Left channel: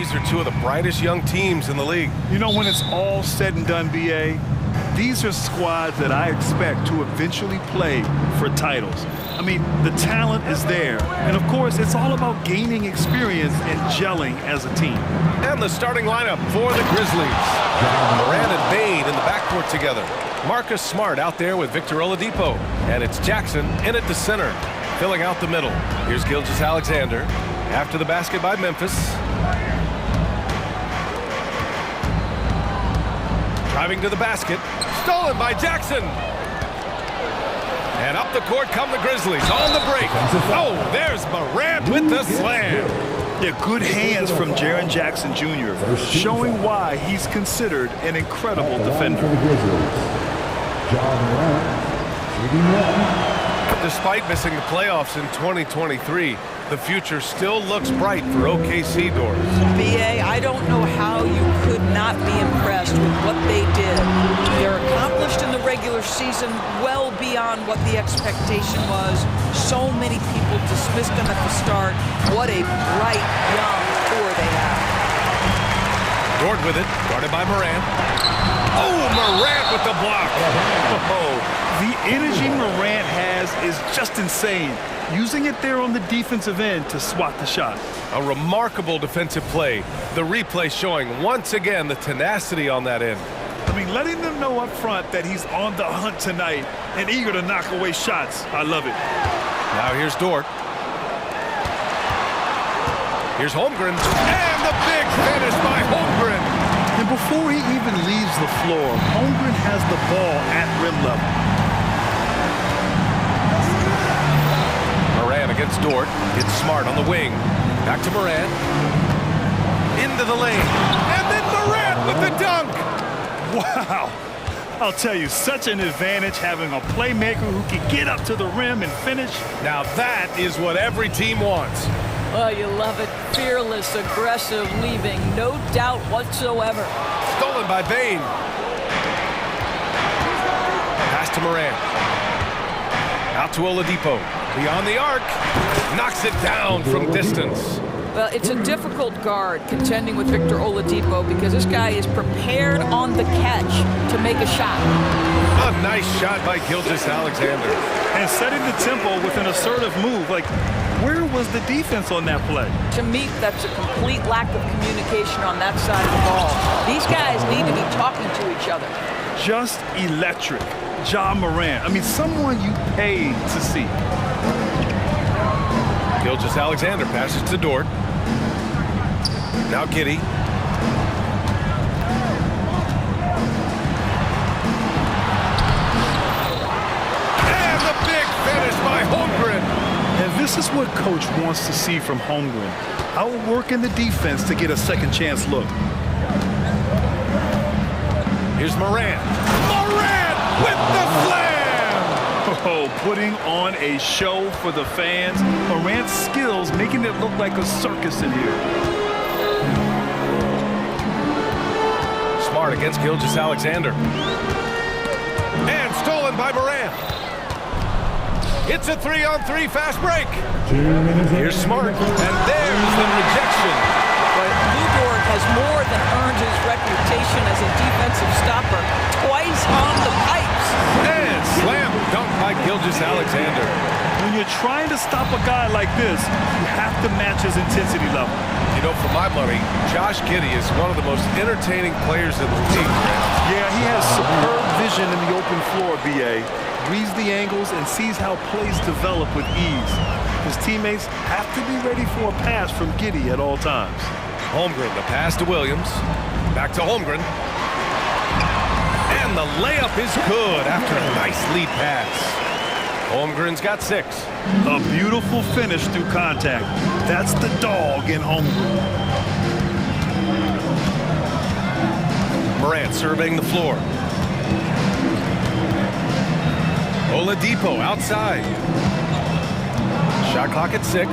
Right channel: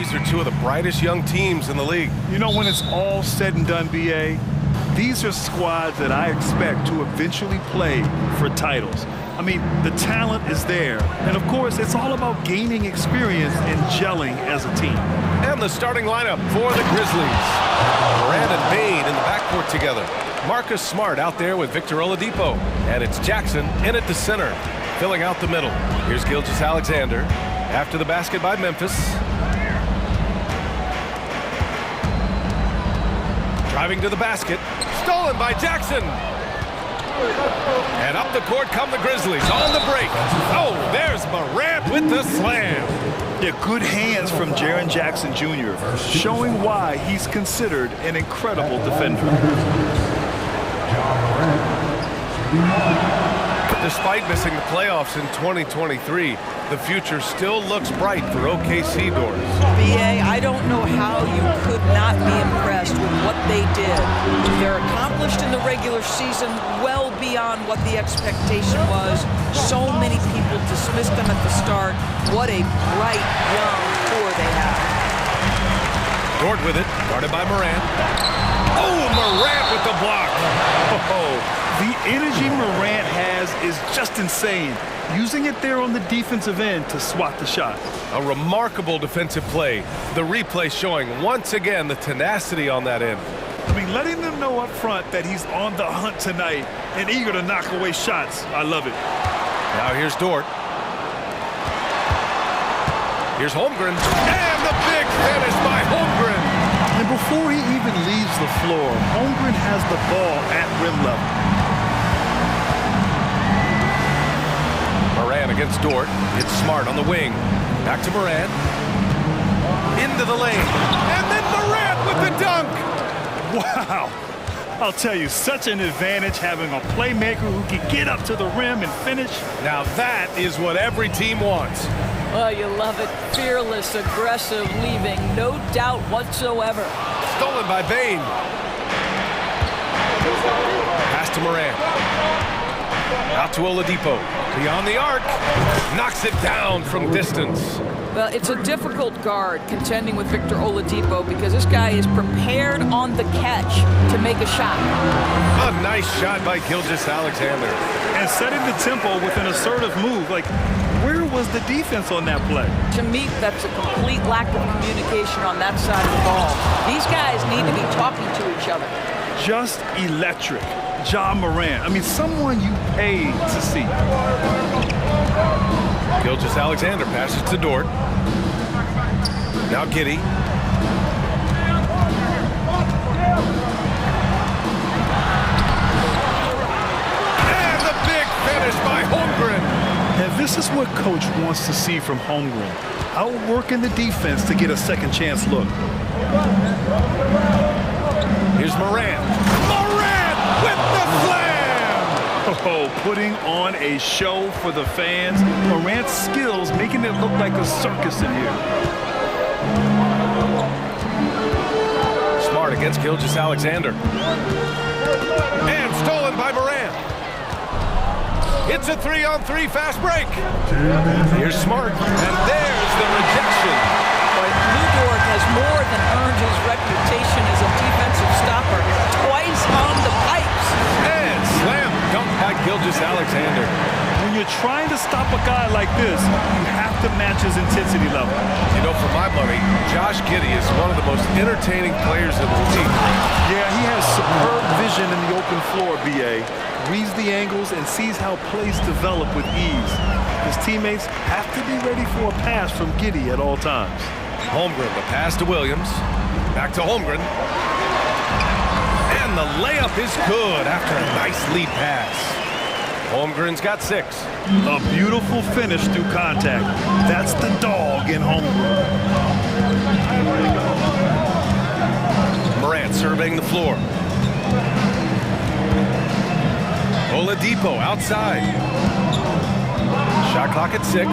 These are two of the brightest young teams in the league. You know, when it's all said and done, BA, these are squads that I expect to eventually play for titles. I mean, the talent is there. And of course, it's all about gaining experience and gelling as a team. And the starting lineup for the Grizzlies. Moran and Bain in the backcourt together. Marcus Smart out there with Victor Oladipo. And it's Jackson in at the center, filling out the middle. Here's Gilgeous-Alexander after the basket by Memphis. Driving to the basket. Stolen by Jackson. And up the court come the Grizzlies on the break. Oh, there's Morant with the slam. Yeah, good hands from Jaren Jackson Jr., showing why he's considered an incredible defender. Despite missing the playoffs in 2023, the future still looks bright for OKC doors. BA, I don't know how you could not be impressed with what they did. They're accomplished in the regular season well beyond what the expectation was. So many people dismissed them at the start. What a bright young core they have. Dort with it, guarded by Morant. Oh, Morant with the block. Oh, the energy Morant has is just insane. Using it there on the defensive end to swat the shot. A remarkable defensive play. The replay showing once again the tenacity on that end. I mean, letting them know up front that he's on the hunt tonight and eager to knock away shots. I love it. Now here's Dort. Here's Holmgren. And the big finish by Holmgren. And before he even leaves the floor, Holmgren has the ball at rim level. Moran against Dort. Gets Smart on the wing. Back to Moran. Into the lane. And then Moran with the dunk. Wow. I'll tell you, such an advantage having a playmaker who can get up to the rim and finish. Now that is what every team wants. Oh, you love it. Fearless, aggressive, leaving no doubt whatsoever. Stolen by Bain. Pass to Moran. Out to Oladipo. Beyond the arc. Knocks it down from distance. Well, it's a difficult guard contending with Victor Oladipo because this guy is prepared on the catch to make a shot. A nice shot by Gilgeous-Alexander. And setting the tempo with an assertive move. Like, where was the defense on that play? To me, that's a complete lack of communication on that side of the ball. These guys need to be talking to each other. Just electric. Ja Morant. I mean, someone you paid to see. Gilgeous-Alexander passes to Dort. Now Giddey. And the big finish by Holmgren. And this is what coach wants to see from Holmgren. Outworking the defense to get a second chance look. Here's Moran. Moran with the slam! Oh, putting on a show for the fans. Morant's skills making it look like a circus in here. Smart against Gilgeous-Alexander. And stolen by Moran. It's a 3-on-3 fast break. Here's Smart, and there's the rejection. But Lou Dort has more than earned his reputation as a defensive stopper. Twice on the pipes. And slam dunk by Gilgeous-Alexander. When you're trying to stop a guy like this, you have to match his intensity level. You know, for my money, Josh Giddey is one of the most entertaining players in the league. Yeah, he has superb vision in the open floor, BA. Reads the angles and sees how plays develop with ease. His teammates have to be ready for a pass from Giddey at all times. Holmgren, the pass to Williams. Back to Holmgren. And the layup is good after a nice lead pass. Holmgren's got 6. A beautiful finish through contact. That's the dog in Holmgren. Morant surveying the floor. Oladipo outside. Shot clock at 6.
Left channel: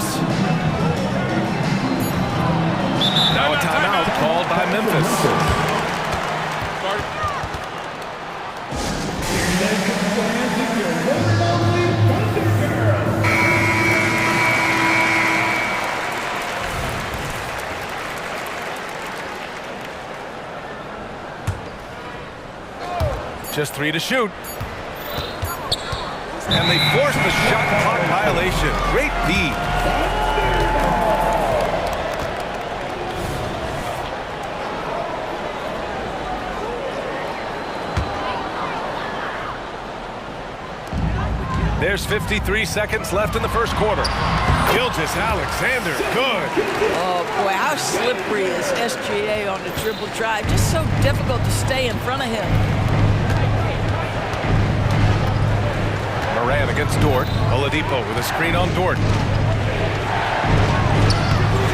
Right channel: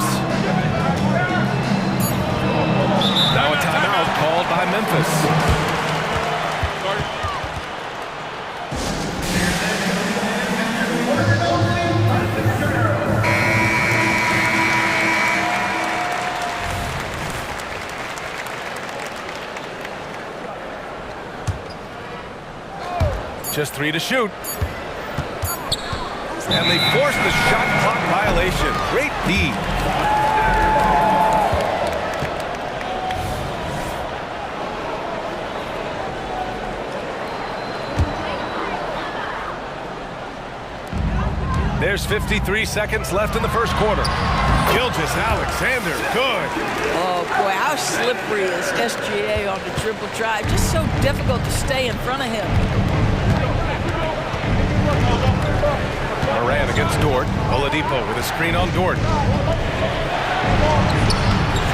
Now a timeout called by Memphis. Just 3 to shoot. And they force the shot clock violation. Great D. There's 53 seconds left in the first quarter. Gilgeous-Alexander, good. Oh, boy, how slippery is SGA on the dribble drive. Just so difficult to stay in front of him. Moran against Dort. Oladipo with a screen on Dort.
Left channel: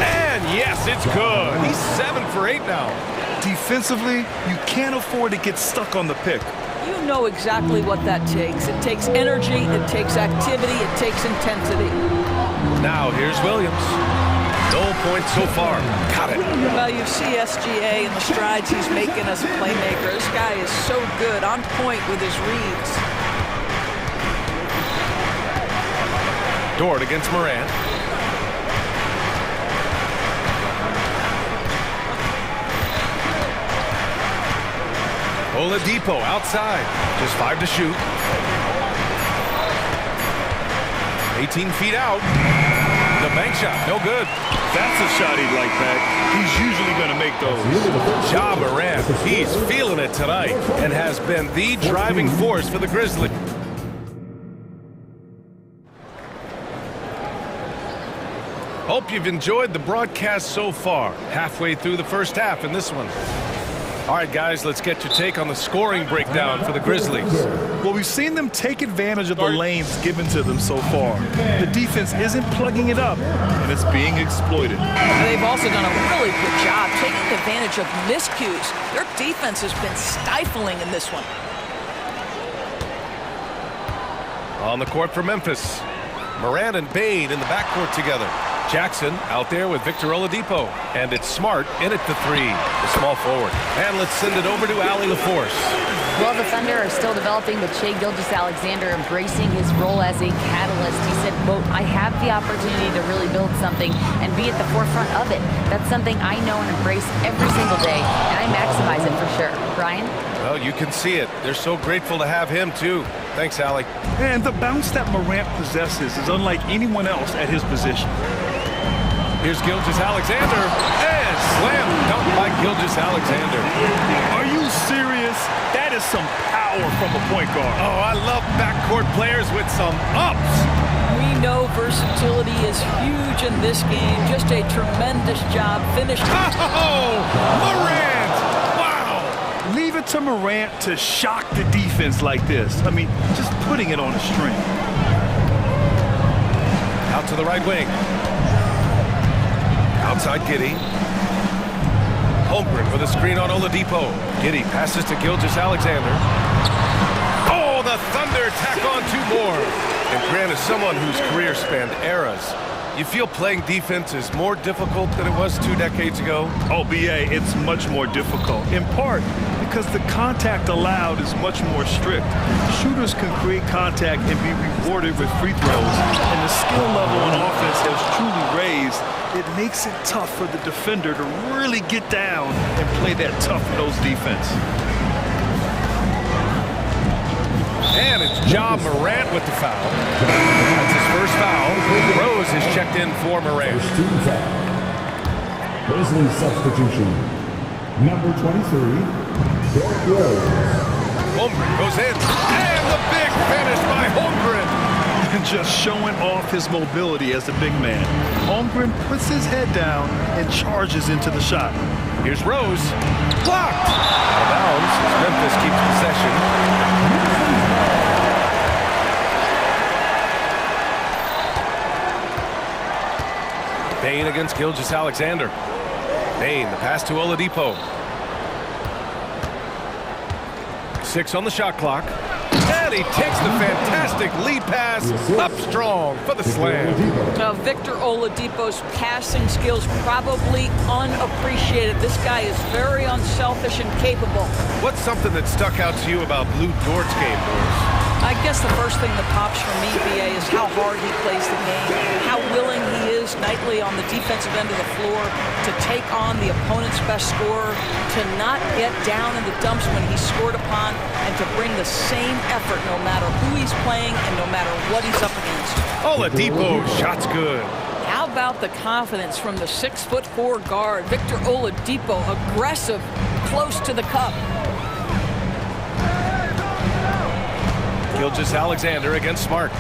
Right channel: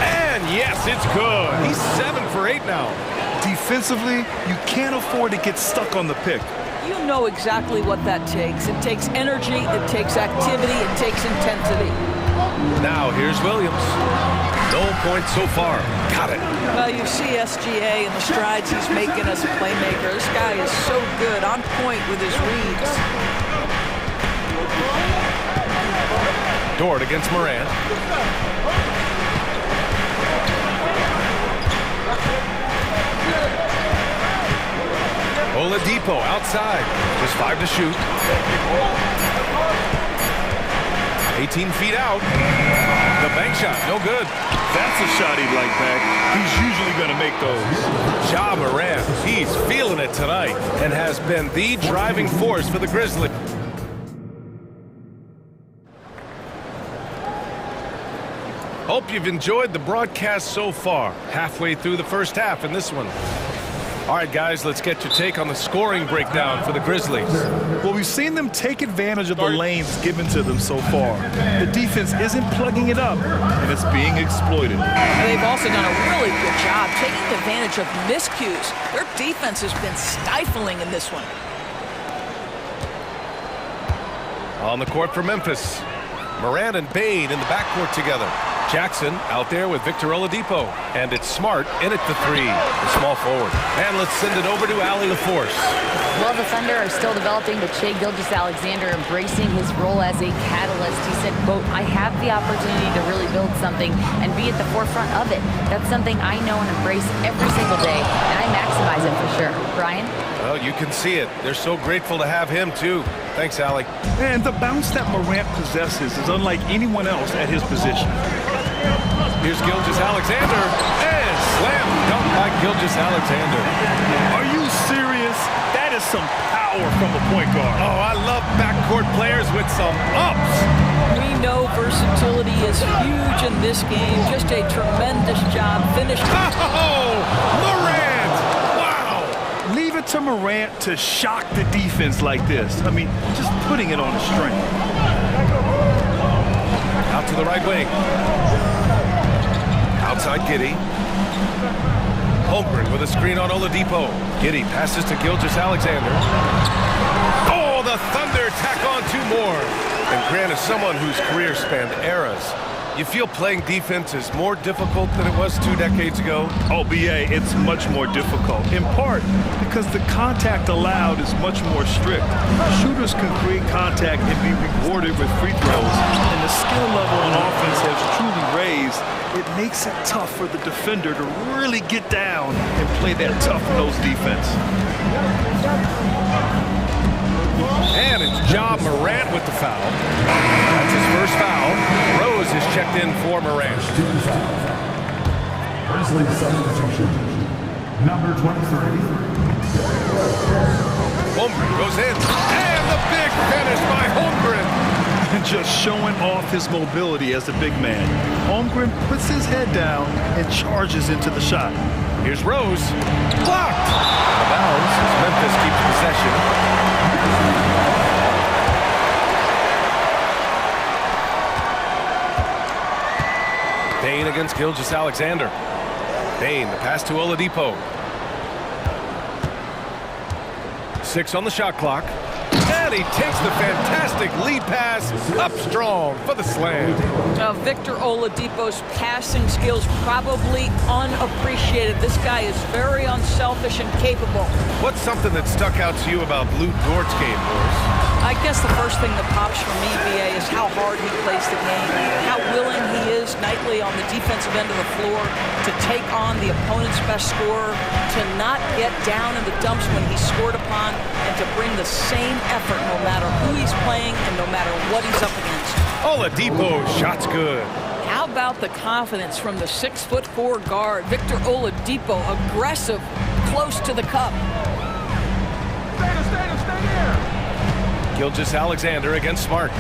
And yes, it's good. He's 7 for 8 now. Defensively, you can't afford to get stuck on the pick. You know exactly what that takes. It takes energy, it takes activity, it takes intensity. Now here's Williams. No points so far. Got it. Well, you see SGA and the strides he's making as a playmaker. This guy is so good, on point with his reads. Dort against Moran. Oladipo outside. Just 5 to shoot. 18 feet out. The bank shot, no good. That's a shot he'd like back. He's usually going to make those. Ja Morant, he's feeling it tonight and has been the driving force for the Grizzlies. Hope you've enjoyed the broadcast so far. Halfway through the first half in this one. All right, guys, let's get your take on the scoring breakdown for the Grizzlies. Well, we've seen them take advantage of the lanes given to them so far. The defense isn't plugging it up, and it's being exploited. And they've also done a really good job taking advantage of miscues. Their defense has been stifling in this one. On the court for Memphis, Moran and Bain in the backcourt together. Jackson out there with Victor Oladipo. And it's Smart in it for 3, the small forward. And let's send it over to Allie LaForce. Well, the Thunder are still developing, but Shai Gilgeous-Alexander embracing his role as a catalyst. He said, quote, I have the opportunity to really build something and be at the forefront of it. That's something I know and embrace every single day, and I maximize it for sure. Brian? Well, you can see it. They're so grateful to have him, too. Thanks, Allie. And the bounce that Morant possesses is unlike anyone else at his position. Here's Gilgeous-Alexander, and slam dunk by Gilgeous-Alexander. Are you serious? That is some power from a point guard. Oh, I love backcourt players with some ups. We know versatility is huge in this game. Just a tremendous job finishing. Oh, Morant! Wow! Leave it to Morant to shock the defense like this. I mean, just putting it on a string. Out to the right wing. Outside Giddey. Holmgren with a screen on Oladipo. Giddey passes to Gilgeous-Alexander. Oh, the Thunder tack on 2 more. And Grant is someone whose career spanned eras. You feel playing defense is more difficult than it was 2 decades ago? Oh, BA, it's much more difficult. In part because the contact allowed is much more strict. Shooters can create contact and be rewarded with free throws. And the skill level on offense has truly raised. It makes it tough for the defender to really get down and play that tough-nosed defense. And it's Ja Morant with the foul. That's his first foul. Rose is checked in for Morant. Grizzlies substitution. Number 23, Derrick Rose. Holmgren goes in. And the big finish by Holmgren. And just showing off his mobility as a big man. Holmgren puts his head down and charges into the shot. Here's Rose. Blocked. Out of bounds as Memphis keeps possession. Bain against Gilgeous-Alexander. Bain, the pass to Oladipo. 6 on the shot clock. And he takes the fantastic lead pass up strong for the slam. Victor Oladipo's passing skills probably unappreciated. This guy is very unselfish and capable. What's something that stuck out to you about Lou Dort's game, Boris? I guess the first thing that pops for me, BA, is how hard he plays the game, how willing he is nightly on the defensive end of the floor to take on the opponent's best scorer, to not get down in the dumps when he's scored upon, and to bring the same effort no matter who he's playing and no matter what he's up against. Oladipo, shot's good. How about the confidence from the 6'4" guard, Victor Oladipo, aggressive, close to the cup. Gilgeous-Alexander against Smart.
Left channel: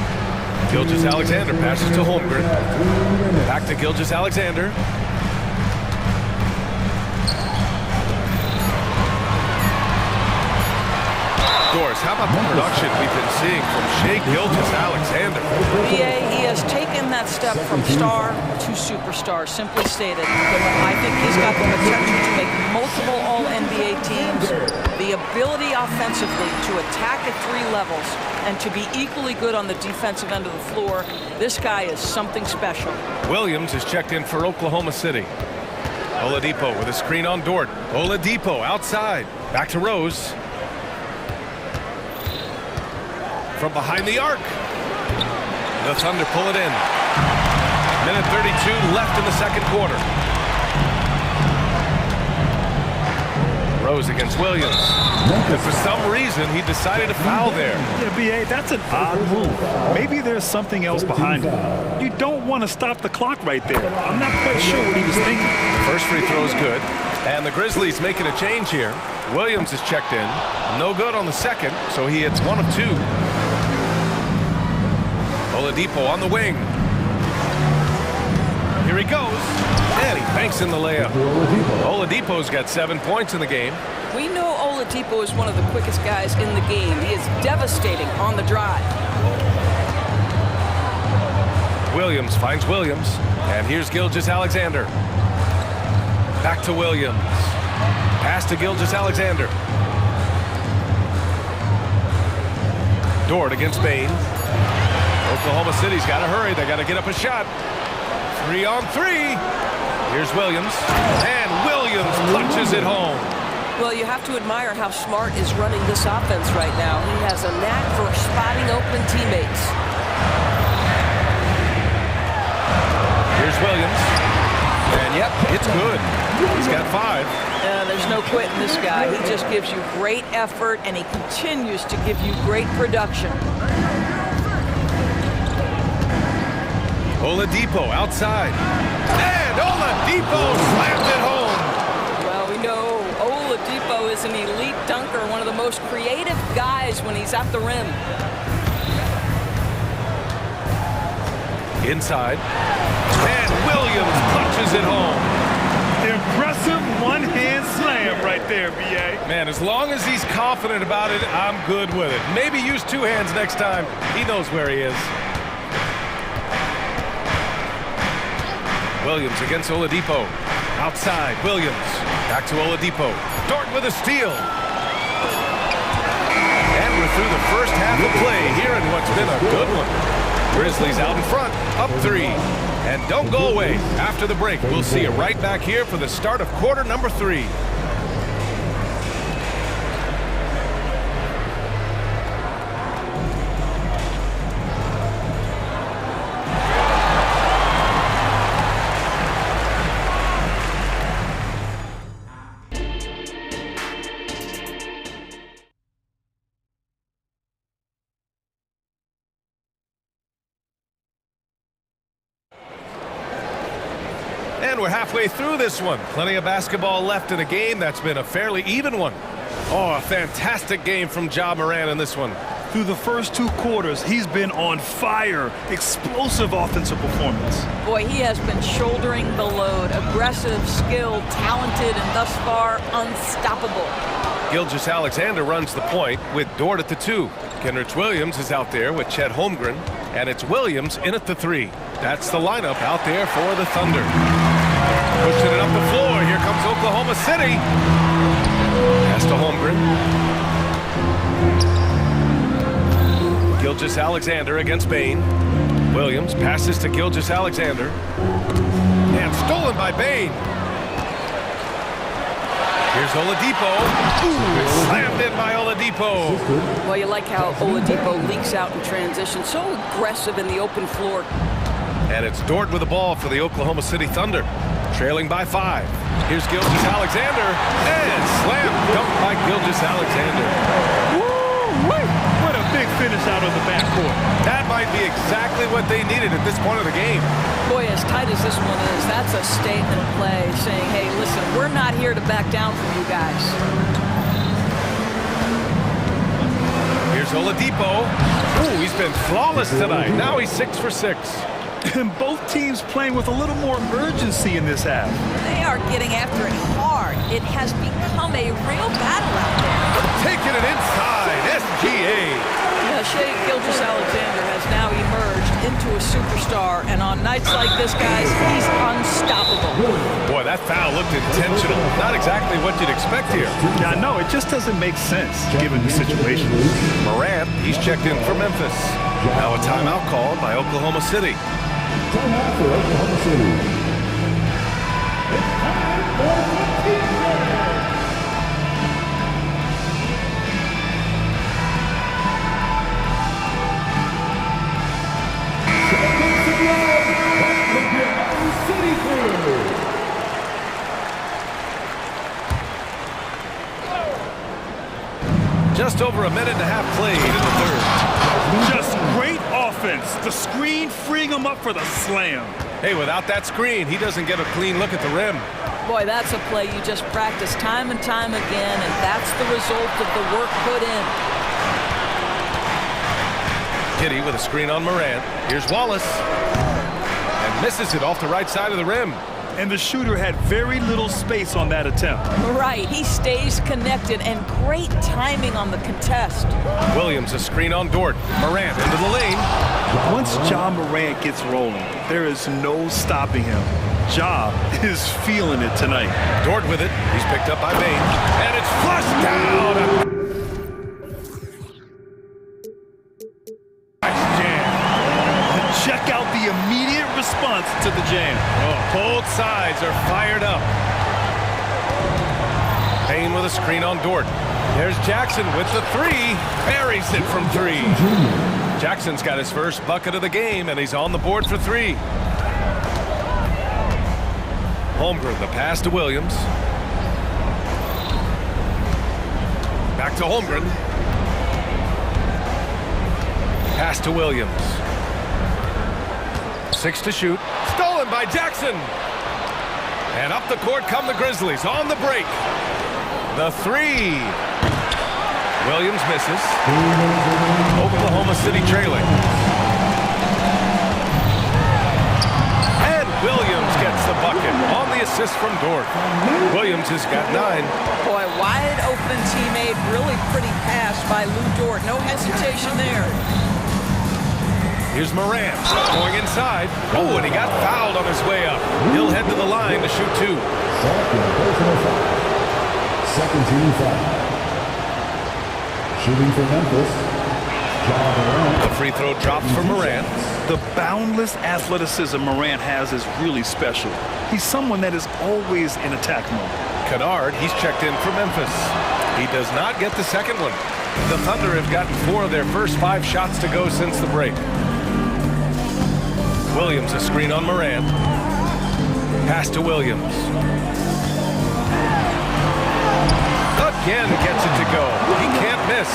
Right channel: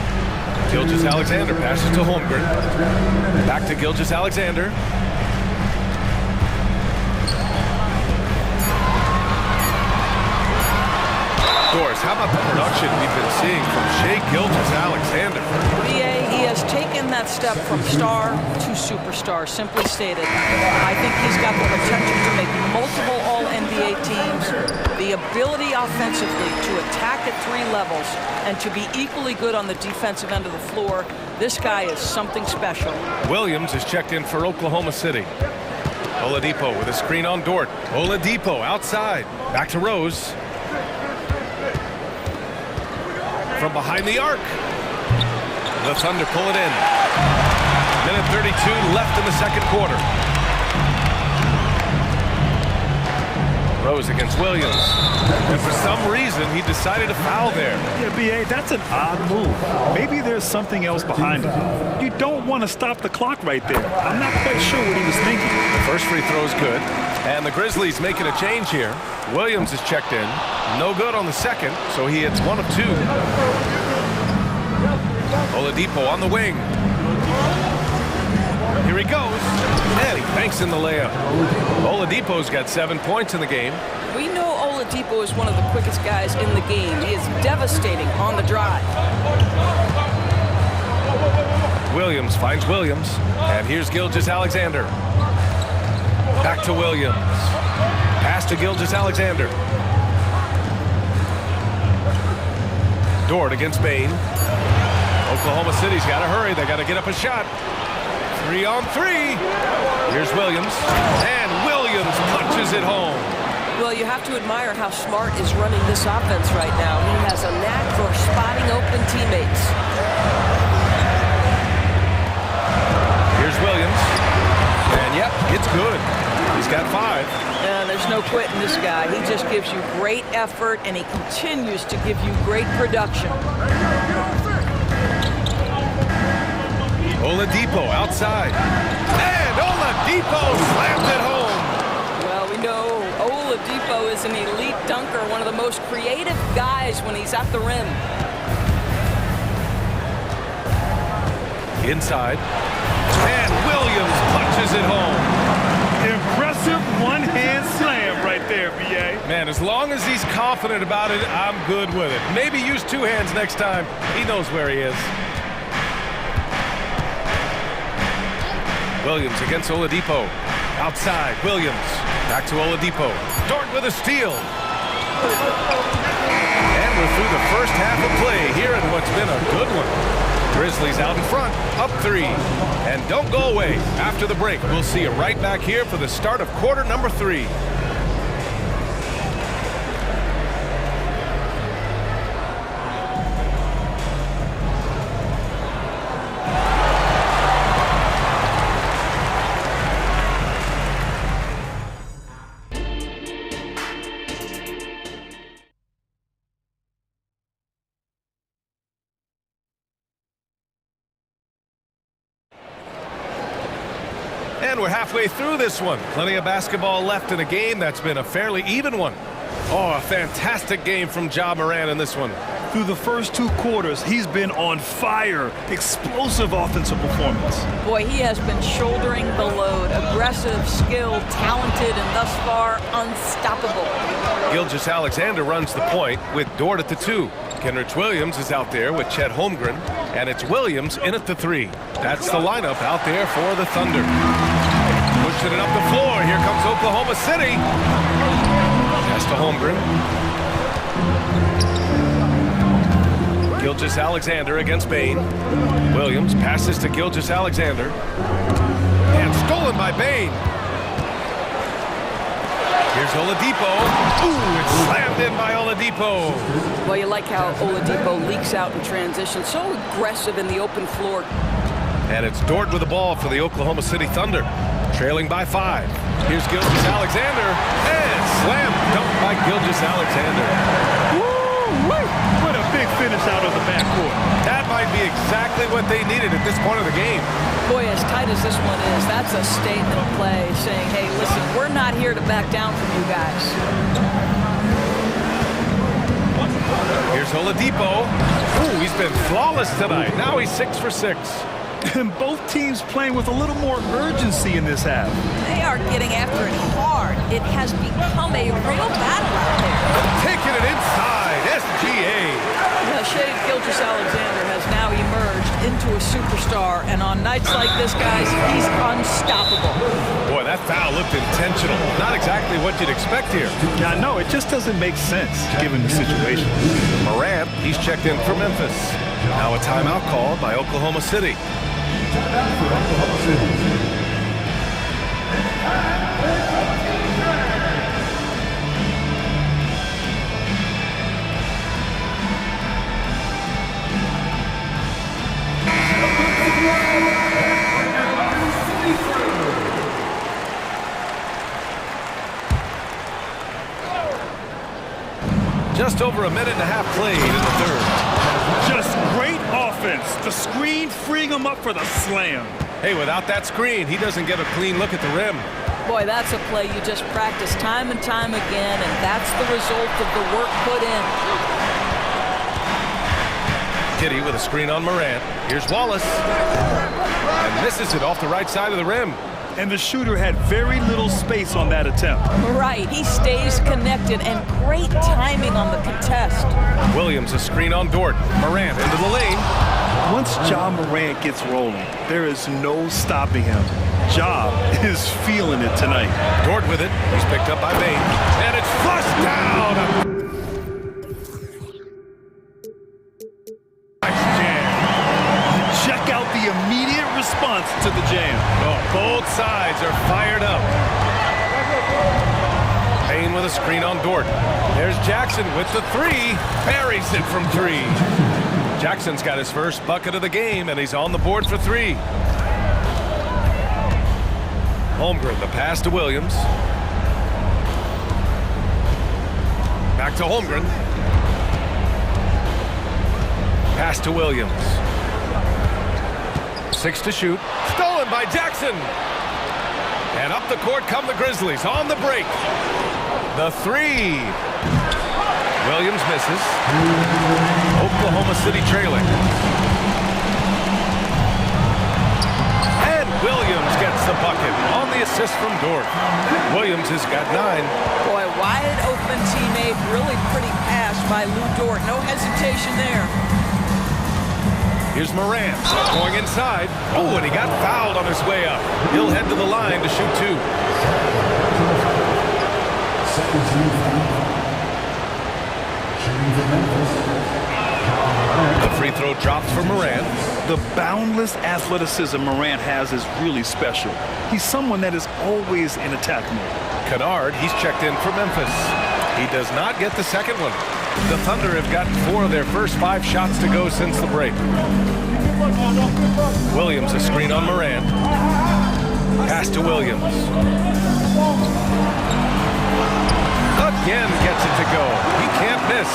Gilgeous-Alexander passes to Holmgren. Back to Gilgeous-Alexander. Doris, how about the production we've been seeing from Shai Gilgeous-Alexander? BA, he has taken that step from star to superstar, simply stated. I think he's got the potential to make multiple All-NBA teams, the ability offensively to attack at 3 levels, and to be equally good on the defensive end of the floor. This guy is something special. Williams is checked in for Oklahoma City. Oladipo with a screen on Dort. Oladipo outside. Back to Rose. From behind the arc. The Thunder pull it in. Minute 32 left in the second quarter. Rose against Williams. And for some reason, he decided to foul there. Yeah, BA, that's an odd move. Maybe there's something else behind it. You don't want to stop the clock right there. I'm not quite sure what he was thinking. The first free throw is good. And the Grizzlies making a change here. Williams is checked in. No good on the second, so he hits 1 of 2. Oladipo on the wing. Here he goes. And he banks in the layup. Oladipo's got 7 points in the game. We know Oladipo is one of the quickest guys in the game. He is devastating on the drive. Williams finds Williams. And here's Gilgeous-Alexander. Back to Williams. Pass to Gilgeous-Alexander. Dort against Bain. Oklahoma City's got to hurry. They got to get up a shot. 3 on 3. Here's Williams. And Williams punches it home. Well, you have to admire how Smart is running this offense right now. He has a knack for spotting open teammates. Here's Williams. And yep, it's good. He's got 5. There's no quitting this guy. He just gives you great effort, and he continues to give you great production. Oladipo outside. And Oladipo slams it home. Well, we know Oladipo is an elite dunker, one of the most creative guys when he's at the rim. Inside. And Williams punches it home. Impressive one-hand slam right there, BA. Man, as long as he's confident about it, I'm good with it. Maybe use 2 hands next time. He knows where he is. Williams against Oladipo. Outside, Williams. Back to Oladipo. Dort with a steal. And we're through the first half of play here in what's been a good one. Grizzlies out in front, up 3. And don't go away. After the break, we'll see you right back here for the start of quarter number 3. And we're halfway through this one. Plenty of basketball left in a game that's been a fairly even one. Oh, a fantastic game from Ja Morant in this one. Through the first 2 quarters, he's been on fire. Explosive offensive performance. Boy, he has been shouldering the load. Aggressive, skilled, talented, and thus far, unstoppable. Gilgeous-Alexander runs the point with Dort at the 2. Kenrich Williams is out there with Chet Holmgren. And it's Williams in at the 3. That's the lineup out there for the Thunder. Pushing it up the floor. Here comes Oklahoma City. Pass to Holmgren. Gilgeous-Alexander against Bain. Williams passes to Gilgeous-Alexander. And stolen by Bain. Here's Oladipo. Ooh, it's slammed in by Oladipo. Well, you like how Oladipo leaks out in transition. So aggressive in the open floor. And it's Dort with the ball for the Oklahoma City Thunder. Trailing by 5. Here's Gilgeous-Alexander. And slam dunk by Gilgeous-Alexander. Woo-wee! What a big finish out of the backcourt. That might be exactly what they needed at this point of the game. Boy, as tight as this one is, that's a statement play saying, hey, listen, we're not here to back down from you guys. Here's Oladipo. Ooh, he's been flawless tonight. Now he's 6 for 6. And both teams playing with a little more urgency in this half. They are getting after it hard. It has become a real battle out there. Taking it inside, SGA. Yeah, Shai Gilgeous-Alexander has now emerged into a superstar, and on nights like this, guys, he's unstoppable. Boy, that foul looked intentional. Not exactly what you'd expect here. Yeah, no, it just doesn't make sense given the situation. Morant, he's checked in for Memphis. Now a timeout called by Oklahoma City. Timeout for Oklahoma City. Just over a minute and a half played in the third. Just great offense. The screen freeing him up for the slam. Hey, without that screen, he doesn't get a clean look at the rim. Boy, that's a play you just practice time and time again, and that's the result of the work put in. Kitty with a screen on Morant. Here's Wallace. And misses it off the right side of the rim. And the shooter had very little space on that attempt. Right, he stays connected, and great timing on the contest. Williams, a screen on Dort. Morant into the lane. Once Ja Morant gets rolling, there is no stopping him. Ja is feeling it tonight. Dort with it. He's picked up by Bain. And it's flushed down. Nice jam. Check out the immediate response to the jam. Oh, both sides are fired up. Bain with a screen on Dort. There's Jackson with the 3. Buries it from 3. Jackson's got his first bucket of the game, and he's on the board for 3. Holmgren, the pass to Williams. Back to Holmgren. Pass to Williams. 6 to shoot. Stolen by Jackson. And up the court come the Grizzlies on the break. The 3. Williams misses. Oklahoma City trailing. And Williams gets the bucket on the assist from Dort. Williams has got 9. Boy, wide open teammate, really pretty pass by Lou Dort. No hesitation there. Here's Morant going inside. Oh, and he got fouled on his way up. He'll head to the line to shoot 2. Second team foul. Shooting for Memphis. The free throw drops for Morant. The boundless athleticism Morant has is really special. He's someone that is always in attack mode. Kennard, he's checked in for Memphis. He does not get the second one. The Thunder have gotten 4 of their first 5 shots to go since the break. Williams, a screen on Morant. Pass to Williams. Again gets it to go. He can't miss.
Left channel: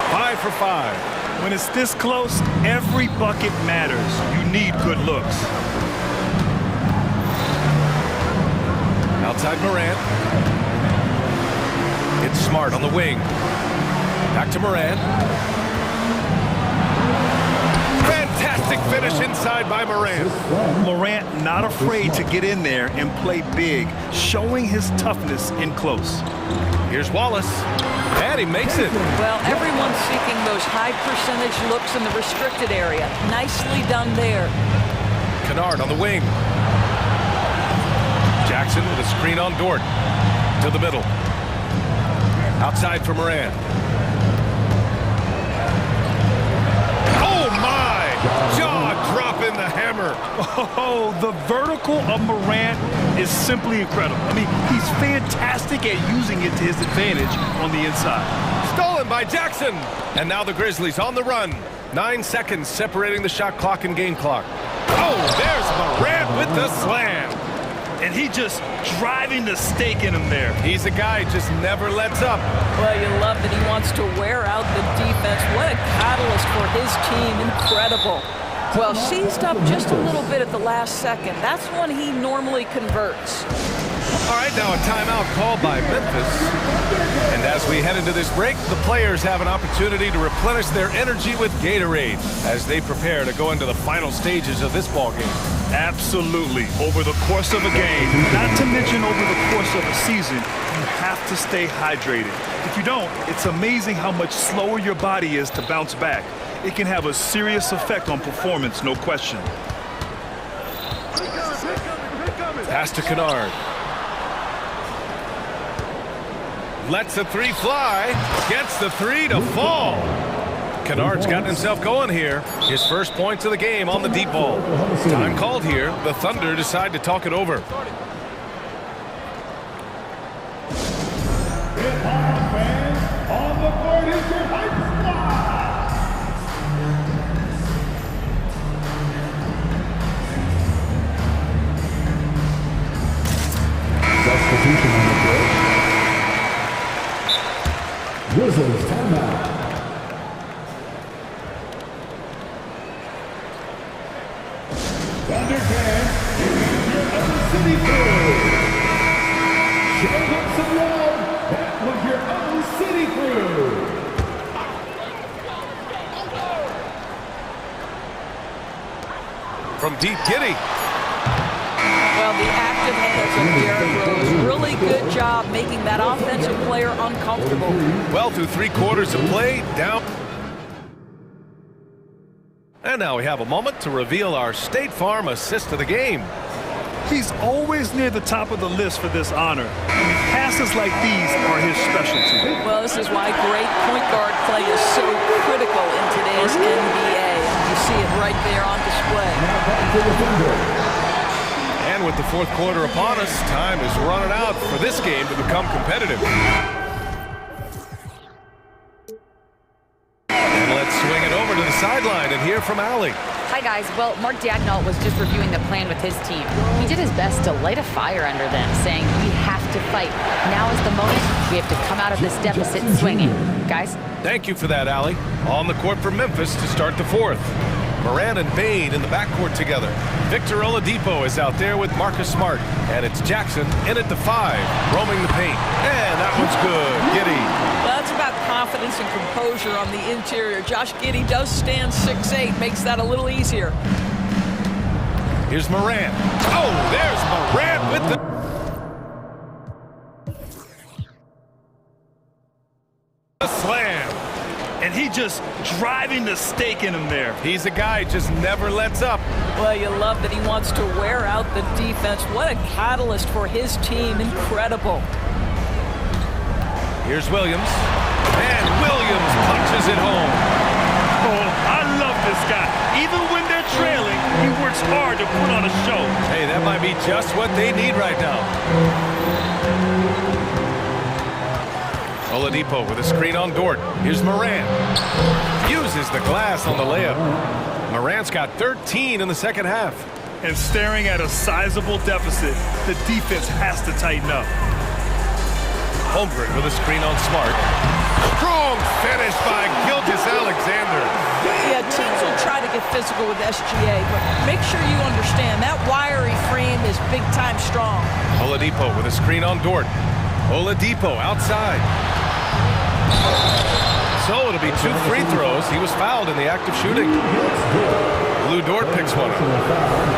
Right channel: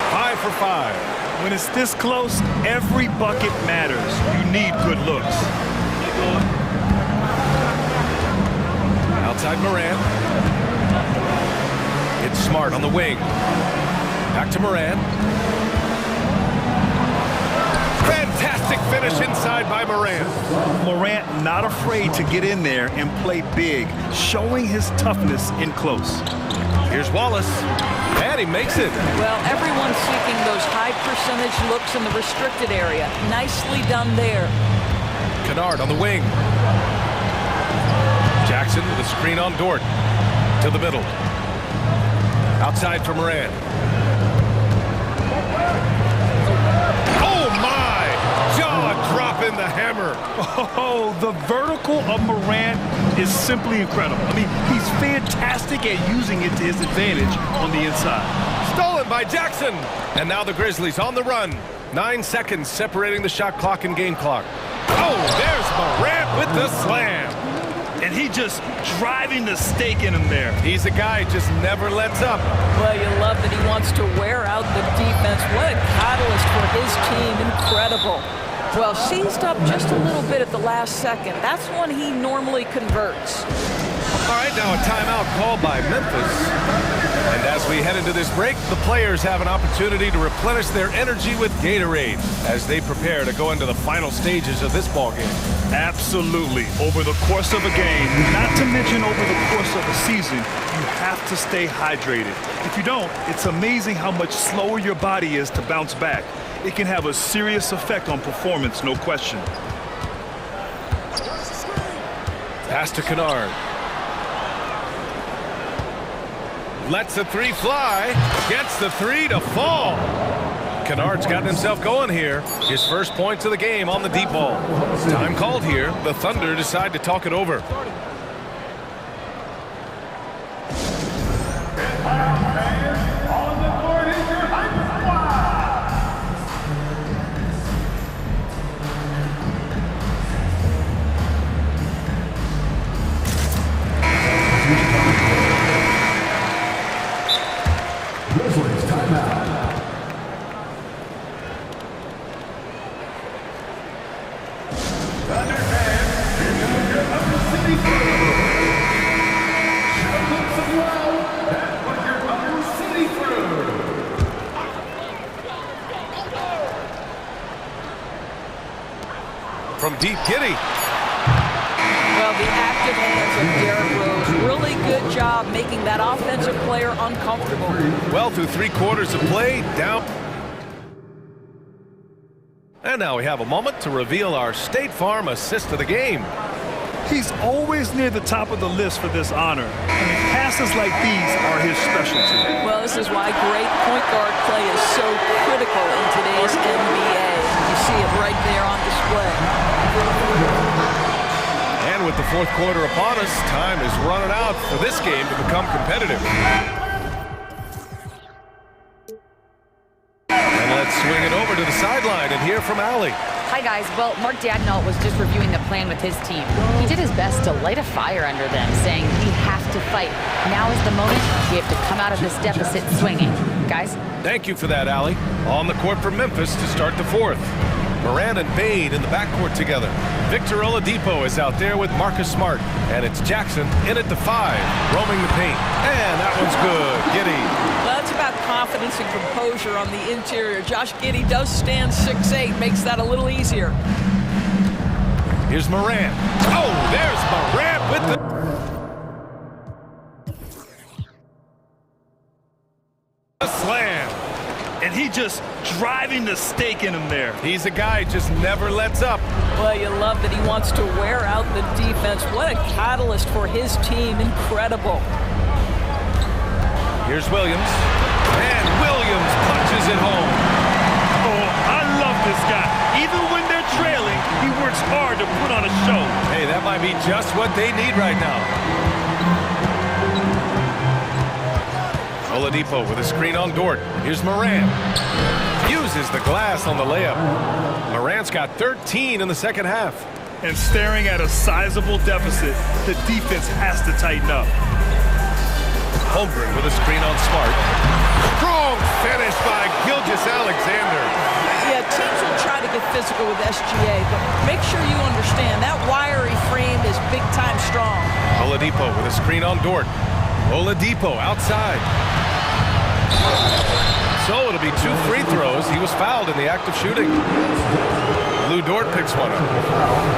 Five for 5. When it's this close, every bucket matters. You need good looks. Outside Morant. It's Smart on the wing. Back to Morant. Fantastic finish inside by Morant. Morant not afraid to get in there and play big, showing his toughness in close. Here's Wallace. And he makes it. Well, everyone's seeking those high percentage looks in the restricted area. Nicely done there. Kennard on the wing. Jackson with a screen on Dort. To the middle. Outside for Morant. Oh my! Jaw dropping the hammer. Oh, the vertical of Morant is simply incredible. I mean, he's fantastic at using it to his advantage on the inside. Stolen by Jackson. And now the Grizzlies on the run. 9 seconds separating the shot clock and game clock. Oh, there's Morant with the slam. And he just driving the stake in him there. He's a guy who just never lets up. Well, you love that he wants to wear out the defense. What a catalyst for his team. Incredible. Well, seized up just a little bit at the last second. That's when he normally converts. All right, now a timeout called by Memphis. And as we head into this break, the players have an opportunity to replenish their energy with Gatorade as they prepare to go into the final stages of this ball game. Absolutely. Over the course of a game, not to mention over the course of a season, you have to stay hydrated. If you don't, it's amazing how much slower your body is to bounce back. It can have a serious effect on performance, no question. Pass to Kennard. Lets the three fly. Gets the three to fall. Kennard's gotten himself going here. His first points of the game on the deep ball. Time called here. The Thunder decide to talk it over. On the board is your hype squad. Substitution on the floor. Grizzlies timeout. Thunder fans, here's your Upper City crew. Show them some love. That's what your Upper City crew. From deep, Giddy. Well, the active hands of Derrick Rose. Really good job making that offensive player uncomfortable. Well, through 3 quarters of play, down. And now we have a moment to reveal our State Farm assist of the game. He's always near the top of the list for this honor. I mean, passes like these are his specialty. Well, this is why great point guard play is so critical in today's NBA. And you see it right there on display. And with the 4th quarter upon us, time is running out for this game to become competitive. And let's swing it over to the sideline and hear from Allie. Hi, guys. Well, Mark Dagnall was just reviewing the plan with his team. He did his best to light a fire under them, saying, we have to fight. Now is the moment. We have to come out of this deficit swinging. Guys? Thank you for that, Allie. On the court for Memphis to start the 4th. Moran and Bain in the backcourt together. Victor Oladipo is out there with Marcus Smart. And it's Jackson in at the 5, roaming the paint. And that one's good. Giddey. Well, that's about confidence and composure on the interior. Josh Giddey does stand 6'8", makes that a little easier. Here's Moran. Oh, there's Moran with the slam. And he just driving the stake in him there. He's a guy who just never lets up. Well, you love that he wants to wear out the defense. What a catalyst for his team. Incredible. Here's Williams. And Williams punches it home. Oh, I love this guy. Even when they're trailing, he works hard to put on a show. Hey, that might be just what they need right now. Oladipo with a screen on Dort. Here's Moran. Uses the glass on the layup. Moran's got 13 in the second half. And staring at a sizable deficit, the defense has to tighten up. Holmgren with a screen on Smart. Strong finish by Gilgeous-Alexander. Yeah, teams will try to get physical with SGA, but make sure you understand that wiry frame is big-time strong. Oladipo with a screen on Dort. Oladipo outside. So it'll be 2 free throws. He was fouled in the act of shooting. Lou Dort picks one up.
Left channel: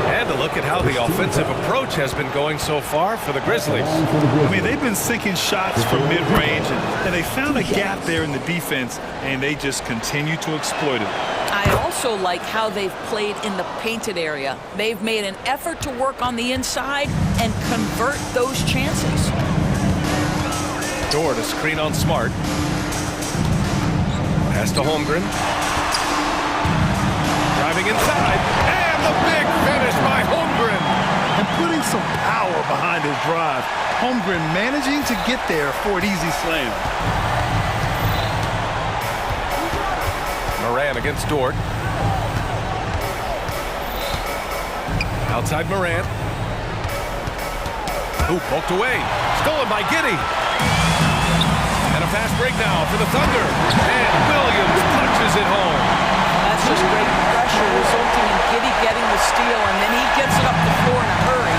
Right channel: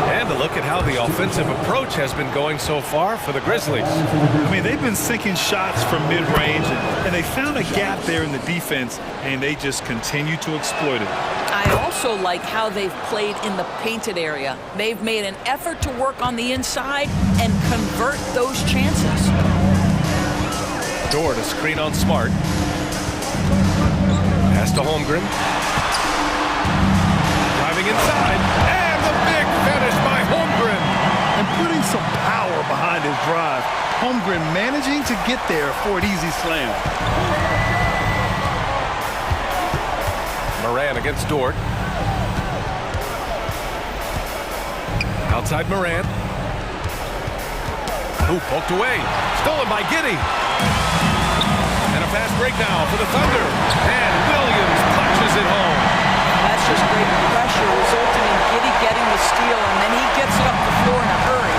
And a look at how the offensive approach has been going so far for the Grizzlies. I mean, they've been sinking shots from mid-range, and they found a gap there in the defense, and they just continue to exploit it. I also like how they've played in the painted area. They've made an effort to work on the inside and convert those chances. Dort a screen on Smart. Pass to Holmgren. Driving inside. And And the big finish by Holmgren. And putting some power behind his drive. Holmgren managing to get there for an easy slam. Moran against Dort. Outside Moran. Who poked away. Stolen by Giddey. And a fast break now for the Thunder. And Williams punches it home. That's just great pressure resulting in Giddey getting the steal, and then he gets it up the floor in a hurry.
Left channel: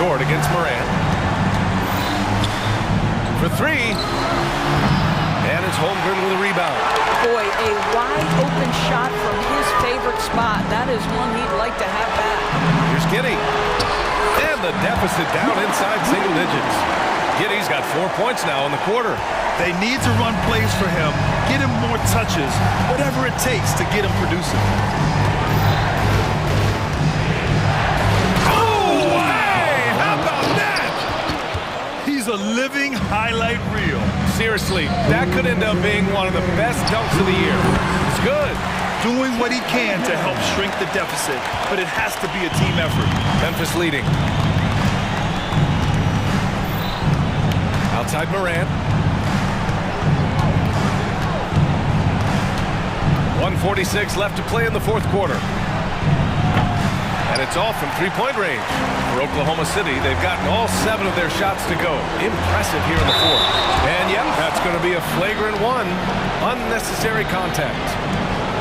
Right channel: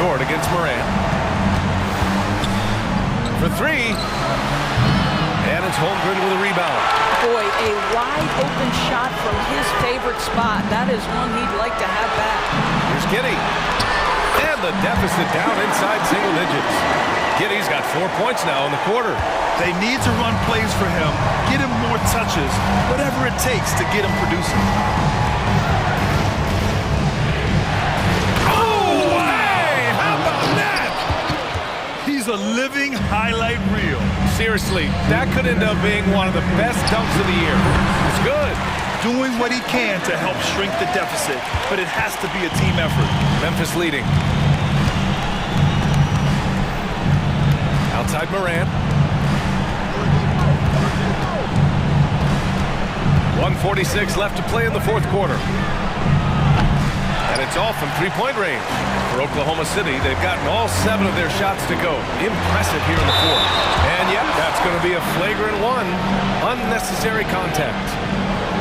Dort against Moran. For three. And it's Holmgren with a rebound. Boy, a wide open shot from his favorite spot. That is one he'd like to have back. Here's Giddey. And the deficit down inside single digits. Giddey's got 4 points now in the quarter. They need to run plays for him, get him more touches, whatever it takes to get him producing. Oh, hey! How about that? He's a living highlight reel. Seriously, that could end up being one of the best dunks of the year. It's good. Doing what he can to help shrink the deficit, but it has to be a team effort. Memphis leading. Outside Moran. 1:46 left to play in the fourth quarter. And it's all from three-point range. For Oklahoma City, they've gotten all 7 of their shots to go. Impressive here in the fourth. And yep, that's going to be a flagrant one. Unnecessary contact.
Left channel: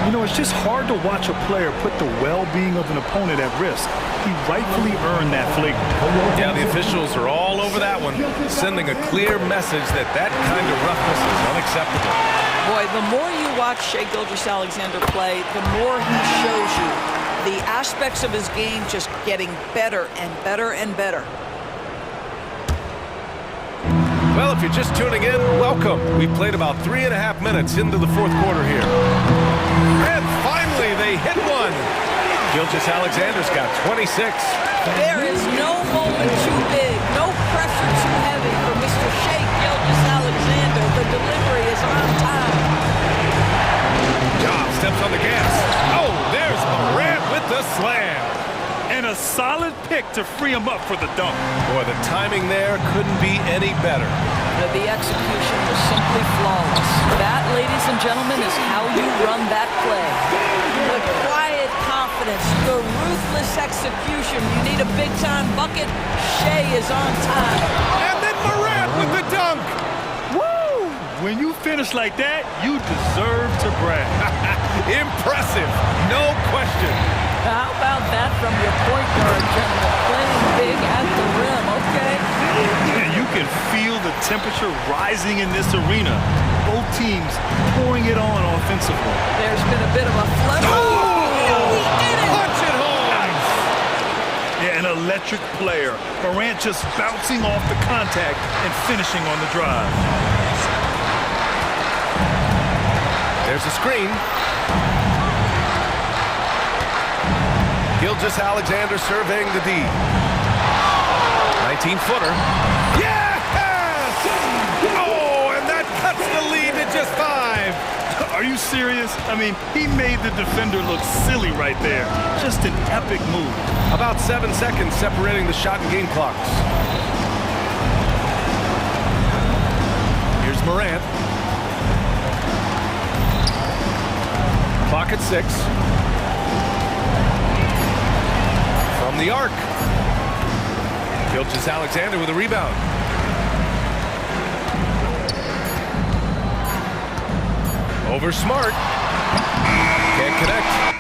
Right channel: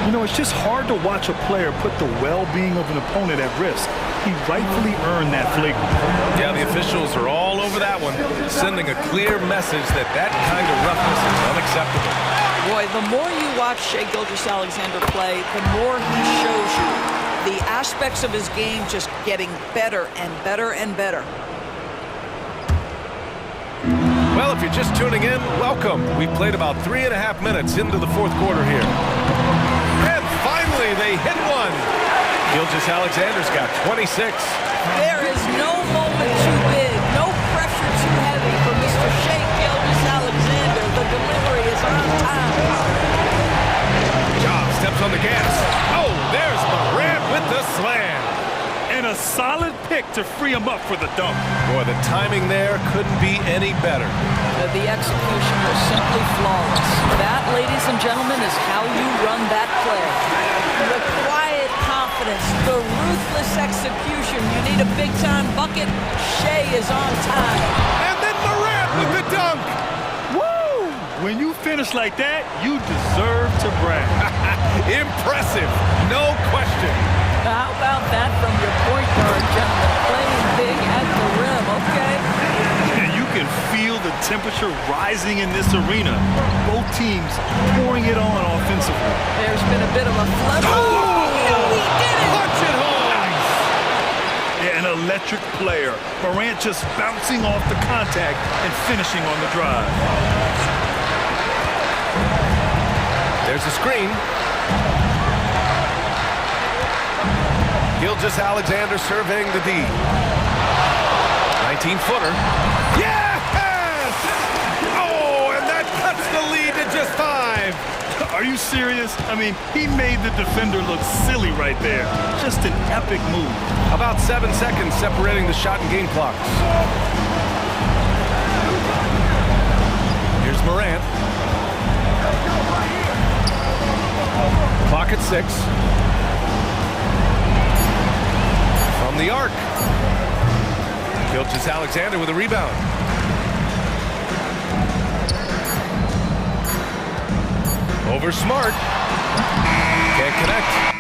You know, it's just hard to watch a player put the well-being of an opponent at risk. He rightfully earned that flagrant. Yeah, the officials are all over that one, sending a clear message that that kind of roughness is unacceptable. Boy, the more you watch Shai Gilgeous-Alexander play, the more he shows you the aspects of his game just getting better and better and better. Well, if you're just tuning in, welcome. We played about 3.5 minutes into the fourth quarter here. And finally, they hit one. Gilgeous-Alexander's got 26. There is no moment too big, no pressure too heavy for Mr. Shai Gilgeous-Alexander. The delivery is on time. Ja steps on the gas. Oh, there's Morant with the slam. And a solid pick to free him up for the dunk. Boy, the timing there couldn't be any better. The execution was simply flawless. That, ladies and gentlemen, is how you run that play. The quiet confidence, the ruthless execution. You need a big-time bucket. Shai is on time. And then Morant with the dunk. Woo! When you finish like that, you deserve to brag. Impressive, no question. How about that from your point guard, gentlemen? Playing big at the rim, okay? You can feel the temperature rising in this arena. Both teams pouring it on offensively. There's been a bit of a flood. Oh, no, he did it! Punch it home! Nice! Yeah, an electric player. Morant just bouncing off the contact and finishing on the drive. There's a screen. Gilgeous-Alexander surveying the D. 19-footer. Yes! Oh, and that cuts the lead to just 5. Are you serious? I mean, he made the defender look silly right there. Just an epic move. About 7 seconds separating the shot and game clocks. Here's Morant. Clock at 6. From the arc. Gilgeous-Alexander with a rebound. Over Smart. Can't connect.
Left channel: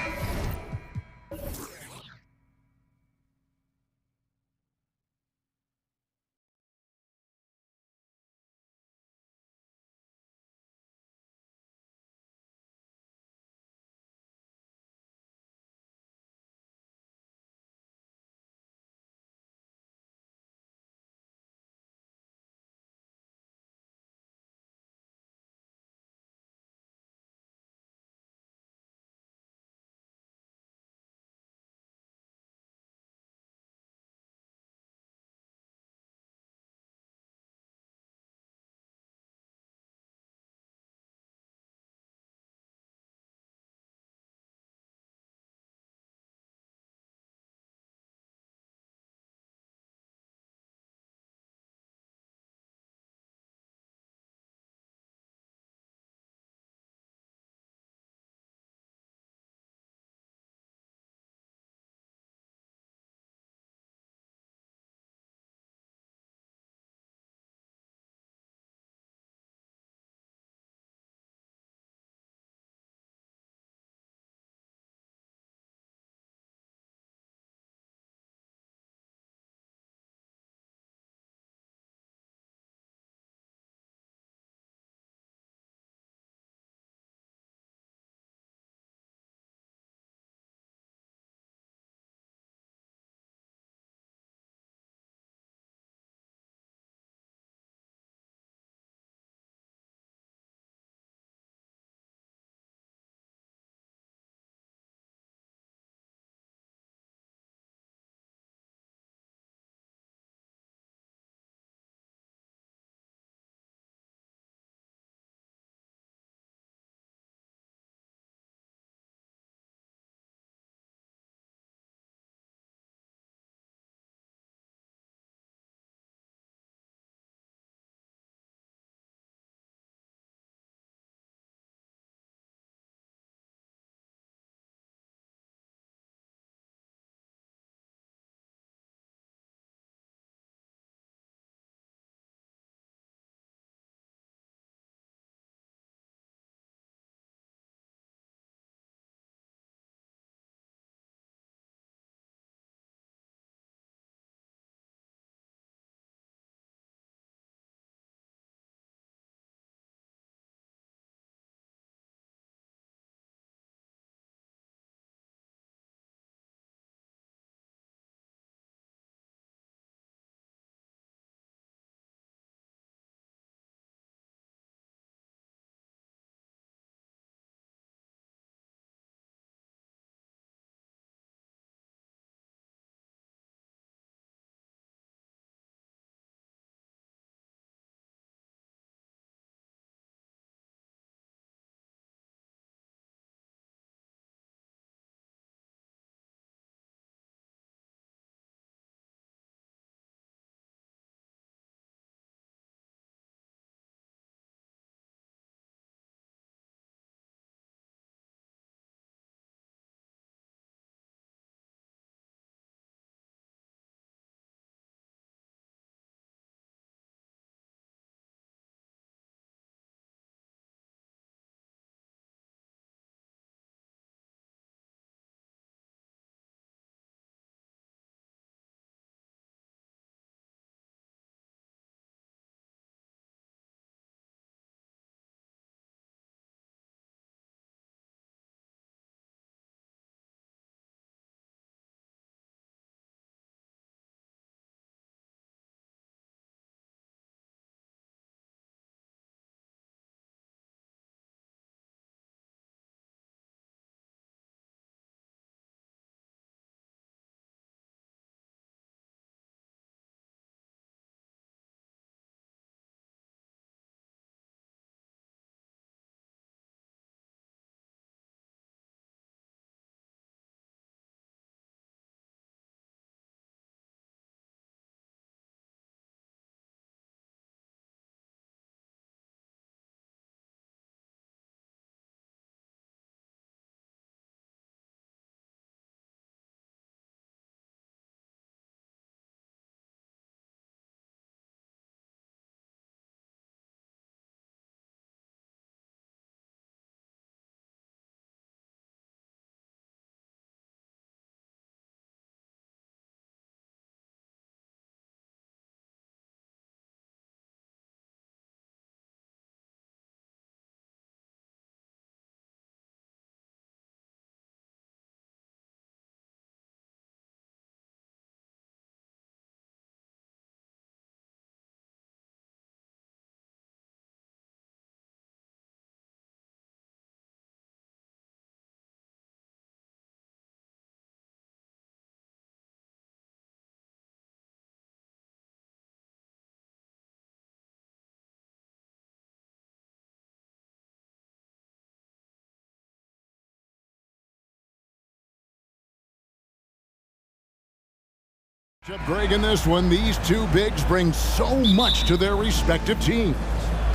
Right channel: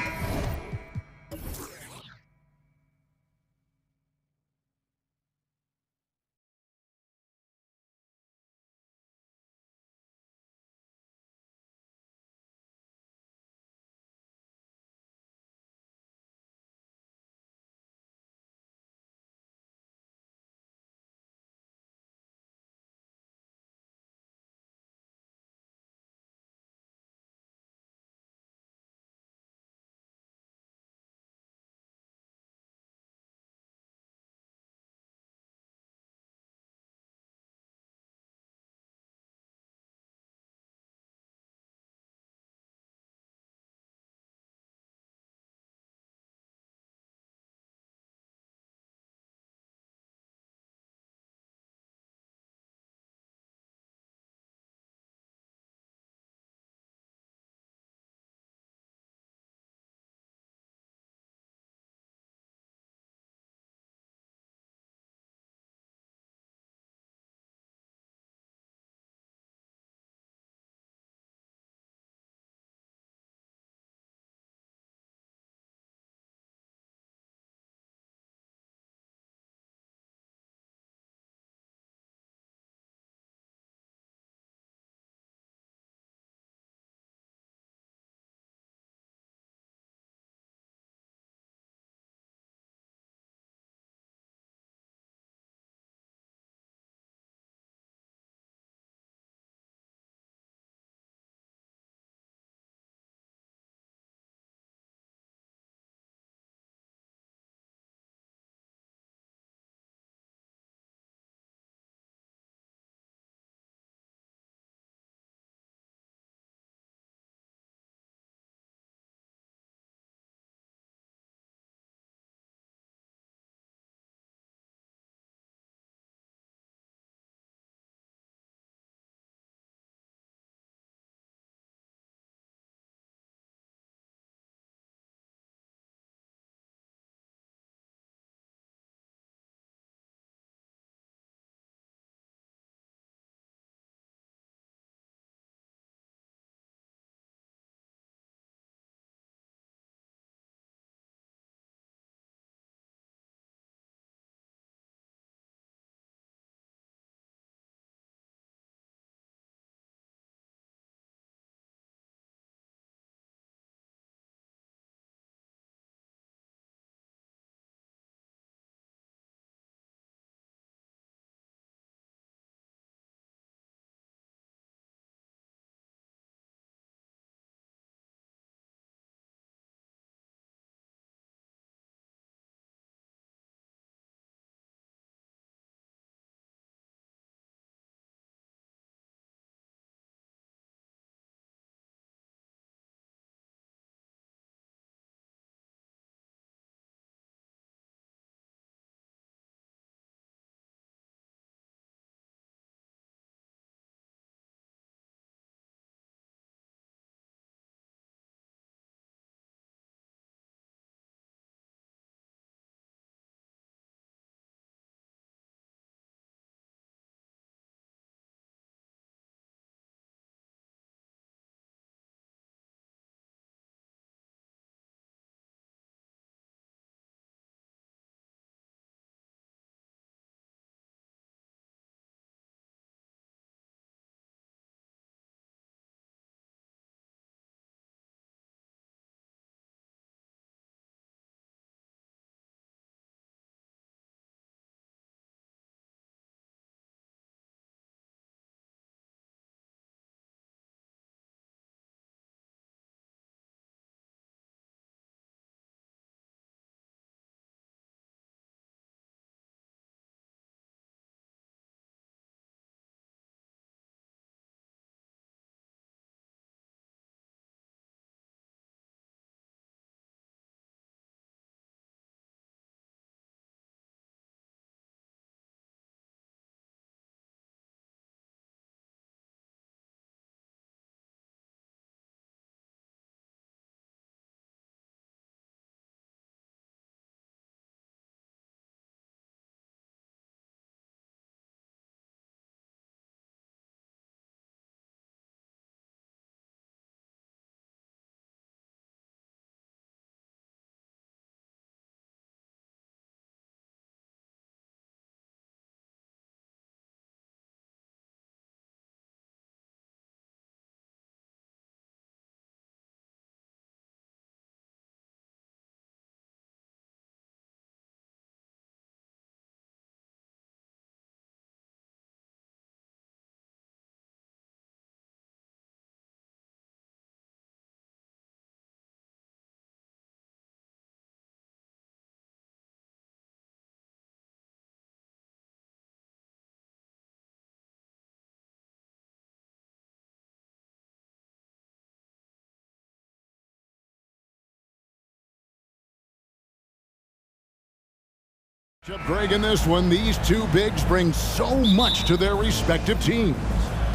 Greg, in this one, these two bigs bring so much to their respective teams.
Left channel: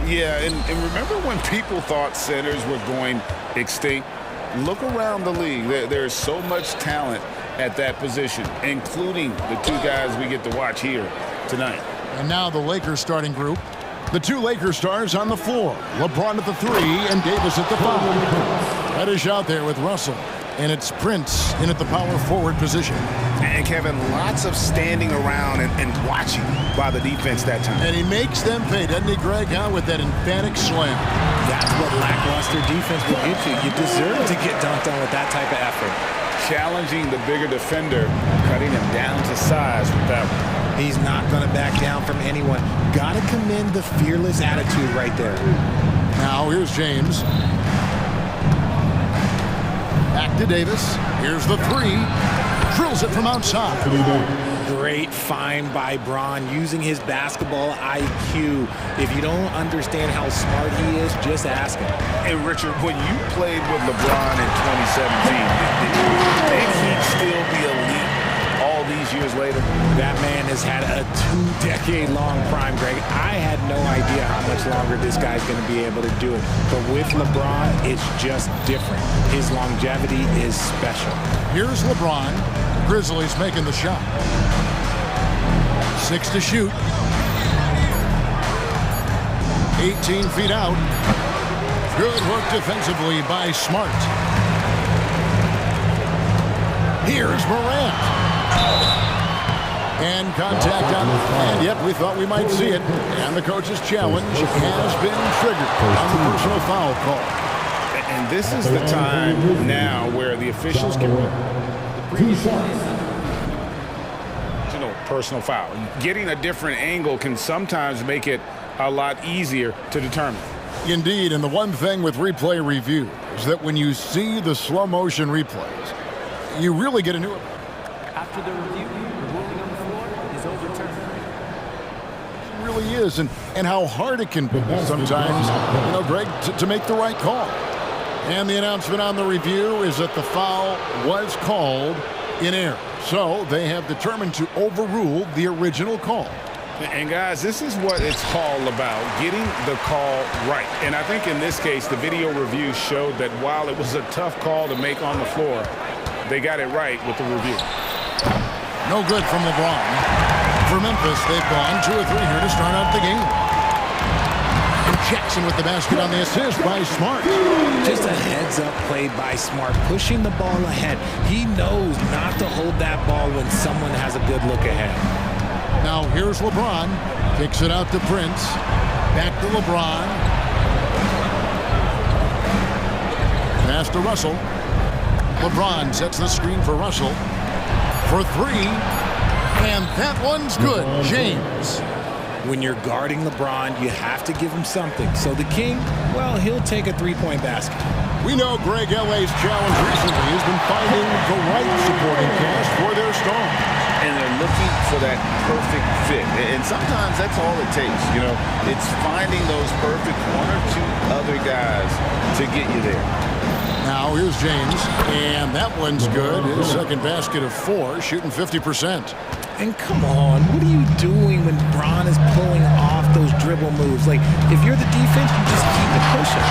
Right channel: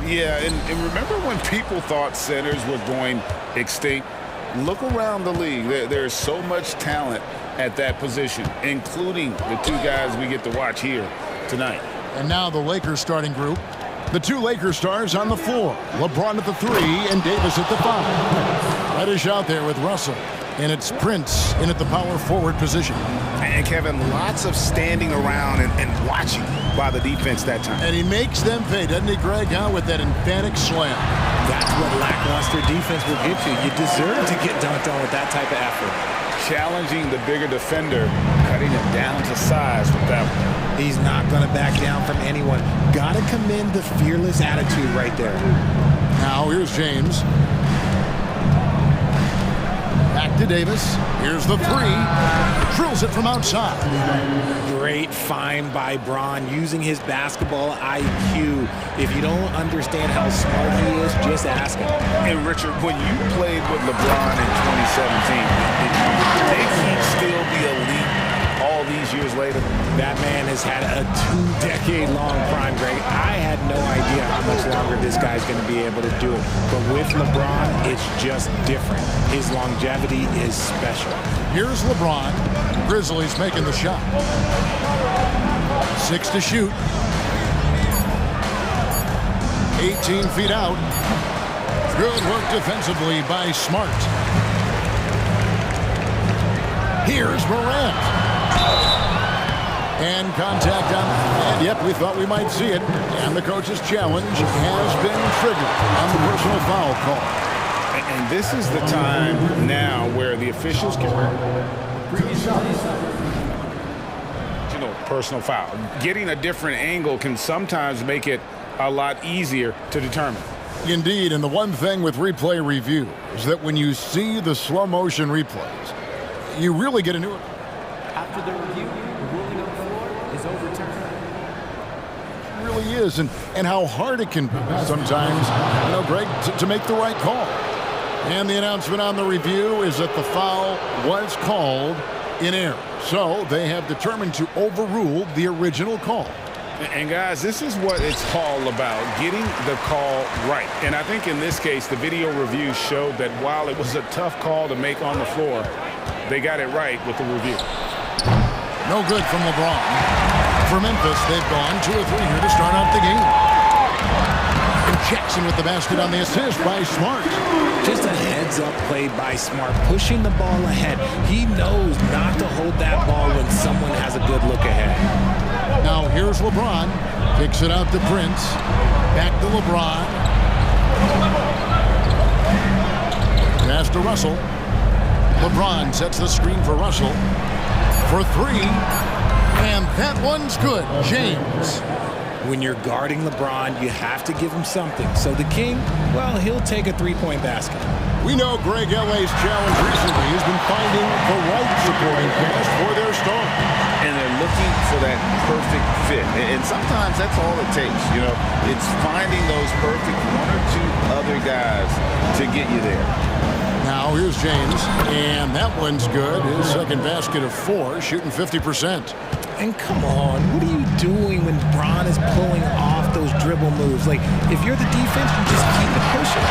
Yeah, and remember when people thought centers were going extinct? Look around the league. There's so much talent at that position, including the two guys we get to watch here tonight. And now the Lakers starting group. The two Lakers stars on the floor. LeBron at the 3 and Davis at the 5. Reddish out there with Russell. And it's Prince in at the power forward position. And Kevin, lots of standing around and watching by the defense that time. And he makes them pay, doesn't he, Greg, with that emphatic slam. That's what lackluster defense will get you. You deserve to get dunked on with that type of effort. Challenging the bigger defender, cutting him down to size with that one. He's not going to back down from anyone. Got to commend the fearless attitude right there. Now here's James. Back to Davis. Here's the 3. Drills it from outside. Great find by Bron using his basketball IQ. If you don't understand how smart he is, just ask him. And Richard, when you played with LeBron in 2017, think he'd still be elite all these years later? That man has had a 2-decade-long prime, Greg. I had no idea how much longer this guy's going to be able to do it. But with LeBron, it's just different. His longevity is special. Here's LeBron. The Grizzlies making the shot. 6 to shoot. 18 feet out. Good work defensively by Smart. Here's Morant. And contact on, and yep, we thought we might see it. And the coach's challenge has been triggered on the personal foul call. And this is the time now where the officials can... personal foul. Getting a different angle can sometimes make it a lot easier to determine. Indeed, and the one thing with replay review is that when you see the slow motion replays, you really get a new... After the review, the ruling on the floor is overturned. It really is, and how hard it can be sometimes, Greg, to make the right call. And the announcement on the review is that the foul was called in error. So they have determined to overrule the original call. And guys, this is what it's all about, getting the call right. And I think in this case, the video review showed that while it was a tough call to make on the floor, they got it right with the review. No good from LeBron. For Memphis, they've gone 2 or 3 here to start out the game. And Jackson with the basket on the assist by Smart. Just a heads-up play by Smart, pushing the ball ahead. He knows not to hold that ball when someone has a good look ahead. Now here's LeBron. Kicks it out to Prince. Back to LeBron. Pass to Russell. LeBron sets the screen for Russell. For 3, and that one's good. James. When you're guarding LeBron, you have to give him something. So the King, well, he'll take a 3-point basket. We know Greg LA's challenge recently has been finding the right supporting cast for their stars. And they're looking for that perfect fit. And sometimes that's all it takes, It's finding those perfect 1 or 2 other guys to get you there. Now here's James, and that one's good. His second basket of 4, shooting 50%. And come on, what are you doing when Bron is pulling off those dribble moves? Like, if you're the defense, you just keep it pushing.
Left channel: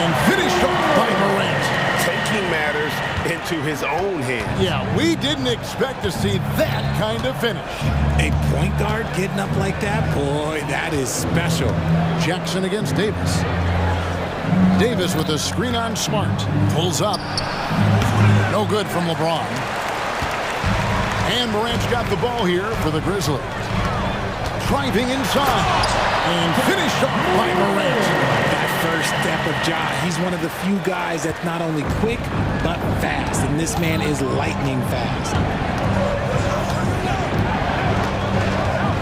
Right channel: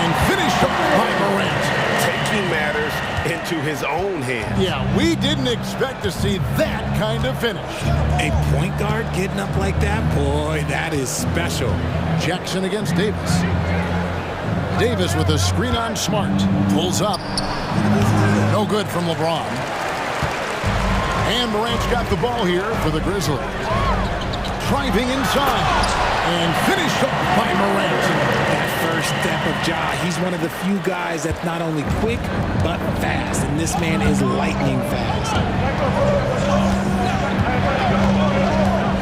And finished off by Morant. Taking matters into his own hands. Yeah, we didn't expect to see that kind of finish. A point guard getting up like that? Boy, that is special. Jackson against Davis. Davis with a screen on Smart. Pulls up. No good from LeBron. And Morant's got the ball here for the Grizzlies. Driving inside. And finished off by Morant. That first step of Ja, he's one of the few guys that's not only quick, but fast. And this man is lightning fast.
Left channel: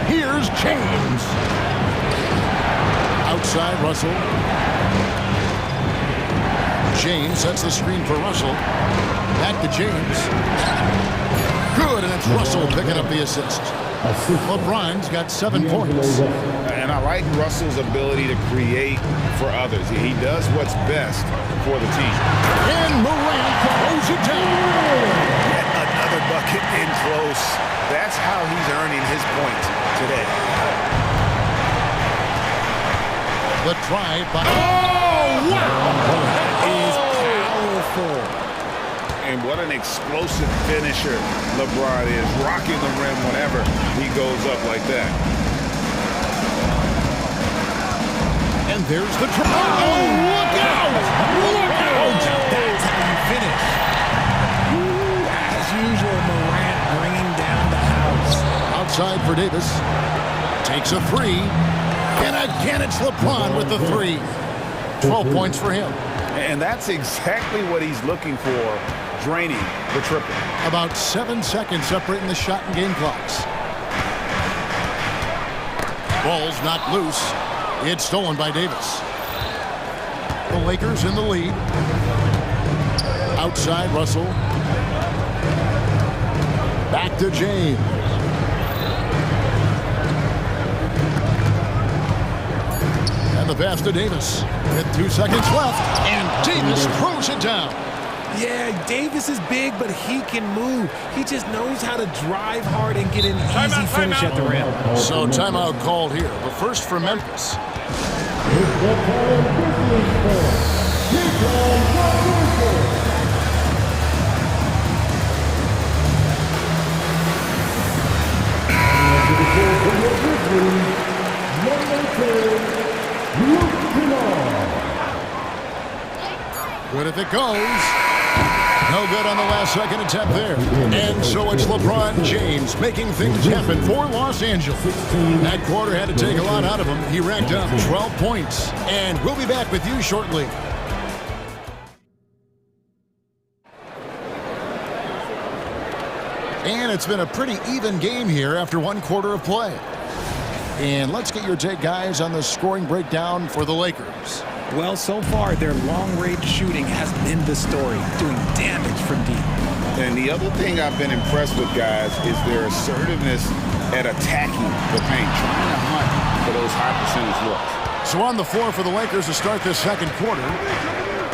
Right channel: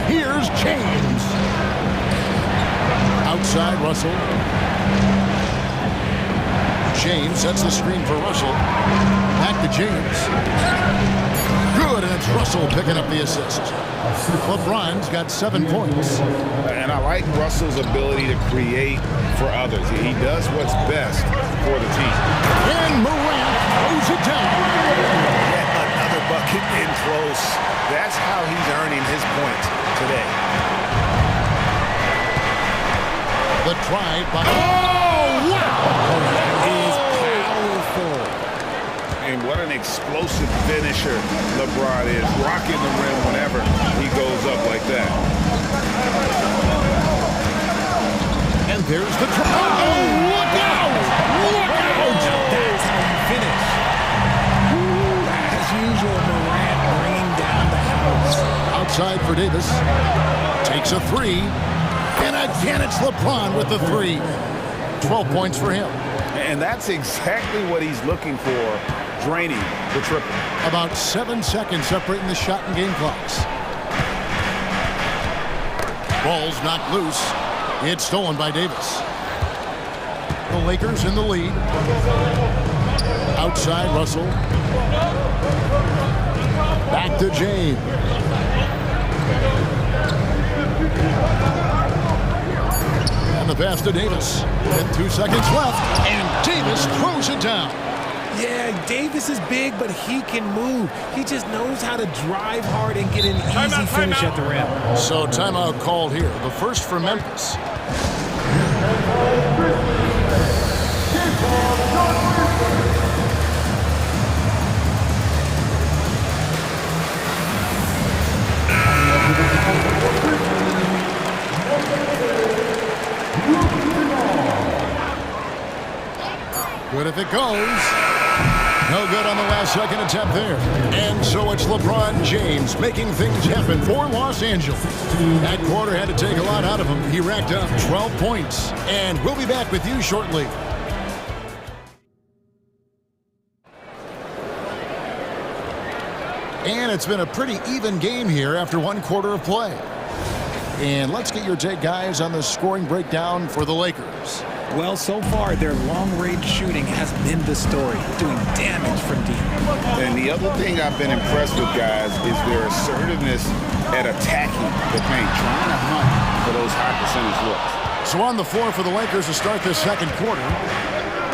Here's James. Outside, Russell. James sets the screen for Russell. Back to James. Good, and it's Russell picking up the assist. LeBron's got 7 points. And I like Russell's ability to create for others. He does what's best for the team. And Morant throws it down. Yet another bucket in close. That's how he's earning his points today. The drive by... Oh, wow! That is powerful. And what an explosive finisher LeBron is, rocking the rim whenever he goes up like that. And there's the drive. Oh, look out! Look out! Now that's how you finish. As usual, Morant bringing down the house. Outside for Davis. Takes a three. And again, it's LeBron with the three. 12 points for him. And that's exactly what he's looking for, draining the triple. About 7 seconds separating the shot and game clocks. Ball's knocked loose. It's stolen by Davis. The Lakers in the lead. Outside, Russell. Back to James. And the pass to Davis. With 2 seconds left. And Davis throws it down. Yeah, Davis is big, but he can move. He just knows how to drive hard and get an easy finish at the rim. So timeout called here. The first for Memphis. Good if it goes. No good on the last second attempt there. And so it's LeBron James making things happen for Los Angeles. That quarter had to take a lot out of him. He racked up 12 points. And we'll be back with you shortly. And it's been a pretty even game here after 1 quarter of play. And let's get your take, guys, on the scoring breakdown for the Lakers. Well, so far, their long-range shooting has been the story, doing damage from deep. And the other thing I've been impressed with, guys, is their assertiveness at attacking the paint, trying to hunt for those high percentage looks. So on the floor for the Lakers to start this second quarter,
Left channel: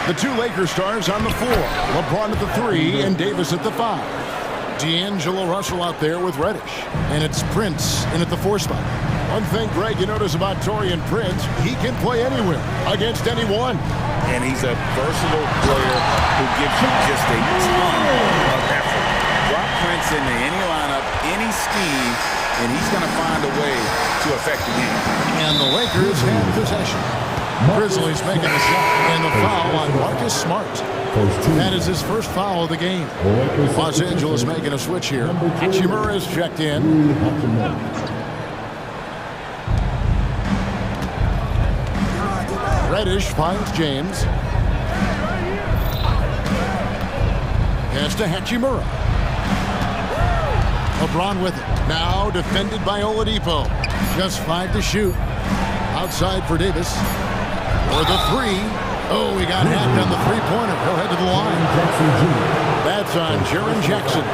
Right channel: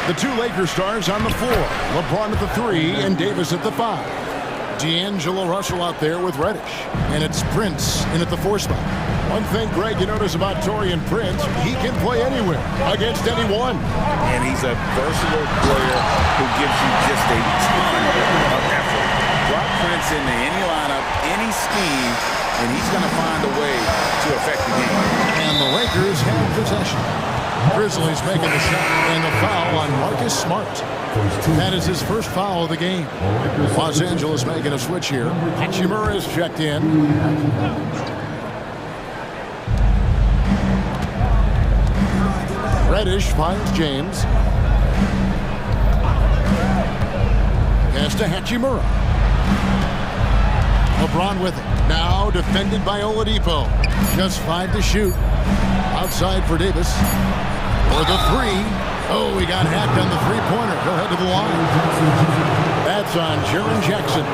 the 2 Lakers stars on the floor. LeBron at the 3 and Davis at the 5. D'Angelo Russell out there with Reddish. And it's Prince in at the 4 spot. One thing, Greg, you notice about Taurean Prince, he can play anywhere, against anyone. And he's a versatile player who gives you just a ton of effort. Drop Prince into any lineup, any scheme, and he's going to find a way to affect the game. And the Lakers have possession. Grizzlies making the shot, and the foul on Marcus Smart. That is his first foul of the game. Los Angeles making a switch here. Hachimura is checked in. Reddish finds James. Pass to Hachimura. LeBron with it. Now defended by Oladipo. Just 5 to shoot. Outside for Davis. For the 3. Oh, he got hacked on the three-pointer. He'll head to the line. That's on Jaren Jackson.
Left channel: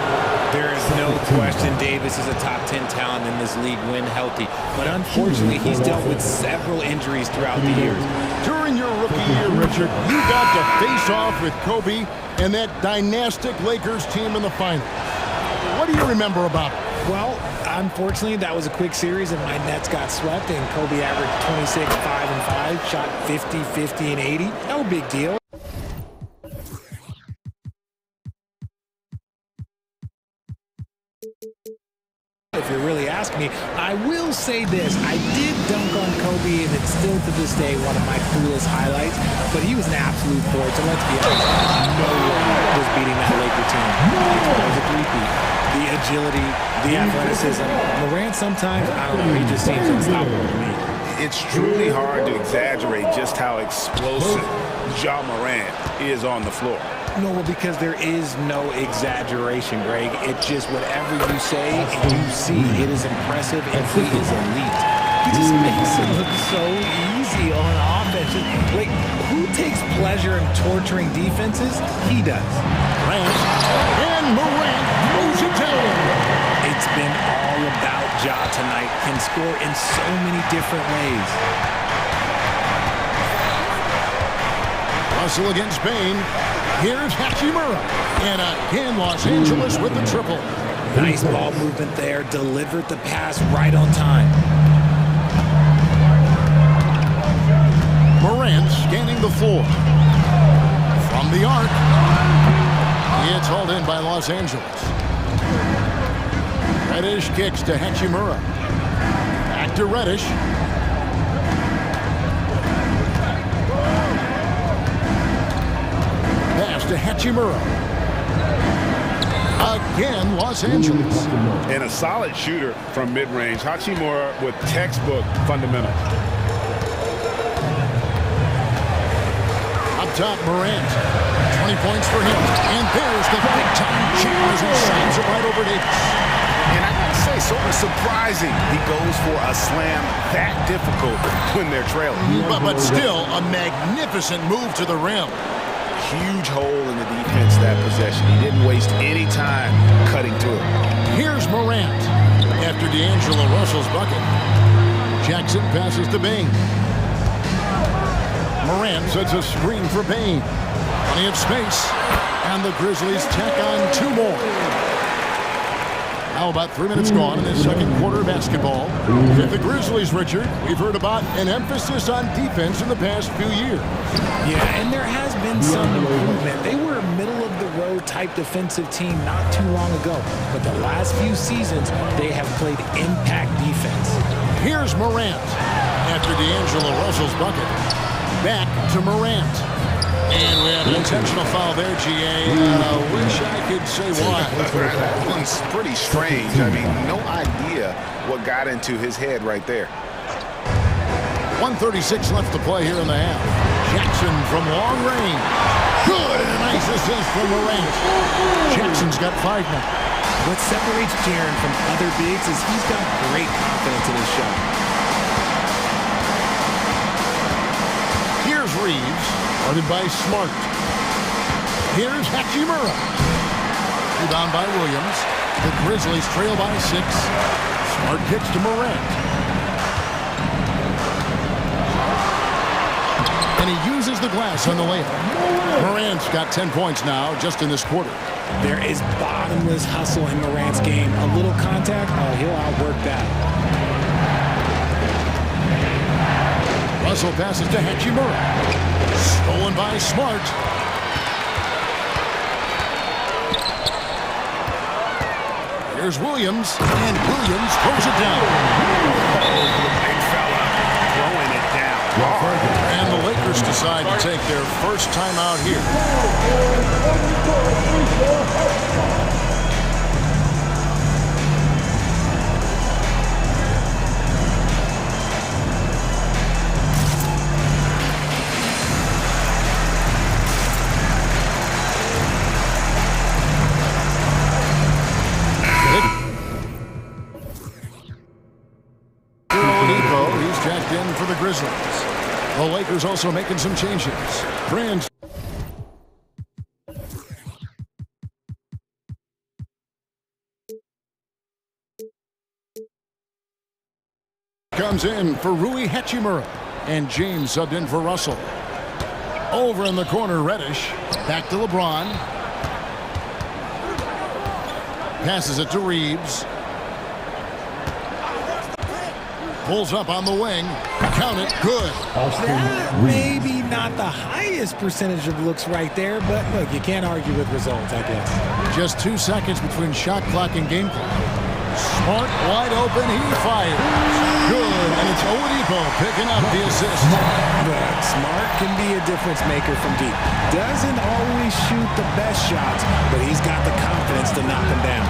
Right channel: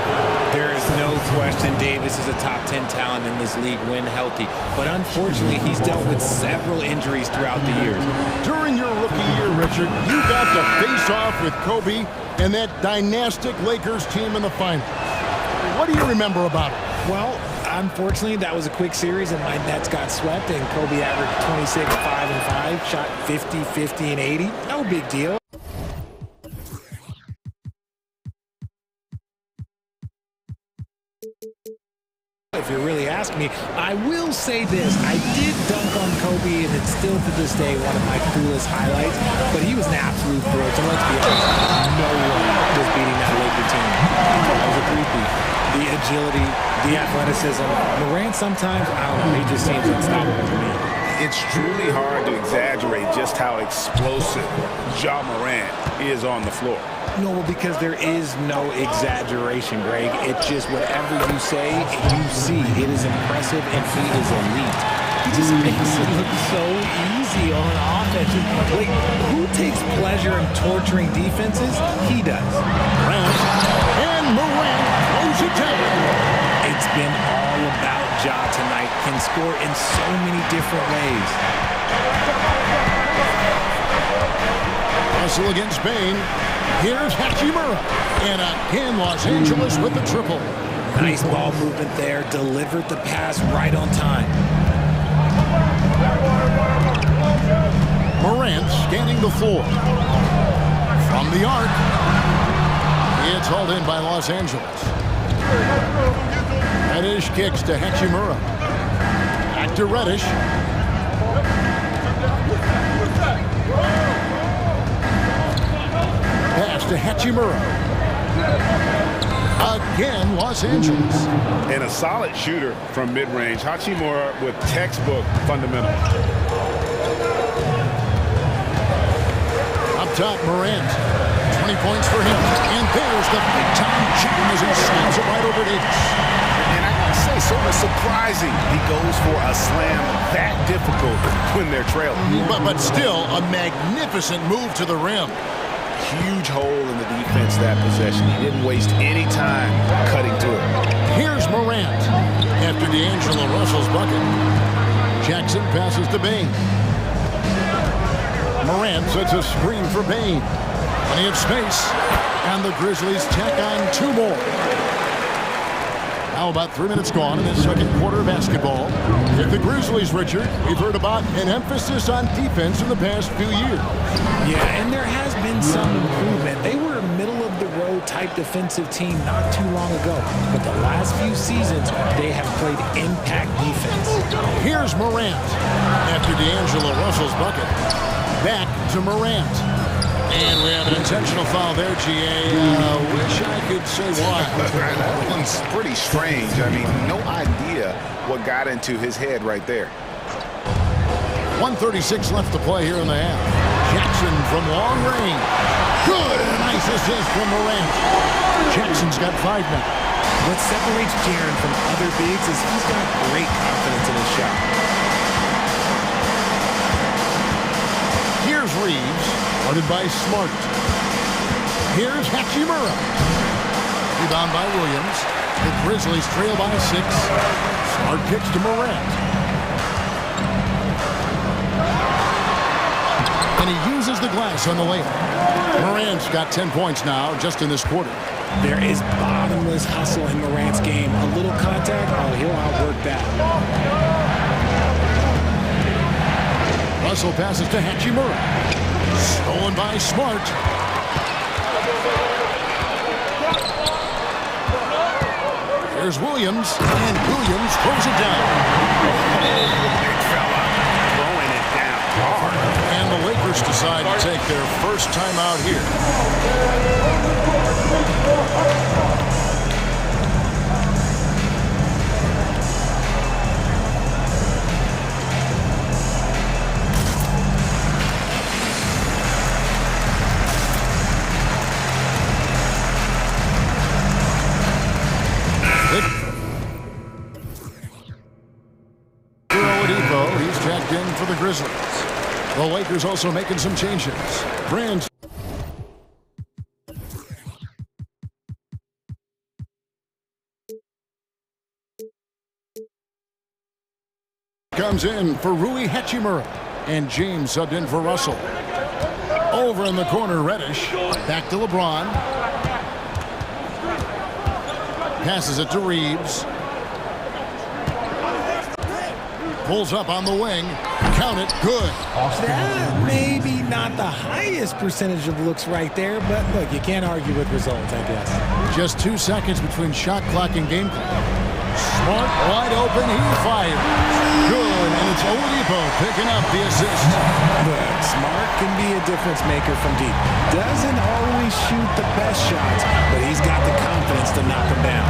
There is no question Davis is a top 10 talent in this league when healthy. But unfortunately, he's dealt with several injuries throughout the years. During your rookie year, Richard, you got to face off with Kobe and that dynastic Lakers team in the final. What do you remember about it? Well, unfortunately, that was a quick series, and my Nets got swept, and Kobe averaged 26, 5, and 5, shot 50, 50, and 80. No big deal. If you're really asking me, I will say this. I did dunk on Kobe, and it's still to this day one of my coolest highlights, but he was an absolute force, and let's be honest, no one was beating that Laker team. That was a three-peat. The agility, the athleticism. Morant sometimes, I don't know, he just seems unstoppable to me. It's truly hard to exaggerate just how explosive Ja Morant is on the floor. No, well, because there is no exaggeration, Greg. It's just whatever you say and you see. It is impressive, and he is elite. He just makes it look so easy on offense. Like, who takes pleasure in torturing defenses? He does. And Morant throws it down. It's been all about Ja tonight. Can score in so many different ways. Russell against Bain. Here's Hachimura. And again, Los Angeles with the triple. Nice ball movement there. Delivered the pass right on time. Morant scanning the floor. From the arc. It's hauled in by Los Angeles. Reddish kicks to Hachimura. Back to Reddish. Pass to Hachimura. Again, Los Angeles. And a solid shooter from mid-range. Hachimura with textbook fundamentals. Up top, Morant. 20 points for him. And there's the big-time jam as he slams it right over Davis. And I gotta say, sort of surprising he goes for a slam that difficult when they're trailing. But still, a magnificent move to the rim. Huge hole in the defense that possession. He didn't waste any time cutting to it. Here's Morant after D'Angelo Russell's bucket. Jackson passes to Bain. Morant sets a screen for Bain. Plenty of space. And the Grizzlies tack on 2 more. Now about 3 minutes gone in this second quarter of basketball. With the Grizzlies, Richard, we've heard about an emphasis on defense in the past few years. Yeah, and there has been some improvement. They were a middle-of-the-road type defensive team not too long ago. But the last few seasons, they have played impact defense. Here's Morant after D'Angelo Russell's bucket. Back to Morant. And we have an intentional foul there, GA. Wish I could say why. That one's pretty strange. I mean, no idea what got into his head right there. 1:36 left to play here in the half. Jackson from long range. Good, and a nice assist from Morant. Jackson's got 5 now. What separates Jaren from other bigs is he's got great confidence in his shot. Here's Reeves, guarded by Smart. Here's Hachimura. Rebound by Williams. The Grizzlies trail by 6. Smart kicks to Morant. And he uses the glass on the layup. Morant's got 10 points now just in this quarter. There is bottomless hustle in Morant's game. A little contact, oh, he'll outwork that. Russell passes to Hachimura. Stolen by Smart. Here's Williams, and Williams throws it down. Oh, the big fella throwing it down hard. And the Lakers decide to take their first time out here. He's checked in for the Grizzlies. The Lakers also making some changes. Brands comes in for Rui Hachimura, and James subbed in for Russell. Over in the corner, Reddish. Back to LeBron. Passes it to Reeves. Pulls up on the wing. Count it. Good. That maybe not the highest percentage of looks right there, but look, you can't argue with results, I guess. Just 2 seconds between shot clock and game clock. Smart, wide open, he fires. Good, and it's Oladipo picking up the assist. Look, Smart can be a difference maker from deep. Doesn't always shoot the best shots, but he's got the confidence to knock them down.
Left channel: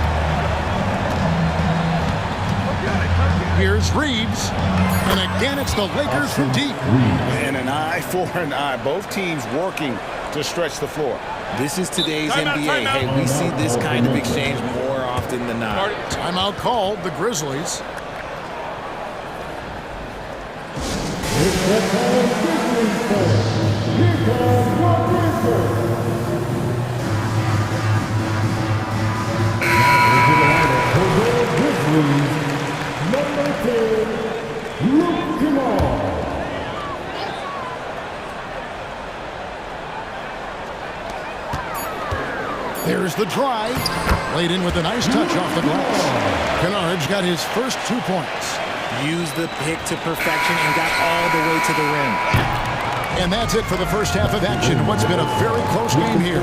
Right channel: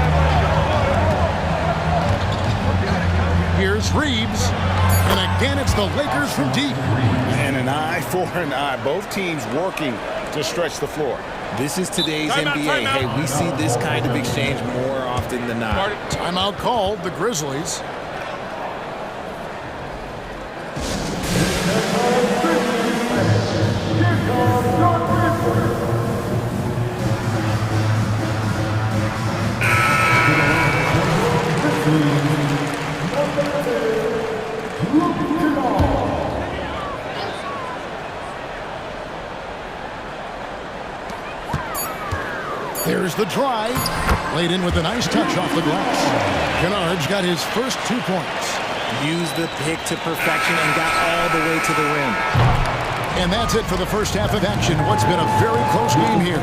Here's Reeves, and again it's the Lakers from deep. And an eye for an eye. Both teams working to stretch the floor. This is today's NBA. Hey, we see this kind of exchange more often than not. Timeout called, the Grizzlies. There's the drive. Laid in with a nice touch off the glass. Kennard's got his first 2 points. Used the pick to perfection and got all the way to the rim. And that's it for the first half of action. What's been a very close game here.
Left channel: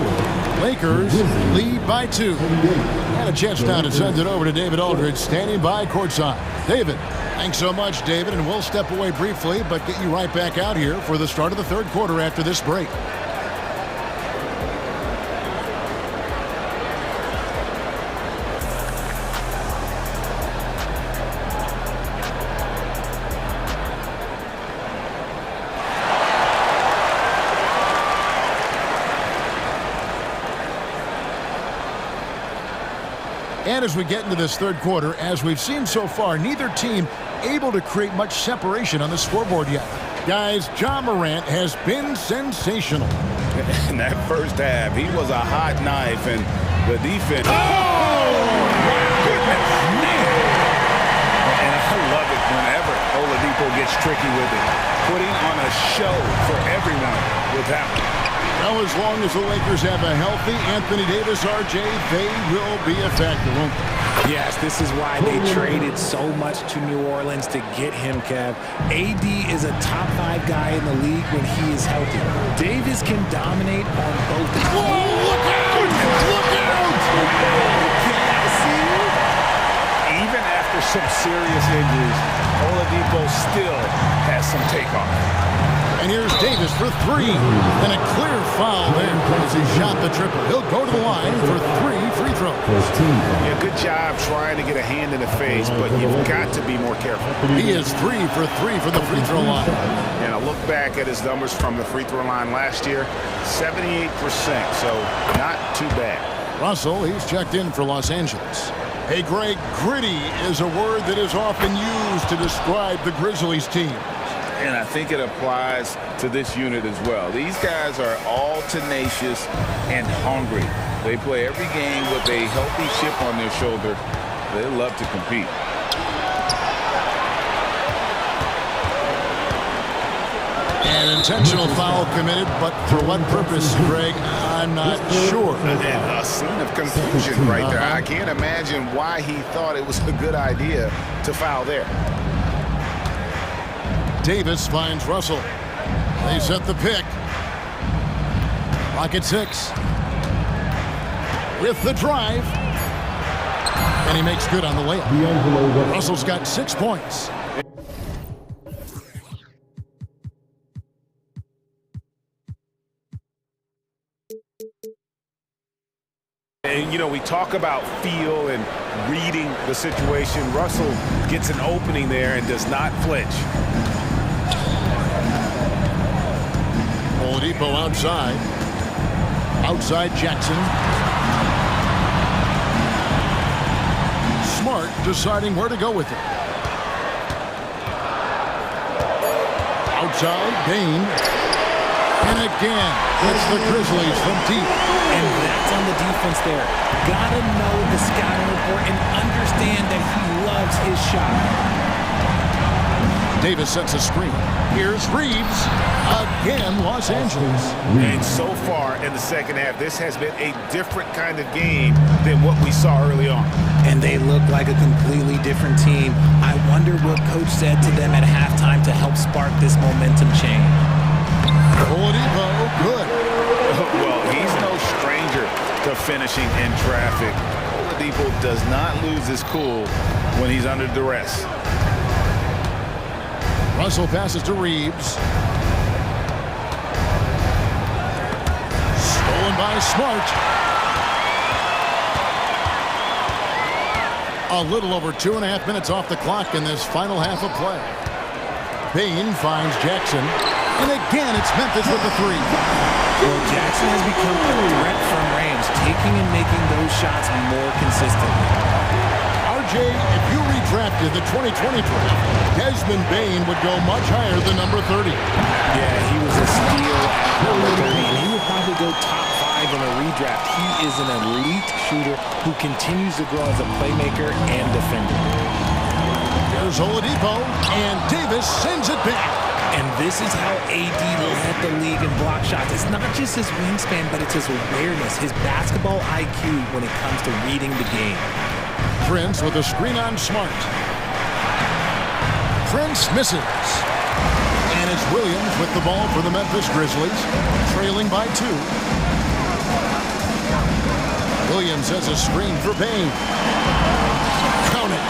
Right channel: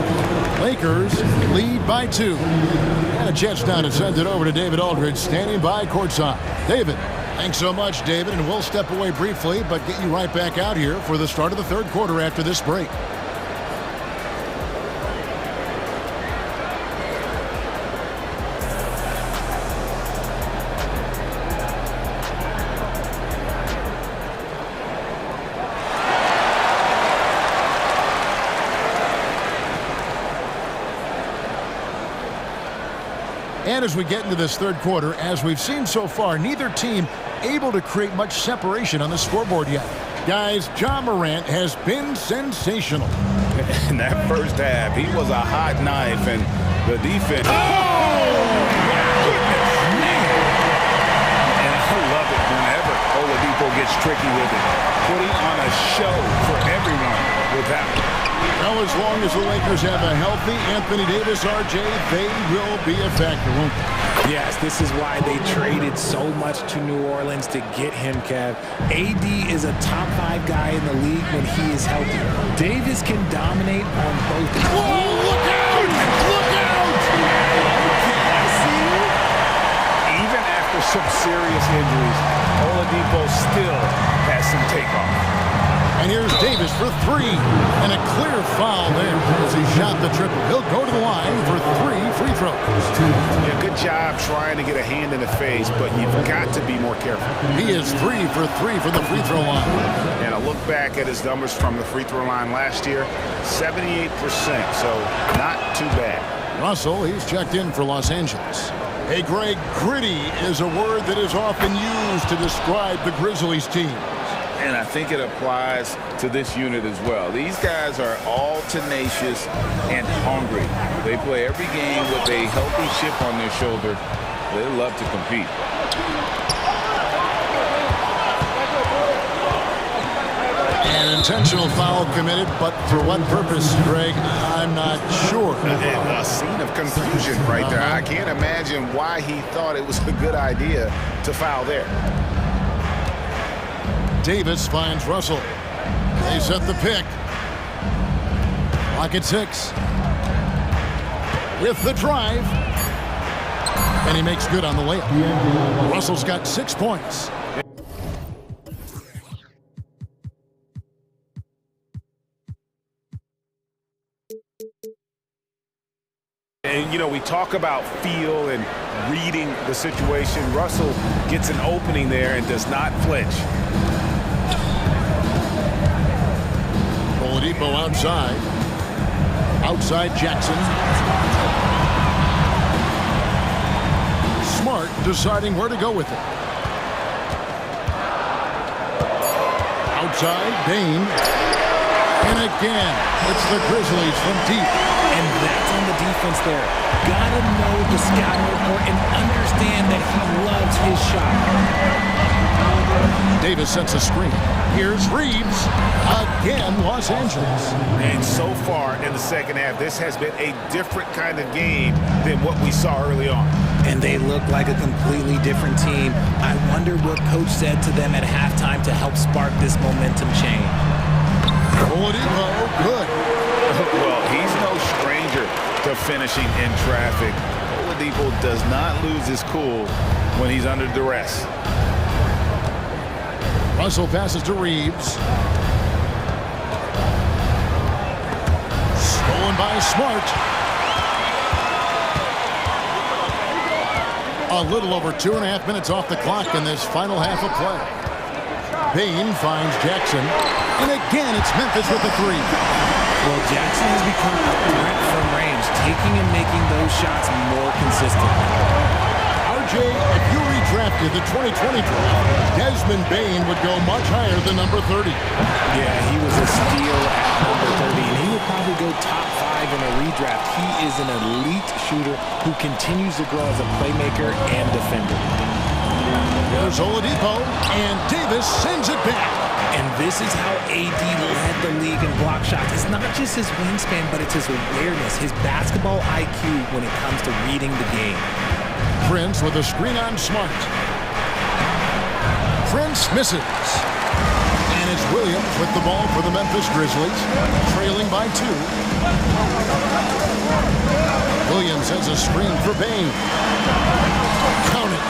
Lakers lead by 2. And a chance now to send it over to David Aldridge, standing by courtside. David. Thanks so much, David, and we'll step away briefly, but get you right back out here for the start of the third quarter after this break. And as we get into this third quarter, as we've seen so far, neither team able to create much separation on the scoreboard yet. Guys, Ja Morant has been sensational. In that first half, he was a hot knife, and the defense... Oh, wow. Goodness, man. And I love it whenever Oladipo gets tricky with it, putting on a show for everyone with that one. Well, as long as the Lakers have a healthy Anthony Davis, RJ, they will be a factor, won't they? Yes, this is why they traded so much to New Orleans to get him, Kev. AD is a top 5 guy in the league when he is healthy. Davis can dominate on both. Whoa, look out! Look out! Okay, I see you. Even after some serious injuries, Oladipo still has some takeoff. And here's Davis for 3. And a clear foul there as he shot the triple. He'll go to the line for 3 free throws. Yeah, good job trying to get a hand in the face, but you've got to be more careful. He is 3 for 3 from the free throw line. And I look back at his numbers from the free throw line last year, 78%, so not too bad. Russell, he's checked in for Los Angeles. Hey, Greg, gritty is a word that is often used to describe the Grizzlies team. And I think it applies to this unit as well. These guys are all tenacious and hungry. They play every game with a healthy chip on their shoulder. They love to compete. An intentional foul committed, but for what purpose, Greg, I'm not sure. A scene of confusion right there. I can't imagine why he thought it was a good idea to foul there. Davis finds Russell. They set the pick. Clock at 6. With the drive. And he makes good on the layup. Russell's got 6 points. And, you know, we talk about feel and reading the situation. Russell gets an opening there and does not flinch. Oladipo outside. Outside Jackson. Smart deciding where to go with it. Outside, Bain. And again, it's the Grizzlies from deep. And that's on the defense there. Gotta know the scouting report and understand that he loves his shot. Davis sets a screen. Here's Reeves. Again, Los Angeles. And so far in the second half, this has been a different kind of game than what we saw early on. And they look like a completely different team. I wonder what coach said to them at halftime to help spark this momentum change. Oladipo, good. Well, he's no stranger to finishing in traffic. Oladipo does not lose his cool when he's under duress. Russell passes to Reeves. Stolen by Smart. A little over 2.5 minutes off the clock in this final half of play. Bain finds Jackson. And again, it's Memphis with the 3. Well, Jackson has become a threat from range, taking and making those shots more consistently. RJ, if you redrafted the 2020 draft, Desmond Bain would go much higher than number 30. Yeah, he was a steal at number 30, and he would probably go top 5 in a redraft. He is an elite shooter who continues to grow as a playmaker and defender. Here's Oladipo, and Davis sends it back. And this is how AD led the league in block shots. It's not just his wingspan, but it's his awareness, his basketball IQ when it comes to reading the game. Prince with a screen on Smart. Prince misses. And it's Williams with the ball for the Memphis Grizzlies, trailing by 2. Williams has a screen for Bain. Count it.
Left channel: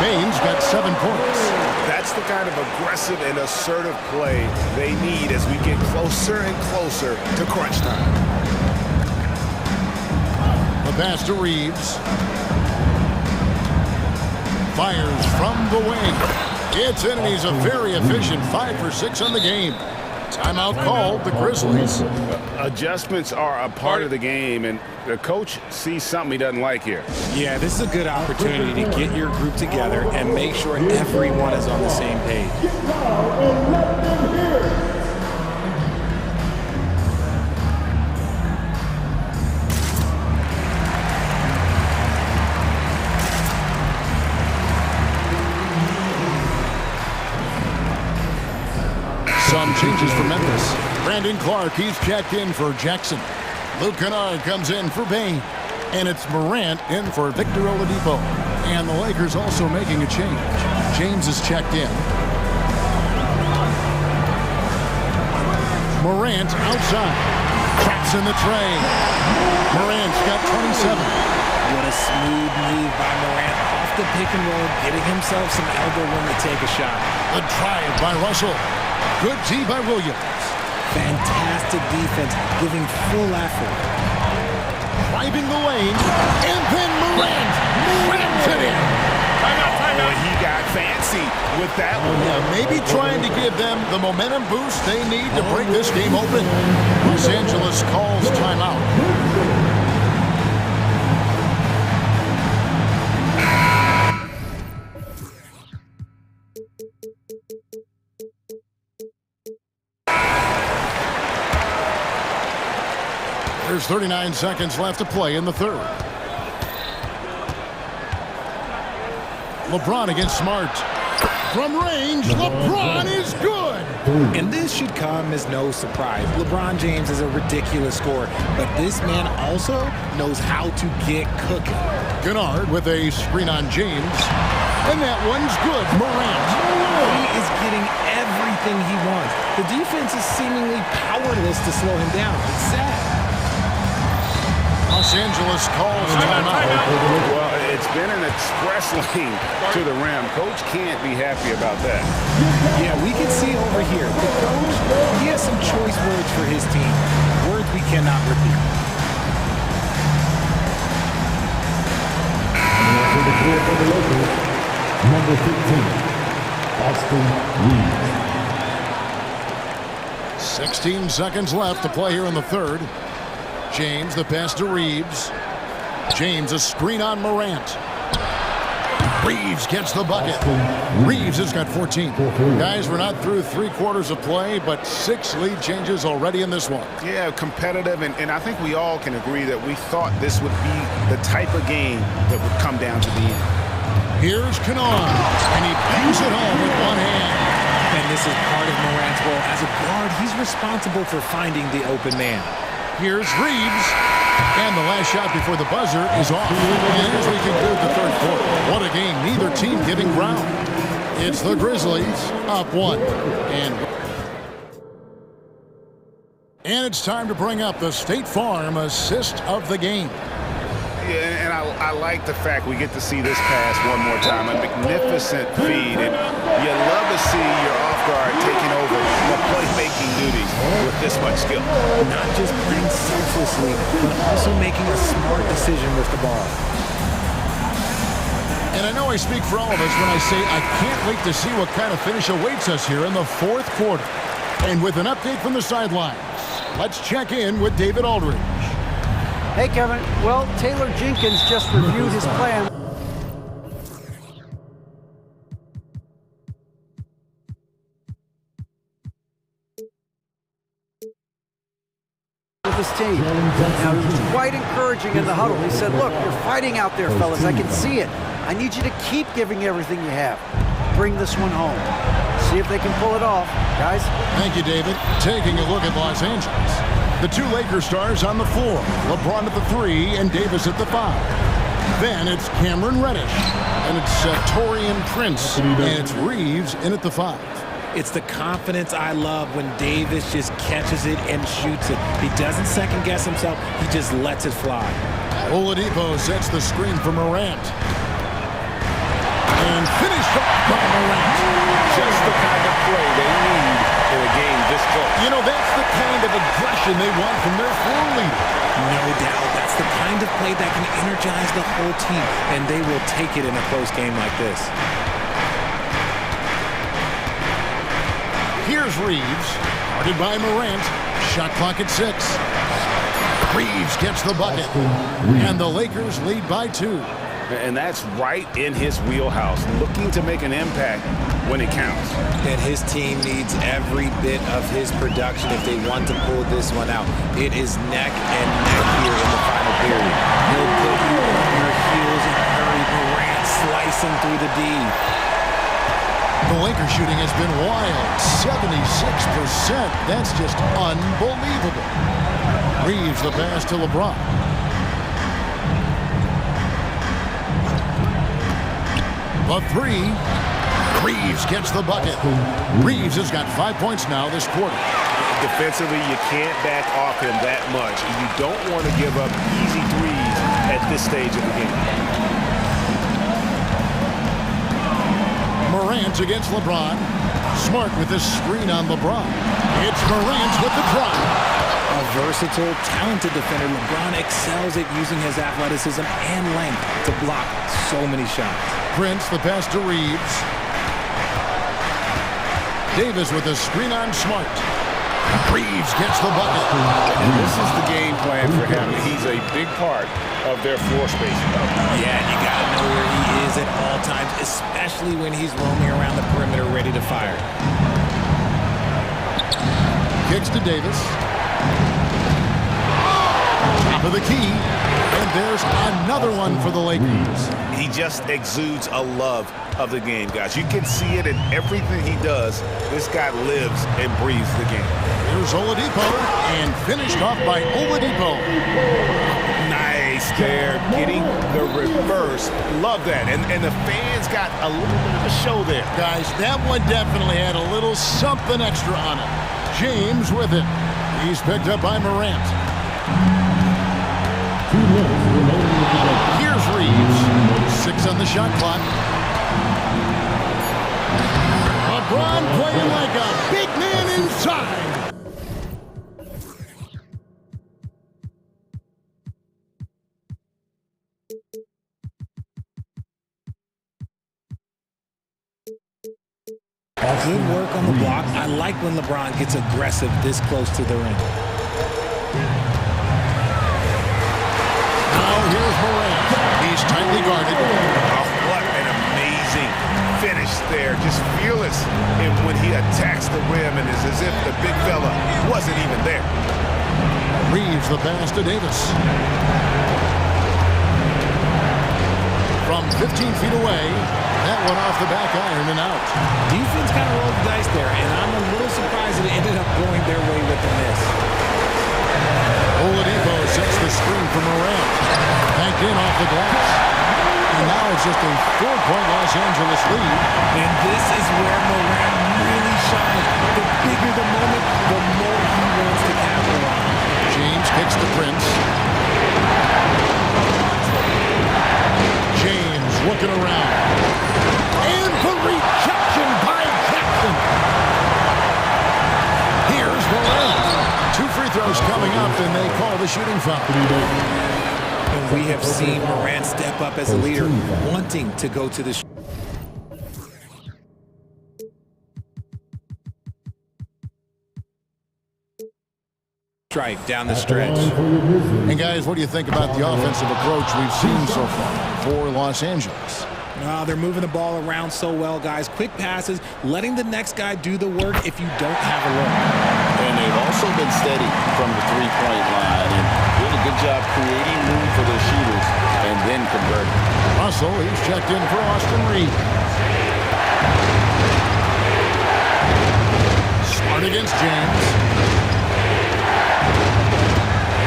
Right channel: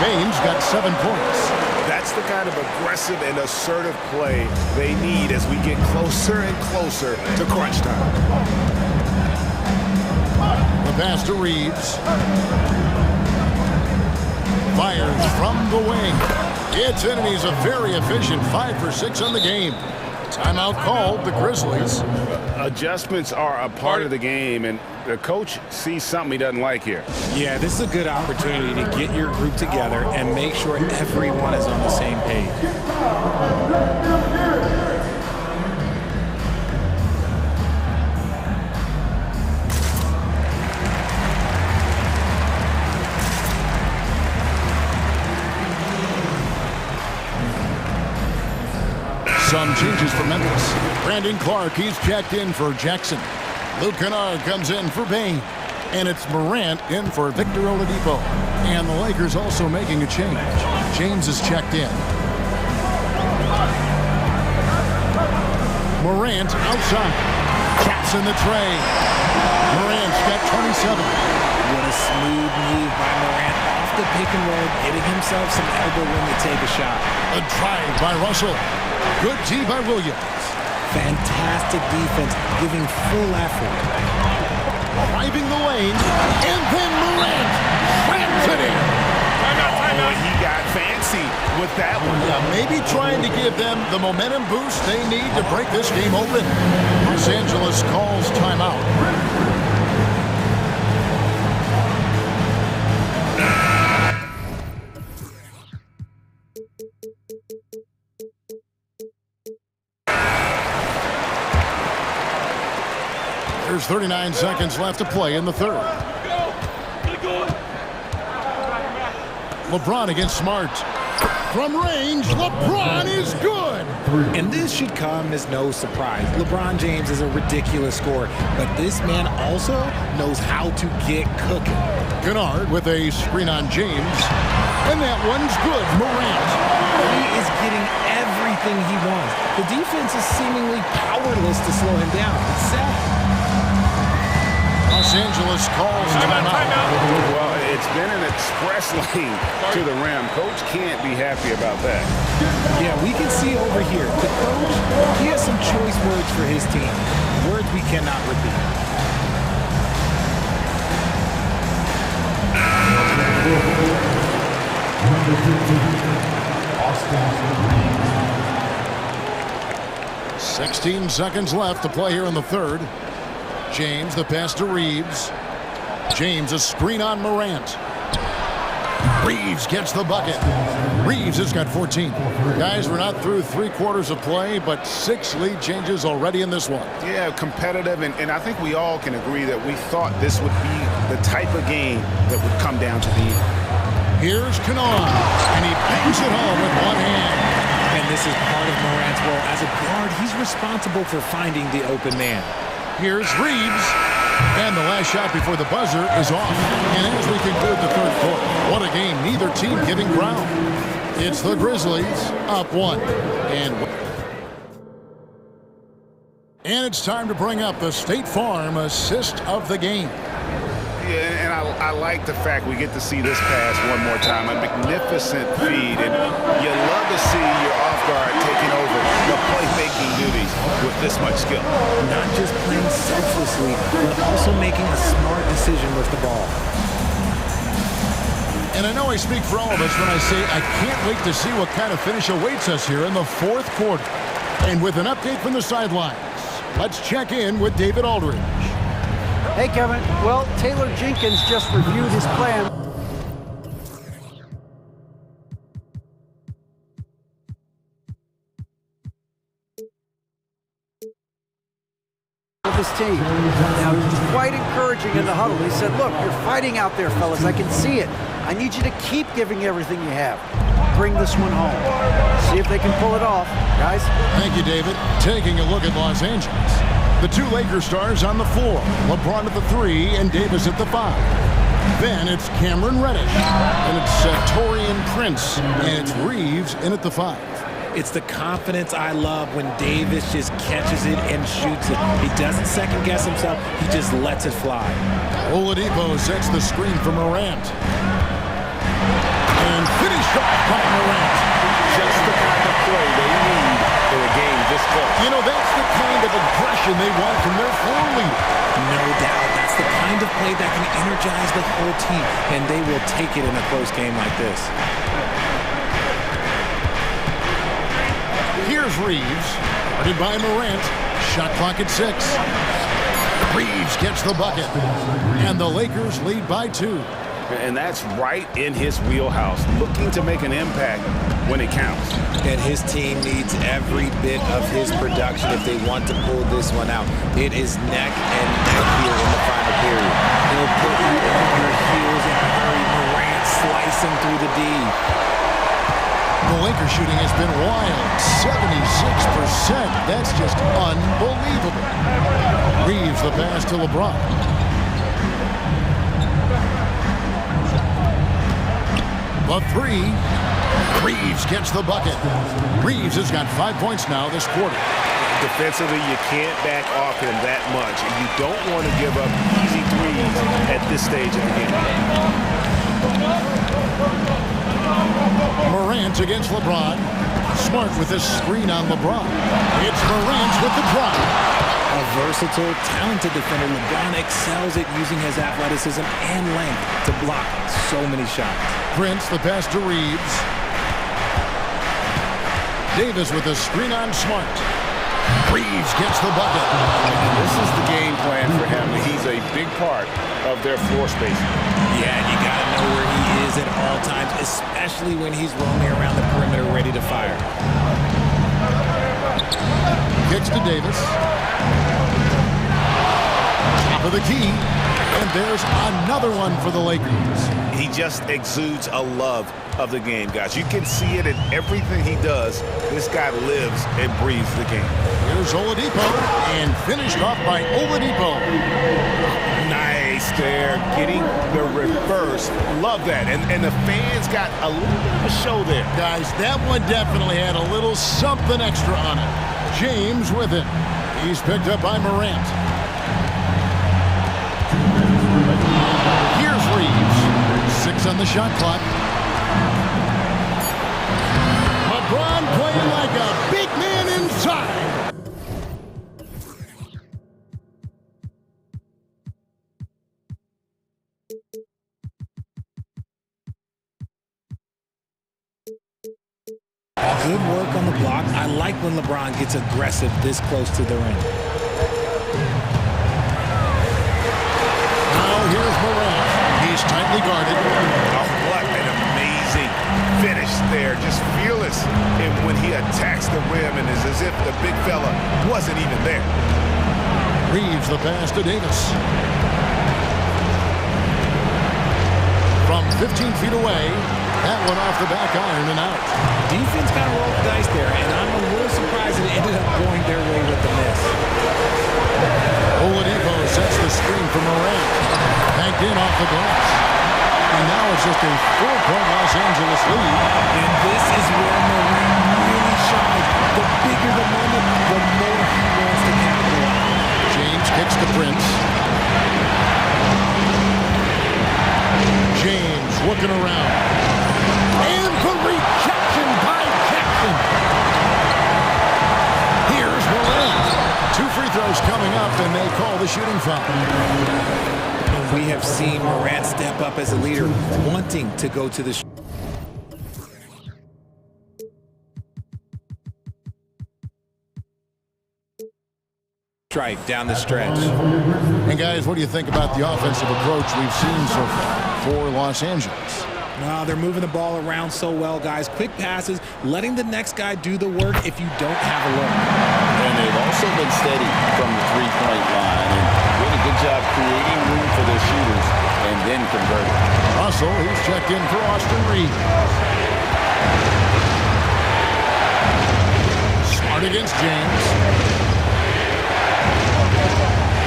Bain's got 7 points. That's the kind of aggressive and assertive play they need as we get closer and closer to crunch time. The pass to Reeves. Fires from the wing. It's in, and he's a very efficient 5 for 6 on the game. Timeout called, the Grizzlies. Adjustments are a part of the game, and the coach sees something he doesn't like here. Yeah, this is a good opportunity to get your group together and make sure everyone is on the same page. Some changes for Memphis. Brandon Clark, he's checked in for Jackson. Luke Kennard comes in for Bain. And it's Morant in for Victor Oladipo. And the Lakers also making a change. James is checked in. Morant outside. Traps in the tray. Morant's got 27. What a smooth move by Morant off the pick and roll, getting himself some elbow room to take a shot. A drive by Russell. Good D by Williams. Fantastic defense, giving full effort. Driving the lane, and then Morant slams it in. Timeout. He got fancy with that one. Yeah, maybe trying to give them the momentum boost they need to break this game open. Los Angeles calls timeout. There's 39 seconds left to play in the third. LeBron against Smart. From range, LeBron is good. And this should come as no surprise. LeBron James is a ridiculous scorer, but this man also knows how to get cooking. Kennard with a screen on James. And that one's good. Morant. He is getting everything he wants. The defense is seemingly powerless to slow him down. It's sad. Los Angeles calls timeout. Well, it's been an express lane to the rim. Coach can't be happy about that. Yeah, we can see over here. The coach, he has some choice words for his team. Words we cannot repeat. Number 15, Austin Reeves. 16 seconds left to play here in the third. James, the pass to Reeves. James, a screen on Morant. Reeves gets the bucket. Reeves has got 14. Guys, we're not through 3 quarters of play, but 6 lead changes already in this one. Yeah, competitive, and I think we all can agree that we thought this would be the type of game that would come down to the end. Here's Kennard, and he bangs it home with one hand. And this is part of Morant's role. As a guard, he's responsible for finding the open man. Here's Reeves, and the last shot before the buzzer is off. And as we conclude the third quarter, what a game, neither team giving ground. It's the Grizzlies up 1. And it's time to bring up the State Farm assist of the game. Yeah, and I like the fact we get to see this pass one more time. A magnificent feed, and you love to see your off guard taking over the playmaking duties with this much skill. Not just playing selflessly, but also making a smart decision with the ball. And I know I speak for all of us when I say I can't wait to see what kind of finish awaits us here in the fourth quarter. And with an update from the sidelines, let's check in with David Aldridge. Hey, Kevin. Well, Taylor Jenkins just reviewed his plan with his team. Now, he was quite encouraging in the huddle. He said, look, you're fighting out there, fellas. I can see it. I need you to keep giving everything you have. bring this one home. See if they can pull it off, guys. Thank you, David. Taking a look at Los Angeles. The two Lakers stars on the floor. LeBron at the 3 and Davis at the 5. Then it's Cameron Reddish. And it's Torian Prince. And it's Reeves in at the 5. It's the confidence I love when Davis just catches it and shoots it. He doesn't second guess himself. He just lets it fly. Oladipo sets the screen for Morant. And finished off by Morant. Just the kind of play they need in a game this close. You know, that's the kind of aggression they want from their floor leader. No doubt. That's the kind of play that can energize the whole team, and they will take it in a close game like this. Here's Reeves, guarded by Morant. Shot clock at 6. Reeves gets the bucket, and the Lakers lead by 2. And that's right in his wheelhouse, looking to make an impact when it counts. And his team needs every bit of his production if they want to pull this one out. It is neck and neck here in the final period. He'll put you on your heels in a hurry. Morant slicing through the D. The Lakers shooting has been wild, 76%. That's just unbelievable. Reeves the pass to LeBron. The 3. Reeves gets the bucket. Reeves has got 5 points now this quarter. Defensively, you can't back off him that much. You don't want to give up easy threes at this stage of the game. Morant against LeBron. Smart with this screen on LeBron. It's Morant with the drive. A versatile, talented defender, LeBron excels at using his athleticism and length to block so many shots. Prince the pass to Reeves. Davis with a screen on Smart. Reeves gets the bucket. And this is the game plan for him. He's a big part of their floor spacing. Yeah, you got to know where he is at all times, especially when he's roaming around the perimeter ready to fire. Kicks to Davis. Top of the key. And there's another one for the Lakers. He just exudes a love of the game, guys. You can see it in everything he does. This guy lives and breathes the game. Here's Oladipo, and finished off by Oladipo. Nice there, getting the reverse. Love that. And the fans got a little bit of a show there. Guys, that one definitely had a little something extra on it. James with it. He's picked up by Morant. Here's Reeves. 6 on the shot clock. LeBron playing like a big man inside. Good work on the block. I like when LeBron gets aggressive this close to the rim. Now here's Morant. He's tightly guarded. Oh, what an amazing finish there. Just fearless and when he attacks the rim, and it's as if the big fella wasn't even there. Reeves the pass to Davis. From 15 feet away, that one off the back iron and out. Defense kind of rolled the dice there, and I'm a little surprised that it ended up going their way with the miss. Oladipo sets the screen for Morant. Banked in off the glass. And now it's just a 4-point Los Angeles lead. And this is where Morant really shines. The bigger the moment, the more he wants to capitalize. James kicks to Prince. James looking around. And the rejection by Jackson. Here's Morant. 2 free throws coming up, and they call the shooting foul. And we have seen Morant step up as a leader, wanting to go to the strike down the stretch. And guys, what do you think about the offensive approach we've seen so far for Los Angeles? No, they're moving the ball around so well, guys. Quick passes, letting the next guy do the work if you don't have a look. And they've also been steady from the three-point line and doing a good job creating room for their shooters and then converting. Russell, he's checked in for Austin Reeves. Smart against James.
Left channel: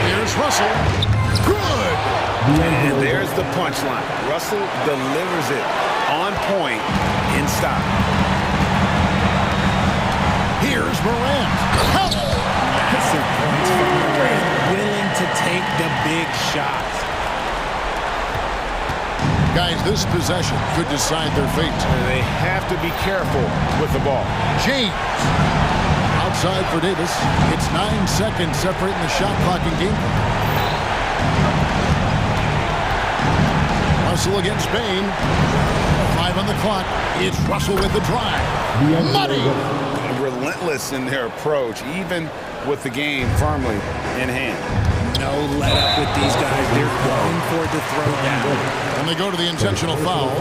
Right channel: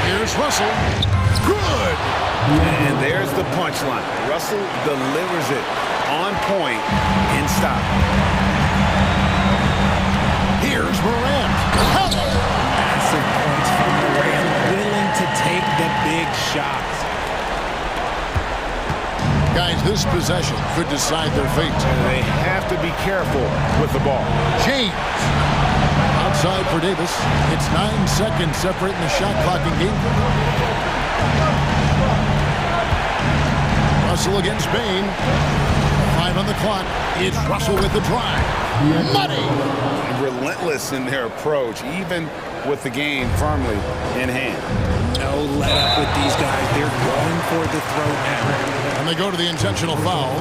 Here's Russell. Good. And there's the punchline. Russell delivers it on point in style. Here's Morant. Massive points from Morant, willing to take the big shots. Guys, this possession could decide their fate. They have to be careful with the ball. James. Outside for Davis. It's 9 seconds separating the shot clock and game clock. Russell against Bain. 5 on the clock. It's Russell with the drive. Money. Relentless in their approach, even with the game firmly in hand. No let up with these guys. They're going for the throat now. And they go to the intentional foul.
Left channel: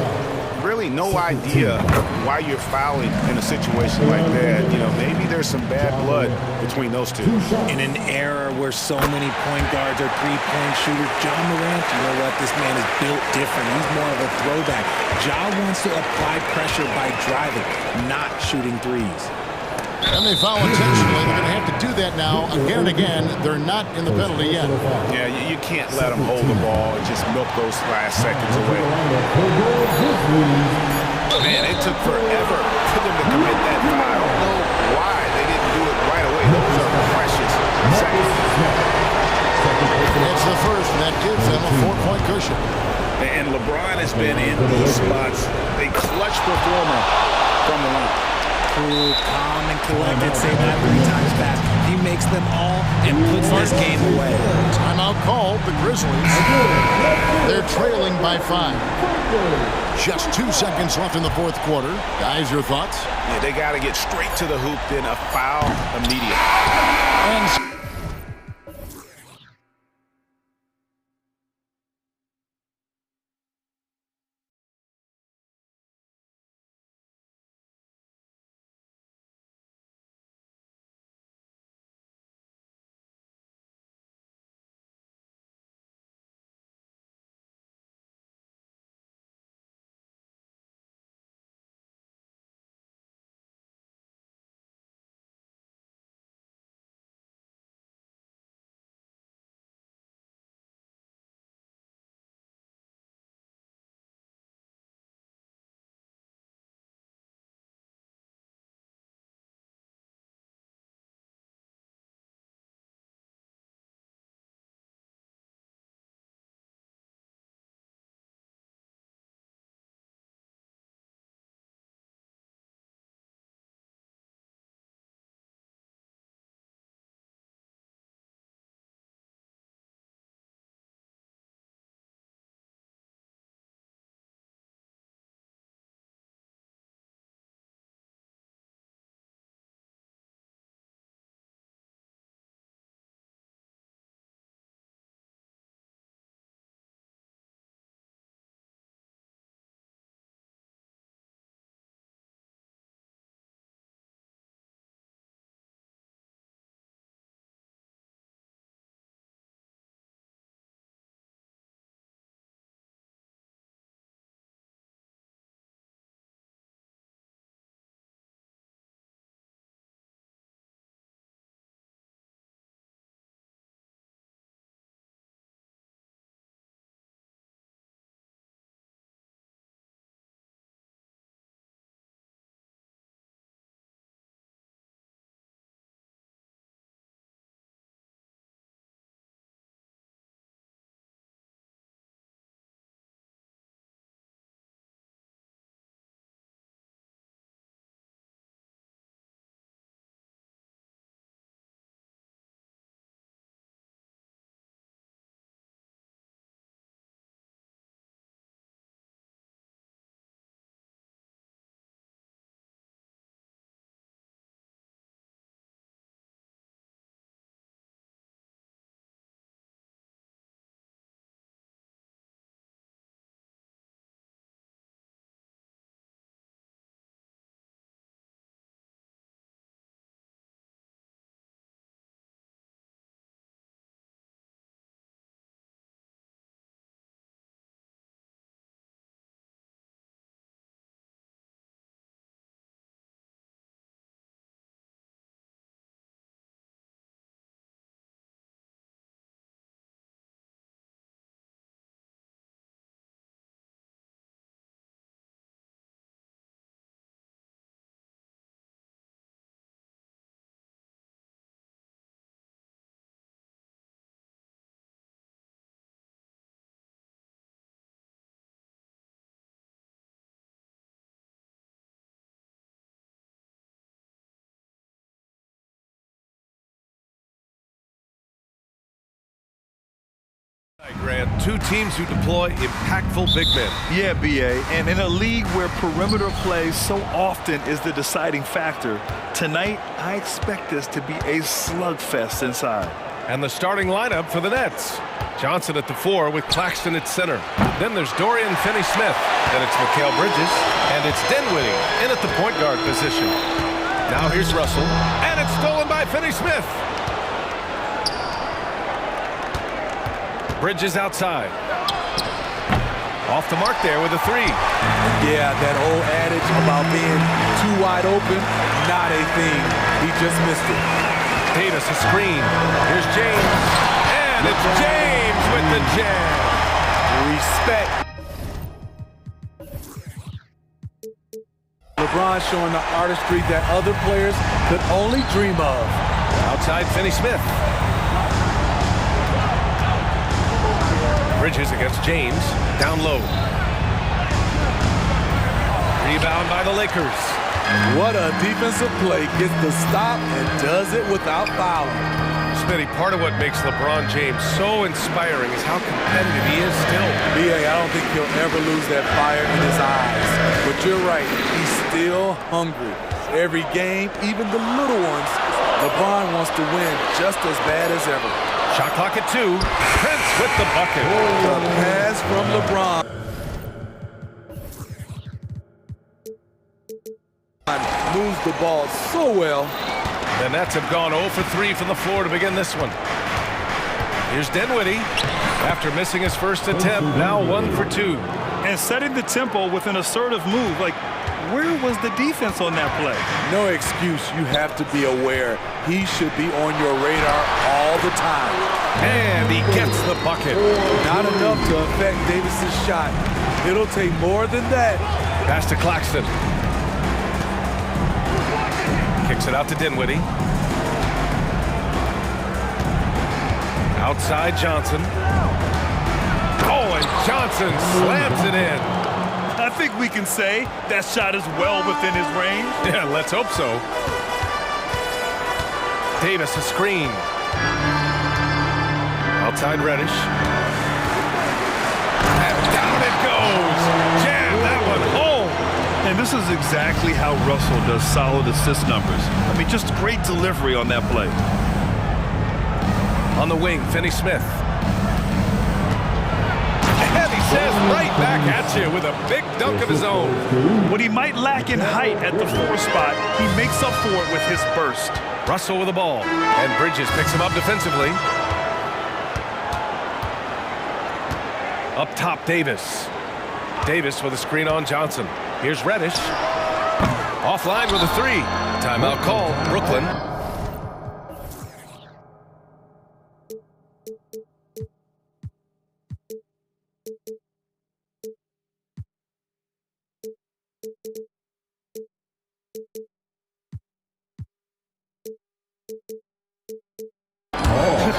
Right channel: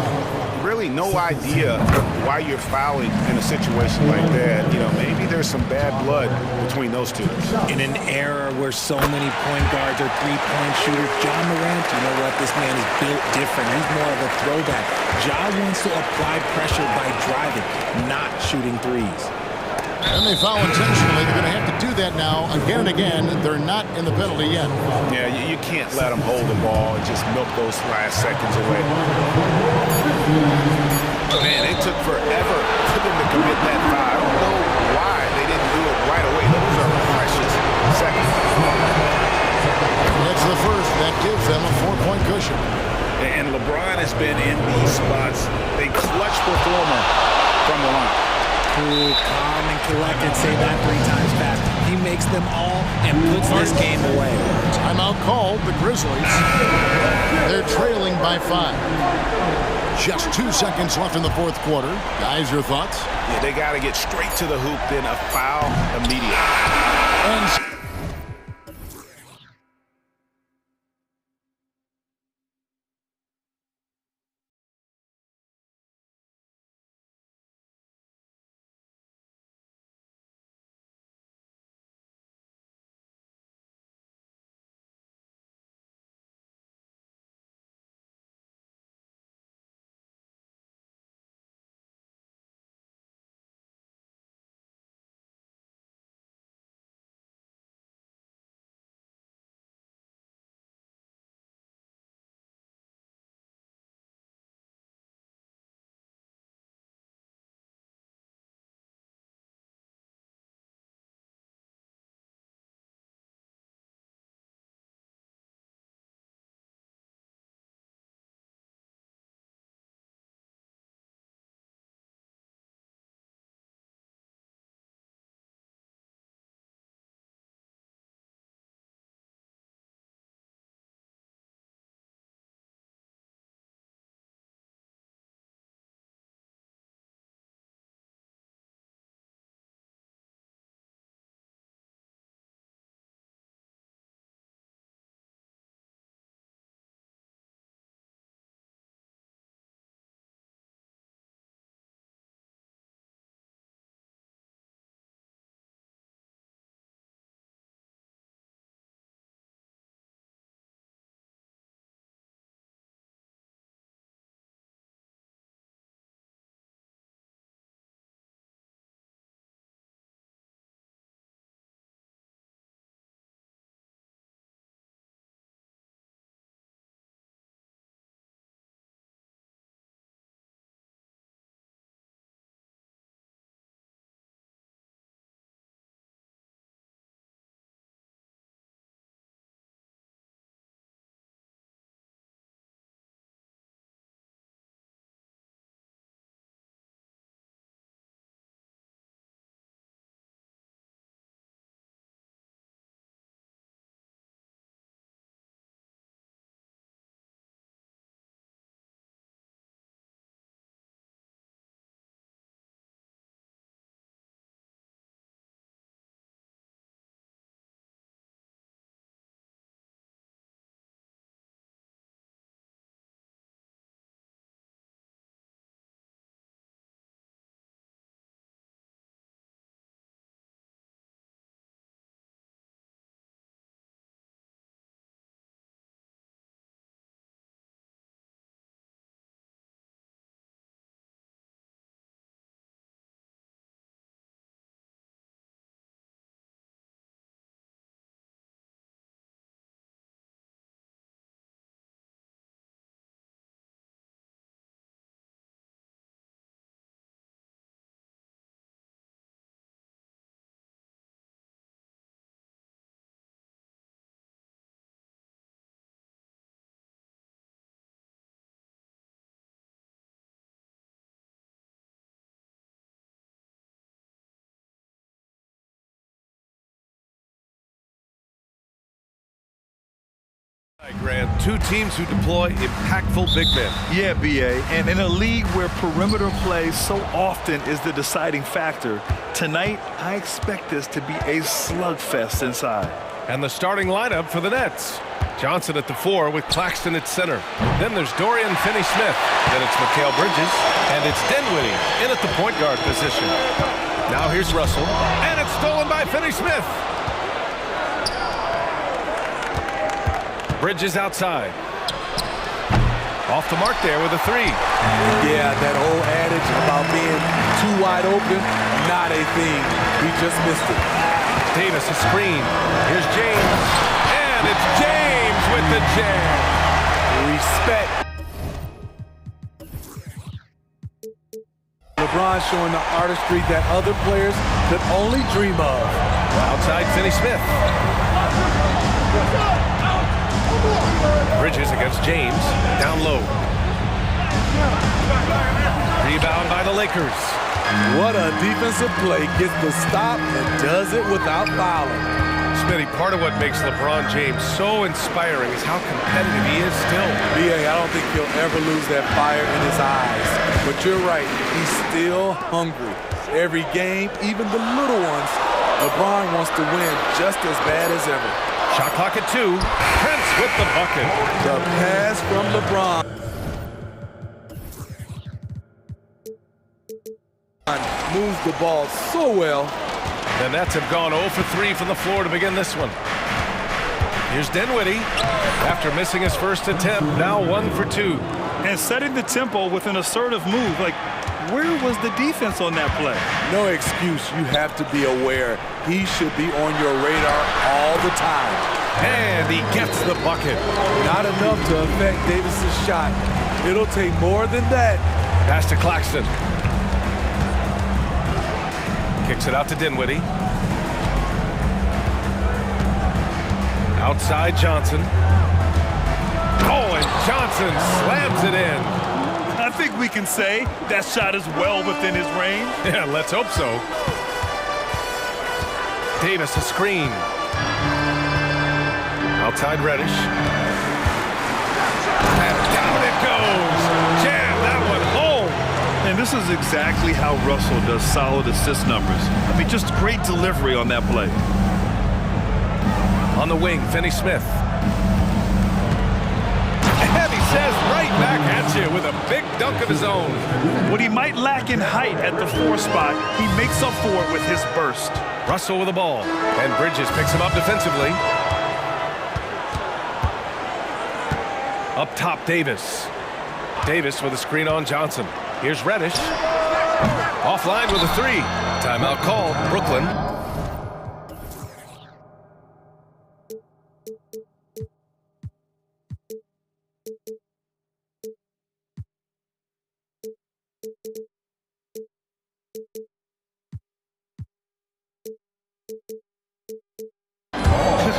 Really no idea why you're fouling in a situation like that. You know, maybe there's some bad blood between those two. In an era where so many point guards are three-point shooters, Ja Morant, you know what? This man is built different. He's more of a throwback. Ja wants to apply pressure by driving, not shooting threes. And they foul intentionally. They're going to have to do that now again and again. They're not in the penalty yet. Yeah, you can't let them hold the ball and just milk those last seconds away. Man, it took forever for them to commit that foul. I don't know why they didn't do it right away. Those are precious seconds. It's the first. That gives them a 4-point cushion. And LeBron has been in these spots. A clutch performer from the line. Cool, calm, and collected. Say that 3 times fast. He makes them all and puts this game away. Timeout called. The Grizzlies. They're trailing by 5. Just 2 seconds left in the fourth quarter. Guys, your thoughts? Yeah, they got to get straight to the hoop, then a foul immediate. And Grant, two teams who deploy impactful big men. Yeah, BA, and in a league where perimeter play so often is the deciding factor, tonight I expect this to be a slugfest inside. And the starting lineup for the Nets. Johnson at the 4 with Claxton at center. Then there's Dorian Finney-Smith. Then it's Mikal Bridges. And it's Dinwiddie in at the point guard position. Now here's Russell. And it's stolen by Finney-Smith. Bridges outside. Off the mark there with a 3. Yeah, that old adage about being too wide open, not a thing. He just missed it. Davis a screen. Here's James. And it's James with the jam. Respect. LeBron showing the artistry that other players could only dream of. Outside Finney-Smith. Bridges against James, down low. Rebound by the Lakers. What a defensive play. Gets the stop and does it without fouling. Smitty, part of what makes LeBron James so inspiring is how competitive he is still. BA, I don't think he'll ever lose that fire in his eyes. But you're right, he's still hungry. Every game, even the little ones, LeBron wants to win just as bad as ever. Shot clock at 2. Prince with the bucket. The pass from LeBron. Moves the ball so well. The Nets have gone 0 for 3 from the floor to begin this one. Here's Dinwiddie. After missing his first attempt, now 1 for 2. And setting the tempo with an assertive move. Like, where was the defense on that play? No excuse. You have to be aware. He should be on your radar all the time. And he gets the bucket. Not enough to affect Davis's shot. It'll take more than that. Pass to Claxton. Kicks it out to Dinwiddie. Outside Johnson. Oh, and Johnson slams it in. I think we can say that shot is well within his range. Yeah, let's hope so. Davis a screen. Outside Reddish. And down it goes. Jam that one home. And this is exactly how Russell does solid assist numbers. I mean, just great delivery on that play. On the wing, Finney-Smith. And he says right back at you with a big dunk of his own. What he might lack in height at the 4 spot, he makes up for it with his burst. Russell with the ball. And Bridges picks him up defensively. Up top, Davis. Davis with a screen on Johnson. Here's Reddish. Offline with a 3. Timeout called, Brooklyn.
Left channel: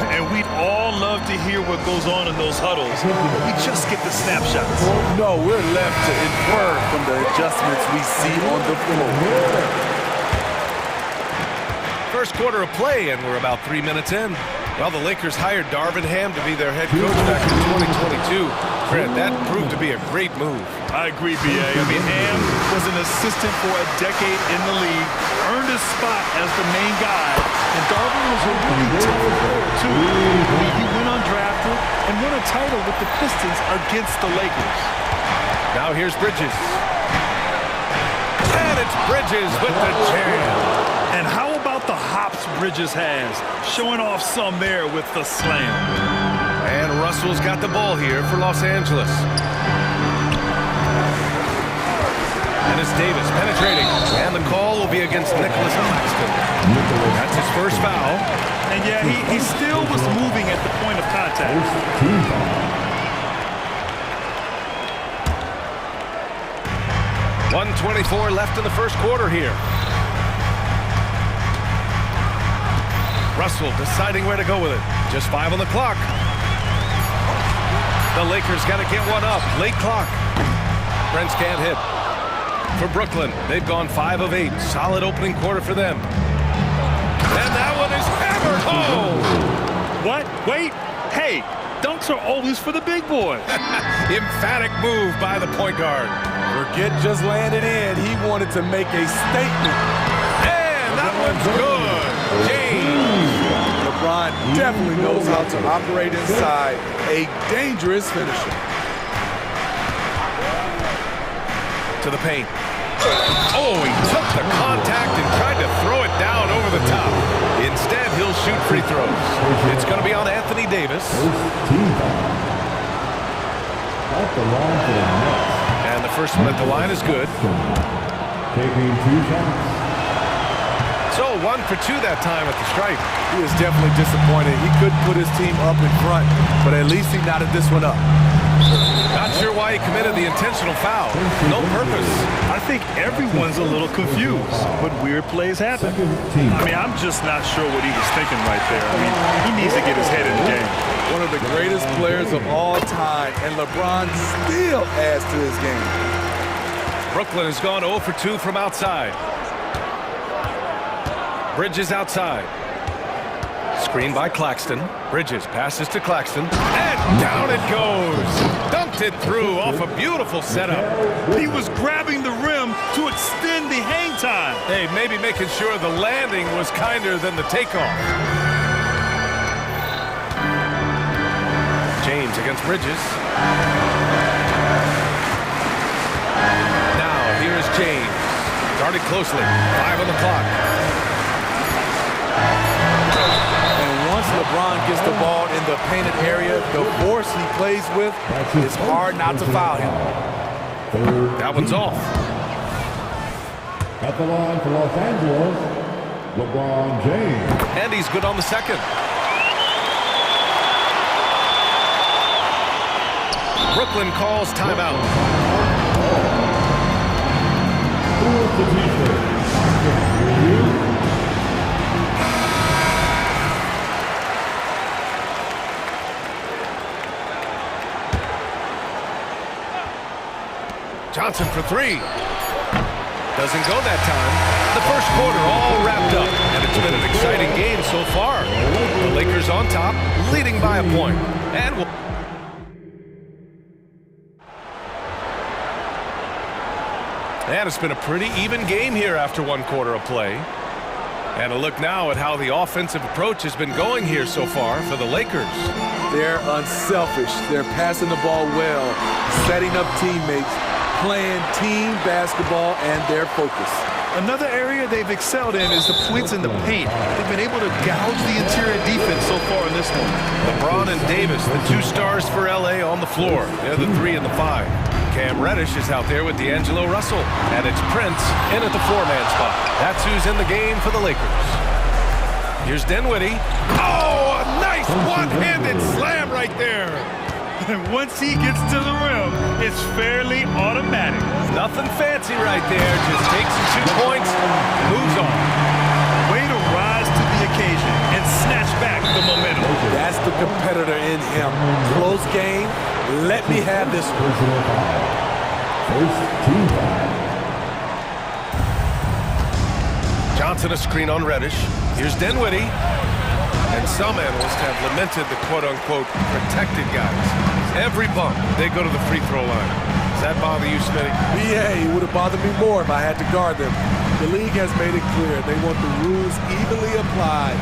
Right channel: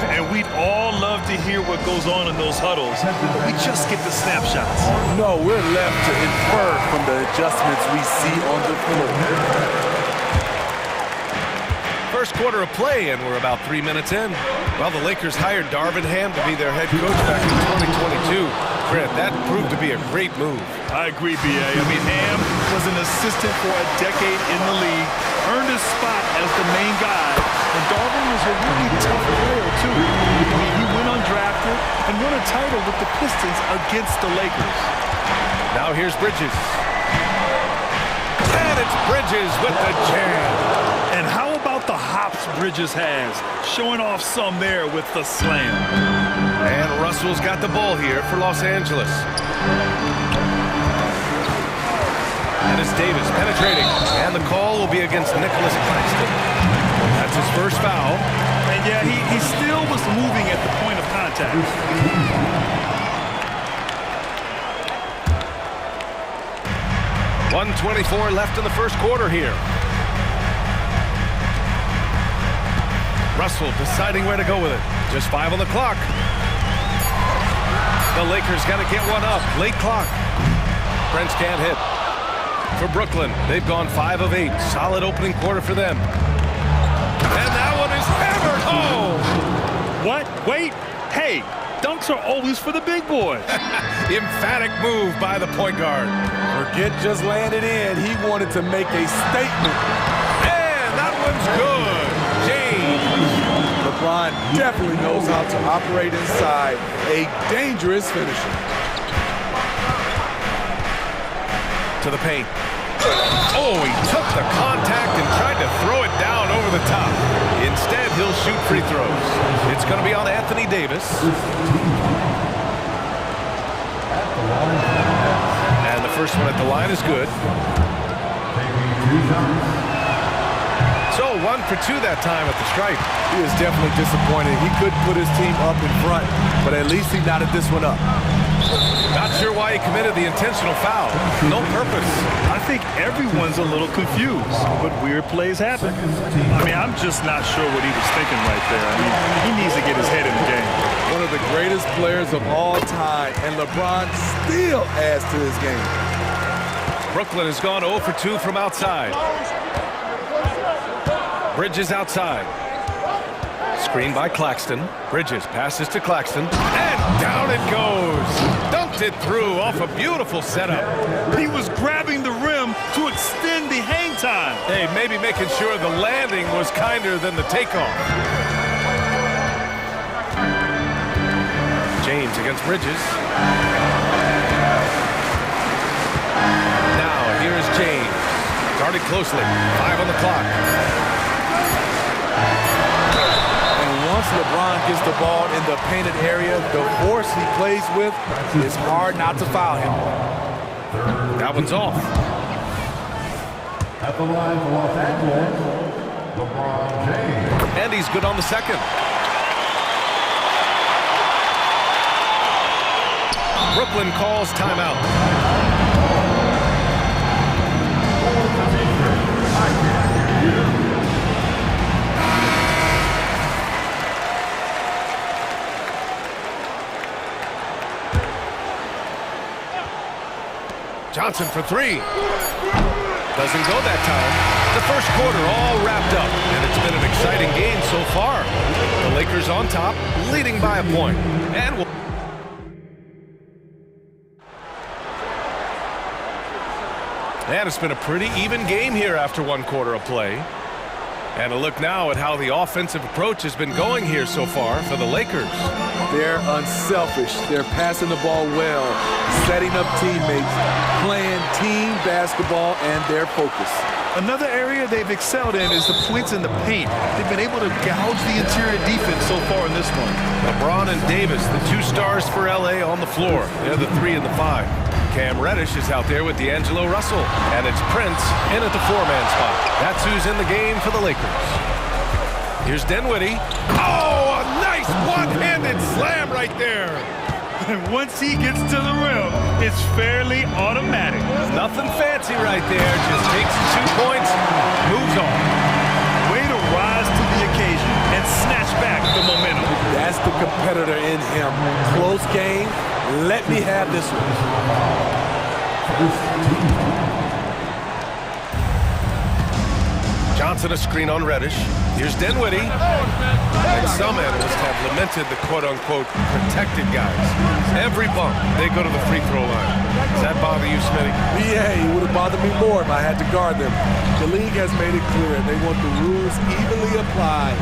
And we'd all love to hear what goes on in those huddles, but we just get the snapshots. No, we're left to infer from the adjustments we see on the floor. First quarter of play, and we're about 3 minutes in. Well, the Lakers hired Darvin Ham to be their head coach back in 2022. Fred, that proved to be a great move. I agree, BA. I mean, Ham was an assistant for a decade in the league, earned his spot as the main guy, and Darvin was a really tough player, too. I mean, he went undrafted and won a title with the Pistons against the Lakers. Now here's Bridges. And it's Bridges with the jam. And how about the hops Bridges has? Showing off some there with the slam. And Russell's got the ball here for Los Angeles. And it's Davis penetrating. And the call will be against Nicholas Claxton. That's his first foul. And yeah, he still was moving at the point of contact. 1:24 left in the first quarter here. Russell deciding where to go with it. Just 5 on the clock. The Lakers got to get one up. Late clock. Brents can't hit. For Brooklyn, they've gone 5 of 8. Solid opening quarter for them. And that one is hammered home. What? Wait. Hey, dunks are always for the big boys. Emphatic move by the point guard. Forget just laying it in. He wanted to make a statement. And that one's good. James. LeBron definitely knows how to operate inside. A dangerous finisher. To the paint. Oh, he took the contact and tried to throw it down over the top. Instead, he'll shoot free throws. It's going to be on Anthony Davis. And the first one at the line is good. Taking 2 shots. So 1 for 2 that time at the stripe. He is definitely disappointed. He couldn't put his team up in front, but at least he knotted this one up. Not sure why he committed the intentional foul. No purpose. I think everyone's a little confused, but weird plays happen. I mean, I'm just not sure what he was thinking right there. I mean, he needs to get his head in the game. One of the greatest players of all time, and LeBron still adds to his game. Brooklyn has gone 0 for 2 from outside. Bridges outside. Screen by Claxton. Bridges passes to Claxton. And down it goes. Dunked it through off a beautiful setup. He was grabbing the rim to extend the hang time. Hey, maybe making sure the landing was kinder than the takeoff. James against Bridges. Now, here's James. Guarded closely. 5 on the clock. Once LeBron gets the ball in the painted area, the force he plays with, it's hard not to foul him. That one's off. At the line for Los Angeles, LeBron James. And he's good on the second. Brooklyn calls timeout. What's the t-shirt? I can't hear you. Johnson for 3. Doesn't go that time. The first quarter all wrapped up, and it's been an exciting game so far. The Lakers on top, leading by a point. And it's been a pretty even game here after 1 quarter of play. And a look now at how the offensive approach has been going here so far for the Lakers. They're unselfish. They're passing the ball well, setting up teammates, playing team basketball, and their focus. Another area they've excelled in is the points in the paint. They've been able to gouge the interior defense so far in this one. LeBron and Davis, the 2 stars for LA on the floor. They're the 3 and the 5. Cam Reddish is out there with D'Angelo Russell. And it's Prince in at the 4-man spot. That's who's in the game for the Lakers. Here's Dinwiddie. Oh, a nice one-handed slam right there. And once he gets to the rim, it's fairly automatic. Nothing fancy right there. Just takes his 2 points, moves on. Way to rise to the occasion and snatch back the momentum. That's the competitor in him. Close game. Let me have this one. First team foul. Johnson a screen on Reddish. Here's Dinwiddie. And some analysts have lamented the quote-unquote protected guys. Every bump, they go to the free throw line. Does that bother you, Smitty? Yeah, it would have bothered me more if I had to guard them. The league has made it clear they want the rules evenly applied.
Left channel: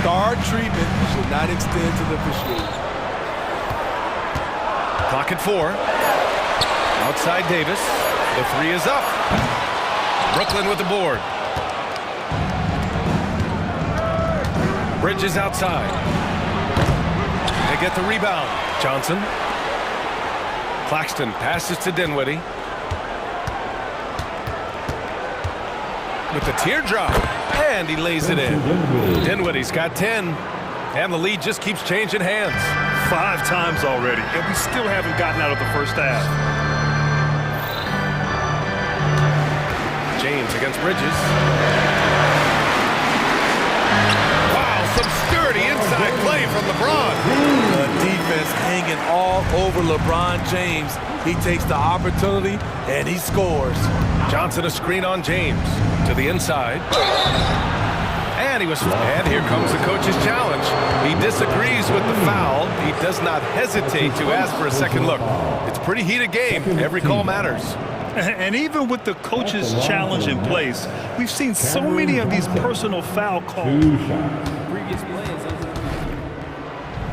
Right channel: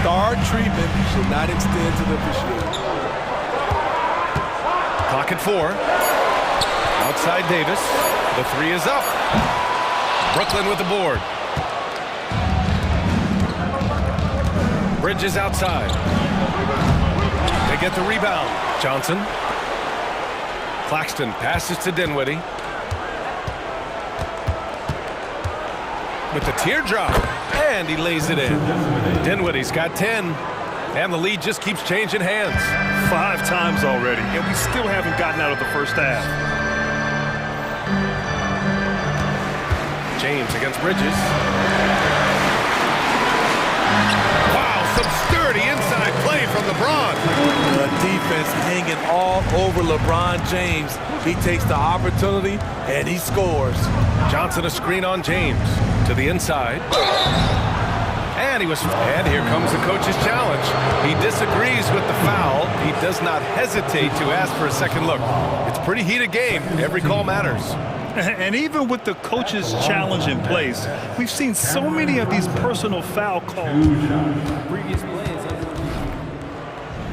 Star treatment should not extend to the officiating. Clock at 4. Outside Davis. The 3 is up. Brooklyn with the board. Bridges outside. They get the rebound. Johnson. Claxton passes to Dinwiddie. With the teardrop. And he lays it in. Dinwiddie's got 10. And the lead just keeps changing hands. 5 times already, and we still haven't gotten out of the first half. James against Bridges. Wow, some sturdy inside play from LeBron. The defense hanging all over LeBron James. He takes the opportunity, and he scores. Johnson a screen on James. To the inside. And here comes the coach's challenge. He disagrees with the foul. He does not hesitate to ask for a second look. It's a pretty heated game. Every call matters. And even with the coach's challenge in place, we've seen so many of these personal foul calls. Previous play is under review.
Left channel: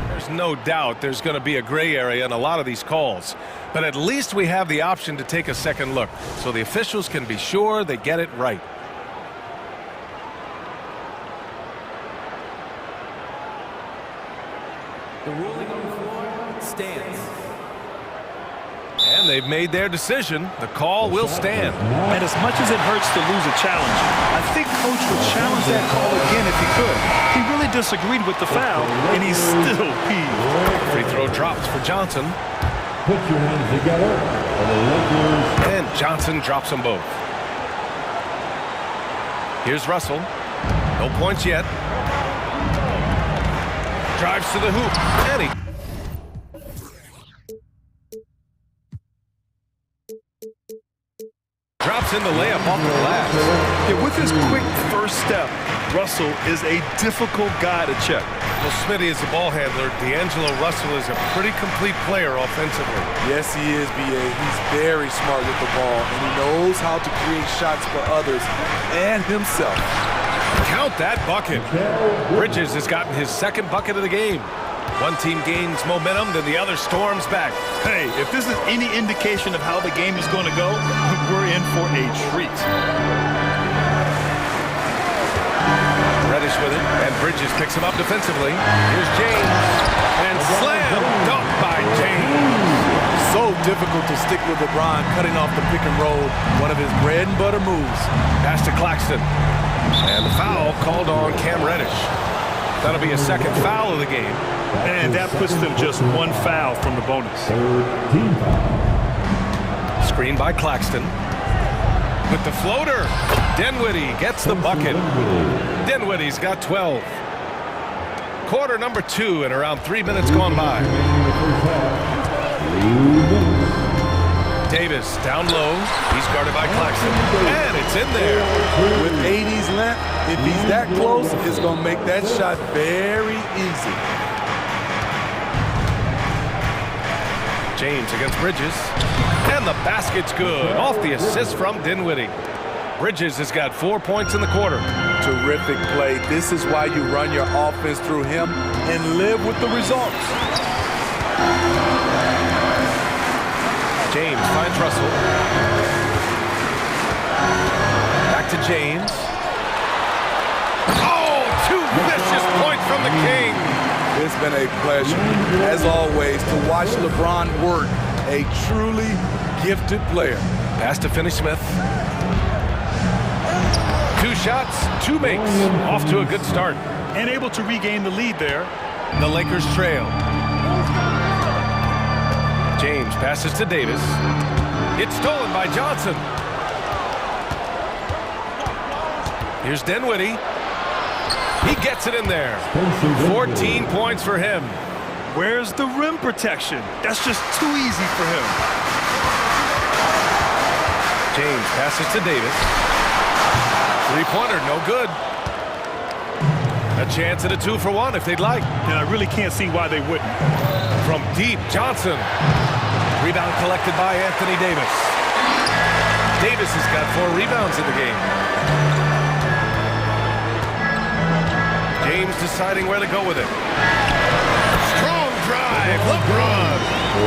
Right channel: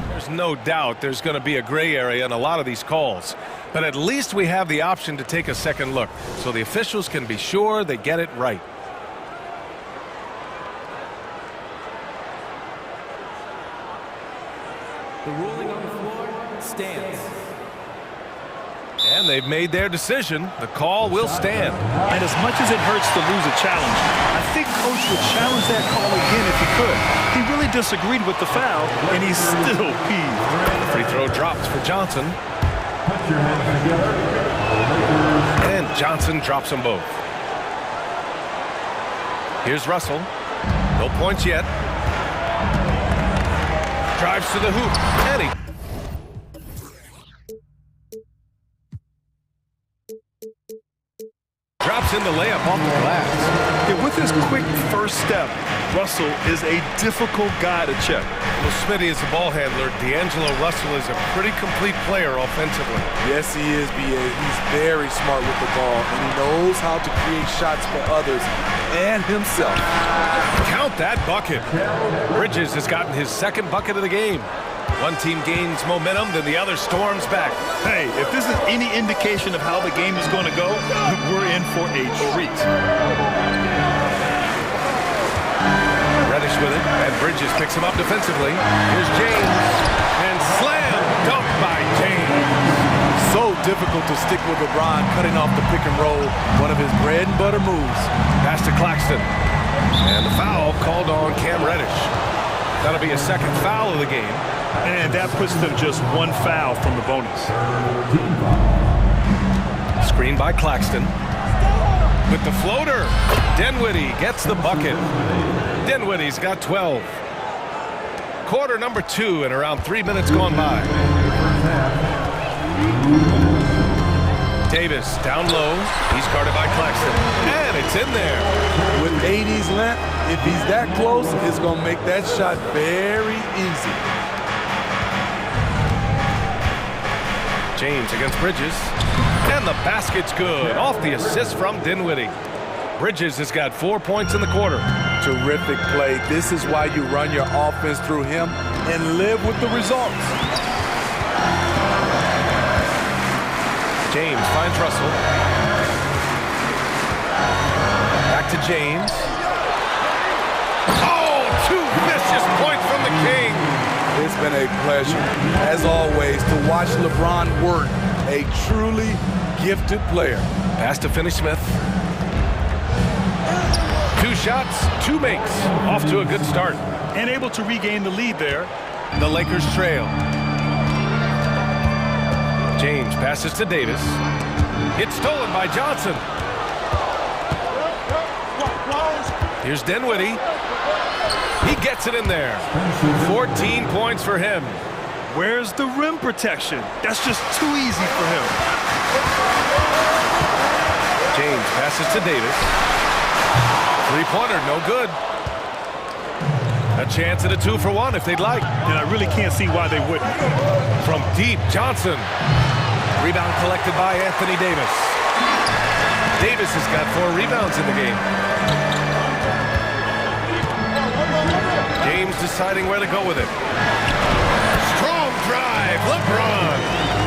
There's no doubt there's going to be a gray area in a lot of these calls. But at least we have the option to take a second look, so the officials can be sure they get it right. The ruling on the floor stands. And they've made their decision. The call will stand. And as much as it hurts to lose a challenge, I think Coach would challenge that call again if he could. He really disagreed with the foul, and he's still peeved. The free throw drops for Johnson. Put your hands together for the Lakers. And Johnson drops them both. Here's Russell. No points yet. Drives to the hoop. And he drops in the layup off the glass. Yeah, with his quick first step, Russell is a difficult guy to check. Well, Smitty is the ball handler. D'Angelo Russell is a pretty complete player offensively. Yes, he is, B.A. He's very smart with the ball, and he knows how to create shots for others and himself. Count that bucket. Bridges has gotten his second bucket of the game. One team gains momentum, then the other storms back. Hey, if this is any indication of how the game is going to go, we're in for a treat. Reddish with it, and Bridges picks him up defensively. Here's James, and slam dunk by James. So difficult to stick with LeBron cutting off the pick and roll, one of his bread and butter moves. Pass to Claxton, and the foul called on Cam Reddish. That'll be a second foul of the game. And that puts them just one foul from the bonus. Screen by Claxton. With the floater, Dinwiddie gets the bucket. Dinwiddie's got 12. Quarter number 2 and around 3 minutes gone by. Davis down low. He's guarded by Claxton. And it's in there. With 80's length, if he's that close, it's going to make that shot very easy. James against Bridges. And the basket's good. Off the assist from Dinwiddie. Bridges has got 4 points in the quarter. Terrific play. This is why you run your offense through him and live with the results. James finds Russell. Back to James. Oh, 2 vicious points from the King. It's been a pleasure, as always, to watch LeBron work. A truly gifted player. Pass to Finney-Smith. 2 shots, 2 makes. Off to a good start. And able to regain the lead there. The Lakers trail. James passes to Davis. It's stolen by Johnson. Here's Dinwiddie. He gets it in there. 14 points for him. Where's the rim protection? That's just too easy for him. James passes to Davis. 3-pointer, no good. A chance at a 2-for-1 if they'd like. And I really can't see why they wouldn't. From deep, Johnson. Rebound collected by Anthony Davis. Davis has got 4 rebounds in the game. James deciding where to go with it. Strong drive, LeBron.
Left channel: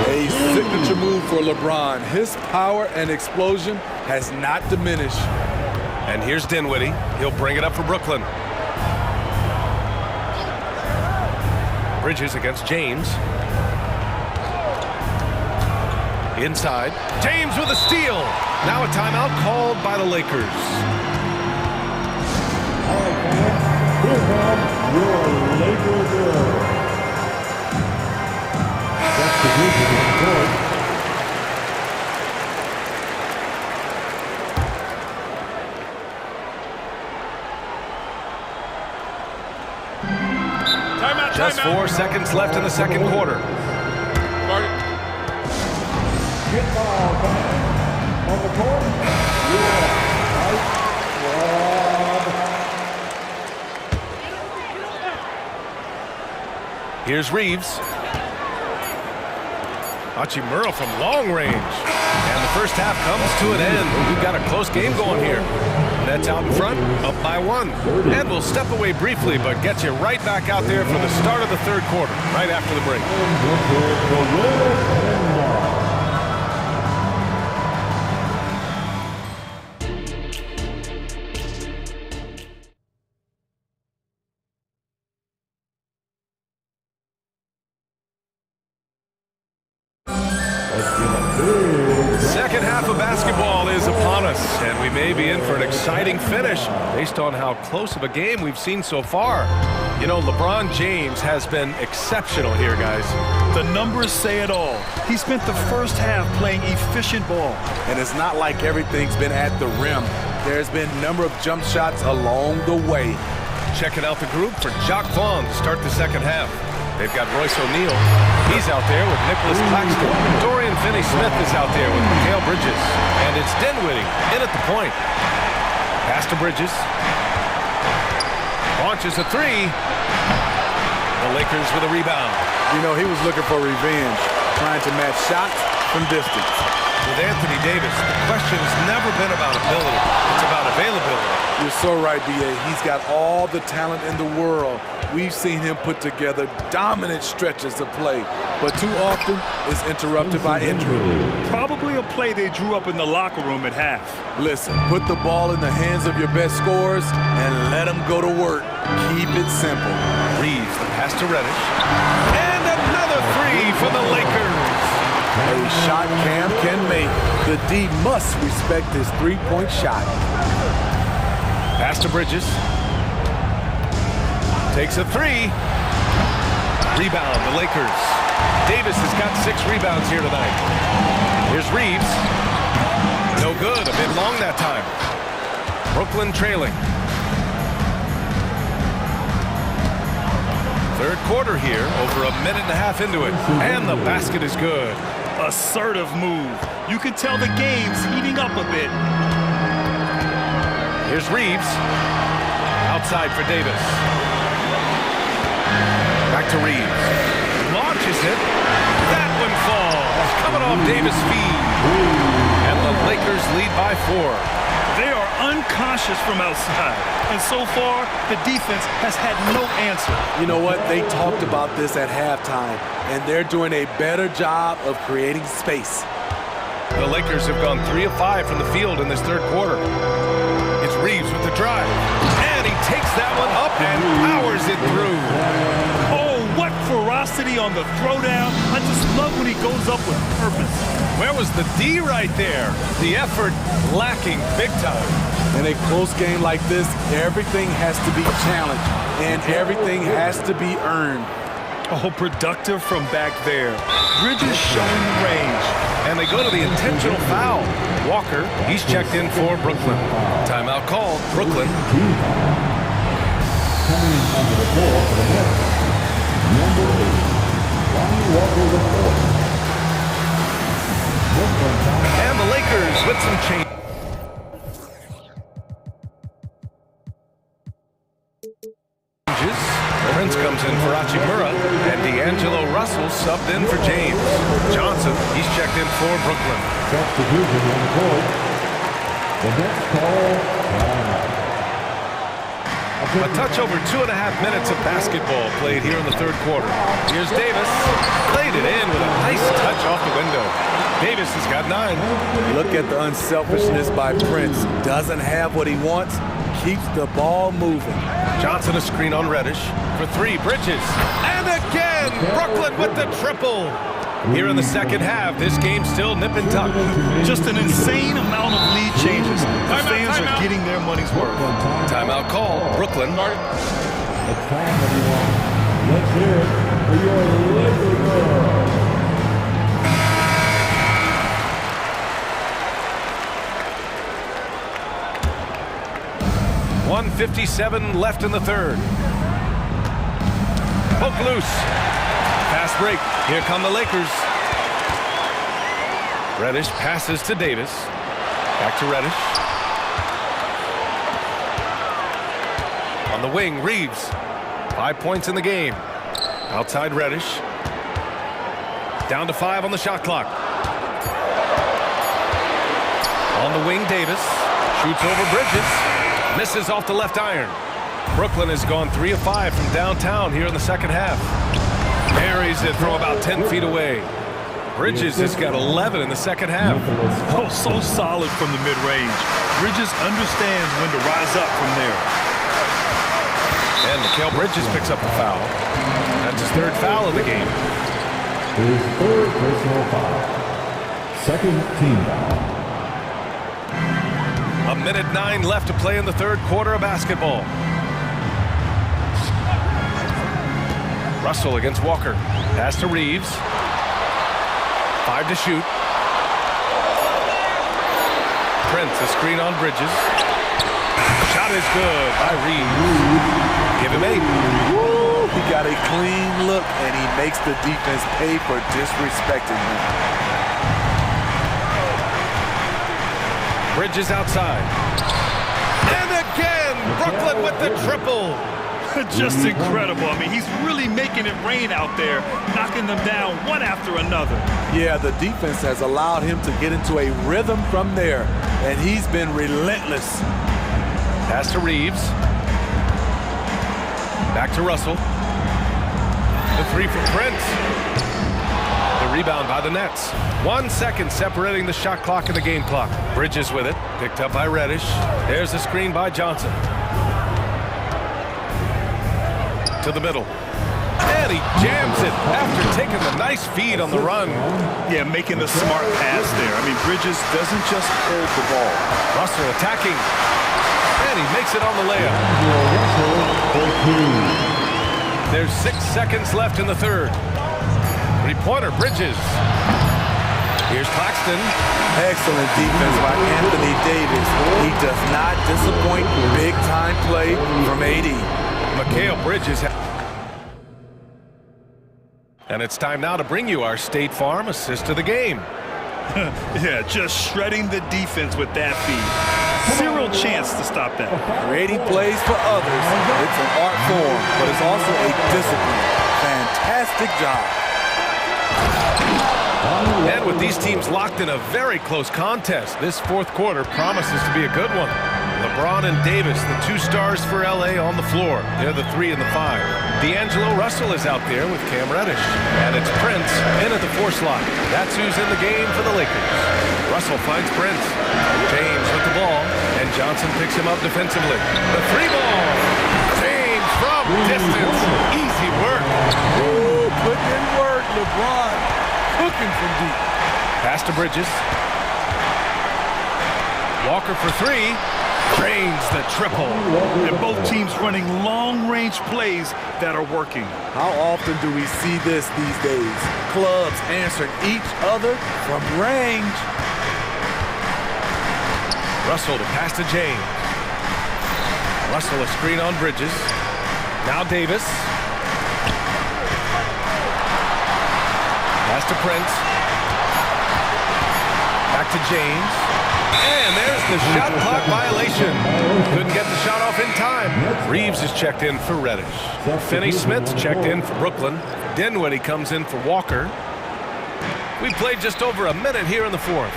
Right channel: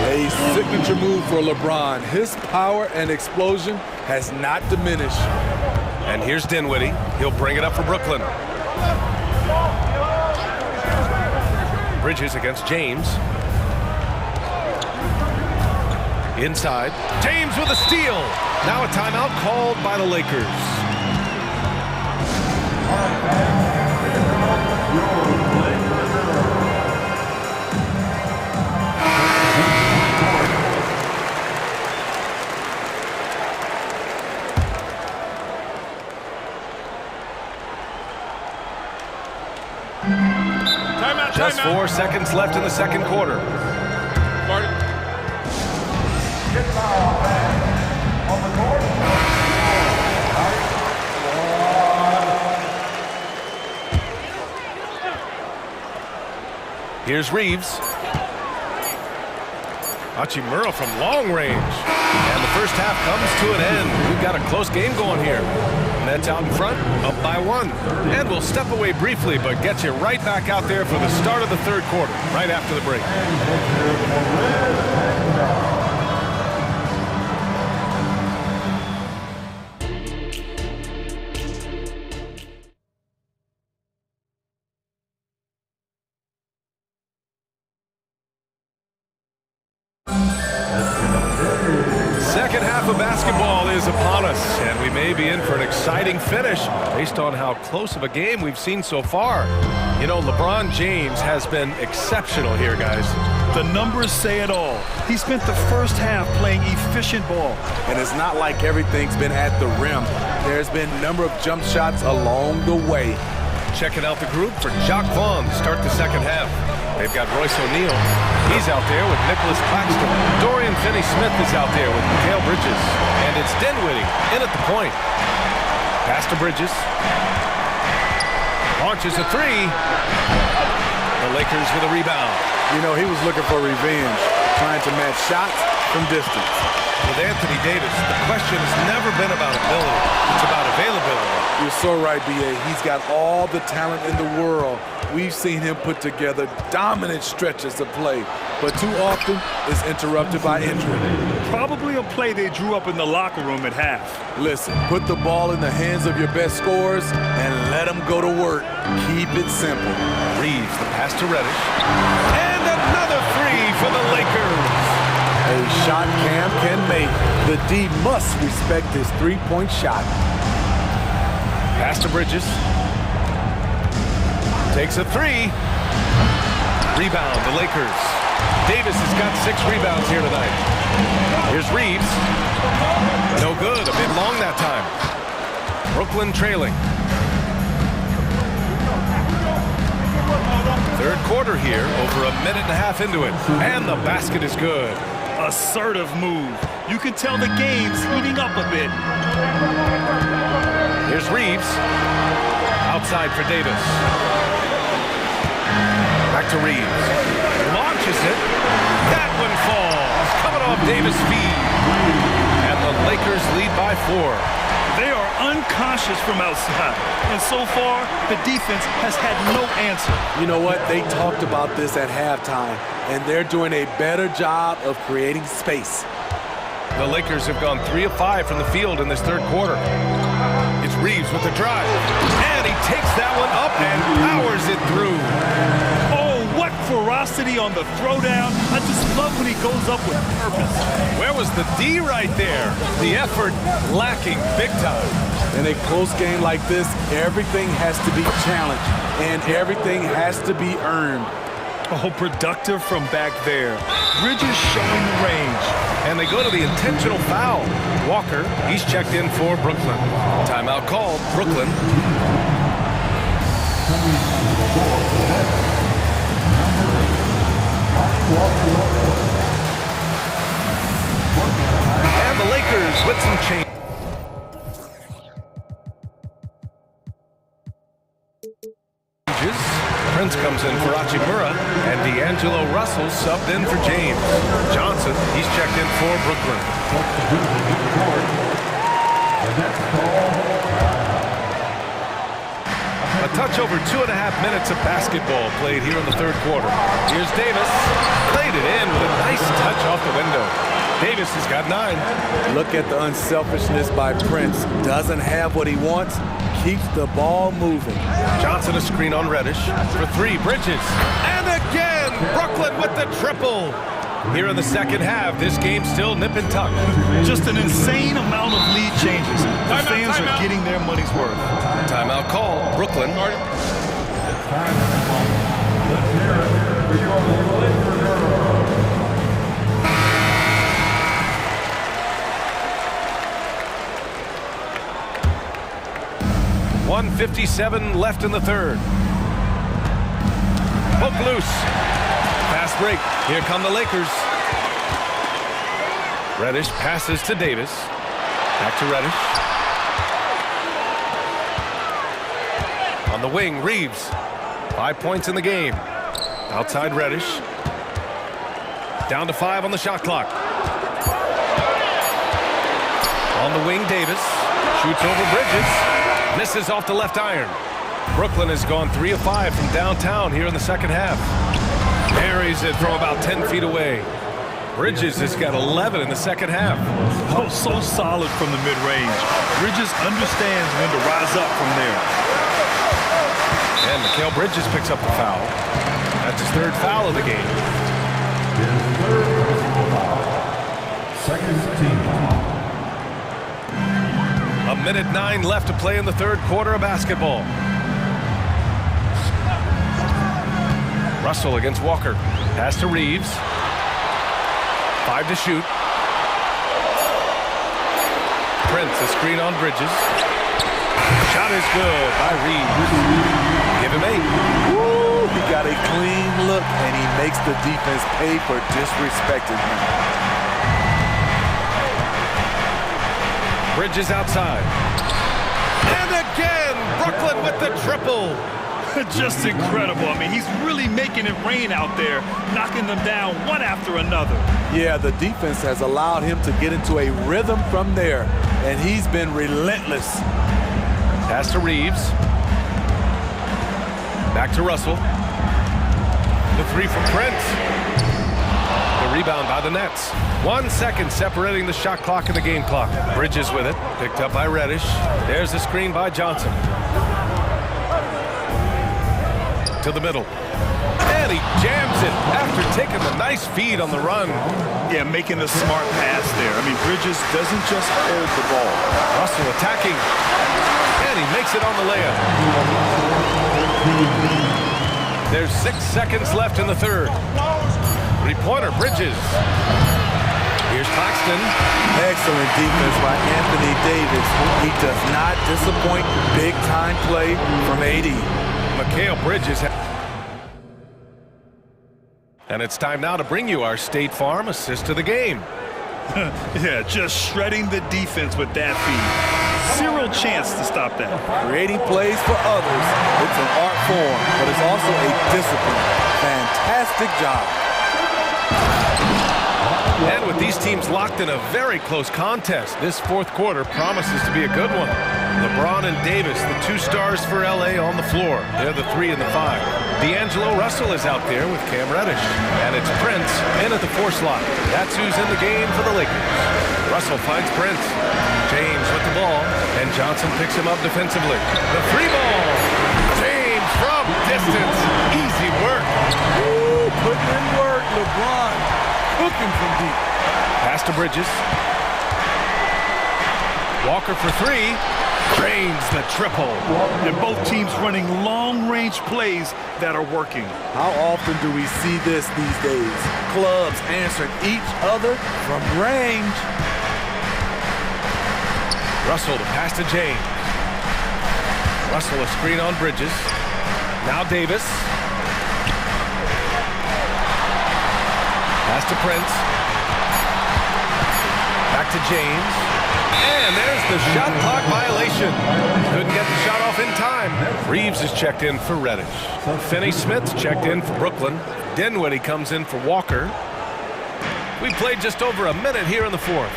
A signature move for LeBron. His power and explosion has not diminished. And here's Dinwiddie. He'll bring it up for Brooklyn. Bridges against James. Inside. James with a steal. Now a timeout called by the Lakers. All right, fans, here comes your Lakers hero. Substitution on court. Just 4 seconds left in the second quarter. Get foul, fans. On the court, your high squad. Here's Reeves. Hachimura from long range. And the first half comes to an end. We've got a close game going here. Nets out in front, up by 1. And we'll step away briefly, but get you right back out there for the start of the third quarter, right after the break. Second half of basketball is upon us, and we may be in for an exciting finish based on how close of a game we've seen so far. You know, LeBron James has been exceptional here, guys. The numbers say it all. He spent the first half playing efficient ball. And it's not like everything's been at the rim. There's been a number of jump shots along the way. Checking out the group for Jacques Vaughn to start the second half. They've got Royce O'Neal. He's out there with Nicholas Claxton. Dorian Finney-Smith is out there with Mikal Bridges. And it's Dinwiddie in at the point. Pass to Bridges. Launches a three. The Lakers with a rebound. You know, he was looking for revenge, trying to match shots from distance. With Anthony Davis, the question has never been about ability. It's about availability. You're so right, B.A. He's got all the talent in the world. We've seen him put together dominant stretches of play, but too often is interrupted by injury. Probably a play they drew up in the locker room at half. Listen, put the ball in the hands of your best scorers and let them go to work. Keep it simple. Reeves, the pass to Reddish. And another three for the Lakers. A shot Cam can make. The D must respect his three-point shot. Pass to Bridges. Takes a three. Rebound, the Lakers. Davis has got 6 rebounds here tonight. Here's Reeves. No good, a bit long that time. Brooklyn trailing. Third quarter here, over a minute and a half into it. And the basket is good. Assertive move. You can tell the game's heating up a bit. Here's Reeves. Outside for Davis. Back to Reeves. Launches it. That one falls. Coming off Davis' feed. And the Lakers lead by 4. They are unconscious from outside. And so far, the defense has had no answer. You know what? They talked about this at halftime, and they're doing a better job of creating space. The Lakers have gone 3 of 5 from the field in this third quarter. It's Reeves with the drive. And he takes that one up and powers it through. Oh, what ferocity on the throwdown. I just love when he goes up with purpose. Where was the D right there? The effort lacking big time. In a close game like this, everything has to be challenged, and everything has to be earned. Oh, productive from back there. Bridges showing the range. And they go to the intentional foul. Walker, he's checked in for Brooklyn. Timeout called, Brooklyn. And the Lakers with some change. Prince comes in for Hachimura, and D'Angelo Russell subbed in for James. Johnson, he's checked in for Brooklyn. A touch over 2.5 minutes of basketball played here in the third quarter. Here's Davis. Played it in with a nice touch off the window. Davis has got 9. Look at the unselfishness by Prince. Doesn't have what he wants. Keeps the ball moving. Johnson a screen on Reddish for 3. Bridges. And again, Brooklyn with the triple. Here in the second half, this game's still nip and tuck. Just an insane amount of lead changes. The fans are getting their money's worth. Timeout called. Brooklyn. It's time, everyone. Let's hear it for your Laker girls. 1:57 left in the third. Poke loose. Fast break. Here come the Lakers. Reddish passes to Davis. Back to Reddish. On the wing, Reeves. 5 points in the game. Outside Reddish. Down to 5 on the shot clock. On the wing, Davis. Shoots over Bridges. Misses off the left iron. Brooklyn has gone 3 of 5 from downtown here in the second half. Buries it from about 10 feet away. Bridges has got 11 in the second half. Oh, so solid from the mid-range. Bridges understands when to rise up from there. And Mikal Bridges picks up the foul. That's his 3rd foul of the game. His 3rd personal foul. 2nd team foul. 1:09 left to play in the 3rd quarter of basketball. Russell against Walker. Pass to Reeves. 5 to shoot. Prince, a screen on Bridges. Shot is good by Reeves. Give him 8. Woo, he got a clean look, and he makes the defense pay for disrespecting him. Bridges outside. And again, Brooklyn with the triple. Just incredible. I mean, he's really making it rain out there, knocking them down one after another. Yeah, the defense has allowed him to get into a rhythm from there, and he's been relentless. Pass to Reeves. Back to Russell. The 3 from Prince. The rebound by the Nets. 1 second separating the shot clock and the game clock. Bridges with it. Picked up by Reddish. There's the screen by Johnson. To the middle. And he jams it after taking the nice feed on the run. Yeah, making the smart pass there. I mean, Bridges doesn't just hold the ball. Russell attacking. And he makes it on the layup. There's 6 seconds left in the 3rd. 3-pointer, Bridges. Here's Claxton. Excellent defense by Anthony Davis. He does not disappoint. Big-time play from AD. Mikal Bridges. And it's time now to bring you our State Farm assist of the game. Yeah, just shredding the defense with that feed. Zero chance to stop that. Creating plays for others. It's an art form, but it's also a discipline. Fantastic job. And with these teams locked in a very close contest, this 4th quarter promises to be a good one. LeBron and Davis, the 2 stars for LA on the floor. They're the 3 and the 5. D'Angelo Russell is out there with Cam Reddish. And it's Prince in at the 4 slot. That's who's in the game for the Lakers. Russell finds Prince. James with the ball, and Johnson picks him up defensively. The 3 ball. James from distance. Easy work. Ooh, putting in work, LeBron. Cooking from deep. Pass to Bridges. Walker for 3. Drains the triple. And both teams running long-range plays that are working. How often do we see this these days? Clubs answering each other from range. Russell to pass to James. Russell a screen on Bridges. Now Davis. Pass to Prince. Back to James. And there's the shot clock violation. Couldn't get the shot off in time. Reeves is checked in for Reddish. Finney-Smith's checked in for Brooklyn. Dinwiddie comes in for Walker. We played just over a minute here in the 4th.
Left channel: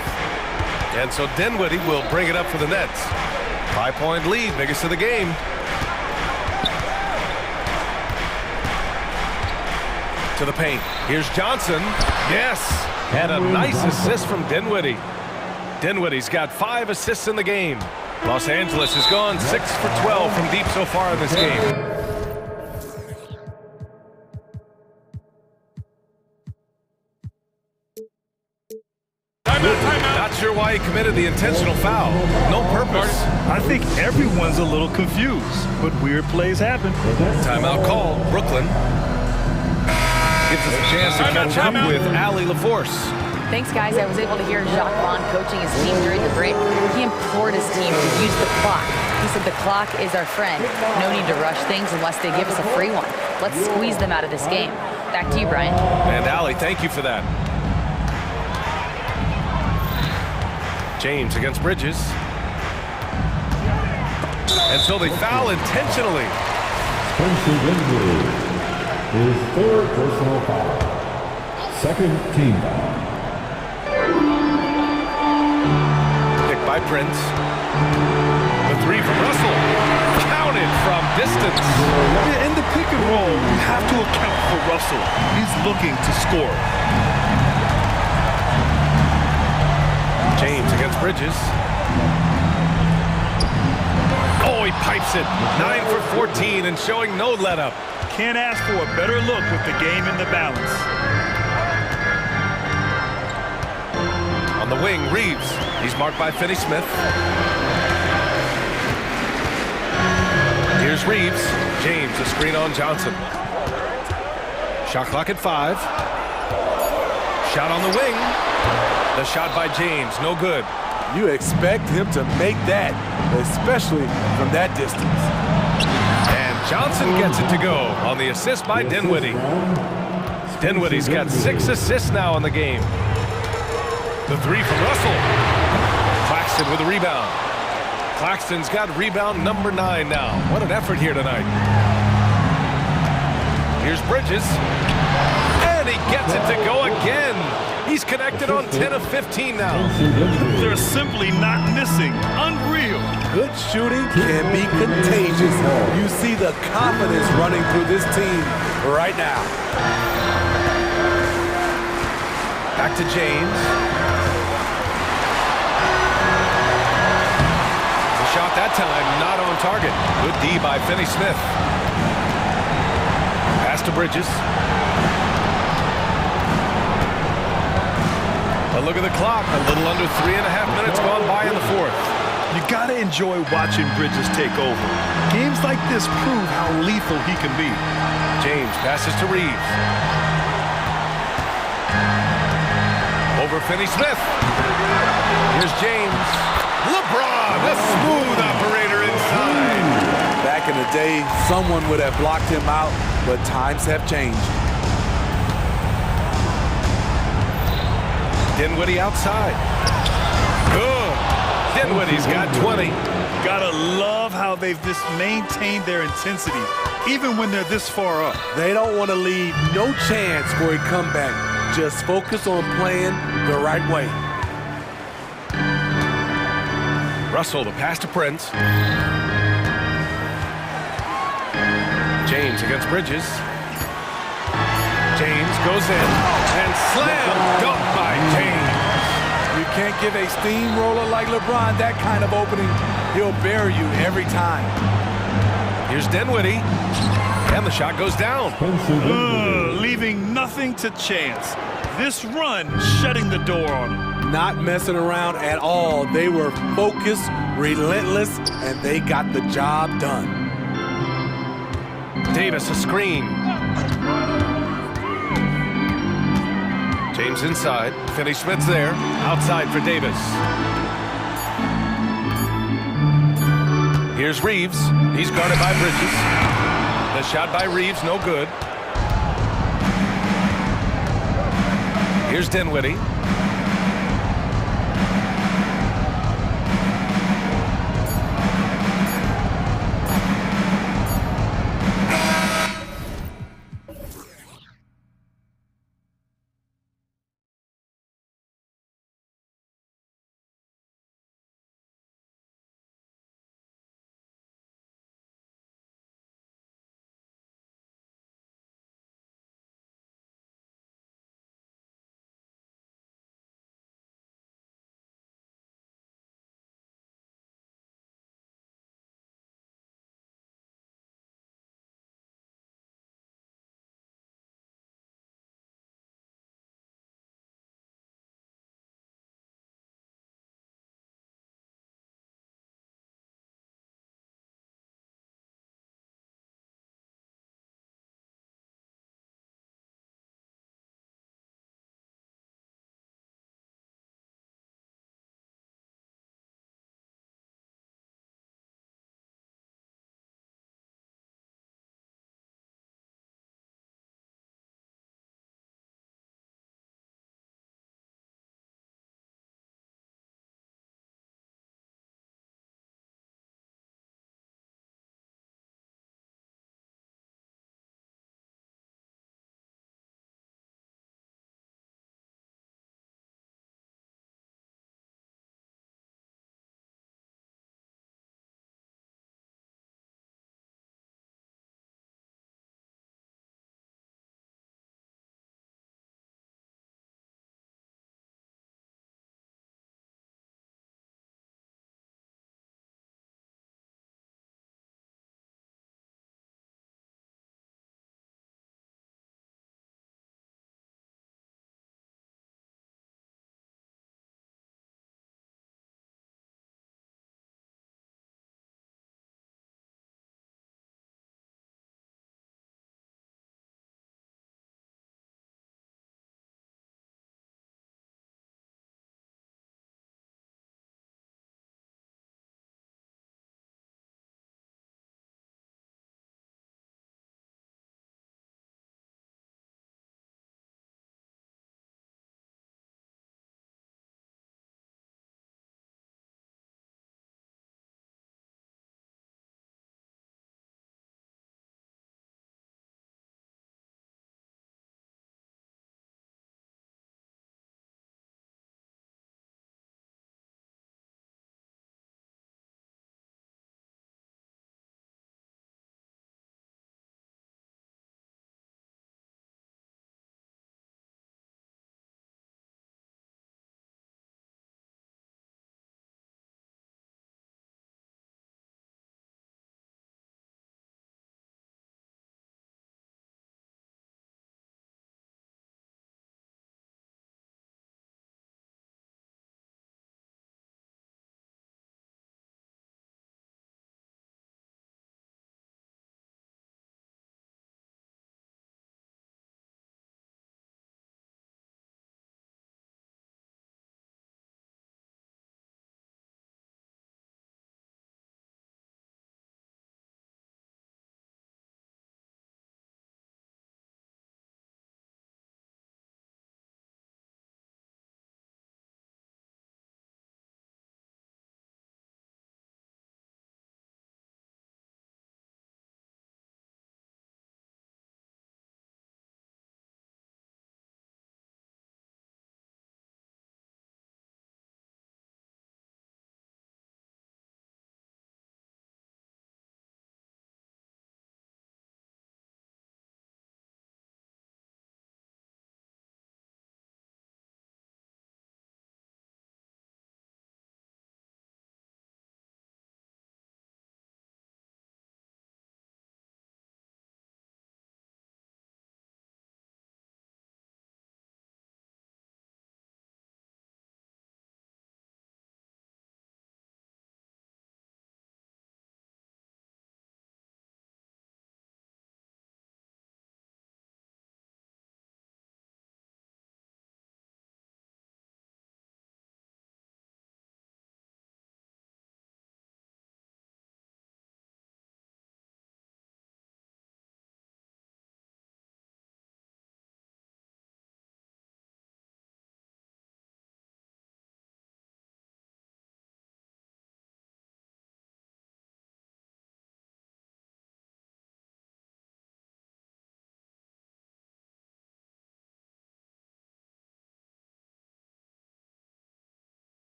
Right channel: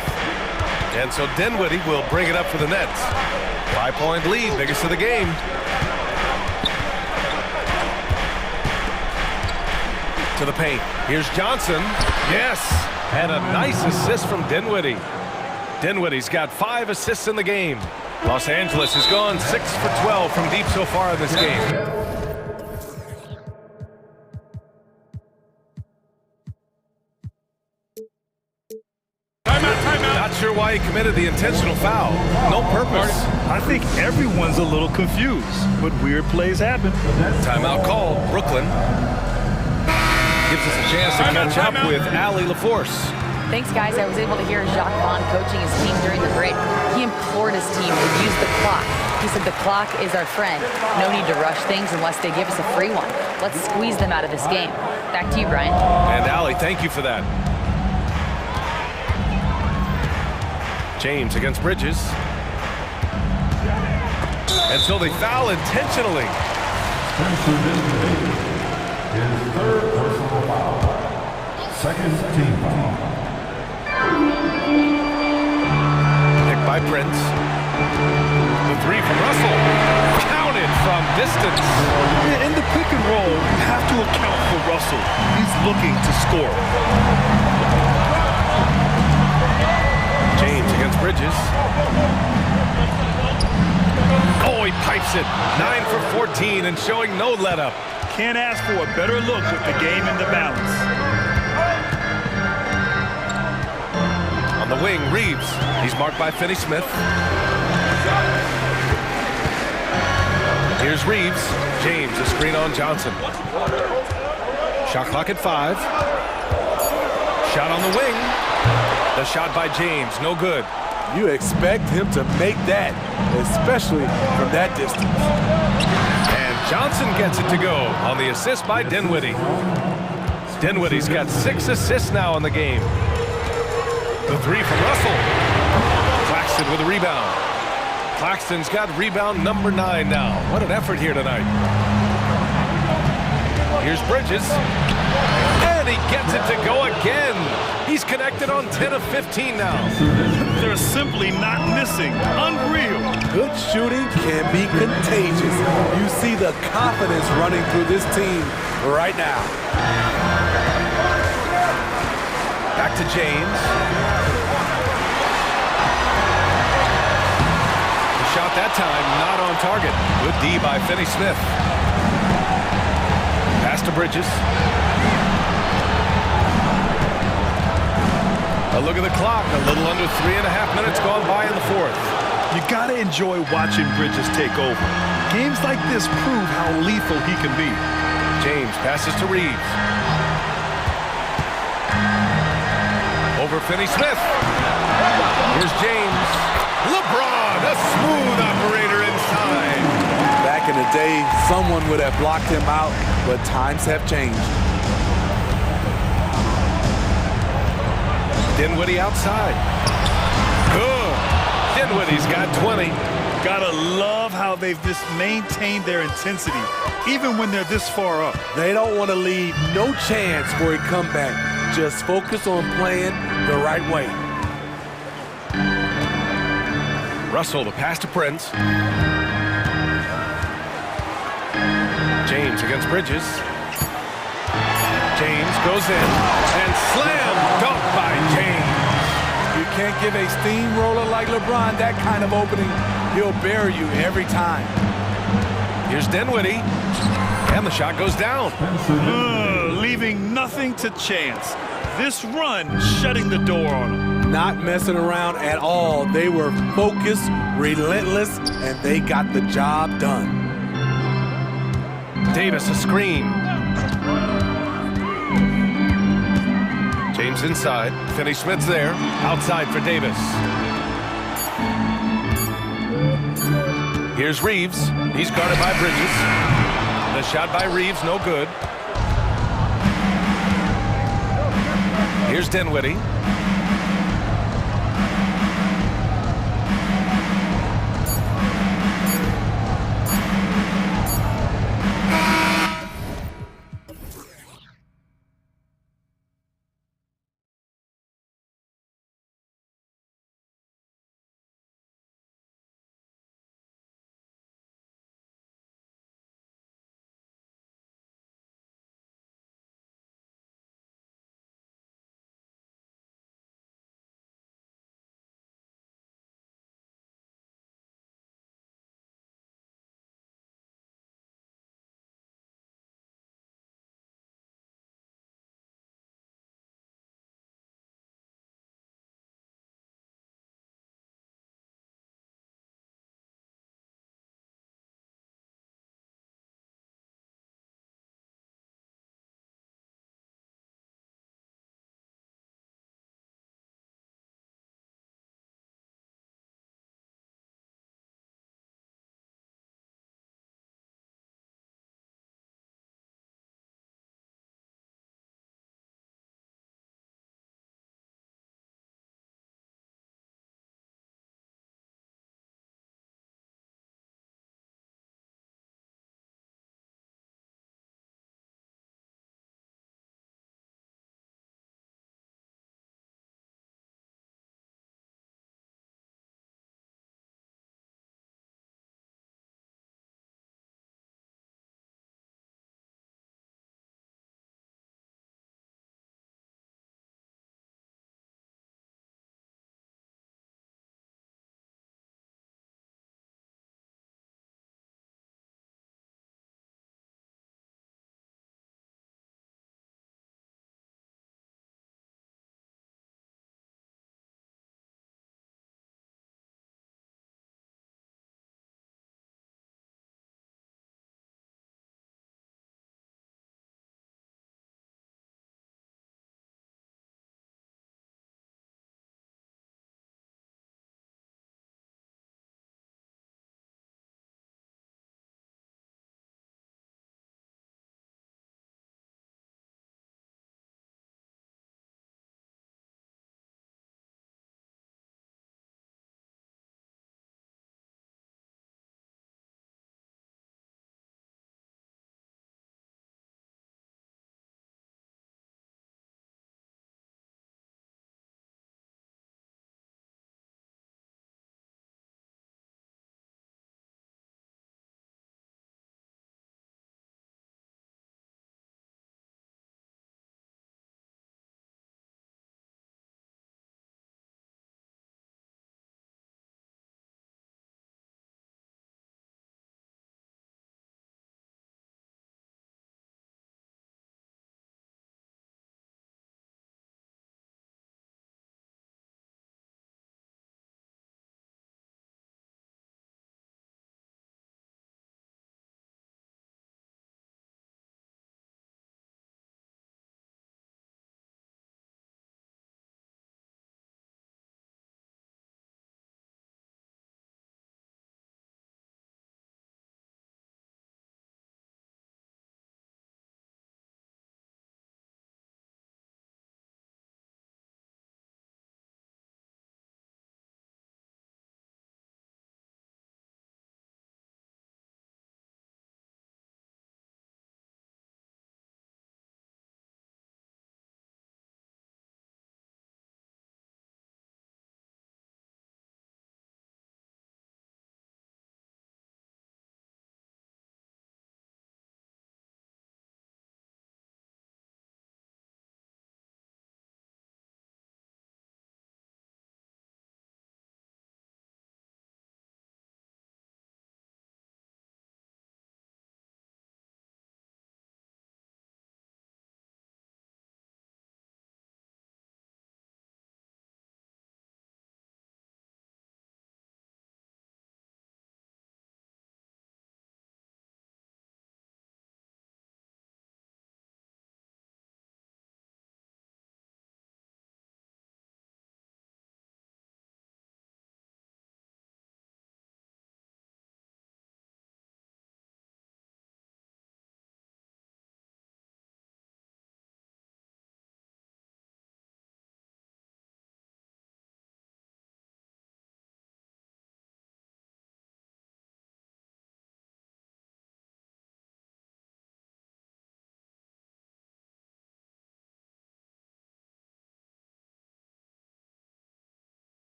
And so Dinwiddie will bring it up for the Nets. 5-point lead, biggest of the game. To the paint. Here's Johnson. Yes. And a nice assist from Dinwiddie. Dinwiddie's got 5 assists in the game. Los Angeles has gone 6 for 12 from deep so far in this game. Timeout. Not sure why he committed the intentional foul. No purpose. I think everyone's a little confused, but weird plays happen. Timeout called. Brooklyn gives us a chance to catch up with Allie LaForce. Thanks, guys. I was able to hear Jacques Vaughn coaching his team during the break. He implored his team to use the clock. He said the clock is our friend. No need to rush things unless they give us a free one. Let's squeeze them out of this game. Back to you, Brian. And Allie, thank you for that. James against Bridges. And so they foul intentionally. his third personal foul. Second team foul. Picked by Prince. The three from Russell. Counted from distance. Yeah, in the pick and roll, you have to account for Russell. He's looking to score. James against Bridges. Oh, he pipes it. 9 for 14 and showing no let-up. Can't ask for a better look with the game in the balance. On the wing, Reeves. He's marked by Finney-Smith. Here's Reeves. James, a screen on Johnson. Shot clock at 5. Shot on the wing. The shot by James, no good. You expect him to make that, especially from that distance. And Johnson gets it to go on the assist by Dinwiddie. Dinwiddie's got 6 assists now in the game. The three from Russell. Claxton with a rebound. Claxton's got rebound number 9 now. What an effort here tonight. Here's Bridges. And he gets it to go again. He's connected on 10 of 15 now. They're simply not missing. Unreal. Good shooting can be contagious. You see the confidence running through this team right now. Back to James. The shot that time not on target. Good D by Finney-Smith. Pass to Bridges. A look at the clock. A little under 3.5 minutes gone by in the fourth. You gotta enjoy watching Bridges take over. Games like this prove how lethal he can be. James passes to Reeves. Over Finney-Smith. Here's James. LeBron, a smooth operator inside. Back in the day, someone would have blocked him out, but times have changed. Dinwiddie outside. Good. Dinwiddie's got 20. Gotta love how they've just maintained their intensity, even when they're this far up. They don't want to leave no chance for a comeback. Just focus on playing the right way. Russell, the pass to Prince. James against Bridges. James goes in and slam dunk by James. You can't give a steamroller like LeBron that kind of opening. He'll bury you every time. Here's Dinwiddie. And the shot goes down. Leaving nothing to chance. This run shutting the door on them. Not messing around at all. They were focused, relentless, and they got the job done. Davis a screen. James inside. Finney-Smith's there. Outside for Davis. Here's Reeves. He's guarded by Bridges. The shot by Reeves, no good. Here's Dinwiddie.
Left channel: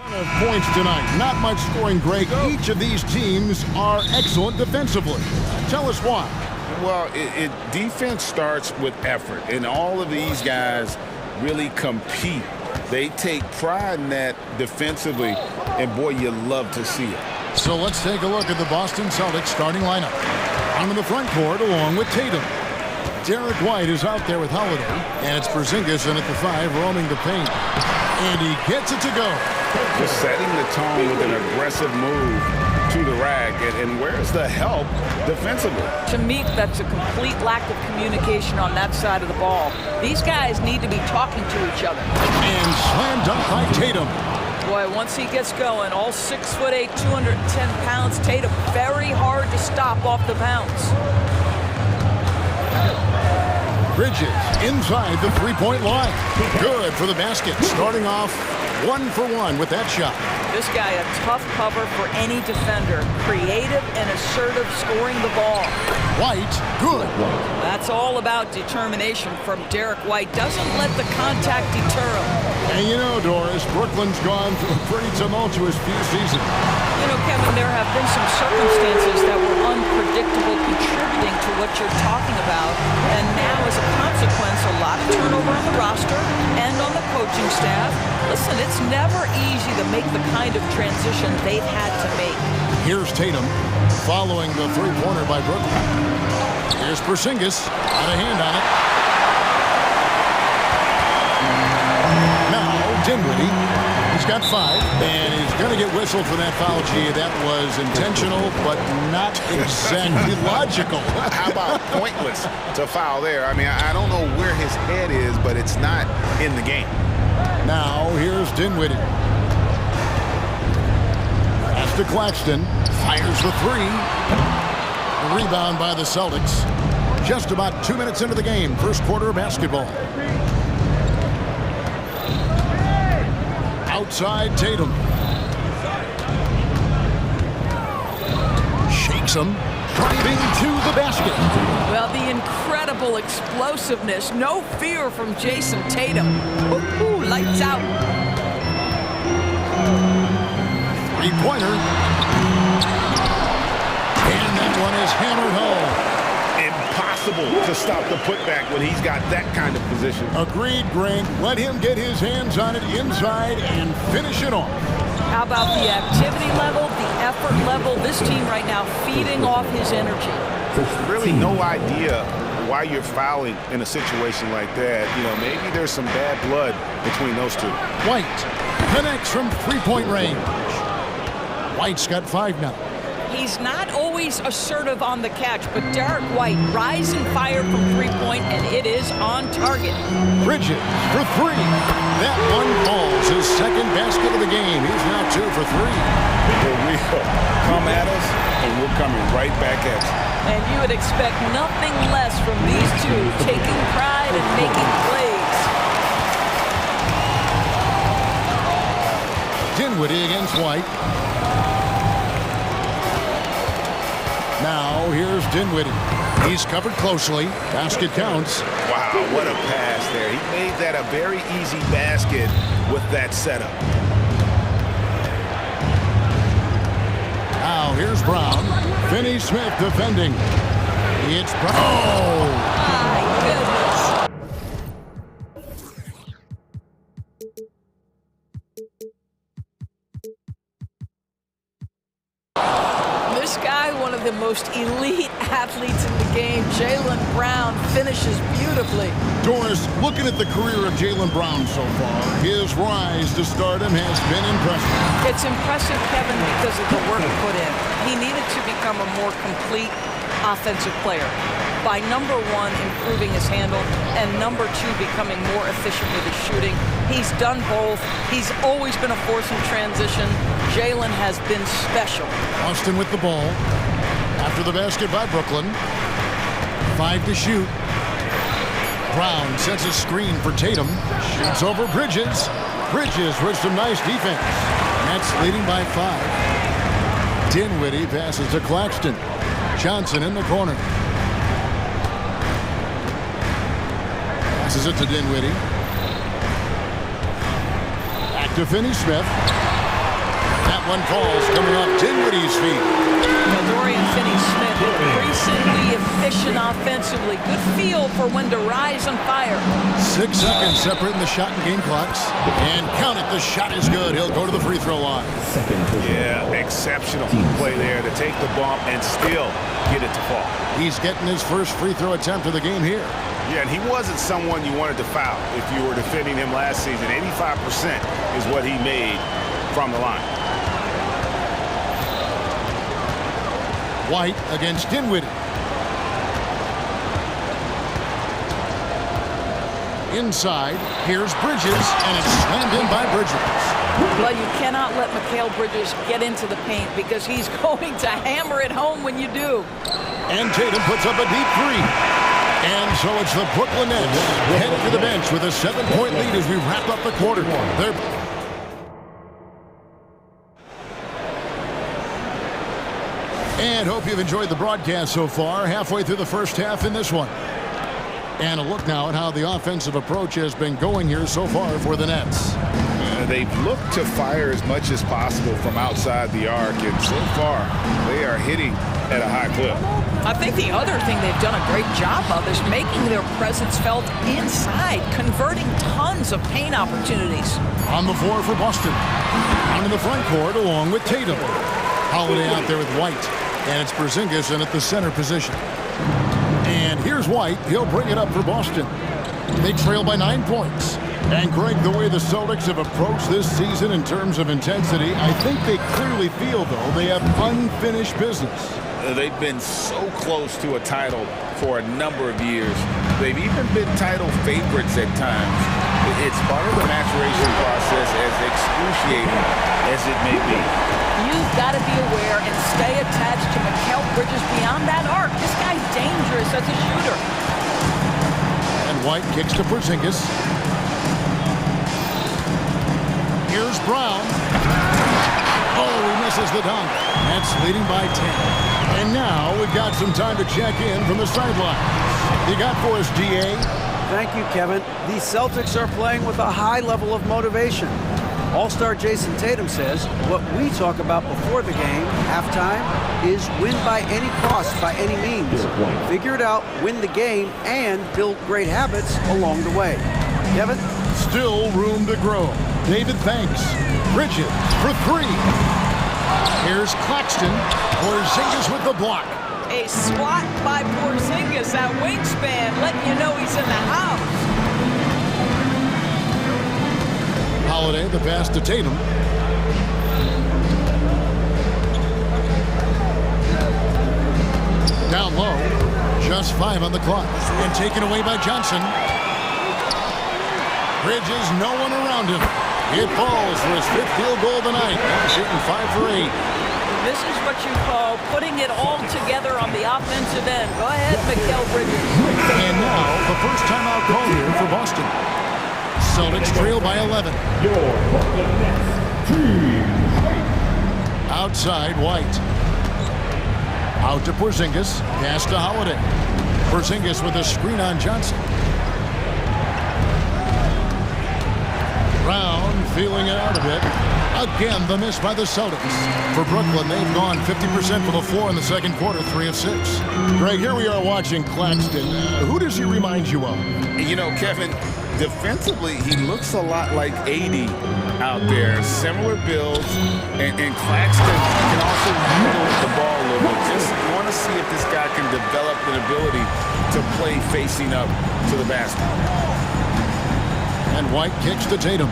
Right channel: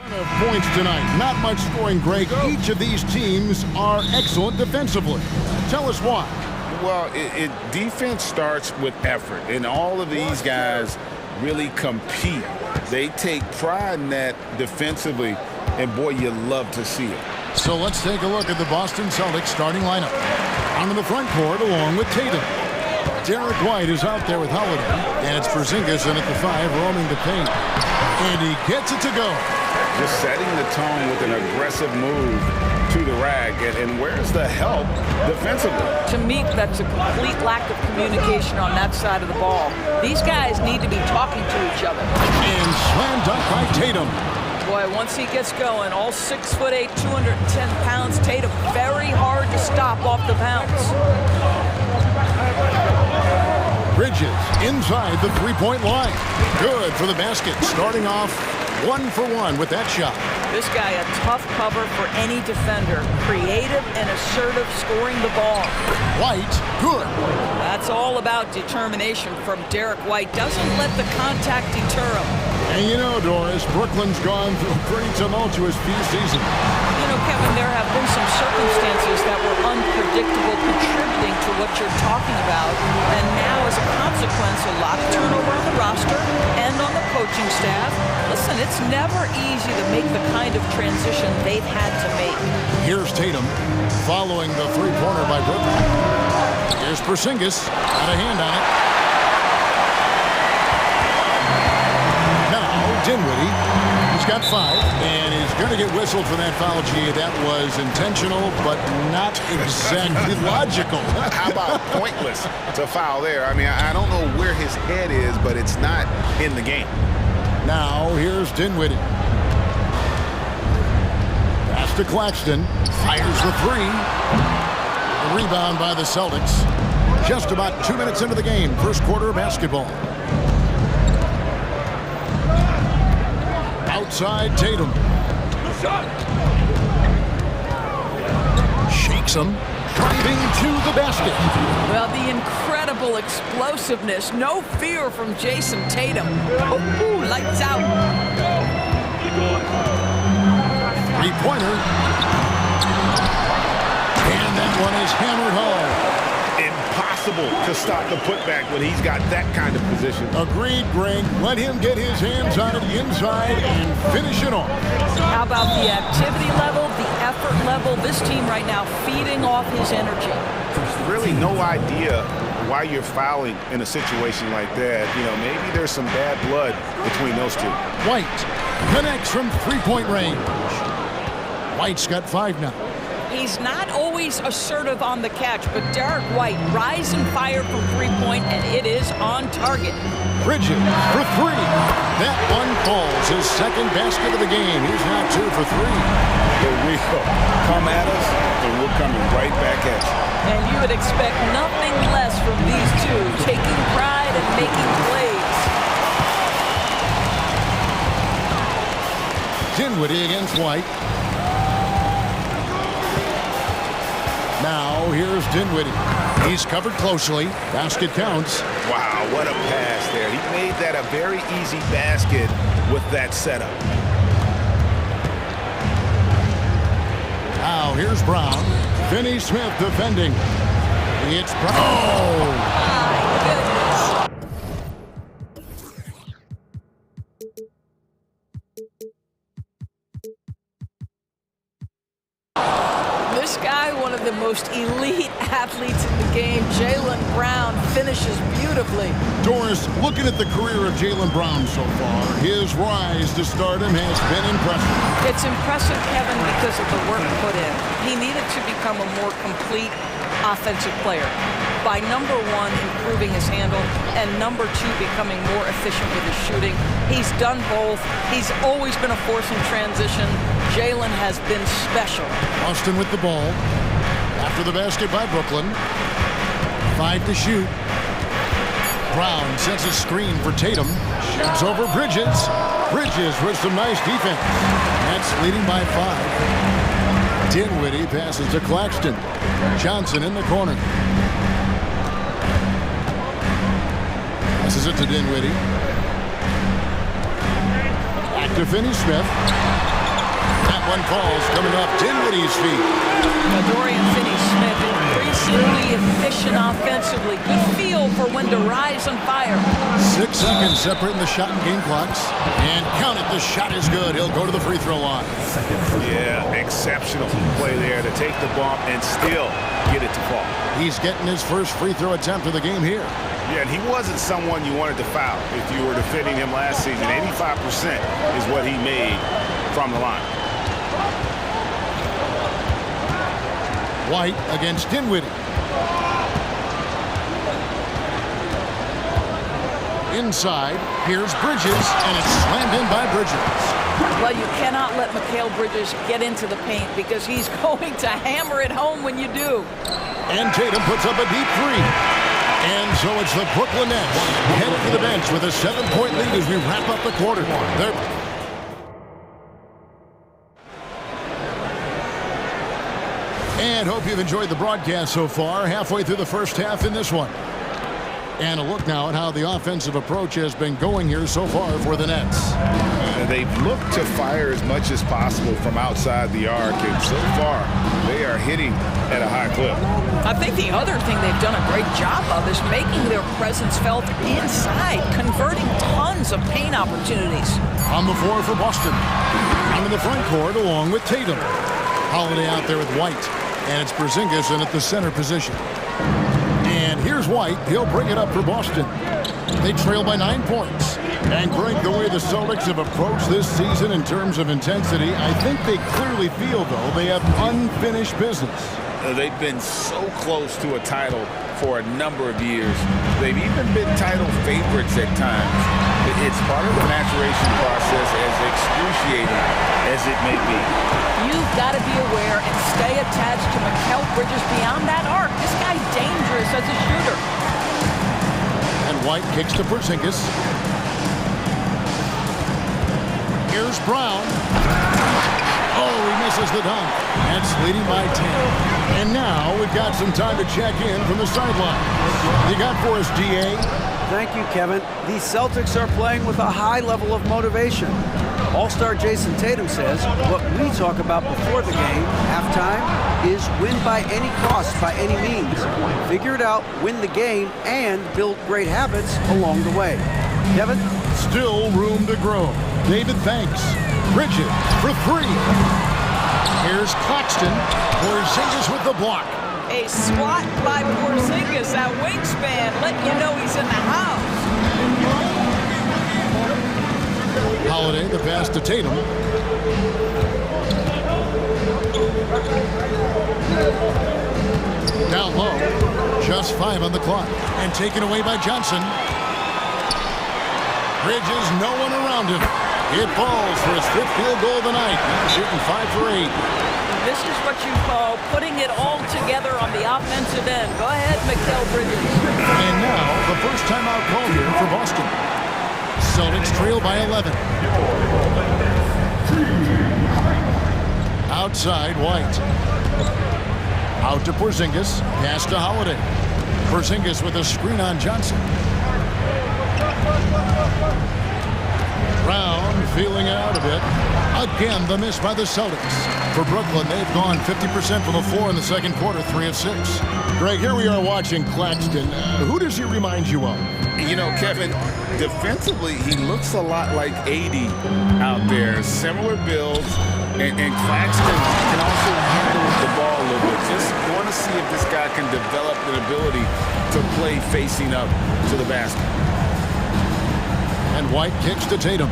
Ton of points tonight. Not much scoring, Greg. Each of these teams are excellent defensively. Tell us why. Well, defense starts with effort, and all of these guys really compete. They take pride in that defensively, and boy, you love to see it. So let's take a look at the Boston Celtics starting lineup. Out in the front court along with Tatum. Derek White is out there with Holiday, and it's Porzingis in at the 5 roaming the paint. And he gets it to go. Just setting the tone with an aggressive move to the rack, and where's the help defensively? To me, that's a complete lack of communication on that side of the ball. These guys need to be talking to each other. And slam dunk by Tatum. Boy, once he gets going, all 6'8", 210 pounds, Tatum, very hard to stop off the bounce. Bridges inside the three-point line. Good for the basket, starting off 1 for 1 with that shot. This guy, a tough cover for any defender. Creative and assertive scoring the ball. White, good. That's all about determination from Derek White. Doesn't let the contact deter him. And you know, Doris, Brooklyn's gone through a pretty tumultuous few seasons. You know, Kevin, there have been some circumstances that were unpredictable contributing to what you're talking about. And now, as a consequence, a lot of turnover on the roster and on the coaching staff. Listen, it's never easy to make the kind of transition they've had to make. Here's Tatum following the three-pointer by Brooklyn. Here's Porzingis, got a hand on it. Now, Dinwiddie, he's got 5, and he's going to get whistled for that foul. Gee, that was intentional, but not exactly logical. How about pointless to foul there? I mean, I don't know where his head is, but it's not in the game. Now, here's Dinwiddie. Pass to Claxton. Fires the 3. The rebound by the Celtics. Just about 2 minutes into the game. First quarter of basketball. Outside Tatum. Shakes him. Driving to the basket. Well, the incredible explosiveness. No fear from Jason Tatum. Ooh, lights out. Three-pointer. And that one is hammered home. Impossible to stop the putback when he's got that kind of position. Agreed, Greg. Let him get his hands on it inside and finish it off. How about the activity level, the effort level? This team right now feeding off his energy. Really no idea why you're fouling in a situation like that. You know, maybe there's some bad blood between those two. White connects from three-point range. White's got 5 now. He's not always assertive on the catch, but Derek White, rise and fire from three-point, and it is on target. Bridges for 3. That one falls. His second basket of the game. He's now 2 for 3. Here we go. Come at us, and we're coming right back at you. And you would expect nothing less from these two, taking pride and making plays. Dinwiddie against White. Now, here's Dinwiddie. He's covered closely. Basket counts. Wow, what a pass there. He made that a very easy basket with that setup. Now, here's Brown. Finney-Smith defending. It's Brown. Oh! My goodness. This guy, one of the most elite athletes in the game, Jaylen Brown, finishes beautifully. Doris, looking at the career of Jaylen Brown so far, his rise to stardom has been impressive. It's impressive, Kevin, because of the work put in. He needed to become a more complete offensive player by, number 1, improving his handle, and number 2, becoming more efficient with his shooting. He's done both. He's always been a force in transition. Jaylen has been special. Austin with the ball. After the basket by Brooklyn. 5 to shoot. Brown sets a screen for Tatum. Shoots over Bridges. Bridges with some nice defense. Nets leading by 5. Dinwiddie passes to Claxton. Johnson in the corner. Passes it to Dinwiddie. Back to Finney-Smith. one falls coming off Dinwiddie's feet. Well, Dorian Finney-Smith increasingly efficient offensively. Good feel for when to rise and fire. 6 seconds separating the shot and game clocks. And count it, the shot is good. He'll go to the free throw line. Yeah, exceptional play there to take the bump and still get it to fall. He's getting his first free throw attempt of the game here. Yeah, and he wasn't someone you wanted to foul if you were defending him last season. 85% is what he made from the line. White against Dinwiddie. Inside, here's Bridges, and it's slammed in by Bridges. Well, you cannot let Mikal Bridges get into the paint because he's going to hammer it home when you do. And Tatum puts up a deep three. And so it's the Brooklyn Nets headed to the bench with a 7-point lead as we wrap up the quarter. And hope you've enjoyed the broadcast so far. Halfway through the first half in this one. And a look now at how the offensive approach has been going here so far for the Nets. They've looked to fire as much as possible from outside the arc, and so far they are hitting at a high clip. I think the other thing they've done a great job of is making their presence felt inside, converting tons of paint opportunities. On the floor for Boston. Out in the front court along with Tatum. Holiday out there with White. And it's Porzingis in at the center position. And here's White. He'll bring it up for Boston. They trail by 9 points. And Greg, the way the Celtics have approached this season in terms of intensity, I think they clearly feel, though, they have unfinished business. They've been so close to a title for a number of years. They've even been title favorites at times. It's part of the maturation process, as excruciating as it may be. You've got to be aware and stay attached to Mikal Bridges beyond that arc. This guy's dangerous as a shooter. And White kicks to Porzingis. Here's Brown. Oh, he misses the dunk. Nets leading by 10. And now we've got some time to check in from the sidelines. You got for us, DA? Thank you, Kevin. The Celtics are playing with a high level of motivation. All-star Jason Tatum says what we talk about before the game, halftime, is win by any cost, by any means. Figure it out, win the game, and build great habits along the way. Kevin? Still room to grow. David thanks. Bridges for three. Here's Claxton. Porzingis with the block. A swat by Porzingis, that wingspan, letting you know he's in the house. Holiday, the pass to Tatum. Down low. Just 5 on the clock. And taken away by Johnson. Bridges, no one around him. It falls for his 5th field goal of the night. Now shooting 5 for 8. This is what you call putting it all together on the offensive end. Go ahead, Mikal Bridges. And now the first timeout call here for Boston. Celtics trail by 11. Outside, White. Out to Porzingis. Pass to Holiday. Porzingis with a screen on Johnson. Brown feeling it out a bit. Again, the miss by the Celtics. For Brooklyn, they've gone 50% from the floor in the second quarter, 3 of 6. Greg, here we are watching Claxton. Who does he remind you of? You know, Kevin, defensively, he looks a lot like AD out there. Similar builds, and Claxton can also handle the ball a little bit. Just want to see if this guy can develop an ability to play facing up to the basket. And White kicks to Tatum.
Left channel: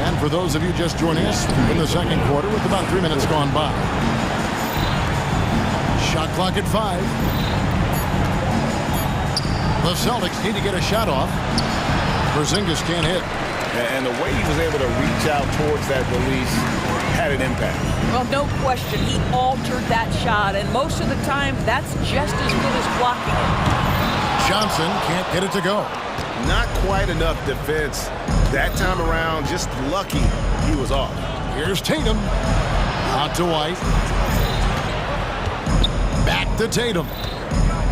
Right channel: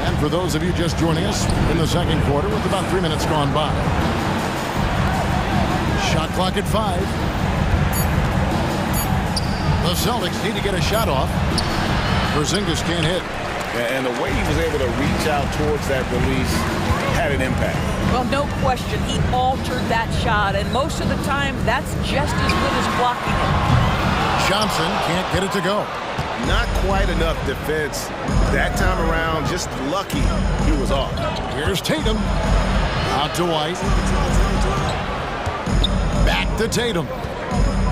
And for those of you just joining us in the second quarter with about 3 minutes gone by. Shot clock at 5. The Celtics need to get a shot off. Porzingis can't hit. And the way he was able to reach out towards that release had an impact. Well, no question. He altered that shot, and most of the time, that's just as good as blocking it. Johnson can't get it to go. Not quite enough defense that time around. Just lucky he was off. Here's Tatum. Out to White. Back to Tatum.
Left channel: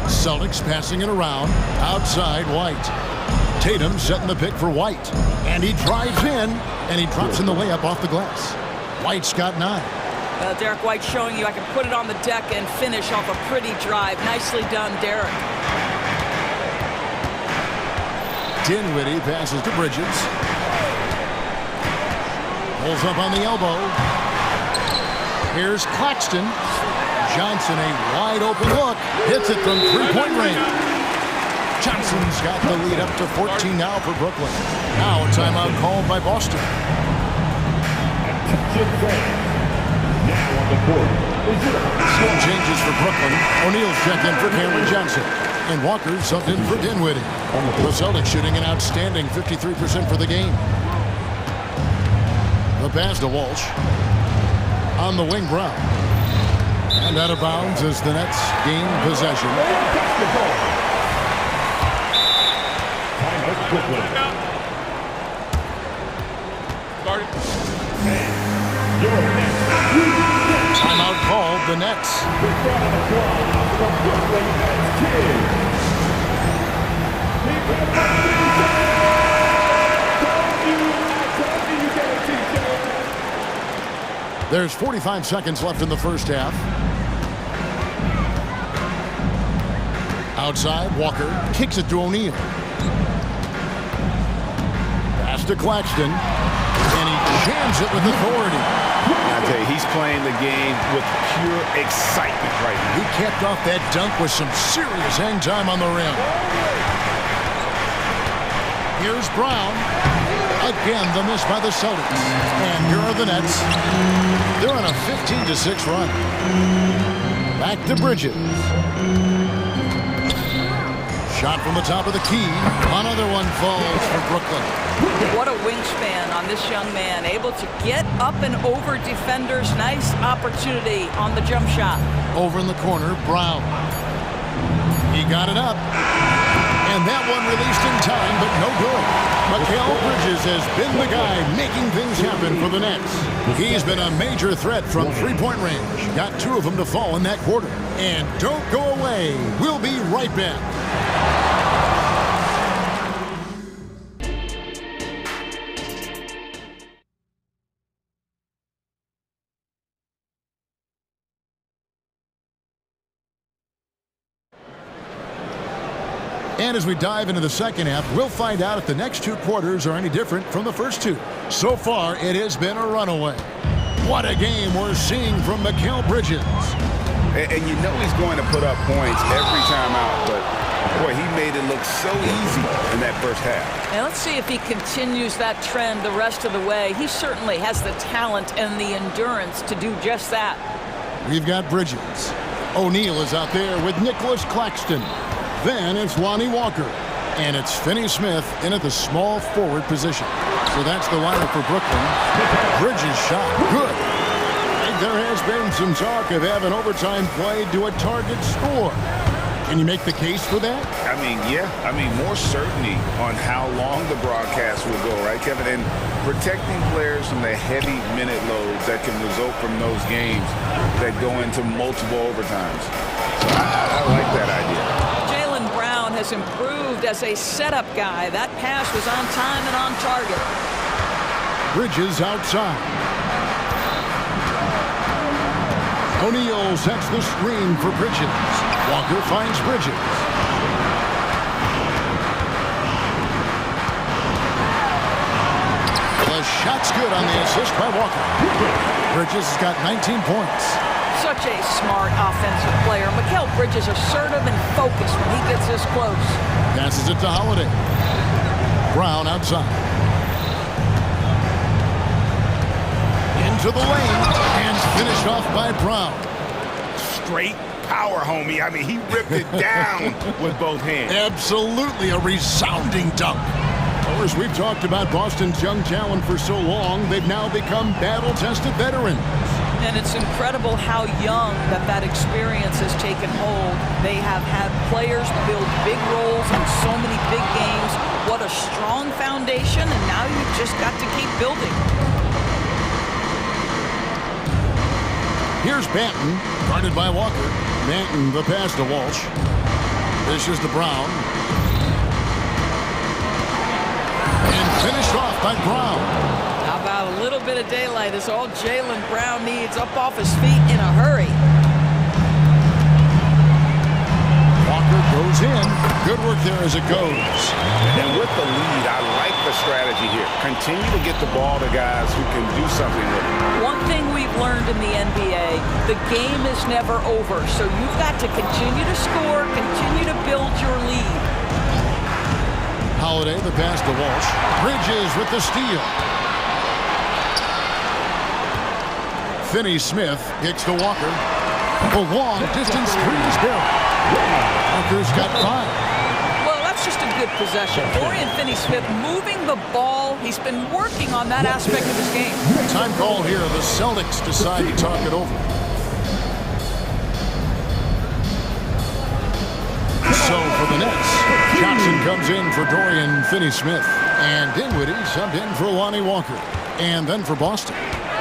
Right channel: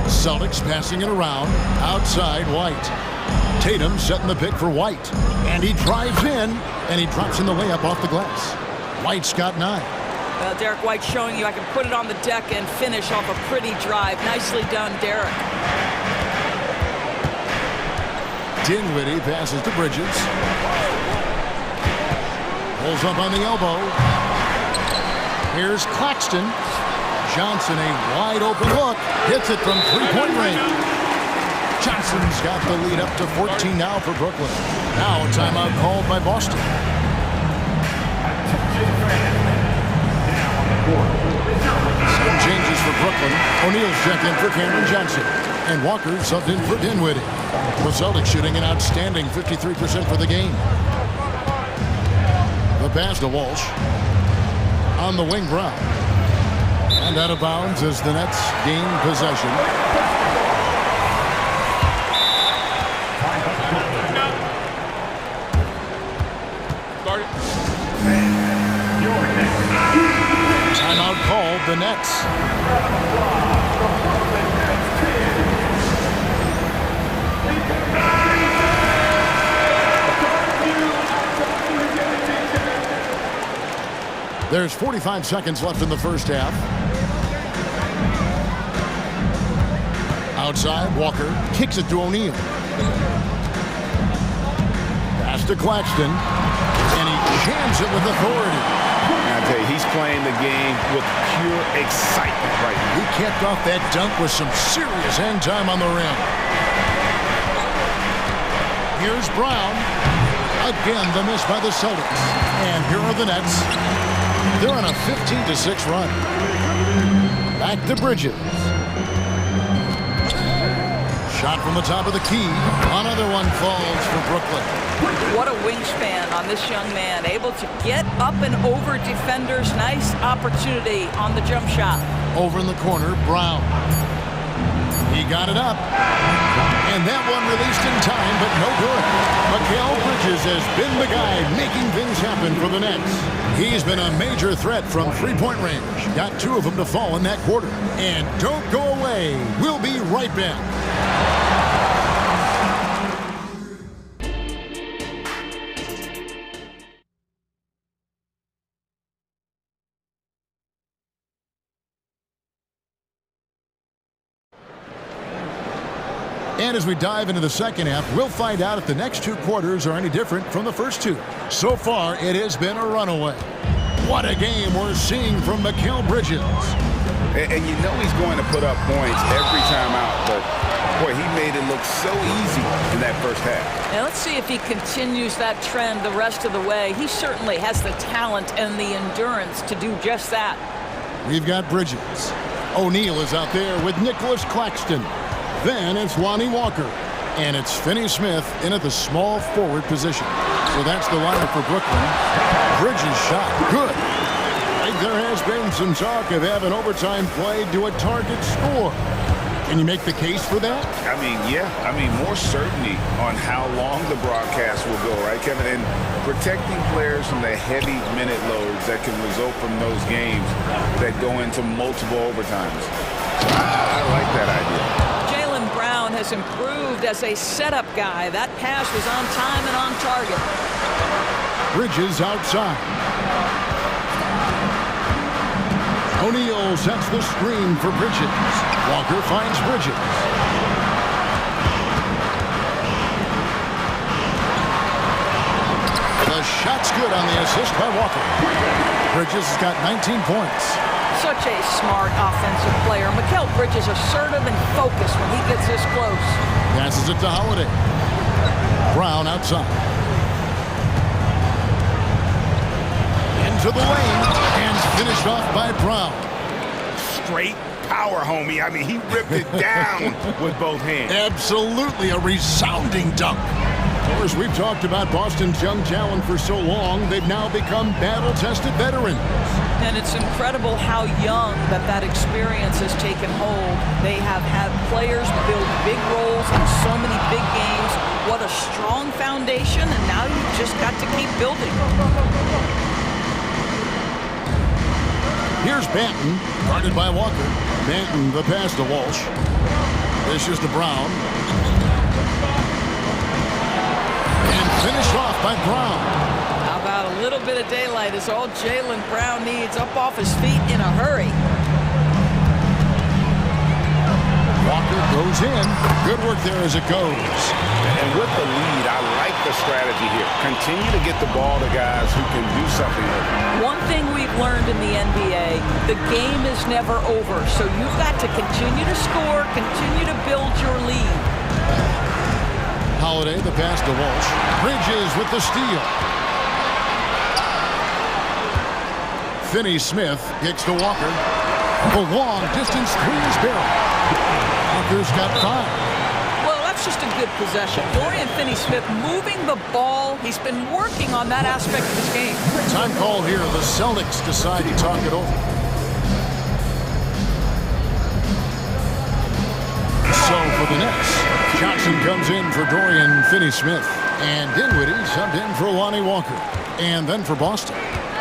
Celtics passing it around. Outside, White. Tatum setting the pick for White. And he drives in, and he drops in the layup off the glass. White's got 9. Well, Derek White showing you I can put it on the deck and finish off a pretty drive. Nicely done, Derek. Dinwiddie passes to Bridges. Pulls up on the elbow. Here's Claxton. Johnson, a wide open look. Hits it from three-point range. Johnson's got the lead up to 14 now for Brooklyn. Now a timeout called by Boston. Some changes for Brooklyn. O'Neal's checked in for Cameron Johnson. And Walker subbed in for Dinwiddie. The Celtics shooting an outstanding 53% for the game. The pass to Walsh. On the wing, Brown. And out of bounds as the Nets gain possession. Timeout called, the Nets. There's 45 seconds left in the first half. Outside, Walker kicks it to O'Neal. Pass to Claxton. And he jams it with authority. I tell you, he's playing the game with pure excitement right now. He capped off that dunk with some serious hang time on the rim. Here's Brown. Again, the miss by the Celtics. And here are the Nets. They're on a 15-6 run. Back to Bridges. Shot from the top of the key. Another one falls for Brooklyn. What a wingspan on this young man. Able to get up and over defenders. Nice opportunity on the jump shot. Over in the corner, Brown. He got it up. And that one released in time, but no good. Mikal Bridges has been the guy making things happen for the Nets. He's been a major threat from three-point range. Got 2 of them to fall in that quarter. And don't go away. We'll be right back. And as we dive into the second half, we'll find out if the next 2 quarters are any different from the first 2. So far, it has been a runaway. What a game we're seeing from Mikal Bridges. And you know he's going to put up points every time out, but boy, he made it look so easy in that first half. Now let's see if he continues that trend the rest of the way. He certainly has the talent and the endurance to do just that. We've got Bridges. O'Neal is out there with Nicholas Claxton. Then it's Lonnie Walker. And it's Finney-Smith in at the small forward position. So that's the lineup for Brooklyn. Bridges shot. Good. I think there has been some talk of having overtime played to a target score. Can you make the case for that? I mean, yeah. I mean, more certainty on how long the broadcast will go, right, Kevin? And protecting players from the heavy minute loads that can result from those games that go into multiple overtimes. So I like that idea. Jaylen Brown has improved as a setup guy. That pass was on time and on target. Bridges outside. O'Neal sets the screen for Bridges. Walker finds Bridges. The shot's good on the assist by Walker. Bridges has got 19 points. Such a smart offensive player. Mikal Bridges assertive and focused when he gets this close. Passes it to Holiday. Brown outside. Into the lane and finished off by Brown. Straight power, homie. I mean, he ripped it down with both hands. Absolutely a resounding dunk. Of course, we've talked about Boston's young talent for so long, they've now become battle-tested veterans. And it's incredible how young that experience has taken hold. They have had players build big roles in so many big games. What a strong foundation, and now you've just got to keep building. Here's Banton, guarded by Walker. Banton, the pass to Walsh. This is to Brown. And finished off by Brown. How about a little bit of daylight is all Jaylen Brown needs, up off his feet in a hurry. Walker goes in. Good work there as it goes. And with the lead, I like the strategy here. Continue to get the ball to guys who can do something with it. One thing we've learned in the NBA, the game is never over. So you've got to continue to score, continue to build your lead. Holiday, the pass to Walsh. Bridges with the steal. Finney-Smith kicks to Walker. The long distance three is buried. Walker's got 5. Well, that's just a good possession. Dorian Finney-Smith moving the ball. He's been working on that aspect of his game. Time call here. The Celtics decide to talk it over. So for the Nets, Johnson comes in for Dorian Finney-Smith. And Dinwiddie subbed in for Lonnie Walker. And then for Boston,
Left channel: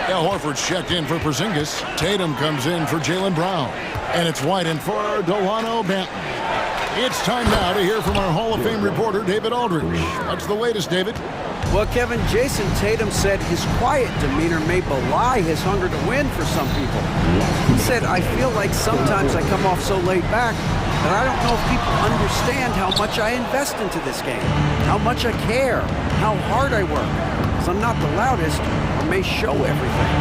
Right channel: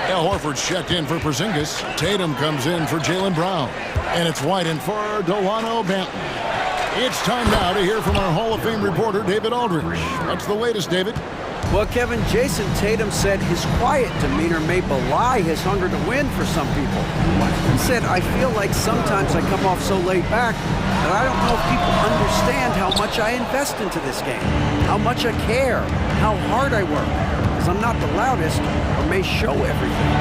Al Horford's checked in for Porzingis. Tatum comes in for Jaylen Brown. And it's White in for Delano Banton. It's time now to hear from our Hall of Fame reporter, David Aldridge. What's the latest, David? Well, Kevin, Jason Tatum said his quiet demeanor may belie his hunger to win for some people. He said, I feel like sometimes I come off so laid back that I don't know if people understand how much I invest into this game, how much I care, how hard I work, because I'm not the loudest or may show everything.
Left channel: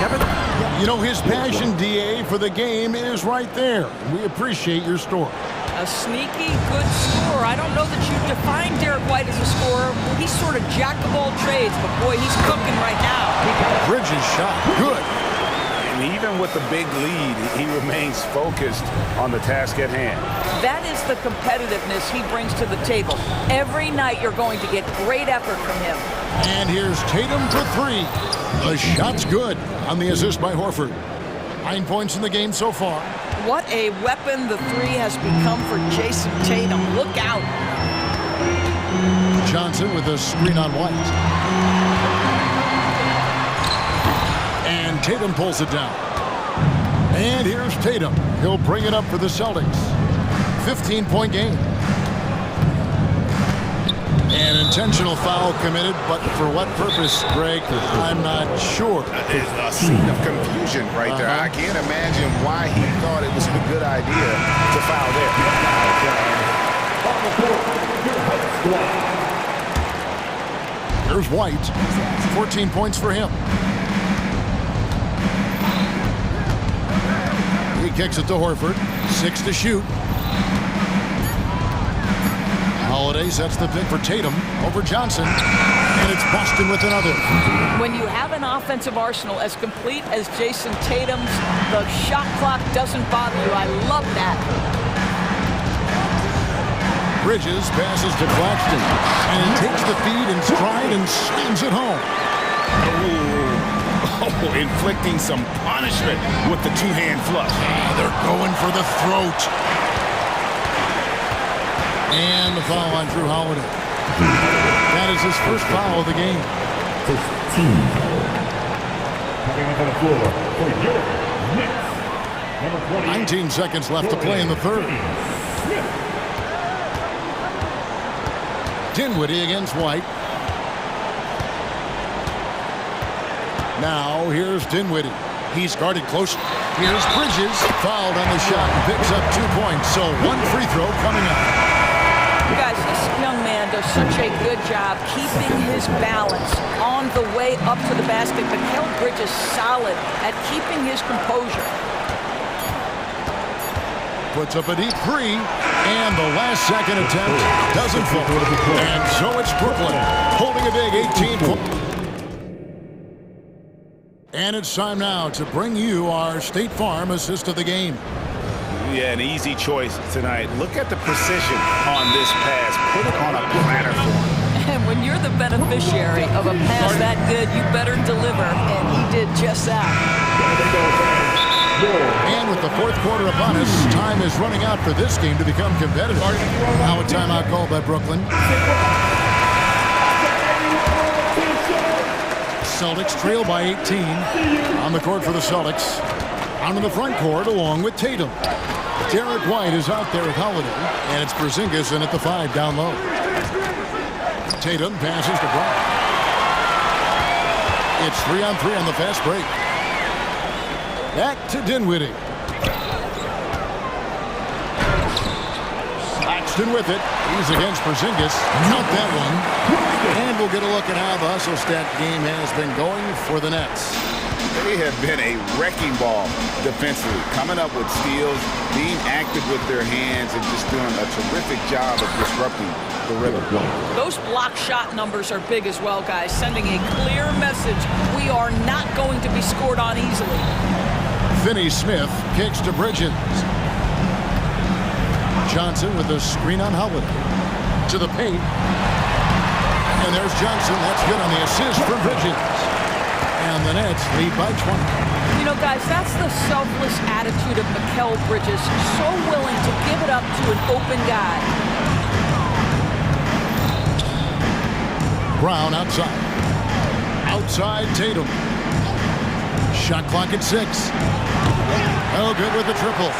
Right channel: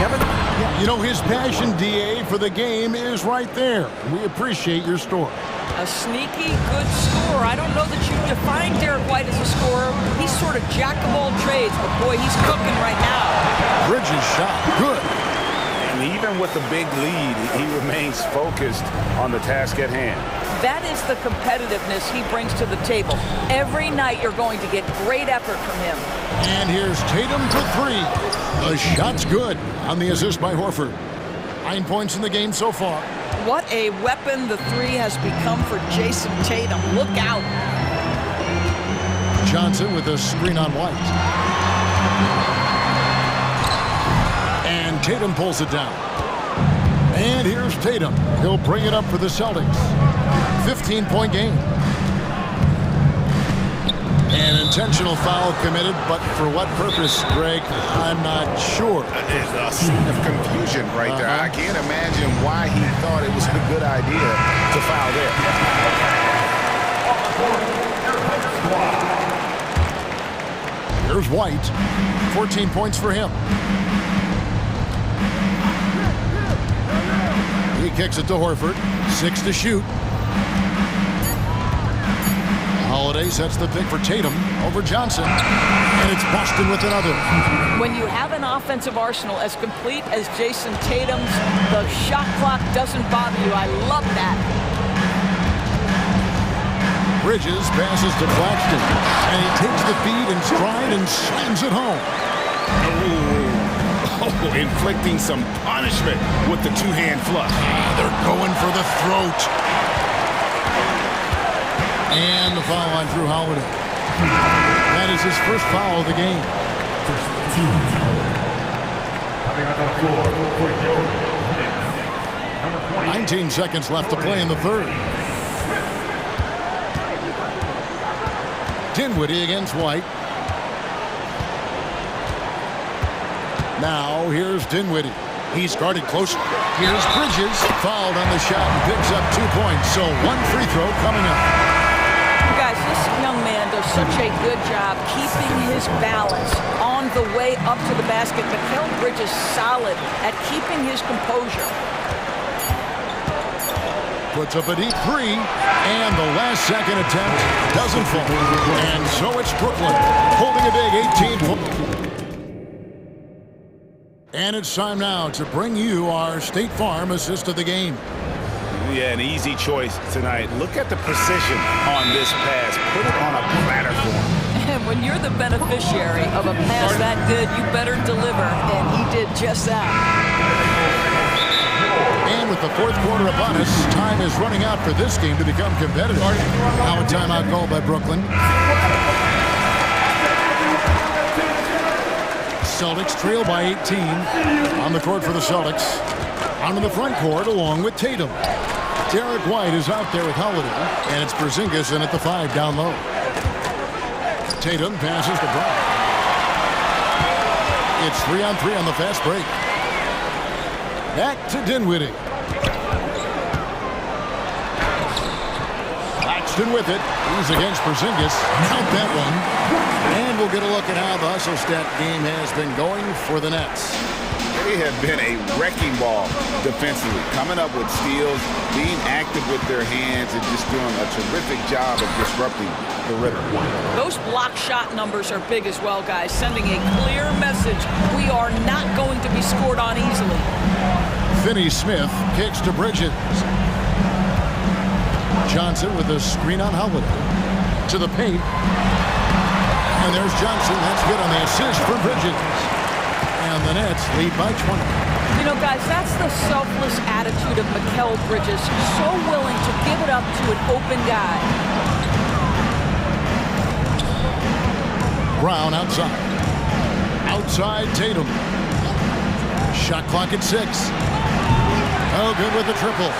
Kevin? Yeah, you know, his passion, DA, for the game is right there. We appreciate your story. A sneaky, good scorer. I don't know that you define Derek White as a scorer. He's sort of jack of all trades, but boy, he's cooking right now. Bridges shot, good. And even with the big lead, he remains focused on the task at hand. That is the competitiveness he brings to the table. Every night you're going to get great effort from him. And here's Tatum for 3. The shot's good on the assist by Horford. 9 points in the game so far. What a weapon the 3 has become for Jason Tatum. Look out. Johnson with a screen on White. And Tatum pulls it down. And here's Tatum. He'll bring it up for the Celtics. 15-point game. An intentional foul committed, but for what purpose, Greg? I'm not sure. It's a scene of confusion right there. I can't imagine why he thought it was a good idea to foul there. Here's White. 14 points for him. He kicks it to Horford. 6 to shoot. Holiday sets the pick for Tatum over Johnson. And it's Boston with another. When you have an offensive arsenal as complete as Jason Tatum's, the shot clock doesn't bother you. I love that. Bridges passes to Claxton. And he takes the feed in stride and slams it home. Oh, inflicting some punishment with the two-hand flush. They're going for the throat. And the foul on Drew Holiday. That is his first foul of the game. First team foul. Coming up on the floor for your Knicks. Number 19 seconds left to play in the third. Dinwiddie against White. Now here's Dinwiddie. He's guarded close. Here's Bridges. Fouled on the shot and picks up 2 points. So 1 free throw coming up. Guys, this young man does such a good job keeping his balance on the way up to the basket. Mikal Bridges solid at keeping his composure. Puts up a deep 3, and the last second attempt doesn't fall. And so it's Brooklyn holding a big 18 points. And it's time now to bring you our State Farm assist of the game. Yeah, an easy choice tonight. Look at the precision on this pass. Put it on a platter for him. And when you're the beneficiary of a pass that good, you better deliver. And he did just that. And with the fourth quarter upon us, time is running out for this game to become competitive. Now a timeout called by Brooklyn. Celtics trail by 18. On the court for the Celtics. Onto the front court along with Tatum. Derek White is out there with Holiday, and it's Porzingis in at the 5 down low. Tatum passes to Brown. It's 3-on-3 on the fast break. Back to Dinwiddie. Claxton with it. He's against Porzingis. Count that one. And we'll get a look at how the hustle stat game has been going for the Nets. They have been a wrecking ball defensively, coming up with steals, being active with their hands, and just doing a terrific job of disrupting the rhythm. Those block shot numbers are big as well, guys, sending a clear message. We are not going to be scored on easily. Finney-Smith kicks to Bridges. Johnson with a screen on Holiday. To the paint. And there's Johnson. That's good on the assist for Bridges. And the Nets lead by 20. You know, guys, that's the selfless attitude of Mikal Bridges. So willing to give it up to an open guy. Brown outside. Outside Tatum. Shot clock at 6. Oh, good with the triple.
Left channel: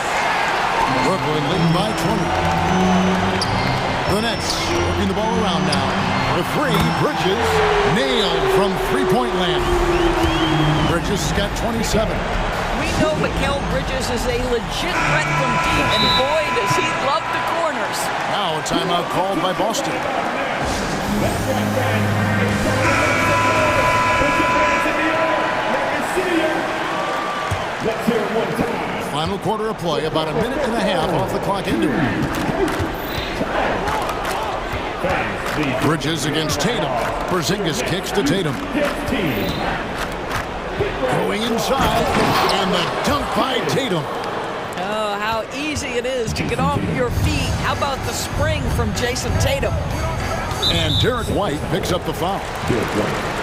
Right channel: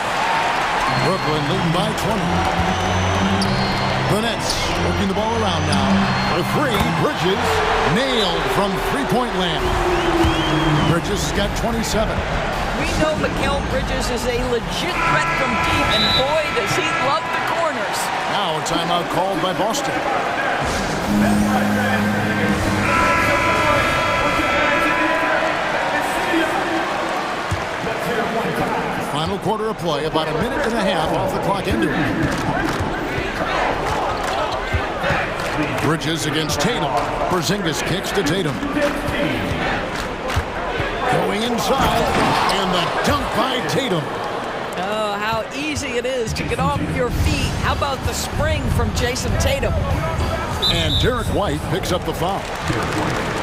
Brooklyn leading by 20. The Nets working the ball around now. For 3, Bridges nailed from three-point land. Bridges has got 27. We know Mikal Bridges is a legit threat from deep, and boy, does he love the corners. Now a timeout called by Boston. Final quarter of play, about a minute and a half off the clock into it. Bridges against Tatum. Porzingis kicks to Tatum. Going inside, and the dunk by Tatum. Oh, how easy it is to get off your feet. How about the spring from Jason Tatum? And Derek White picks up the foul.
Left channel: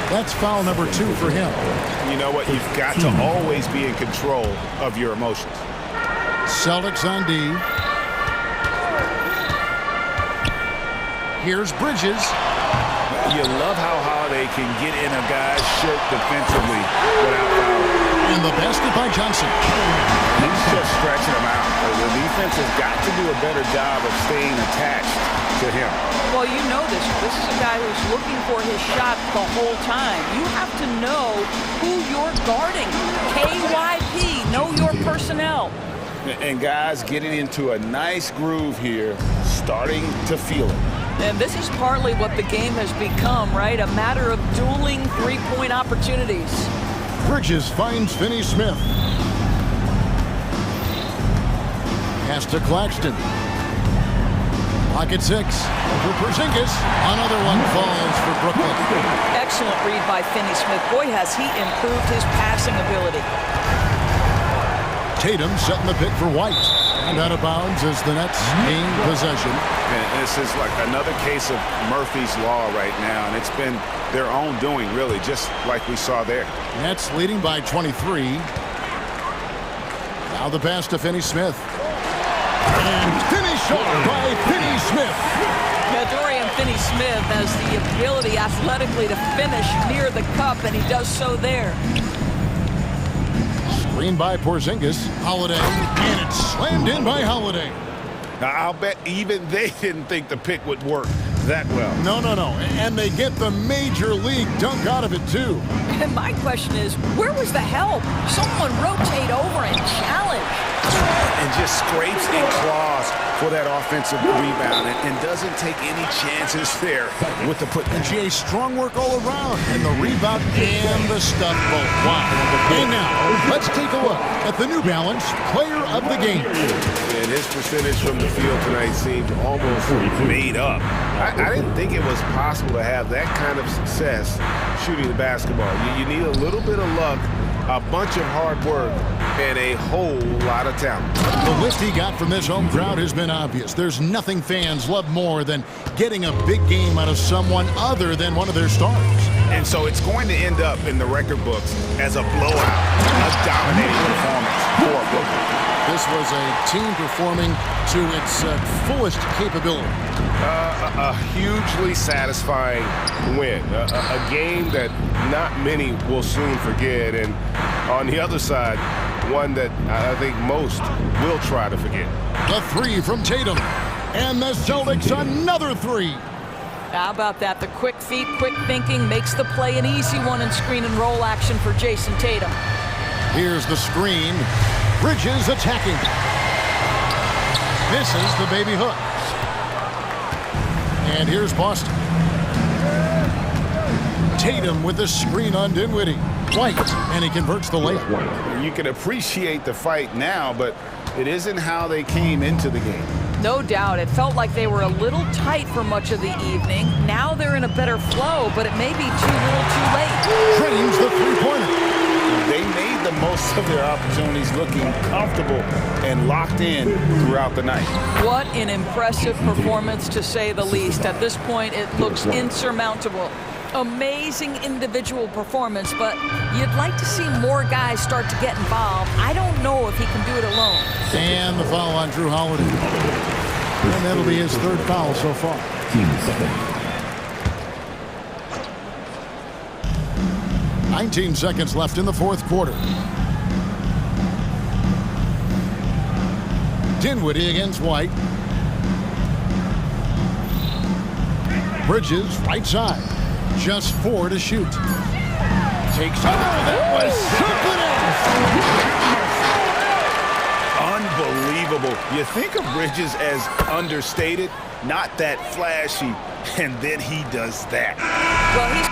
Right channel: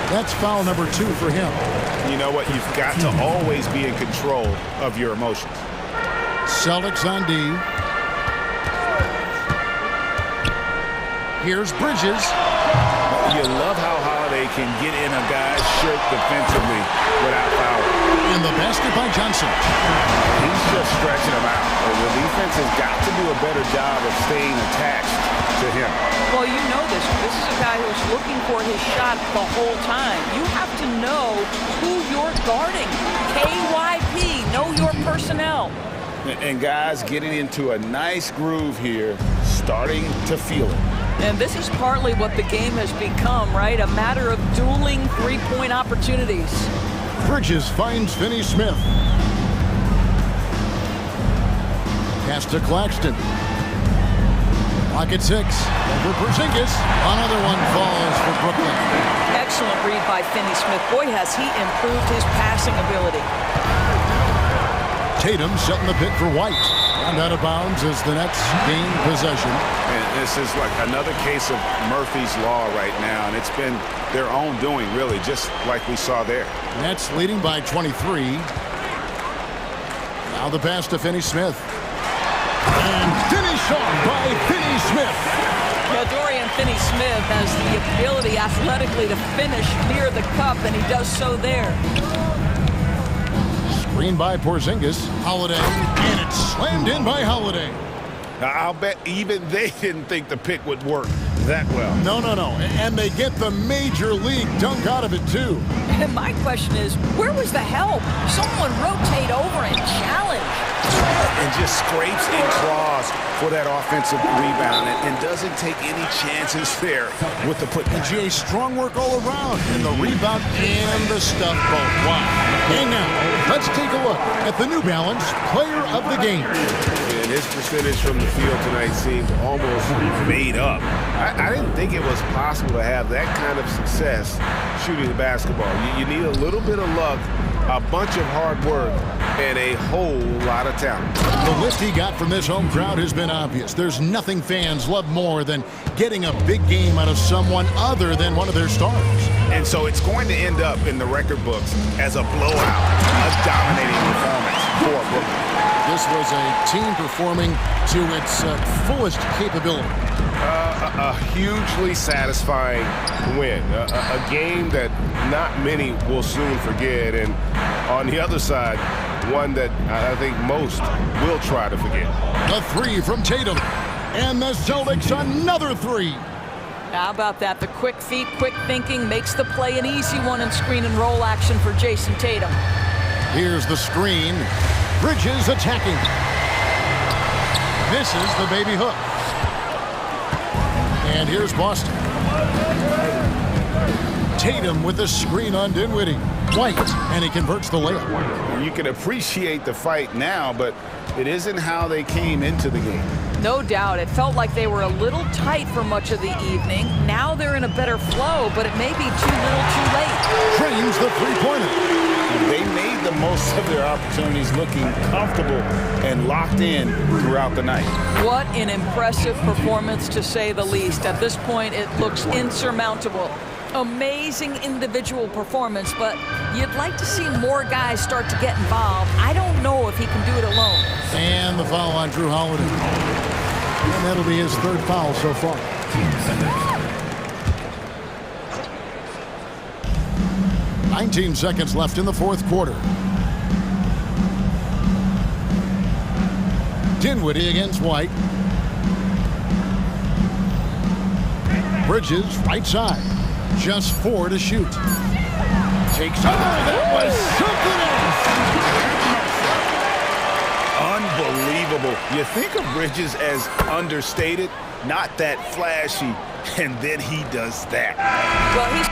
That's foul number 2 for him. You know what? You've got to always be in control of your emotions. Celtics on D. Here's Bridges. You love how Holiday can get in a guy's shirt defensively without foul. And the basket by Johnson. He's just stretching him out. The defense has got to do a better job of staying attached to him. Well, you know this. This is a guy who's looking for his shot the whole time. You have to know who you're guarding. KYP, know your personnel. And guys getting into a nice groove here, starting to feel it. And this is partly what the game has become, right? A matter of dueling three-point opportunities. Bridges finds Finney-Smith. Pass to Claxton. Clock at 6. Over Porzingis. Another one falls for Brooklyn. Excellent read by Finney-Smith. Boy, has he improved his passing ability. Tatum setting the pick for White. And out of bounds as the Nets gain possession. And this is like another case of Murphy's Law right now. And it's been their own doing, really, just like we saw there. Nets leading by 23. Now the pass to Finney-Smith. And finish off by Finney-Smith. Yeah, Dorian Finney-Smith has the ability athletically to finish near the cup, and he does so there. Screen by Porzingis. Holiday. And it's slammed in by Holiday. Now, I'll bet even they didn't think the pick would work that well. No. And they get the major league dunk out of it, too. And my question is, where was the help? Someone rotate over and challenge. And just scrapes and claws for that offensive rebound and doesn't take any chances there with the putback. And Jay, strong work all around. And the rebound and the stuff both. Wow. And now, let's take a look at the New Balance Player of the Game. And his percentage from the field tonight seemed almost made up. I didn't think it was possible to have that kind of success shooting the basketball. You need a little bit of luck, a bunch of hard work, and a whole lot of talent. The lift he got from this home crowd has been obvious. There's nothing fans love more than getting a big game out of someone other than one of their stars. And so it's going to end up in the record books as a blowout, a dominating performance for Brooklyn. This was a team performing to its fullest capability. A hugely satisfying win. A game that not many will soon forget. And on the other side, one that I think most will try to forget. A 3 from Tatum. And the Celtics another 3. How about that? The quick feet, quick thinking makes the play an easy one in screen and roll action for Jason Tatum. Here's the screen. Bridges attacking. Misses the baby hook. And here's Boston. Tatum with the screen on Dinwiddie. White, and he converts the layup. You can appreciate the fight now, but it isn't how they came into the game. No doubt. It felt like they were a little tight for much of the evening. Now they're in a better flow, but it may be too little too late. Drains the three-pointer. They made the most of their opportunities, looking comfortable and locked in throughout the night. What an impressive performance, to say the least. At this point, it looks insurmountable. Amazing individual performance, but you'd like to see more guys start to get involved. I don't know if he can do it alone. And the foul on Drew Holiday. And that'll be his third foul so far. Team seconds. 19 seconds left in the fourth quarter. Dinwiddie against White. Bridges, right side. Just 4 to shoot. Takes. Oh, that was something else. Unbelievable. You think of Bridges as understated, not that flashy, and then he does that. Well, he's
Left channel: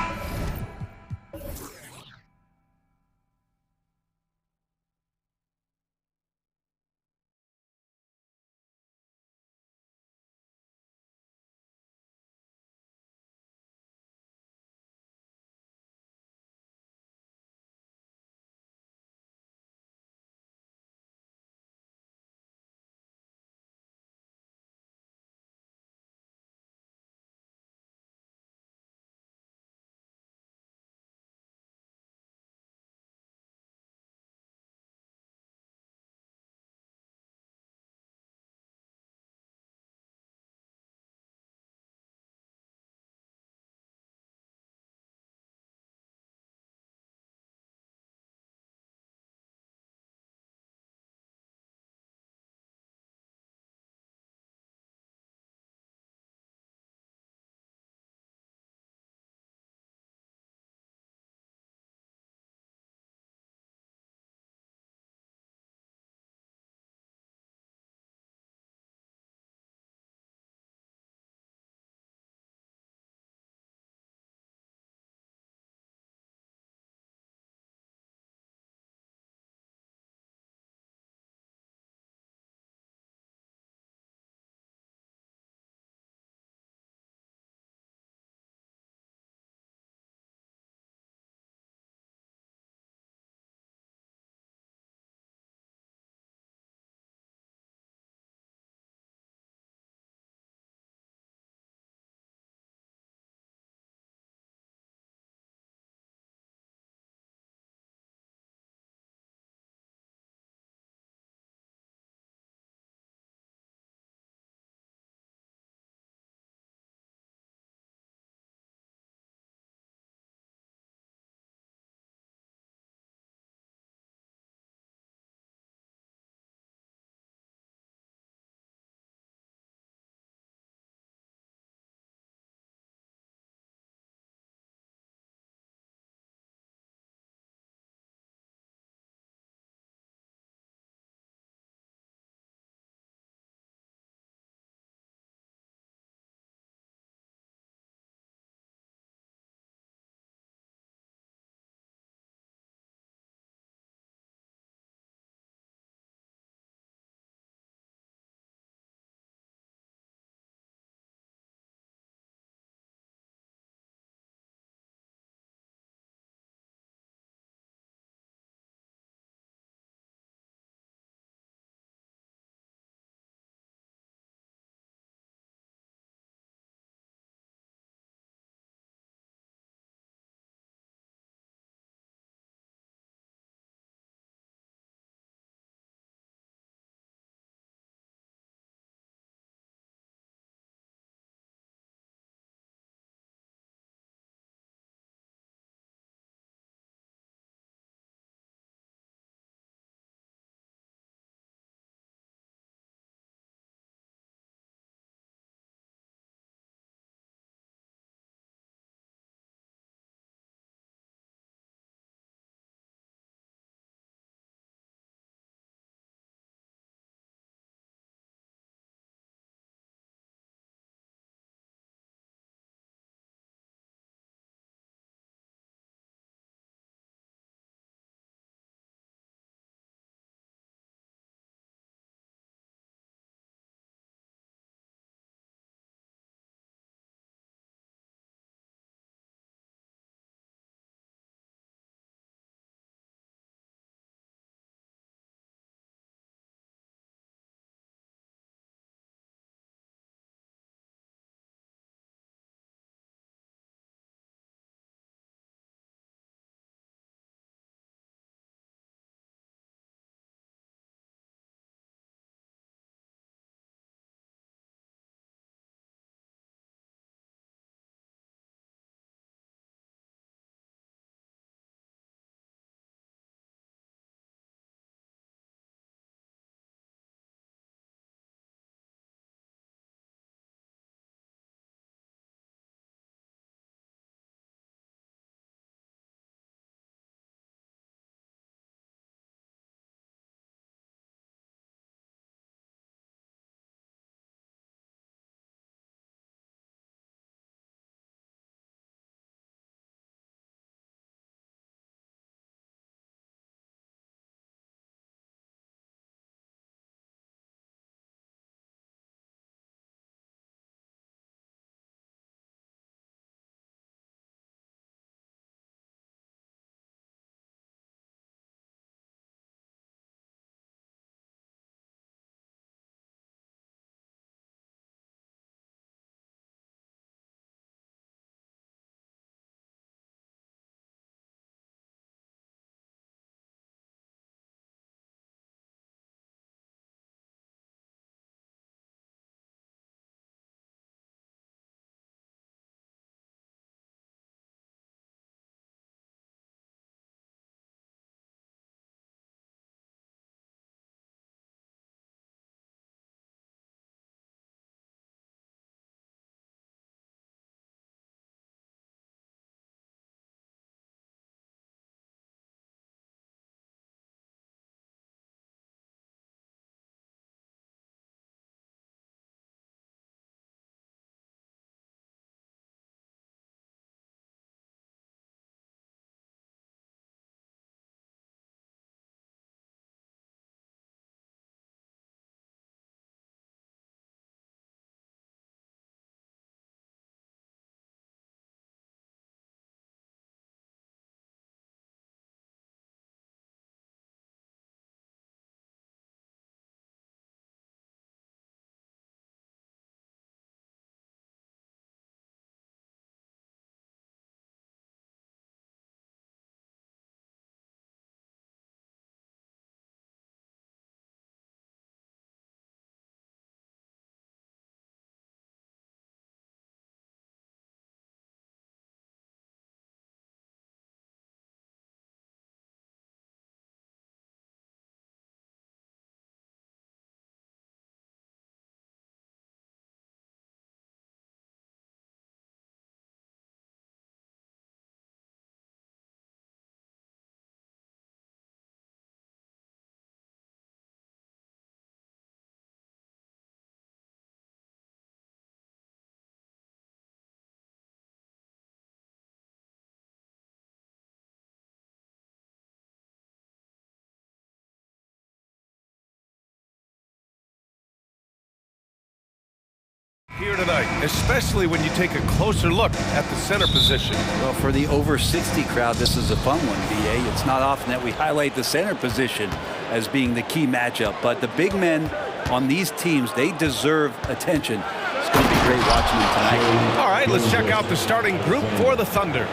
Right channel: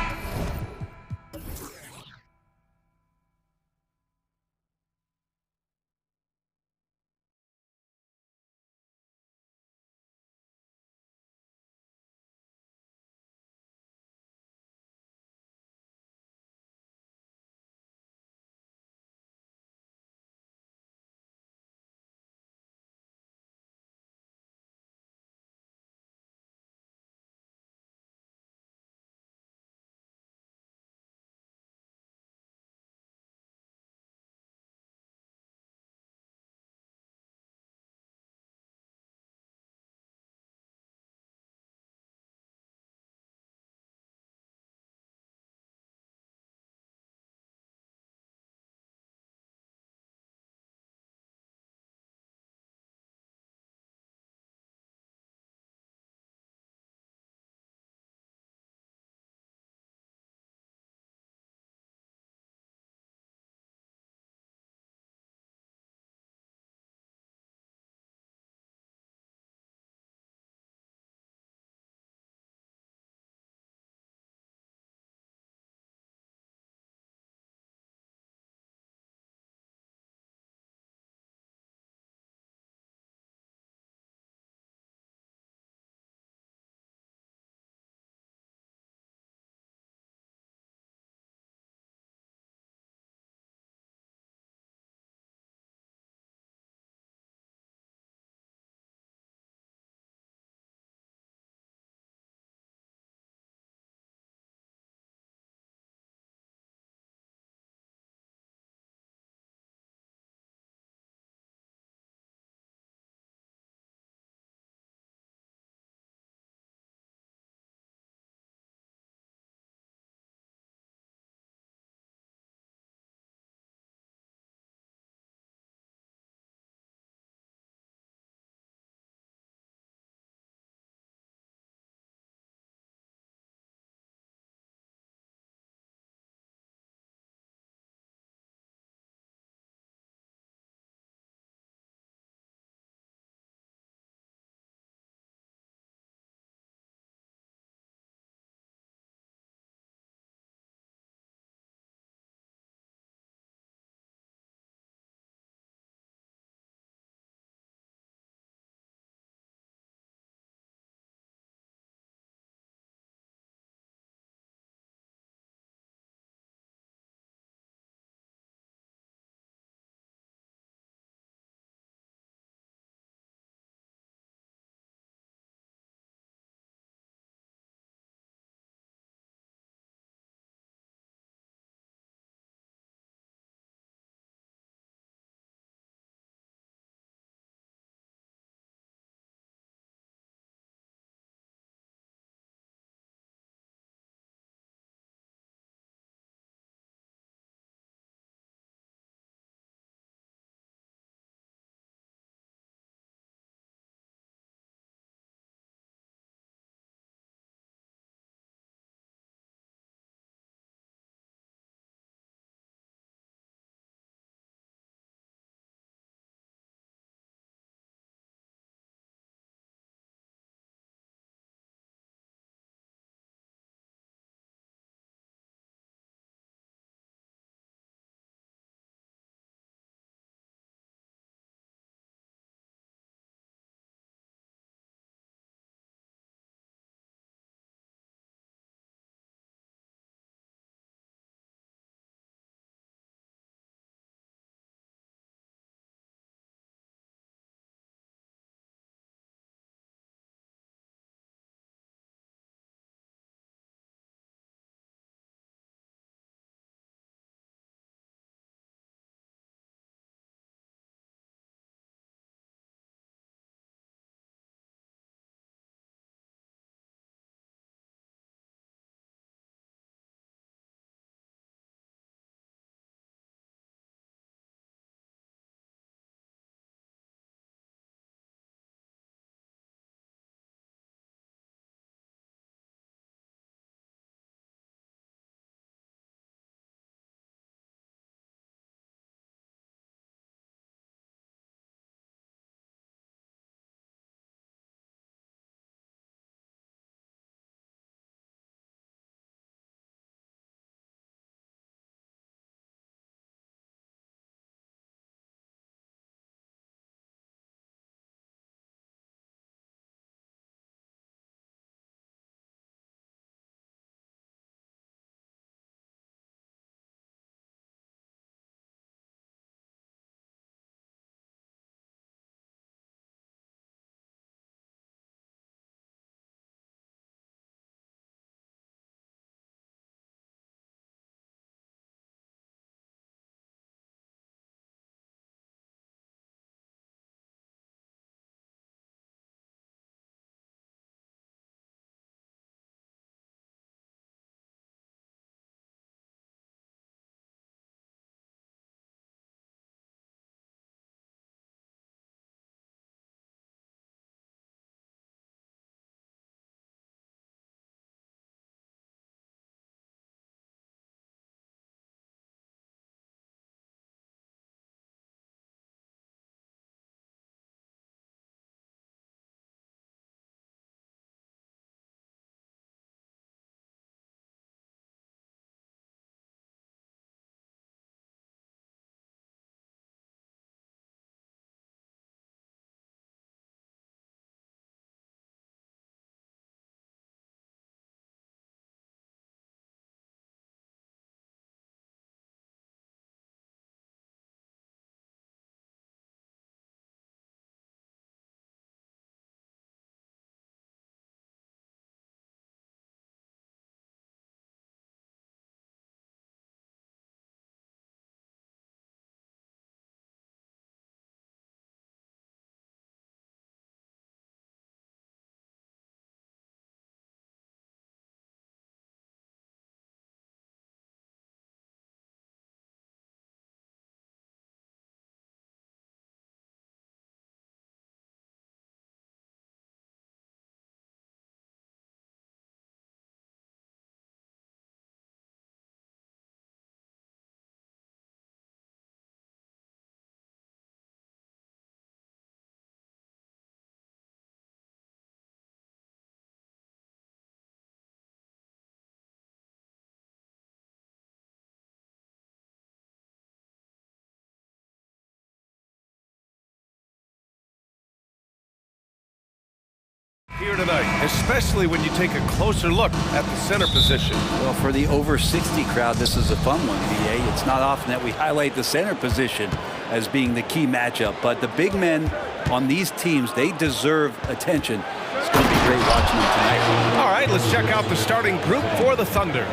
here tonight, especially when you take a closer look at the center position. Well, for the over 60 crowd, this is a fun one, BA. It's not often that we highlight the center position as being the key matchup, but the big men on these teams, they deserve attention. It's going to be great watching them tonight. All right, let's check out the starting group for the Thunder.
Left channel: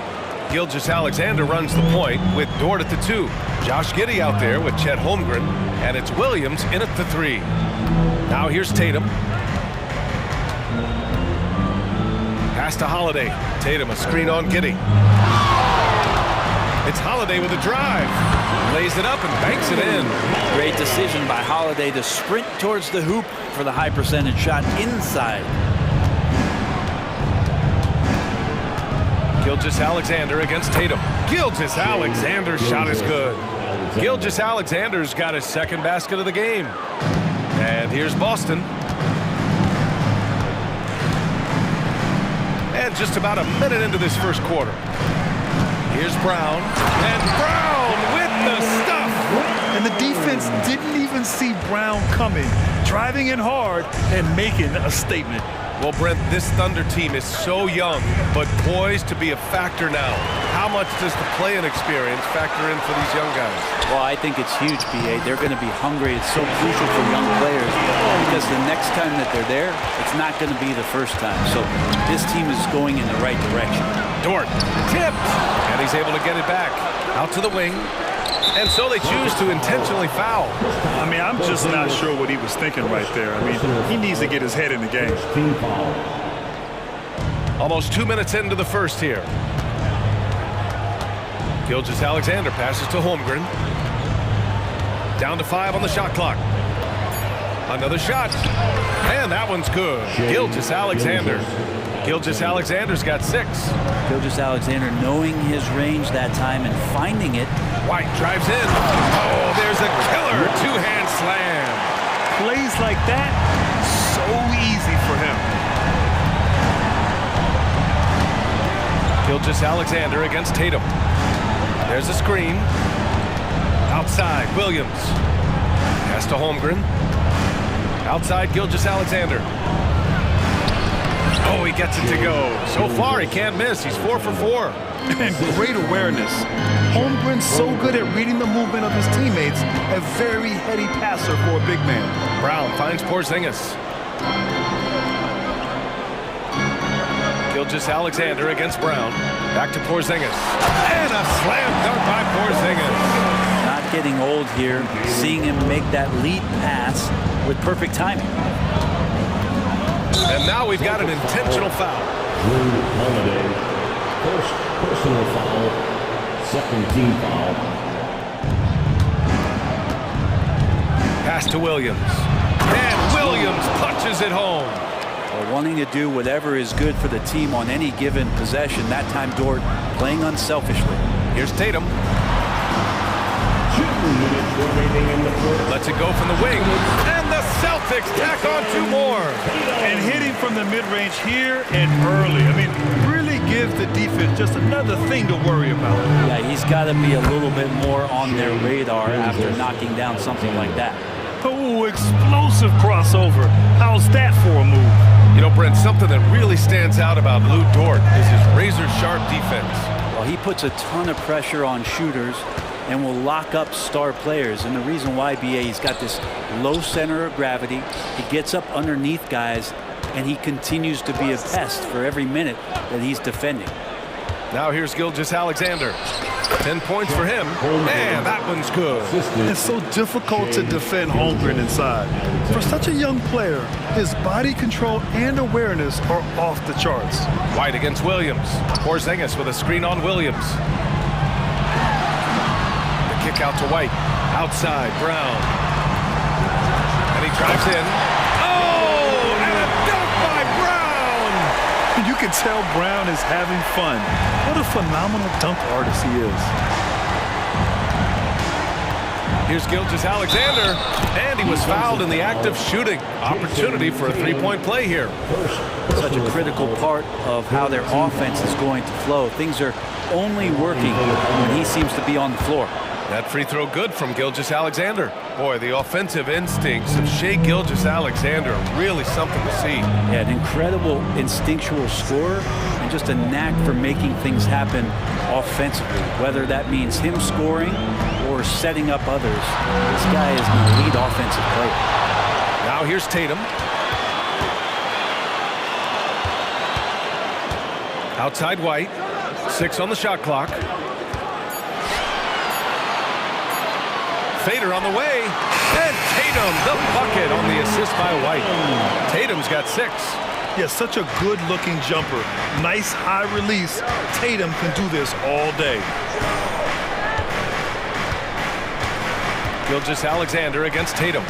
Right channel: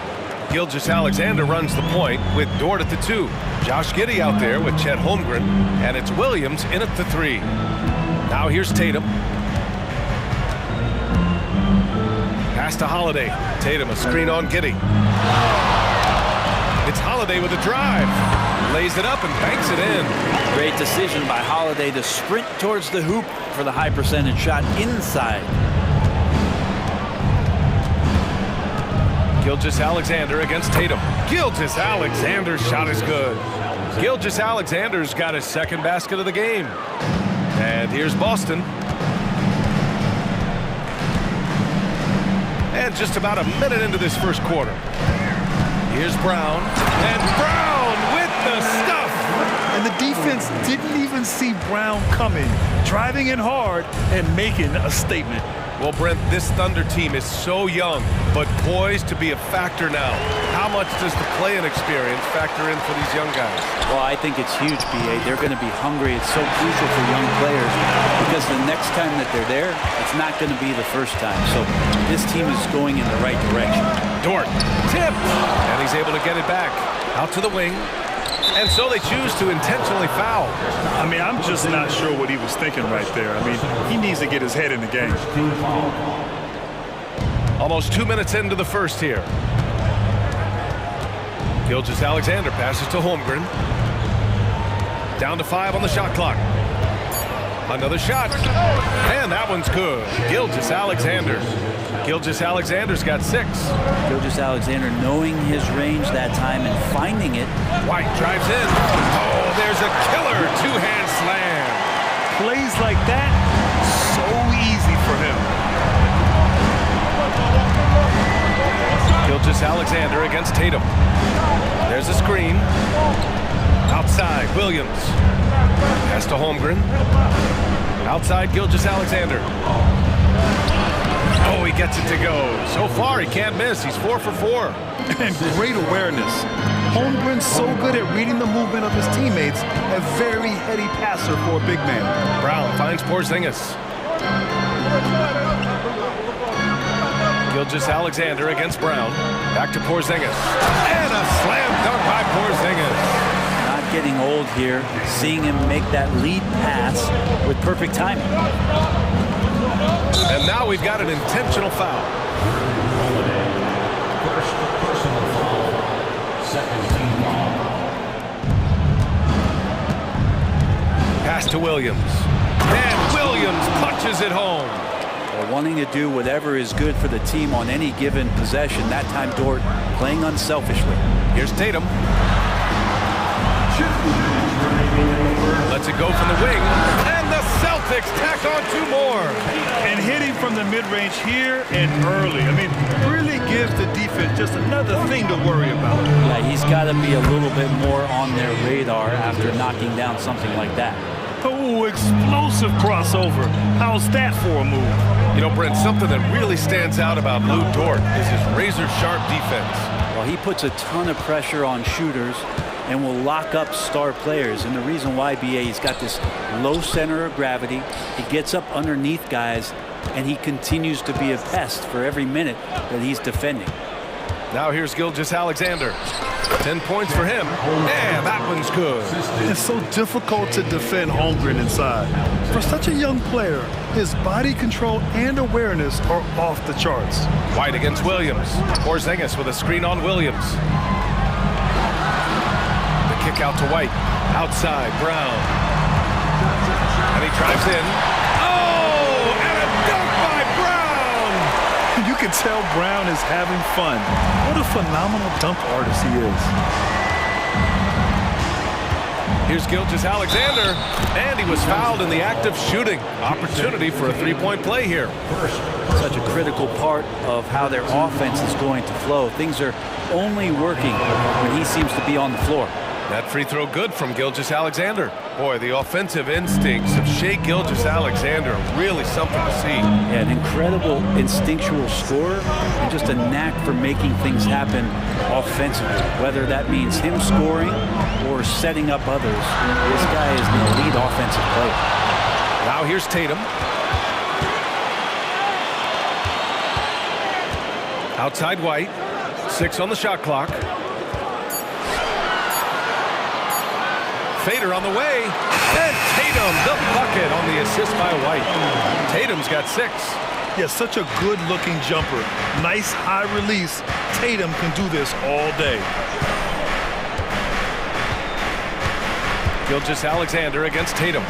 Gilgeous-Alexander runs the point with Dort at the 2. Josh Giddey out there with Chet Holmgren, and it's Williams in at the 3. Now here's Tatum. Pass to Holiday. Tatum, a screen on Giddey. It's Holiday with a drive. Lays it up and banks it in. Great decision by Holiday to sprint towards the hoop for the high percentage shot inside. Gilgeous-Alexander against Tatum. Gilgeous-Alexander's shot is good. Gilgeous-Alexander's got his second basket of the game. And here's Boston. And just about a minute into this first quarter. Here's Brown. And Brown with the stuff. And the defense didn't even see Brown coming, driving in hard and making a statement. Well, Brent, this Thunder team is so young, but poised to be a factor now. How much does the play-in experience factor in for these young guys? Well, I think it's huge, BA. They're going to be hungry. It's so crucial for young players because the next time that they're there, it's not going to be the first time. So this team is going in the right direction. Dort tipped, and he's able to get it back. Out to the wing. And so they choose to intentionally foul. I mean, I'm just not sure what he was thinking right there. I mean, he needs to get his head in the game. Almost 2 minutes into the first here. Gilgeous-Alexander passes to Holmgren. Down to 5 on the shot clock. Another shot. And that one's good. Gilgeous-Alexander. Gilgeous-Alexander's got 6. Gilgeous-Alexander knowing his range that time and finding it. White drives in. Oh, there's a killer two-hand slam. Plays like that, so easy for him. Gilgeous-Alexander against Tatum. There's a screen. Outside, Williams. Pass to Holmgren. Outside, Gilgeous-Alexander. Oh, he gets it to go. So far, he can't miss. He's 4 for 4. And great awareness. Holmgren's so good at reading the movement of his teammates. A very heady passer for a big man. Brown finds Porzingis. Gilgeous-Alexander against Brown. Back to Porzingis. And a slam dunk by Porzingis. Not getting old here. Seeing him make that lead pass with perfect timing. And now we've got an intentional foul. First personal foul, second team foul. Pass to Williams. And Williams punches it home. Well, wanting to do whatever is good for the team on any given possession. That time, Dort playing unselfishly. Here's Tatum. Lets it go from the wing, and the Celtics tack on 2 more. And hitting from the mid-range here and early. I mean, really gives the defense just another thing to worry about. Yeah, he's got to be a little bit more on their radar after knocking down something like that. Oh, explosive crossover. How's that for a move? You know, Brent, something that really stands out about Lou Dort is his razor-sharp defense. Well, he puts a ton of pressure on shooters and will lock up star players. And the reason why, BA, he's got this low center of gravity. He gets up underneath guys, and he continues to be a pest for every minute that he's defending. Now here's Gilgeous-Alexander. 10 points for him, and that one's good. It's so difficult to defend Holmgren inside. For such a young player, his body control and awareness are off the charts. White against Williams. Porzingis with a screen on Williams. The kick out to White. Outside, Brown. And he drives in. Oh, and a dunk by Brown! You can tell Brown is having fun. What a phenomenal dunk artist he is. Here's Gilgeous-Alexander, and he was fouled in the act of shooting. Opportunity for a three-point play here. Such a critical part of how their offense is going to flow. Things are only working when he seems to be on the floor. That free throw good from Gilgeous-Alexander. Boy, the offensive instincts of Shai Gilgeous-Alexander are really something to see. Yeah, an incredible instinctual scorer and just a knack for making things happen offensively, whether that means him scoring or setting up others. This guy is an elite offensive player. Now here's Tatum. Outside White. 6 on the shot clock. Fader on the way, and Tatum, the bucket on the assist by White. Tatum's got 6. Yeah, such a good-looking jumper. Nice high release. Tatum can do this all day. Gilgeous-Alexander against Tatum.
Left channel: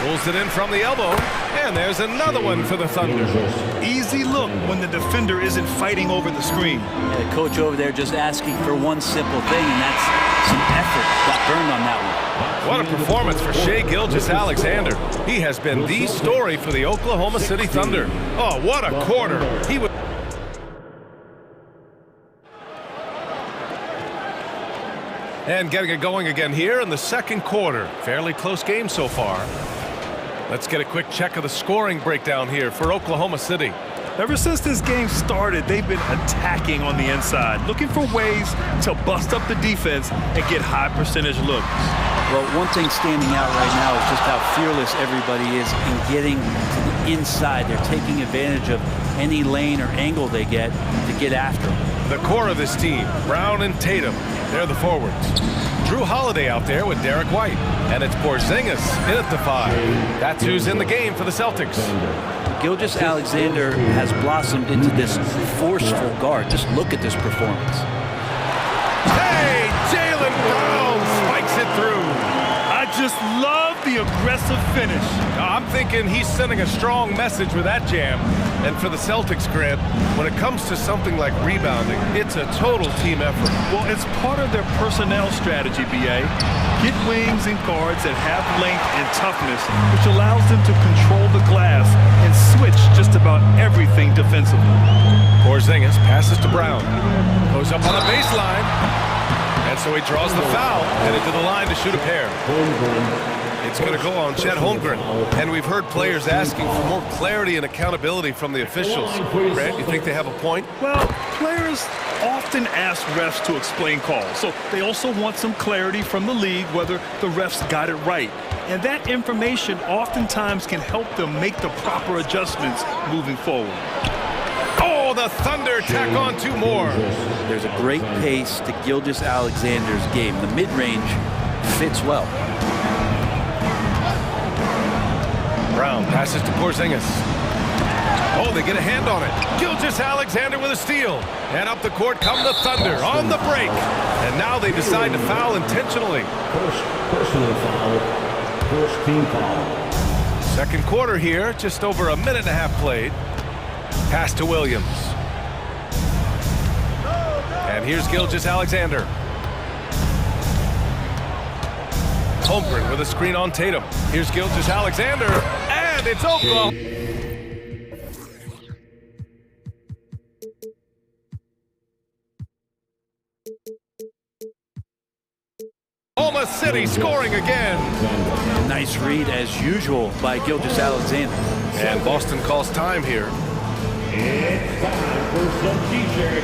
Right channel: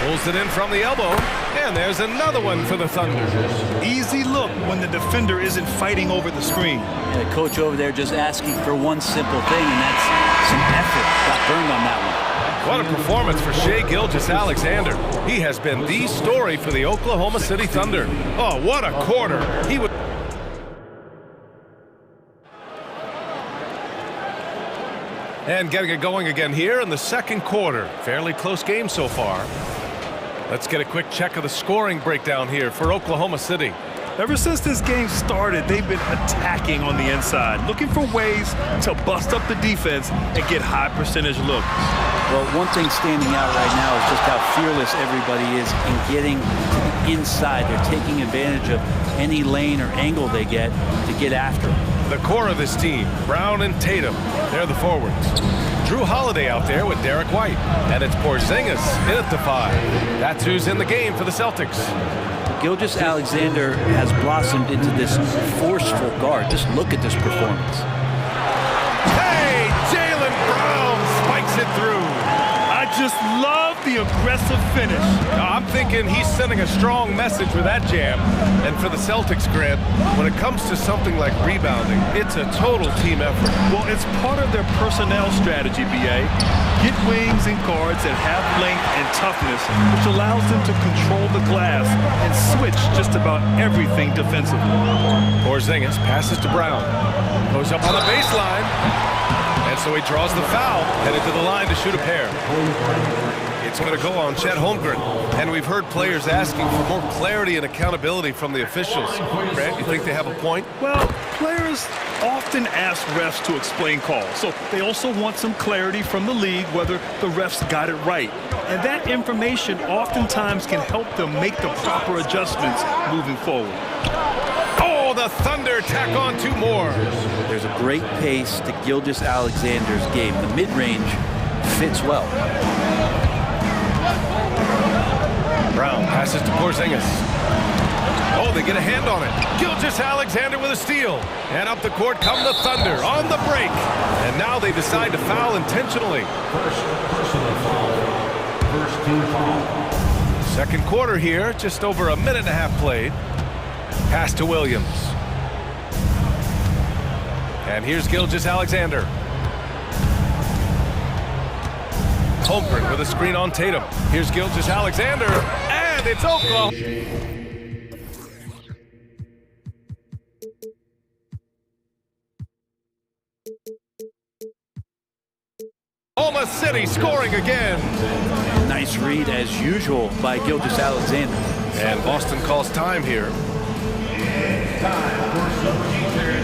Pulls it in from the elbow, and there's another one for the Thunder. Easy look when the defender isn't fighting over the screen. Yeah, the coach over there just asking for one simple thing, and that's some effort. Got burned on that one. What a performance for Shai Gilgeous-Alexander. He has been the story for the Oklahoma City Thunder. Oh, what a quarter. He was... And getting it going again here in the second quarter. Fairly close game so far. Let's get a quick check of the scoring breakdown here for Oklahoma City. Ever since this game started, they've been attacking on the inside, looking for ways to bust up the defense and get high percentage looks. Well, one thing standing out right now is just how fearless everybody is in getting to the inside. They're taking advantage of any lane or angle they get to get after them. The core of this team, Brown and Tatum, they're the forwards. Drew Holiday out there with Derek White. And it's Porzingis in at the 5. That's who's in the game for the Celtics. Gilgeous-Alexander has blossomed into this forceful guard. Just look at this performance. Hey, Jaylen Brown spikes it through. I just love the aggressive finish. I'm thinking he's sending a strong message with that jam. And for the Celtics, Grant, when it comes to something like rebounding, it's a total team effort. Well, it's part of their personnel strategy, BA. Get wings and guards that have length and toughness, which allows them to control the glass and switch just about everything defensively. Porzingis passes to Brown. Goes up on the baseline. And so he draws the foul, headed to the line to shoot a pair. It's going to go on Chet Holmgren. And we've heard players asking for more clarity and accountability from the officials. Grant, you think they have a point? Well, players often ask refs to explain calls. So they also want some clarity from the league whether the refs got it right. And that information oftentimes can help them make the proper adjustments moving forward. Oh, the Thunder tack on 2 more. There's a great pace to Gilgeous-Alexander's game. The mid-range fits well. Brown passes to Porzingis. Oh, they get a hand on it. Gilgeous-Alexander with a steal. And up the court come the Thunder on the break. And now they decide to foul intentionally. First personal foul. First team foul. Second quarter here, just over a minute and a half played. Pass to Williams. And here's Gilgeous-Alexander. Holmgren with a screen on Tatum. Here's Gilgeous-Alexander, and it's Oklahoma. Oklahoma City scoring again. Nice read as usual by Gilgeous-Alexander. And Boston calls time here. It's time for some DJ.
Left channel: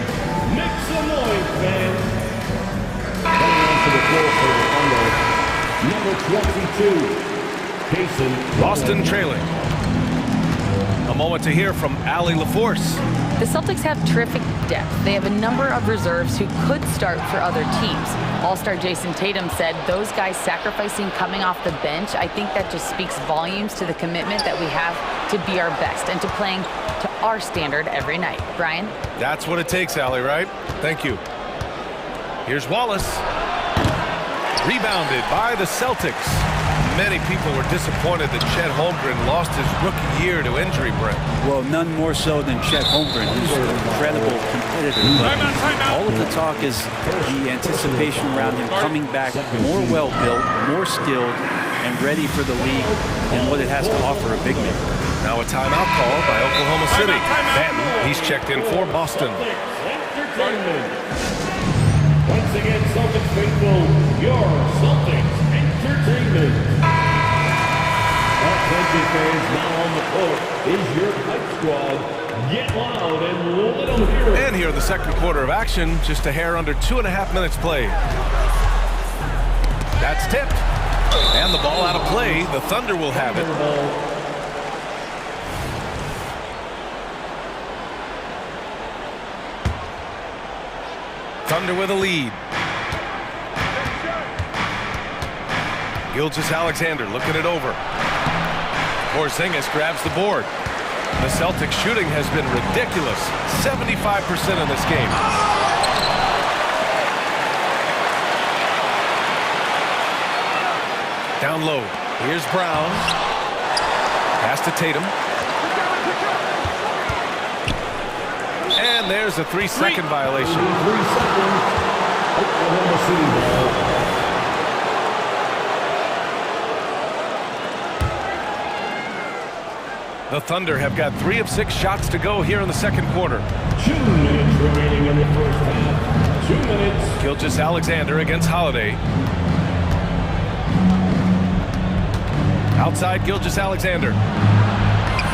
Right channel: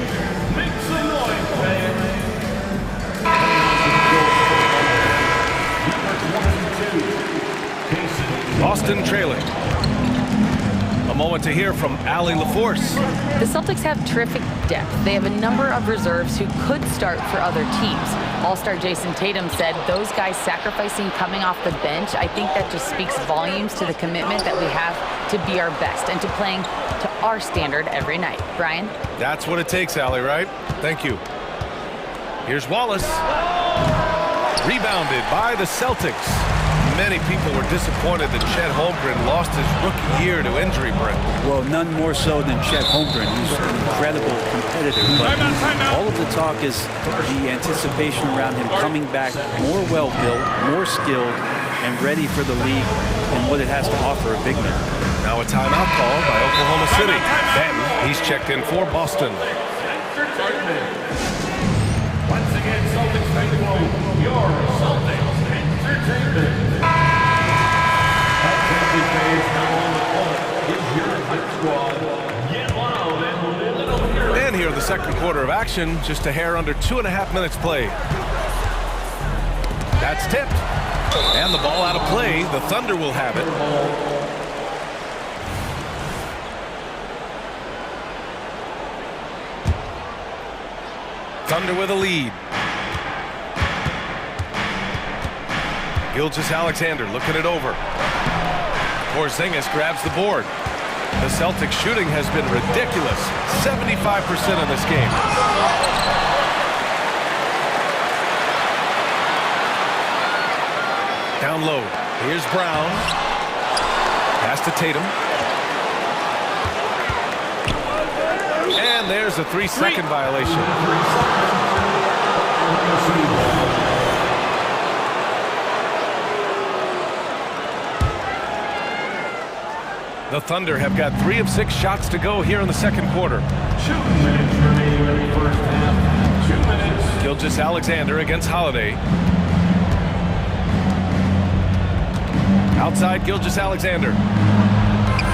Make some noise, fans. Number 22, Jason. Boston trailing. A moment to hear from Allie LaForce. The Celtics have terrific depth. They have a number of reserves who could start for other teams. All-star Jason Tatum said those guys sacrificing coming off the bench, I think that just speaks volumes to the commitment that we have to be our best and to playing to our standard every night. Brian? That's what it takes, Allie, right? Thank you. Here's Wallace. Rebounded by the Celtics. Many people were disappointed that Chet Holmgren lost his rookie year to injury, Brent. Well, none more so than Chet Holmgren, who's an incredible competitor. But all of the talk is the anticipation around him coming back more well-built, more skilled, and ready for the league and what it has to offer a big man. Now a timeout called by Oklahoma City. Banton, he's checked in for Boston. Once again, Celtics faithful, squad, get loud and let them hear it. And here in the second quarter of action, just a hair under 2.5 minutes played. That's tipped. And the ball out of play. The Thunder will have it. Thunder with a lead. Gilgeous-Alexander looking it over. Porzingis grabs the board. The Celtics shooting has been ridiculous. 75% in this game. Down low. Here's Brown. Pass to Tatum. And there's a 3-second violation. 3 seconds. Oklahoma City ball. The Thunder have got 3 of 6 shots to go here in the second quarter. 2 minutes remaining in the first half. 2 minutes. Gilgeous-Alexander against Holiday. Outside Gilgeous-Alexander.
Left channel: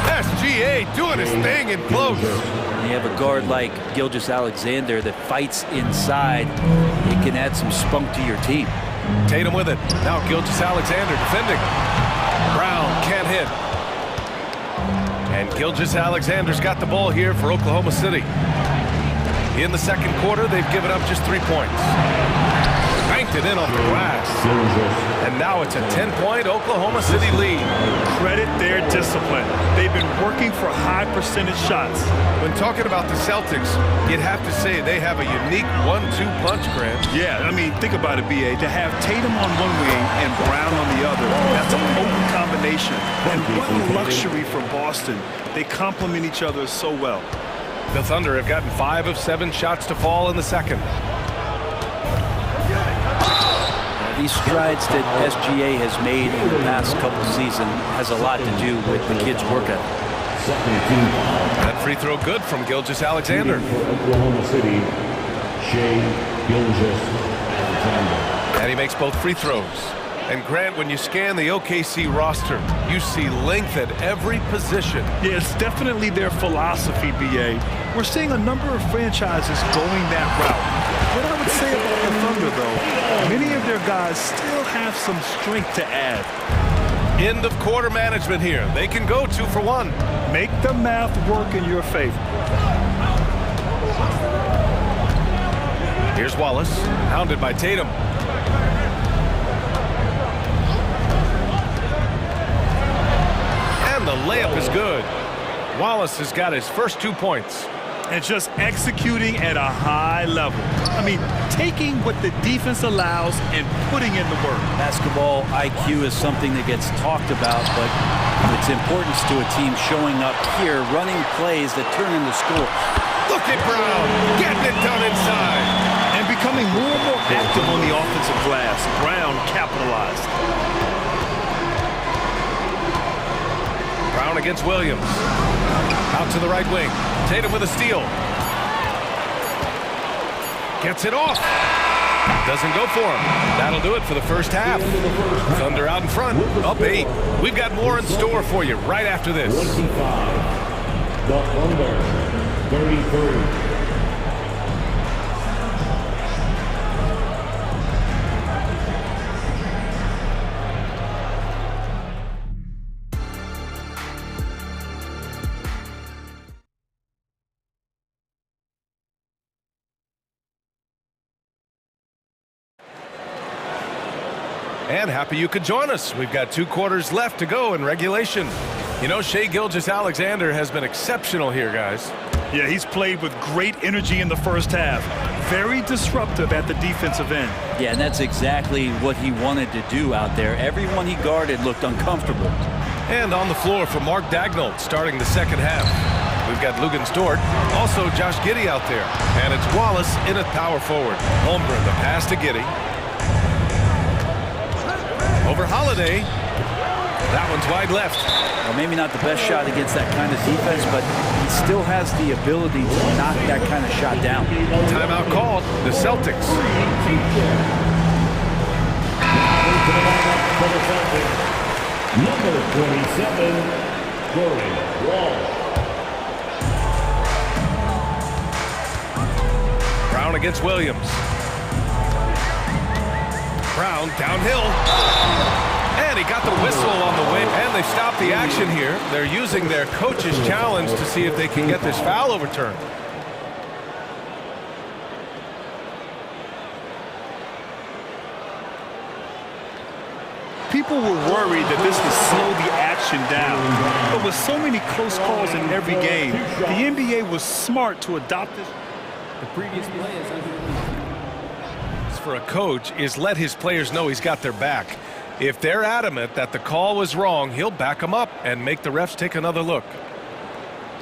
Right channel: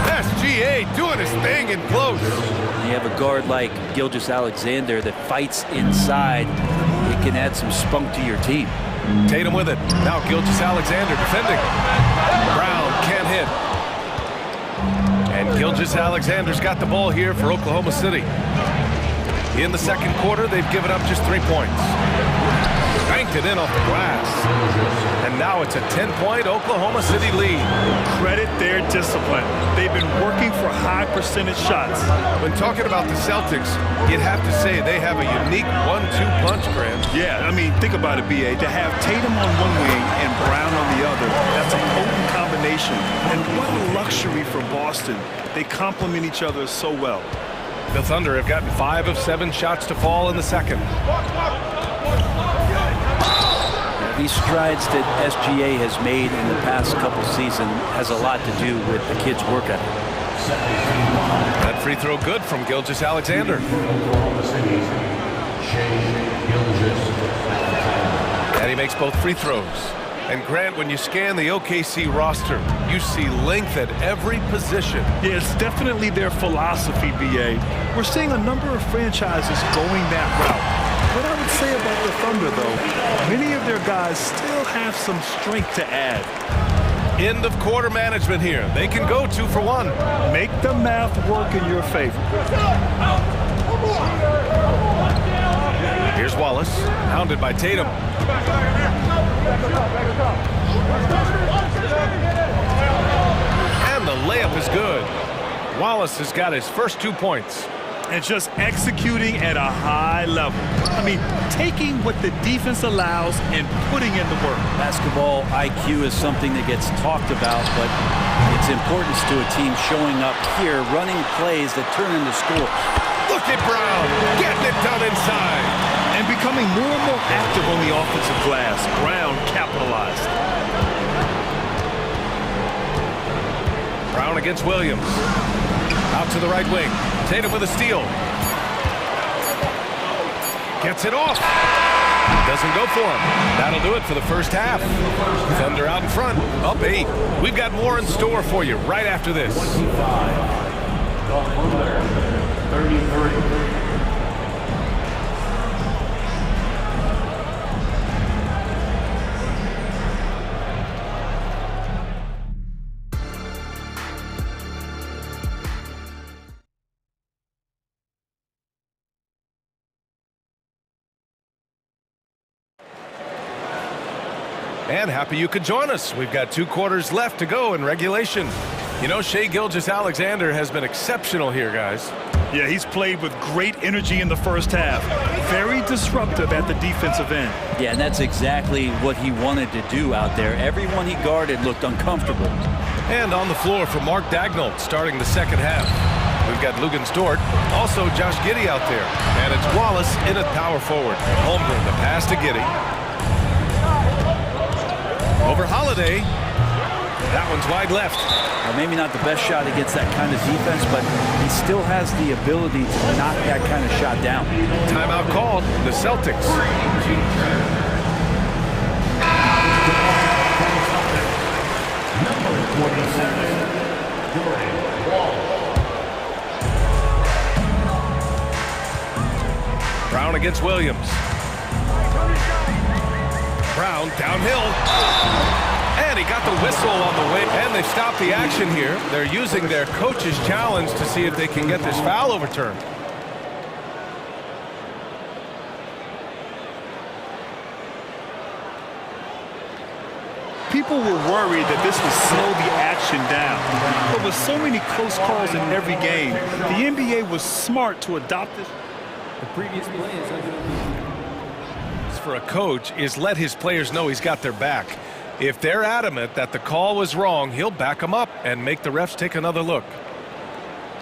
SGA doing his thing in close. When you have a guard like Gilgeous-Alexander that fights inside, it can add some spunk to your team. Tatum with it. Now Gilgeous-Alexander defending. Brown can't hit. And Gilgeous-Alexander's got the ball here for Oklahoma City. In the second quarter, they've given up just 3 points. Banked it in off the glass. And now it's a 10-point Oklahoma City lead. Credit their discipline. They've been working for high percentage shots. When talking about the Celtics, you'd have to say they have a unique 1-2 punch, Grant. Yeah, I mean, think about it, B.A. To have Tatum on one wing and Brown on the other, that's a potent combination. And what a luxury for Boston. They complement each other so well. The Thunder have gotten 5 of 7 shots to fall in the second. These strides that SGA has made in the past couple seasons has a lot to do with the kids' work ethic. That free throw good from Gilgeous-Alexander. Oklahoma City, Gilgeous-Alexander. And he makes both free throws. And Grant, when you scan the OKC roster, you see length at every position. Yeah, it's definitely their philosophy, B.A. We're seeing a number of franchises going that route. What I would say about the Thunder, though, many of their guys still have some strength to add. End of quarter management here. They can go 2 for 1. Make the math work in your favor. Here's Wallace, hounded by Tatum. And the layup is good. Wallace has got his first 2 points. And just executing at a high level. I mean, taking what the defense allows and putting in the work. Basketball IQ is something that gets talked about, but its importance to a team showing up here, running plays that turn into scores. Look at Brown, getting it done inside. And becoming more and more active on the offensive glass. Brown capitalized. Brown against Williams. Out to the right wing. Tatum with a steal. Gets it off. Doesn't go for him. That'll do it for the first half. Thunder out in front, up 8. We've got more in store for you right after this. 25. The Thunder, 33. And happy you could join us. We've got 2 quarters left to go in regulation. You know, Shai Gilgeous-Alexander has been exceptional here, guys. Yeah, he's played with great energy in the first half. Very disruptive at the defensive end. Yeah, and that's exactly what he wanted to do out there. Everyone he guarded looked uncomfortable. And on the floor for Mark Daigneault starting the second half. We've got Lugan Stort, also Josh Giddey out there. And it's Wallace in at power forward. Holmgren, the pass to Giddey. Over Holiday. That one's wide left. Well, maybe not the best shot against that kind of defense, but he still has the ability to knock that kind of shot down. Timeout called. The Celtics. Number 27, Jordan Walsh. against Williams. Brown downhill. And he got the whistle on the way. And they stopped the action here. They're using their coach's challenge to see if they can get this foul overturned. People were worried that this would slow the action down. But with so many close calls in every game, the NBA was smart to adopt this. The previous play is under the lead. For a coach is let his players know he's got their back. If they're adamant that the call was wrong, he'll back them up and make the refs take another look.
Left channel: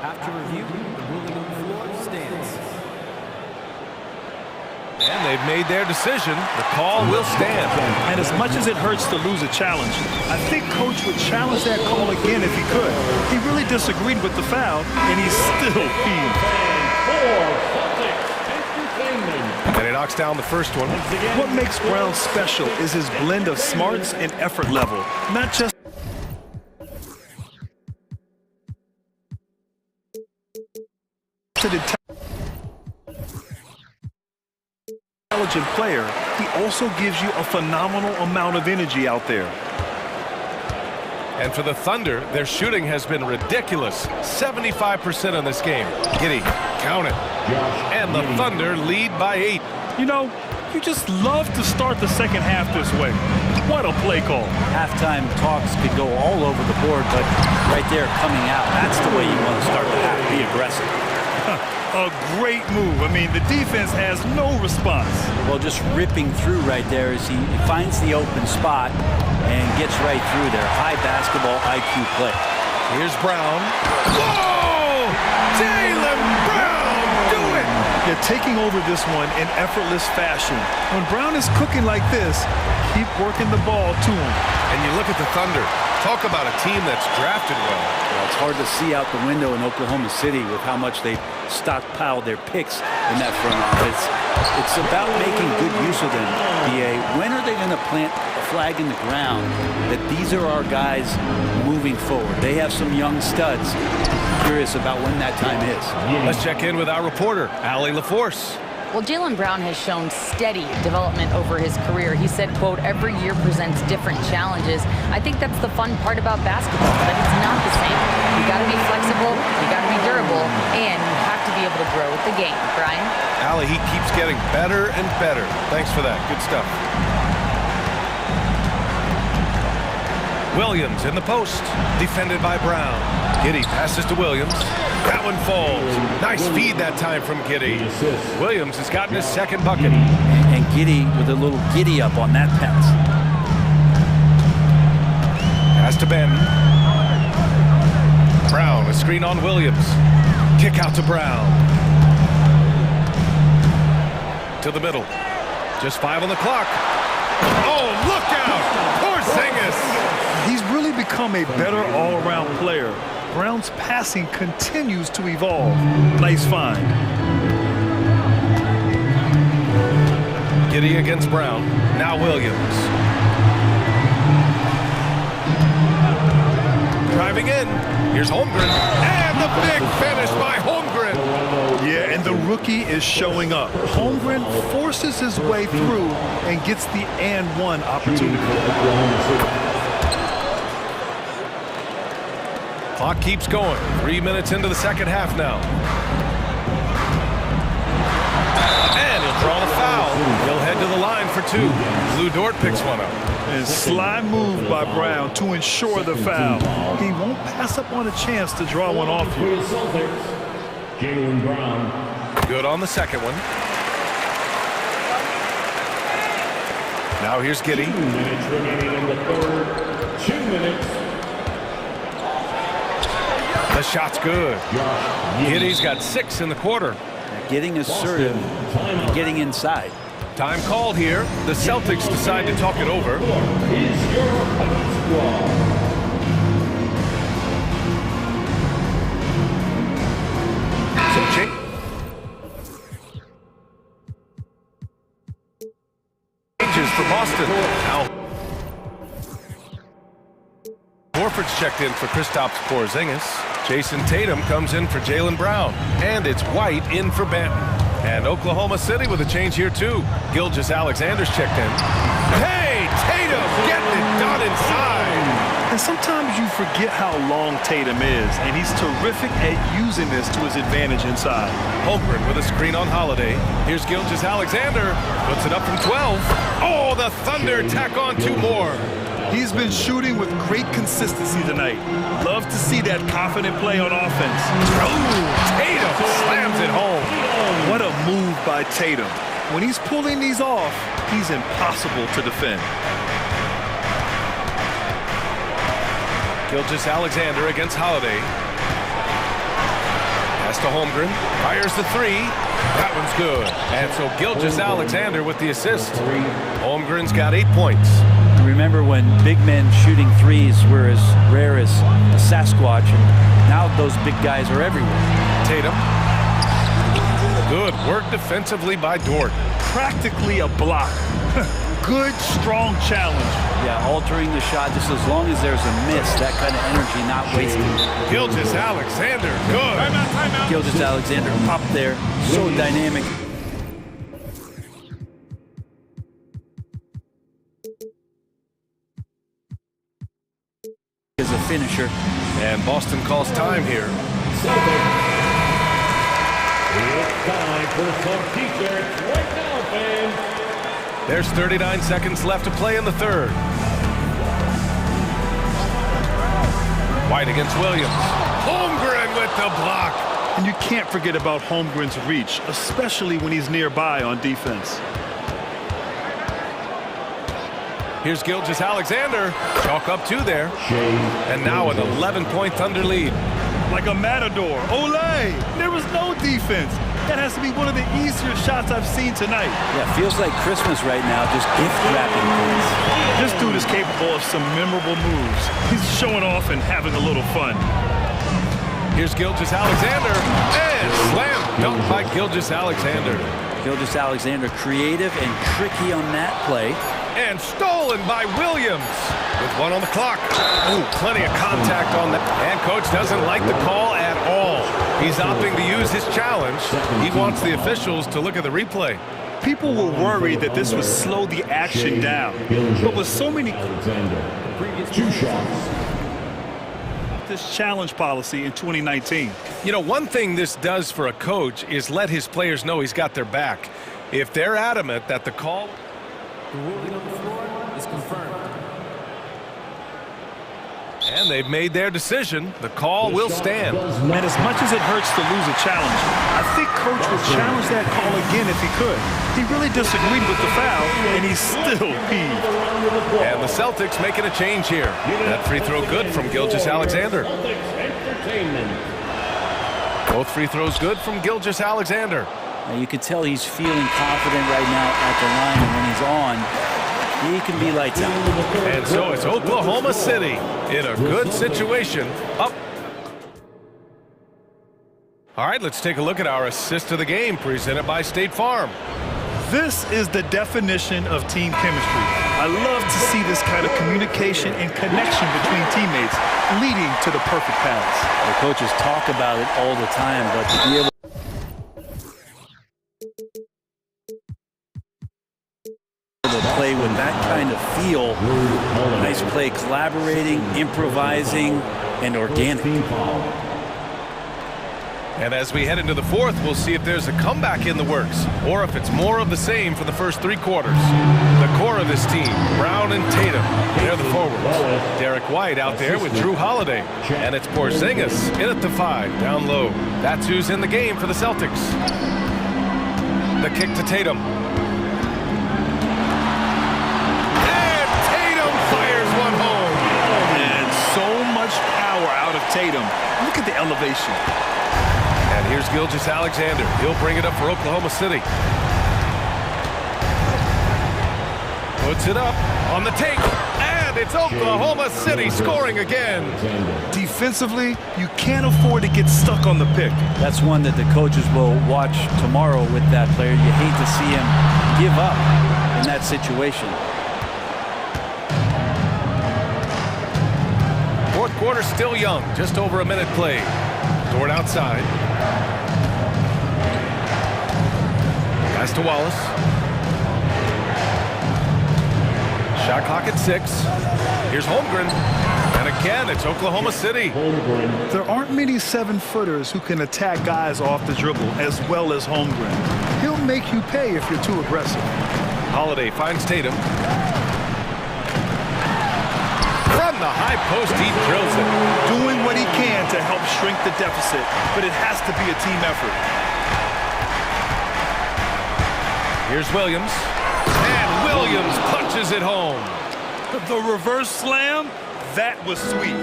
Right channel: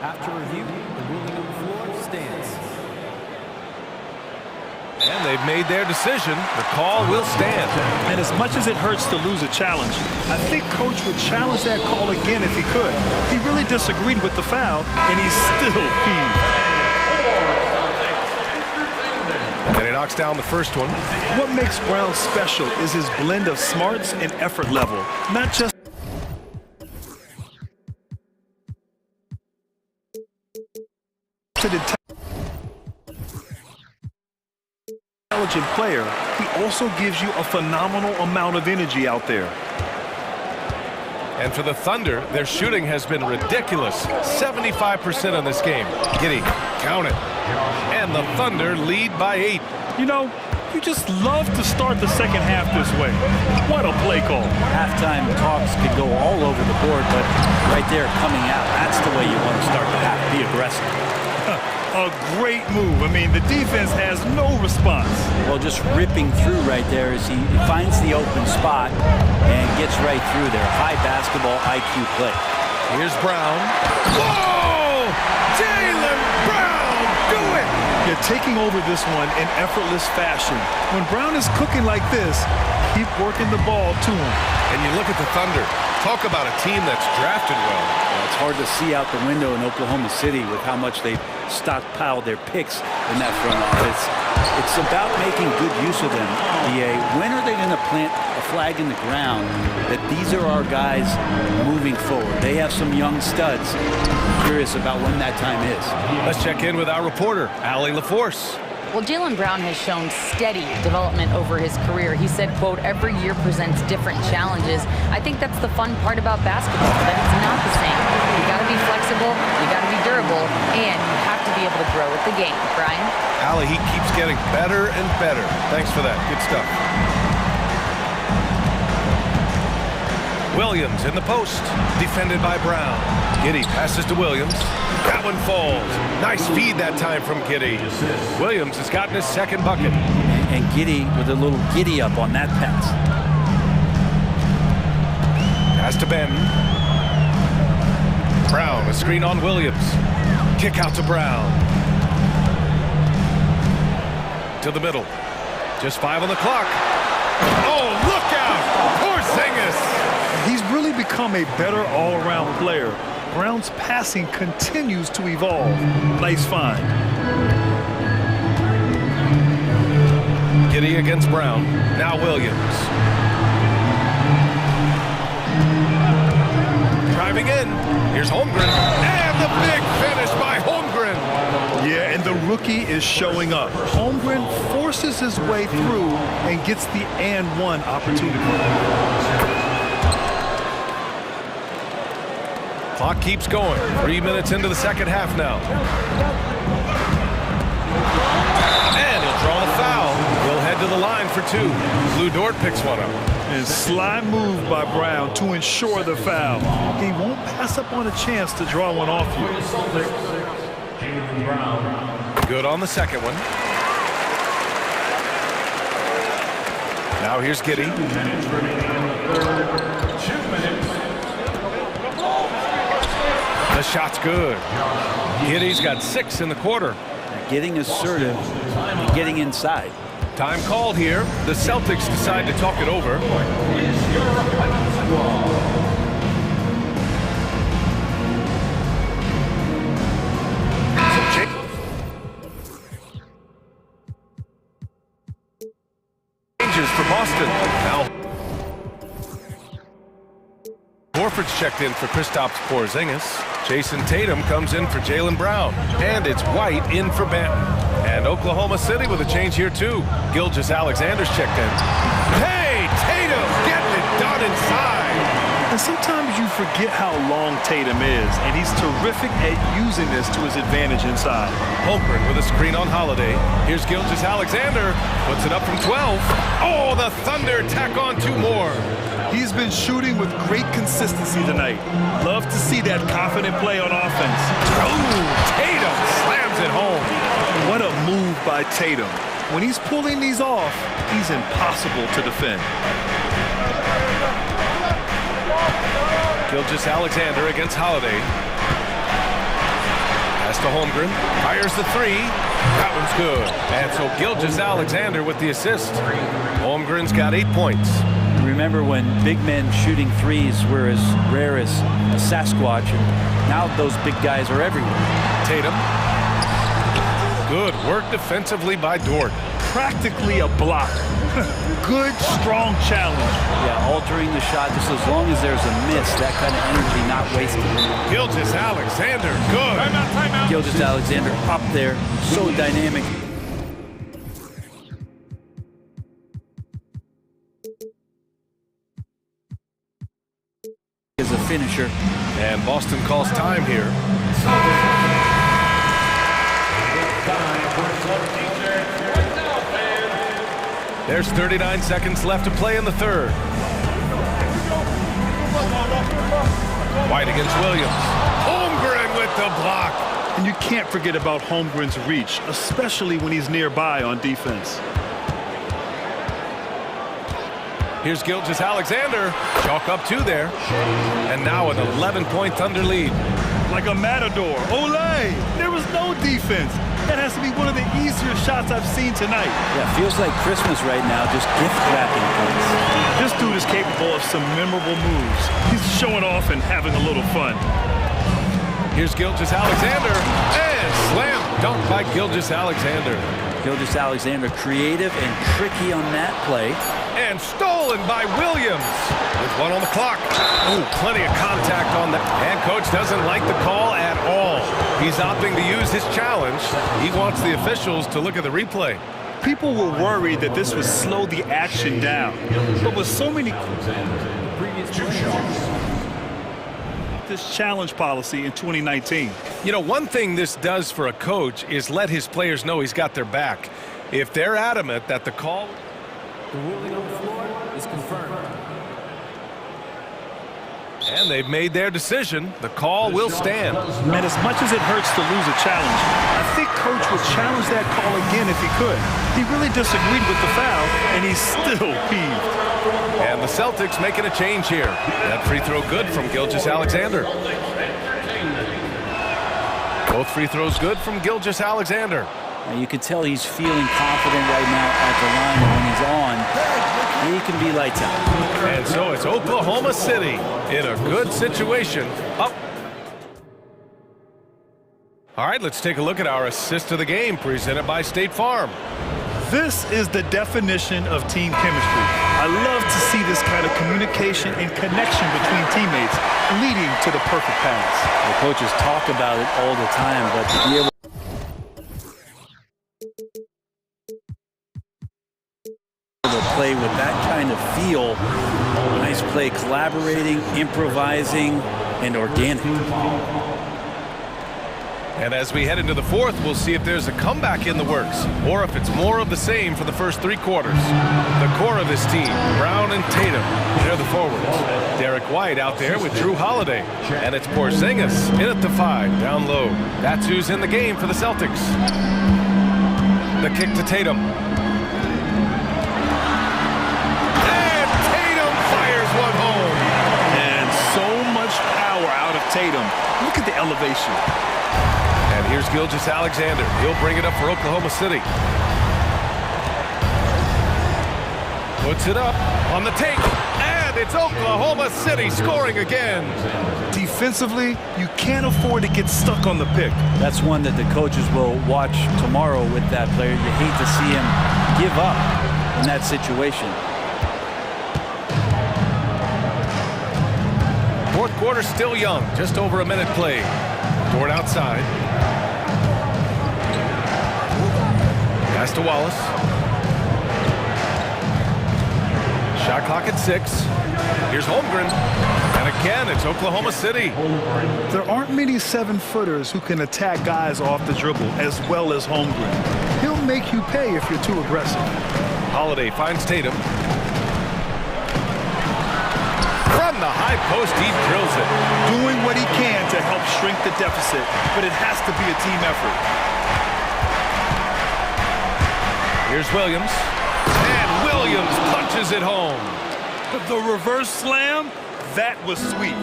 After review, the ruling on the floor stands. And they've made their decision. The call will stand. And as much as it hurts to lose a challenge, I think Coach would challenge that call again if he could. He really disagreed with the foul, and he's still peeved. And he knocks down the first one. What makes Brown special is his blend of smarts and effort level, not just an intelligent player. He also gives you a phenomenal amount of energy out there. And for the Thunder, their shooting has been ridiculous. 75% in this game. Giddey, count it. And the Thunder lead by 8. You know, you just love to start the second half this way. What a play call. Halftime talks could go all over the board, but right there coming out, that's the way you want to start the half. Be aggressive. A great move. I mean, the defense has no response. Well, just ripping through right there as he finds the open spot and gets right through there. High basketball IQ play. Here's Brown. Whoa! Jaylen Brown, do it! You're taking over this one in effortless fashion. When Brown is cooking like this, keep working the ball to him. And you look at the Thunder. Talk about a team that's drafted well. Well, it's hard to see out the window in Oklahoma City with how much they've stockpiled their picks in that front office. It's about making good use of them, BA. When are they going to plant a flag in the ground that these are our guys moving forward? They have some young studs. Curious about when that time is. Let's check in with our reporter, Allie LaForce. Well, Jaylen Brown has shown steady development over his career. He said, quote, every year presents different challenges. I think that's the fun part about basketball, that it's not the same. You got to be flexible, you got to be durable, and you have to be able to grow with the game. Brian? Allie, he keeps getting better and better. Thanks for that. Good stuff. Williams in the post, defended by Brown. Giddey passes to Williams. That one falls. Nice feed that time from Giddey. Williams has gotten his second bucket. And Giddey with a little giddy up on that pass. Pass to Ben. Brown, a screen on Williams. Kick out to Brown. To the middle. Just 5 on the clock. Oh, look out! Porzingis! He's really become a better all-around player. Brown's passing continues to evolve. Nice find. Giddey against Brown. Now Williams. Driving in. Here's Holmgren. And the big finish by Holmgren. Yeah, and the rookie is showing up. Holmgren forces his way through and gets the and one opportunity. Clock keeps going. 3 minutes into the second half now. And he'll draw the foul. He'll head to the line for 2. Lou Dort picks one up. And sly move by Brown to ensure the foul. He won't pass up on a chance to draw one off you. Jaylen Brown. Good on the second one. Now here's Giddey. 2 minutes remaining in the third. 2 minutes. The shot's good. Giddey's got 6 in the quarter. Getting assertive and getting inside. Time called here. The Celtics decide to talk it over. Some changes for Boston. Now Horford's checked in for Kristaps Porzingis. Jason Tatum comes in for Jaylen Brown. And it's White in for Banton. And Oklahoma City with a change here too. Gilgeous-Alexander's checked in. Hey, Tatum getting it done inside. And sometimes you forget how long Tatum is, and he's terrific at using this to his advantage inside. Holmgren with a screen on Holiday. Here's Gilgeous-Alexander. Puts it up from 12. Oh, the Thunder tack on 2 more. He's been shooting with great consistency tonight. Love to see that confident play on offense. Oh, Tatum slams it home. What a move by Tatum. When he's pulling these off, he's impossible to defend. Gilgeous-Alexander against Holiday. Pass to Holmgren. Fires the 3. That one's good. And so Gilgeous-Alexander with the assist. Holmgren's got 8 points. Remember when big men shooting threes were as rare as a Sasquatch, and now those big guys are everywhere. Tatum. Good work defensively by Dort. Practically a block. Good, strong challenge. Yeah, altering the shot just as long as there's a miss, that kind of energy not wasted. Gilgeous-Alexander, good. Timeout. Gilgeous-Alexander up there, so dynamic. As a finisher. And Boston calls time here. It's time for some t-shirts right now, fans. There's 39 seconds left to play in the third. White against Williams. Holmgren with the block. And you can't forget about Holmgren's reach, especially when he's nearby on defense. Here's Gilgeous-Alexander. Chalk up 2 there. And now an 11-point Thunder lead. Like a matador. Olay! There was no defense. That has to be one of the easier shots I've seen tonight. Yeah, feels like Christmas right now, just gift wrapping points. This dude is capable of some memorable moves. He's showing off and having a little fun. Here's Gilgeous-Alexander. And slam dunk by Gilgeous-Alexander. Gilgeous-Alexander creative and tricky on that play. And stolen by Williams with 1 on the clock. Ooh, plenty of contact on that. And coach doesn't like the call at all. He's opting to use his challenge. He wants the officials to look at the replay. People were worried that this would slow the action down. But with so many Previous 2 shots. this challenge policy in 2019. You know, one thing this does for a coach is let his players know he's got their back. If they're adamant that the call... The ruling on the floor is confirmed. And they've made their decision. The call will stand. And as much as it hurts to lose a challenge, I think coach would challenge that call again if he could. He really disagreed with the foul, and he's still peeved. And the Celtics making a change here. That free throw good from Gilgeous-Alexander. Both free throws good from Gilgeous-Alexander. You can tell he's feeling confident right now at the line, and when he's on, he can be lights out. And so it's Oklahoma City in a good situation. Up. All right, let's take a look at our assist of the game presented by State Farm. This is the definition of team chemistry. I love to see this kind of communication and connection between teammates leading to the perfect pass. The coaches talk about it all the time, but to be able to play with that kind of feel, nice play, collaborating, improvising, and organic. And as we head into the fourth, we'll see if there's a comeback in the works or if it's more of the same for the first 3 quarters. The core of this team, Brown and Tatum, they're the forwards. Derek White out there with Drew Holiday. And it's Porzingis in at the 5, down low. That's who's in the game for the Celtics. The kick to Tatum. And Tatum fires one home. And so much power out of Tatum. Look at the elevation. And here's Gilgeous-Alexander. He'll bring it up for Oklahoma City. Puts it up on the take. And it's Oklahoma City scoring again. Defensively, you can't afford to get stuck on the pick. That's one that the coaches will watch tomorrow with that player. You hate to see him give up in that situation. Fourth quarter still young. Just over a minute played. Dort outside. Pass to Wallace. Shot clock at 6. Here's Holmgren. And again, it's Oklahoma City. There aren't many 7-footers who can attack guys off the dribble as well as Holmgren. He'll make you pay if you're too aggressive. Holiday finds Tatum. From the high post, he drills it. Doing what he can to help shrink the deficit, but it has to be a team effort. Here's Williams. And Williams punches it home. The reverse slam, that was sweet.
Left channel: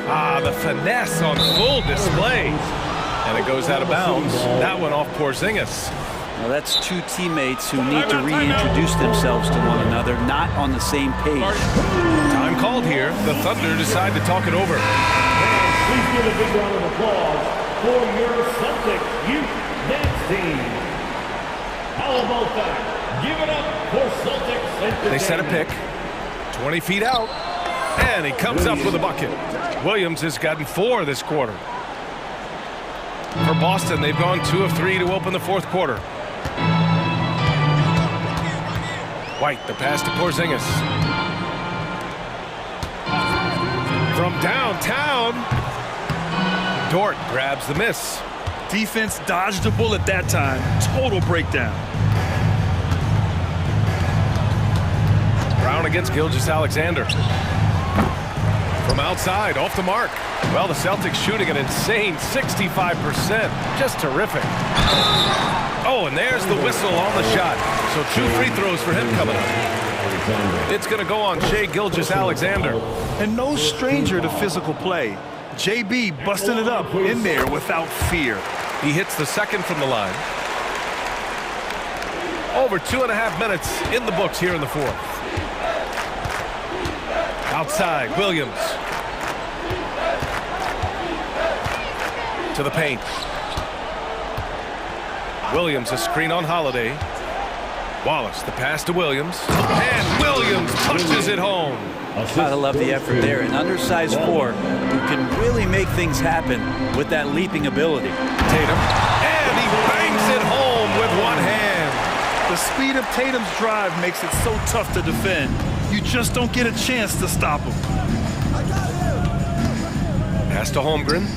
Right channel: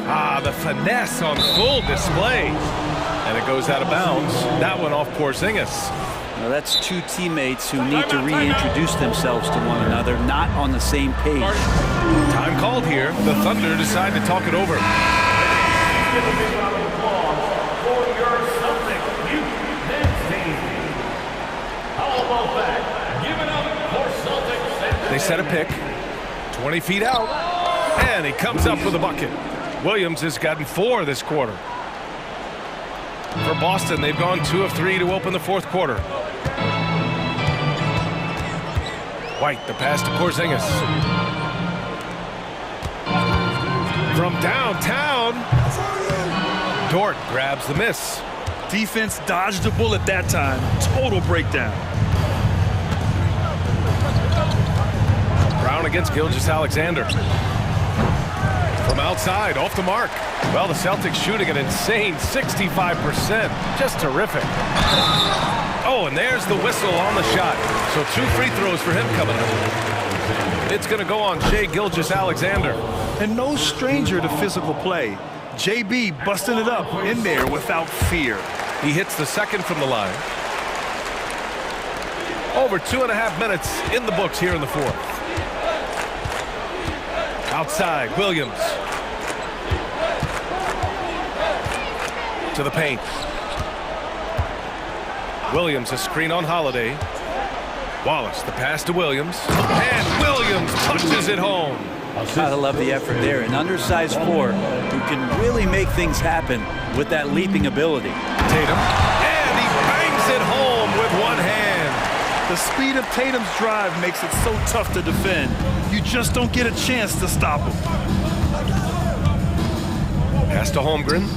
The finesse on full display. And it goes out of bounds. That one off Porzingis. Well, that's two teammates who need to reintroduce themselves to one another, not on the same page. Time called here. The Thunder decide to talk it over. They set a pick. 20 feet out. And he comes up with a bucket. Williams has gotten 4 this quarter. For Boston, they've gone 2 of 3 to open the fourth quarter. White, the pass to Porzingis. From downtown, Dort grabs the miss. Defense dodged a bullet that time. Total breakdown. Brown against Gilgeous-Alexander. From outside, off the mark. Well, the Celtics shooting an insane 65%. Just terrific. Oh, and there's the whistle on the shot. So 2 free throws for him coming up. It's going to go on Shai Gilgeous-Alexander. And no stranger to physical play. JB busting it up in there without fear. He hits the second from the line. Over 2.5 minutes in the books here in the fourth. Outside, Williams. To the paint. Williams, a screen on Holiday. Wallace, the pass to Williams. And Williams punches it home. Gotta love the effort there. An undersized 4 who can really make things happen with that leaping ability. Tatum. And he bangs it home with one hand. The speed of Tatum's drive makes it so tough to defend. You just don't get a chance to stop him. Pass to Holmgren.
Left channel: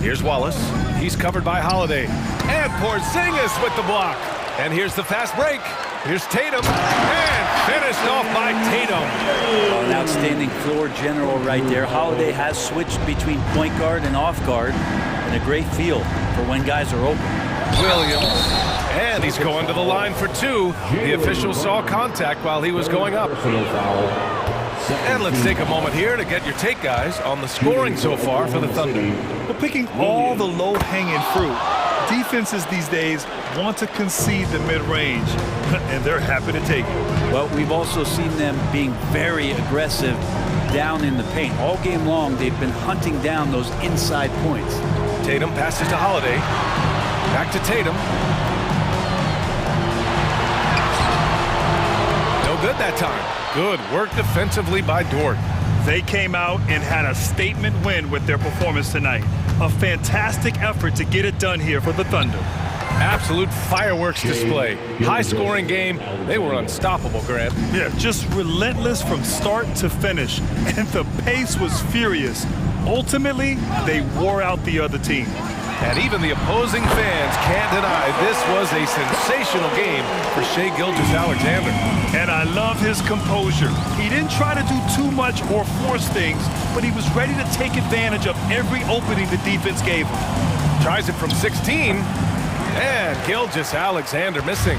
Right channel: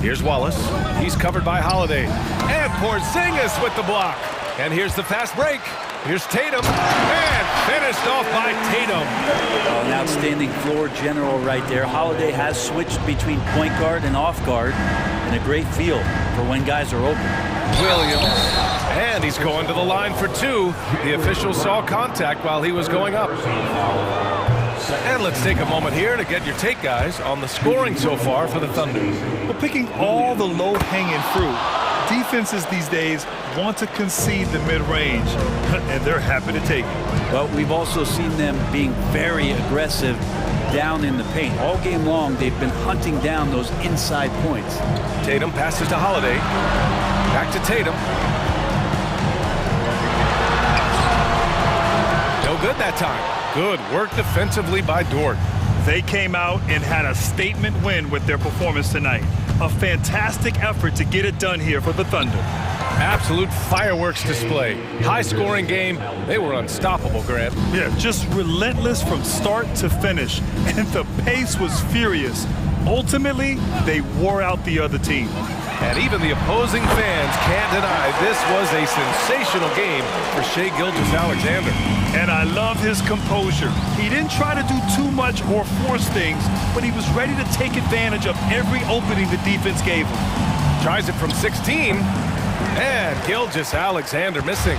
Here's Wallace. He's covered by Holiday. And Porzingis with the block. And here's the fast break. Here's Tatum. And finished off by Tatum. Well, an outstanding floor general right there. Holiday has switched between point guard and off guard. And a great feel for when guys are open. Williams. And he's going to the line for 2. The official saw contact while he was going up. And let's take a moment here to get your take, guys, on the scoring so far for the Thunder. Well, picking all the low-hanging fruit, defenses these days want to concede the mid-range, and they're happy to take it. Well, we've also seen them being very aggressive down in the paint. All game long, they've been hunting down those inside points. Tatum passes to Holiday. Back to Tatum. No good that time. Good work defensively by Dort. They came out and had a statement win with their performance tonight. A fantastic effort to get it done here for the Thunder. Absolute fireworks display. High-scoring game. They were unstoppable, Grant. Yeah, just relentless from start to finish. And the pace was furious. Ultimately, they wore out the other team. And even the opposing fans can't deny this was a sensational game for Shai Gilgeous-Alexander. And I love his composure. He didn't try to do too much or force things, but he was ready to take advantage of every opening the defense gave him. Tries it from 16. And Gilgeous-Alexander missing.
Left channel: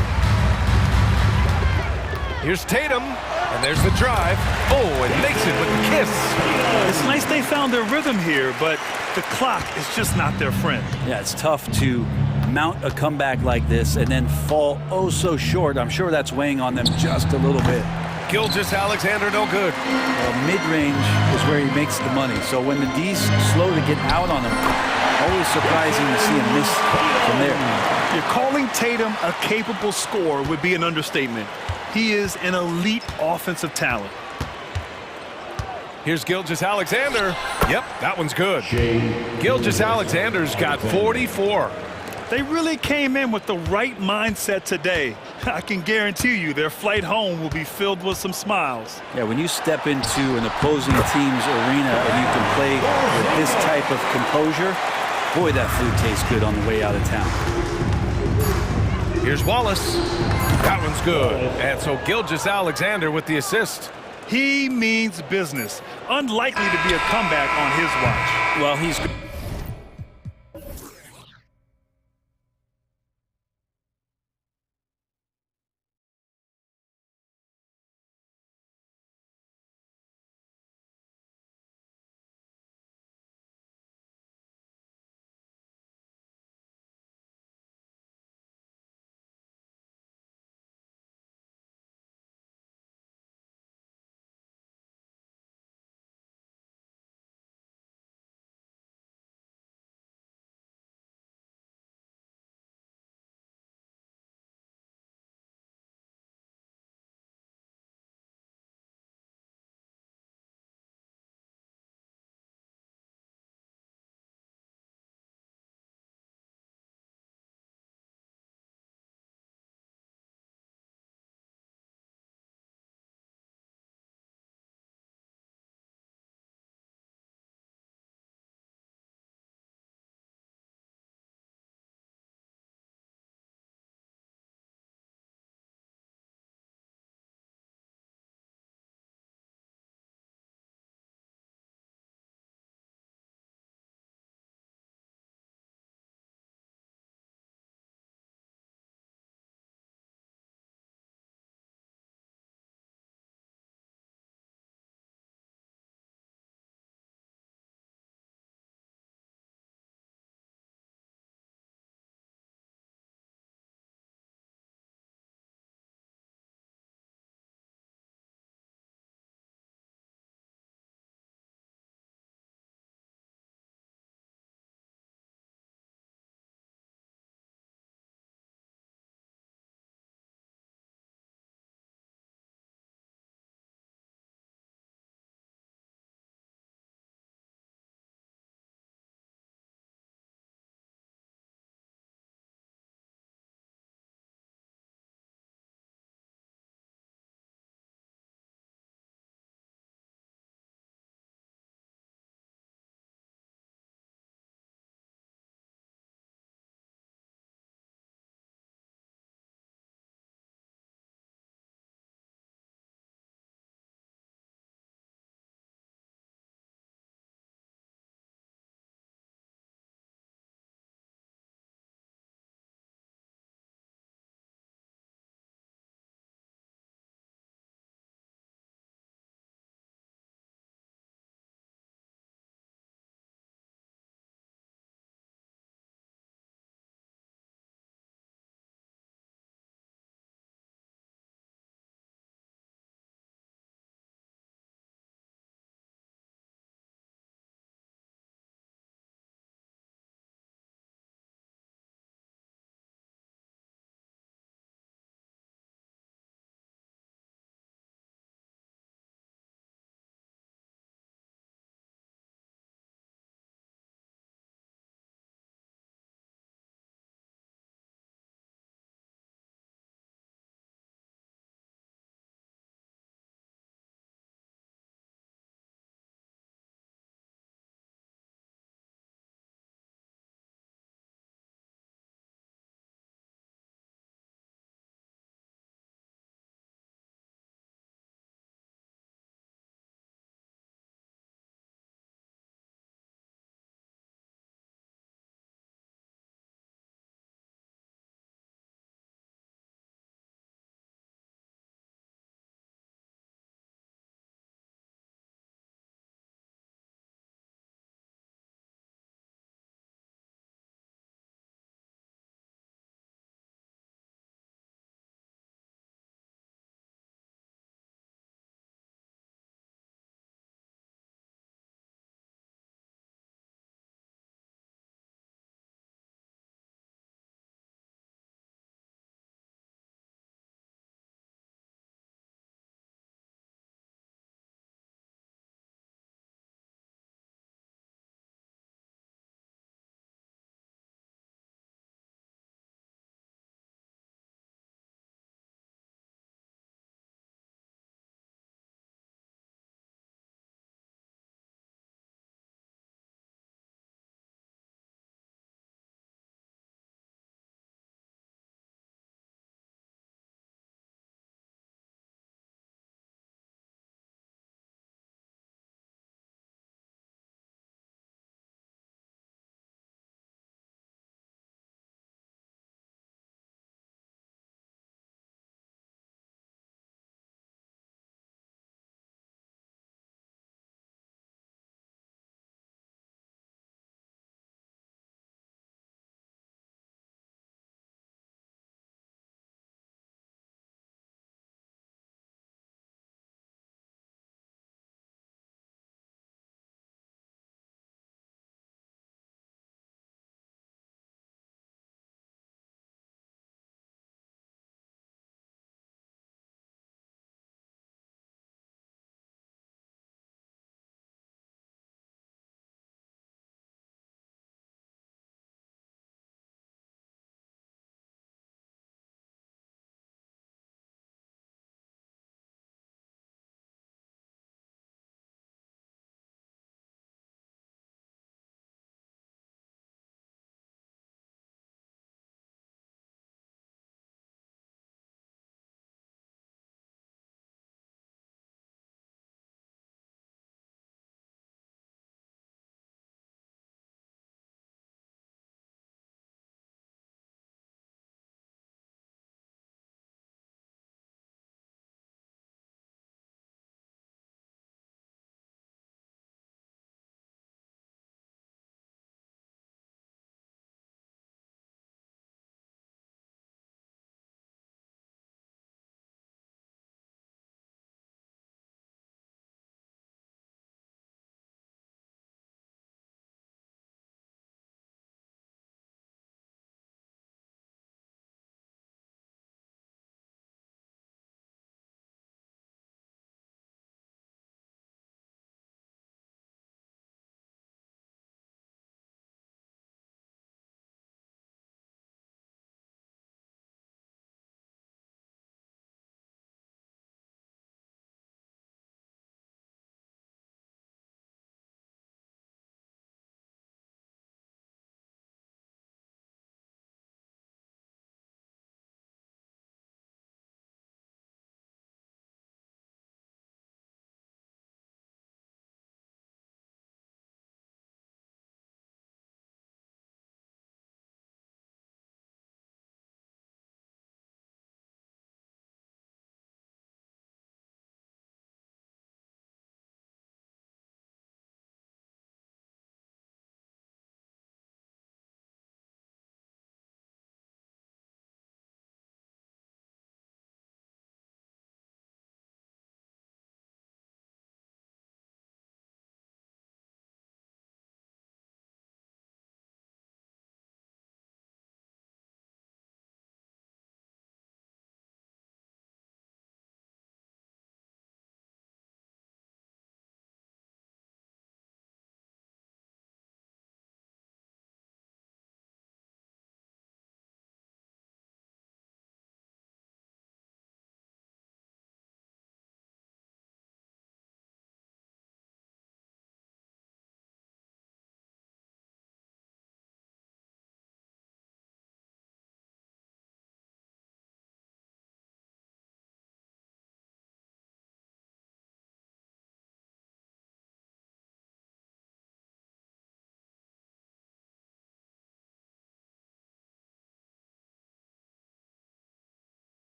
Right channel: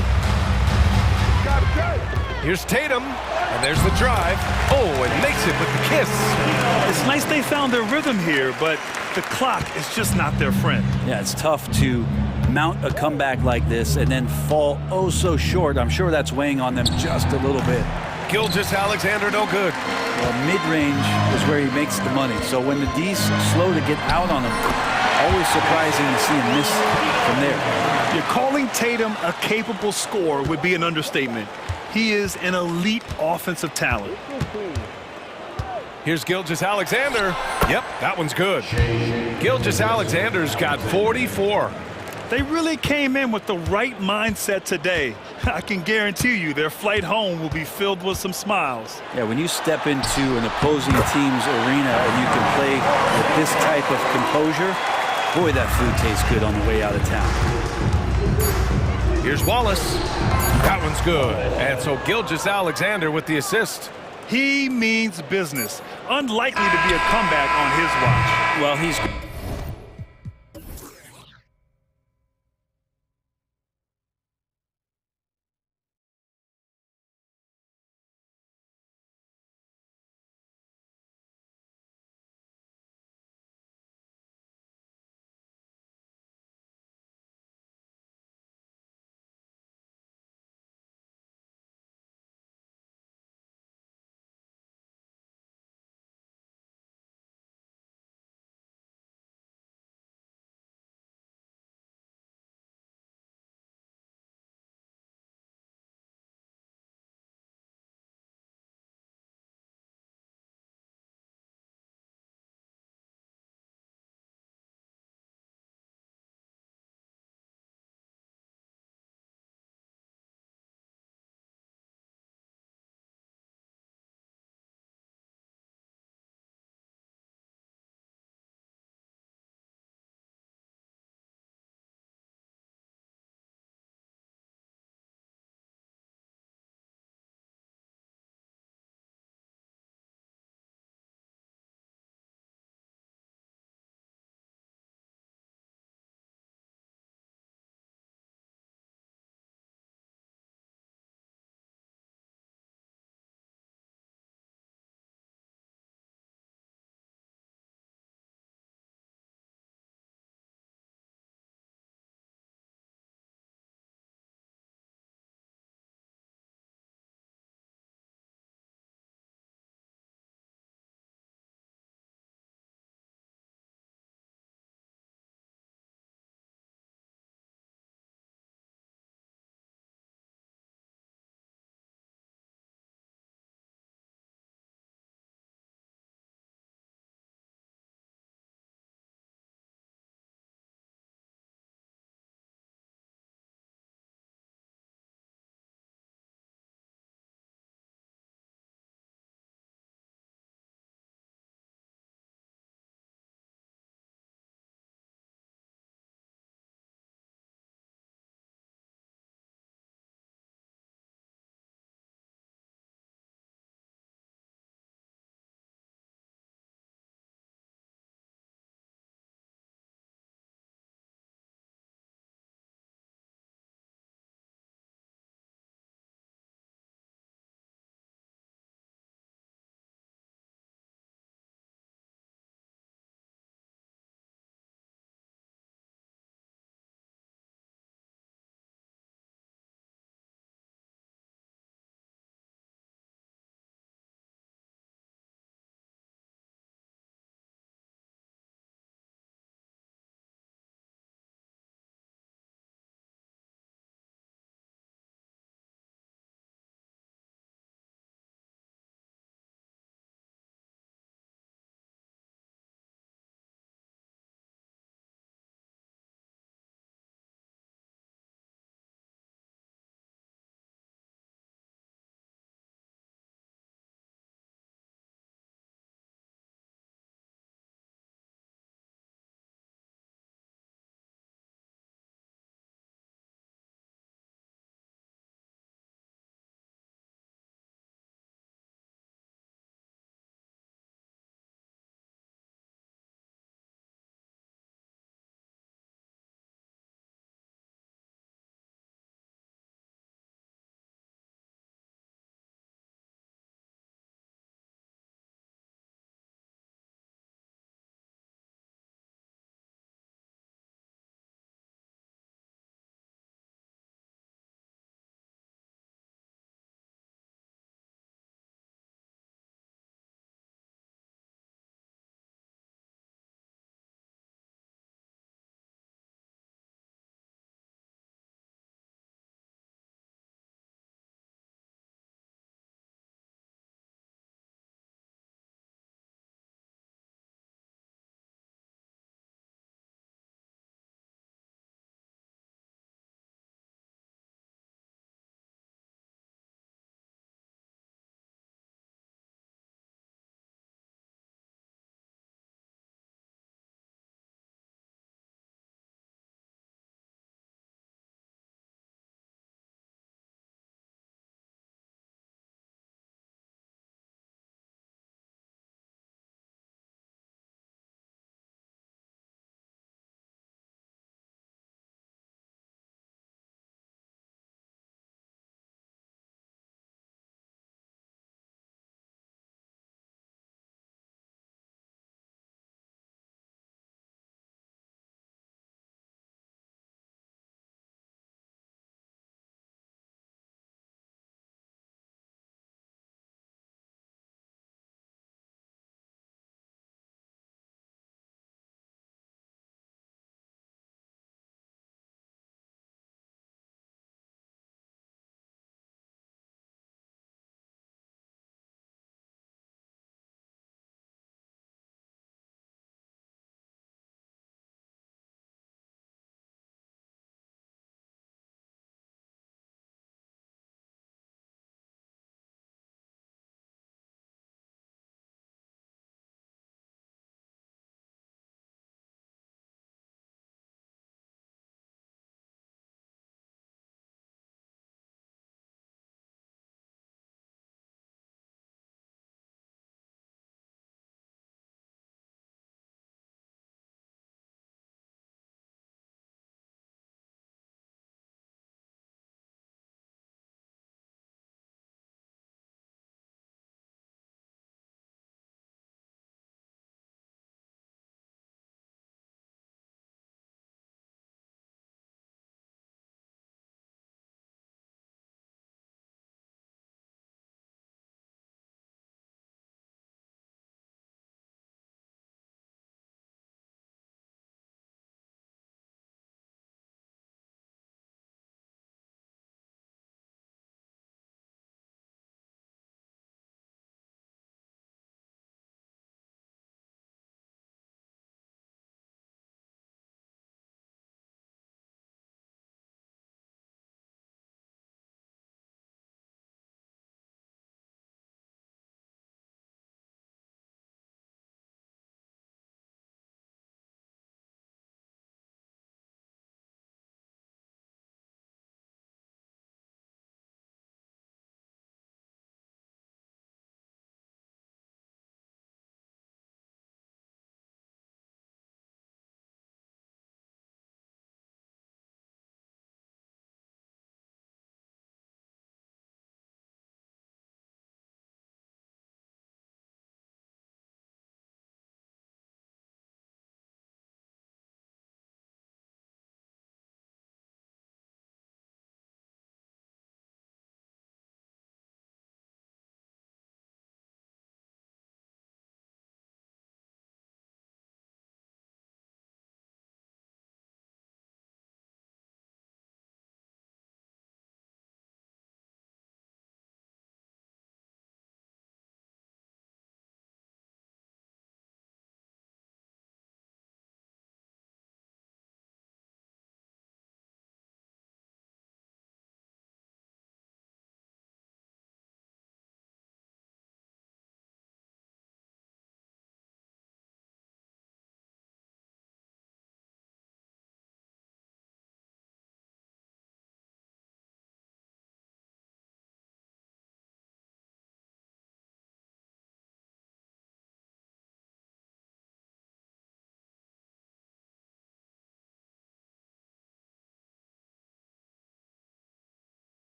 Here's Tatum. And there's the drive. Oh, and makes it with the kiss. It's nice they found their rhythm here, but the clock is just not their friend. Yeah, it's tough to mount a comeback like this and then fall oh so short. I'm sure that's weighing on them just a little bit. Gilgeous-Alexander no good. Well, mid-range is where he makes the money. So when the D's slow to get out on him, always surprising to see him miss from there. You're calling Tatum a capable scorer would be an understatement. He is an elite offensive talent. Here's Gilgeous-Alexander. Yep, that one's good. Gilgeous-Alexander's got 44. They really came in with the right mindset today. I can guarantee you their flight home will be filled with some smiles. Yeah, when you step into an opposing team's arena and you can play with this type of composure, boy, that food tastes good on the way out of town. Here's Wallace. That one's good. And so Gilgeous-Alexander with the assist. He means business. Unlikely to be a comeback on his watch. Well, he's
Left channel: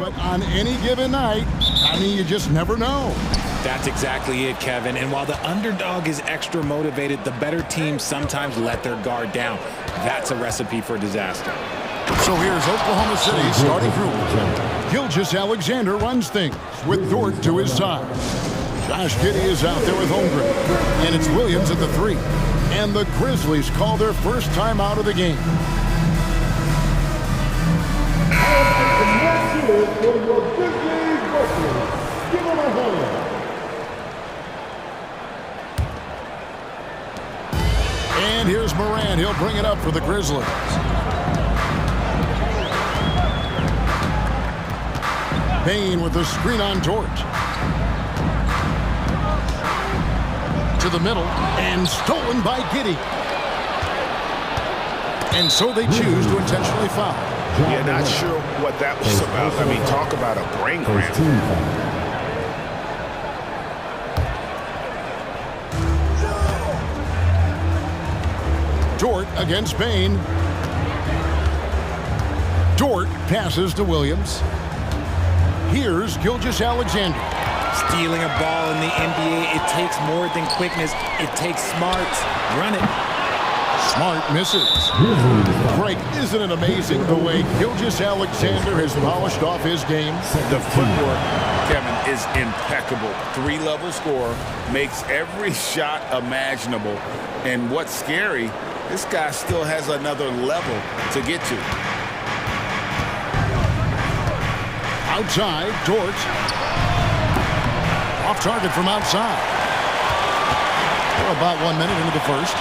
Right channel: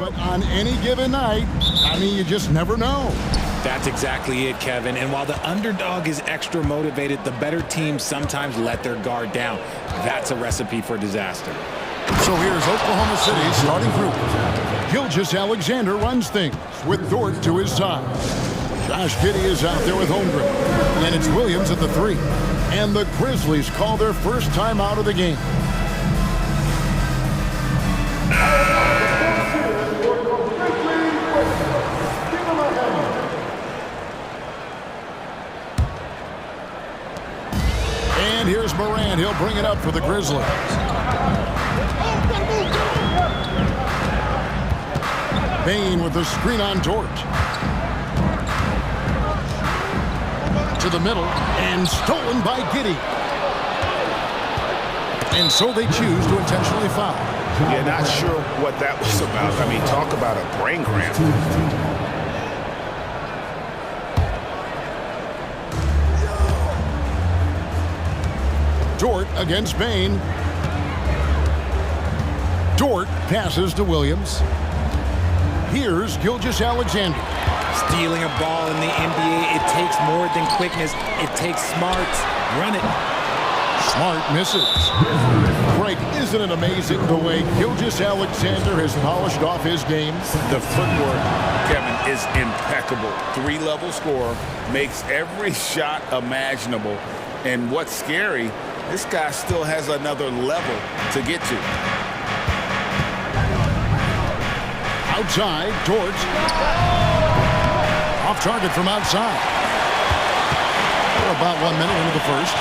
but on any given night, I mean, you just never know. That's exactly it, Kevin. And while the underdog is extra motivated, the better teams sometimes let their guard down. That's a recipe for disaster. So here's Oklahoma City's starting group. Gilgeous-Alexander runs things with Dort to his side. Josh Giddey is out there with Holmgren. And it's Williams at the 3. And the Grizzlies call their first time out of the game. And here's Morant. He'll bring it up for the Grizzlies. Bane with the screen on Dort. To the middle, and stolen by Giddey. And so they choose to intentionally foul. Yeah, not sure what that was about. I mean, talk about a brain cramp. Dort against Bane. Dort passes to Williams. Here's Gilgeous-Alexander. Stealing a ball in the NBA, it takes more than quickness. It takes smarts. Run it. Smart misses. Greg, isn't it amazing the way Gilgeous-Alexander has polished off his game? The footwork, Kevin, is impeccable. 3-level scorer, makes every shot imaginable. And what's scary, this guy still has another level to get to. Outside, Dort. Off target from outside. We're about 1 minute into the first.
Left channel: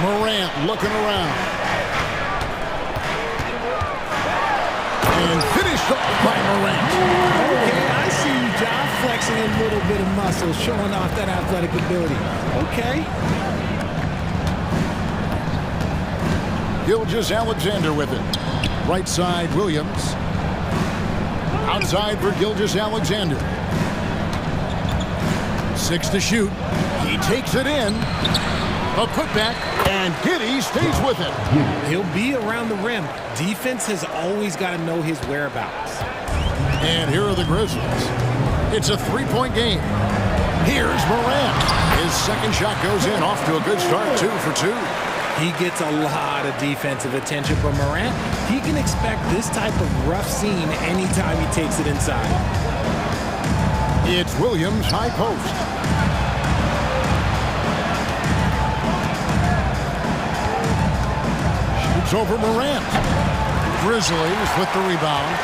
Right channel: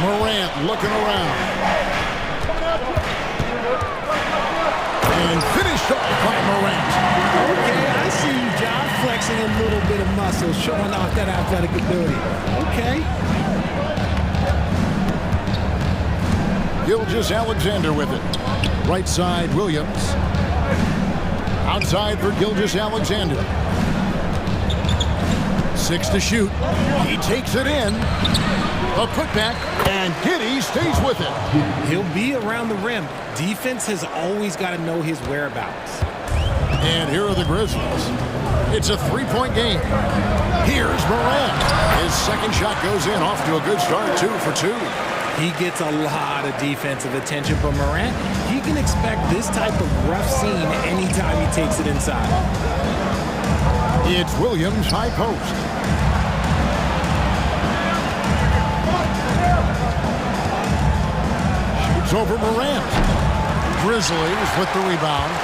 Morant looking around. And finished off by Morant. Okay, I see you, John, flexing a little bit of muscle, showing off that athletic ability. Okay. Gilgeous-Alexander with it. Right side, Williams. Outside for Gilgeous-Alexander. 6 to shoot. He takes it in. A putback, and Giddey stays with it. He'll be around the rim. Defense has always got to know his whereabouts. And here are the Grizzlies. It's a 3-point game. Here's Morant. His second shot goes in, off to a good start, 2 for 2. He gets a lot of defensive attention, but Morant, he can expect this type of rough scene anytime he takes it inside. It's Williams, high post. Shoots over Morant. Grizzlies with the rebound.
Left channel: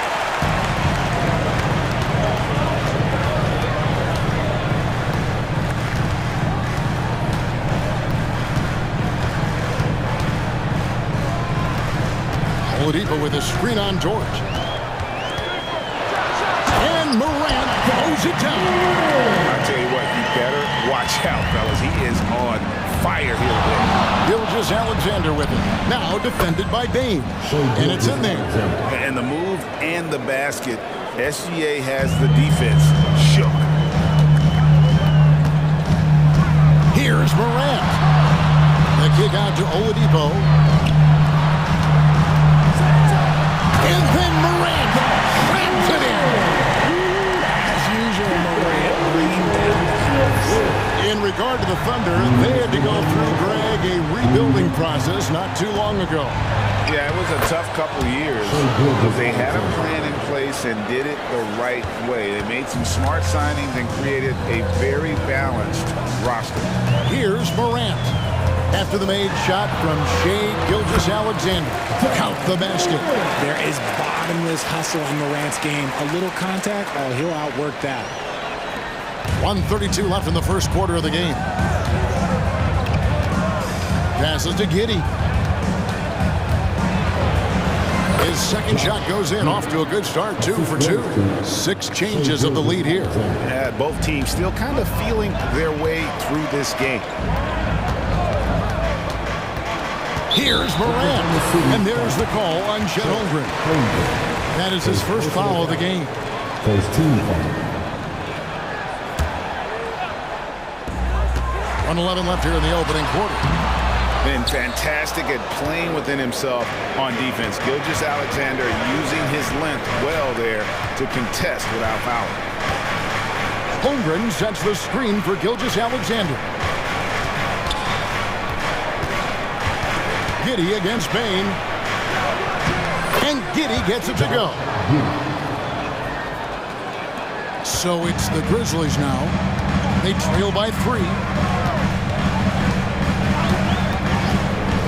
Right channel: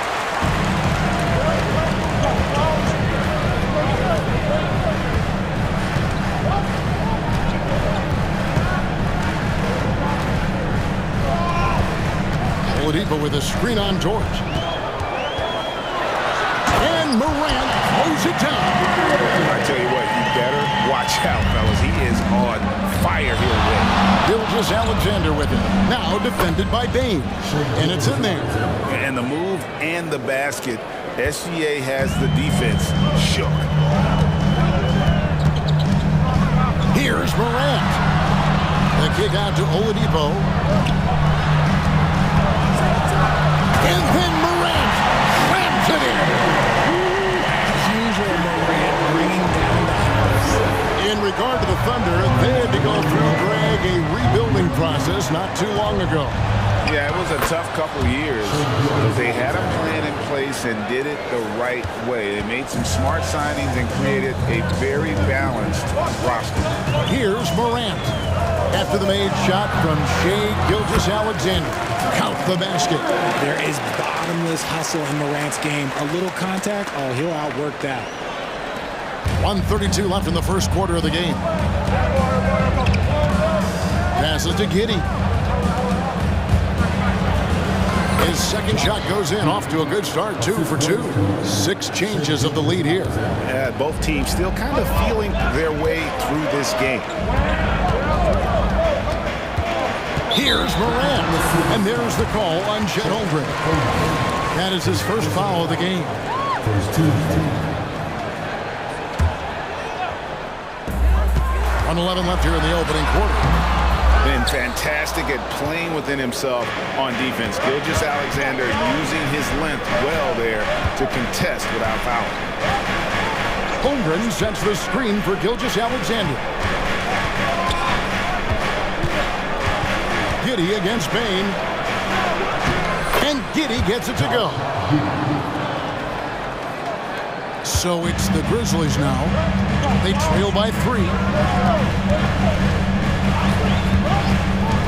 Oladipo with a screen on Dort. And Morant throws it down. I tell you what, you better watch out, fellas. He is on fire here today. Gilgeous-Alexander with it. Now defended by Bane. And it's in there. And the move and the basket, SGA has the defense shook. Here's Morant. The kick out to Oladipo. And then Morant slams it in. As usual, Morant bringing down the house. In regard to the Thunder, they had to go through, Greg, a rebuilding process not too long ago. Yeah, it was a tough couple years, but they had a plan in place and did it the right way. They made some smart signings and created a very balanced roster. Here's Morant. After the made shot from Shai Gilgeous-Alexander. Count the basket. There is bottomless hustle in Morant's game. A little contact, oh, he'll outwork that. 1:32 left in the first quarter of the game. Passes to Giddey. His second shot goes in, off to a good start, 2 for 2. 6 changes of the lead here. Yeah, both teams still kind of feeling their way through this game. Here's Morant, and there's the call on Chet Holmgren. That is his first foul of the game. First team. 1:11 left here in the opening quarter. Been fantastic at playing within himself on defense. Gilgeous-Alexander using his length well there to contest without fouling. Holmgren sets the screen for Gilgeous-Alexander. Giddy against Bain. And Giddy gets it to go. So it's the Grizzlies now. They trail by 3.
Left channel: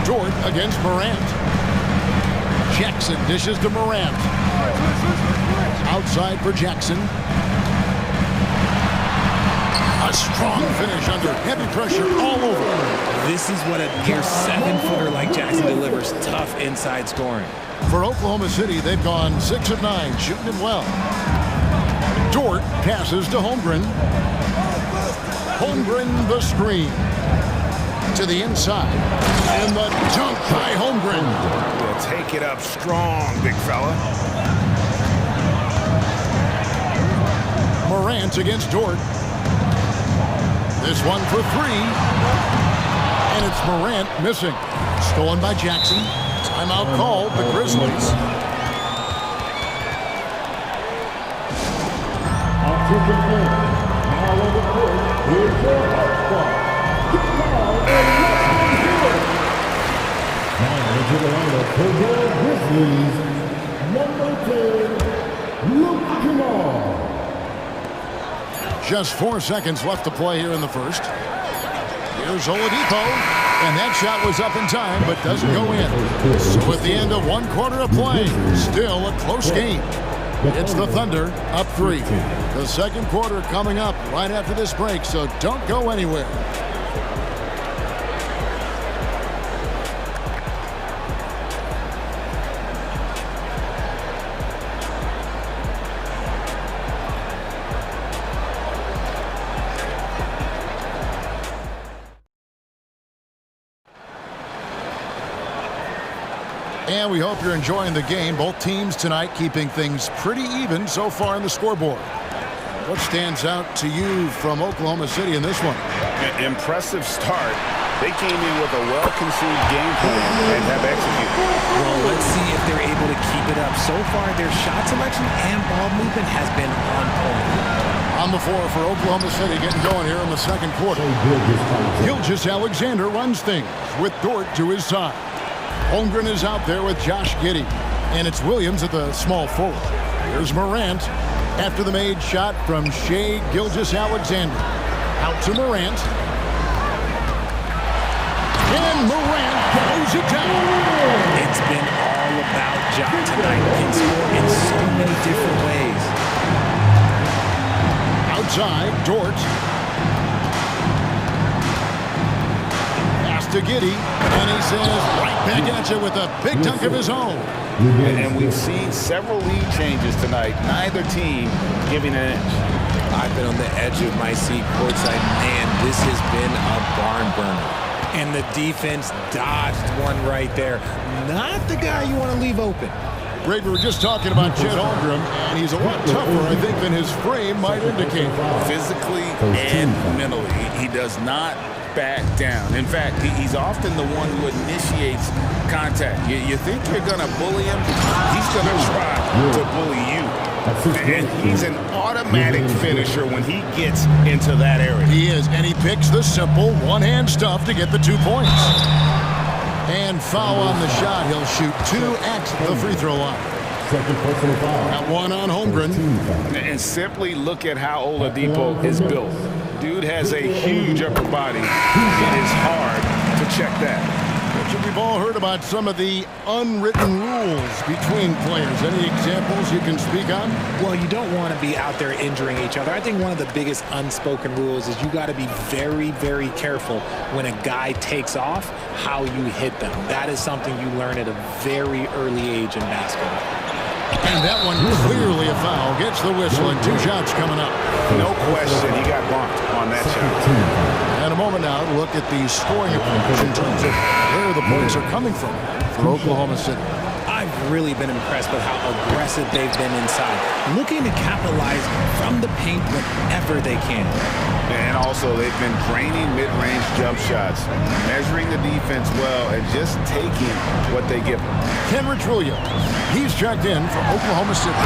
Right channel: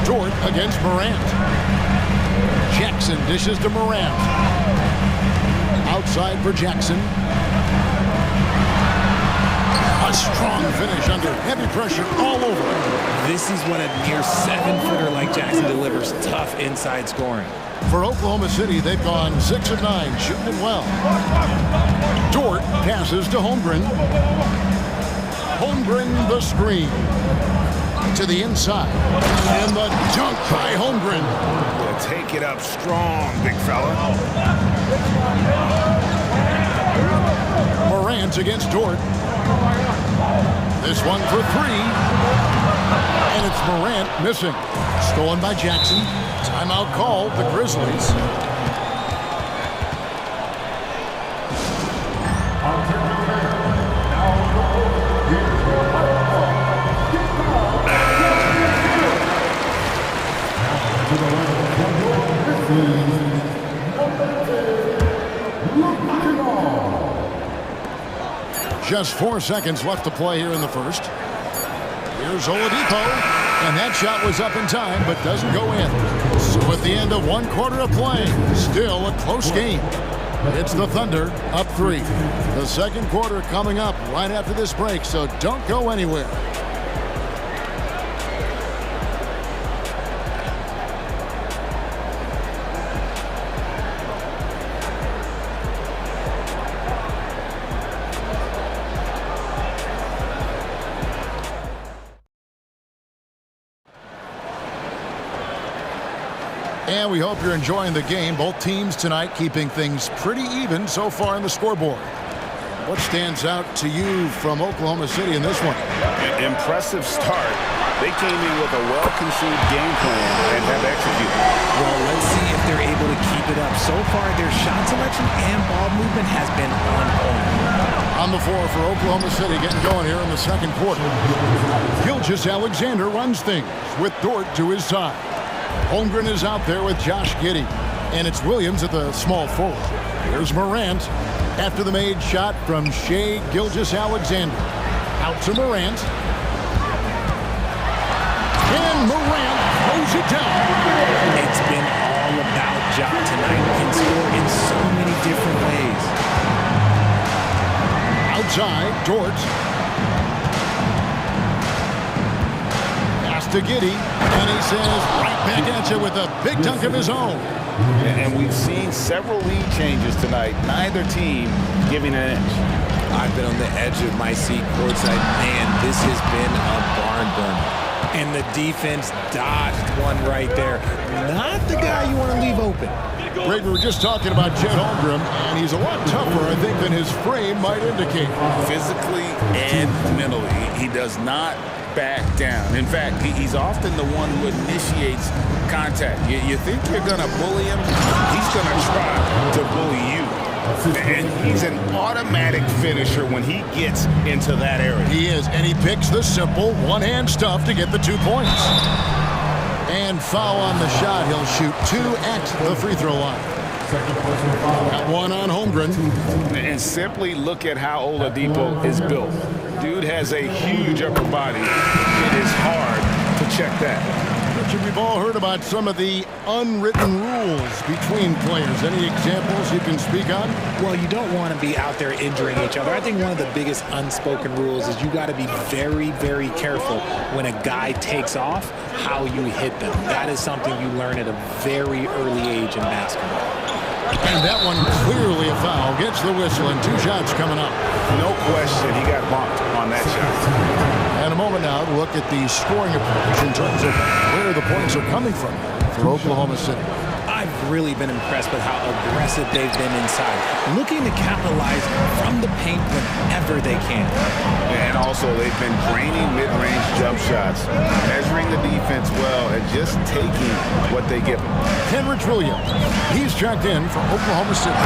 Dort against Morant. Jackson dishes to Morant. Outside for Jackson. A strong finish under heavy pressure all over. This is what a near 7-footer like Jackson delivers. Tough inside scoring. For Oklahoma City, they've gone 6 of 9, shooting it well. Dort passes to Holmgren. Holmgren the screen. To the inside. And the dunk by Holmgren. Yeah, take it up strong, big fella. Morant against Dort. This one for 3. And it's Morant missing. Stolen by Jackson. Timeout called, the Grizzlies. Just 4 seconds left to play here in the first. Here's Oladipo, and that shot was up in time, but doesn't go in. So at the end of 1 quarter of play, still a close game. It's the Thunder up 3. The second quarter coming up right after this break, so don't go anywhere. And we hope you're enjoying the game. Both teams tonight keeping things pretty even so far in the scoreboard. What stands out to you from Oklahoma City in this one? Impressive start. They came in with a well-conceived game plan and have executed. Well, let's see if they're able to keep it up. So far, their shot selection and ball movement has been on point. On the floor for Oklahoma City, getting going here in the second quarter. Gilgeous-Alexander runs things with Dort to his side. Holmgren is out there with Josh Giddey. And it's Williams at the small forward. Here's Morant after the made shot from Shai Gilgeous-Alexander. Out to Morant. And Morant throws it down. It's been all about Ja tonight. Can score in so many different ways. Outside, Dort. Pass to Giddey. And he says right back at you with a big dunk of his own. And we've seen several lead changes tonight. Neither team giving an inch. I've been on the edge of my seat courtside. Man, this has been a barn burner. And the defense dodged one right there. Not the guy you want to leave open. Greg, we were just talking about Chet Holmgren, and he's a lot tougher, I think, than his frame might indicate. Physically and mentally, he does not back down. In fact, he's often the one who initiates contact. You think you're going to bully him? He's going to try to bully you. And he's an automatic finisher when he gets into that area. He is, and he picks the simple one-hand stuff to get the 2 points. And foul on the shot. He'll shoot 2 at the free throw line. That one on Holmgren. And simply look at how Oladipo is built. Dude has a huge upper body. It is hard to check that. Richard, we've all heard about some of the unwritten rules between players. Any examples you can speak on? Well, you don't want to be out there injuring each other. I think one of the biggest unspoken rules is you got to be very, very careful when a guy takes off, how you hit them. That is something you learn at a very early age in basketball. And that one clearly a foul. Gets the whistle, and 2 shots coming up. No question, he got bumped on that shot. And a moment now to look at the scoring approach in terms of where the points are coming from for Oklahoma City. I I've really been impressed with how aggressive they've been inside, looking to capitalize from the paint whenever they can. And also, they've been draining mid-range jump shots, measuring the defense well, and just taking what they give them. Kenrich Williams, he's checked in for Oklahoma City.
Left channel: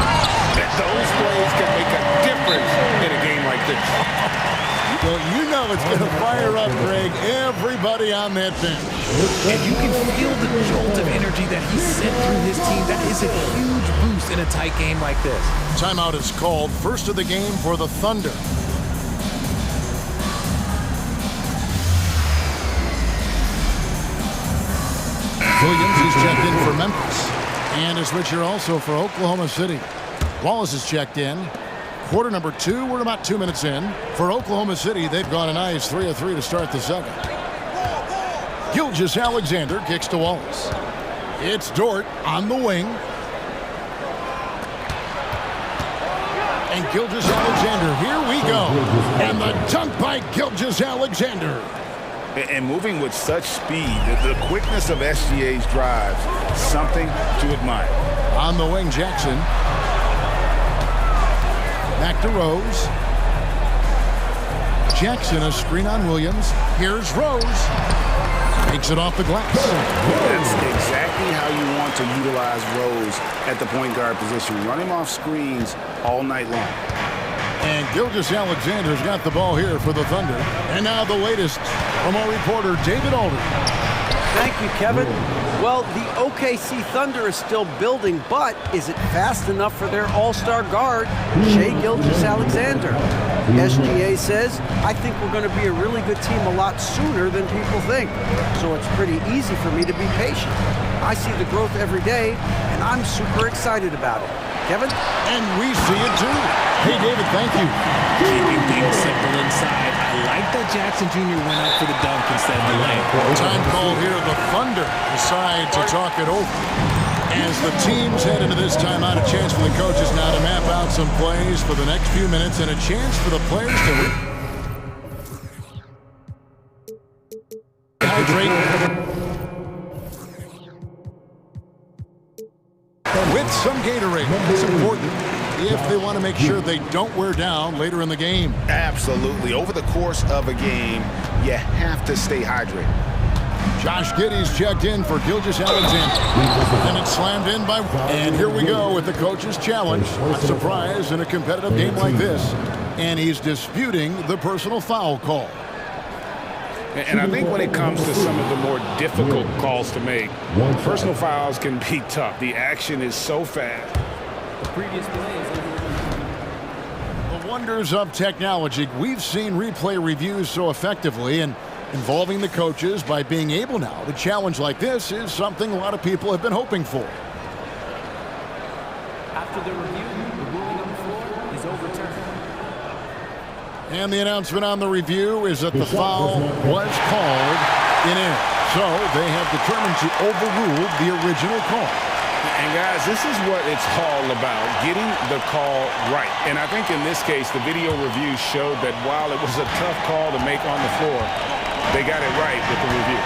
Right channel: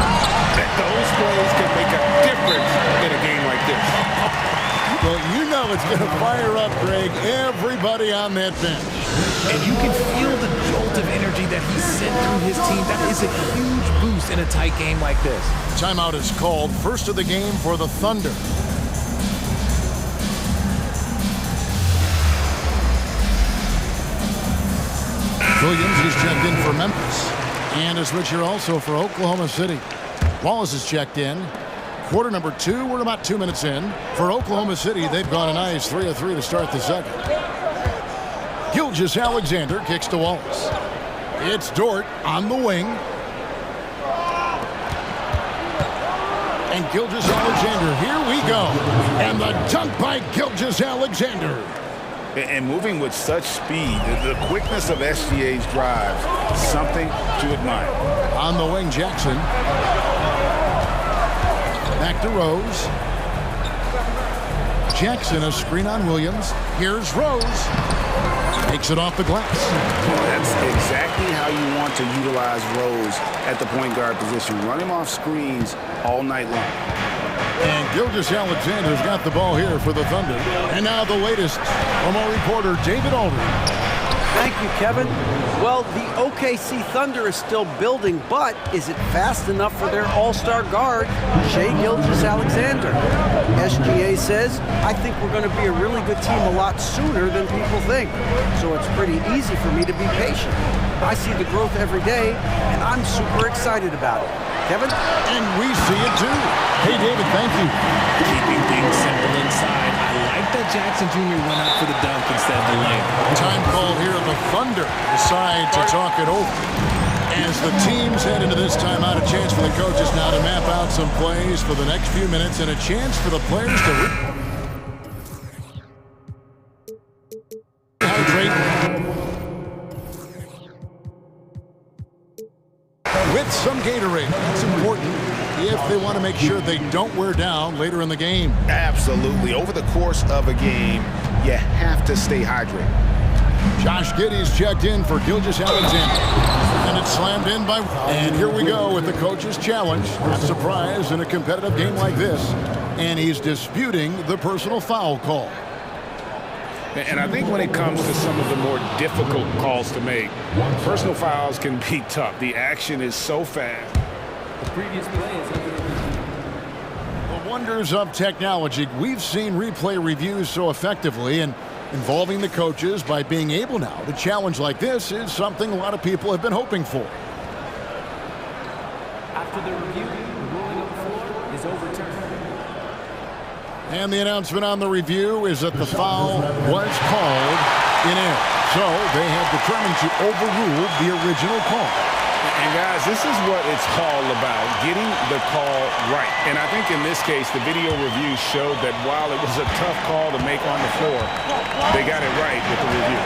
Those plays can make a difference in a game like this. Well, you know it's going to fire up, Greg, everybody on that bench. And you can feel the jolt of energy that he sent through his team. That is a huge boost in a tight game like this. Timeout is called, first of the game for the Thunder. Williams, he's checked in for Memphis. And a switcher also for Oklahoma City. Wallace is checked in. Quarter number 2, we're about 2 minutes in. For Oklahoma City, they've gone a nice 3 of 3 to start the second. Gilgeous Alexander kicks to Wallace. It's Dort on the wing. And Gilgeous Alexander, here we go. And the dunk by Gilgeous Alexander. And moving with such speed, the quickness of SGA's drives, something to admire. On the wing, Jackson. Back to Rose. Jackson, a screen on Williams. Here's Rose. Makes it off the glass. That's exactly how you want to utilize Rose at the point guard position. Run him off screens all night long. And Gilgeous Alexander's got the ball here for the Thunder. And now the latest from our reporter, David Aldridge. Thank you, Kevin. Well, the OKC Thunder is still building, but is it fast enough for their all-star guard, Shai Gilgeous-Alexander? SGA says, I think we're going to be a really good team a lot sooner than people think. So it's pretty easy for me to be patient. I see the growth every day, and I'm super excited about it. Kevin? And we see it too. Hey, David, thank you. Keeping things simple inside. I like that Jackson Jr. went up for the dunk instead of the layup. Time called here. The Thunder decide to talk it over. As the teams head into this timeout, a chance for the coaches now to map out some plays for the next few minutes and a chance for the players to hydrate with some Gatorade. That's important if they want to make sure they don't wear down later in the game. Absolutely. Over the course of a game, you have to stay hydrated. Josh Giddey's checked in for Gilgeous Alexander. And it's slammed in by... And here we go with the coach's challenge. Not surprised in a competitive game like this. And he's disputing the personal foul call. And I think when it comes to some of the more difficult calls to make, personal fouls can be tough. The action is so fast. The previous play is under review. The wonders of technology. We've seen replay reviews so effectively, and involving the coaches by being able now to challenge like this is something a lot of people have been hoping for. After the review, the ruling on the floor is overturned. And the announcement on the review is that the foul was called in air. So they have determined to overrule the original call. And guys, this is what it's all about, getting the call right. And I think in this case, the video review showed that while it was a tough call to make on the floor, they got it right with the review.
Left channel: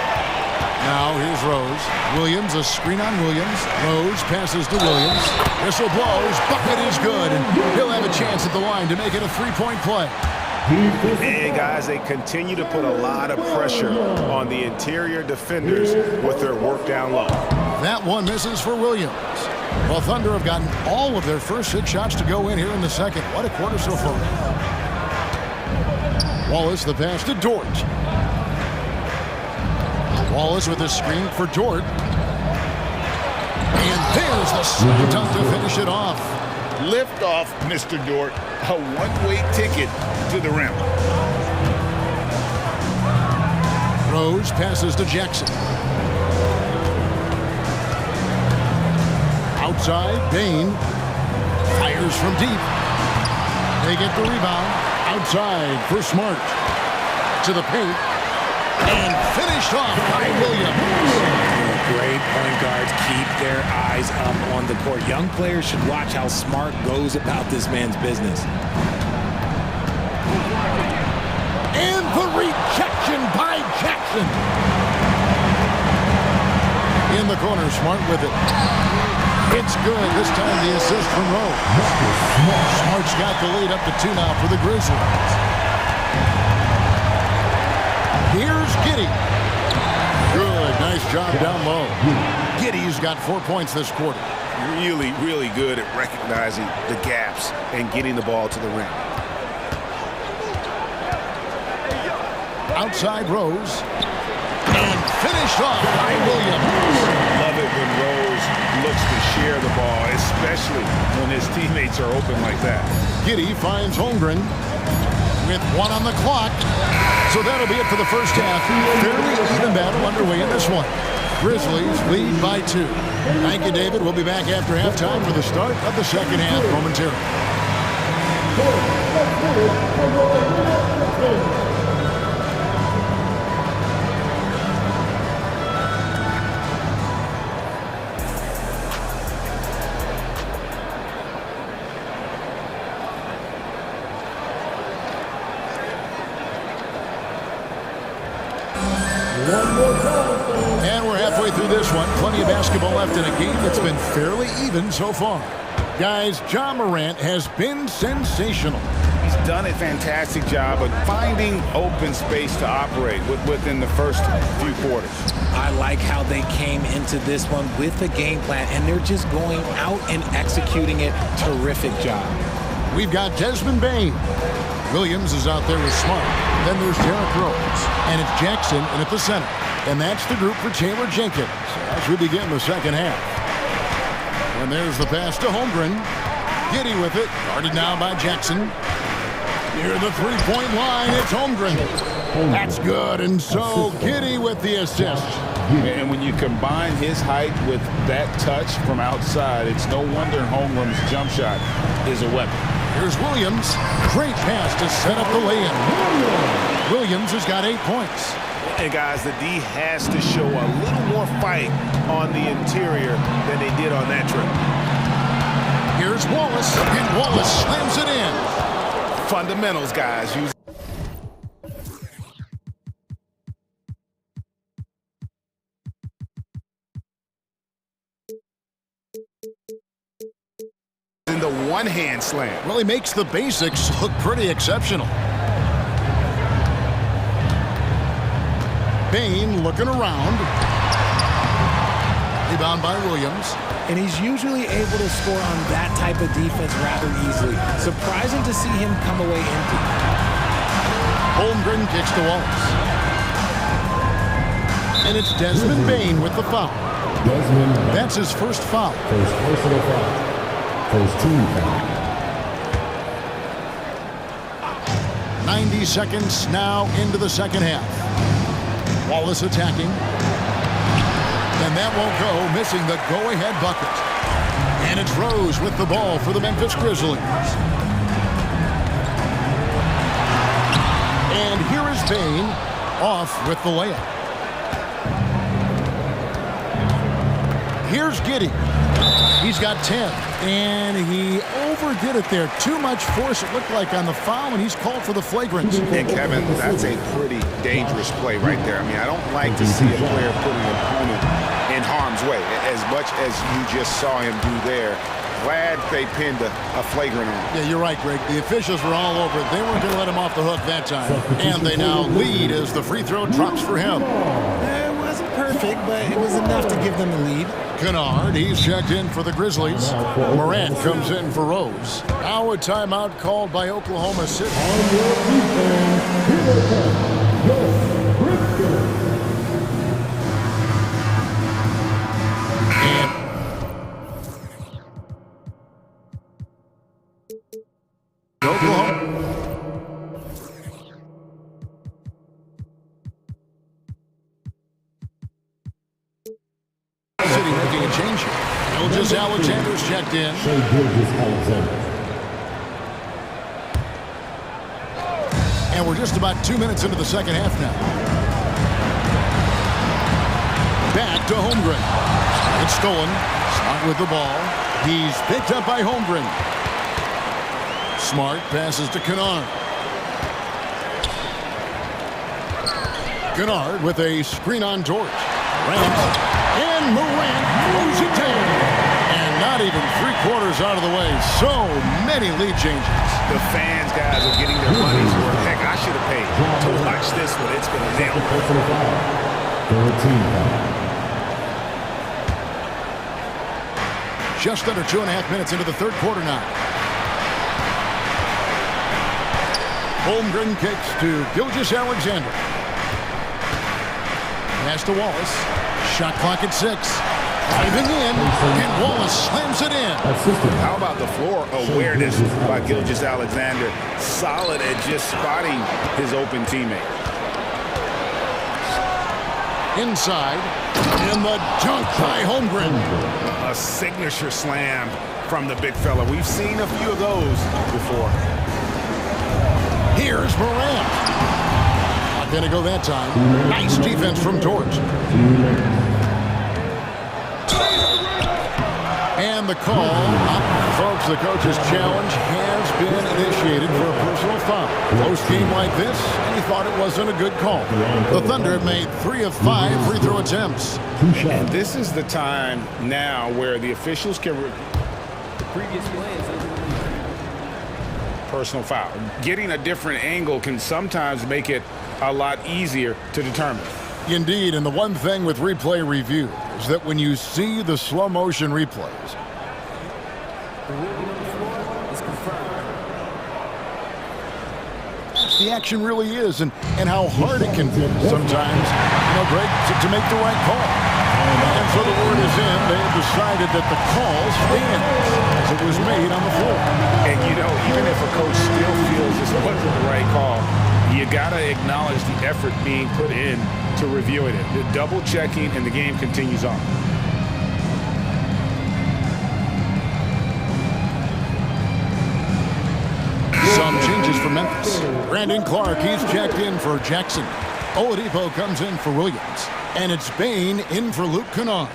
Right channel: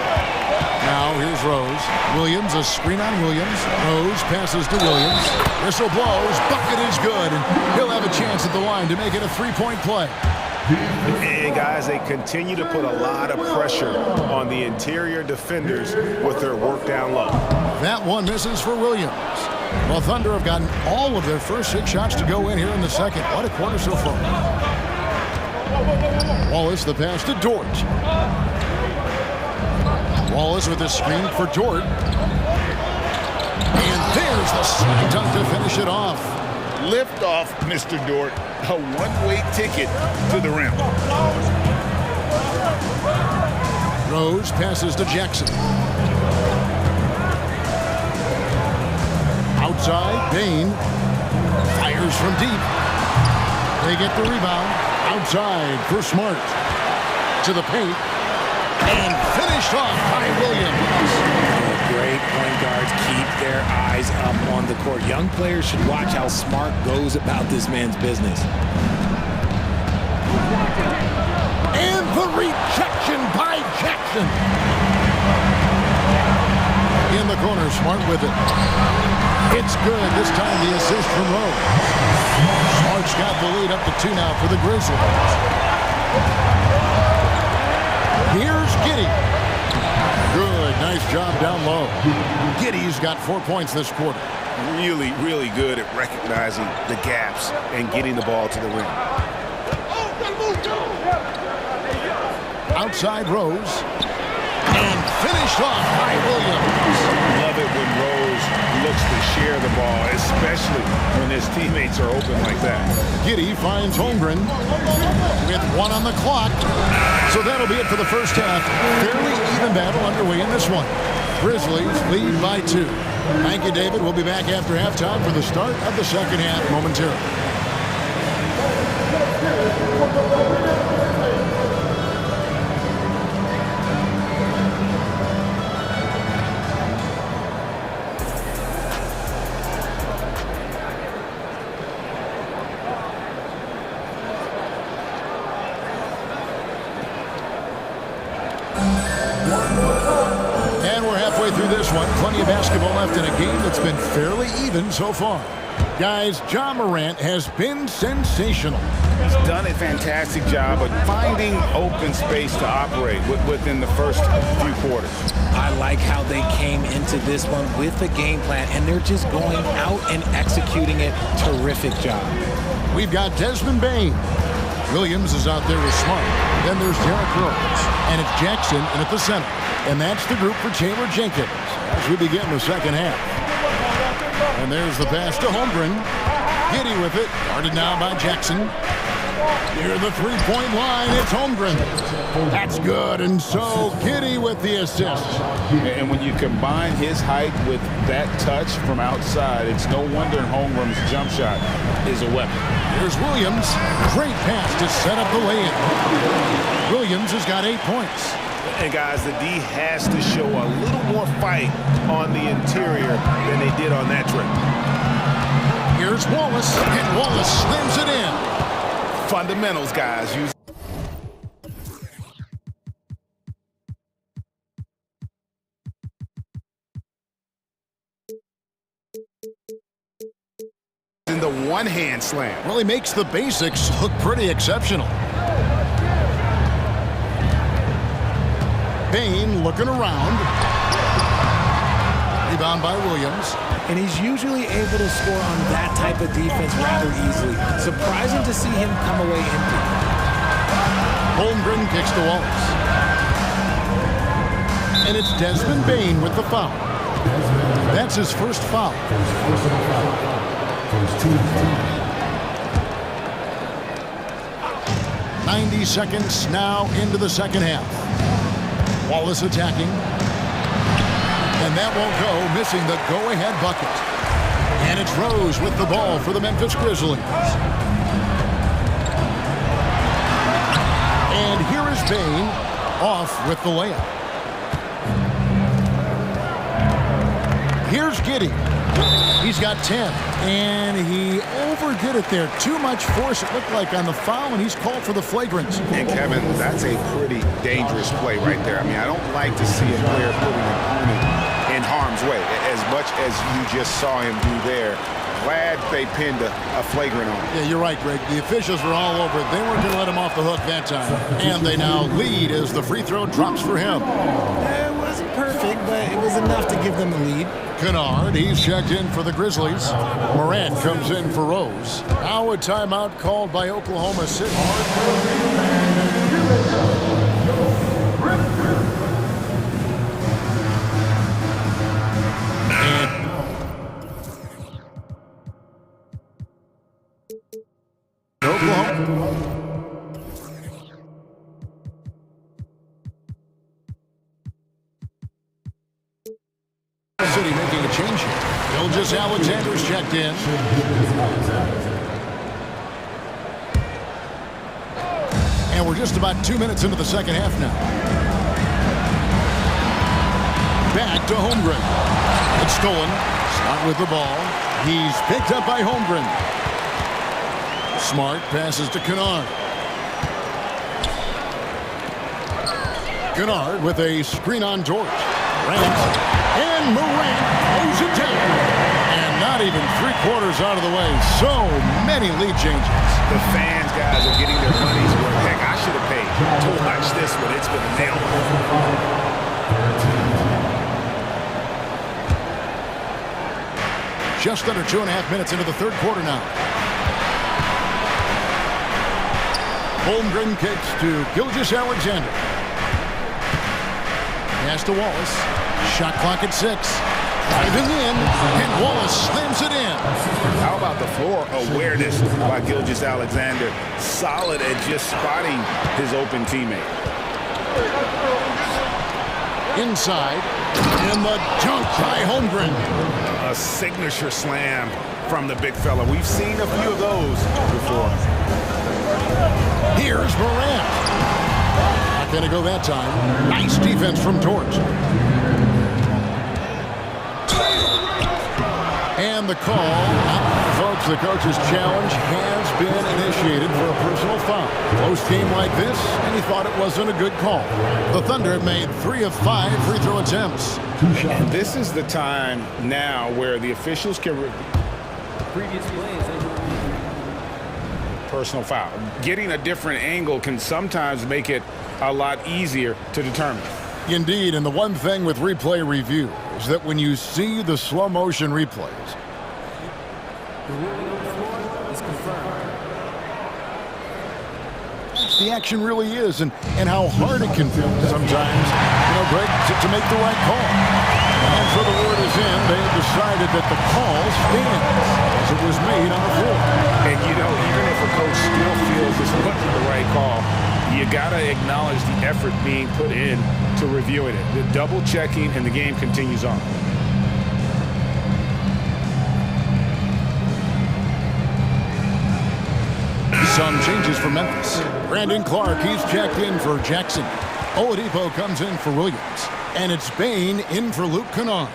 Now here's Rose. Williams, a screen on Williams. Rose passes to Williams. Whistle blows. Bucket is good. And he'll have a chance at the line to make it a three-point play. And guys, they continue to put a lot of pressure on the interior defenders with their work down low. That one misses for Williams. Well, Thunder have gotten all of their first 6 shots to go in here in the second. What a quarter so far. Wallace, the pass to Dort. Wallace with a screen for Dort. And there's the slam dunk to finish it off. Lift off, Mr. Dort. A one-way ticket to the rim. Rose passes to Jackson. Outside, Bain fires from deep. They get the rebound. Outside for Smart. To the paint. And finished off by Williams. Great point guards keep their eyes up on the court. Young players should watch how Smart goes about this man's business. And the rejection by Jackson. In the corner, Smart with it. It's good. This time the assist from Rose. Smart's got the lead up to 2 now for the Grizzlies. Here's Giddey. Good. Nice job down low. Giddey's got 4 points this quarter. Really, really good at recognizing the gaps and getting the ball to the rim. Outside Rose. And finished off by Williams. Love it when Rose looks to share the ball, especially when his teammates are open like that. Giddey finds Holmgren with 1 on the clock. So that'll be it for the first half. Fairly even battle underway in this one. Grizzlies lead by 2. Thank you, David. We'll be back after halftime for the start of the second half momentarily. And we're halfway through this one. Plenty of basketball left in a game that's been fairly even so far. Guys, Ja Morant has been sensational. He's done a fantastic job of finding open space to operate within the first few quarters. I like how they came into this one with a game plan, and they're just going out and executing it. Terrific job. We've got Desmond Bane. Williams is out there with Smart. Then there's Derrick Rose. And it's Jackson in at the center. And that's the group for Taylor Jenkins as we begin the second half. And there's the pass to Holmgren. Giddey with it. Guarded now by Jackson. Near the three-point line, it's Holmgren. That's good. And so Giddey with the assist. And when you combine his height with that touch from outside, it's no wonder Holmgren's jump shot is a weapon. Here's Williams. Great pass to set up the lay-in. Williams has got 8 points. And guys, the D has to show a little more fight on the interior than they did on that trip. Here's Wallace, and Wallace slams it in. Fundamentals, guys. Use in the one-hand slam. Really makes the basics look pretty exceptional. Bane looking around. Rebound by Williams. And he's usually able to score on that type of defense rather easily. Surprising to see him come away empty. Holmgren kicks to Wallace. And it's Desmond Bane with the foul. That's his first foul. First personal foul. First team foul. 90 seconds now into the second half. Wallace attacking. And that won't go, missing the go-ahead bucket. And it's Rose with the ball for the Memphis Grizzlies. And here is Bane off with the layup. Here's Giddey. He's got 10. And he overdid it there. Too much force, it looked like, on the foul, and he's called for the flagrant. And, Kevin, that's a pretty dangerous play right there. I mean, I don't like to see a player put an opponent in harm's way, as much as you just saw him do there. Glad they pinned a flagrant on him. Yeah, you're right, Greg. The officials were all over it. They weren't going to let him off the hook that time. And they now lead as the free throw drops for him. It wasn't perfect, but it was enough to give them the lead. Kennard, he's checked in for the Grizzlies. Morant comes in for Rose. Now a timeout called by Oklahoma City. And Oklahoma City making a change here. Gilgeous Alexander's checked in. And we're just about 2 minutes into the second half now. Back to Holmgren. It's stolen. Smart with the ball. He's picked up by Holmgren. Smart passes to Kennard. Kennard with a screen on George. Morant. And Morant throws it down. And not even 3/4 out of the way. So many lead changes. The fans, guys, are getting their money's worth. Heck, I should have paid to watch this one. It's been a nail. Just under 2.5 minutes into the third quarter now. Holmgren kicks to Gilgeous-Alexander. Pass to Wallace. Shot clock at 6. Driving in, and Wallace slams it in. How about the floor awareness by Gilgeous-Alexander? Solid at just spotting his open teammate. Inside, and the dunk by Holmgren. A signature slam from the big fella. We've seen a few of those before. Here's Morant. Not going to go that time. Nice defense from Torch. And the call, folks, the coach's challenge has been initiated for a personal foul. Close game like this, and he thought it wasn't a good call. The Thunder have made 3 of 5 free throw attempts. And this is the time now where the officials can review The previous play is under review. Personal foul. Getting a different angle can sometimes make it a lot easier to determine. Indeed, and the one thing with replay review is that when you see the slow motion replays, The ruling on the floor is confirmed. the action really is, and how hard it can feel sometimes, Greg, to make the right call. And so the word is in. They have decided that the call stands as it was made on the floor. And, even if a coach still feels this wasn't the right call, you got to acknowledge the effort being put in to reviewing it. The double checking, and the game continues on. Some changes for Memphis. Brandon Clark, he's checked in for Jackson. Oladipo comes in for Williams. And it's Bain in for Luke Kennard.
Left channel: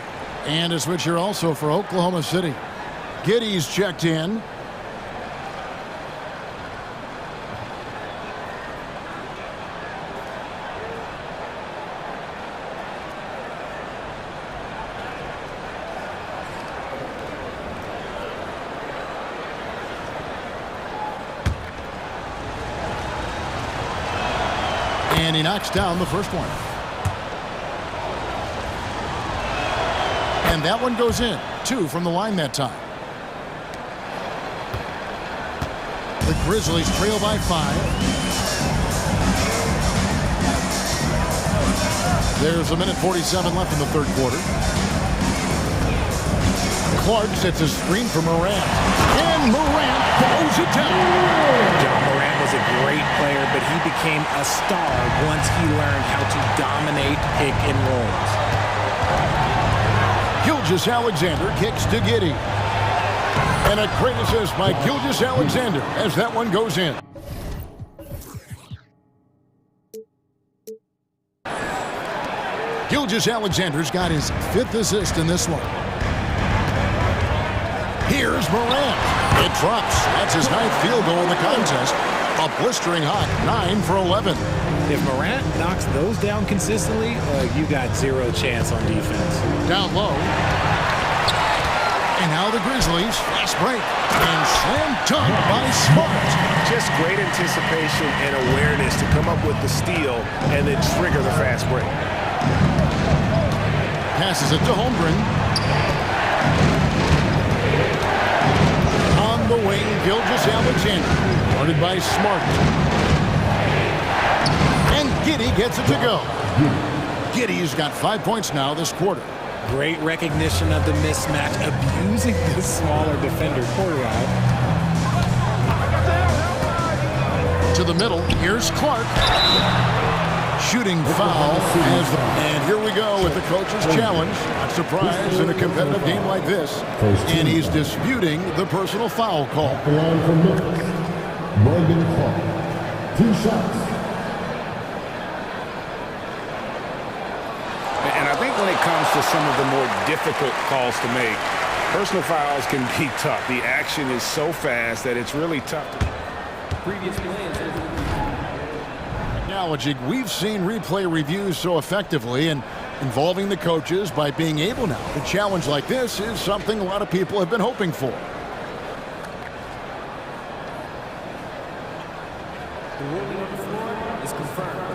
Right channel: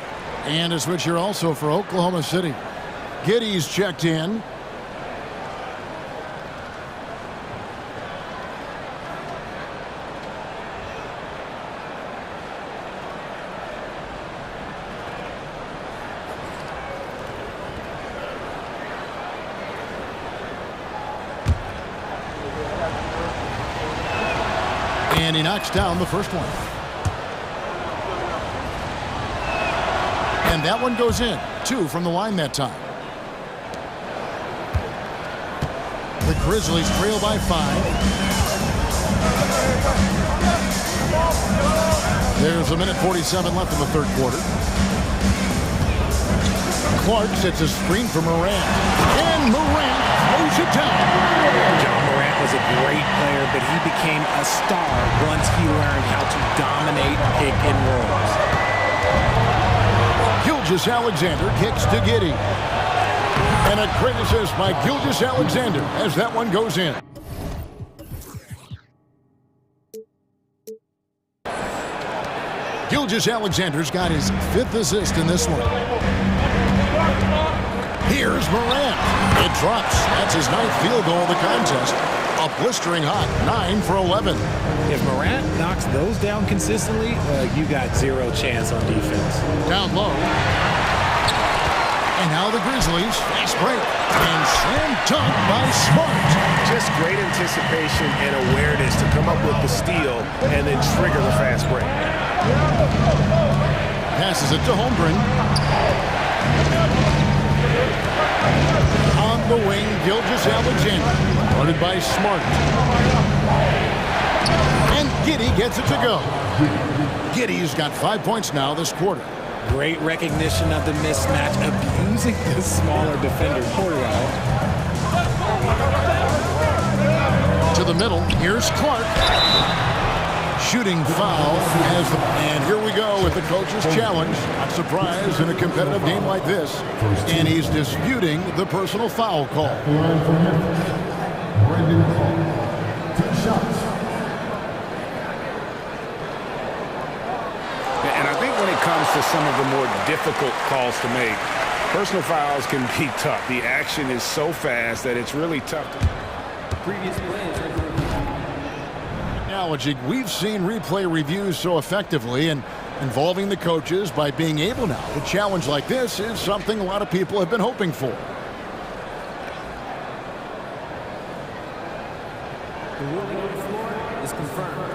And a switch here also for Oklahoma City. Giddey's checked in. And he knocks down the first one. And that one goes in. 2 from the line that time. The Grizzlies trail by 5. There's 1:47 left in the third quarter. Clark sets a screen for Morant. And Morant throws it down. John Morant was a great player, but he became a star once he learned how to dominate pick and rolls. Gilgeous-Alexander kicks to Giddey. And a great assist by Gilgeous-Alexander as that one goes in. Gilgeous-Alexander's got his 5th assist in this one. Here's Morant. It drops. That's his 9th field goal in the contest. A blistering hot 9 for 11. If Morant knocks those down consistently, you got 0 chance on defense. Down low. And now the Grizzlies, fast break. And slam dunk by Smart. Just great anticipation and awareness to come up with the steal and then trigger the fast break. Passes it to Holmgren. On the wing, Gilgeous-Alexander. Guarded by Smart. And Giddey gets it to go. Giddey's got 5 points now this quarter. Great recognition of the mismatch, abusing the smaller defender. Porterall. To the middle, here's Clark. Shooting foul and here we go with the coach's challenge. Not surprised in a competitive game like this. And he's disputing the personal foul call. Brandon Clark, 2 shots. And I think when it comes to some of the more difficult calls to make, personal fouls can be tough. The action is so fast that it's really tough to... The previous play is under review. Acknowledging we've seen replay reviews so effectively, and Involving the coaches by being able now to challenge like this is something a lot of people have been hoping for. The ruling on the floor is confirmed.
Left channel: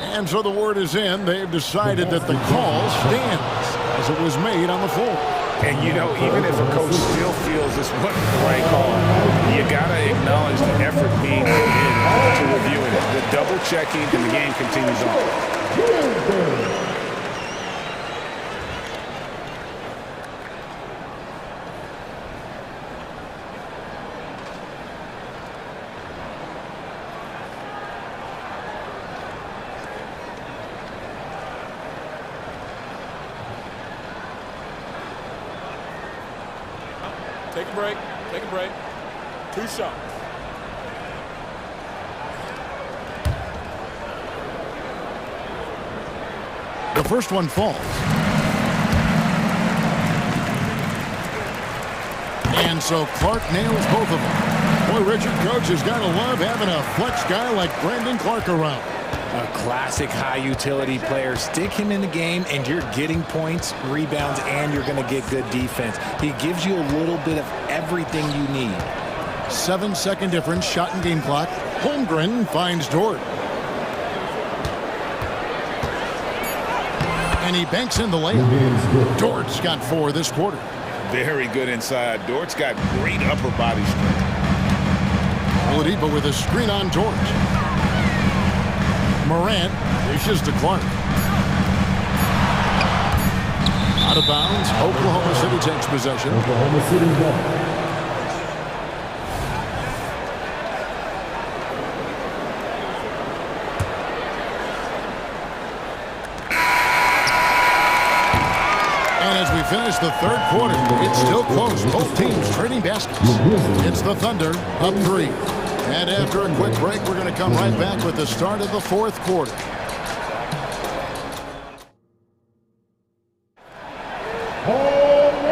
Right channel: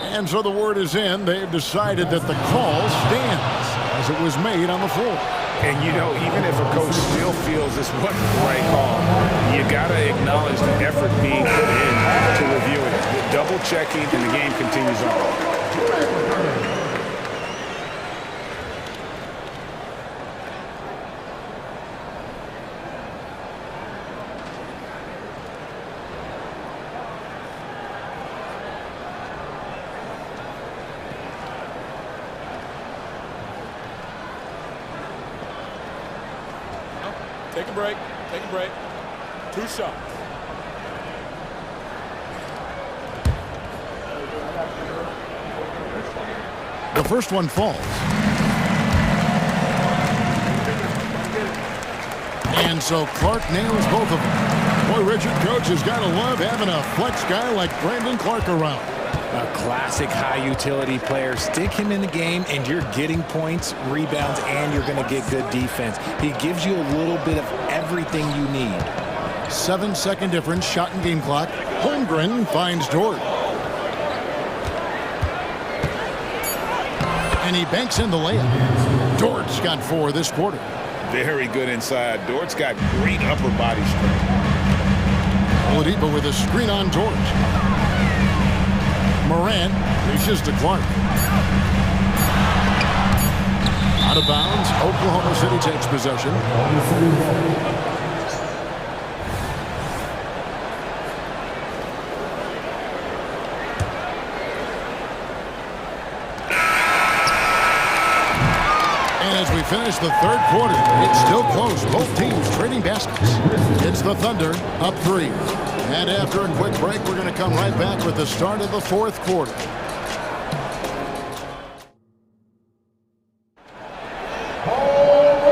And so the word is in. They've decided that the call stands as it was made on the floor. And, you know, even if a coach still feels this wasn't the right call, you got to acknowledge the effort being put in to reviewing it. The double checking, and the game continues on. Take a break. Take a break. 2 shots. The first one falls. And so Clark nails both of them. Boy, Richard, coach has got to love having a flex guy like Brandon Clark around. A classic high-utility player. Stick him in the game, and you're getting points, rebounds, and you're going to get good defense. He gives you a little bit of everything you need. 7-second difference, shot and game clock. Holmgren finds Dort. And he banks in the layup. Dort's got 4 this quarter. Very good inside. Dort's got great upper body strength. Oladipo with a screen on Dort. Morant dishes to Clark. Out of bounds. Oklahoma City takes possession. And as we finish the third quarter, it's still close. Both teams trading baskets. It's the Thunder up 3. And after a quick break, we're going to come right back with the start of the fourth quarter.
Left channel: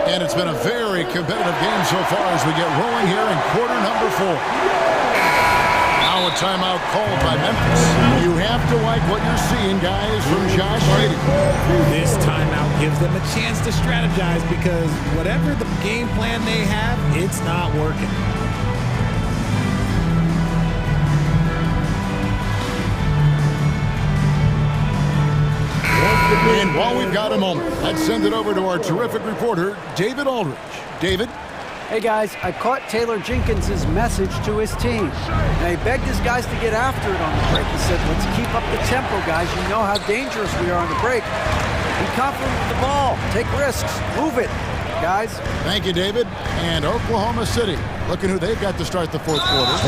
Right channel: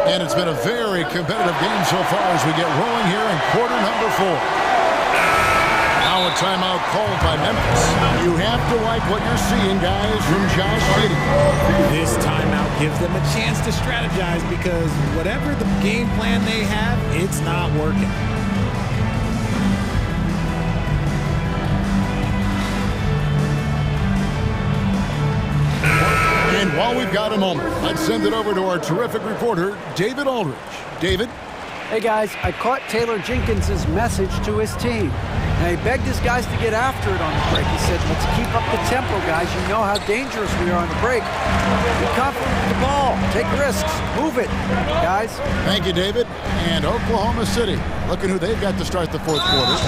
And it's been a very competitive game so far as we get rolling here in quarter number 4. Now a timeout called by Memphis. You have to like what you're seeing, guys, from Josh Giddey. This timeout gives them a chance to strategize because whatever the game plan they have, it's not working. And while we've got a moment, let's send it over to our terrific reporter, David Aldridge. David? Hey guys, I caught Taylor Jenkins' message to his team. Now he begged his guys to get after it on the break. He said, let's keep up the tempo, guys. You know how dangerous we are on the break. Be confident with the ball. Take risks. Move it, guys. Thank you, David. And Oklahoma City, looking who they've got to start the fourth quarter.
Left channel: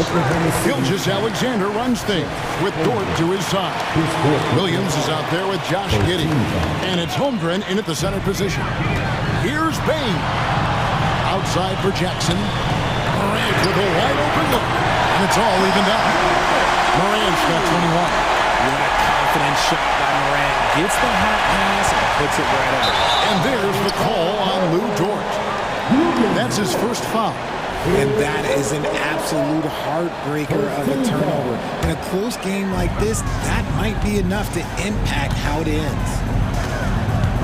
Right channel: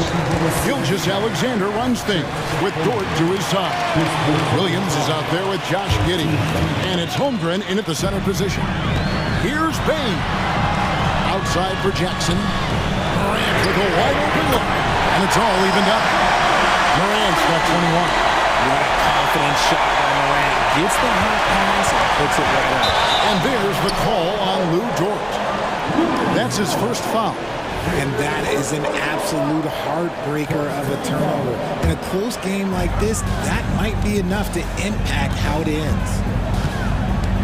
Gilgeous-Alexander runs things with Dort to his side. Williams is out there with Josh Giddey. And it's Holmgren in at the center position. Here's Bain. Outside for Jackson. Morant with a wide open look. And it's all evened up. Morant's got 21. What a confident shot by Morant. Gets the hot pass and puts it right up. And there's the call on Lou Dort. That's his first foul. And that is an absolute heartbreaker of a turnover. In a close game like this, that might be enough to impact how it ends.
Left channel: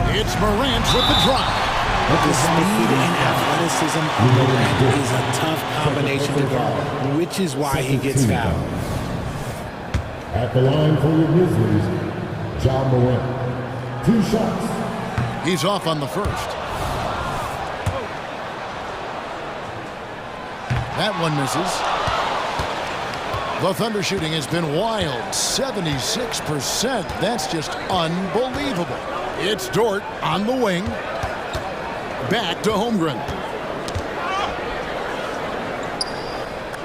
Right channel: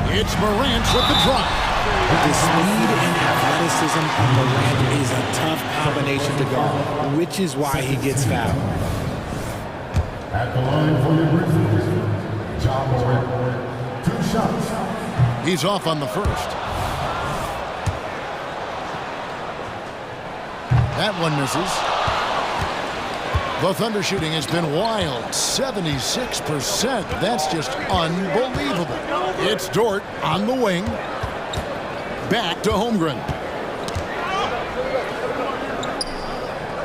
It's Morant with the drive. The speed and athleticism of Morant is a tough combination to guard, which is why he gets fouled. At the line for your Grizzlies, John Morant. 2 shots. He's off on the first. That one misses. The Thunder shooting has been wild, 76%. That's just unbelievable. It's Dort on the wing. Back to Holmgren.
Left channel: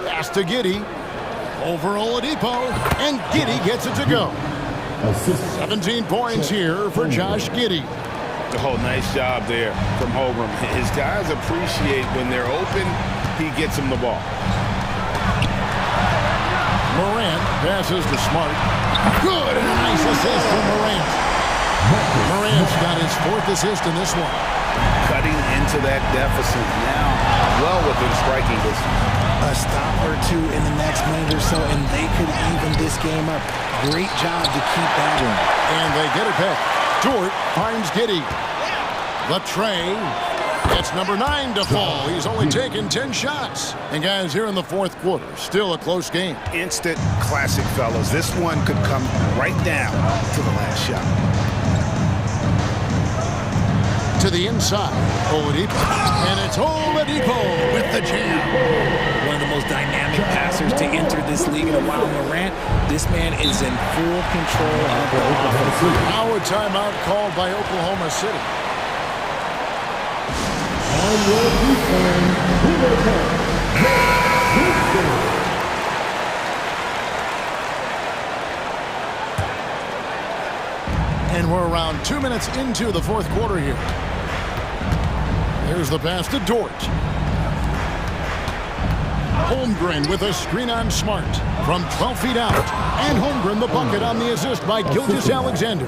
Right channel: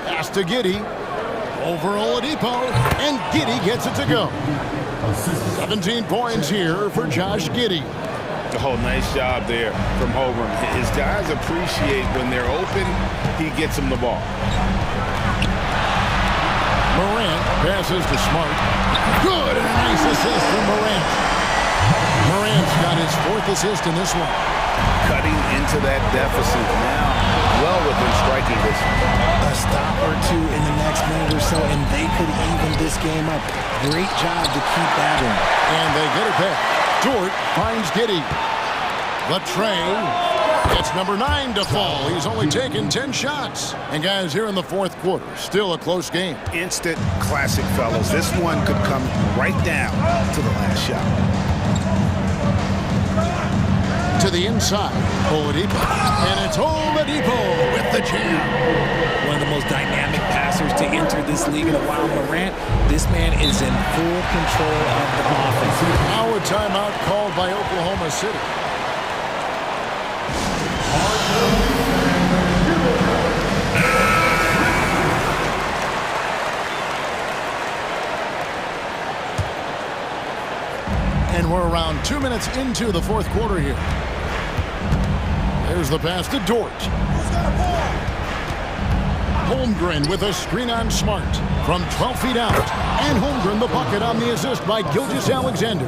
Pass to Giddey. Over Oladipo. And Giddey gets it to go. 17 points here for Josh Giddey. Oh, nice job there from Holmgren. His guys appreciate when they're open, he gets them the ball. Morant passes to Smart. Good, and a nice assist from Morant. Morant's got his 4th assist in this one. Cutting into that deficit now, well within striking distance. a stop or two in the next minute or so, and they could even this game up. Great job to keep that in. And they get it back. Dort finds Giddy. The tray. It's number 9 to fall. He's only taken 10 shots. And guys, here in the fourth quarter, still a close game. Instant classic, fellas. This one could come right down to the last shot. To the inside, Oladipo. And it's Oladipo with the jam. One of the most dynamic passers to enter this league in a while. Morant, this man is in full control of the offense. Now a timeout called by Oklahoma City. And we're around 2 minutes into the fourth quarter here. There's the pass to Dort. Holmgren with a screen on Smart from 12 feet out. And Holmgren the bucket on the assist by Gilgeous-Alexander.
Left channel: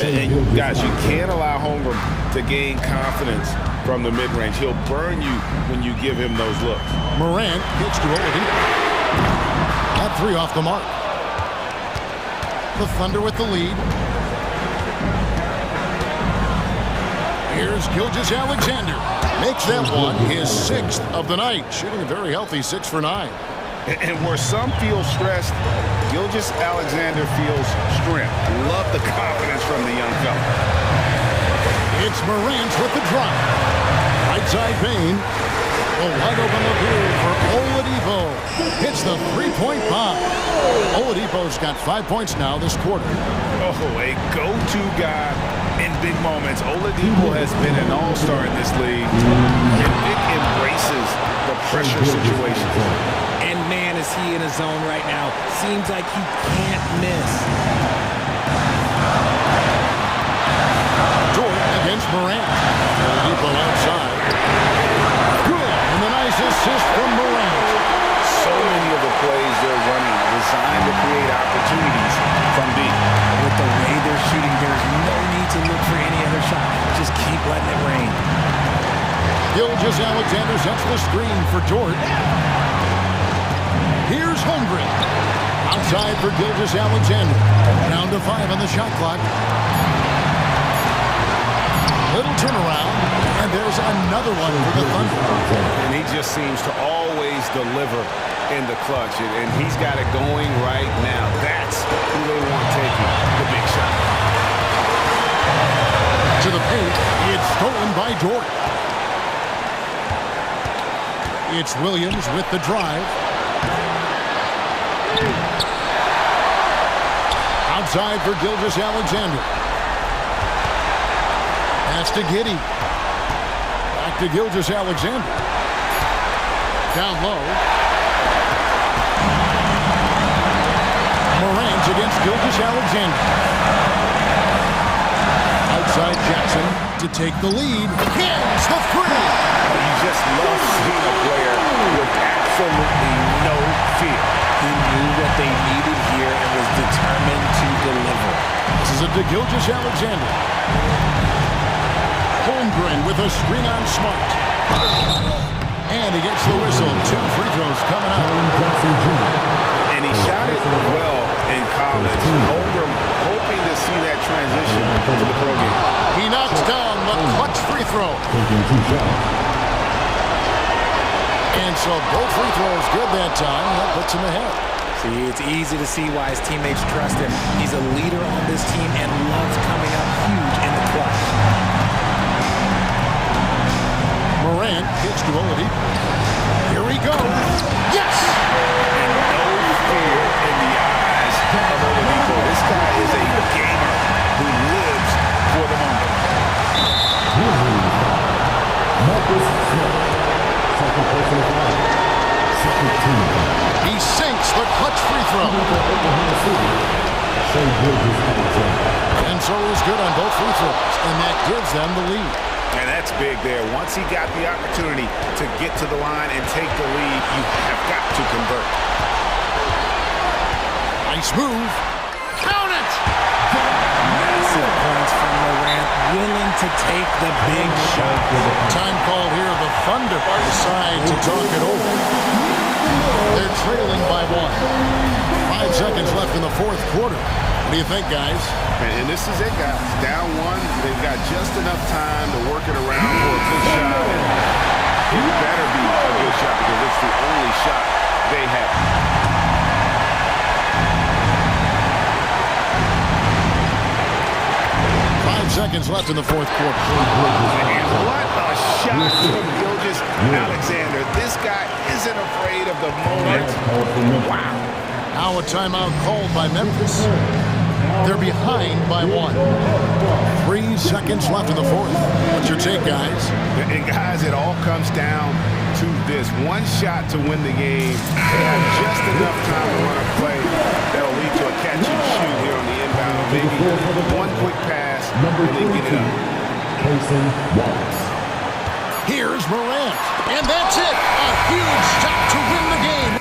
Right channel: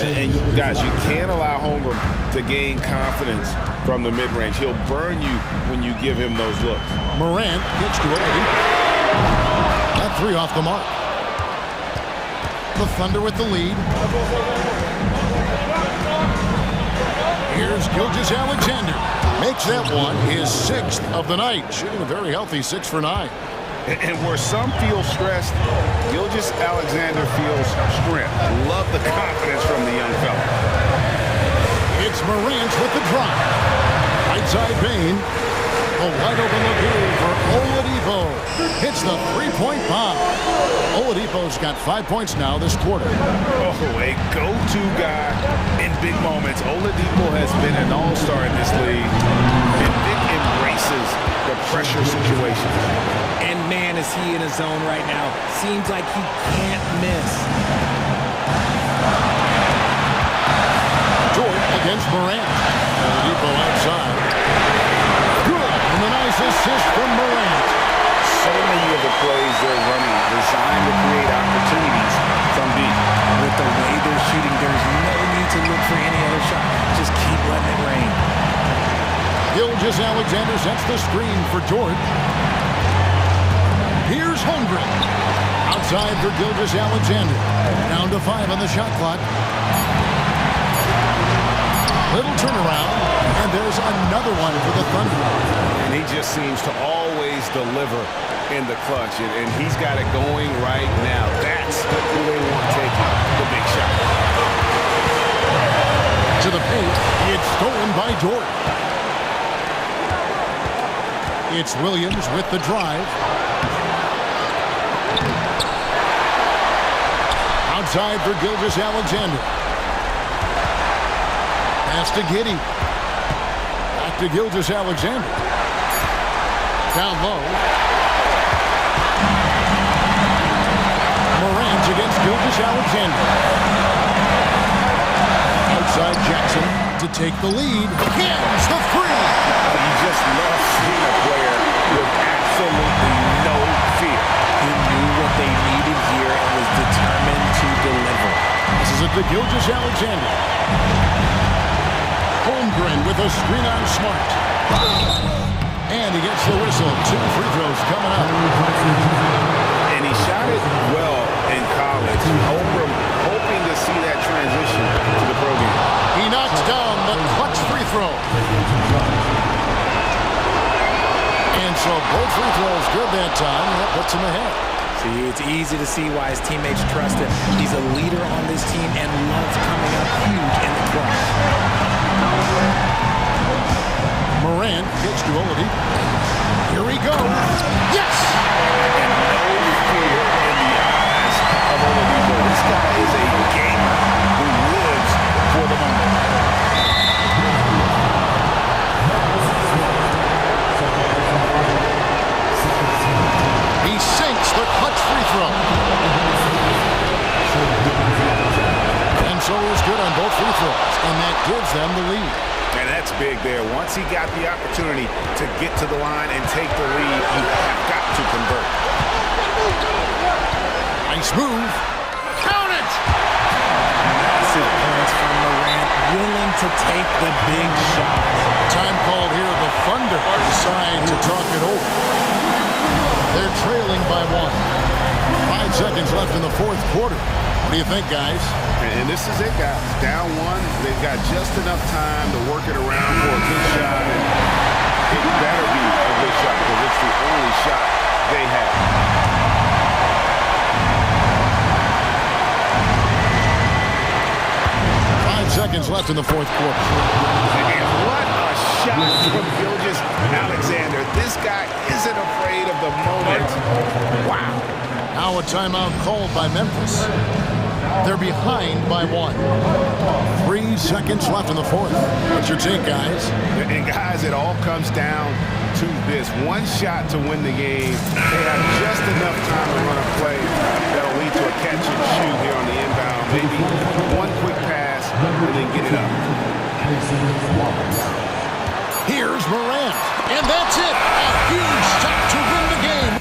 And you guys, you can't allow Holmgren to gain confidence from the mid-range. He'll burn you when you give him those looks. Morant kicks to Oladipo. That three off the mark. The Thunder with the lead. Here's Gilgeous-Alexander. Makes that one his 6th of the night. Shooting a very healthy 6 for 9. And where some feel stressed, Gilgeous-Alexander feels strength. Love the confidence from the young fella. It's Morant with the drive. Right side Bain. A wide open look here for Oladipo. Hits the three-point bomb. Oladipo's got 5 points now this quarter. Oh, a go-to guy in big moments. Oladipo has been an all-star in this league. And Vic embraces the pressure situations. And man, is he in his zone right now. Seems like he can't miss. Dort against Morant. Oladipo outside. Good. And the nice assist from Morant. So many of the plays they're running designed to create opportunities from deep. With the way they're shooting, there's no need to look for any other shot. Just keep letting it rain. Gilgeous-Alexander sets the screen for Dort. Here's Holmgren. Outside for Gilgeous-Alexander. Down to 5 on the shot clock. Little turnaround, and there's another one for the Thunder. And he just seems to always deliver in the clutch, and he's got it going right now. That's who they want taking the big shot. To the paint, it's stolen by Dort. It's Williams with the drive. Outside for Gilgeous-Alexander. Pass to Giddey. Back to Gilgeous-Alexander. Down low. Morant against Gilgeous-Alexander. Outside Jackson to take the lead. Hits the three. You just love seeing a player with absolutely no fear. He knew what they needed here and was determined to deliver. This is it to Gilgeous-Alexander. Holmgren with a screen on Smart. And he gets the whistle. 2 free throws coming up. And he shot it well in college. Holmgren hoping to see that transition to the pro game. He knocks down the clutch free throw. And so both free throws good that time. That puts him ahead. See, it's easy to see why his teammates trust him. He's a leader on this team and loves coming up huge in the clutch. Morant kicks to Oladipo. Here he goes. Yes! And no fear in the eyes of Oladipo. This guy is a gamer who lives for the moment. He sinks the clutch free throw. And so he's good on both free throws, and that gives them the lead. And that's big there. Once he got the opportunity to get to the line and take the lead, you have got to convert. Nice move. Count it! Massive points from Morant, willing to take the big shots. Time called here. The Thunder decide to talk it over. They're trailing by 1. 5 seconds left in the fourth quarter. What do you think, guys? And this is it, guys. Down 1. They've got just enough time to work it around for a good shot. And it better be a good shot because it's the only shot they have. 5 seconds left in the fourth quarter. And what a shot from Gilgeous Alexander. This guy isn't afraid of the moment. Wow. Now a timeout called by Memphis. They're behind by 1. 3 seconds left in the fourth. What's your take, guys? And guys, it all comes down to this. One shot to win the game. They have just enough time to run a play that'll lead to a catch and shoot here on the inbound. Maybe one quick pass and then get it up. Here's Morant. And that's it. A huge shot to win the game.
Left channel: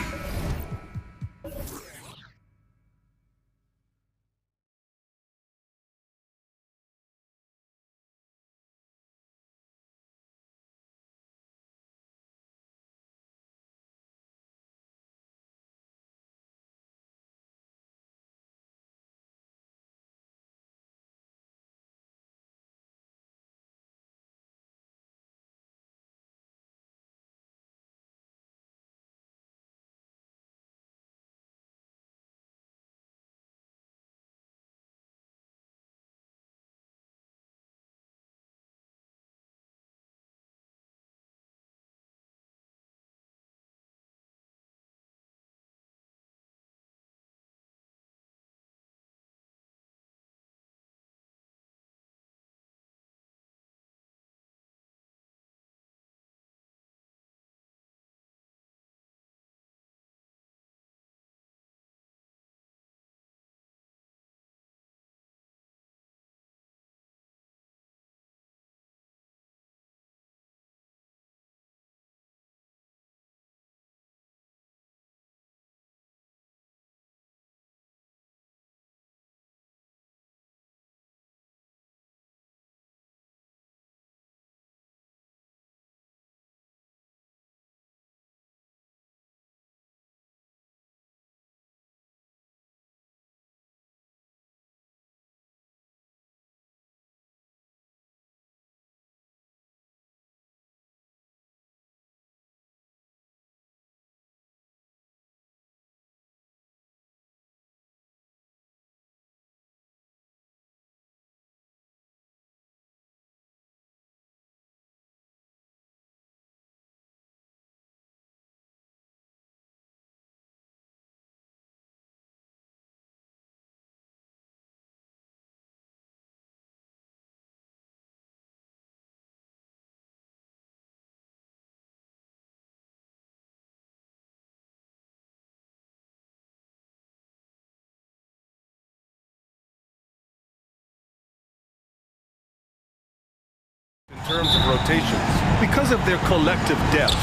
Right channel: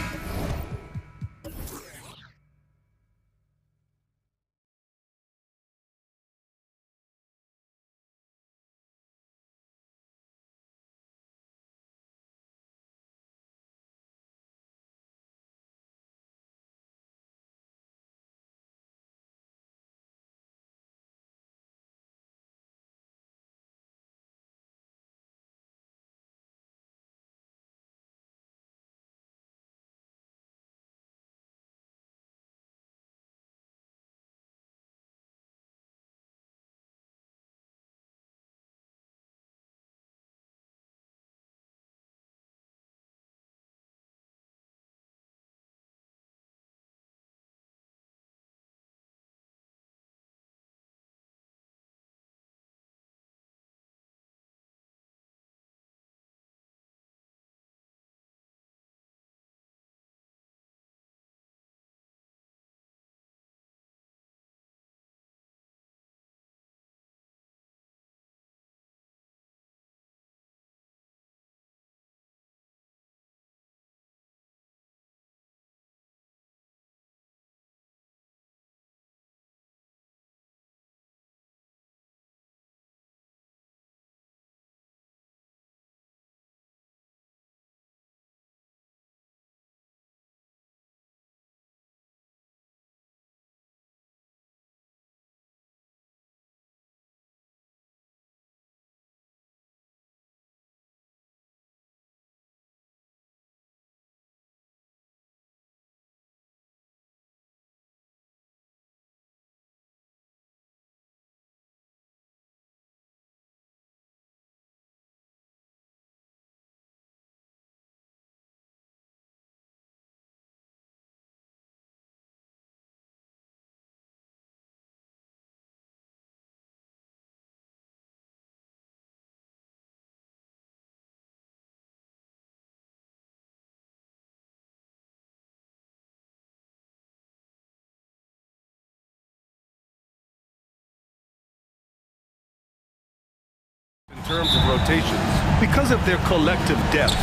In terms of rotations, Because of their collective depth,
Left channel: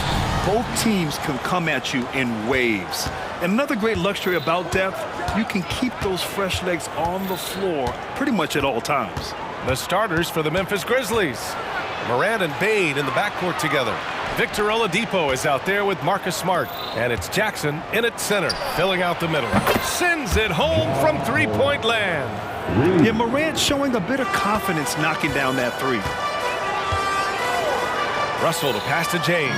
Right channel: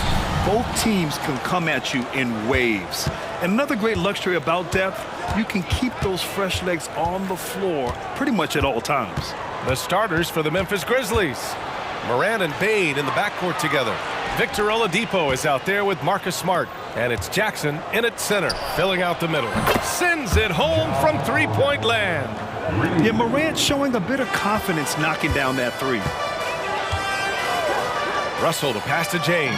both teams can come at you in waves. And another great luxury about depth, you can keep those fresh legs on the floor pretty much at all times. the starters for the Memphis Grizzlies. Morant and Bane in the backcourt together. Victor Oladipo is out there with Marcus Smart. And it's Jackson in at center, filling out the middle. Sends it home from three-point land. Yeah, Morant showing a bit of confidence knocking down that three. Russell to pass to James.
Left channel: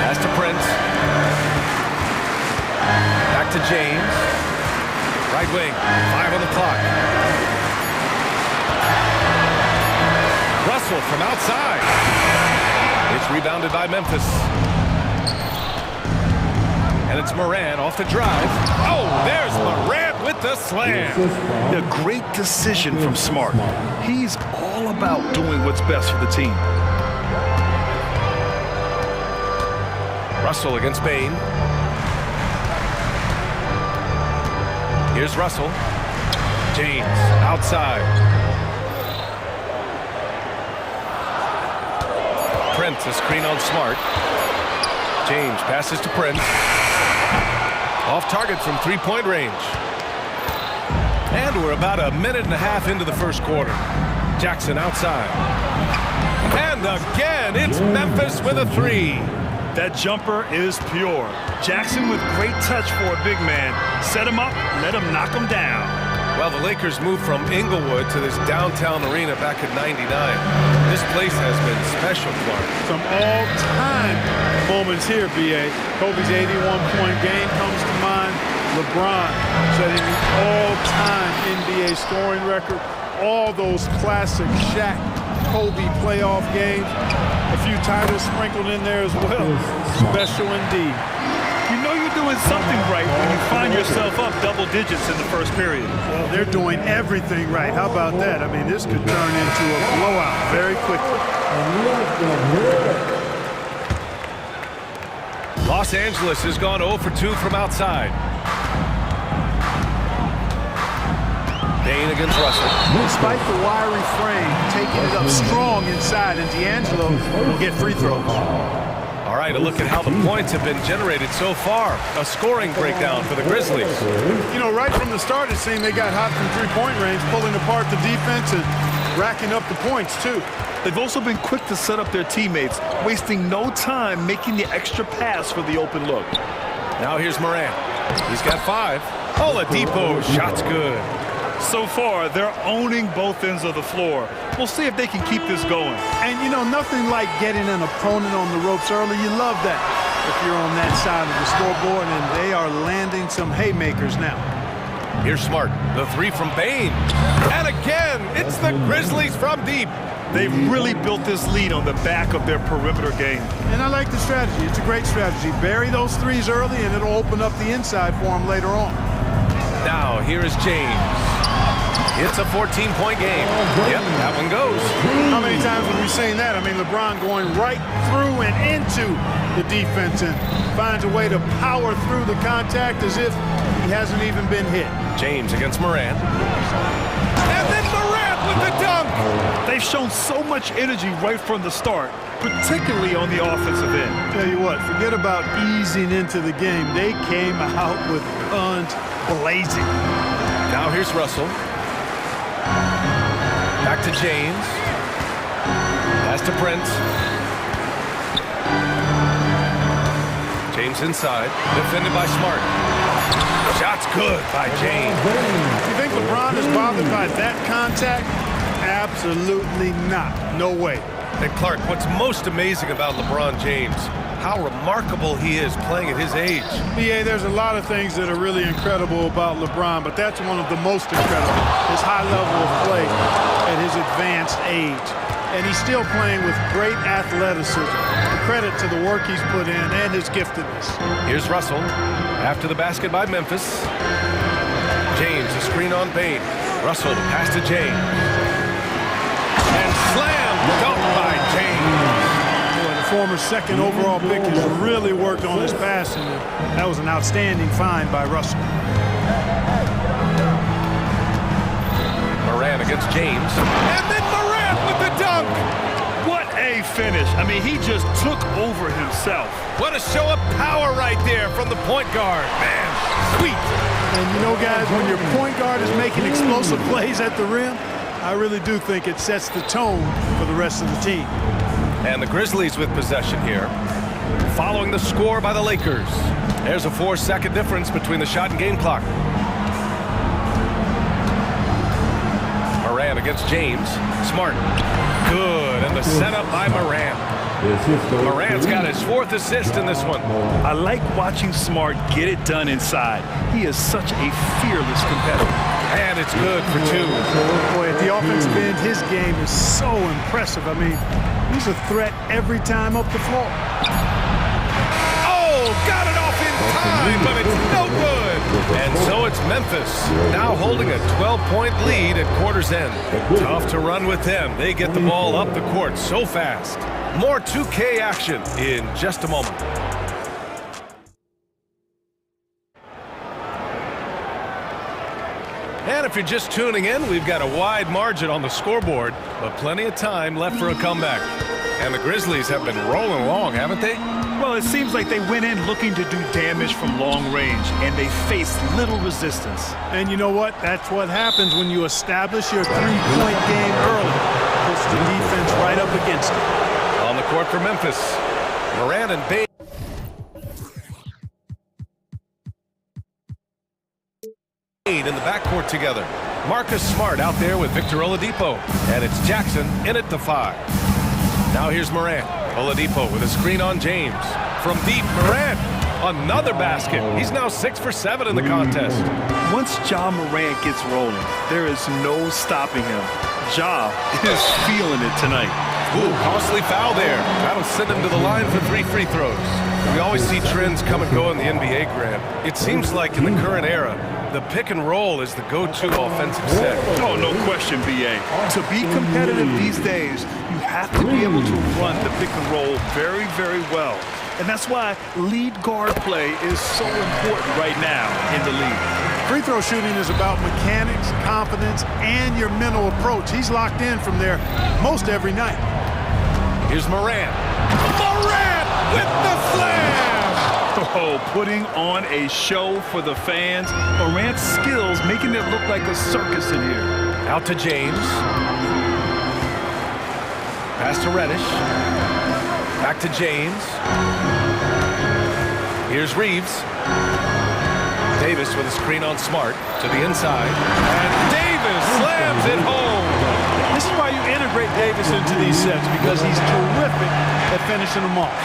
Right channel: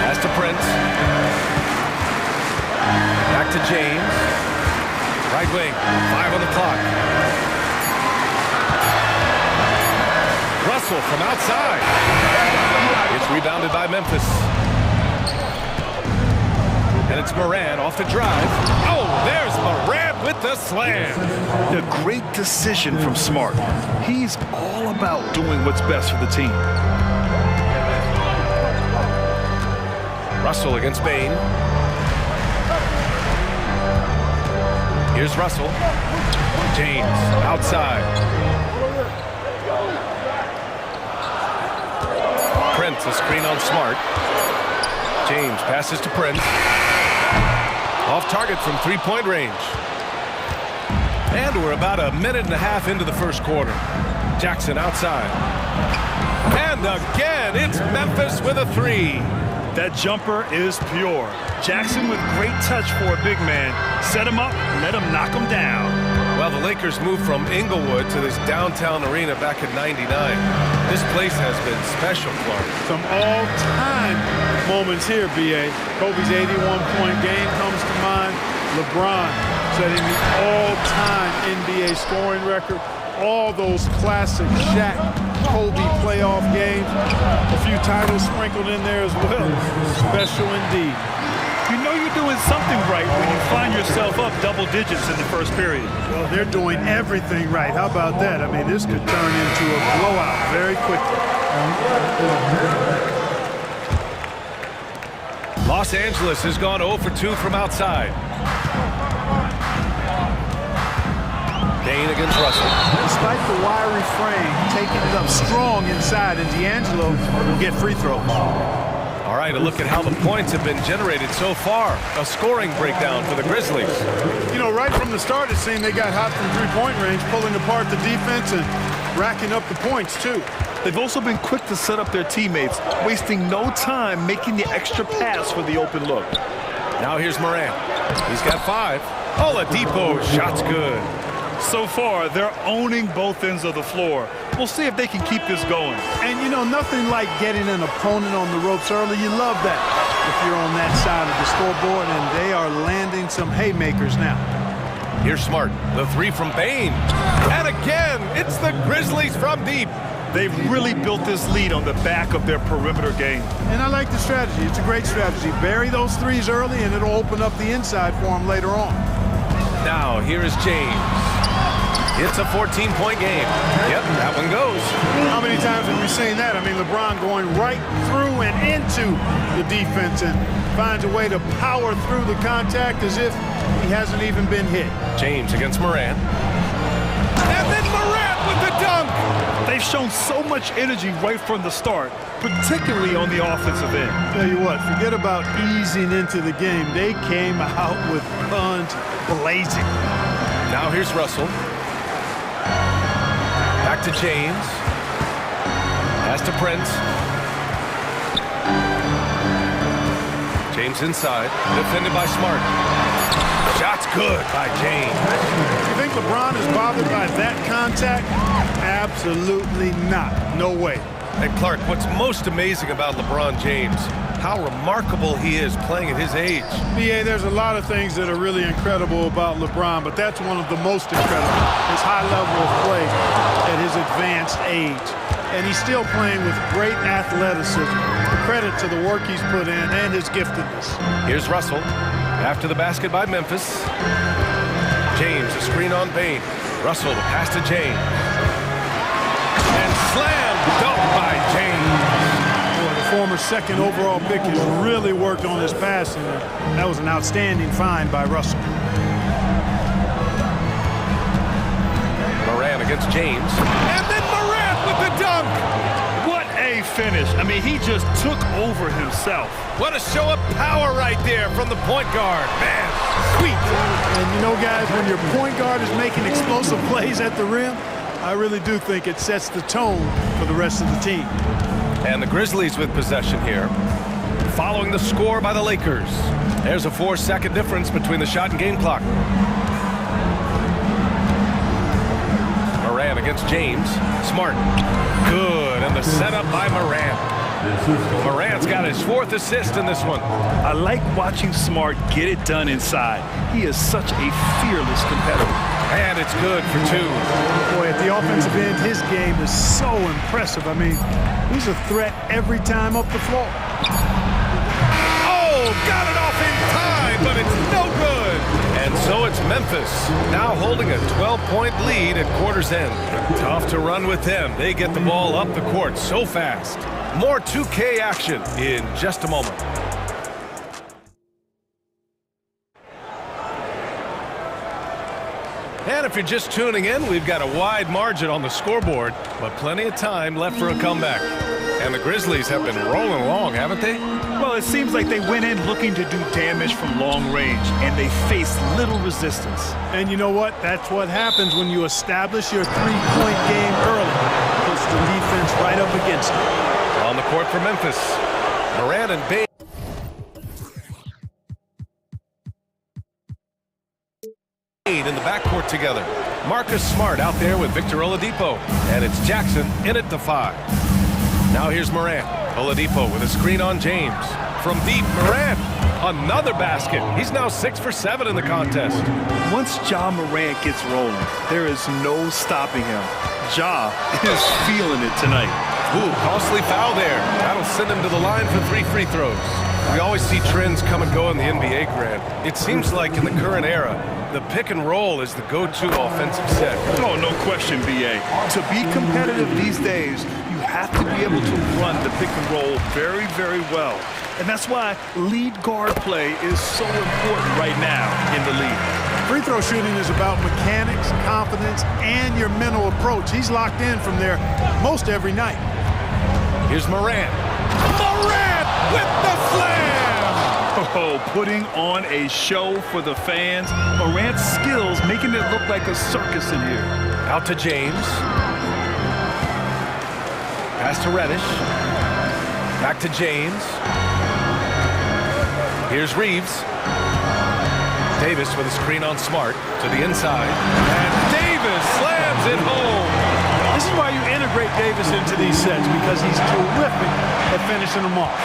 Pass to Prince. Back to James. Right wing, 5 on the clock. Russell from outside. It's rebounded by Memphis. And it's Morant off the drive. Oh, there's Morant with the slam. A great decision from Smart. He's all about doing what's best for the team. Russell against Bane. Here's Russell. James outside. Prince, a screen on Smart. James passes to Prince. Off target from three-point range. And we're about a minute and a half into the first quarter. Jackson outside. And again, it's Memphis with a three. That jumper is pure. Jackson with great touch for a big man. Set him up, let him knock him down. Well, the Lakers moved from Inglewood to this downtown arena back in '99. This place has been special, Clark. Some all-time moments here, B.A. Kobe's 81-point game comes to mind. LeBron setting the all-time NBA scoring record. All those classic Shaq, Kobe playoff games. A few titles sprinkled in there as well. Special indeed. You know you're doing something right when you find yourself up double digits in the first period. Well, they're doing everything right. How about that? I mean, this could turn into a blowout very quickly. Los Angeles has gone 0 for 2 from outside. Bain against Russell. Despite the wiry frame, taking it up strong inside, and D'Angelo will get free throws. All right, a look at how the points have been generated so far. A scoring breakdown for the Grizzlies. You know, right from the start, it seemed they got hot from three-point range, pulling apart the defense and racking up the points, too. They've also been quick to set up their teammates, wasting no time making the extra pass for the open look. Now here's Morant. He's got 5. Oladipo, shot's good. So far, they're owning both ends of the floor. We'll see if they can keep this going. And, you know, nothing like getting an opponent on the ropes early. You love that if you're on that side of the scoreboard, and they are landing some haymakers now. Here's Smart. The 3 from Bain. And again, it's the Grizzlies from deep. They've really built this lead on the back of their perimeter game. And I like the strategy. It's a great strategy. Bury those threes early, and it'll open up the inside for them later on. Now, here is James. It's a 14-point game. Yep, that one goes. How many times have we seen that? I mean, LeBron going right through and into the defense and finds a way to power through the contact as if he hasn't even been hit. James against Morant. And then Morant with the dunk. They've shown so much energy right from the start, particularly on the offensive end. Tell you what, forget about easing into the game. They came out with guns blazing. Now here's Russell. Back to James. Pass to Prince. James inside. Defended by Smart. Shot's good by James. You think LeBron is bothered by that contact? Absolutely not. No way. And Clark, what's most amazing about LeBron James, how remarkable he is playing at his age. B.A., there's a lot of things that are really incredible about LeBron, but that's one of the most incredible. His high level of play at his advanced age. And he's still playing with great athleticism. The credit to the work he's put in and his giftedness. Here's Russell. After the basket by Memphis. James, a screen on Bain. Russell, the pass to James. And slam dunk by James. Boy, the former second overall pick has really worked on his passing. That was an outstanding find by Russell. Morant against James. And then Morant with the dunk. What a finish. I mean, he just took over himself. What a show of power right there from the point guard. Man, sweet. And you know, guys, when your point guard is making explosive plays at the rim, I really do think it sets the tone for the rest of the team. And the Grizzlies with possession here. Following the score by the Lakers. There's a 4-second difference between the shot and game clock. Morant against James. Smart. Good. And the setup by Morant. Morant's got his 4th assist in this one. I like watching Smart get it done inside. He is such a fearless competitor. And it's good for 2. Boy, at the offensive end, his game is so impressive. I mean, he's a threat every time up the floor. Oh, got it off in time, but it's no good. And so it's Memphis, now holding a 12-point lead at quarter's end. Tough to run with them. They get the ball up the court so fast. More 2K action in just a moment. And if you're just tuning in, we've got a wide margin on the scoreboard, but plenty of time left for a comeback. And the Grizzlies have been rolling along, haven't they? Well, it seems like they went in looking to do damage from long range, and they faced little resistance. And you know what? That's what happens when you establish your three-point game early. puts the defense right up against it. On the court for Memphis, Morant and Bain in the backcourt together. Marcus Smart out there with Victor Oladipo. And it's Jackson in at the 5. Now here's Morant. Oladipo with a screen on James. From deep, Morant. Another basket. He's now 6 for 7 in the contest. Once Ja Morant gets rolling, there is no stopping him. Ja is feeling it tonight. Ooh, costly foul there. That'll send him to the line for 3 free throws. We always see trends come and go in the NBA, Grant. It seems like in the current era, the pick and roll is the go-to offensive set. Oh, no question, B.A. To be competitive these days, you have to be able to run the pick and roll very, very well. And that's why lead guard play is so important right now in the league. Free throw shooting is about mechanics, confidence, and your mental approach. He's locked in from there most every night. Here's Morant. Morant with the slam! Oh, putting on a show for the fans. Morant's skills making it look like a circus in here. Out to James. Pass to Reddish. Back to James. Here's Reeves. Davis with a screen on Smart to the inside. And Davis slams it home. This is why you integrate Davis into these sets, because he's terrific at finishing them off.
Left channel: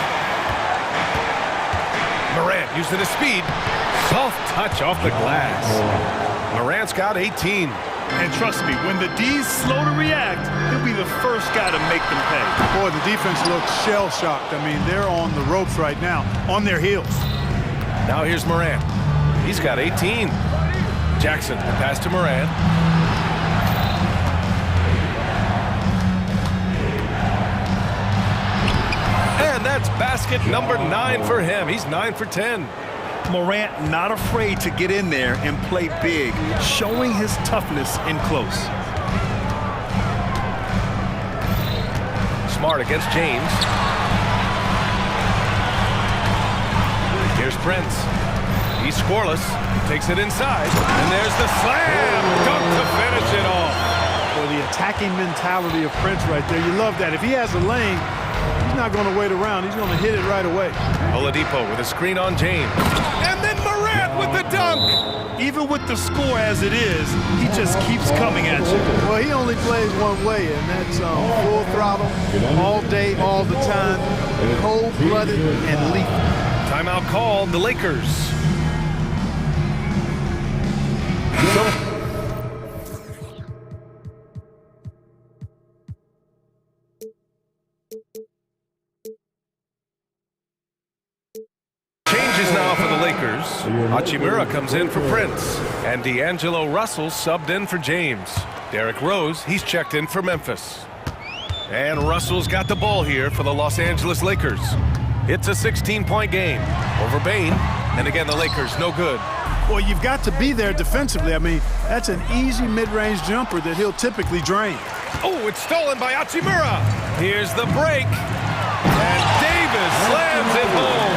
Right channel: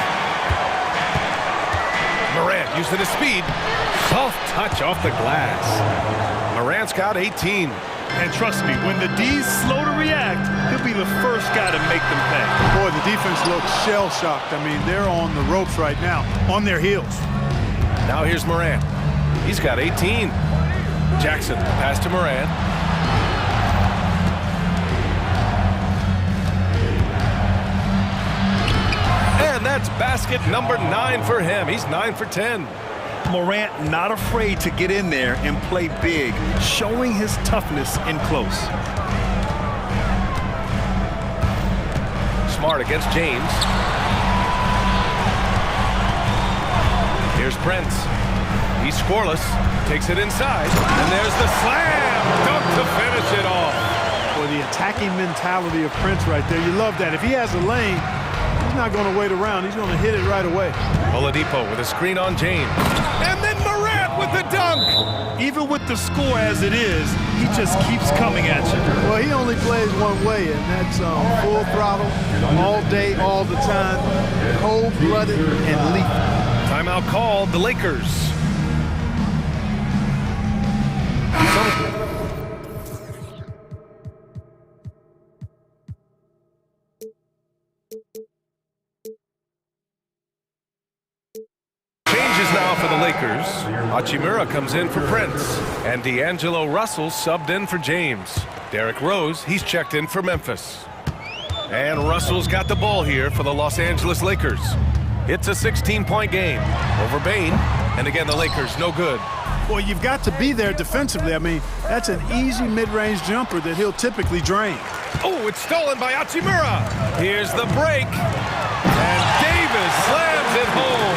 Morant using his speed. Soft touch off the glass. Morant's got 18. And trust me, when the D's slow to react, he'll be the first guy to make them pay. Boy, the defense looks shell-shocked. I mean, they're on the ropes right now, on their heels. Now here's Morant. He's got 18. Jackson, the pass to Morant. And that's basket number 9 for him. He's 9 for 10. Morant not afraid to get in there and play big, showing his toughness in close. Smart against James. Here's Prince. He's scoreless. Takes it inside. And there's the slam. Dunk to finish it off. Boy, the attacking mentality of Prince right there. You love that. If he has a lane, he's not going to wait around. He's going to hit it right away. Oladipo with a screen on James. And then Morant with the dunk. Even with the score as it is, he just keeps coming at you. Well, he only plays one way, and that's full throttle, all day, all the time, cold-blooded and lethal. Timeout called, the Lakers. Changes now for the Lakers. Hachimura comes in for Prince. And D'Angelo Russell subbed in for James. Derrick Rose, he's checked in for Memphis. And Russell's got the ball here for the Los Angeles Lakers. It's a 16-point game over Bain. And again, the Lakers, no good. Well, you've got to be there defensively. I mean, that's an easy mid-range jumper that he'll typically drain. Oh, it's stolen by Hachimura. Here's the break. And Davis slams it home.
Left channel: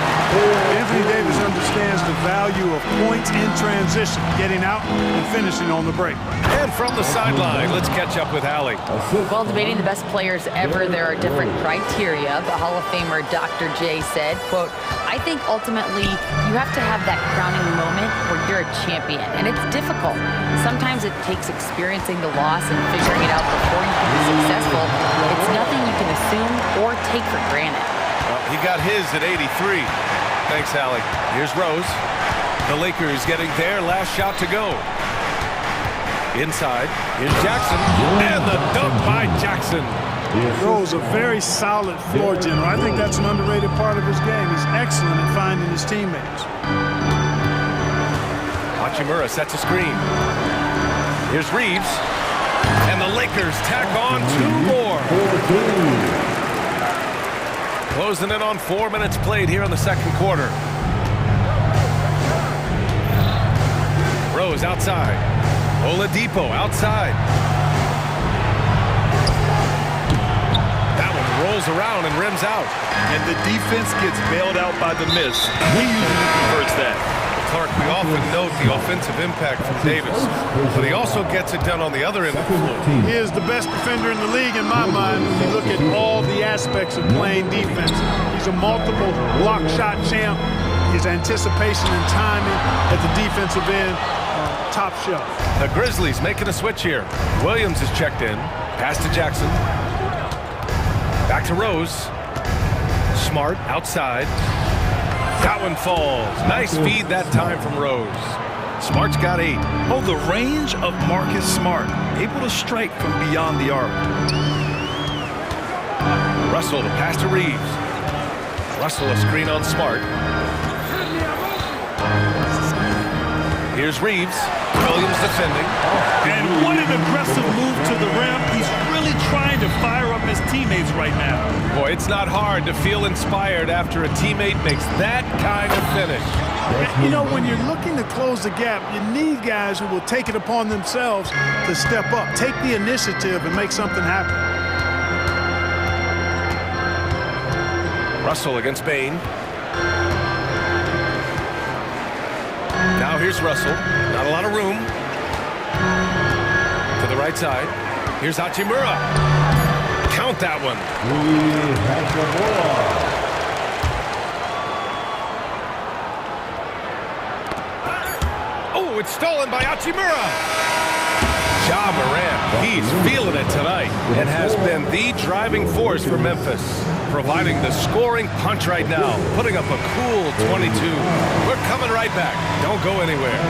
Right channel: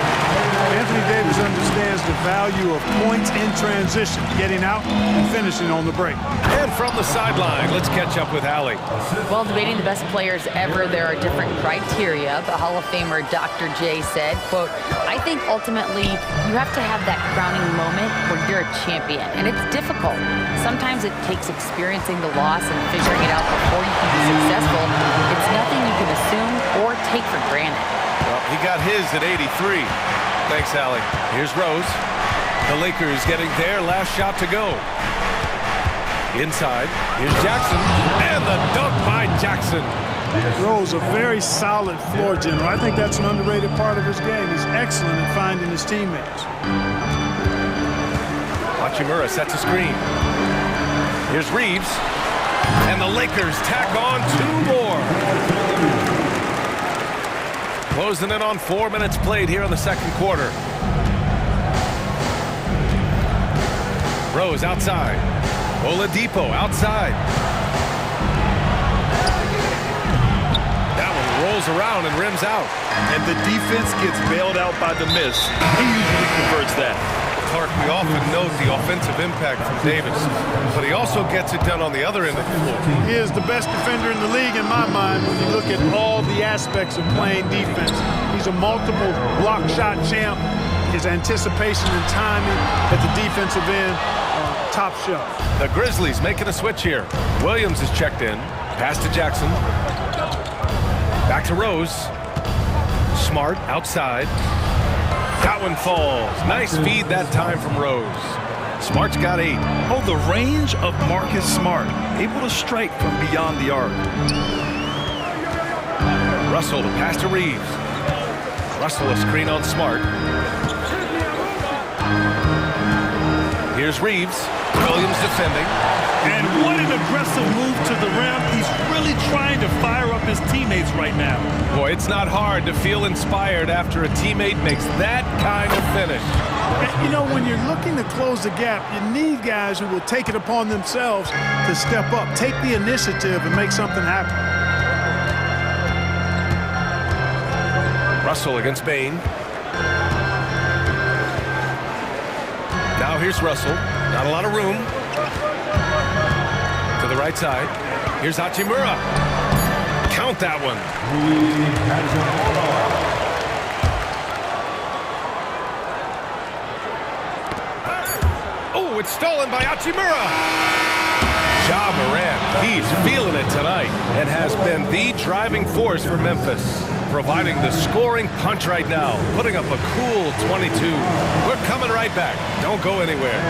Anthony Davis understands the value of points in transition, getting out and finishing on the break. And from the sideline, let's catch up with Allie. While debating the best players ever, there are different criteria, but Hall of Famer Dr. J said, quote, I think ultimately you have to have that crowning moment where you're a champion, and it's difficult. Sometimes it takes experiencing the loss and figuring it out before you can be successful. It's nothing you can assume or take for granted. Well, he got his at 83. Thanks, Allie. Here's Rose. The Lakers getting their last shot to go. Inside, here's Jackson, and the dunk by Jackson. Rose, a very solid floor general. I think that's an underrated part of his game. He's excellent at finding his teammates. Hachimura sets a screen. Here's Reeves, and the Lakers tack on 2 more. Closing in on 4 minutes played here in the second quarter. Rose outside. Oladipo outside. That one rolls around and rims out. And the defense gets bailed out by the miss. He usually converts that. Clark, we often note the offensive impact from Davis, but he also gets it done on the other end of the floor. He is the best defender in the league in my mind when you look at all the aspects of playing defense. He's a multiple block shot champ. His anticipation and timing at the defensive end, top shelf. The Grizzlies making a switch here. Williams is checked in. Pass to Jackson. Back to Rose. Smart outside. That one falls. Nice feed that time from Rose. Smart's got 8. Oh, the range of Marcus Smart. Able to strike from beyond the arc. Russell to pass to Reeves. Russell a screen on Smart. Here's Reeves. Williams defending. And what an aggressive move to the rim. He's really trying to fire up his teammates right now. Boy, it's not hard to feel inspired after a teammate makes that kind of finish. You know, when you're looking to close the gap, you need guys who will take it upon themselves to step up, take the initiative, and make something happen. Russell against Bain. Now here's Russell. Not a lot of room. To the right side. Here's Hachimura. Count that one. Oh, it's stolen by Hachimura. Ja Morant, he's feeling it tonight and has been the driving force for Memphis, providing the scoring punch right now, putting up a cool 22. We're coming right back. Don't go anywhere.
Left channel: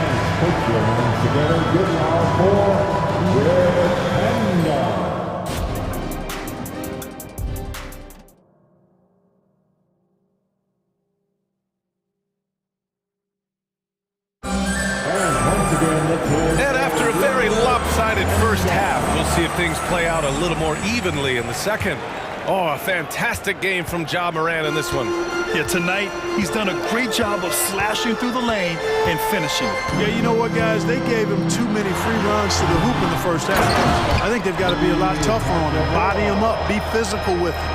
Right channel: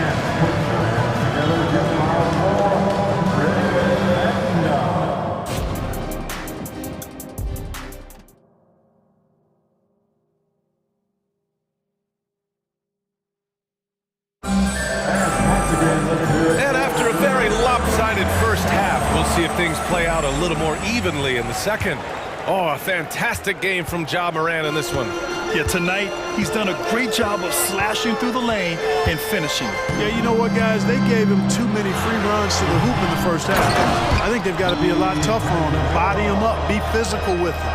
And after a very lopsided first half, we'll see if things play out a little more evenly in the second. Oh, a fantastic game from Ja Morant in this one. Yeah, tonight, he's done a great job of slashing through the lane and finishing. Yeah, you know what, guys? They gave him too many free runs to the hoop in the first half. I think they've got to be a lot tougher on him. Body him up. Be physical with him.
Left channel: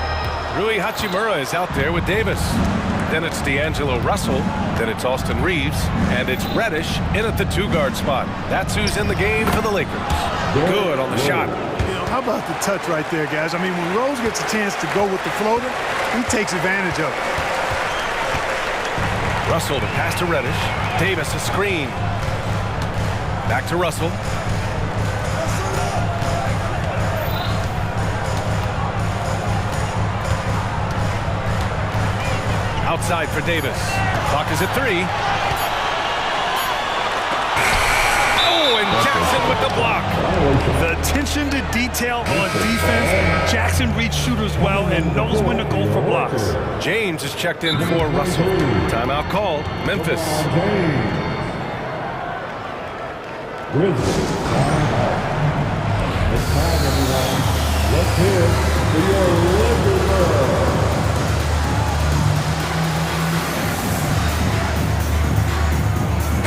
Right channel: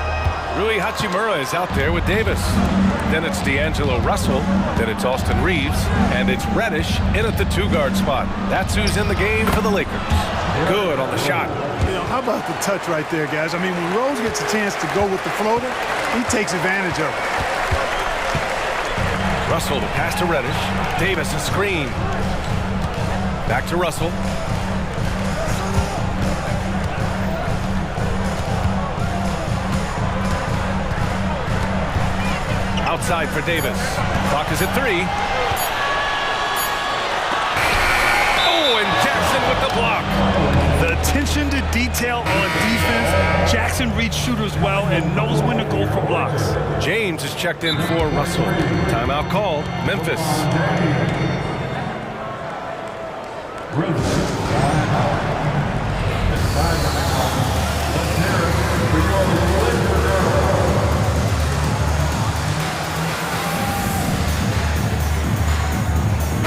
Rui Hachimura is out there with Davis. Then it's D'Angelo Russell. Then it's Austin Reeves. And it's Reddish in at the 2-guard spot. That's who's in the game for the Lakers. Good on the shot. You know, how about the touch right there, guys? I mean, when Rose gets a chance to go with the floater, he takes advantage of it. Russell to pass to Reddish. Davis a screen. Back to Russell. Outside for Davis. Clock is at 3. Oh, and Jackson with the block. The attention to detail on defense. Jackson reads shooters well and knows when to go for blocks. James is checked in for Russell. Timeout call, Memphis. It's time, everyone. Let's hear it for your Lakers.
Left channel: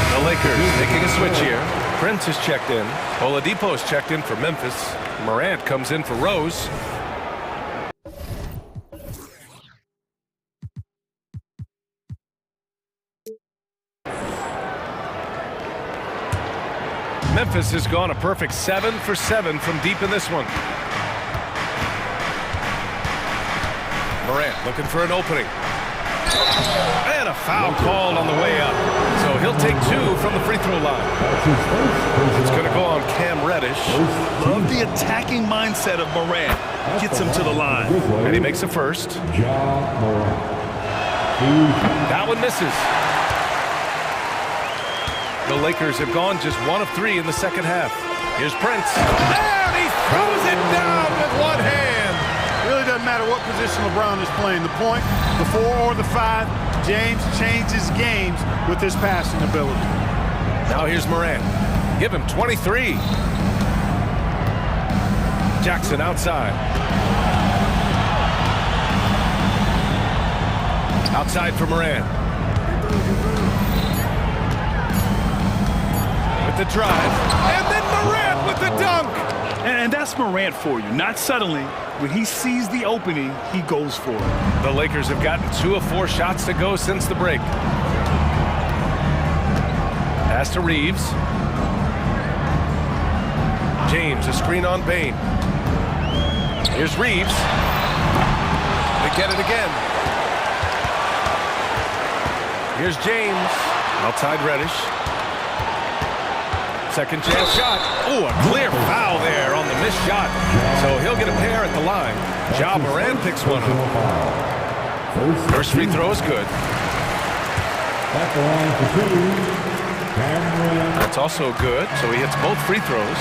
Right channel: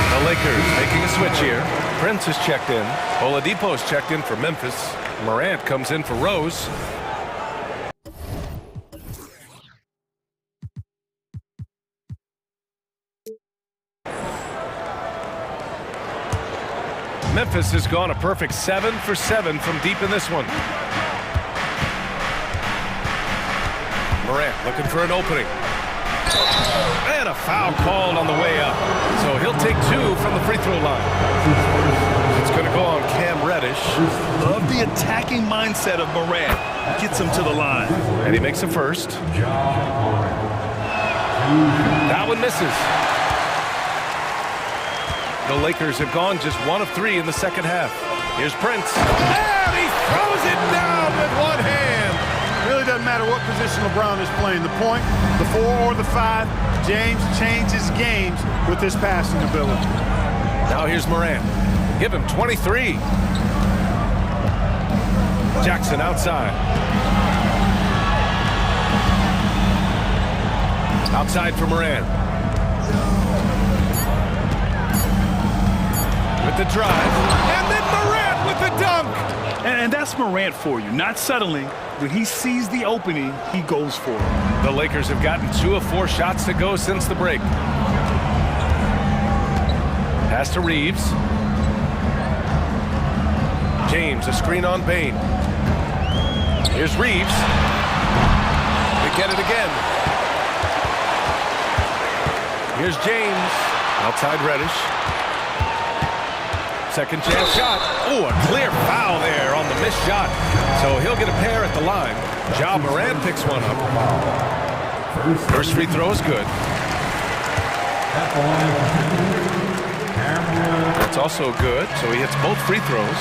The Lakers making a switch here. Prince is checked in. Oladipo is checked in for Memphis. Morant comes in for Rose. Memphis has gone a perfect 7 for 7 from deep in this one. Morant looking for an opening. And a foul called on the way up. So he'll take 2 from the free throw line. It's going to go on Cam Reddish. Love the attacking mindset of Morant. Gets him to the line. And he makes a first. That one misses. The Lakers have gone just 1 of 3 in the second half. Here's Prince. And he throws it down with one hand. Really doesn't matter what position LeBron is playing. The point, the 4 or the 5, James changes games with his passing ability. Now here's Morant. Give him 23. Jackson outside. Outside for Morant. With the drive. And then Morant with the dunk. And that's Morant for you. Not suddenly. When he sees the opening, he goes for it. The Lakers have gotten 2 of 4 shots to go since the break. Pass to Reeves. James, a screen on Bain. Here's Reeves. They get it again. Here's James. Outside Reddish. Second chance shot. Oh, a clear foul there on the missed shot. So he'll get a pair at the line. Ja Morant picks one up. First free throw is good. That's also good. So he hits both free throws.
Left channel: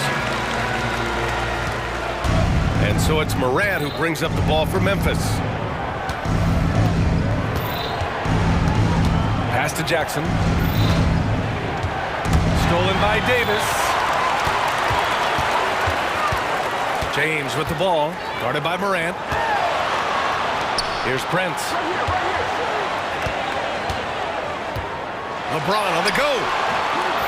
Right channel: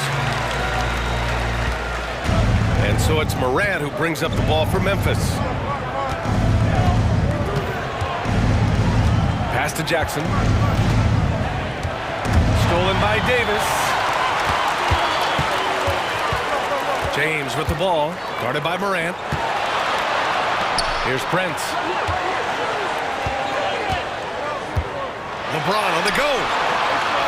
And so it's Morant who brings up the ball for Memphis. Pass to Jackson. Stolen by Davis. James with the ball, guarded by Morant. Here's Prince. LeBron on the go.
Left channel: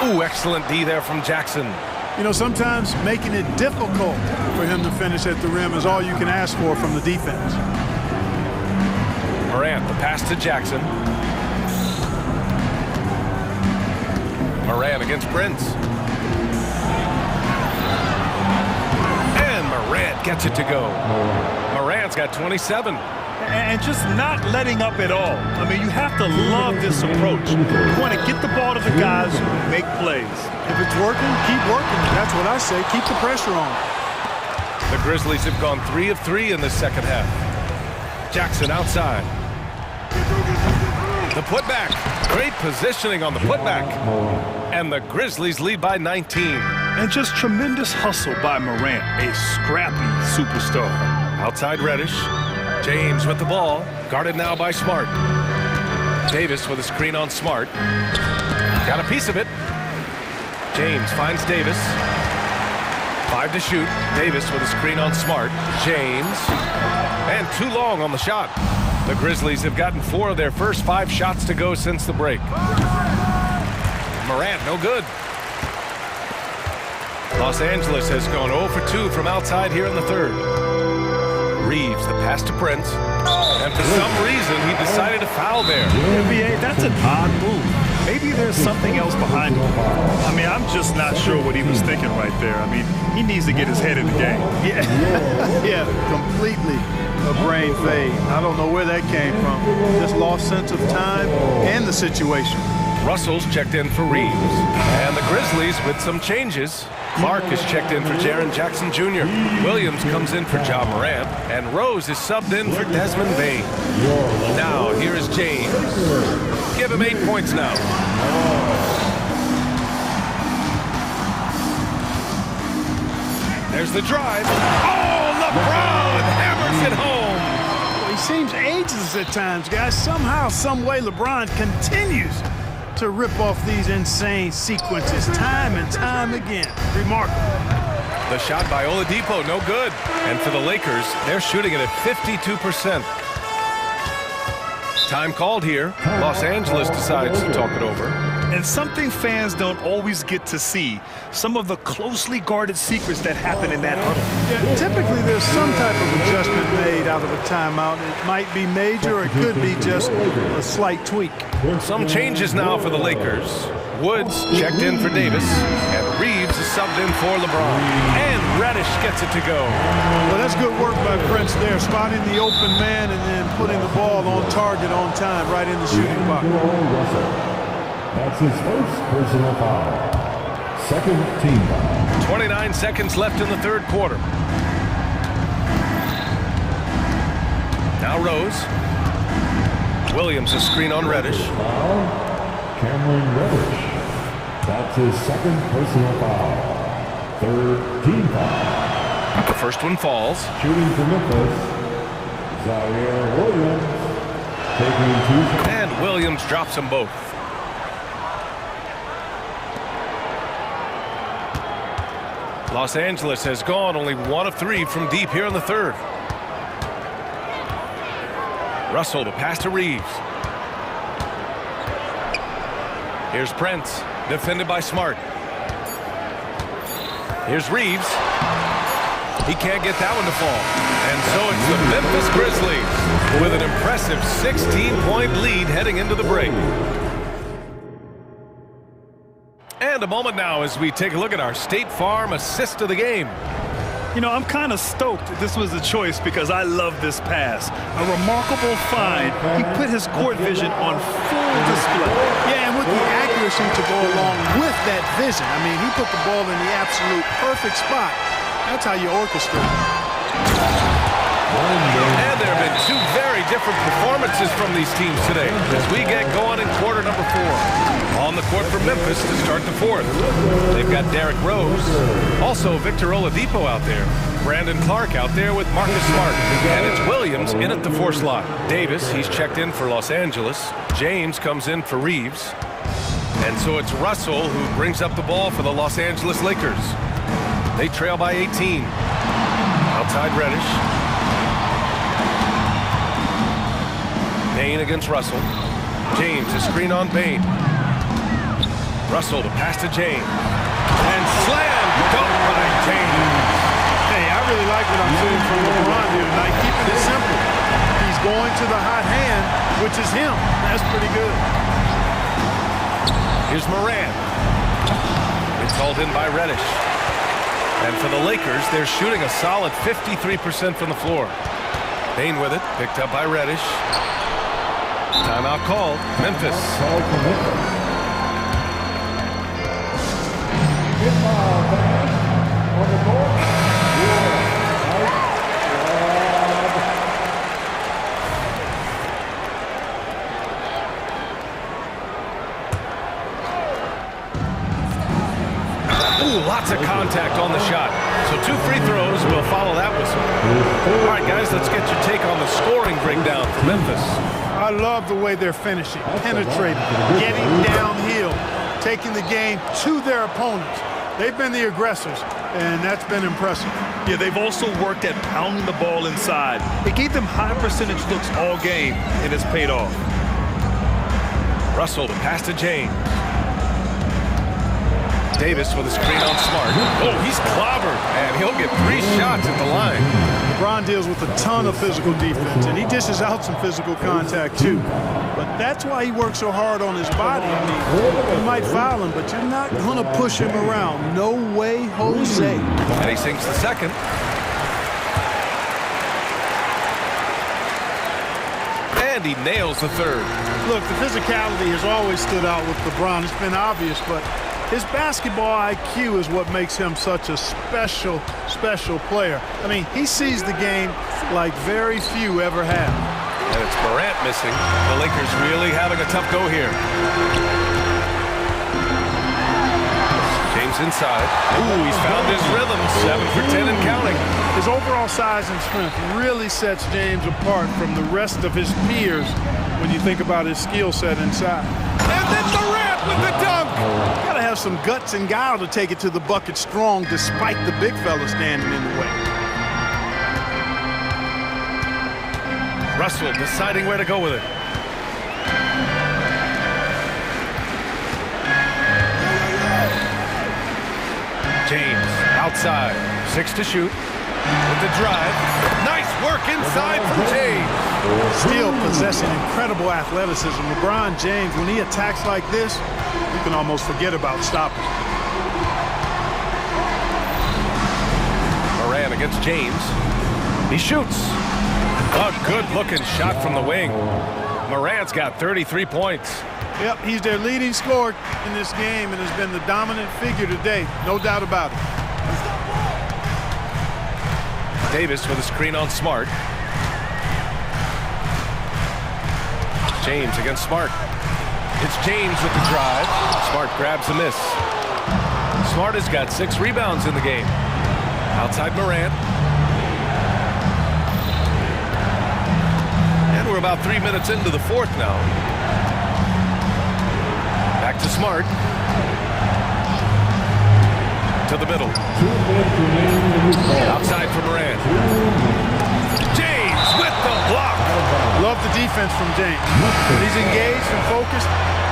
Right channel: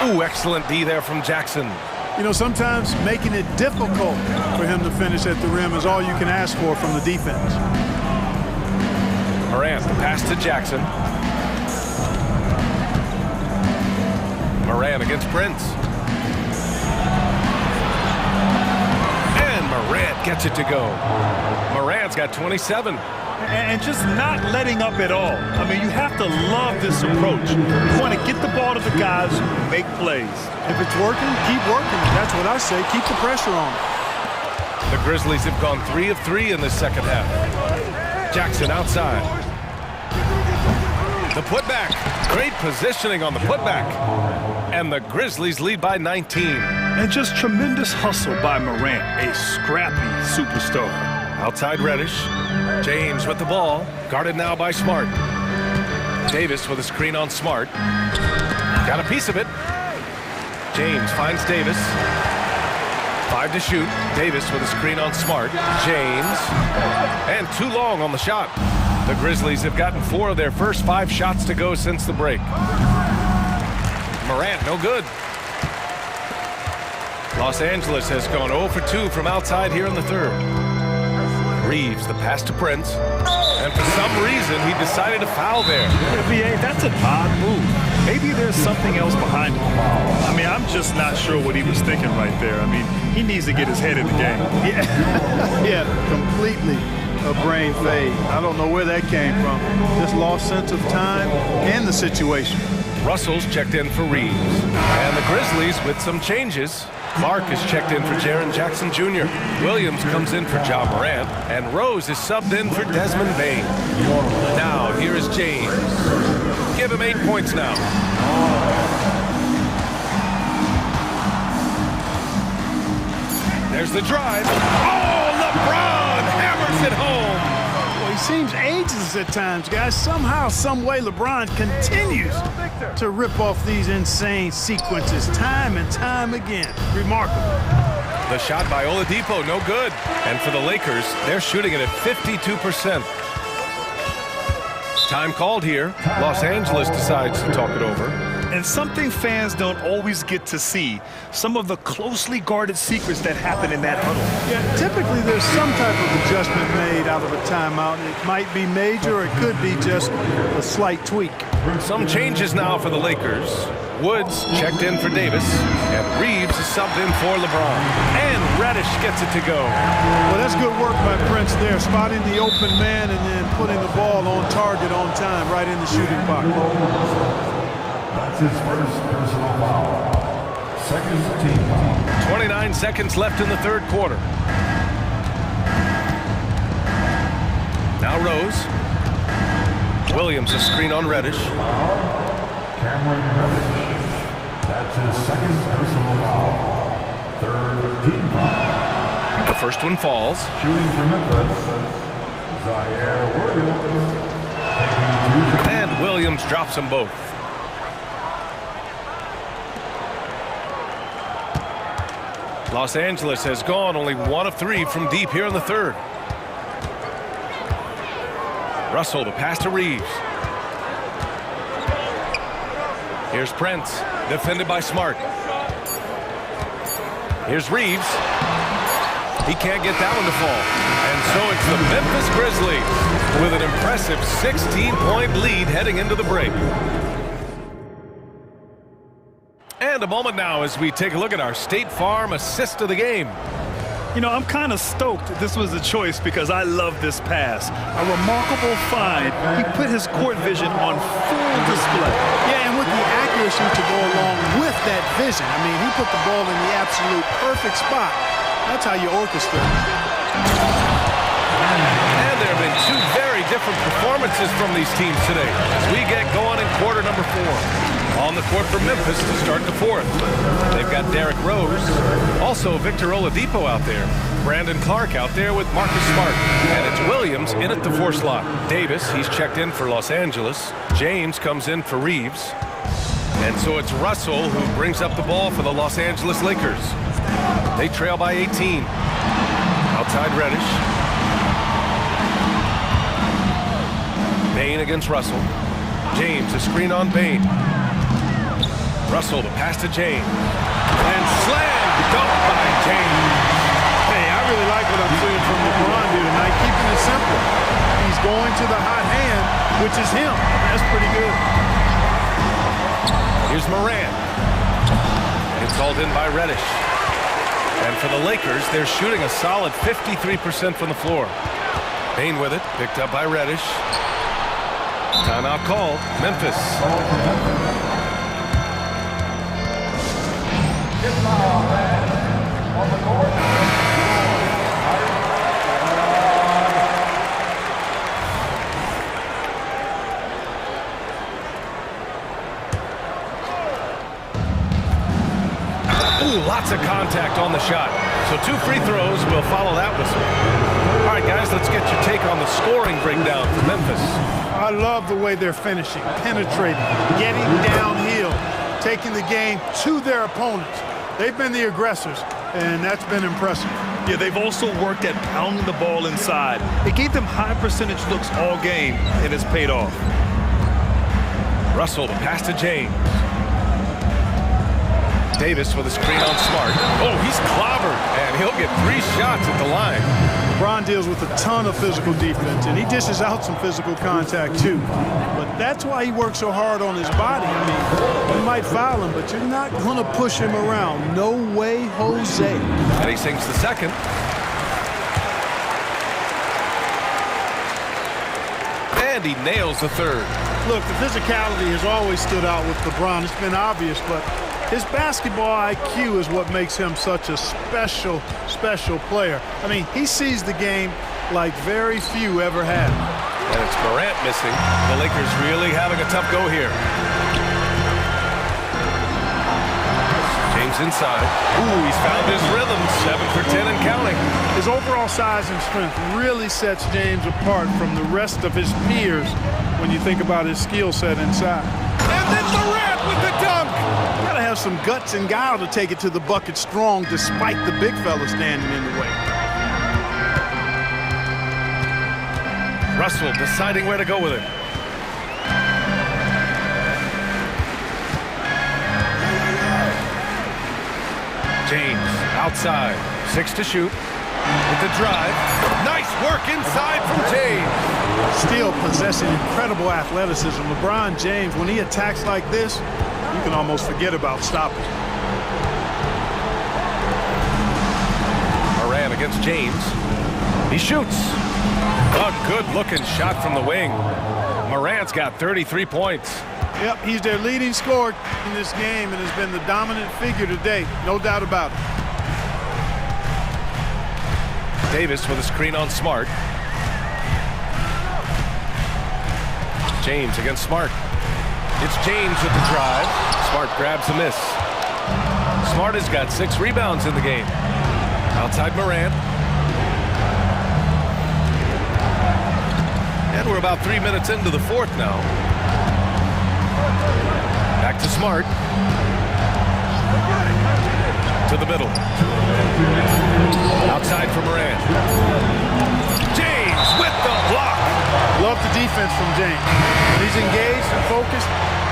Ooh, excellent D there from Jackson. You know, sometimes making it difficult for him to finish at the rim is all you can ask for from the defense. Morant, the pass to Jackson. Morant against Prince. And Morant gets it to go. Morant's got 27. And just not letting up at all. I mean, you have to love this approach. You want to get the ball to the guys who make plays. If it's working, keep working. That's what I say. Keep the pressure on. The Grizzlies have gone 3 of 3 in this second half. Jackson outside. The putback. Great positioning on the putback. And the Grizzlies lead by 19. And just tremendous hustle by Morant, a scrappy superstar. Outside Reddish. James with the ball, guarded now by Smart. Davis with a screen on Smart. Got a piece of it. James finds Davis. 5 to shoot. Davis with a screen on Smart. James. And too long on the shot. The Grizzlies have gotten 4 of their first 5 shots to go since the break. Morant, no good. Los Angeles has gone 0 for 2 from outside here in the third. Reeves, the pass to Prince. And for some reason, he decided to foul there. Yeah, B.A., that's an odd move. Maybe there's something else behind it. I mean, I'm just not sure what he was thinking right there. I mean, he needs to get his head in the game. Yeah, yeah, completely a brain fade. I don't know where that came from. Just lost sense of time and the situation. Russell's checked in for Reeves. And the Grizzlies with some changes. Clark is checked in for Jaren Jackson Jr. Williams comes in for Ja Morant. And Rose is subbed in for Desmond Bain. Now, here is James. Give him 8 points now. There's the drive. Oh, LeBron hammers it home. Well, he seems ageless at times, guys. Somehow, some way, LeBron continues to rip off these insane sequences time and time again. Remarkable. The shot by Oladipo, no good. And for the Lakers, they're shooting it at 52%. Time called here. Los Angeles decides to talk it over. And something fans don't always get to see, some of the closely guarded secrets that happen in that huddle. Yeah, typically there's some type of adjustment made out of a timeout. It might be major, or it could be just a slight tweak. Some changes now for the Lakers. Woods checked in for Davis, and Reeves is subbed in for LeBron. And Reddish gets it to go. Well, that's good work by Prince there, spotting the open man and then putting the ball on target on time, right in the shooting pocket. That's his first personal foul. Second team foul. 29 seconds left in the third quarter. Now Rose. Williams a screen on Reddish. Cameron Reddish. That's his second personal foul. Third team foul. The first one falls. Shooting for Memphis, Zaire Williams. Taking 2 shots. And Williams drops them both. Los Angeles has gone only 1 of 3 from deep here in the third. Russell, the pass to Reeves. Here's Prince, defended by Smart. Here's Reeves. He can't get that one to fall. And so it's the Memphis Grizzlies with an impressive 16-point lead heading into the break. And a moment now as we take a look at our State Farm assist of the game. You know, I'm kind of stoked this was a choice because I love this pass. A remarkable find. He put his court vision on full display. Yeah, and with the accuracy to go along with that vision. I mean, he put the ball in the absolute perfect spot. That's how you orchestrate. And there have been two very different performances from these teams today as we get going in quarter number 4. On the court for Memphis to start the 4th. They've got Derrick Rose, also Victor Oladipo out there. Brandon Clark out there with Marcus Smart. And it's Williams in at the 4 slot. Davis, he's checked in for Los Angeles. James comes in for Reeves. And so it's Russell who brings up the ball for the Los Angeles Lakers. They trail by 18. Outside Reddish. Bain against Russell. James, a screen on Bain. Russell, the pass to James. And slam dunk by James. Hey, I really like what I'm seeing from LeBron here tonight, keeping it simple. He's going to the hot hand, which is him. That's pretty good. Here's Moran. It's hauled in by Reddish. And for the Lakers, they're shooting a solid 53% from the floor. Bain with it, picked up by Reddish. Timeout called, Memphis. On the board, Ooh, lots of contact on the shot. So 2 free throws will follow that whistle. All right, guys, let's get your take on the scoring breakdown for Memphis. I love the way they're finishing, penetrating, getting downhill, taking the game to their opponents. They've been the aggressors, and that's been impressive. Yeah, they've also worked at pounding the ball inside. It gave them high percentage looks all game, and it's paid off. Russell, the pass to James. Davis with a screen on Smart. Oh, he's clobbered, and he'll get 3 shots at the line. LeBron deals with a ton of physical defense, and he dishes out some physical contact too. But that's why he works so hard on his body. I mean, you might foul him, but you're not going to push him around. No way, Jose. And he sinks the second. And he nails the third. Look, the physicality has always stood out with LeBron. It's been obvious, but his basketball IQ is what makes him such a special, special player. I mean, he sees the game like very few ever have. And it's Morant missing. The Lakers really having a tough go here. James inside. Ooh, he's found his rhythm. 7 for 10 and counting. His overall size and strength really sets James apart from the rest of his peers when you think about his skill set inside. And then Morant with the dunk. You gotta have some guts and guile to take it to the bucket strong despite the big fella standing in the way. Russell deciding where to go with it. James outside. 6 to shoot. With the drive. Nice work inside from James. Still possessing incredible athleticism. LeBron James, when he attacks like this, you can almost forget about stopping. Moran against James. He shoots. A good-looking shot from the wing. Morant's got 33 points. Yep, he's their leading scorer in this game and has been the dominant figure today. No doubt about it. Davis with a screen on Smart. James against Smart. It's James with the drive. Smart grabs the miss. Smart has got 6 rebounds in the game. Outside Morant. And we're about 3 minutes into the 4th now. Back to Smart. To the middle. Outside for Morant. James with the block. Love the defense from James. When he's engaged and focused,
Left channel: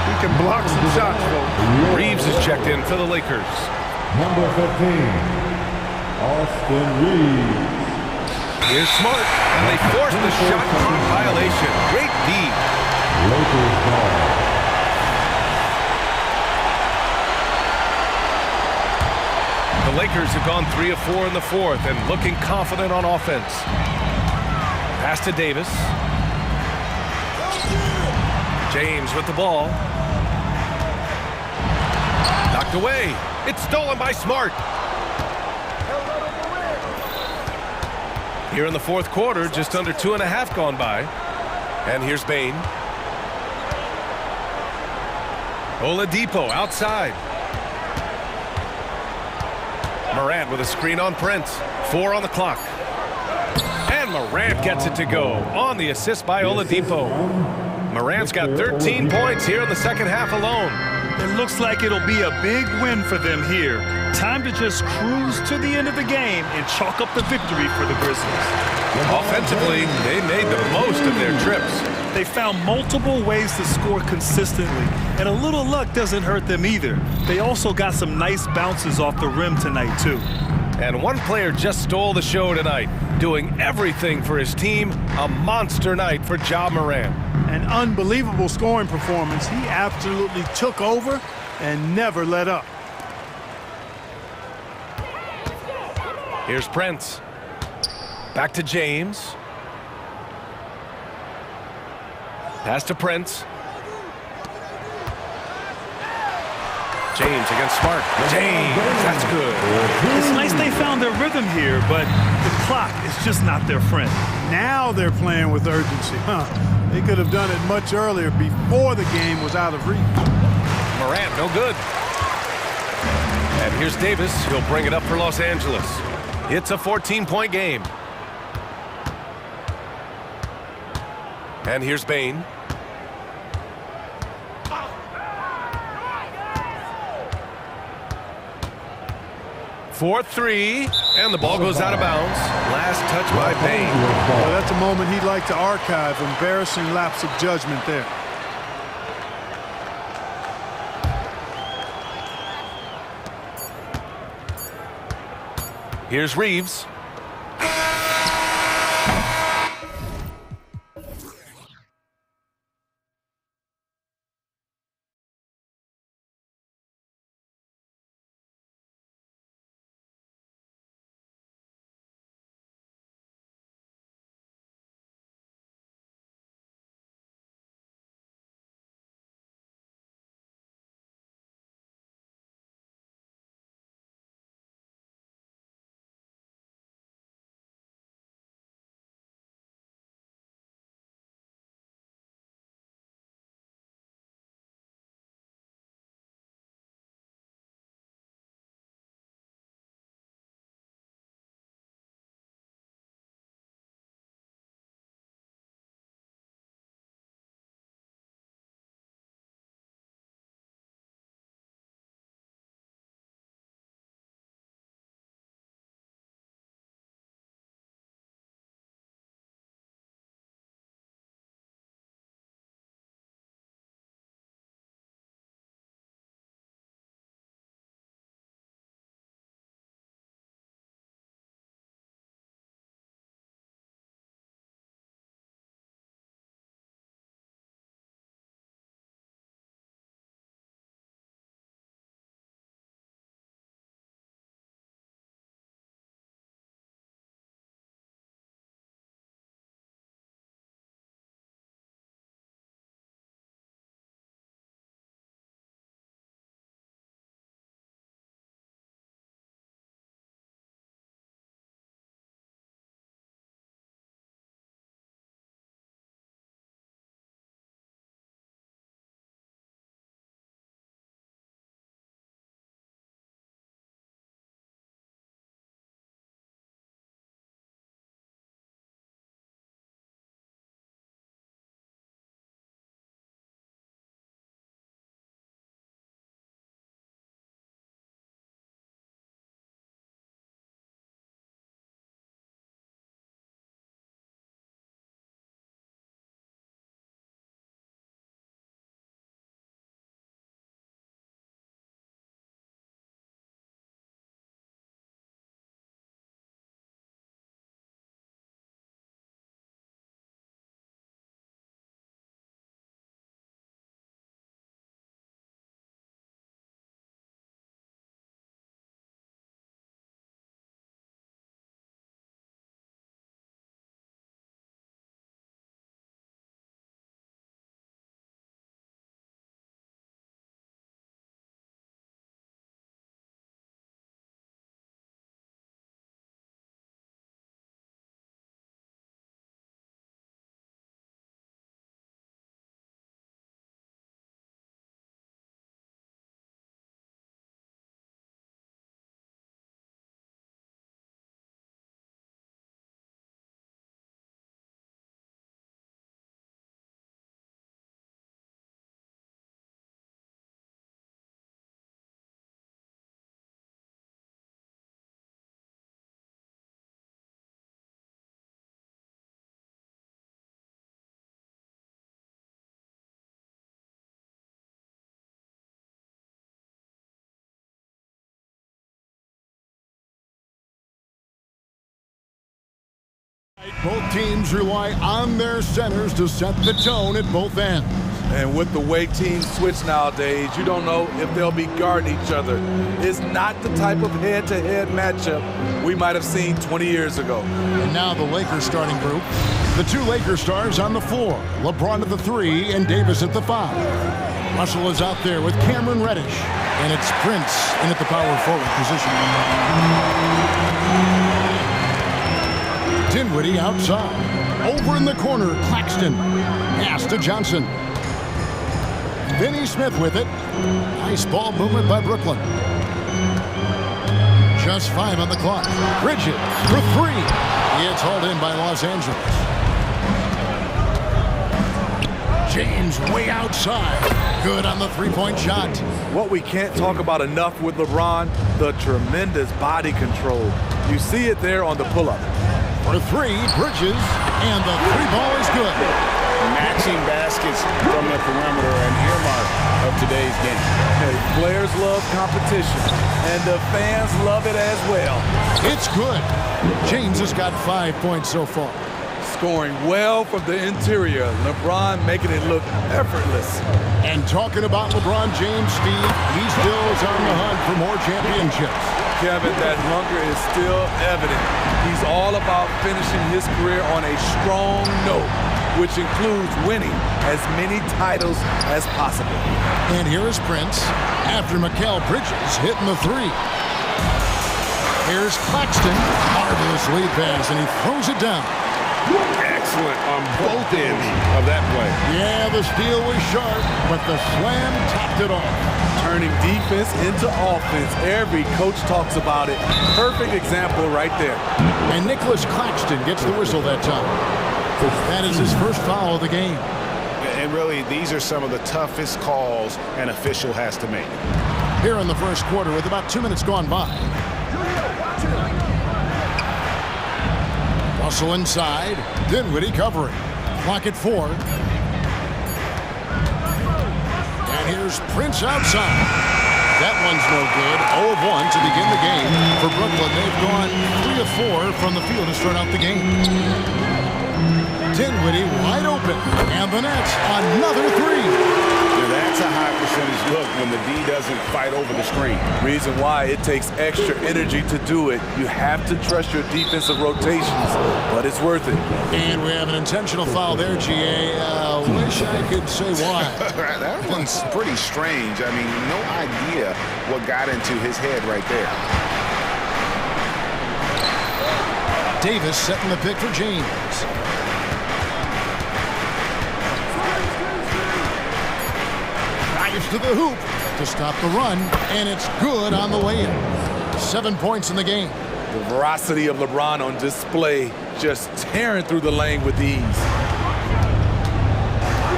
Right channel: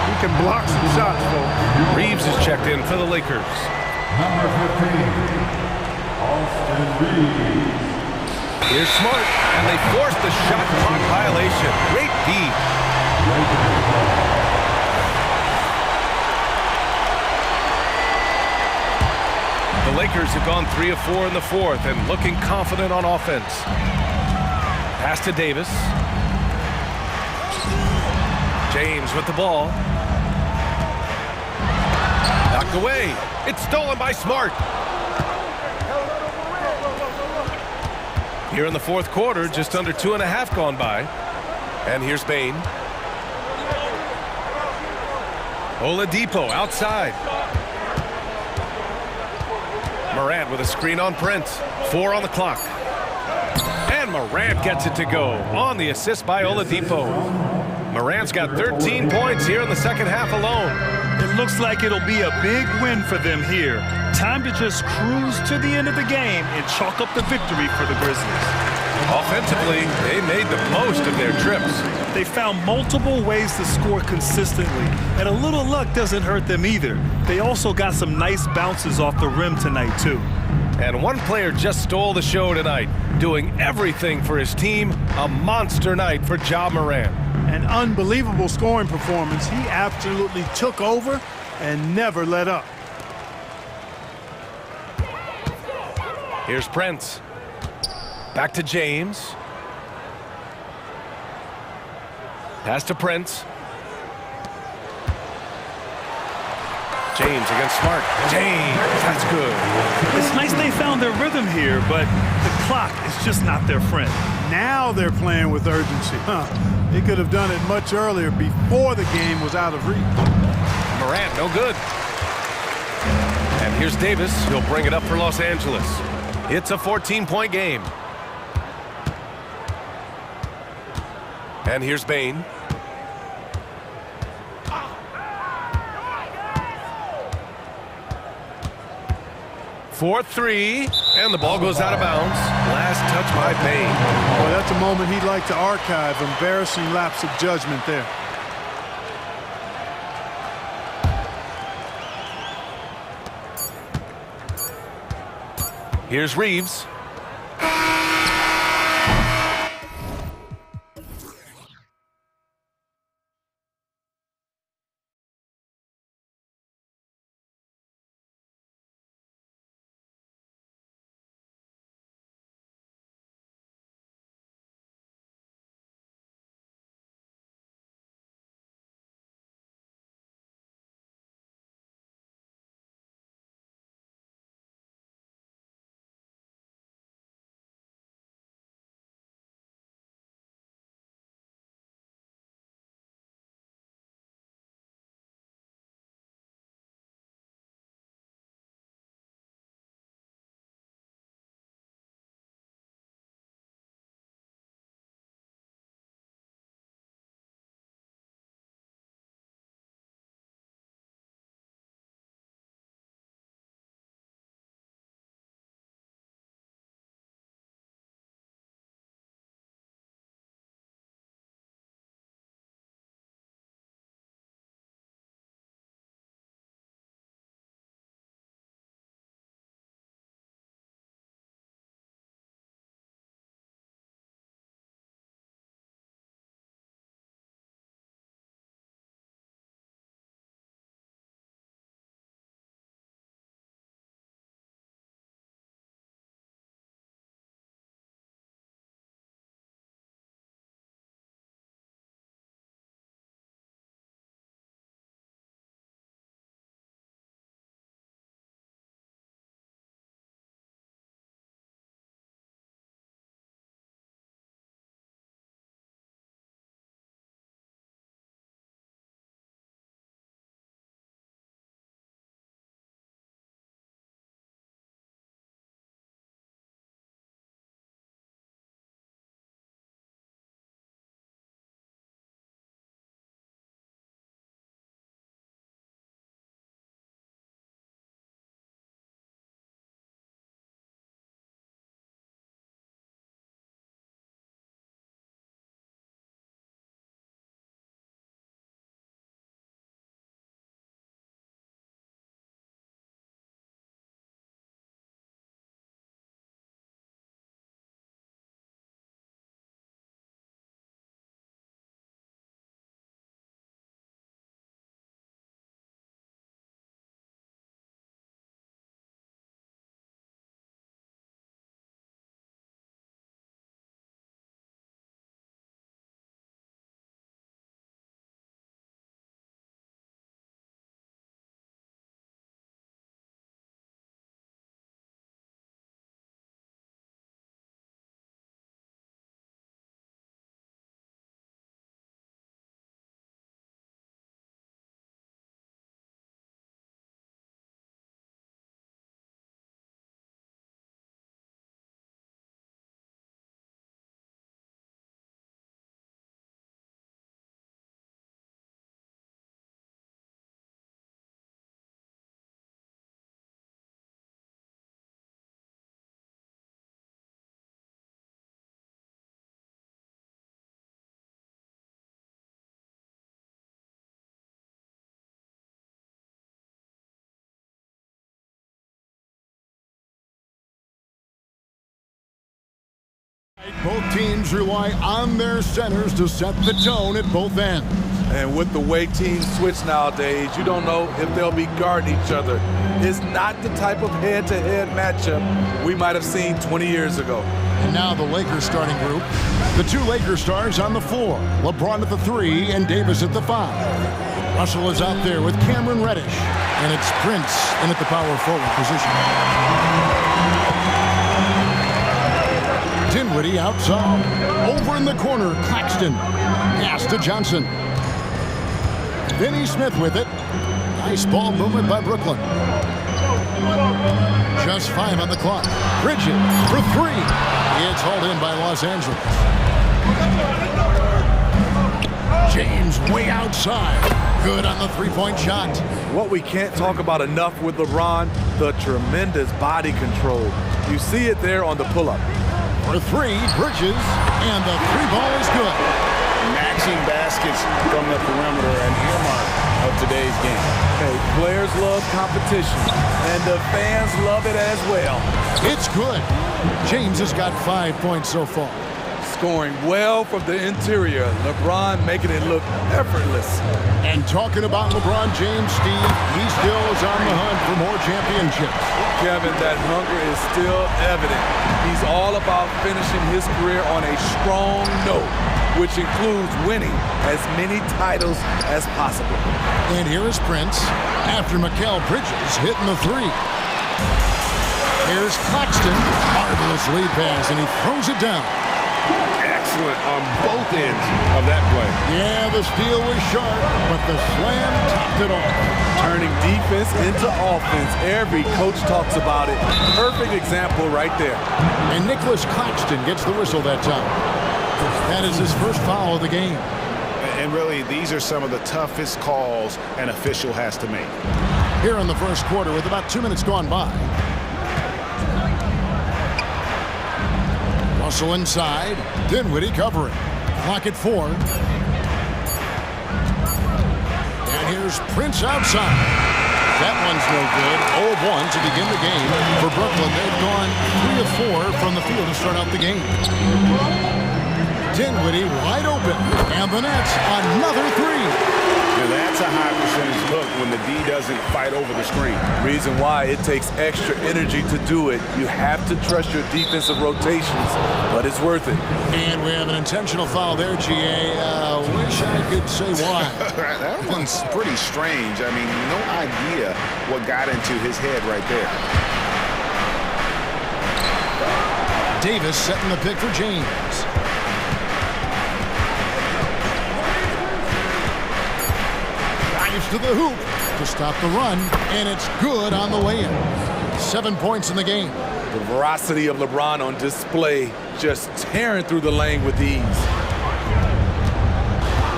he can block some shots, folks. Reeves is checked in for the Lakers. Number 15, Austin Reeves. Here's Smart, and they force the shot clock violation. Great D. Lakers ball. The Lakers have gone 3 of 4 in the fourth and looking confident on offense. Pass to Davis. James with the ball. Knocked away. It's stolen by Smart. Here in the fourth quarter, just under 2.5 gone by. And here's Bain. Oladipo outside. Morant with a screen on Prince. 4 on the clock. And Morant gets it to go on the assist by Oladipo. Morant's got 13 points here in the second half alone. It looks like it'll be a big win for them here. Time to just cruise to the end of the game and chalk up the victory for the Grizzlies. Offensively, they made the most of their trips. They found multiple ways to score consistently, and a little luck doesn't hurt them either. They also got some nice bounces off the rim tonight, too. And one player just stole the show tonight, doing everything for his team. A monster night for Ja Morant. An unbelievable scoring performance. He absolutely took over and never let up. Here's Prince. Back to James. Pass to Prince. James against Smart. James, that's good. It's nice they found their rhythm here, but the clock is just not their friend. Now they're playing with urgency. They could have done it much earlier before the game was out of reach. Morant, no good. And here's Davis. He'll bring it up for Los Angeles. It's a 14-point game. And here's Bain. For 3, and the ball goes out of bounds. Last touch by Bain. Well, that's a moment he'd like to archive. Embarrassing lapse of judgment there. Here's Reeves. Both teams rely on their centers to set the tone at both ends. And with the way teams switch nowadays, you don't know if they'll be guarding each other. It's not the type of head-to-head matchup we might have seen 20 years ago. And now the Lakers starting group. The two Lakers stars on the floor. LeBron at the 3 and Davis at the 5. Russell is out there with Cameron Reddish. And it's Prince in at the power forward position. Dinwiddie outside. Over in the corner, Claxton. Pass to Johnson. Finney Smith with it. Nice ball movement by Brooklyn. Just 5 on the clock. Bridges for 3. It's hauled in by Los Angeles. James way outside. Good on the three-point shot. What we can't talk about enough with LeBron, the tremendous body control. You see it there on the pull-up. For 3, Bridges, and the 3 ball is good. Matching baskets from the perimeter, an earmark of today's game. Hey, players love competition, and the fans love it as well. It's good. James has got 5 points so far. Scoring well from the interior. LeBron making it look effortless. And talking about LeBron James, Steve, he still is on the hunt for more championships. Kevin, that hunger is still evident. He's all about finishing his career on a strong note, which includes winning as many titles as possible. And here is Prince after Mikal Bridges hitting the 3. Here's Claxton. Marvelous lead pass, and he throws it down. Excellent on both ends of that play. Yeah, the steal was sharp, but the slam topped it off. Turning defense into offense. Every coach talks about it. Perfect example right there. And Nicholas Claxton gets the whistle that time. That is his first foul of the game. And really, these are some of the toughest calls an official has to make. Here in the first quarter with about 2 minutes gone by. Russell inside. Dinwiddie covering. Clock at 4. And here's Prince outside. That one's no good. 0 of 1 to begin the game. For Brooklyn, they've gone 3 of 4 from the field to start out the game. Dinwiddie wide open. And the Nets, another 3. Now that's a high percentage look when the D doesn't fight over the screen. Reason why it takes extra energy to do it. You have to trust your defensive rotations, but it's worth it. And we have an intentional foul there, GA. Wish I could say why. That one's pretty strange. I mean, no idea what got into his head right there. Davis setting the pick for James. Drives to the hoop to stop the run, and it's good on the way in. 7 points in the game. The veracity of LeBron on display, just tearing through the lane with ease.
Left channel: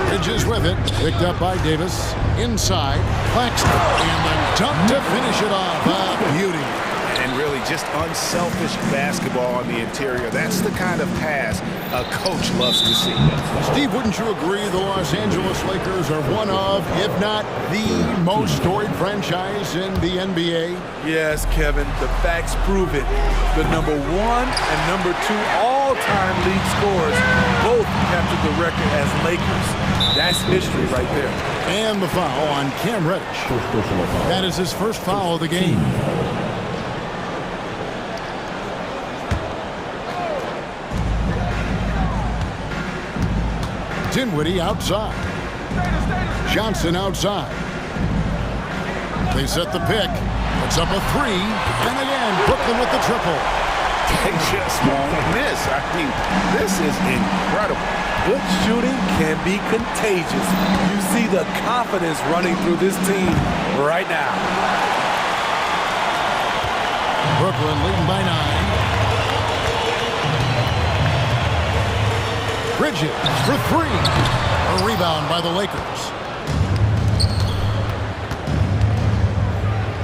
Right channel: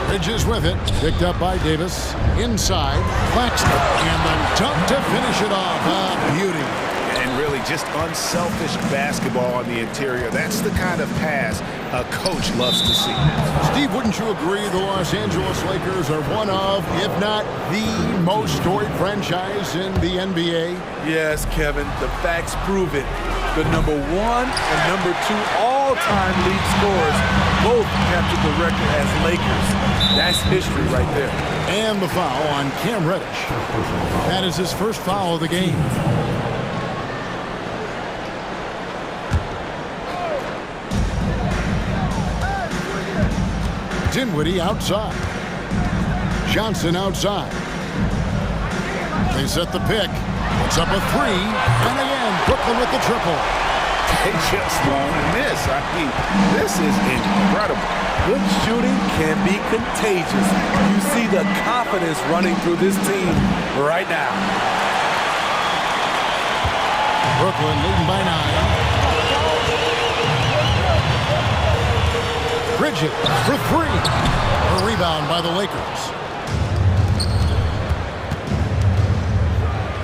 Bridges with it, picked up by Davis. Inside, Claxton, and the dunk to finish it off. A beauty. And really just unselfish basketball on the interior. That's the kind of pass a coach loves to see. Steve, wouldn't you agree the Los Angeles Lakers are one of, if not the most storied franchise in the NBA? Yes, Kevin, the facts prove it. The number 1 and number 2 all-time league scorers both captured the record as Lakers. That's history right there. And the foul on Cam Reddish. That is his first foul of the game. Dinwiddie outside. Johnson outside. They set the pick. Puts up a 3. And again, Brooklyn with the triple. They just won't miss. I mean, this is incredible. Good shooting can be contagious. You see the confidence running through this team right now. Brooklyn leading by 9. Bridges for 3. A rebound by the Lakers.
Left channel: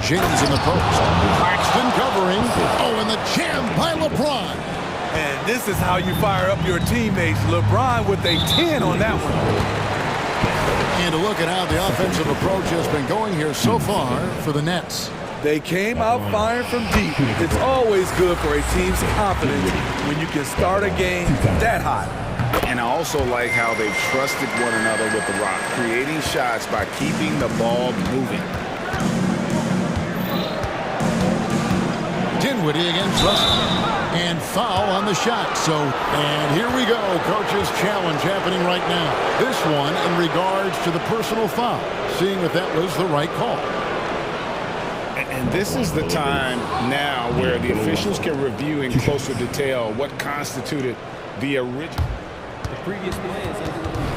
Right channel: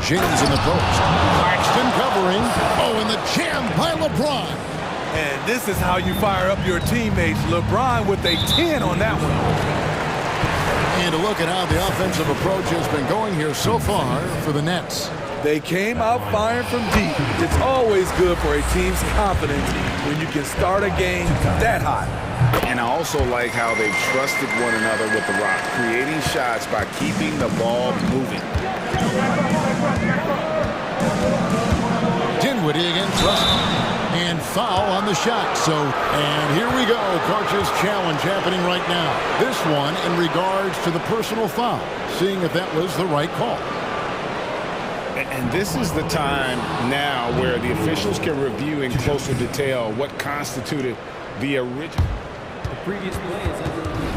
James in the post. Claxton covering. Oh, and the jam by LeBron. And this is how you fire up your teammates. LeBron with a 10 on that one. And a look at how the offensive approach has been going here so far for the Nets. They came out firing from deep. It's always good for a team's confidence when you can start a game that hot. And I also like how they've trusted one another with the rock, creating shots by keeping the ball moving. Dinwiddie against Russell. And foul on the shot. And here we go. Coach's challenge happening right now. This one in regards to the personal foul. Seeing if that was the right call. And this is the time now where the officials can review in closer detail what constituted the original. The previous play is under review.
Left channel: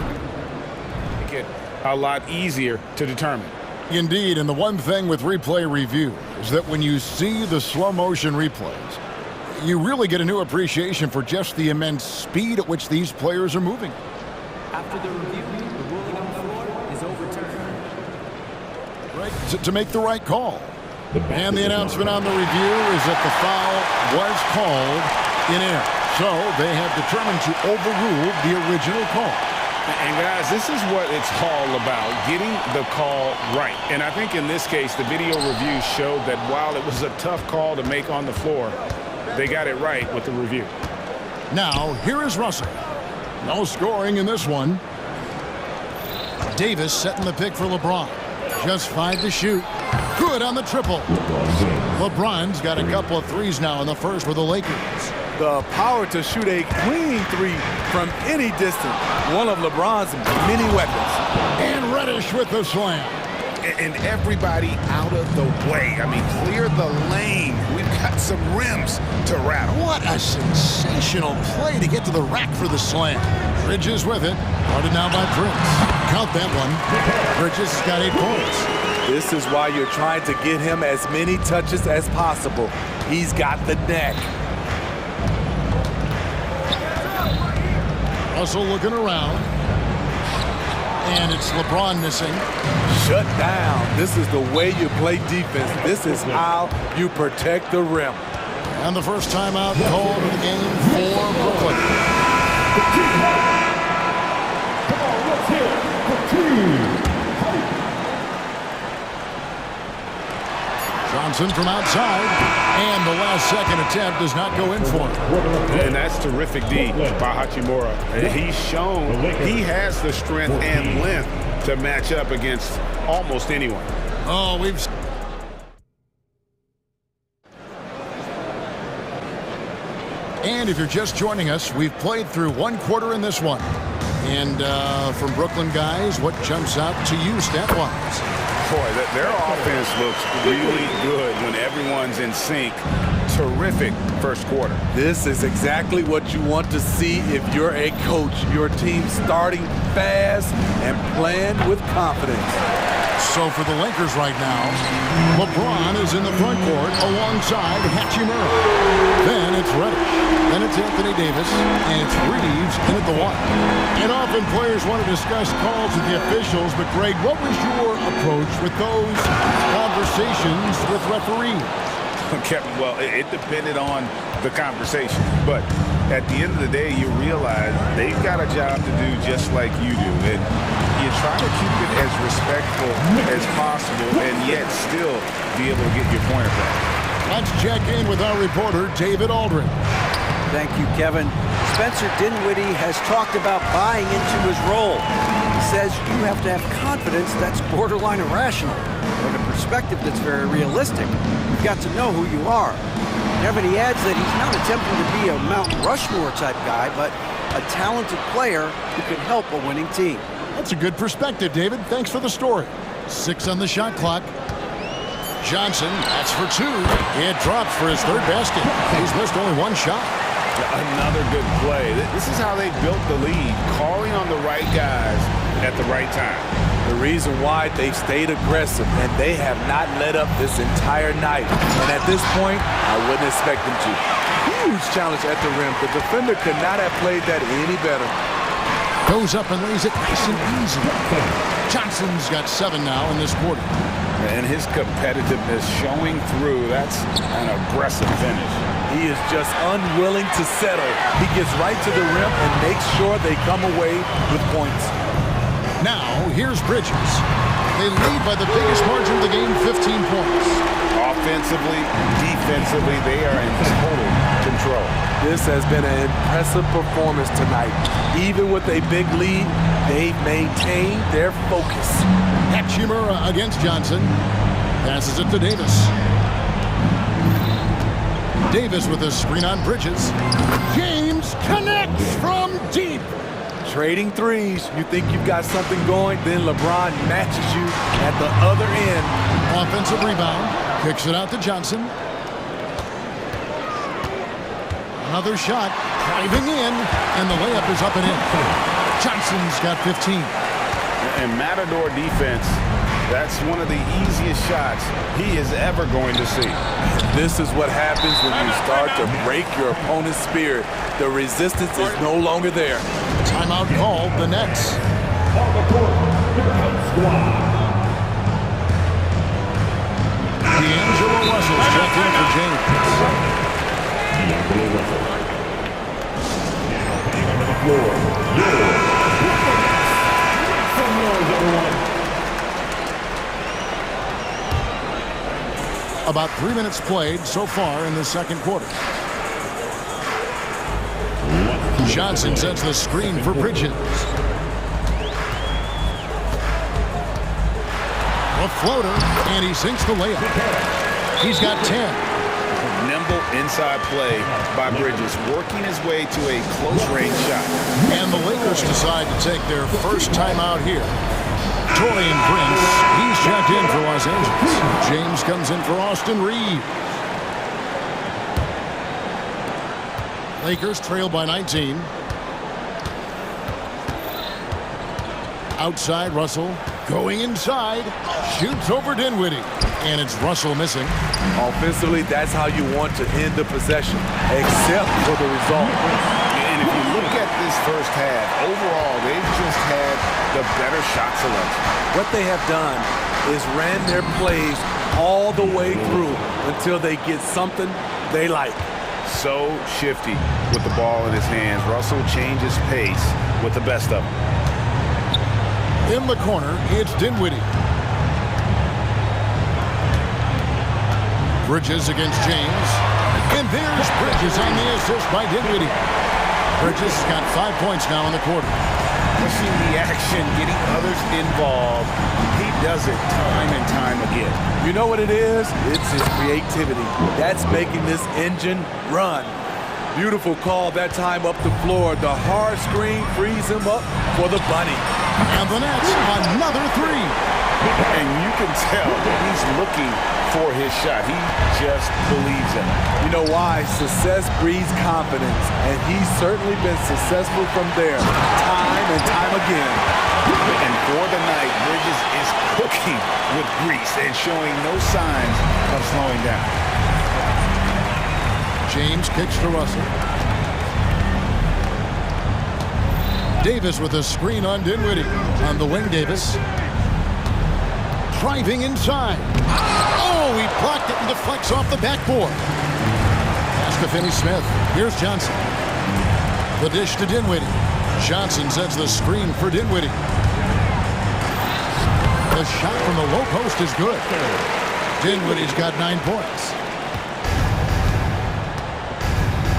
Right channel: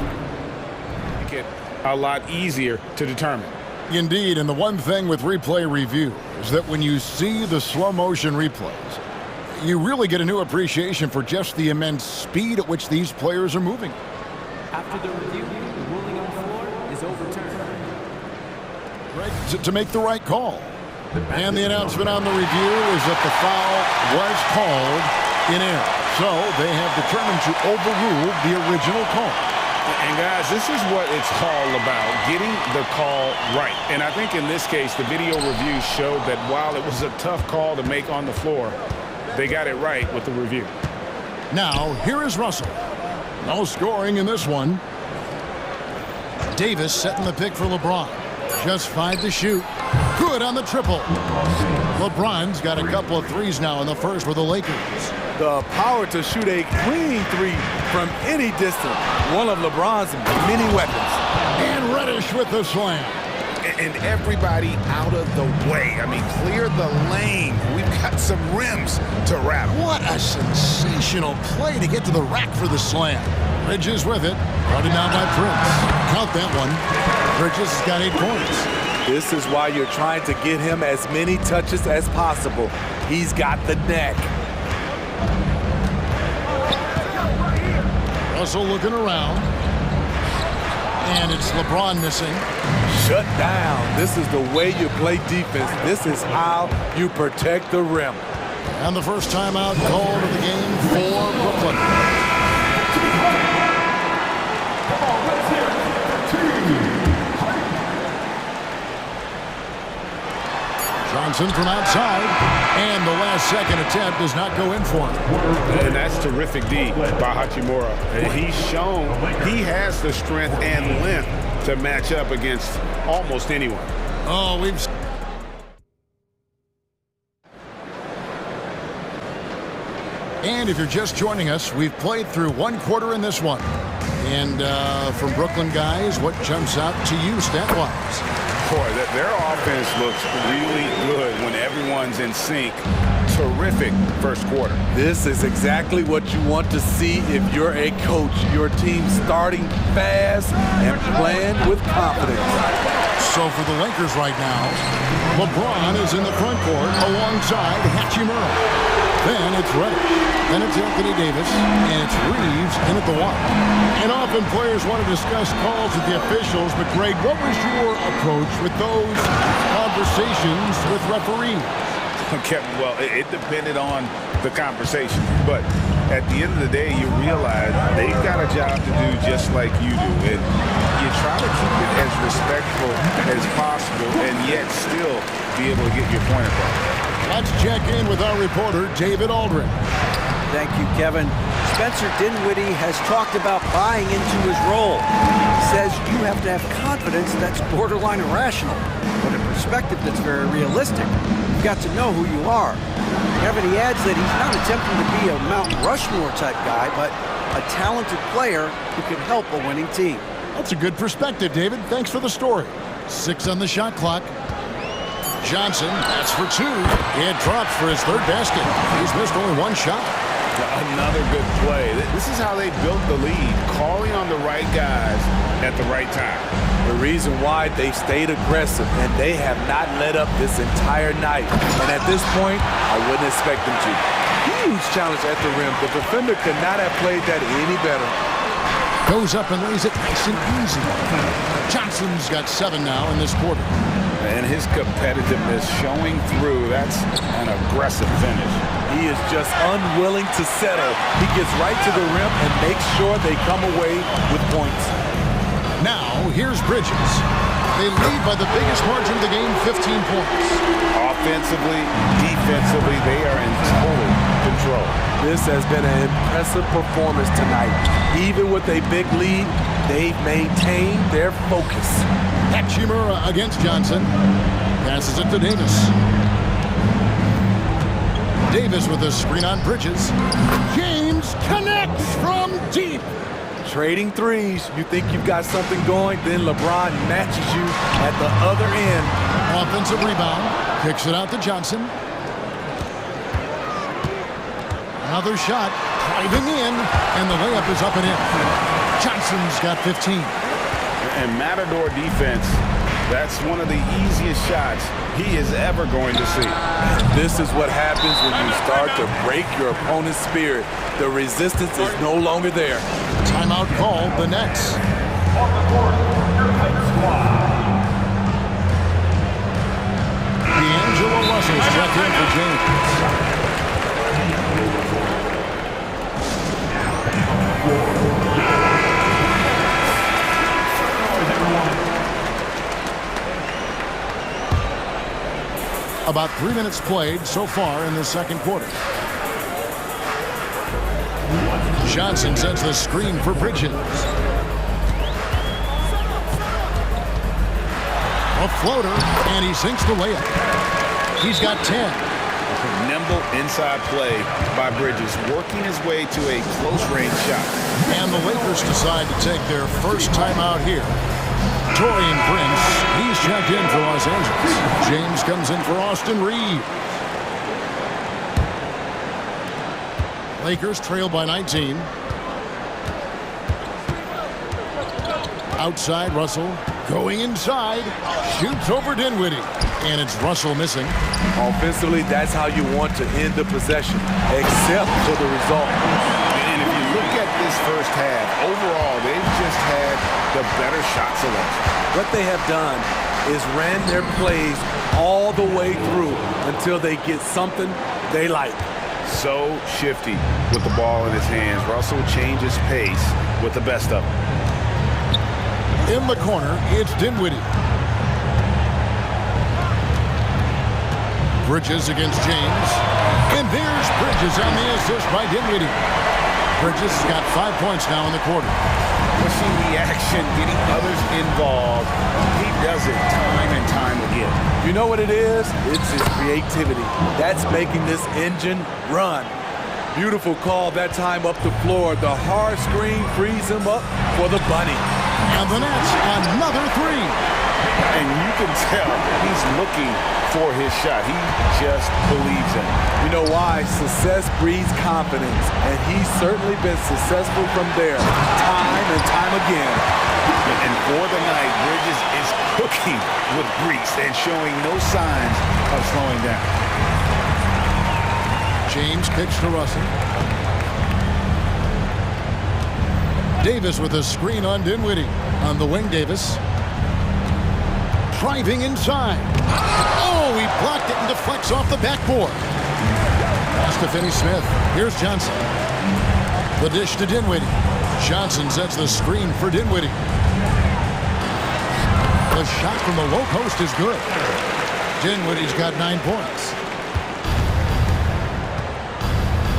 Make it a lot easier to determine. Indeed, and the one thing with replay review is that when you see the slow motion replays, you really get a new appreciation for just the immense speed at which these players are moving. After the review, the ruling on the floor is overturned. Right, to make the right call. And the announcement on the review is that the foul was called in error. So they have determined to overrule the original call. And guys, this is what it's all about, getting the call right. And I think in this case, the video review showed that while it was a tough call to make on the floor, they got it right with the review. Now, here is Russell. No scoring in this one. Davis setting the pick for LeBron. Just 5 to shoot. Good on the triple. LeBron's got a couple of threes now in the first for the Lakers. The power to shoot a clean three from any distance. One of LeBron's many weapons. And Reddish with the slam. And everybody out of the way. I mean, clear the lane. We've got some rims to rattle. What a sensational play to get to the rack for the slam. Bridges with it. Guarded now by Prince. Count that one. Bridges has got 8 points. This is why you're trying to get him as many touches as possible. He's got the neck. Russell looking around. And it's LeBron missing. Shut down. This is the way you play defense. This is how you protect the rim. And the first timeout called of the game for Brooklyn. Come on, let's hear it for Team. Johnson from outside, and the last second attempt does not go in for him. And that's terrific D by Hachimura. He's shown he has the strength and length to match up against almost anyone. Oh, we've... And if you're just joining us, we've played through 1 quarter in this one. And from Brooklyn guys, what jumps out to you stat-wise? Boy, their offense looks really good when everyone's in sync. Terrific first quarter. This is exactly what you want to see if you're a coach. Your team starting fast and playing with confidence. So for the Lakers right now, LeBron is in the front court alongside Hachimura. Then it's Reddish. Then it's Anthony Davis. And it's Reeves in at the 1. And often players want to discuss calls with the officials, but Greg, what was your approach with those conversations with referees? Kevin, well, it depended on the conversation. But at the end of the day, you realize they've got a job to do just like you do. And you try to keep it as respectful as possible and yet still be able to get your point across. Let's check in with our reporter, David Aldridge. Thank you, Kevin. Spencer Dinwiddie has talked about buying into his role. He says you have to have confidence that's borderline irrational, but a perspective that's very realistic. You've got to know who you are. Kevin, he adds that he's not attempting to be a Mount Rushmore type guy, but a talented player who can help a winning team. That's a good perspective, David. Thanks for the story. 6 on the shot clock. Johnson, that's for 2. It drops for his 3rd basket. He's missed only 1 shot. Another good play. This is how they built the lead, calling on the right guys at the right time. The reason why they've stayed aggressive, and they have not let up this entire night. And at this point, I wouldn't expect them to. Huge challenge at the rim. The defender could not have played that any better. Goes up and lays it nice and easy. Johnson's got 7 now in this quarter. And his competitiveness showing through. That's an aggressive finish. He is just unwilling to settle. He gets right to the rim and makes sure they come away with points. Now, here's Bridges. They lead by the biggest margin of the game, 15 points. Offensively, defensively, they are in total control. This has been an impressive performance tonight. Even with a big lead, they've maintained their focus. Hachimura against Johnson. Passes it to Davis. Davis with a screen on Bridges. James connects from deep. Trading threes. You think you've got something going, then LeBron matches you at the other end. Offensive rebound. Kicks it out to Johnson. Another shot. Driving in. And the layup is up and in. Johnson's got 15. And Matador defense, that's one of the easiest shots he is ever going to see. This is what happens when you start to break your opponent's spirit. The resistance is no longer there. Timeout called, the Nets. D'Angelo Russell's checked in for James. About 3 minutes played so far in the second quarter. Johnson sets the screen for Bridges. A floater, and he sinks the layup. He's got 10. Nimble inside play by Bridges, working his way to a close-range shot. And the Lakers decide to take their first timeout here. Torian Prince, he's checked in for Los Angeles. James comes in for Austin Reeves. Lakers trail by 19. Outside, Russell going inside. Shoots over Dinwiddie. And it's Russell missing. Offensively, that's how you want to end the possession, except for the result. And if you look at this first half, overall, they've just had the better shot selection. What they have done is ran their plays all the way through until they get something they like. So shifty with the ball in his hands. Russell changes pace with the best of them. In the corner, it's Dinwiddie. Bridges against James. And there's Bridges on the assist by Dinwiddie. Bridges has got 5 points now in the quarter. Pushing the action, getting others involved. He does it time and time again. You know what it is? It's his creativity. That's making this engine run. Beautiful call that time up the floor. The hard screen frees him up for the bunny. And the Nets, another three. And you can tell he's looking for his shot. He just believes in it. You know why? Success breeds confidence, and he's certainly been successful from there, time and time again. And for the night, Bridges is cooking with grease and showing no signs of slowing down. James kicks to Russell. Davis with a screen on Dinwiddie. On the wing, Davis. Driving inside. Oh, he blocked it and deflects off the backboard. Pass to Finney-Smith. Here's Johnson. The dish to Dinwiddie. Johnson sets the screen for Dinwiddie. The shot from the low post is good. Dinwiddie's got 9 points.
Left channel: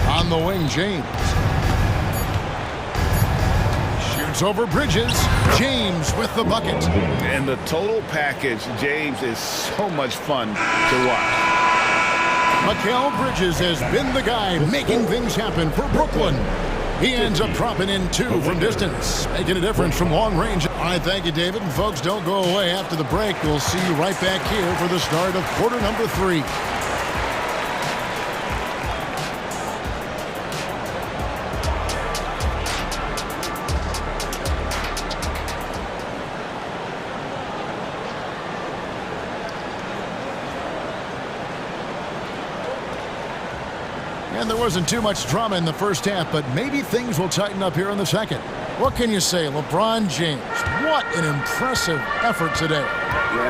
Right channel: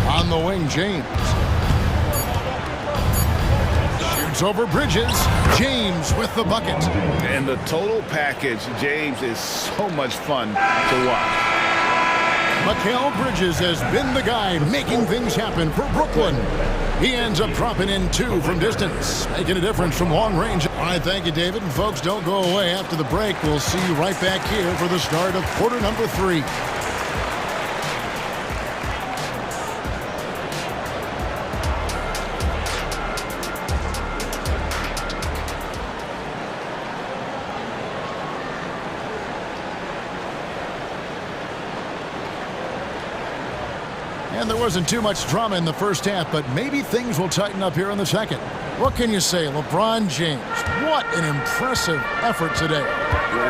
On the wing, James. Shoots over Bridges. James with the bucket. And the total package, James, is so much fun to watch. Mikal Bridges has been the guy making things happen for Brooklyn. He ends up dropping in 2 from distance, making a difference from long range. All right, thank you, David. And folks, don't go away. After the break, we'll see you right back here for the start of quarter number 3. And there wasn't too much drama in the first half, but maybe things will tighten up here in the second. What can you say? LeBron James, what an impressive effort today.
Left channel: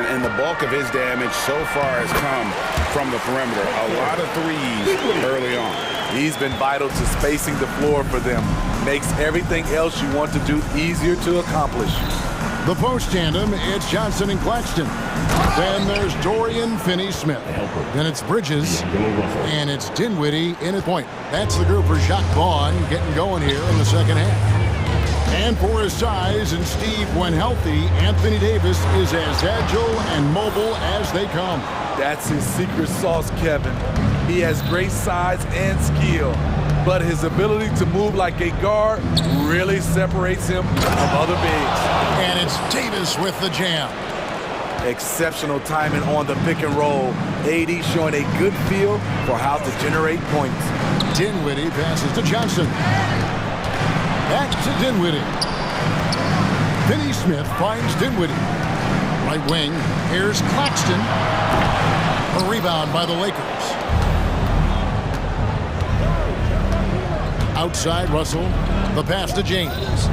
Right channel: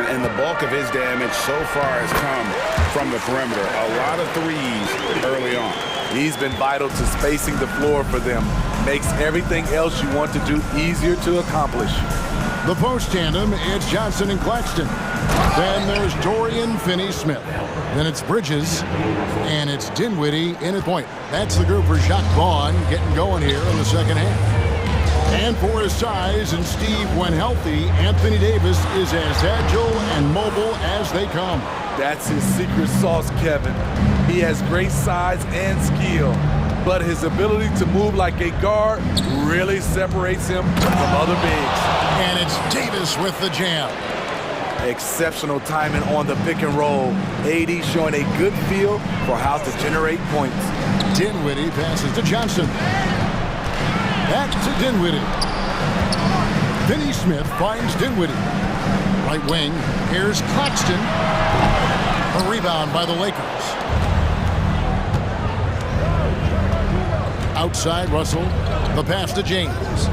And the bulk of his damage so far has come from the perimeter. A lot of threes early on. He's been vital to spacing the floor for them. Makes everything else you want to do easier to accomplish. The post tandem, it's Johnson and Claxton. Then there's Dorian Finney-Smith. Then it's Bridges. And it's Dinwiddie in at point. That's the group for Jacques Vaughn getting going here in the second half. And for his size and Steve, when healthy, Anthony Davis is as agile and mobile as they come. That's his secret sauce, Kevin. He has great size and skill, but his ability to move like a guard really separates him from other bigs. And it's Davis with the jam. Exceptional timing on the pick and roll. AD showing a good feel for how to generate points. Dinwiddie passes to Johnson. Back to Dinwiddie. Finney-Smith finds Dinwiddie. Right wing, here's Claxton. A rebound by the Lakers. Outside Russell, the pass to James.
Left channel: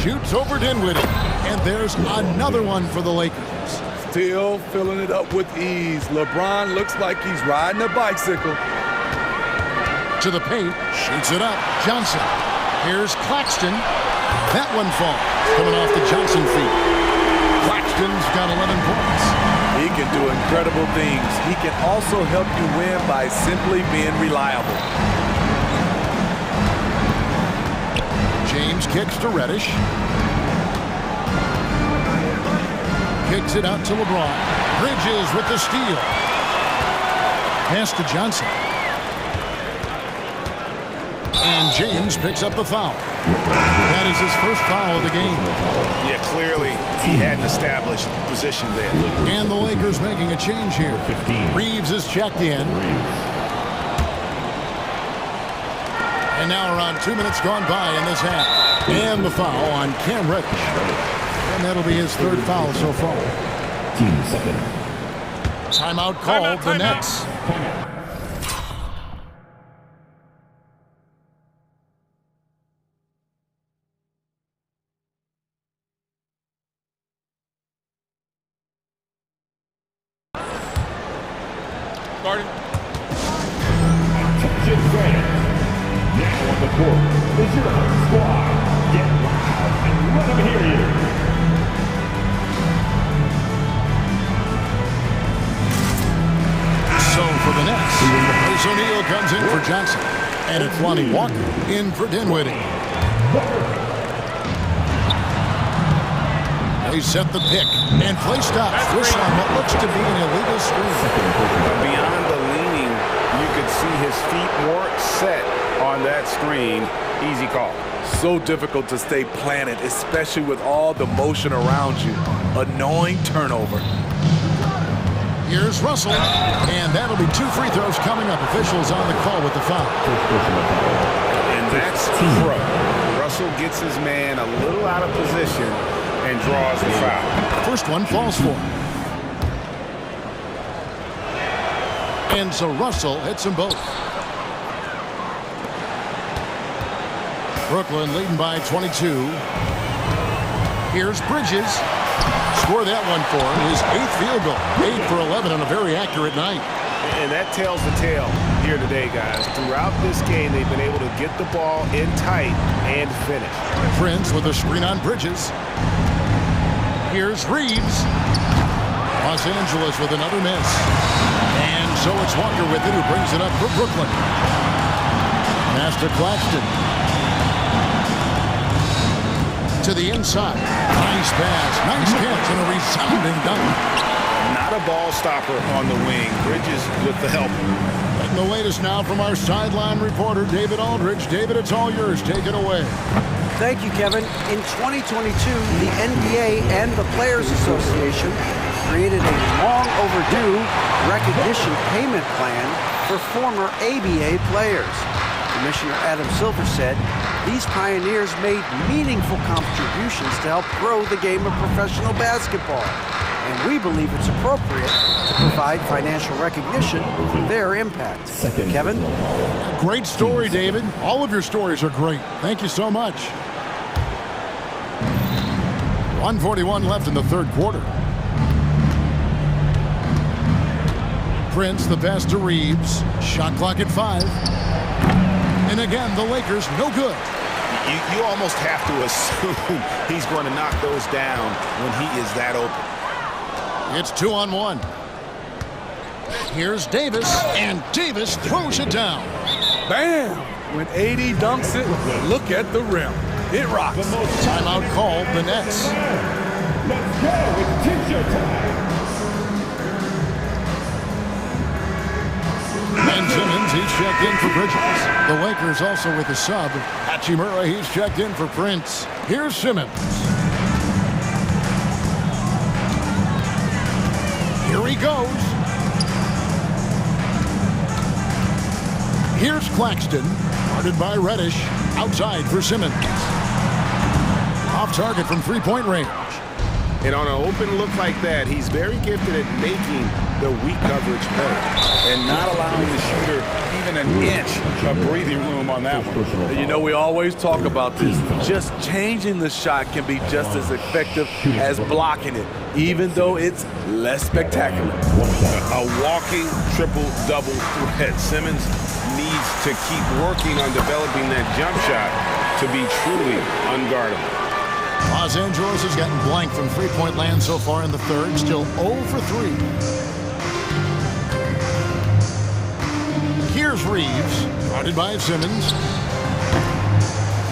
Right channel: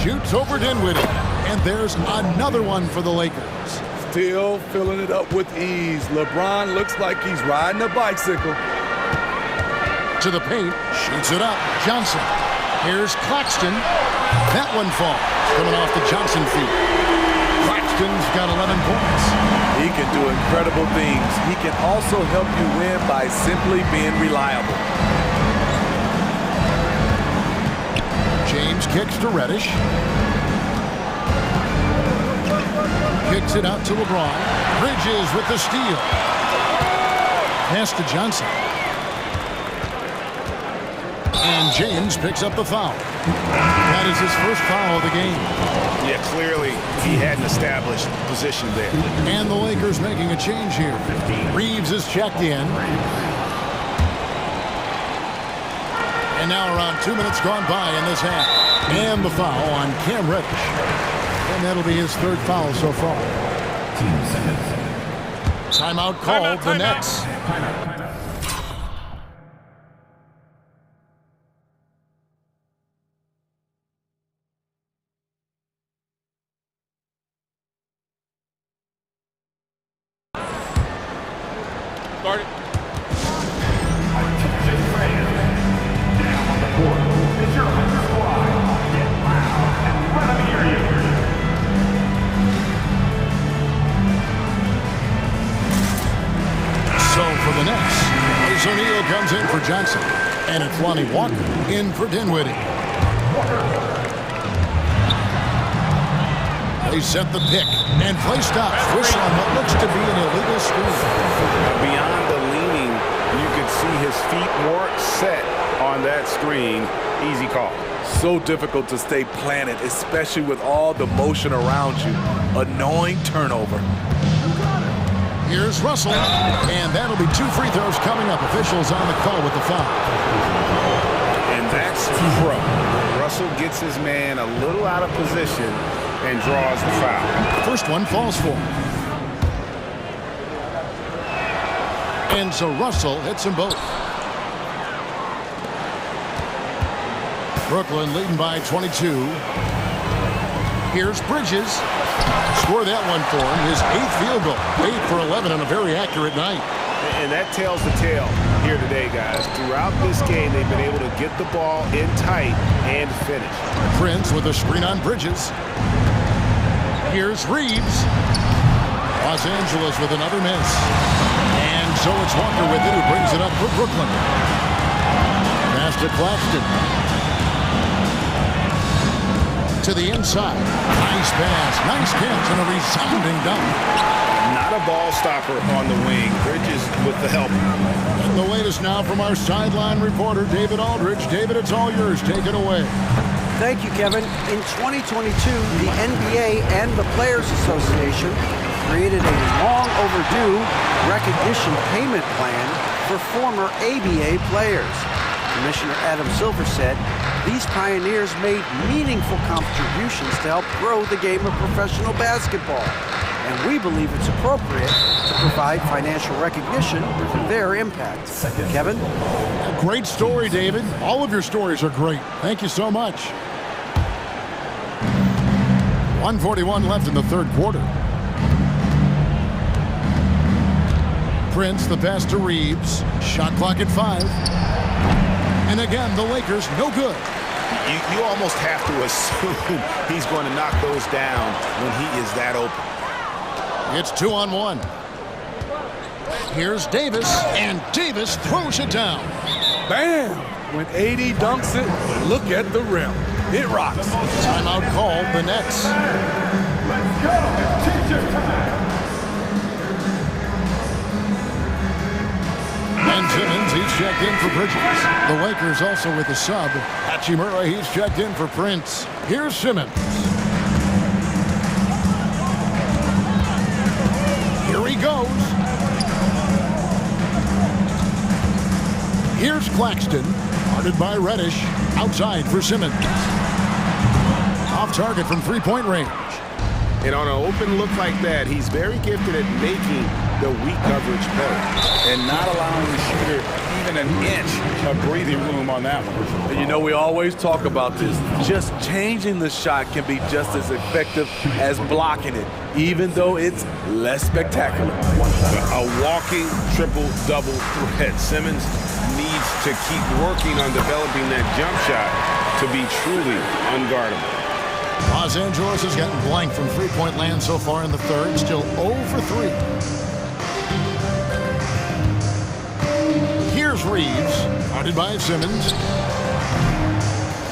Shoots over Dinwiddie, and there's another one for the Lakers. Still filling it up with ease. LeBron looks like he's riding a bicycle. To the paint, shoots it up. Johnson. Here's Claxton. That one falls, coming off the Johnson feet. Claxton's got 11 points. He can do incredible things. He can also help you win by simply being reliable. James kicks to Reddish. Kicks it out to LeBron. Bridges with the steal. Pass to Johnson. And James picks up the foul. That is his first foul of the game. Yeah, clearly he had an established position there. And the Lakers making a change here. Reeves is checked in. And now around 2 minutes gone by in this half. And the foul on Cam Reddish. And that'll be his third foul so far. 15 seconds. Timeout called the Nets. Started. Attention fans. Now on the court is your home squad. Get loud and let them hear you. So for the Nets, Royce O'Neal comes in for Johnson. And it's Lonnie Walker in for Dinwiddie. They set the pick, and play stops. Whistle on what looks to be an illegal screen. Beyond the leaning, you could see his feet more set on that screen. Easy call. So difficult to stay planted, especially with all the motion around you. Annoying turnover. Here's Russell, and that'll be 2 free throws coming up. Officials on the call with the foul. And that's pro. Russell gets his man a little out of position and draws the foul. First one falls for him. And so Russell hits them both. Brooklyn leading by 22. Here's Bridges. Score that one for him. His 8th field goal. 8 for 11 on a very accurate night. And that tells the tale here today, guys. Throughout this game, they've been able to get the ball in tight and finish. Prince with a screen on Bridges. Here's Reeves. Los Angeles with another miss. And so it's Walker with it who brings it up for Brooklyn. Pass to Claxton. To the inside. Nice pass. Nice catch and a resounding dunk. Not a ball stopper on the wing. Bridges with the help. And the latest now from our sideline reporter, David Aldridge. David, it's all yours. Take it away. Thank you, Kevin. In 2022, the NBA and the Players Association created a long overdue recognition payment plan for former ABA players. Commissioner Adam Silver said these pioneers made meaningful contributions to help grow the game of professional basketball. And we believe it's appropriate to provide financial recognition for their impact. Kevin? A great story, David. All of your stories are great. Thank you so much. 1:41 left in the third quarter. Prince, the pass to Reeves. Shot clock at 5. And again, the Lakers no good. You almost have to assume he's going to knock those down when he is that open. It's 2-on-1. Here's Davis, and Davis throws it down. Bam! When AD dunks it, look at the rim. It rocks. Timeout called the Nets. Let's go. It's t-shirt time. Ben Simmons, he's checked in for Bridges. The Lakers also with a sub. Hachimura, he's checked in for Prince. Here's Simmons. Here he goes. Here's Claxton, guarded by Reddish. Outside for Simmons. Off target from three-point range. And on an open look like that, he's very gifted at making the weak coverage better and not allowing the shooter even an inch of breathing room on that one. And you know, we always talk about this. Just changing the shot can be just as effective as blocking it, even though it's less spectacular. A walking triple-double threat. Simmons needs to keep working on developing that jump shot to be truly unguardable. Los Angeles has gotten blank from three-point land so far in the third, still 0 for 3. Here's Reeves, guarded by Simmons.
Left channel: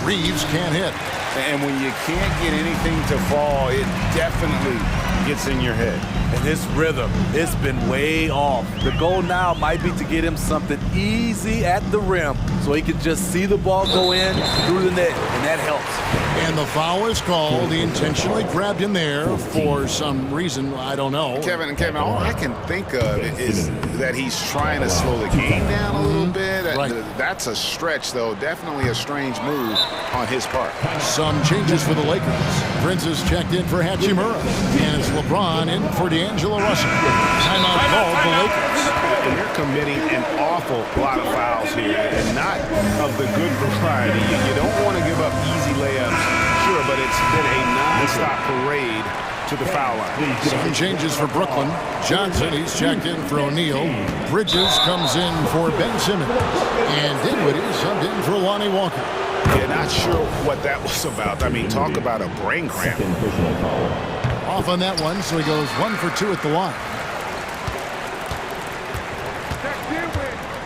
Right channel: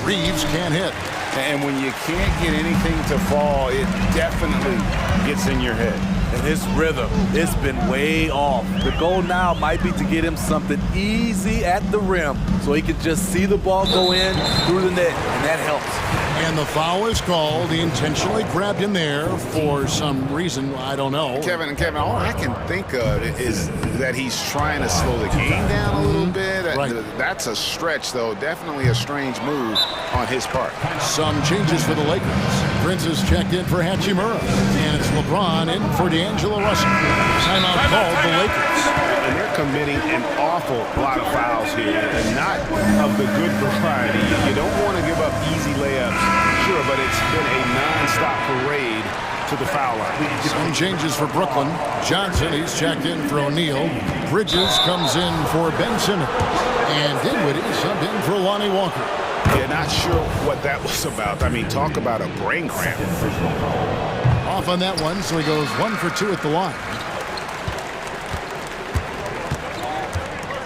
Reeves can't hit. And when you can't get anything to fall, it definitely gets in your head. And his rhythm, it's been way off. The goal now might be to get him something easy at the rim so he can just see the ball go in through the net, and that helps. And the foul is called. He intentionally grabbed him there for some reason, I don't know. Kevin, all I can think of is that he's trying to slow the game down a little bit. Right. That's a stretch, though. Definitely a strange move on his part. Some changes for the Lakers. Prince is checked in for Hachimura. And it's LeBron in for D'Angelo Russell. Timeout called the Lakers. And they're committing an awful lot of fouls here, and not of the good variety. You don't want to give up easy layups, sure, but it's been a non-stop parade to the foul line. Some changes for Brooklyn. Johnson, he's checked in for O'Neal. Bridges comes in for Ben Simmons. And Dinwiddie subbed in for Lonnie Walker. Yeah, not sure what that was about. I mean, talk about a brain cramp. Off on that one, so he goes 1 for 2 at the line.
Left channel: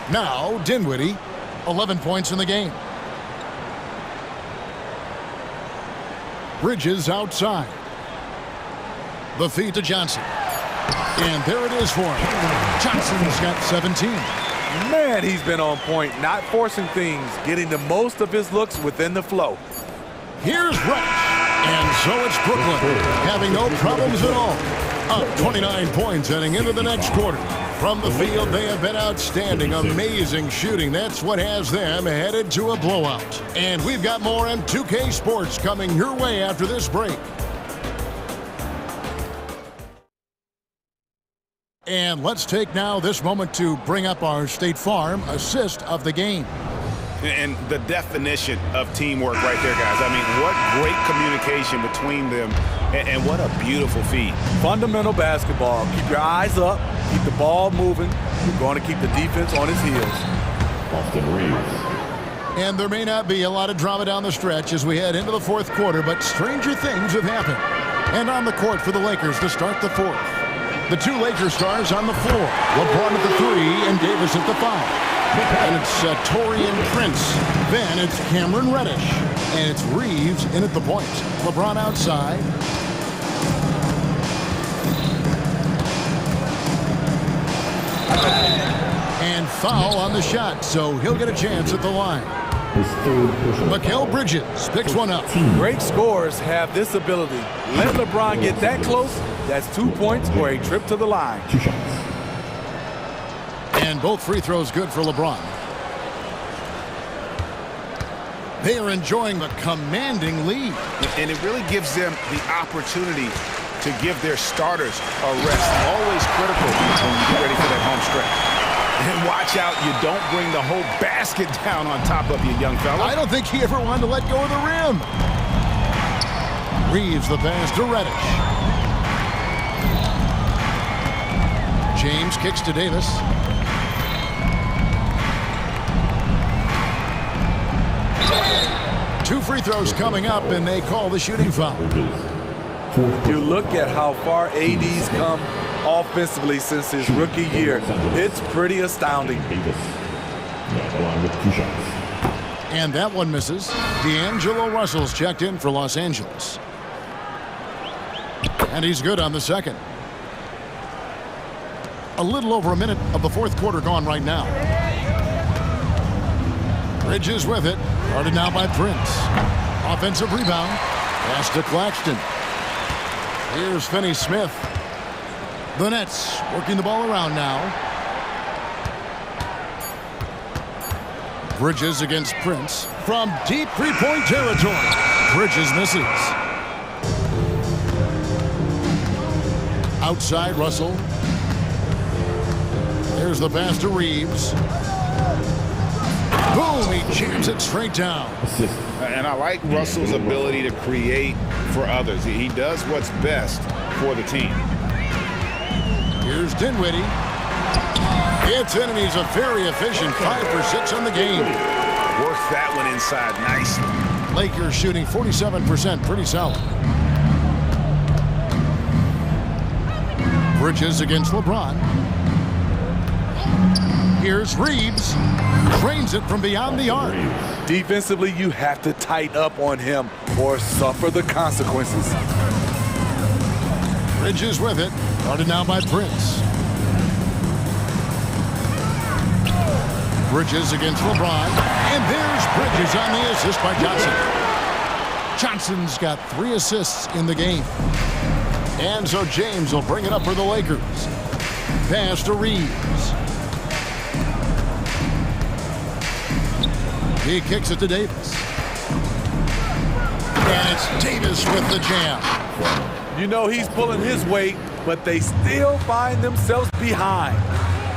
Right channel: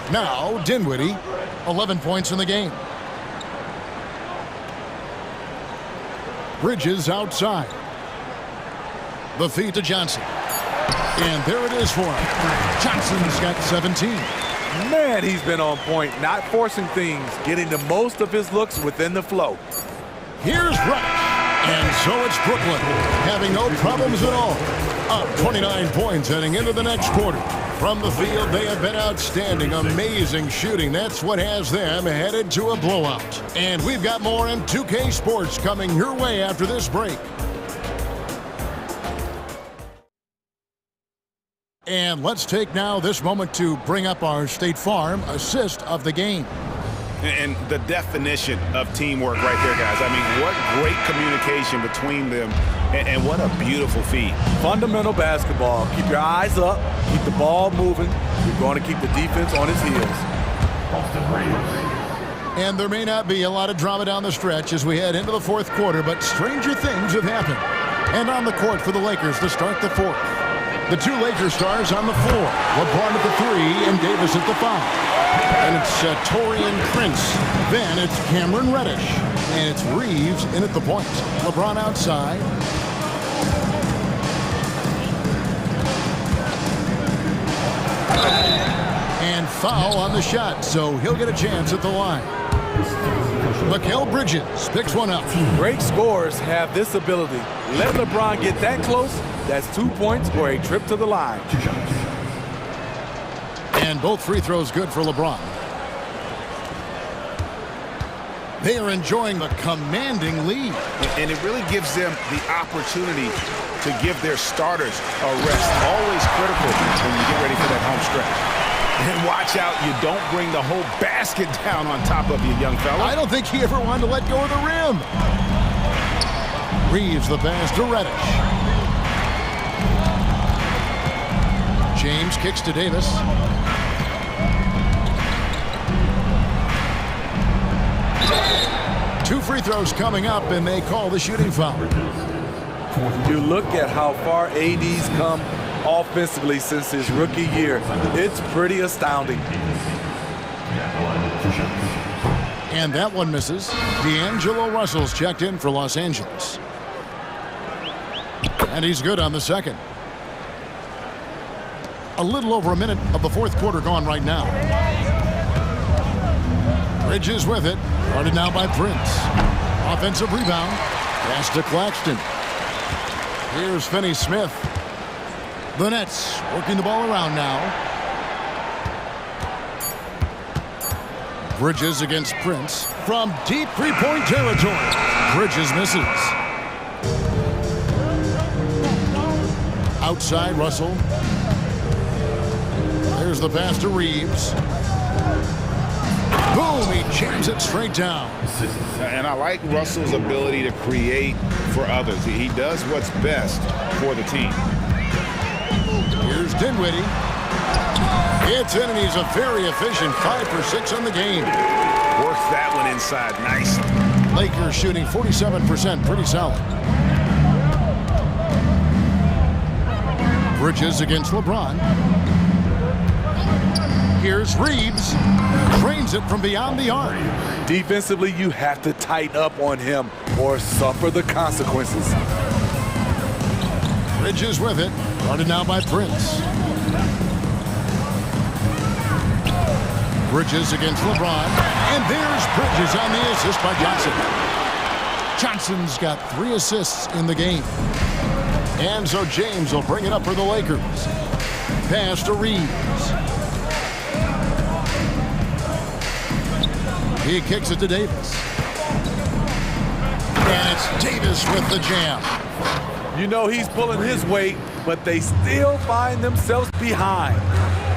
Now, Dinwiddie, 11 points in the game. Bridges outside. The feed to Johnson. And there it is for him. Johnson's got 17. Man, he's been on point, not forcing things, getting the most of his looks within the flow. Here's Reddish. And so it's Brooklyn, having no problems at all. Up 29 points heading into the next quarter. From the field, they have been outstanding. Amazing shooting. That's what has them headed to a blowout. And we've got more M2K Sports coming your way after this break. And let's take now this moment to bring up our State Farm assist of the game. And the definition of teamwork right there, guys. I mean, what great communication between them, and what a beautiful feed. Fundamental basketball. Keep your eyes up, keep the ball moving. You're going to keep the defense on its heels. And there may not be a lot of drama down the stretch as we head into the fourth quarter, but stranger things have happened. And on the court for the Lakers to start the fourth. The two Lakers stars on the floor. LeBron at the 3 and Davis at the 5. And it's Taurean Prince. Then it's Cameron Reddish. And it's Reeves in at the point. LeBron outside. And foul on the shot, so he'll get a chance at the line. Mikal Bridges picks one up. Great scorers have this ability. Let LeBron get that close. That's 2 points or a trip to the line. And both free throws good for LeBron. They are enjoying the commanding lead. And it really gives them the opportunity to give their starters a rest. Always critical when you get ready for that home stretch. And watch out, you don't bring the whole basket down on top of you, young fella. I don't think he ever wanted to let go of the rim. Reeves the pass to Reddish. James kicks to Davis. 2 free throws coming up, and they call the shooting foul. You look at how far AD's come offensively since his rookie year. It's pretty astounding. And that one misses. D'Angelo Russell's checked in for Los Angeles. And he's good on the second. A little over a minute of the fourth quarter gone right now. Bridges with it. Guarded now by Prince. Offensive rebound. Pass to Claxton. Here's Finney-Smith. The Nets working the ball around now. Bridges against Prince from deep three-point territory. Bridges misses. Outside Russell. There's the pass to Reeves. Boom, he jams it straight down. And I like Russell's ability to create for others. He does what's best for the team. Here's Dinwiddie. It's in, and he's a very efficient 5 for 6 on the game. Works that one inside nicely. Lakers shooting 47%, pretty solid. Bridges against LeBron. Here's Reeves. Drains it from beyond the arc. Defensively, you have to tighten up on him or suffer the consequences. Bridges with it. Guarded now by Prince. Bridges against LeBron. And there's Bridges on the assist by Johnson. Johnson's got 3 assists in the game. And so James will bring it up for the Lakers. Pass to Reeves. He kicks it to Davis. And it's Davis with the jam. You know he's pulling his weight, but they still find themselves behind.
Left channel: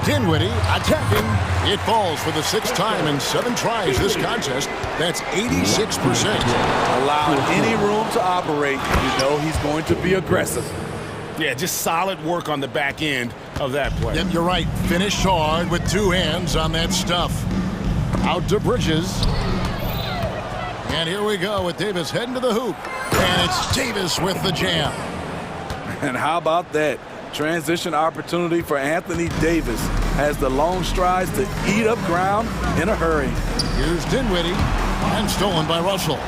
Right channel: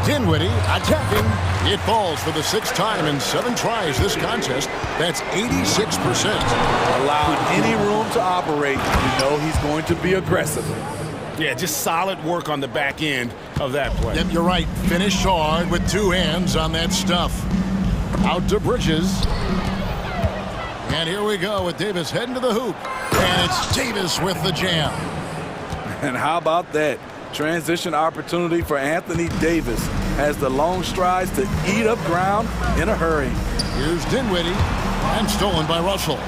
Dinwiddie attacking. It falls for the 6th time in 7 tries this contest. That's 86%. Allowing any room to operate, you know he's going to be aggressive. Yeah, just solid work on the back end of that play. Yep, you're right. Finished hard with 2 hands on that stuff. Out to Bridges. And here we go with Davis heading to the hoop. And it's Davis with the jam. And how about that? Transition opportunity for Anthony Davis has the long strides to eat up ground in a hurry. Here's Dinwiddie, and stolen by Russell.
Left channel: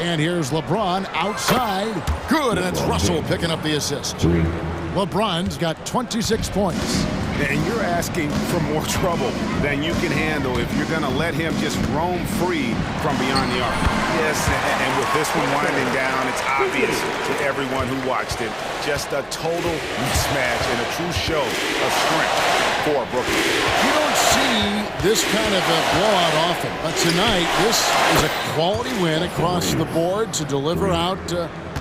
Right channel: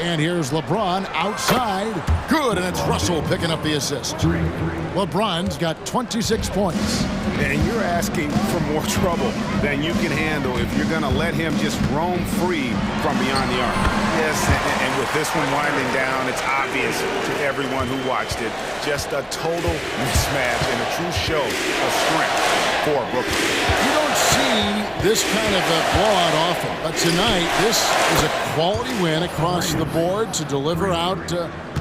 And here's LeBron outside. Good, and it's Russell picking up the assist. LeBron's got 26 points. And you're asking for more trouble than you can handle if you're going to let him just roam free from beyond the arc. Yes, and with this one winding down, it's obvious to everyone who watched it. Just a total mismatch and a true show of strength for Brooklyn. You don't see this kind of a blowout often, but tonight this is a quality win across the board to deliver out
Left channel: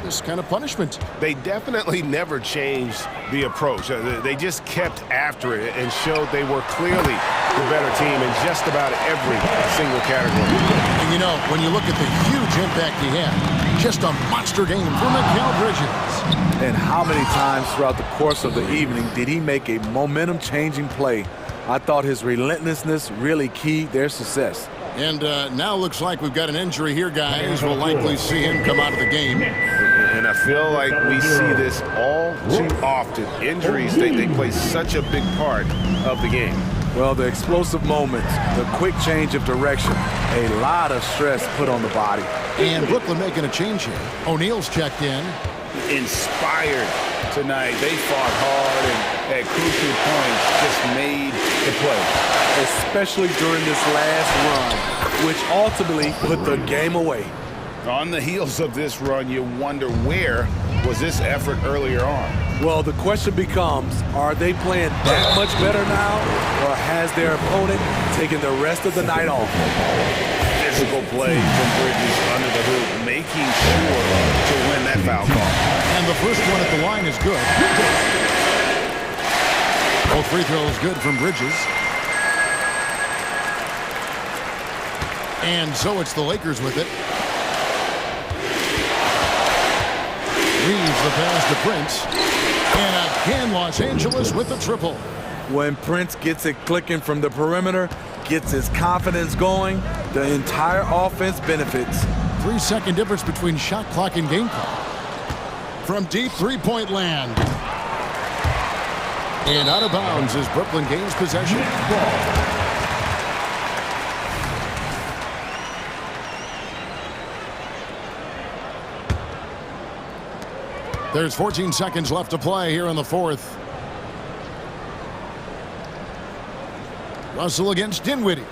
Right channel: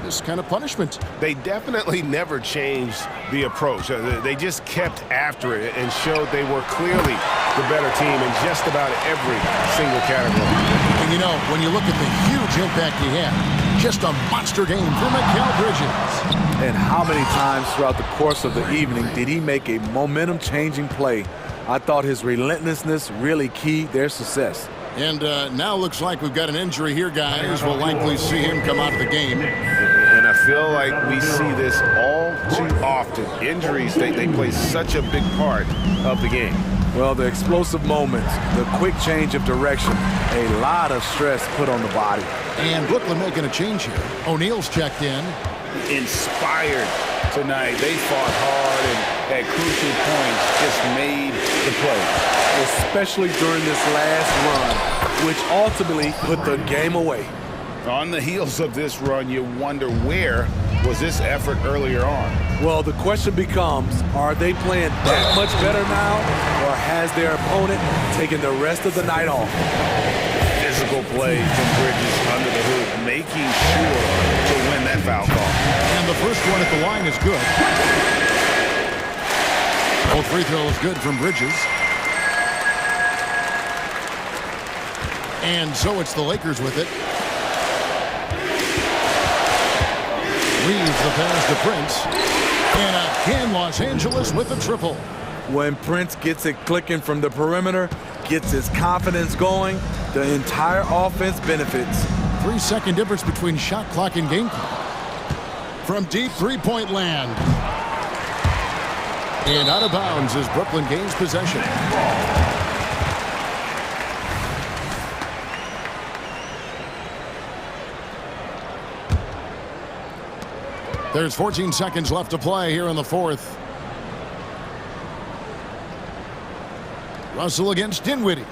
this kind of punishment. They definitely never changed the approach. They just kept after it and showed they were clearly the better team in just about every single category. And you know, when you look at the huge impact he had, just a monster game for Mikal Bridges. And how many times throughout the course of the evening did he make a momentum-changing play? I thought his relentlessness really keyed their success. And now looks like we've got an injury here, guys. We'll likely see him come out of the game. And I feel like we see this all too often. Injuries, they play such a big part of the game. Well, the explosive moments, the quick change of direction, a lot of stress put on the body. And Brooklyn making a change here. O'Neal's checked in. Inspired tonight. They fought hard and at crucial points just made the play. Especially during this last run, which ultimately put the game away. On the heels of this run, you wonder where was this effort earlier on? Well, the question becomes, are they playing that much better now, or has their opponent taken the rest of the night off? Physical play from Bridges under the hoop, making sure to win that foul call. And the first one at the line is good. Both free throws good from Bridges. And so it's the Lakers with it. Reeves the pass to Prince. And again, Los Angeles with the triple. When Prince gets it clicking from the perimeter, gets his confidence going, the entire offense benefits. 3-second difference between shot clock and game clock. From deep three-point land. And out of bounds as Brooklyn gains possession. There's 14 seconds left to play here in the fourth. Russell against Dinwiddie.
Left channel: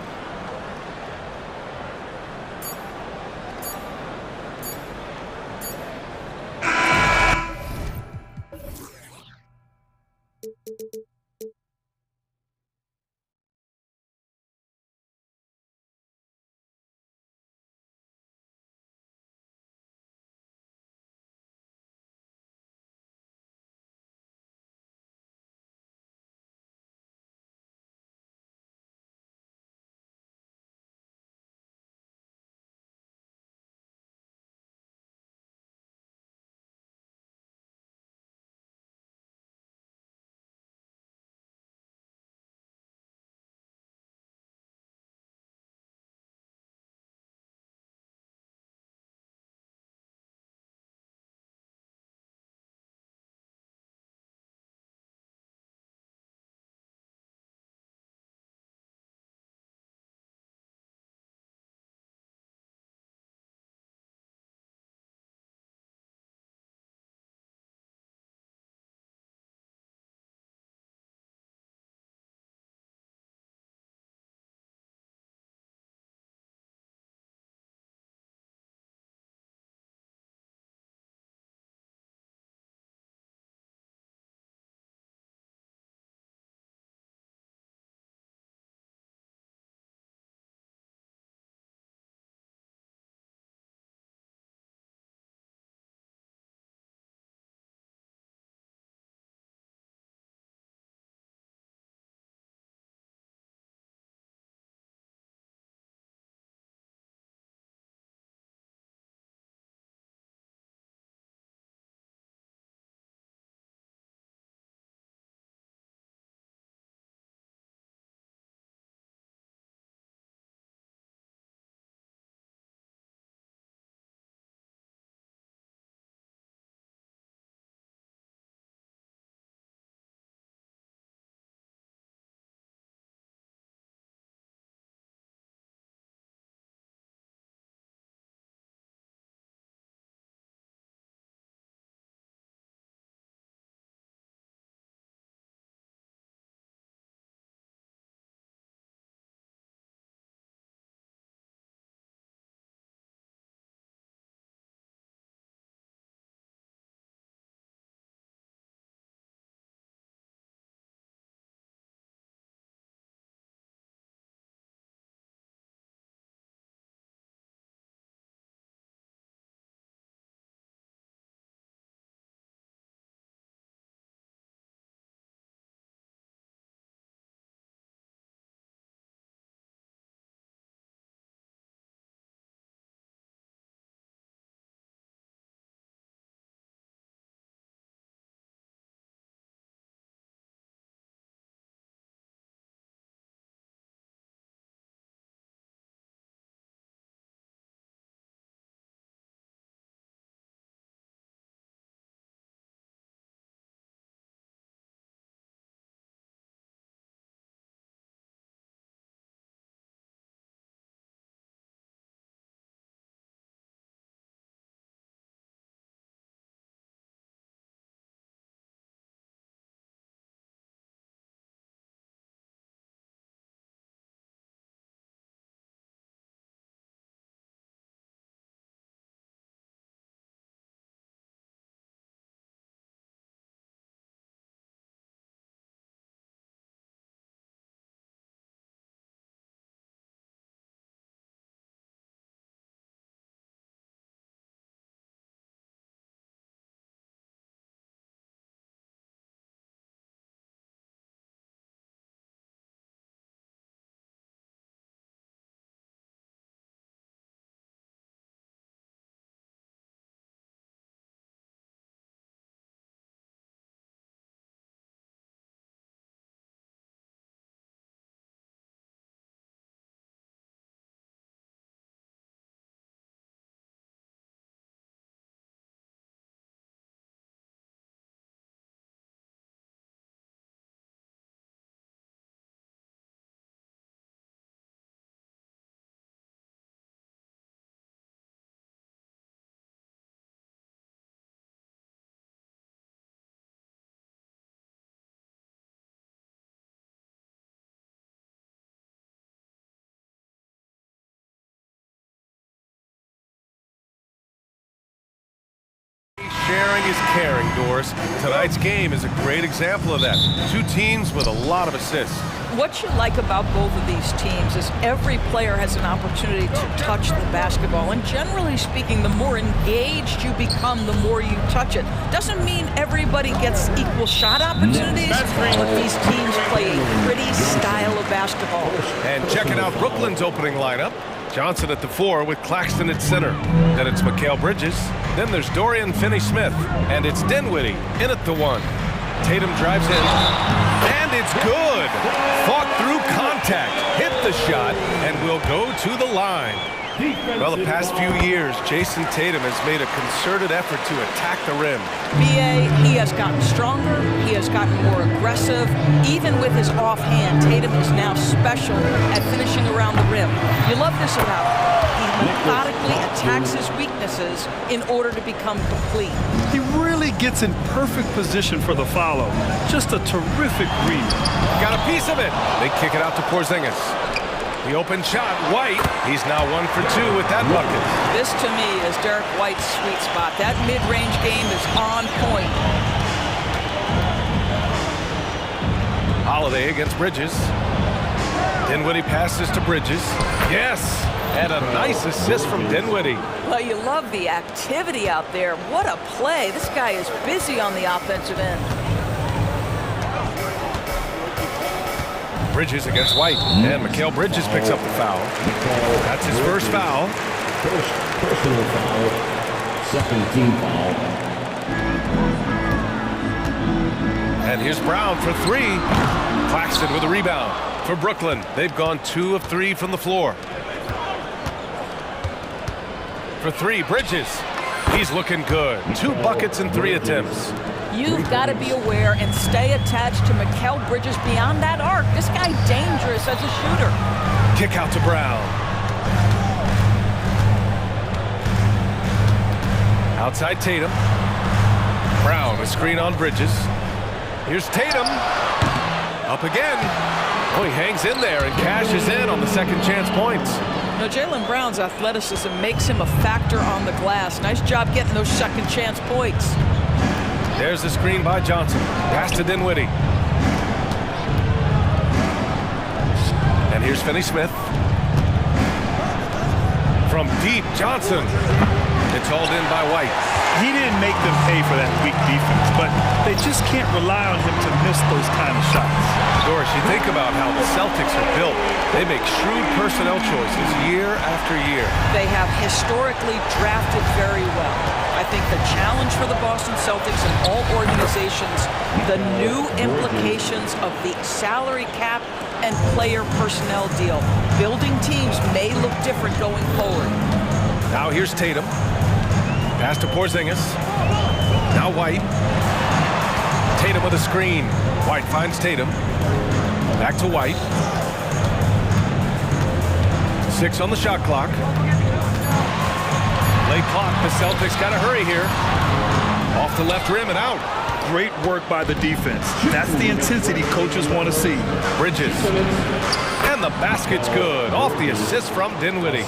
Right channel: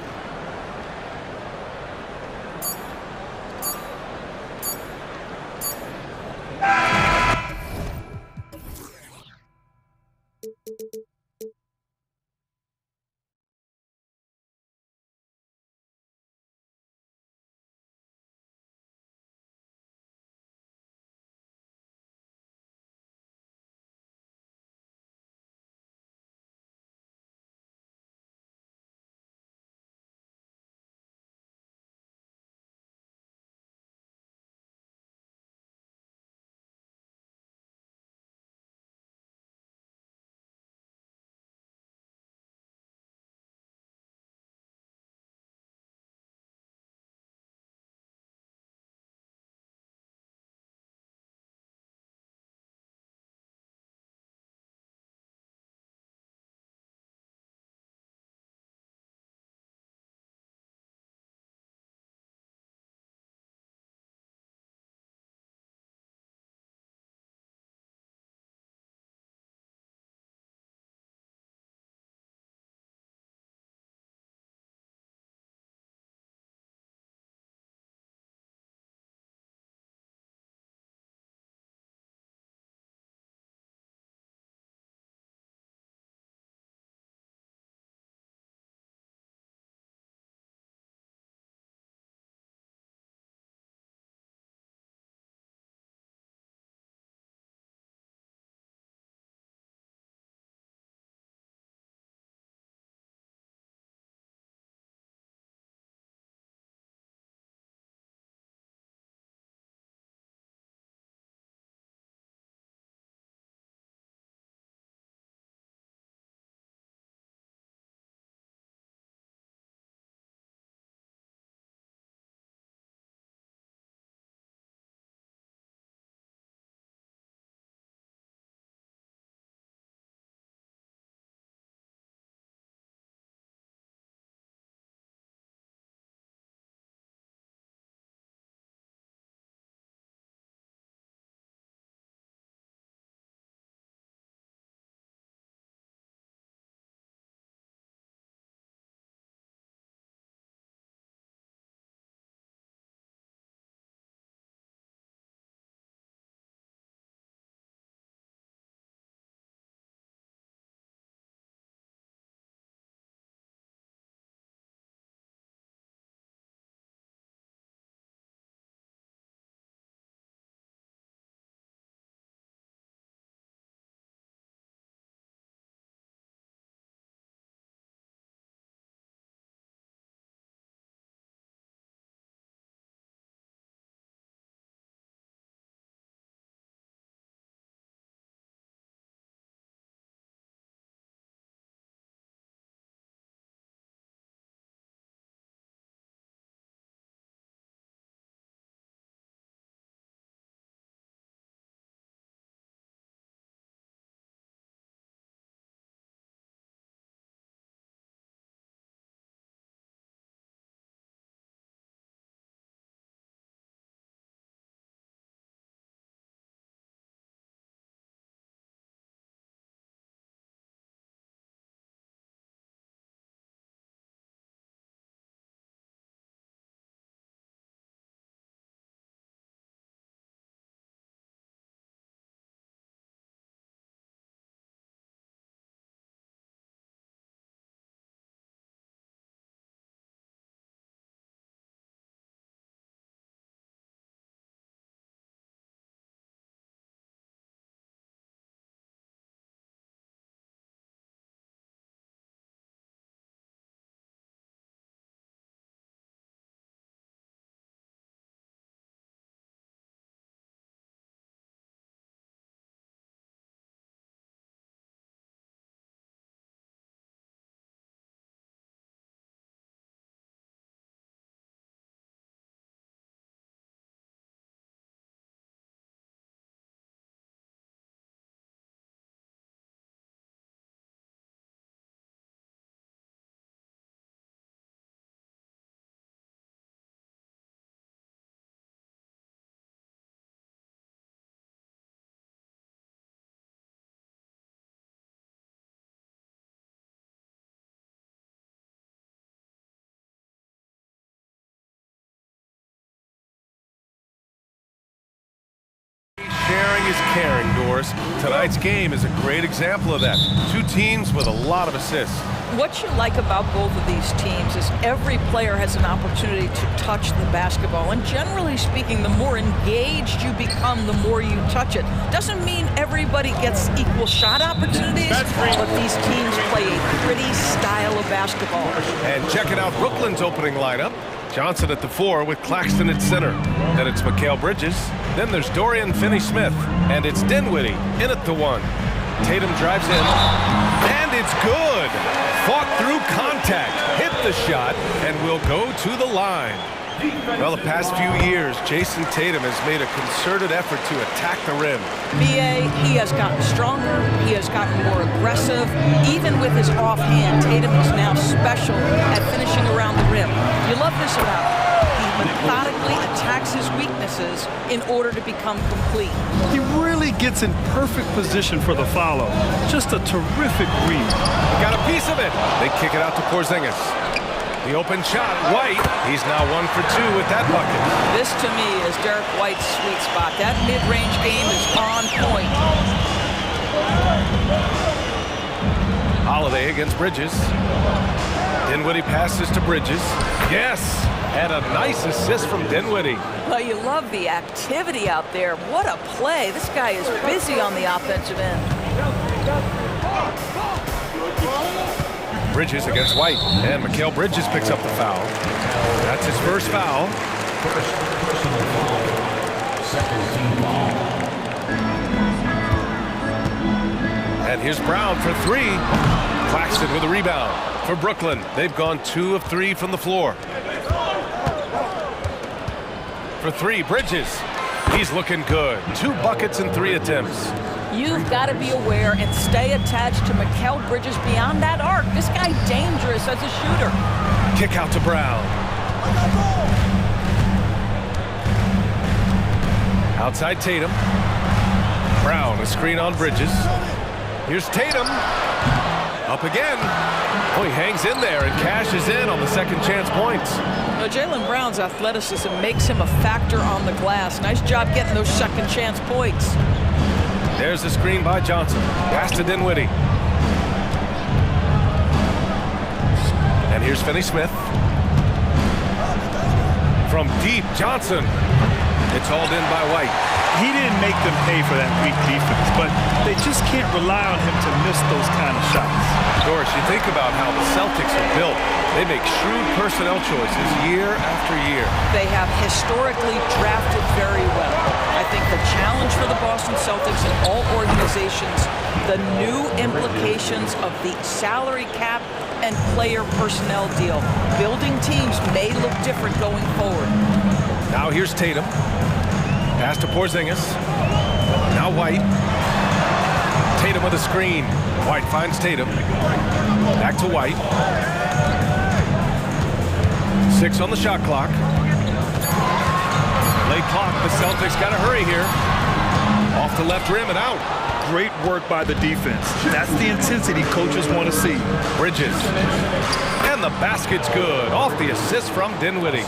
Sharing is caring, Doris. Tonight's game is a great example of that. Two teams with a lot of assists. What you like about both of these teams is every player has an opportunity to touch the basketball. And generally speaking, the more engaged you become, the more you touch it. Doesn't mean everybody gets equal shot opportunities, but these teams play a pretty style of basketball. And checking out Brooklyn's opening lineup. Johnson at the 4 with Claxton at center. Then it's Mikal Bridges. Then there's Dorian Finney-Smith. And it's Dinwiddie in at the 1. Tatum drives in. And it's good. Fought through contact, hit the shot, and will go to the line. Well, the past few years, Jason Tatum has made a concerted effort to attack the rim. BA, he has gotten stronger, he has gotten more aggressive. Even with his offhand, Tatum is now special at finishing around the rim. You love this about him. He methodically attacks his weaknesses in order to become complete. He really gets in perfect position for the follow. Just a terrific read. Got a piece of it. They kick it out to Porzingis. The open shot, White. He's now 1 for 2 with that bucket. This, to me, is Derek White's sweet spot. That mid-range game is on point. Holiday against Bridges. Dinwiddie passes to Bridges. Yes! And a nice assist from Dinwiddie. Well, you love the activity out there. What a play. This guy is busy on the offensive end. Bridges against White. And Mikal Bridges picks up the foul. That's his first foul. First personal foul. Second team foul. And here's Brown for 3. Claxton with a rebound for Brooklyn. They've gone 2 of 3 from the floor. For 3, Bridges. He's looking good. 2 buckets and 3 attempts. You've got to be aware and stay attached to Mikal Bridges beyond that arc. This guy dangerous as a shooter. Kick out to Brown. Outside Tatum. Brown, a screen on Bridges. Here's Tatum. Up again. Oh, he hangs in there and cashes in on the second chance points. Now, Jaylen Brown's athleticism makes him a factor on the glass. Nice job getting those second chance points. There's the screen by Johnson. Pass to Dinwiddie. And here's Finney-Smith. From deep, Johnson. It's hauled in by White. He didn't make them pay for that weak defense, but they just can't rely on him to miss those kind of shots. Doris, you think about how the Celtics are built. They make shrewd personnel choices year after year. They have historically drafted very well. I think the challenge for the Boston Celtics and all organizations, the new implications of the salary cap and player personnel deal. Building teams may look different going forward. Now here's Tatum. Pass to Porzingis. Now White. Tatum with a screen. White finds Tatum. Back to White. 6 on the shot clock. Late clock. The Celtics got to hurry here. Off the left rim and out. Great work by the defense. That's the intensity coaches want to see. Bridges. And the basket's good. Off the assist from Dinwiddie.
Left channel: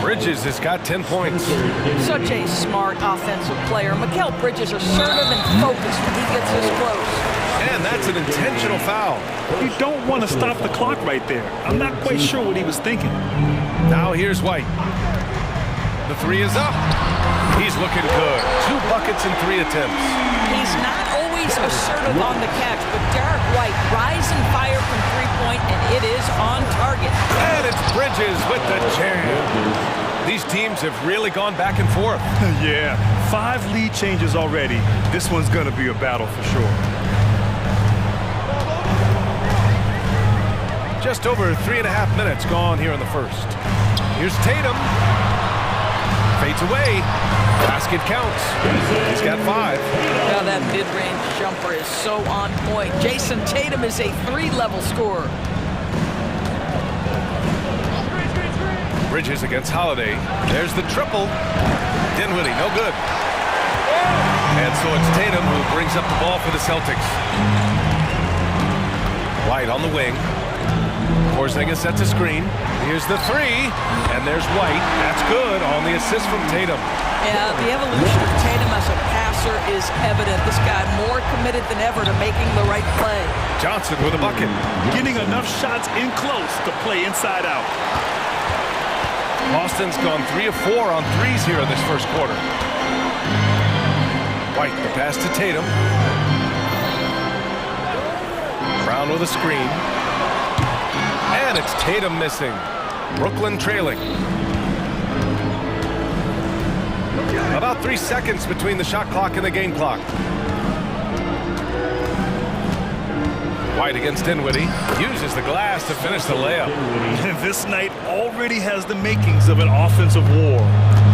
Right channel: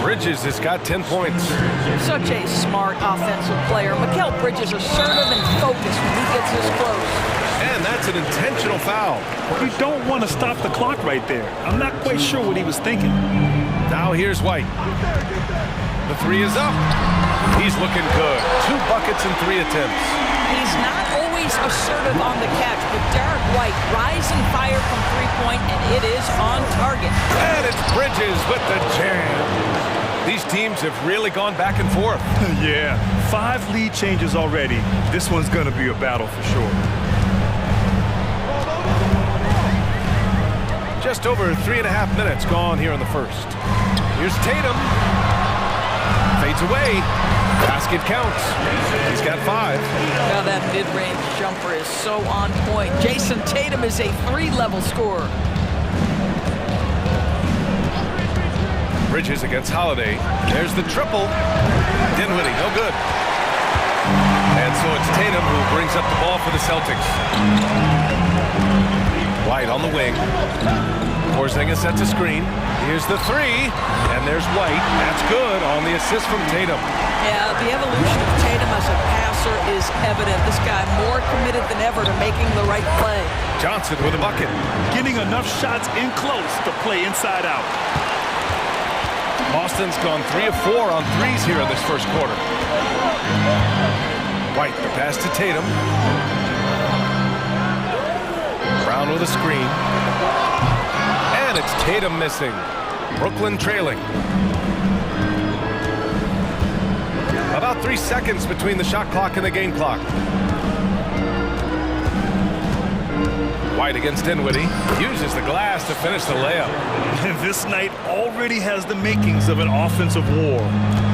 Bridges has got 10 points. Such a smart offensive player. Mikal Bridges assertive and focused when he gets this close. And that's an intentional foul. You don't want to stop the clock right there. I'm not quite sure what he was thinking. Now here's White. The 3 is up. He's looking good. 2 buckets and 3 attempts. He's not always assertive on the catch, but Derek White rise and fire from 3-point, and it is on target. And it's Bridges with the jam. These teams have really gone back and forth. Yeah, 5 lead changes already. This one's going to be a battle for sure. Just over 3.5 minutes gone here in the first. Here's Tatum. Fades away. Basket counts. He's got 5. Now that mid-range jumper is so on point. Jason Tatum is a 3-level scorer. Bridges against Holiday. There's the triple. Dinwiddie, no good. And so it's Tatum who brings up the ball for the Celtics. White on the wing. Porzingis sets a screen. Here's the 3. And there's White. That's good on the assist from Tatum. Yeah, the evolution of Tatum as a passer is evident. This guy more committed than ever to making the right play. Johnson with a bucket. Getting enough shots in close to play inside out. Boston's gone 3 of 4 on threes here in this first quarter. White, the pass to Tatum. Brown with a screen. And it's Tatum missing. Brooklyn trailing. About 3 seconds between the shot clock and the game clock. White against Dinwiddie. Uses the glass to finish the layup. And this night already has the makings of an offensive war.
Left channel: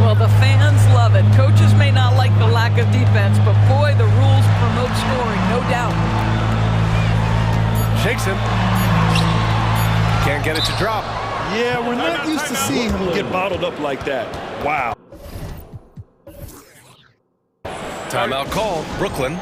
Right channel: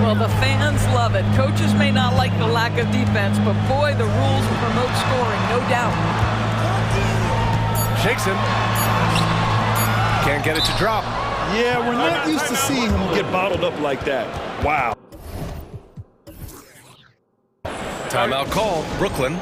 Well, the fans love it. Coaches may not like the lack of defense, but boy, the rules promote scoring, no doubt. Shakes him. Can't get it to drop. Yeah, we're not used to seeing him get bottled up like that. Wow. Timeout called, Brooklyn.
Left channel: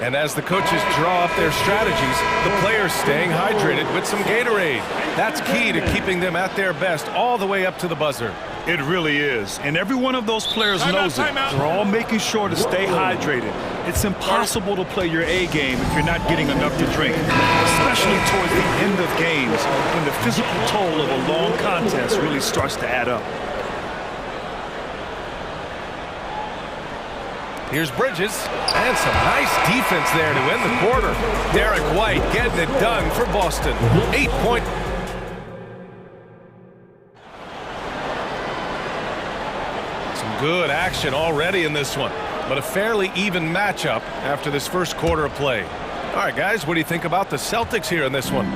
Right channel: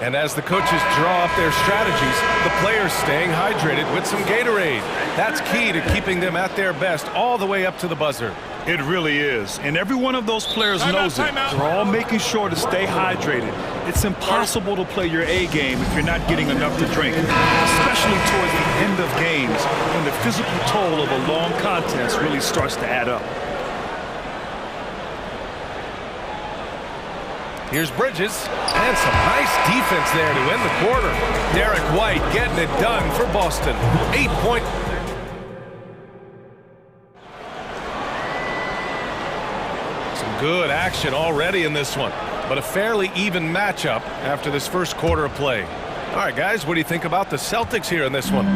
And as the coaches draw up their strategies, the players staying hydrated with some Gatorade. That's key to keeping them at their best all the way up to the buzzer. It really is. And every one of those players knows it. They're all making sure to stay hydrated. It's impossible to play your A game if you're not getting enough to drink, especially towards the end of games when the physical toll of a long contest really starts to add up. Here's Bridges, and some nice defense there to end the quarter. Derek White getting it done for Boston. 8-point. Some good action already in this one, but a fairly even matchup after this first quarter of play. All right, guys, what do you think about the Celtics here in this one?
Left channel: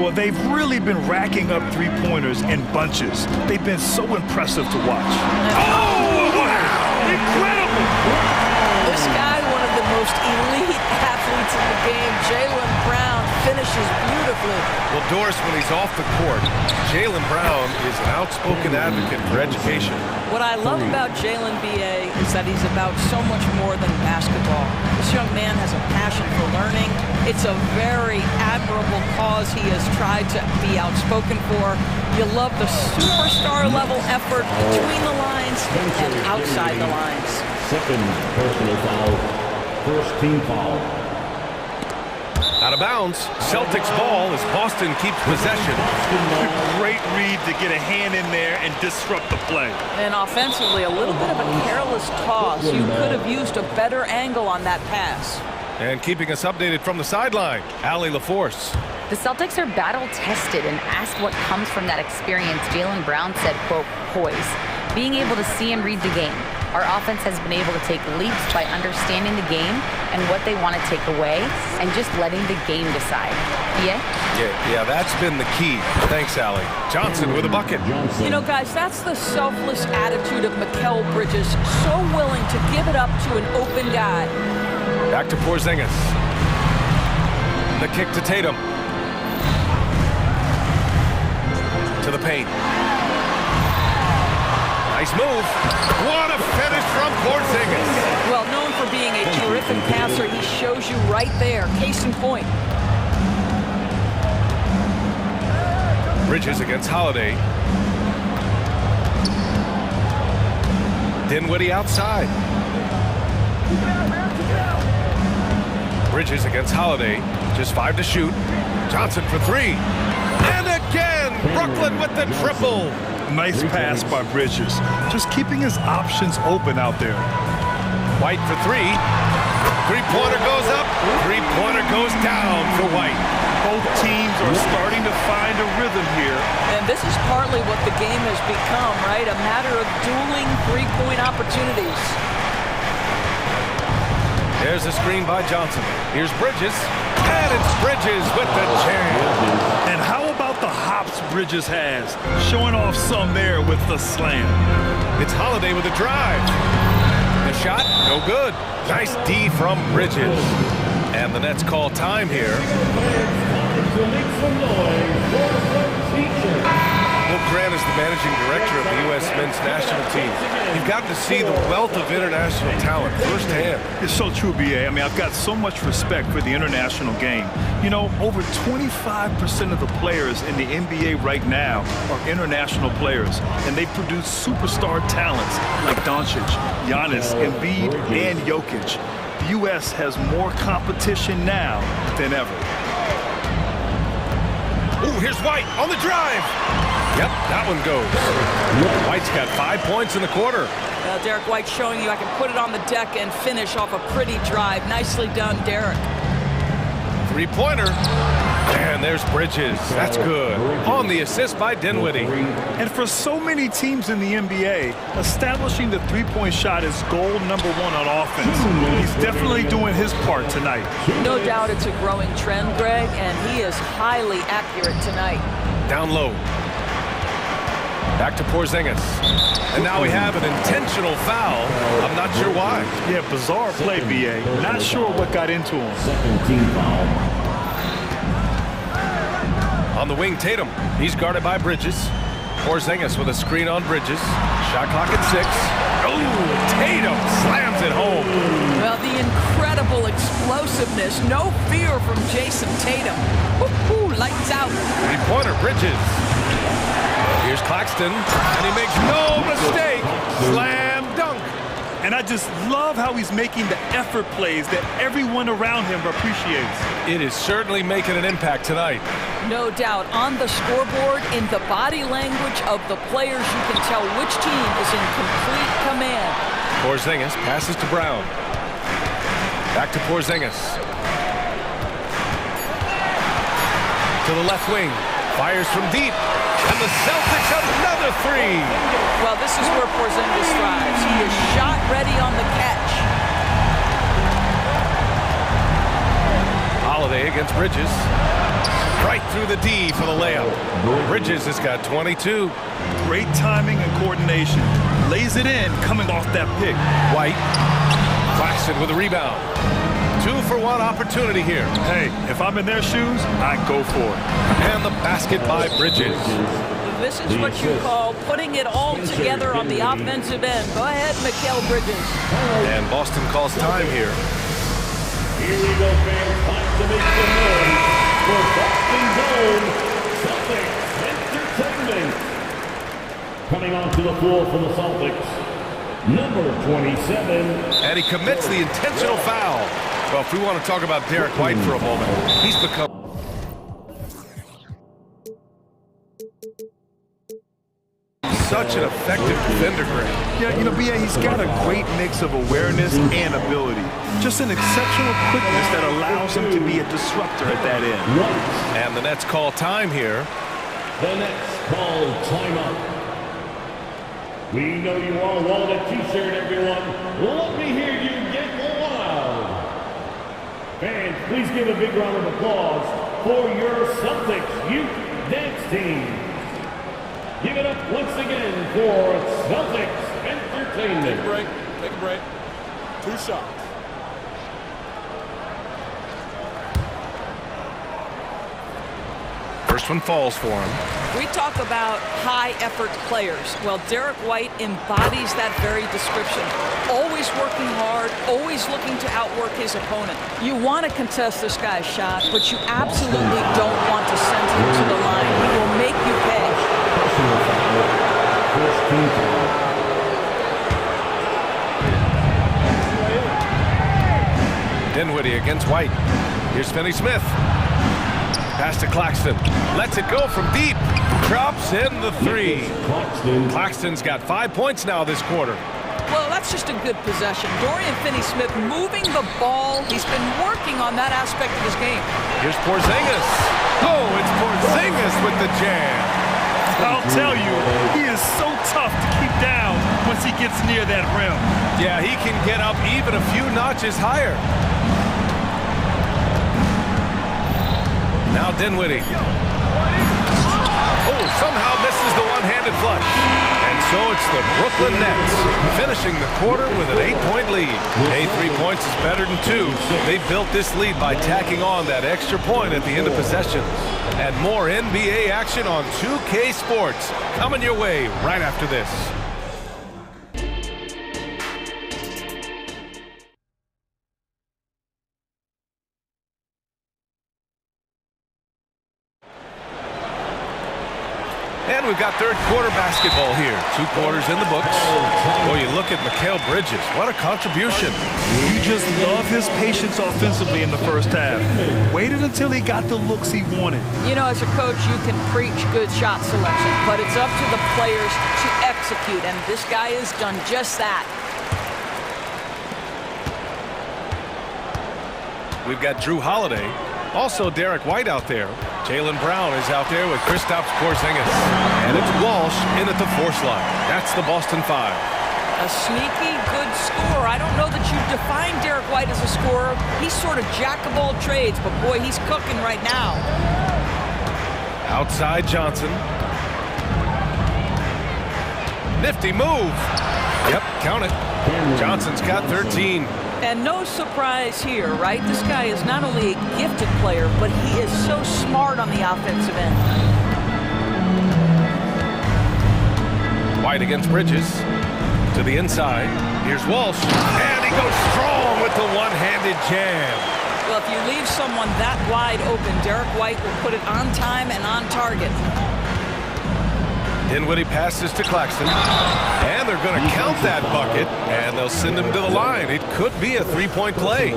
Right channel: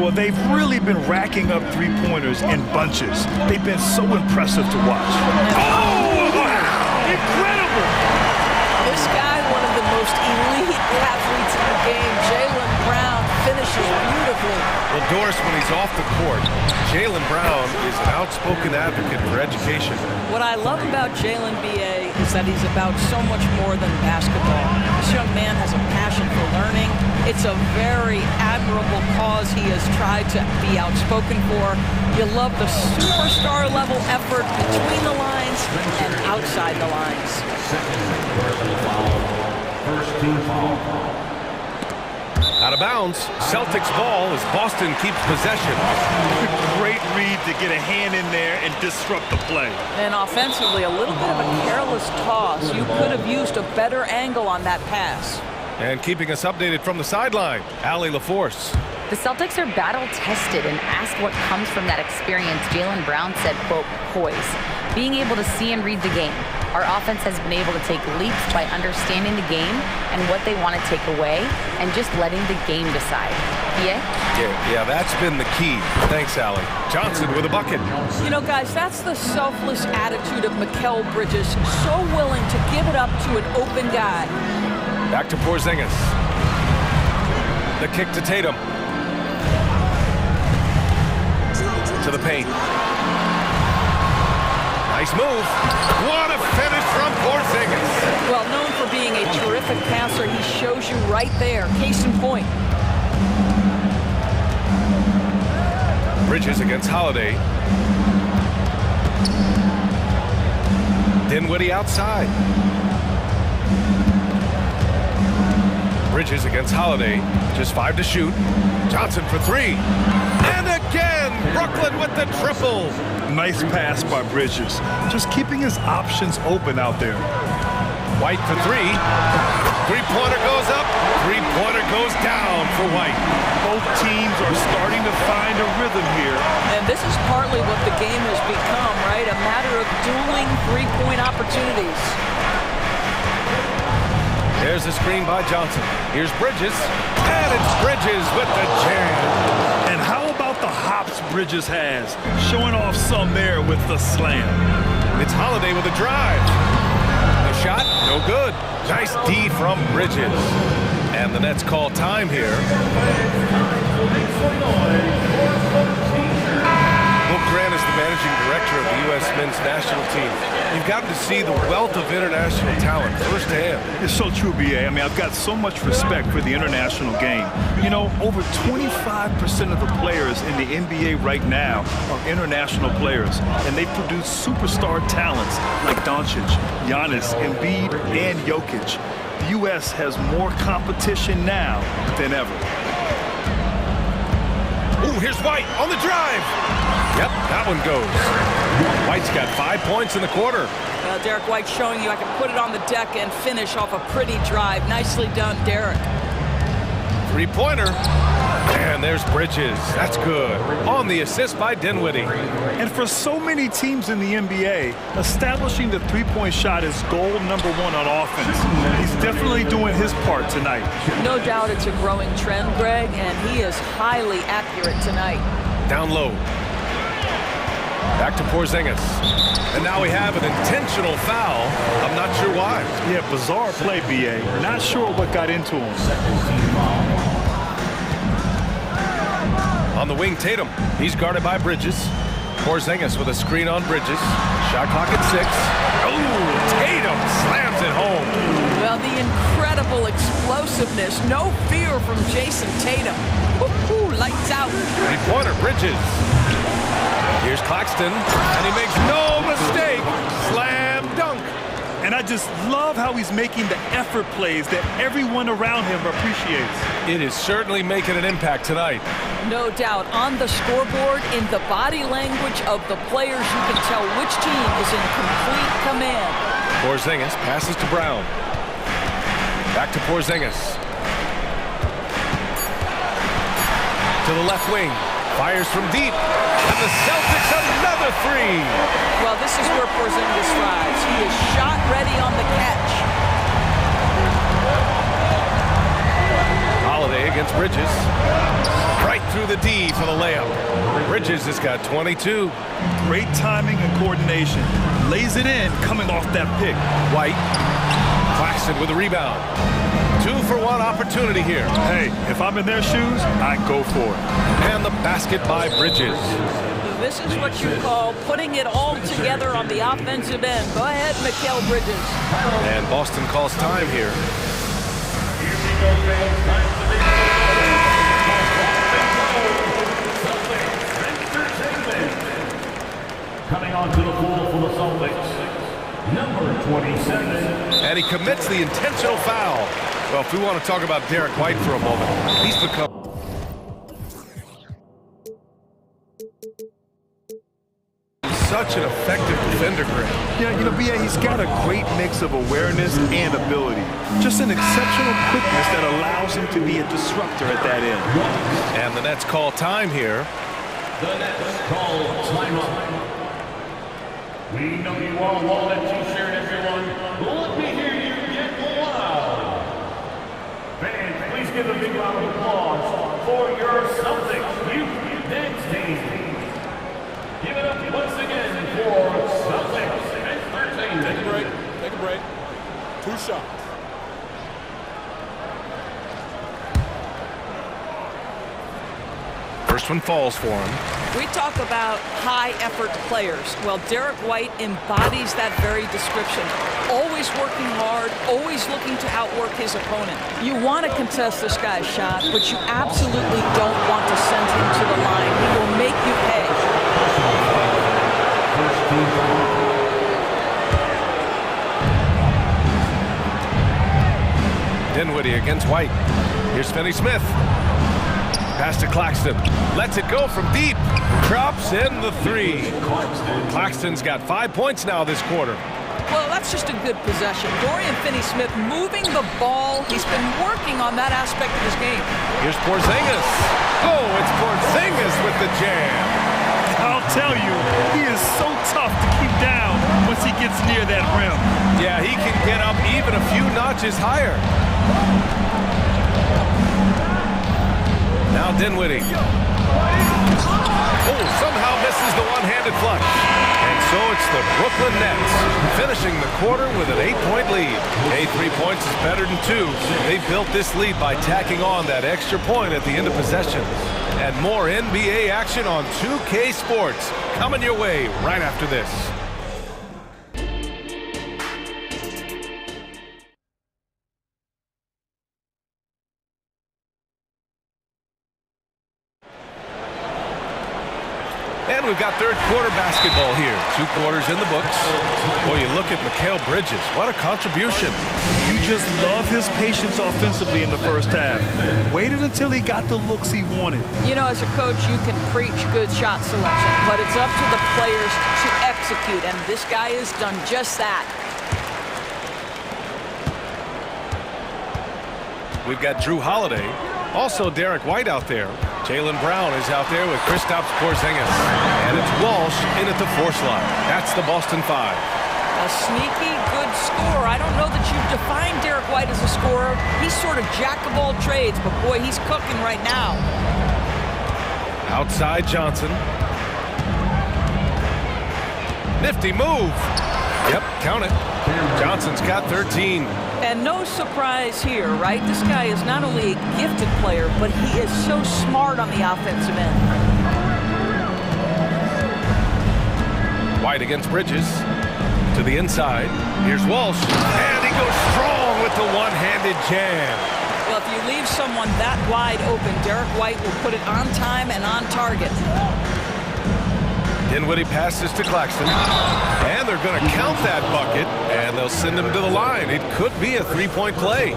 Well, they've really been racking up three-pointers in bunches. They've been so impressive to watch. Oh, wow! Incredible! This guy, one of the most elite athletes in the game, Jaylen Brown, finishes beautifully. Well, Doris, when he's off the court, Jaylen Brown is an outspoken advocate for education. What I love about Jaylen, B.A., is that he's about so much more than basketball. This young man has a passion for learning. It's a very admirable cause he has tried to be outspoken for. You love the superstar level effort between the lines and outside the lines. Second personal foul. First team foul. Out of bounds. Celtics ball as Boston keeps possession. Great read to get a hand in there and disrupt the play. And offensively, a little bit of a careless toss. You could have used a better angle on that pass. And keeping us updated from the sideline, Allie LaForce. The Celtics are battle-tested, and asked what comes from that experience, Jaylen Brown said, quote, poise. Being able to see and read the game. Our offense has been able to take leaps by understanding the game and what they want to take away and just letting the game decide. Yeah, that's been the key. Thanks, Allie. Johnson with a bucket. You know, guys, that's the selfless attitude of Mikal Bridges. So willing to give it up to an open guy. Back to Porzingis. The kick to Tatum. To the paint. Nice move. What a finish from Porzingis. Well, known for being a terrific passer, he shows you right there. Case in point. Bridges against Holiday. Dinwiddie outside. Bridges against Holiday. Just 5 to shoot. Johnson for 3. And again, Brooklyn with the triple. Nice pass by Bridges. Just keeping his options open out there. White for 3. Three-pointer goes up. Three-pointer goes down for White. Both teams are starting to find a rhythm here. And this is partly what the game has become, right? A matter of dueling three-point opportunities. There's a screen by Johnson. Here's Bridges. And it's Bridges with the jam. And how about the hops Bridges has? Showing off some there with the slam. It's Holiday with a drive. The shot, no good. Nice D from Bridges. And the Nets call time here. We'll Grant is the managing director of the U.S. men's national team. You've gotten to see the wealth of international talent firsthand. It's so true, B.A. I mean, I've got so much respect for the international game. You know, over 25% of the players in the NBA right now are international players, and they produce superstar talents like Doncic, Giannis, Embiid, and Jokic. The U.S. has more competition now than ever. Ooh, here's White on the drive. Yep, that one goes. White's got 5 points in the quarter. Well, Derek White showing you I can put it on the deck and finish off a pretty drive. Nicely done, Derek. Three-pointer. And there's Bridges. That's good. On the assist by Dinwiddie. And for so many teams in the NBA, establishing the three-point shot is goal number one on offense. He's definitely doing his part tonight. No doubt it's a growing trend, Greg, and he is highly accurate tonight. Down low. Back to Porzingis. And now we have an intentional foul. I'm not sure why. Yeah, bizarre play, B.A. Not sure what got into him. On the wing, Tatum. He's guarded by Bridges. Porzingis with a screen on Bridges. Shot clock at 6. Oh, Tatum slams it home. Well, the incredible explosiveness. No fear from Jason Tatum. Woo-hoo, lights out. Three-pointer, Bridges. Here's Claxton, and he makes no mistake. Slam dunk. And I just love how he's making the effort plays that everyone around him appreciates. It is certainly making an impact tonight. No doubt. On the scoreboard, in the body language of the players, you can tell which team is in complete command. Porzingis passes to Brown. Back to Porzingis. To the left wing. Fires from deep. And the Celtics another three. Well, this is where Porzingis thrives. He is shot ready on the catch. Holiday against Bridges. Right through the D for the layup. Bridges has got 22. Great timing and coordination. Lays it in coming off that pick. White. Claxton with a rebound. 2-for-1 opportunity here. Hey, if I'm in their shoes, I go for it. And the basket by Bridges. This is what you call putting it all together on the offensive end. Go ahead, Mikal Bridges. And Boston calls time here. Here we go, fans. Time to make the noise for Boston Celtics Entertainment. Coming onto the floor for the Celtics, number 27. And he commits the intentional foul. Well, if we want to talk about Derek White for a moment, he's become such an effective defender, Grant. Yeah, you know, B.A., he's got a great mix of awareness and ability. Just an exceptional quickness that allows him to be a disruptor at that end. And the Nets call time here. The Nets call timeout. We know you all want a t-shirt, everyone. Let me hear you get loud. Fans, please give a big round of applause for your Celtics youth dance team. Give it up once again for Celtics Entertainment. Take a break. Take a break. 2 shots. First one falls for him. We talk about high-effort players. Well, Derek White embodies that very description. Always working hard, always looking to outwork his opponent. You want to contest this guy's shot, but you absolutely don't want to send him to the line. He will make you pay. Dinwiddie against White. Here's Finney-Smith. Pass to Claxton. Lets it go from deep. Drops in the 3. Claxton's got 5 points now this quarter. Well, that's just a good possession. Dorian Finney-Smith moving the ball. He's been working on that aspect of his game. Here's Porzingis. Oh, it's Porzingis with the jam. I'll tell you, he is so tough to keep down once he gets near that rim. Yeah, he can get up even a few notches higher. Now Dinwiddie. Oh, somehow misses the one-handed flush. And so it's the Brooklyn Nets finishing the quarter with an 8-point lead. Hey, 3 points is better than 2. They built this lead by tacking on that extra point at the end of possessions. And more NBA action on 2K Sports coming your way right after this. And we've got third quarter basketball here. 2 quarters in the books. Boy, you look at Mikal Bridges. What a contribution. You just love his patience offensively in the first half. Waited until he got the looks he wanted. You know, as a coach, you can preach good shot selection, but it's up to the players to execute, and this guy has done just that. We've got Drew Holiday. Also Derek White out there. Jaylen Brown is out there with Kristaps Porzingis. And it's Walsh in at the 4 slot. That's the Boston 5. A sneaky good scorer. I don't know that you define Derek White as a scorer. He's sort of jack of all trades, but boy, he's cooking right now. Outside Johnson. Nifty move. Yep, count it. Johnson's got 13. And no surprise here, right? This guy is not only a gifted player, but he is so smart on the offensive end. White against Bridges. To the inside. Here's Walsh. And he goes strong with the one-handed jam. Well, if you leave someone that wide open, Derek White will put it on time and on target. Dinwiddie passes to Claxton. And they're going to count that bucket, and they'll send him to the line. It could be a 3-point play.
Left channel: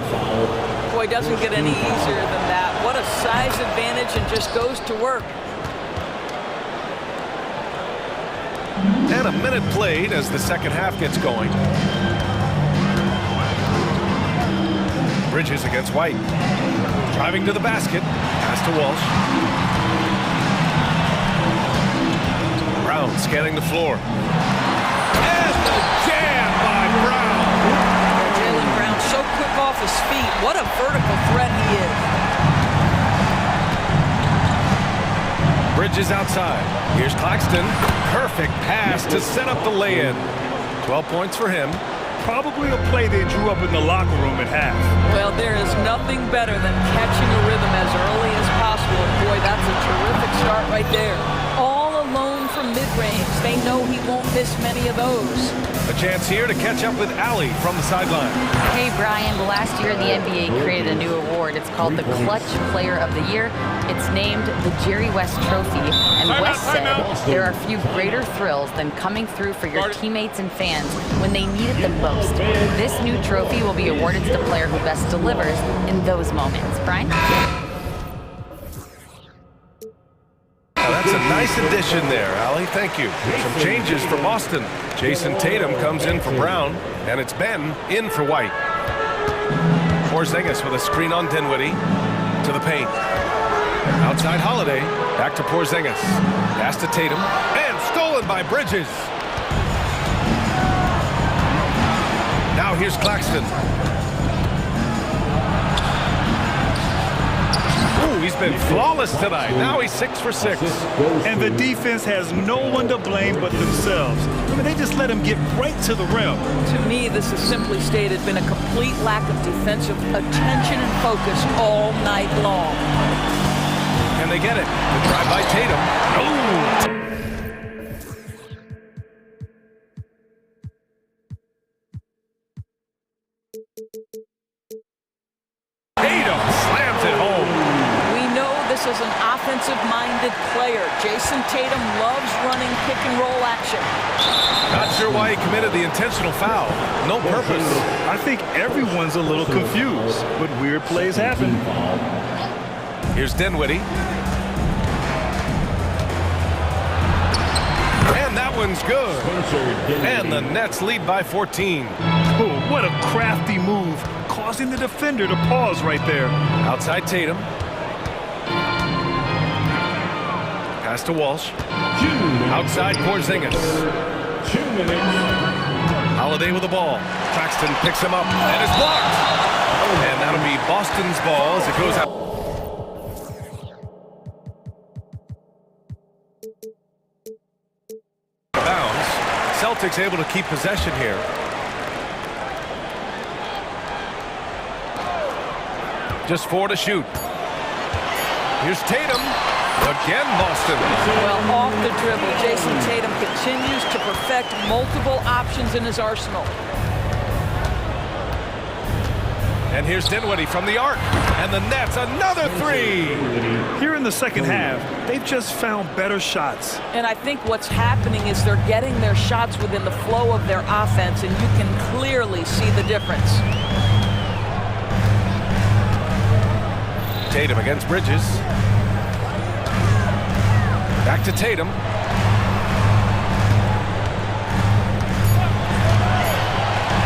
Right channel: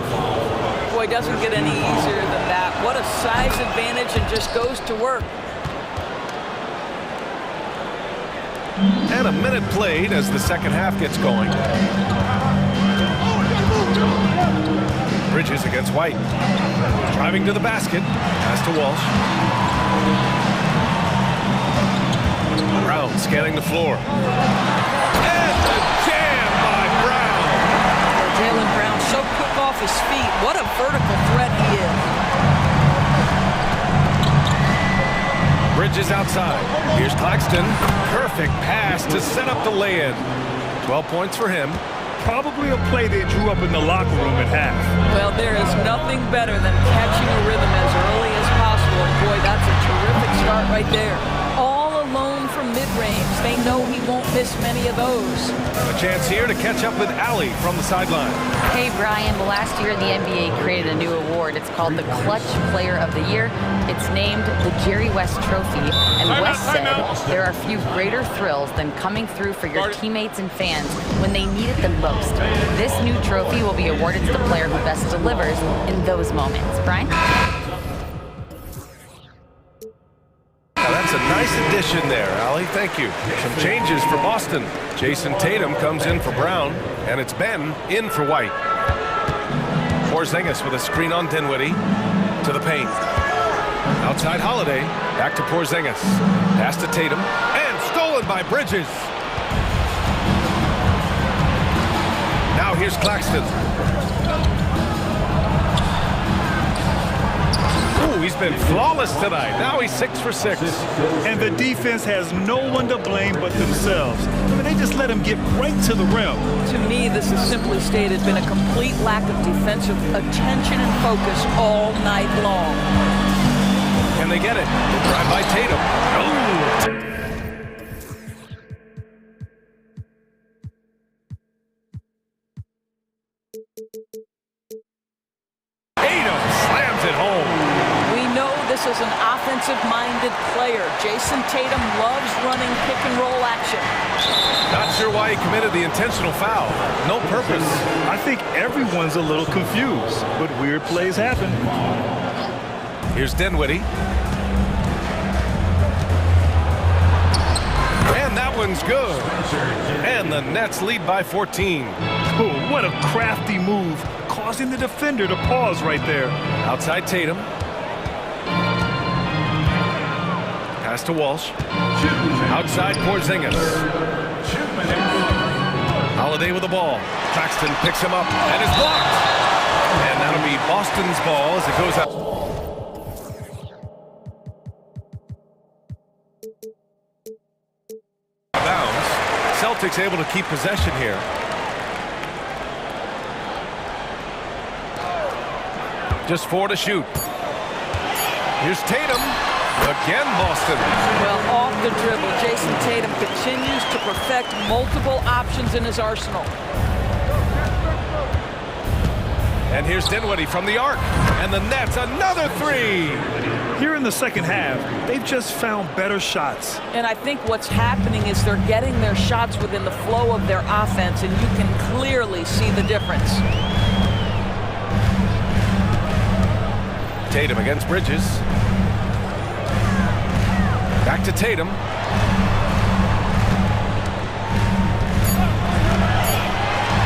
Boy, it doesn't get any easier than that. What a size advantage, and just goes to work. And a minute played as the second half gets going. Bridges against White. Driving to the basket. Pass to Walsh. Brown scanning the floor. And the jam by Brown. Jaylen Brown so quick off his feet. What a vertical threat he is. Bridges outside. Here's Claxton. Perfect pass to set up the lay-in. 12 points for him. Probably a play they drew up in the locker room at half. Well, there is nothing better than catching a rhythm as early as possible. And boy, that's a terrific start right there. All alone from mid-range. They know he won't miss many of those. A chance here to catch up with Allie from the sideline. Hey, Brian, last year the NBA created a new award. It's called the Clutch Player of the Year. It's named the Jerry West Trophy. And West said there are few greater thrills than coming through for your teammates and fans when they need it the most. This new trophy will be awarded to the player who best delivers in those moments. Brian? Now that's a nice addition there, Allie. Thank you. Some changes for Boston. Jason Tatum comes in for Brown, and it's Ben in for White. Porzingis with a screen on Dinwiddie to the paint. Outside Holiday, back to Porzingis. Pass to Tatum, and stolen by Bridges. Now here's Claxton. Ooh, he's been flawless tonight. Now he's 6 for 6. And the defense has no one to blame but themselves. I mean, they just let him get right to the rim. To me, this is simply stated been a complete lack of defensive attention and focus all night long. Can they get it? The drive by Tatum. Oh! Tatum slams it home. We know this is an offensive-minded player. Jason Tatum loves running pick-and-roll action. Not sure why he committed the intentional foul. No purpose. I think everyone's a little confused, but weird plays happen. Here's Dinwiddie. And that one's good. And the Nets lead by 14. Oh, what a crafty move, causing the defender to pause right there. Outside Tatum. Pass to Walsh. Outside Porzingis. Holiday with the ball. Claxton picks him up and is blocked. And that'll be Boston's ball as it goes out. Bounds. Celtics able to keep possession here. Just 4 to shoot. Here's Tatum. Again, Boston. Well, off the dribble, Jason Tatum continues to perfect multiple options in his arsenal. And here's Dinwiddie from the arc. And the Nets, another 3. Here in the second half, they've just found better shots. And I think what's happening is they're getting their shots within the flow of their offense, and you can clearly see the difference. Tatum against Bridges. Back to Tatum.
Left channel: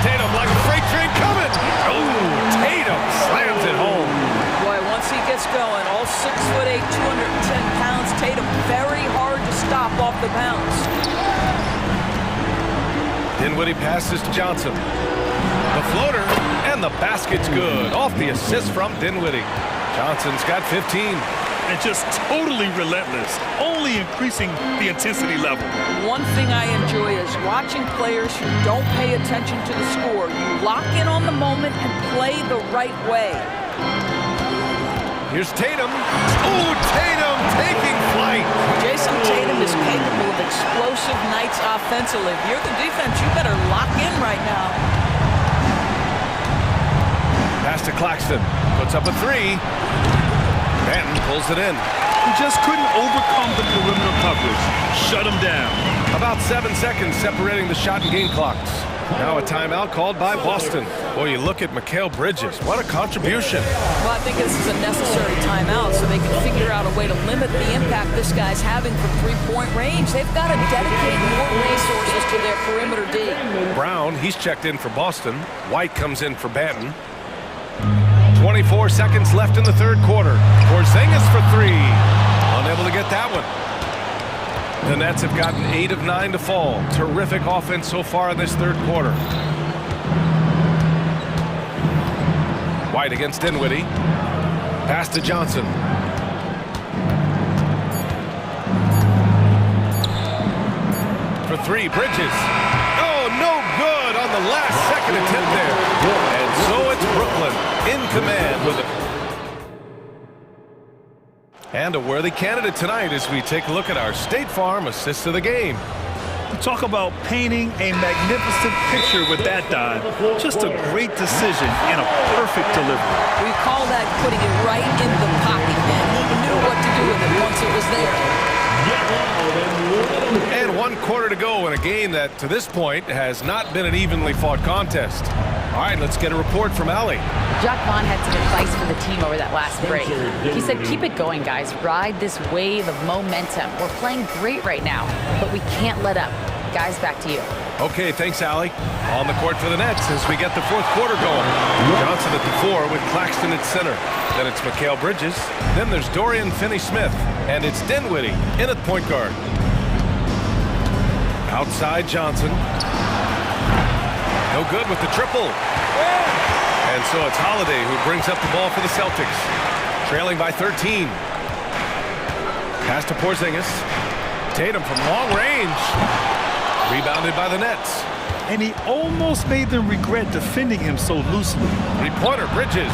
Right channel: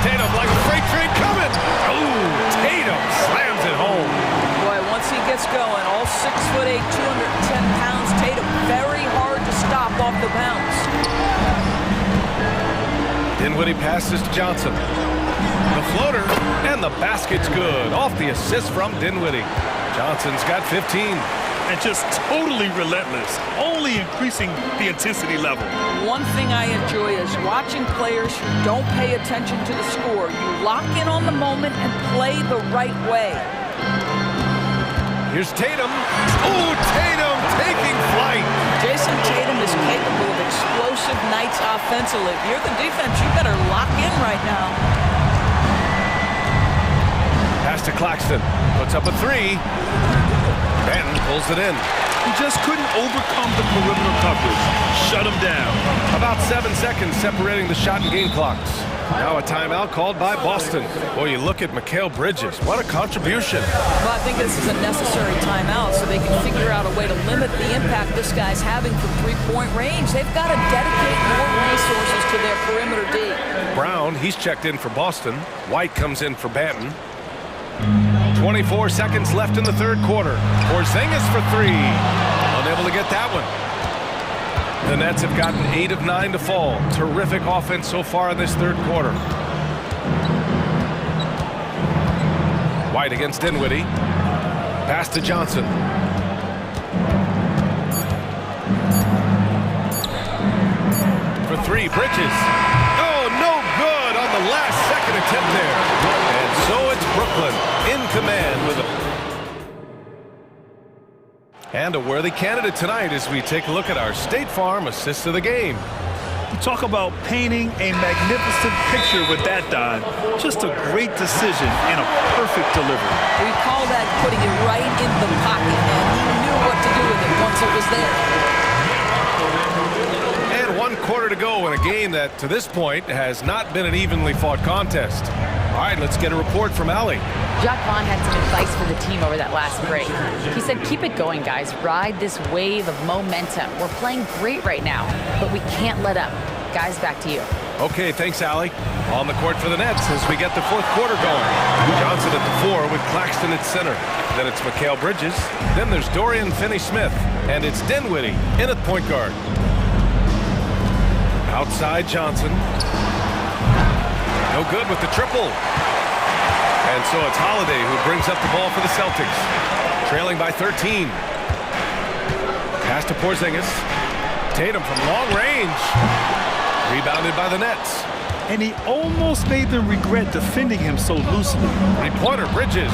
Tatum like a freight train coming. Ooh, Tatum slams it home. Boy, once he gets going, all 6'8", 210 pounds, Tatum very hard to stop off the bounce. Dinwiddie passes to Johnson. The floater, and the basket's good. Off the assist from Dinwiddie. Johnson's got 15. And just totally relentless, only increasing the intensity level. One thing I enjoy is watching players who don't pay attention to the score. You lock in on the moment and play the right way. Here's Tatum. Ooh, Tatum taking flight. Jason Tatum is capable of explosive nights offensively. If you're the defense, you better lock in right now. Pass to Claxton. Puts up a 3. Banton pulls it in. He just couldn't overcome the perimeter coverage. Shut him down. About 7 seconds separating the shot and game clocks. Now a timeout called by Boston. Boy, you look at Mikal Bridges. What a contribution. Well, I think this is a necessary timeout so they can figure out a way to limit the impact this guy's having from three-point range. They've got to dedicate more resources to their perimeter D. Brown, he's checked in for Boston. White comes in for Banton. 24 seconds left in the third quarter. Porzingis for 3. Unable to get that one. The Nets have gotten 8 of 9 to fall. Terrific offense so far in this third quarter. White against Dinwiddie. Pass to Johnson. For 3, Bridges. Oh, no good on the last second attempt there. And so it's Brooklyn in command with a worthy candidate tonight as we take a look at our State Farm assist of the game. You talk about painting a magnificent picture with that dive. Just a great decision and a perfect delivery. We call that putting it right in the pocket, man. He knew what to do with it once it was there. And 1 quarter to go in a game that, to this point, has not been an evenly fought contest. All right, let's get a report from Allie. Jacques Vaughn had some advice for the team over that last break. He said, keep it going, guys. Ride this wave of momentum. We're playing great right now, but we can't let up. Guys, back to you. Okay, thanks, Allie. On the court for the Nets as we get the fourth quarter going. Johnson at the 4 with Claxton at center. Then it's Mikal Bridges. Then there's Dorian Finney-Smith. And it's Dinwiddie in at point guard. Outside Johnson. No good with the triple. And so it's Holiday who brings up the ball for the Celtics. Trailing by 13. Pass to Porzingis. Tatum from long range. Rebounded by the Nets. And he almost made them regret defending him so loosely. Three-pointer, Bridges.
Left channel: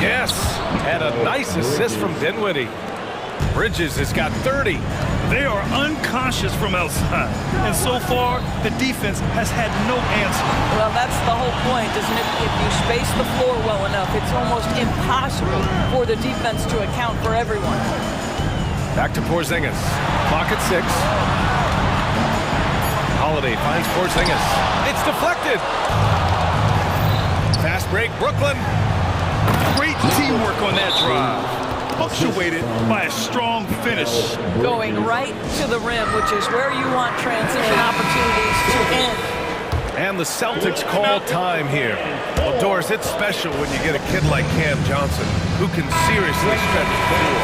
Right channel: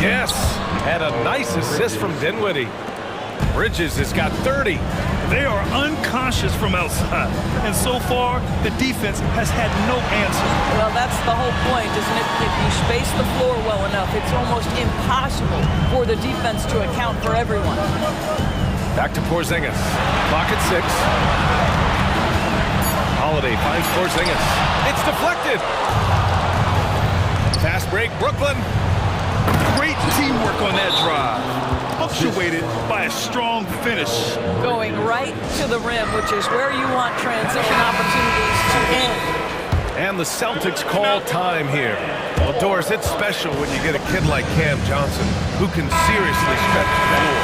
Yes. And a nice assist from Dinwiddie. Bridges has got 30. They are unconscious from outside. And so far, the defense has had no answer. Well, that's the whole point, isn't it? If you space the floor well enough, it's almost impossible for the defense to account for everyone. Back to Porzingis. Clock at 6. Holiday finds Porzingis. It's deflected. Fast break, Brooklyn. Great teamwork on that drive. Punctuated by a strong finish. Going right to the rim, which is where you want transition opportunities to end. And the Celtics call time here. Well, Doris, it's special when you get a kid like Cam Johnson who can seriously stretch the floor.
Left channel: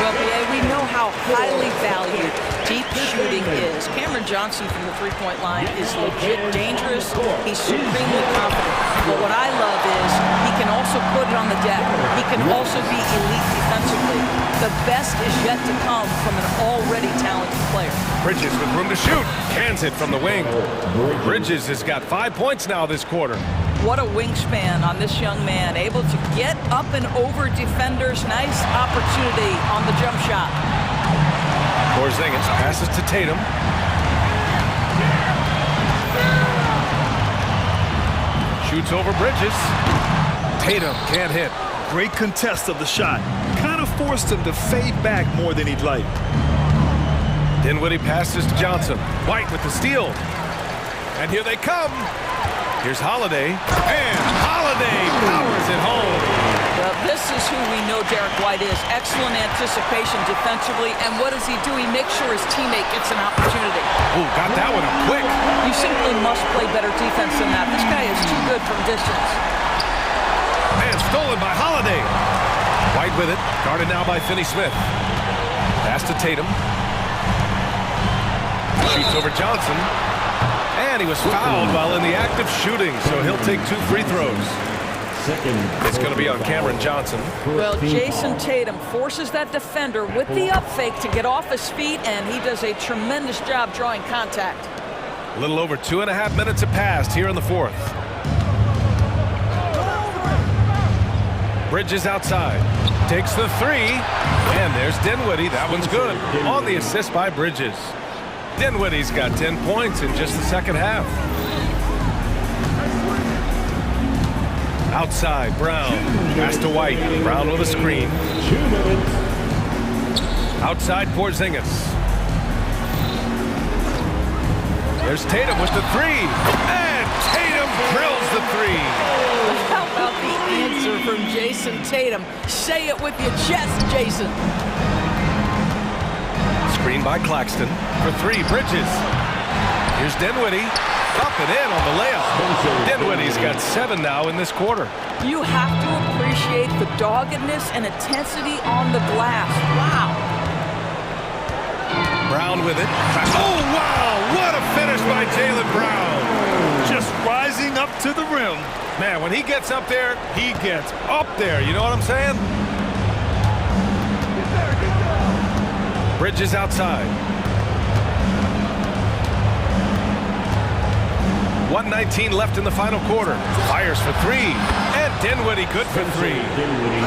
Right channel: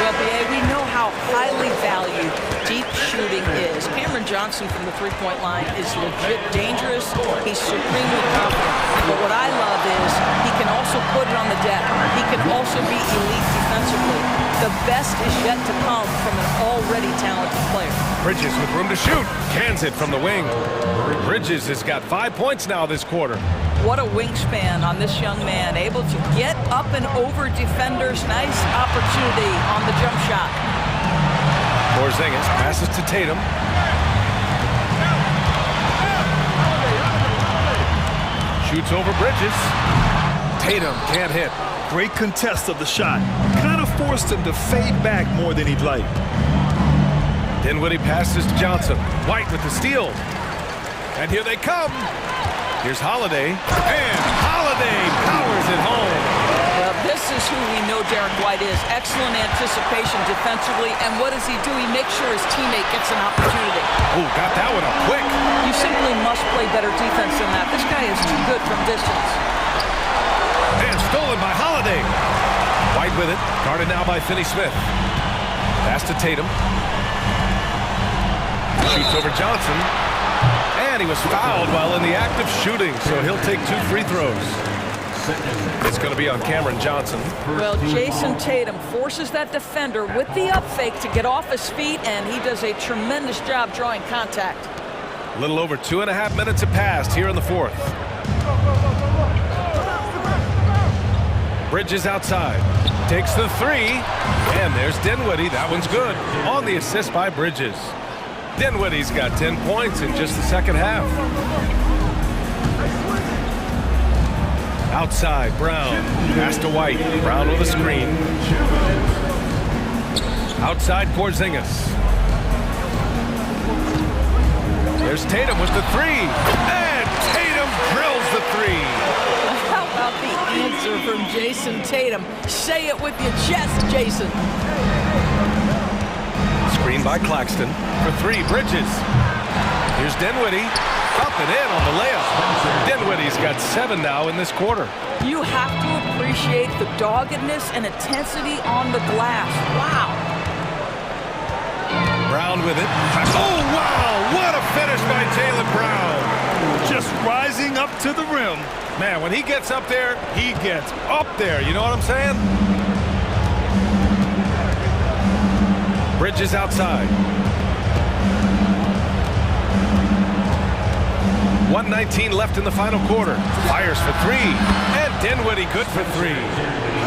Well, B.A., we know how how highly valued deep shooting is. Cameron Johnson from the three-point line is legit dangerous. He's supremely confident. But what I love is he can also put it on the deck. He can also be elite defensively. The best is yet to come from an already talented player. Bridges with room to shoot. Cans it from the wing. Bridges has got 5 points now this quarter. What a wingspan on this young man, able to get up and over defenders. Nice opportunity on the jump shot. Porzingis passes to Tatum. Shoots over Bridges. Tatum can't hit. Great contest of the shot. Kind of forced him to fade back more than he'd like. Dinwiddie passes to Johnson. White with the steal. And here they come. Here's Holiday. And Holiday powers it home. Well, this is who we know Derek White is. Excellent anticipation defensively. And what does he do? He makes sure his teammate gets an opportunity. Oh, got that one up quick. You simply must play better defense than that. This guy is too good from distance. And stolen by Holiday. White with it. Guarded now by Finney-Smith. Pass to Tatum. Shoots over Johnson. And he was fouled while in the act of shooting, so he'll take 2 free throws. It's going to be on Cameron Johnson. Well, Jason Tatum forces that defender with the up fake to get off his feet, and he does a tremendous job drawing contact. A little over 2.5 minutes have passed here in the fourth. Bridges outside. Takes the three. And there's Dinwiddie. That one's good. On the assist by Bridges. Dinwiddie's got 10 points in just the second half. Outside, Brown. Pass to White. Brown with a screen. Outside, Porzingis. There's Tatum with the three. And Tatum drills the three. How about the answer from Jason Tatum? Say it with your chest, Jason. Screen by Claxton. For three, Bridges. Here's Dinwiddie. Up and in on the layup. Dinwiddie's got 7 now in this quarter. You have to appreciate the doggedness and intensity on the glass. Wow. Brown with it. Oh, wow. What a finish by Jaylen Brown. Just rising up to the rim. Man, when he gets up there, he gets up there. You know what I'm saying? Bridges outside. 1:19 left in the final quarter. Fires for three. And Dinwiddie good for three.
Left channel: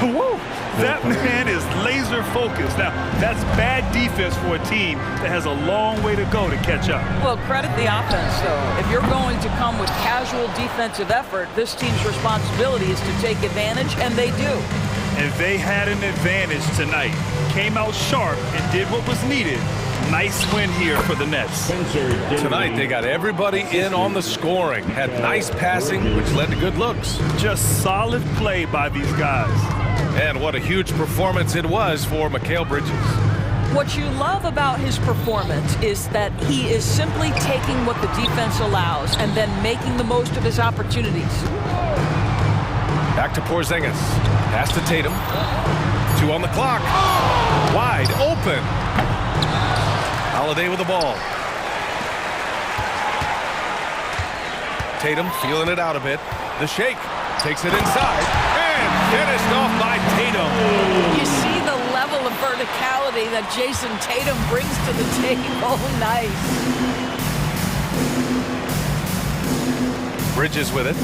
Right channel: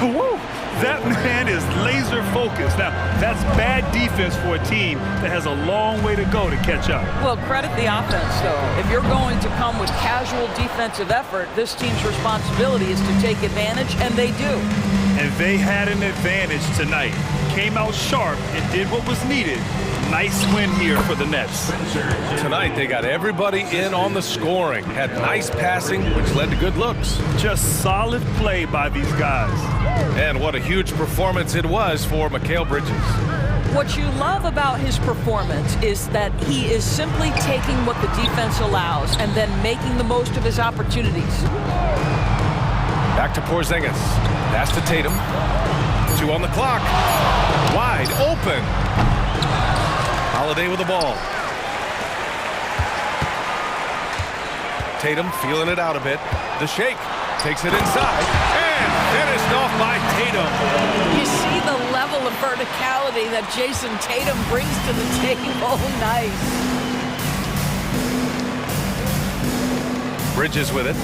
Woo! That man is laser focused. Now, that's bad defense for a team that has a long way to go to catch up. Well, credit the offense, though. If you're going to come with casual defensive effort, this team's responsibility is to take advantage, and they do. And they had an advantage tonight. Came out sharp and did what was needed. Nice win here for the Nets. Tonight, they got everybody in on the scoring. Had nice passing, which led to good looks. Just solid play by these guys. And what a huge performance it was for Mikal Bridges. What you love about his performance is that he is simply taking what the defense allows and then making the most of his opportunities. Back to Porzingis. Pass to Tatum. 2 on the clock. Wide open. Holiday with the ball. Tatum feeling it out a bit. The shake. Takes it inside. And finished off by Tatum. You see the level of verticality that Jason Tatum brings to the table. Nice. Bridges with it.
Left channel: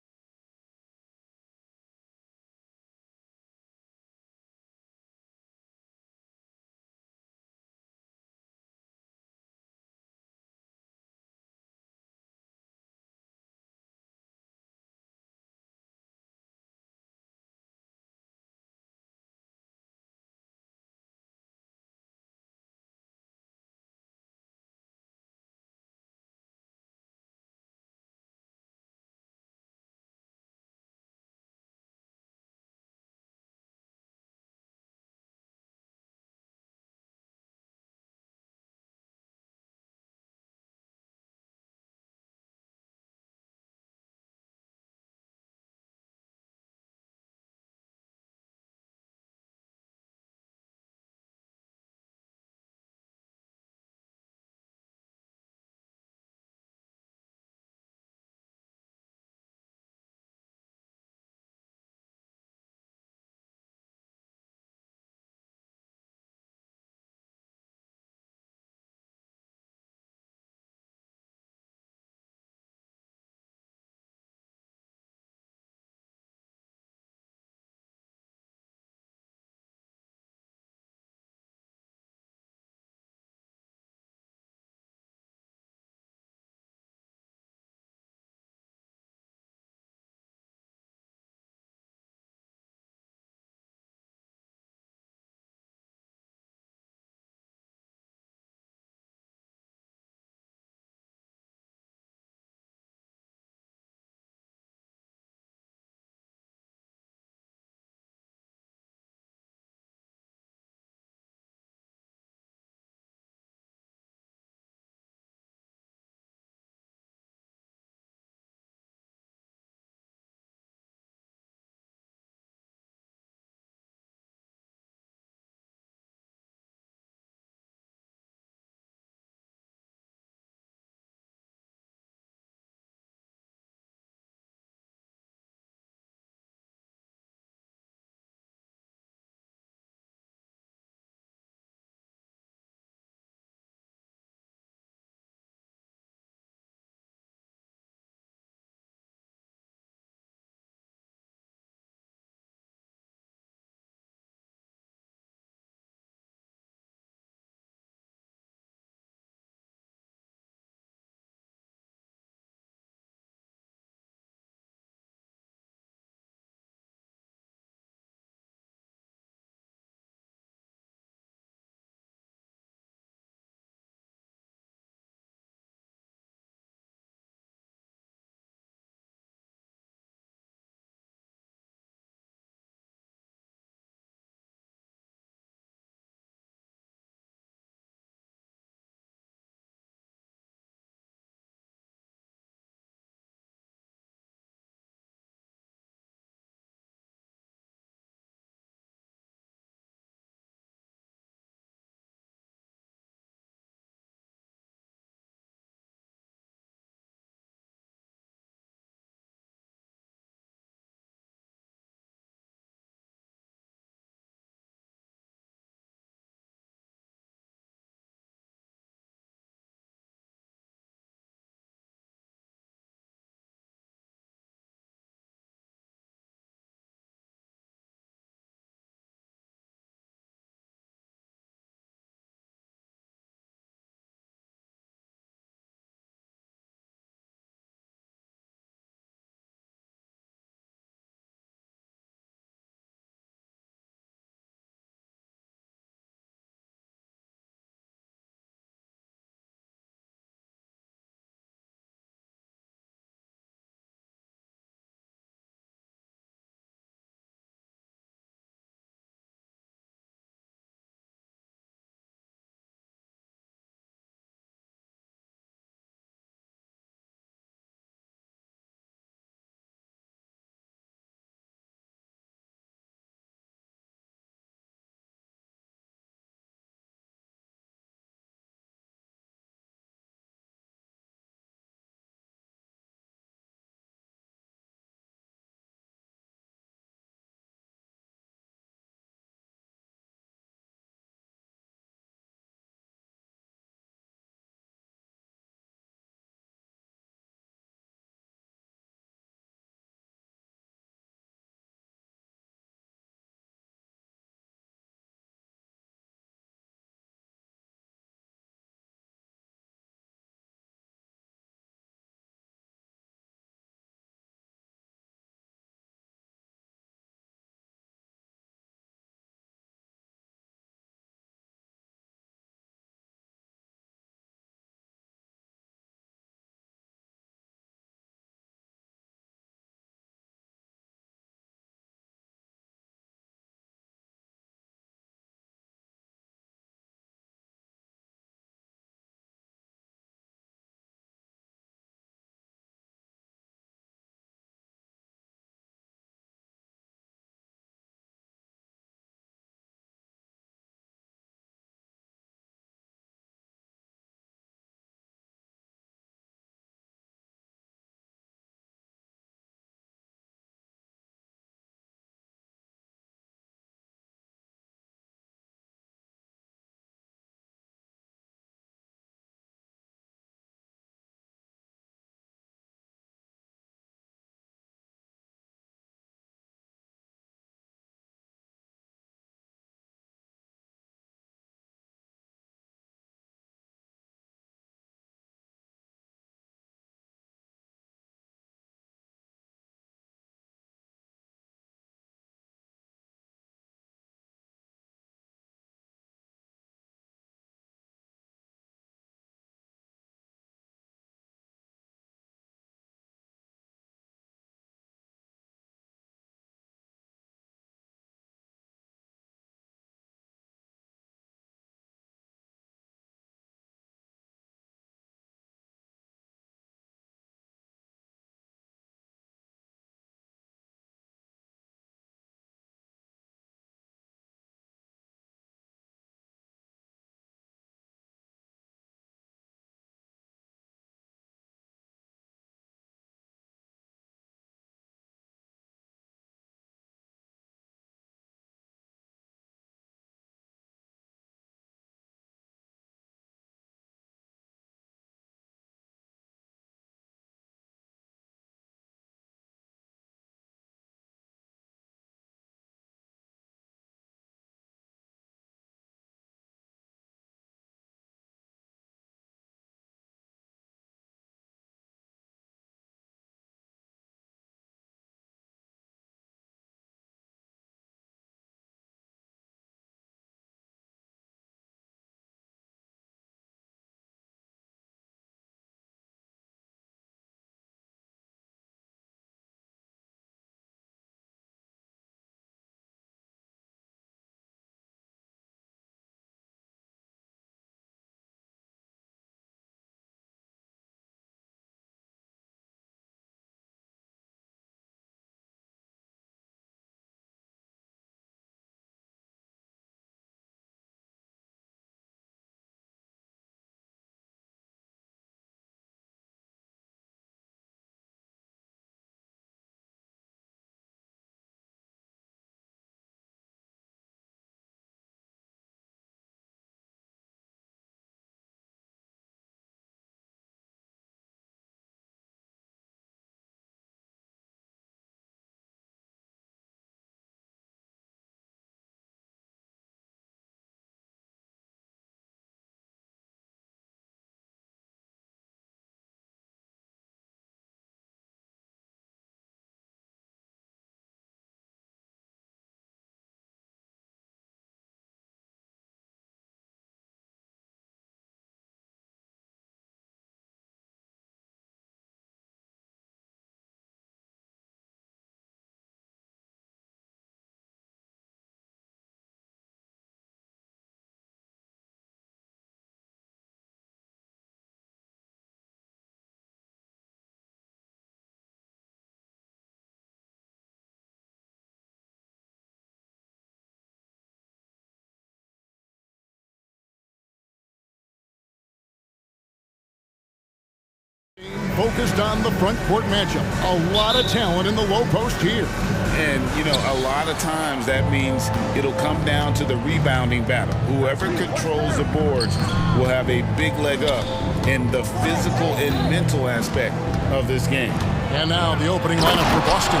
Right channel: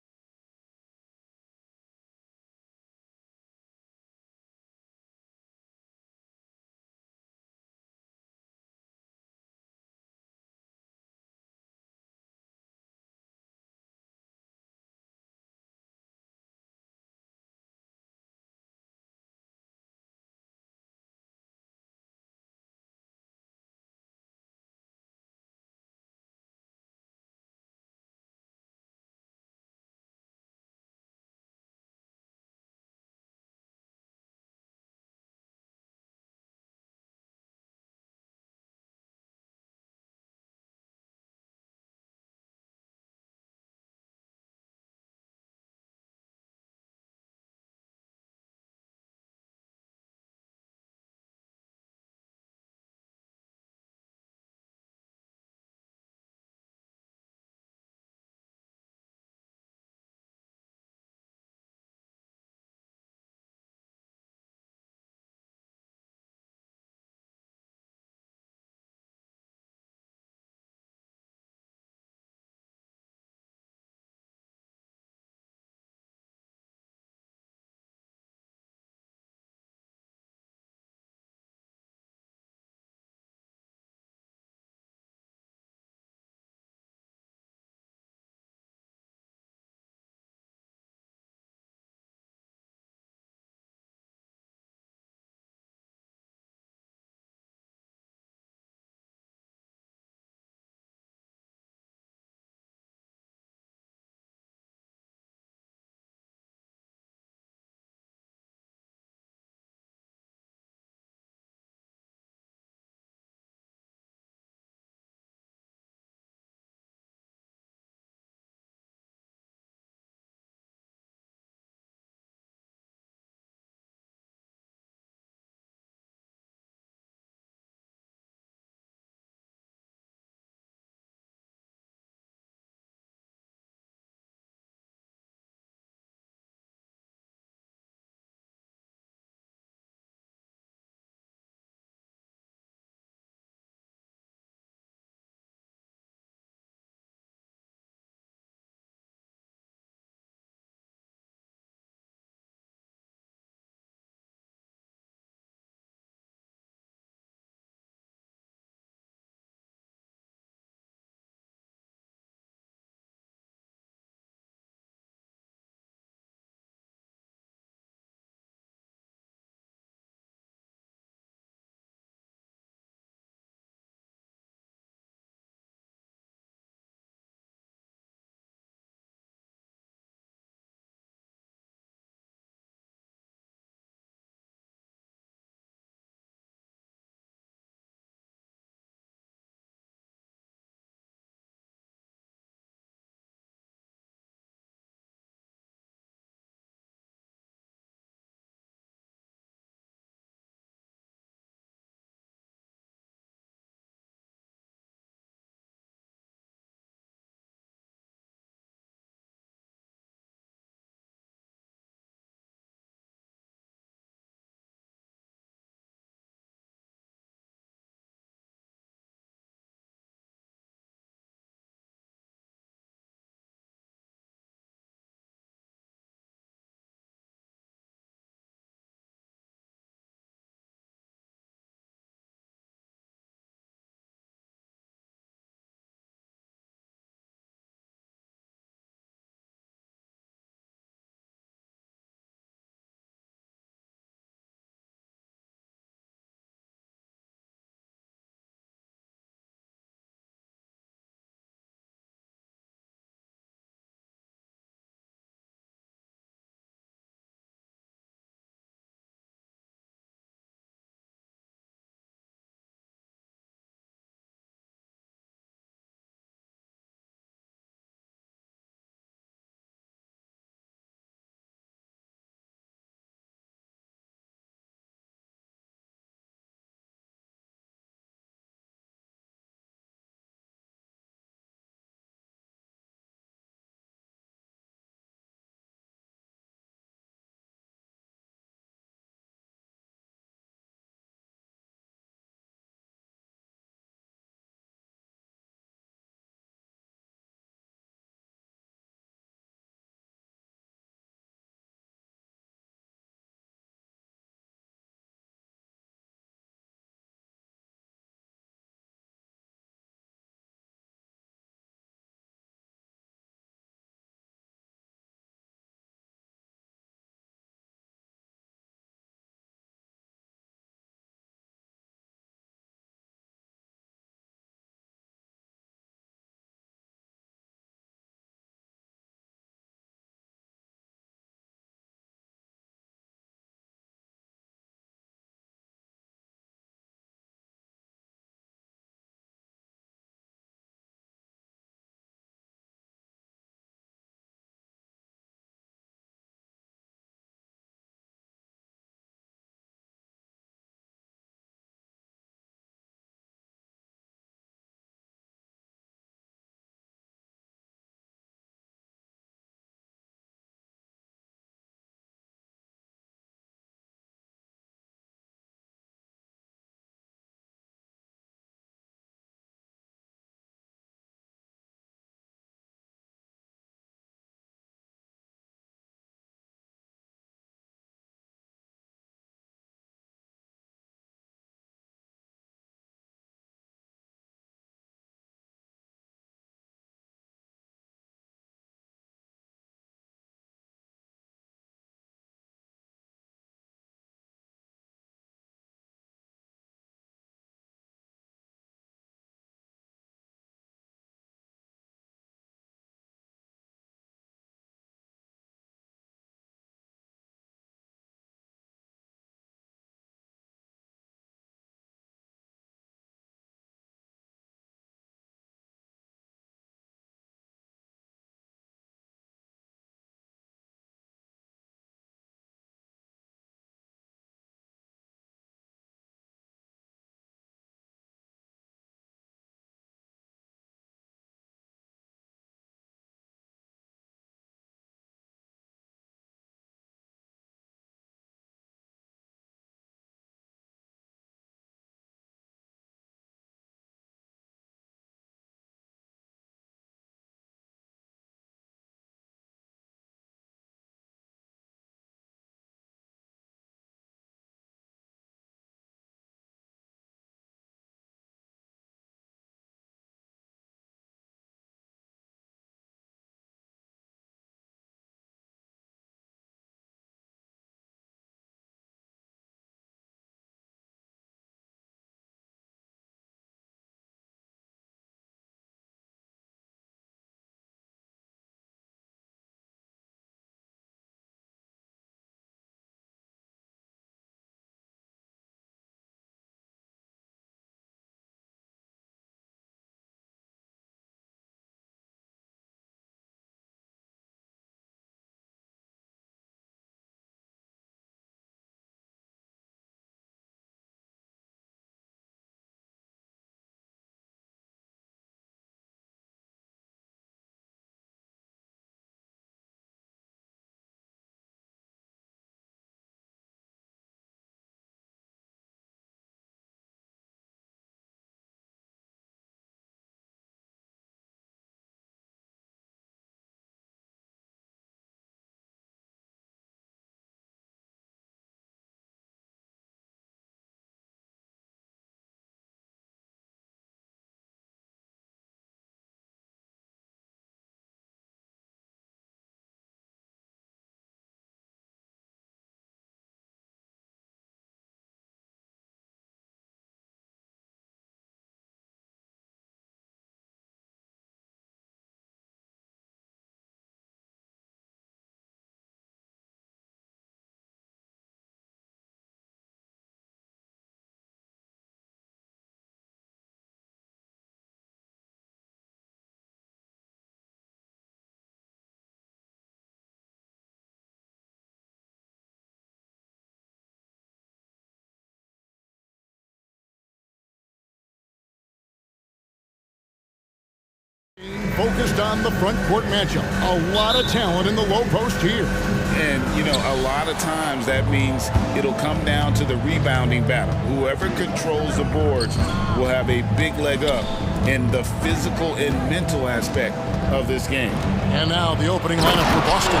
Focused on the front court matchup. A lot of talent in the low post here. And, you know, a lot of times that means it'll come down to the rebounding battle. Whoever controls the boards will have a big leg up in the physical and mental aspect of this game. And now the opening lineup for Boston.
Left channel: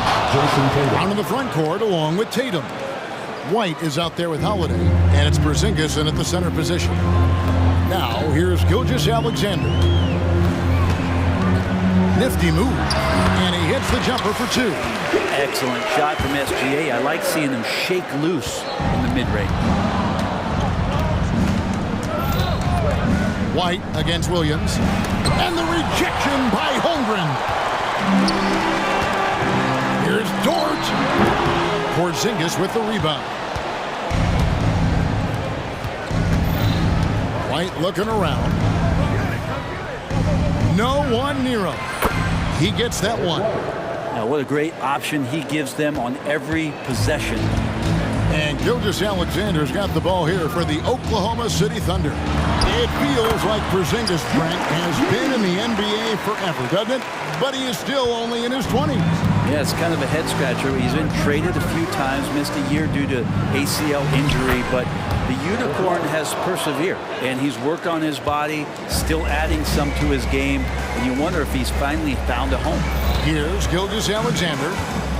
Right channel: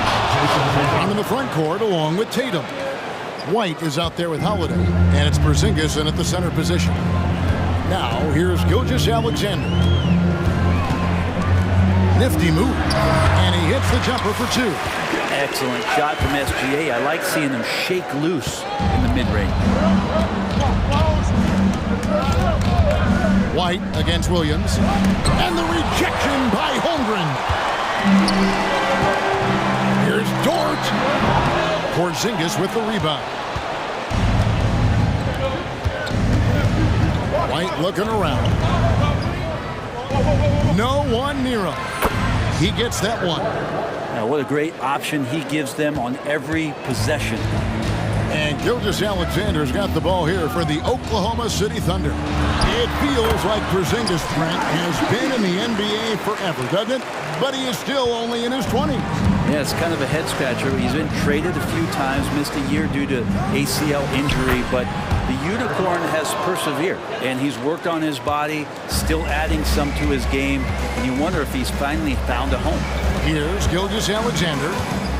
Down in the front court along with Tatum. White is out there with Holiday, and it's Porzingis in at the center position. Now here's Gilgeous-Alexander. Nifty move, and he hits the jumper for two. Excellent shot from SGA. I like seeing them shake loose in the mid-range. White against Williams, and the rejection by Holmgren. Here's Dort. Porzingis with the rebound. White looking around. No one near him. He gets that one. Now, what a great option he gives them on every possession. And Gilgeous-Alexander's got the ball here for the Oklahoma City Thunder. It feels like Porzingis, Brent, has been in the NBA forever, doesn't it? But he is still only in his 20s. Yeah, it's kind of a head scratcher. He's been traded a few times, missed a year due to ACL injury, but the Unicorn has persevered, and he's worked on his body, still adding some to his game, and you wonder if he's finally found a home. Here's Gilgeous-Alexander,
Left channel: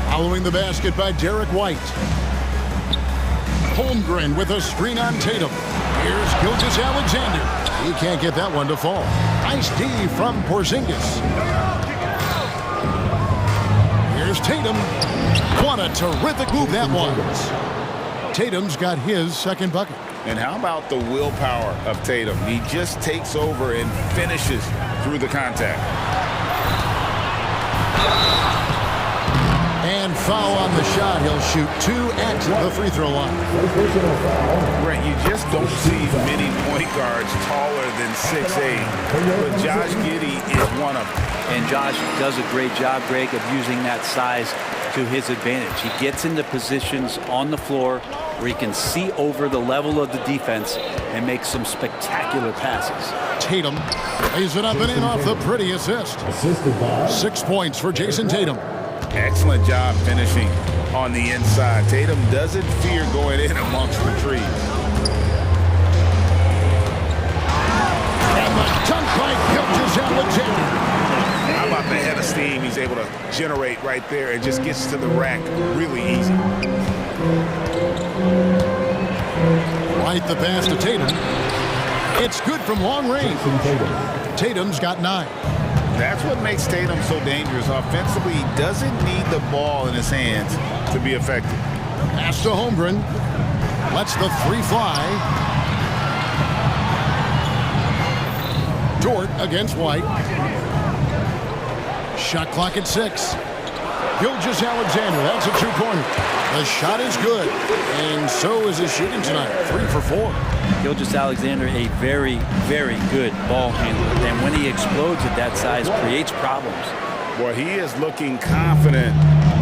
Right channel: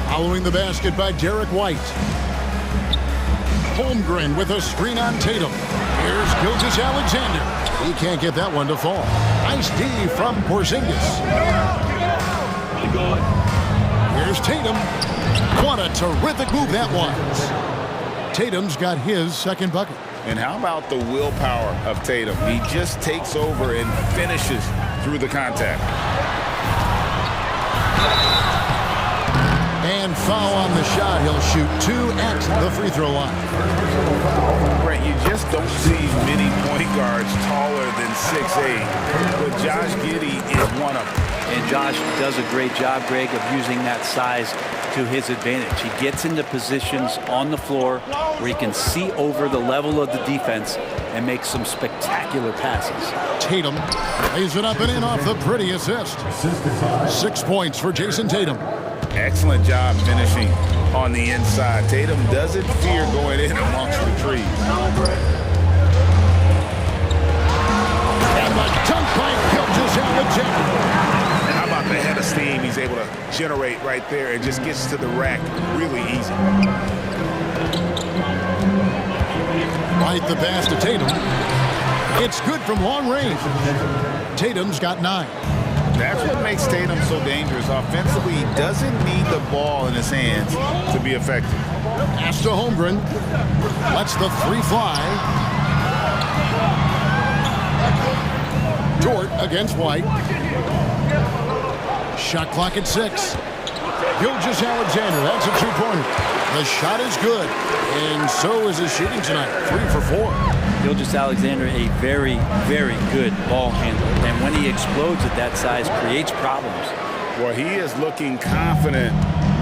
following the basket by Derek White. Holmgren with a screen on Tatum. Here's Gilgeous-Alexander. He can't get that one to fall. Nice D from Porzingis. Here's Tatum. What a terrific move that was. Tatum's got his second bucket. And how about the willpower of Tatum? He just takes over and finishes through the contact. And foul on the shot. He'll shoot two at the free throw line. Brent, you just don't see many point guards taller than 6'8", but Josh Giddey is one of them. And Josh does a great job, Greg, of using that size to his advantage. He gets into positions on the floor where he can see over the level of the defense and make some spectacular passes. Tatum lays it up and in off the pretty assist. 6 points for Jason Tatum. Excellent job finishing on the inside. Tatum doesn't fear going in amongst the trees. And the dunk by Gilgeous-Alexander. How about the head of steam he's able to generate right there and just gets to the rack really easy. Right the pass to Tatum. It's good from long range. Tatum's got 9. That's what makes Tatum so dangerous. Offensively, he doesn't need the ball in his hands to be effective. Pass to Holmgren. Lets the three fly. Dort against White. Shot clock at 6. Gilgeous-Alexander, that's a two-pointer. The shot is good, and so is his shooting tonight. 3 for 4. Gilgeous-Alexander, a very, very good ball handler, and when he explodes at that size, creates problems. Well, he is looking confident.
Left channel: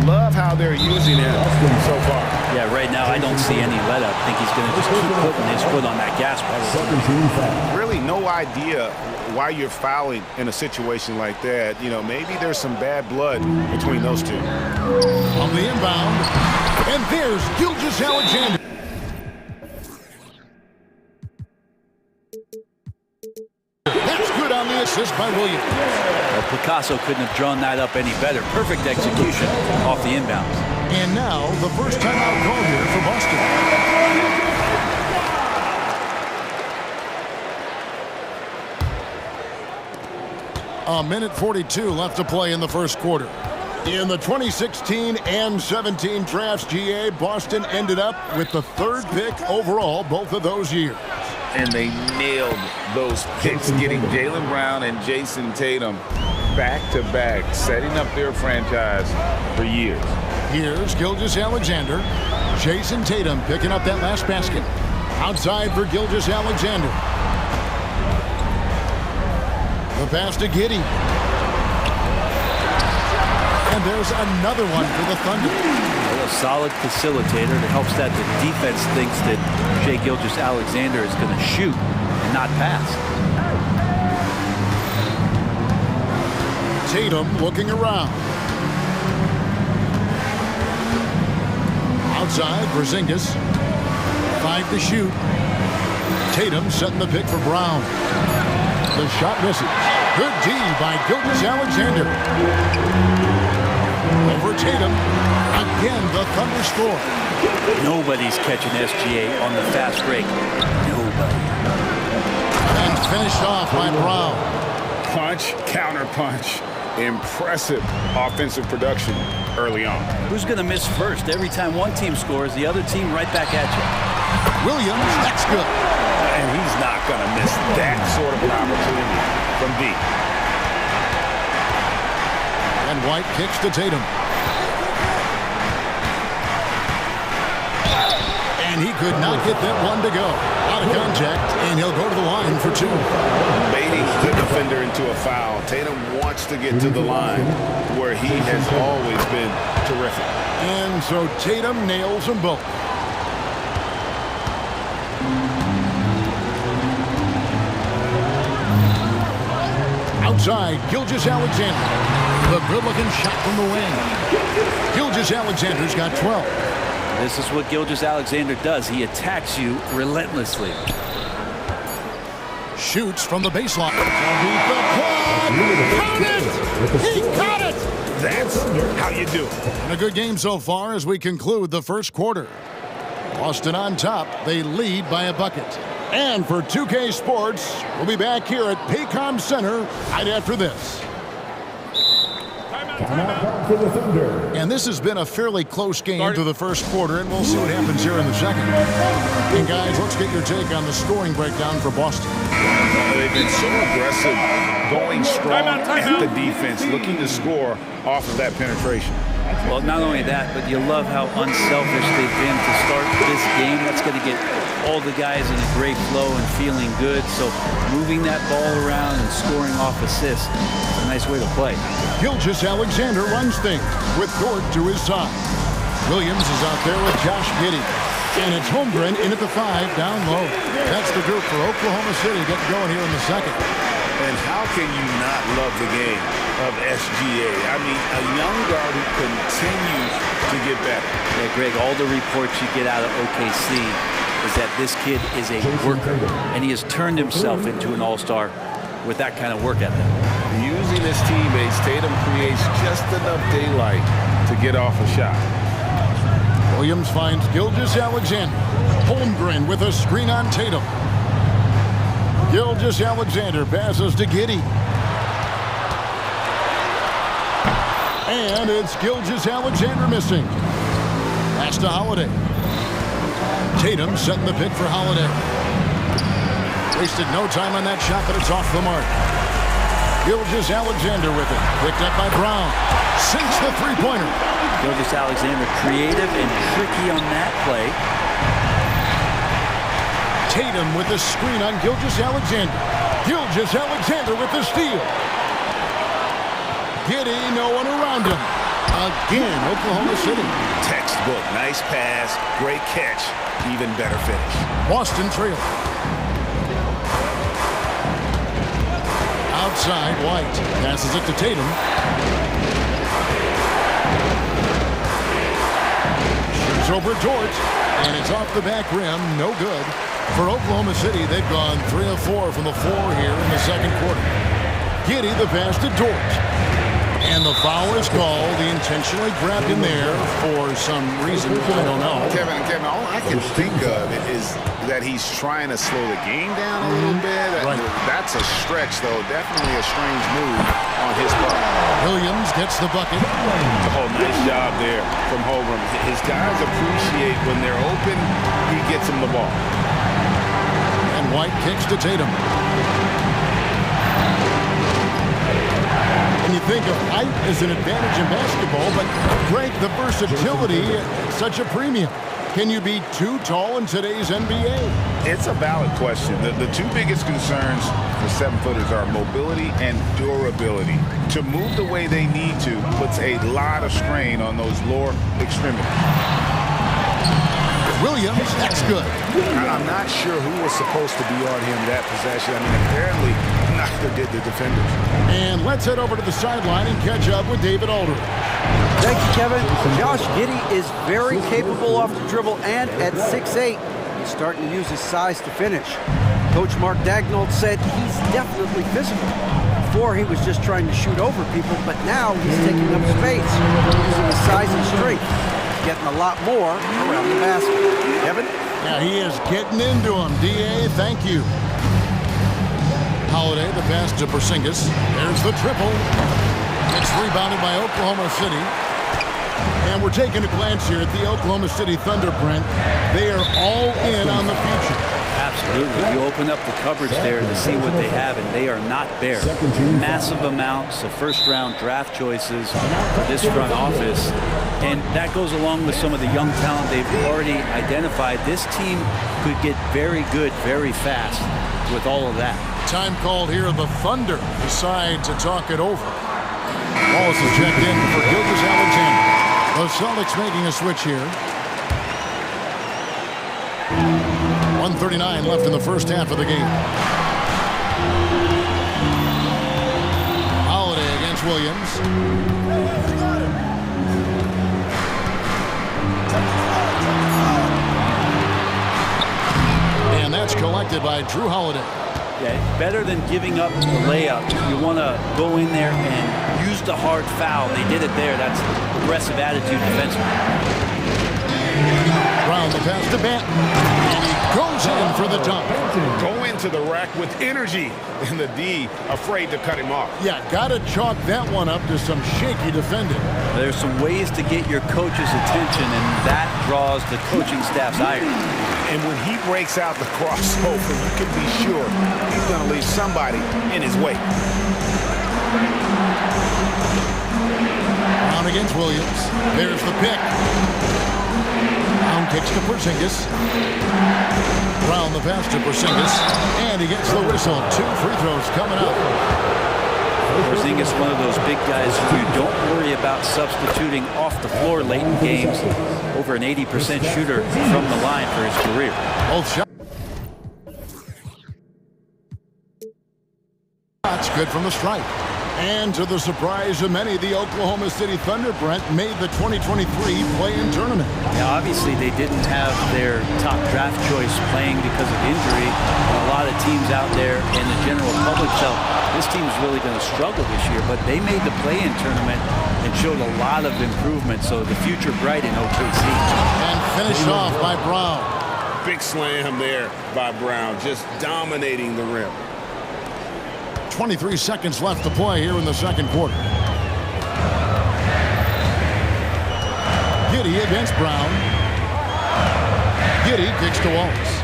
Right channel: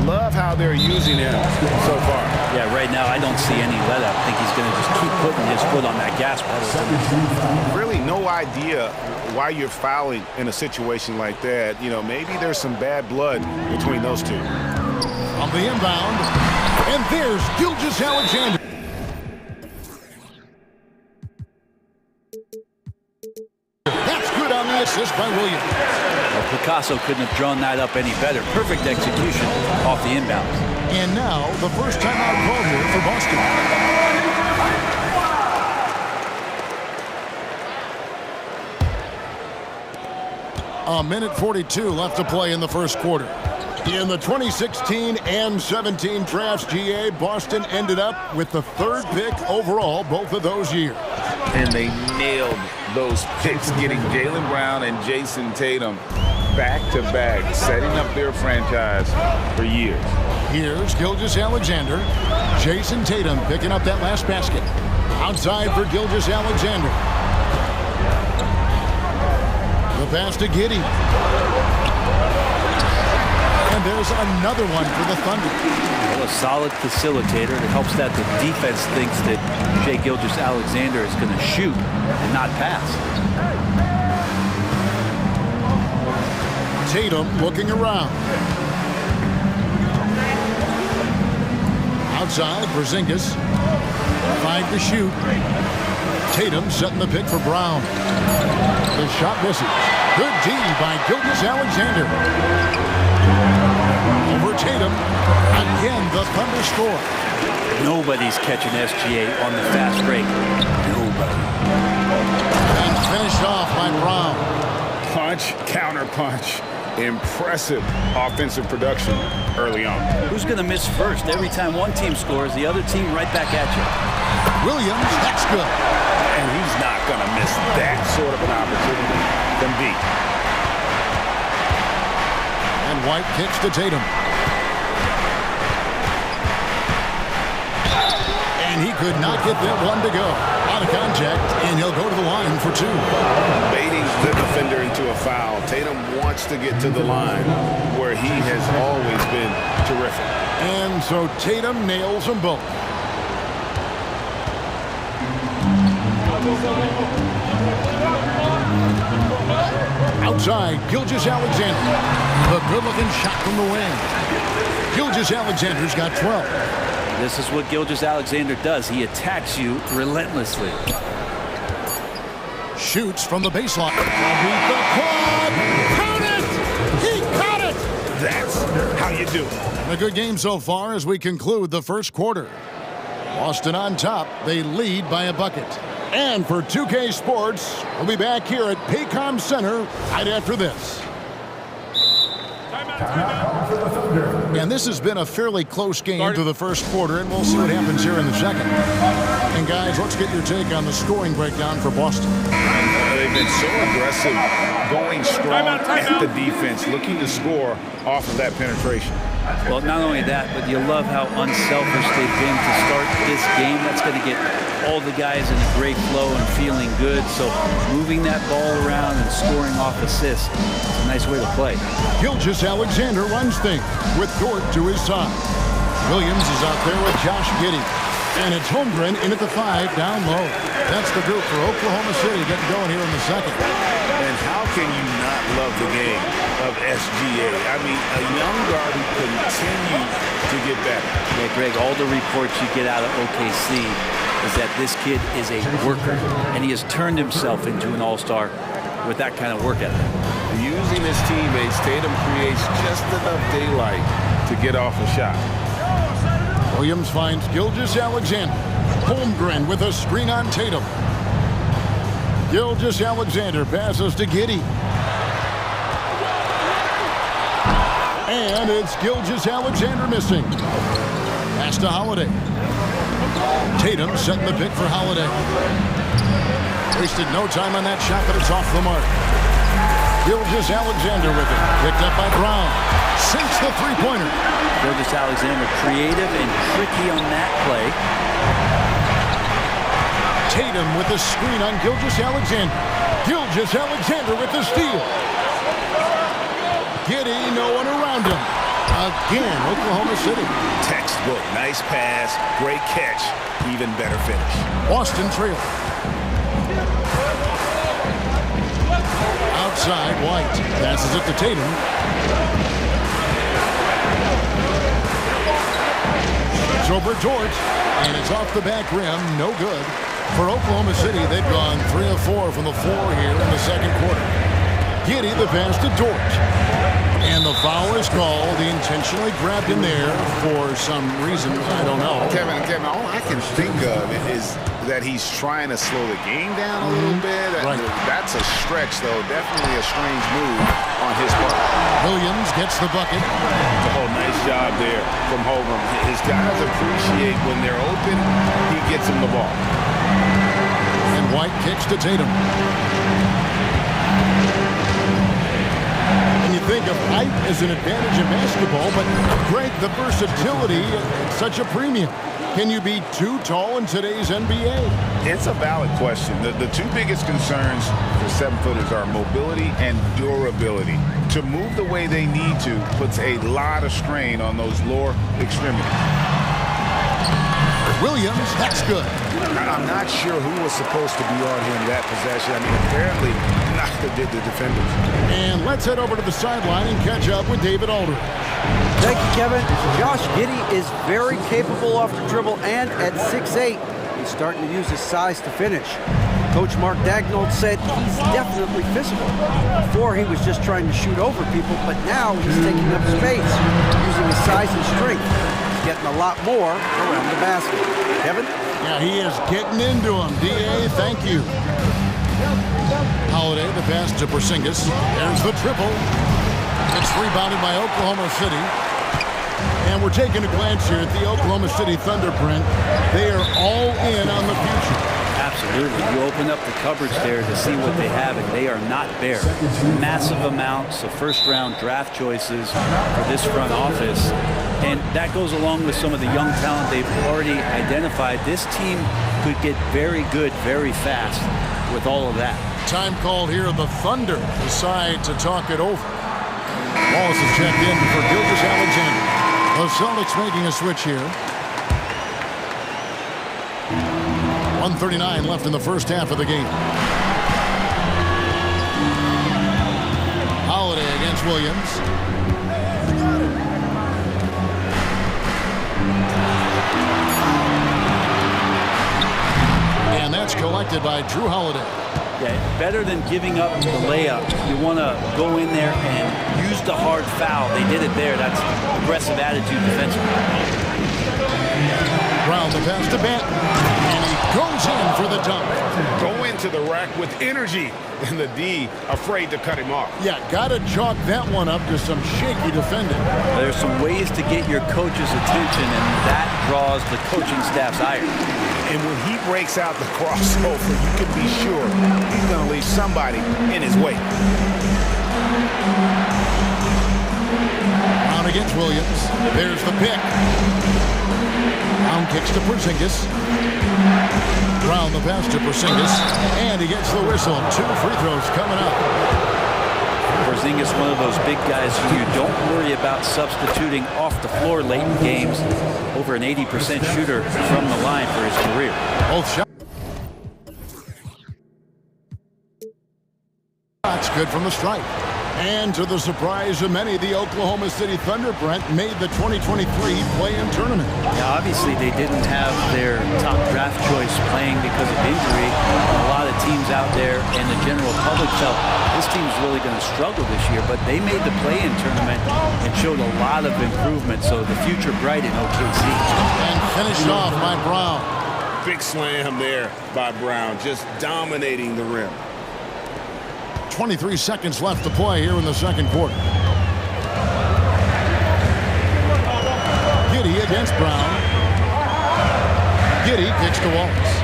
Love how they're using him so far. Yeah, right now I don't see any let up. I think he's going to just keep putting his foot on that gas pedal tonight. Really no idea why you're fouling in a situation like that. You know, maybe there's some bad blood between those two. On the inbound, and there's Gilgeous-Alexander. That's good on the assist by Williams. Well, Picasso couldn't have drawn that up any better. Perfect execution off the inbounds. And now the first timeout called here for Boston. A minute 42 left to play in the first quarter. In the 2016 and 17 drafts, GA, Boston ended up with the 3rd pick overall both of those years. And they nailed those picks, getting Jaylen Brown and Jason Tatum back-to-back, setting up their franchise for years. Here's Gilgeous-Alexander. Jason Tatum picking up that last basket. Outside for Gilgeous-Alexander. The pass to Giddey. And there's another one for the Thunder. Well, a solid facilitator that helps that the defense thinks that Shai Gilgeous-Alexander is going to shoot and not pass. Tatum looking around. Outside, Porzingis. 5 to shoot. Tatum setting the pick for Brown. The shot misses. Good D by Gilgeous-Alexander. Over Tatum. Again, the Thunder score. Nobody's catching SGA on the fast break. Nobody. And finished off by Brown. Punch, counter punch. Impressive offensive production early on. Who's going to miss first? Every time one team scores, the other team right back at you. Williams, that's good. And he's not going to miss that sort of an opportunity from deep. And White kicks to Tatum. And he could not get that one to go. Out of contact, and he'll go to the line for 2. Baiting the defender into a foul. Tatum wants to get to the line where he has always been terrific. And so Tatum nails them both. Outside, Gilgeous-Alexander. The good-looking shot from the wing. Gilgeous-Alexander's got 12. This is what Gilgeous-Alexander does. He attacks you relentlessly. Shoots from the baseline. Beat the quad. Count it! He caught it! That's how you do it. And a good game so far as we conclude the first quarter. Boston on top. They lead by a bucket. And for 2K Sports, we'll be back here at Paycom Center right after this. And this has been a fairly close game through the first quarter, and we'll see what happens here in the second. And guys, let's get your take on the scoring breakdown for Boston. They've been so aggressive, going strong at the defense, looking to score off of that penetration. Well, not only that, but you love how unselfish they've been to start this game. That's going to get all the guys in a great flow and feeling good. So moving that ball around and scoring off assists is a nice way to play. Gilgeous-Alexander runs things with Dort to his side. Williams is out there with Josh Giddey. And it's Holmgren in at the 5 down low. That's the group for Oklahoma City getting going here in the second. And how can you not love the game of SGA? I mean, a young guard who continues to get better. Yeah, Greg, all the reports you get out of OKC is that this kid is a worker, and he has turned himself into an all-star with that kind of work ethic. Using his teammates, Tatum creates just enough daylight to get off a shot. Williams finds Gilgeous-Alexander. Holmgren with a screen on Tatum. Gilgeous-Alexander passes to Giddey. And it's Gilgeous-Alexander missing. Pass to Holiday. Tatum setting the pick for Holiday. Wasted no time on that shot, but it's off the mark. Gilgeous-Alexander with it. Picked up by Brown. Sinks the three-pointer. Gilgeous-Alexander creative and tricky on that play. Tatum with the screen on Gilgeous-Alexander. Gilgeous-Alexander with the steal. Giddey, no one around him. Again, Oklahoma City. Textbook, nice pass, great catch, even better finish. Boston trail. Outside, White passes it to Tatum. Shoots over Dort, and it's off the back rim, no good. For Oklahoma City, they've gone 3 of 4 from the floor here in the second quarter. Giddey, the pass to Dort. And the foul is called. He intentionally grabbed him there for some reason. I don't know. Kevin, all I can think of is that he's trying to slow the game down a little bit. Right. That's a stretch, though. Definitely a strange move on his part. Williams gets the bucket. It's a whole nice job there from Holmgren. His guys appreciate when they're open, he gets them the ball. And White kicks to Tatum. And you think of height as an advantage in basketball, but Greg, the versatility at such a premium. Can you be too tall in today's NBA? It's a valid question. The two biggest concerns for 7-footers are mobility and durability. To move the way they need to puts a lot of strain on those lower extremities. Williams, that's good. I'm not sure who was supposed to be on him that possession. I mean, apparently neither did the defenders. And let's head over to the sideline and catch up with David Aldridge. Thank you, Kevin. Josh Giddey is very capable off the dribble, and at 6'8", he's starting to use his size to finish. Coach Mark Daignault said he's definitely physical. Before, he was just trying to shoot over people, but now he's taking up space, using his size and strength. He's getting a lot more around the basket. Kevin? Yeah, he is getting into him. D.A., thank you. Holiday, the pass to Porzingis. There's the triple. It's rebounded by Oklahoma City. And we're taking a glance here at the Oklahoma City Thunder, Brent. They are all in on the future. Absolutely. You open up the cupboards there to see what they have, and they are not bare. Massive amounts of first-round draft choices for this front office. And that goes along with some of the young talent they've already identified. This team could get very good very fast with all of that. Time called here. The Thunder decide to talk it over. Wallace is checked in for Gilgeous-Alexander. The Celtics making a switch here. 1:39 left in the first half of the game. Holiday against Williams. And that's collected by Drew Holiday. Yeah, better than giving up the layup. You want to go in there and use the hard foul. They did it there. That's aggressive attitude defensively. Brown the pass to Banton. And he goes in for the dunk. Go into the rack with energy, and the D afraid to cut him off. Yeah, got to chalk that one up to some shaky defending. There's some ways to get your coach's attention, and that draws the coaching staff's ire. And when he breaks out the crossover, you can be sure he's going to leave somebody in his way. Brown against Williams. There's the pick. Brown kicks to Porzingis. Brown the pass to Porzingis. And he gets the whistle. 2 free throws coming up. Porzingis, one of those big guys who you don't worry about substituting off the floor late in games. Over an 80% shooter from the line for his career. Both shots good from the stripe. And to the surprise of many, the Oklahoma City Thunder, Brent, made the 2023 play-in tournament. Yeah, obviously they didn't have their top draft choice playing because of injury. A lot of teams out there and the general public felt this team's really going to struggle this year, but they made the play-in tournament and showed a lot of improvement, so the future bright in OKC. And finished off by Brown. Big slam there by Brown, just dominating the rim. 23 seconds left to play here in the second quarter. Giddey against Brown. Giddey kicks to Wallace.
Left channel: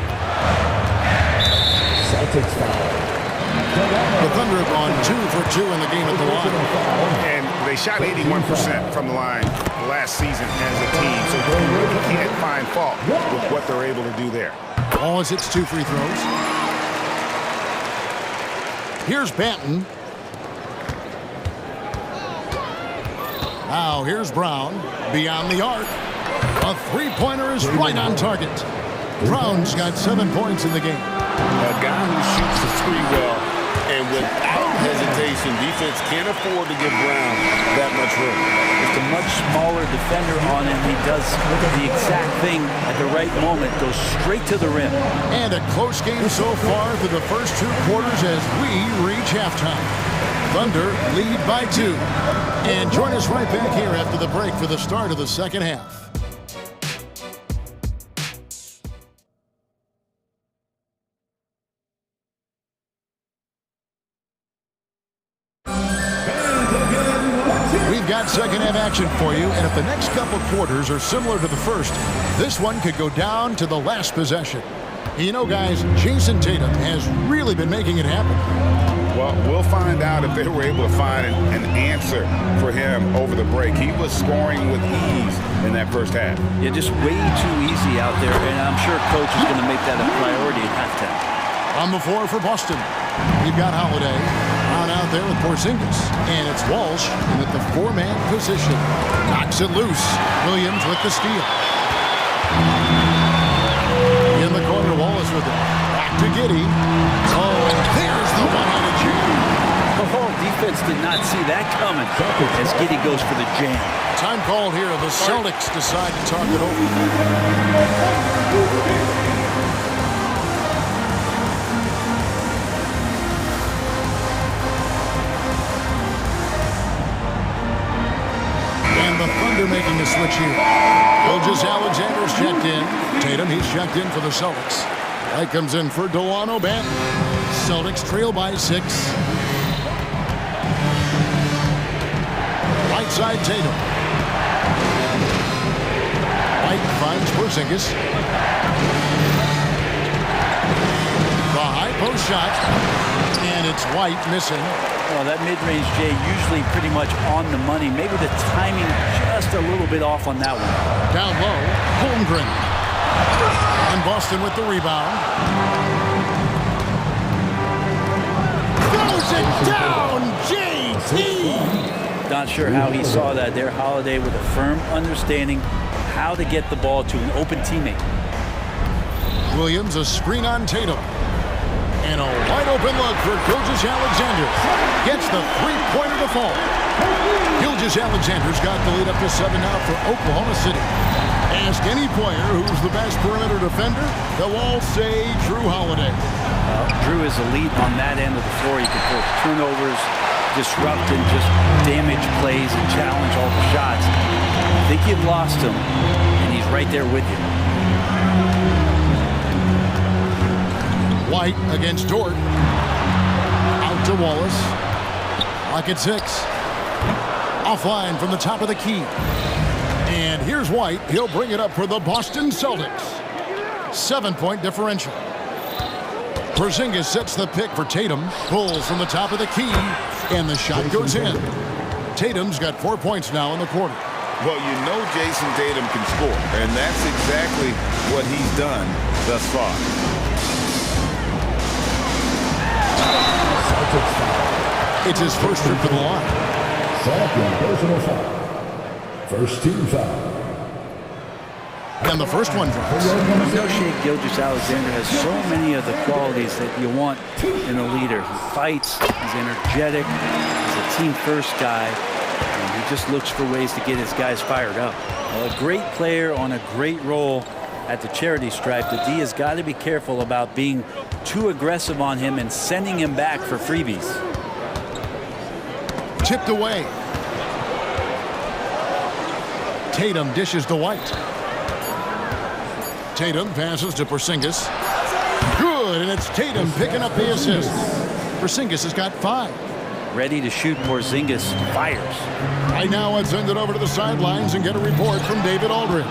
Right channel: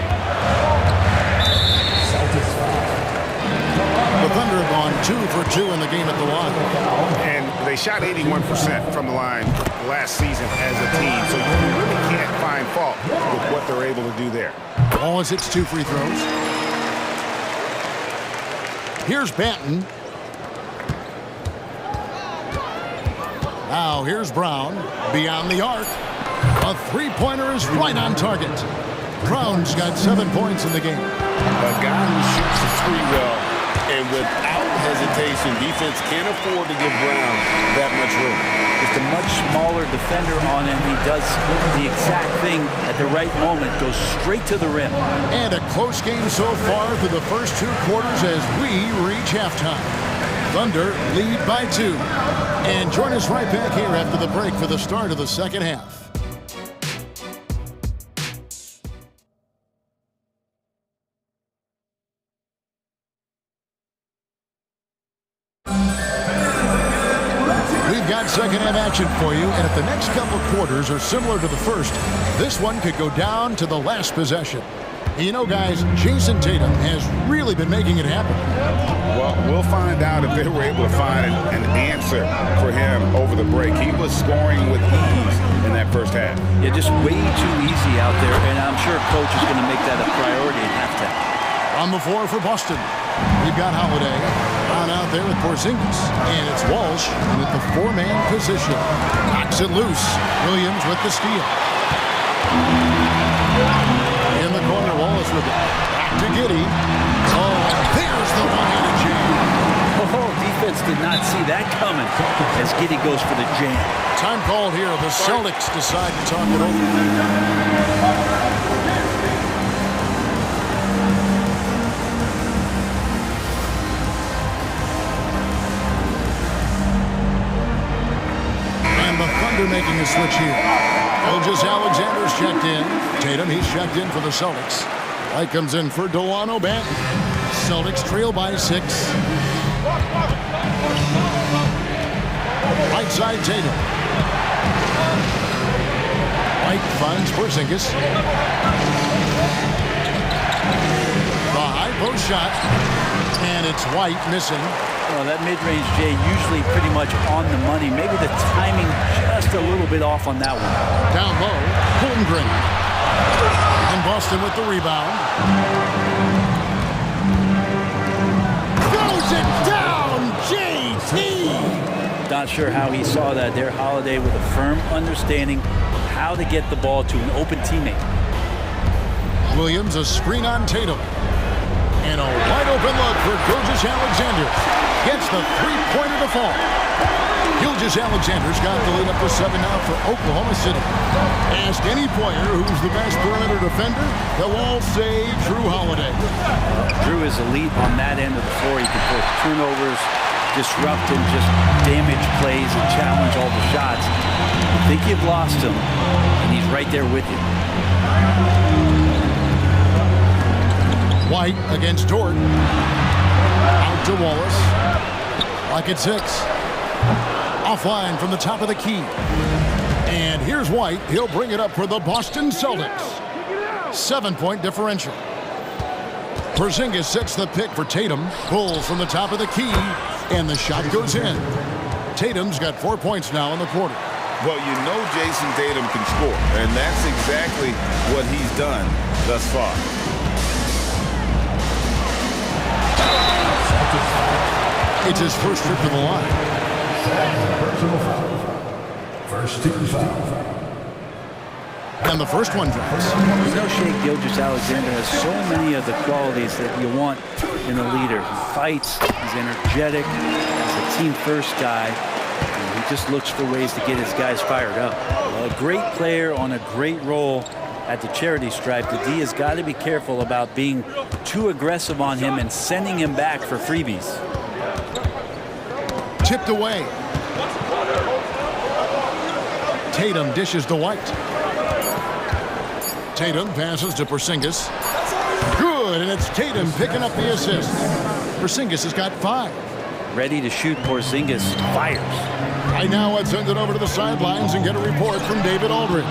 The Thunder have gone 2 for 2 in the game at the line. And they shot 81% from the line last season as a team, so you really can't find fault with what they're able to do there. Wallace hits 2 free throws. Here's Banton. Now here's Brown. Beyond the arc. A three-pointer is right on target. Brown's got 7 points in the game. A guy who shoots the three well, and without hesitation, defense can't afford to give Brown that much room. Just a much smaller defender on him. He does the exact thing at the right moment, goes straight to the rim. And a close game so far through the first 2 quarters as we reach halftime. Thunder lead by 2. And join us right back here after the break for the start of the second half. We've got second half action for you, and if the next couple quarters are similar to the first, this one could go down to the last possession. You know, guys, Jason Tatum has really been making it happen. Well, we'll find out if they were able to find an answer for him over the break. He was scoring with ease in that first half. Yeah, just way too easy out there, and I'm sure coach is going to make that a priority at halftime. On the floor for Boston, we've got Holiday. Brown out there with Porzingis. And it's Walsh in at the 4-man position. Knocks it loose. Williams with the steal. In the corner, Wallace with it. Back to Giddey. Oh, and there's the one-handed jam. Oh, defense did not see that coming as Giddey goes for the jam. Time called here. The Celtics decide to talk it over. And the Thunder making a switch here. Gilgeous-Alexander's checked in. Tatum, he's checked in for the Celtics. White comes in for Delano Banton. Celtics trail by 6. Right side Tatum. White finds Porzingis. The high post shot. And it's White missing. Well, that mid-range, Jay, usually pretty much on the money. Maybe the timing just a little bit off on that one. Down low, Holmgren. And Boston with the rebound. Throws it down, JT! Not sure how he saw that there. Holiday with a firm understanding how to get the ball to an open teammate. Williams, a screen on Tatum. And a wide open look for Gilgeous-Alexander. Gets the three-pointer to fall. Gilgeous-Alexander's got the lead up to 7 now for Oklahoma City. Ask any player who's the best perimeter defender, they'll all say Drew Holiday. Drew is elite on that end of the floor. He can force turnovers, disrupt and just damage plays and challenge all the shots. You think you've lost him, and he's right there with you. White against Dort. Out to Wallace. Clock at 6. Offline from the top of the key. And here's White. He'll bring it up for the Boston Celtics. 7-point differential. Porzingis sets the pick for Tatum. Pulls from the top of the key. And the shot goes in. Tatum's got 4 points now in the quarter. Well, you know Jason Tatum can score. And that's exactly what he's done thus far. It's his first trip to the line. Second personal foul. First team foul. And the first one drops. You know, Shai Gilgeous-Alexander has so many of the qualities that you want in a leader. He fights, he's energetic, he's a team-first guy, and he just looks for ways to get his guys fired up. Well, a great player on a great role at the charity stripe. The D has got to be careful about being too aggressive on him and sending him back for freebies. Tipped away. Tatum dishes to White. Tatum passes to Porzingis. Good, and it's Tatum picking up the assist. Porzingis has got 5. Ready to shoot. Porzingis fires. Right now, let's send it over to the sidelines and get a report from David Aldridge.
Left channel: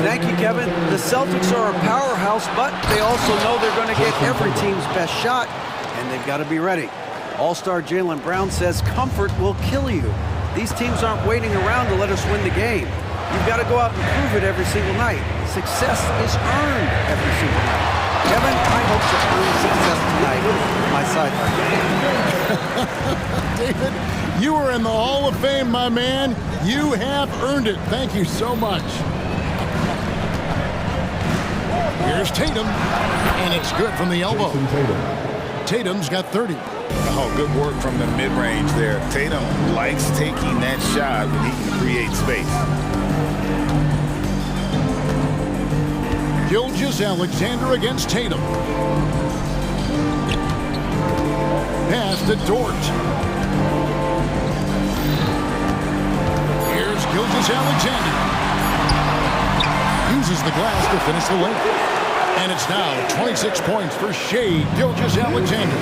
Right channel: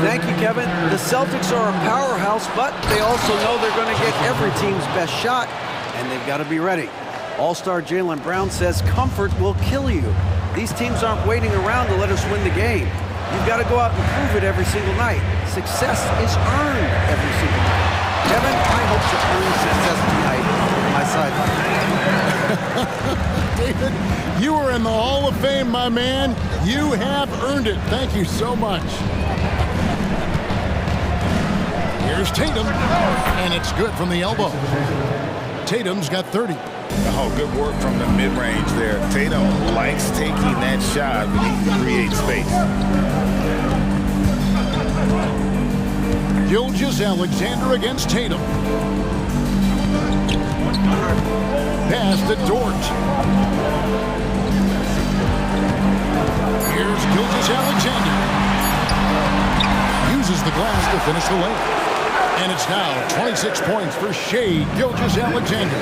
Thank you, Kevin. The Celtics are a powerhouse, but they also know they're going to get every team's best shot, and they've got to be ready. All-star Jaylen Brown says comfort will kill you. These teams aren't waiting around to let us win the game. You've got to go out and prove it every single night. Success is earned every single night. Kevin, I hope to earn success tonight with my sideline. David, you are in the Hall of Fame, my man. You have earned it. Thank you so much. Here's Tatum, and it's good from the elbow. Tatum's got 30. Oh, good work from the mid-range there. Tatum likes taking that shot when he can create space. Gilgeous-Alexander against Tatum. Pass to Dort. Here's Gilgeous-Alexander. Uses the glass to finish the layup. And it's now 26 points for Shai Gilgeous-Alexander.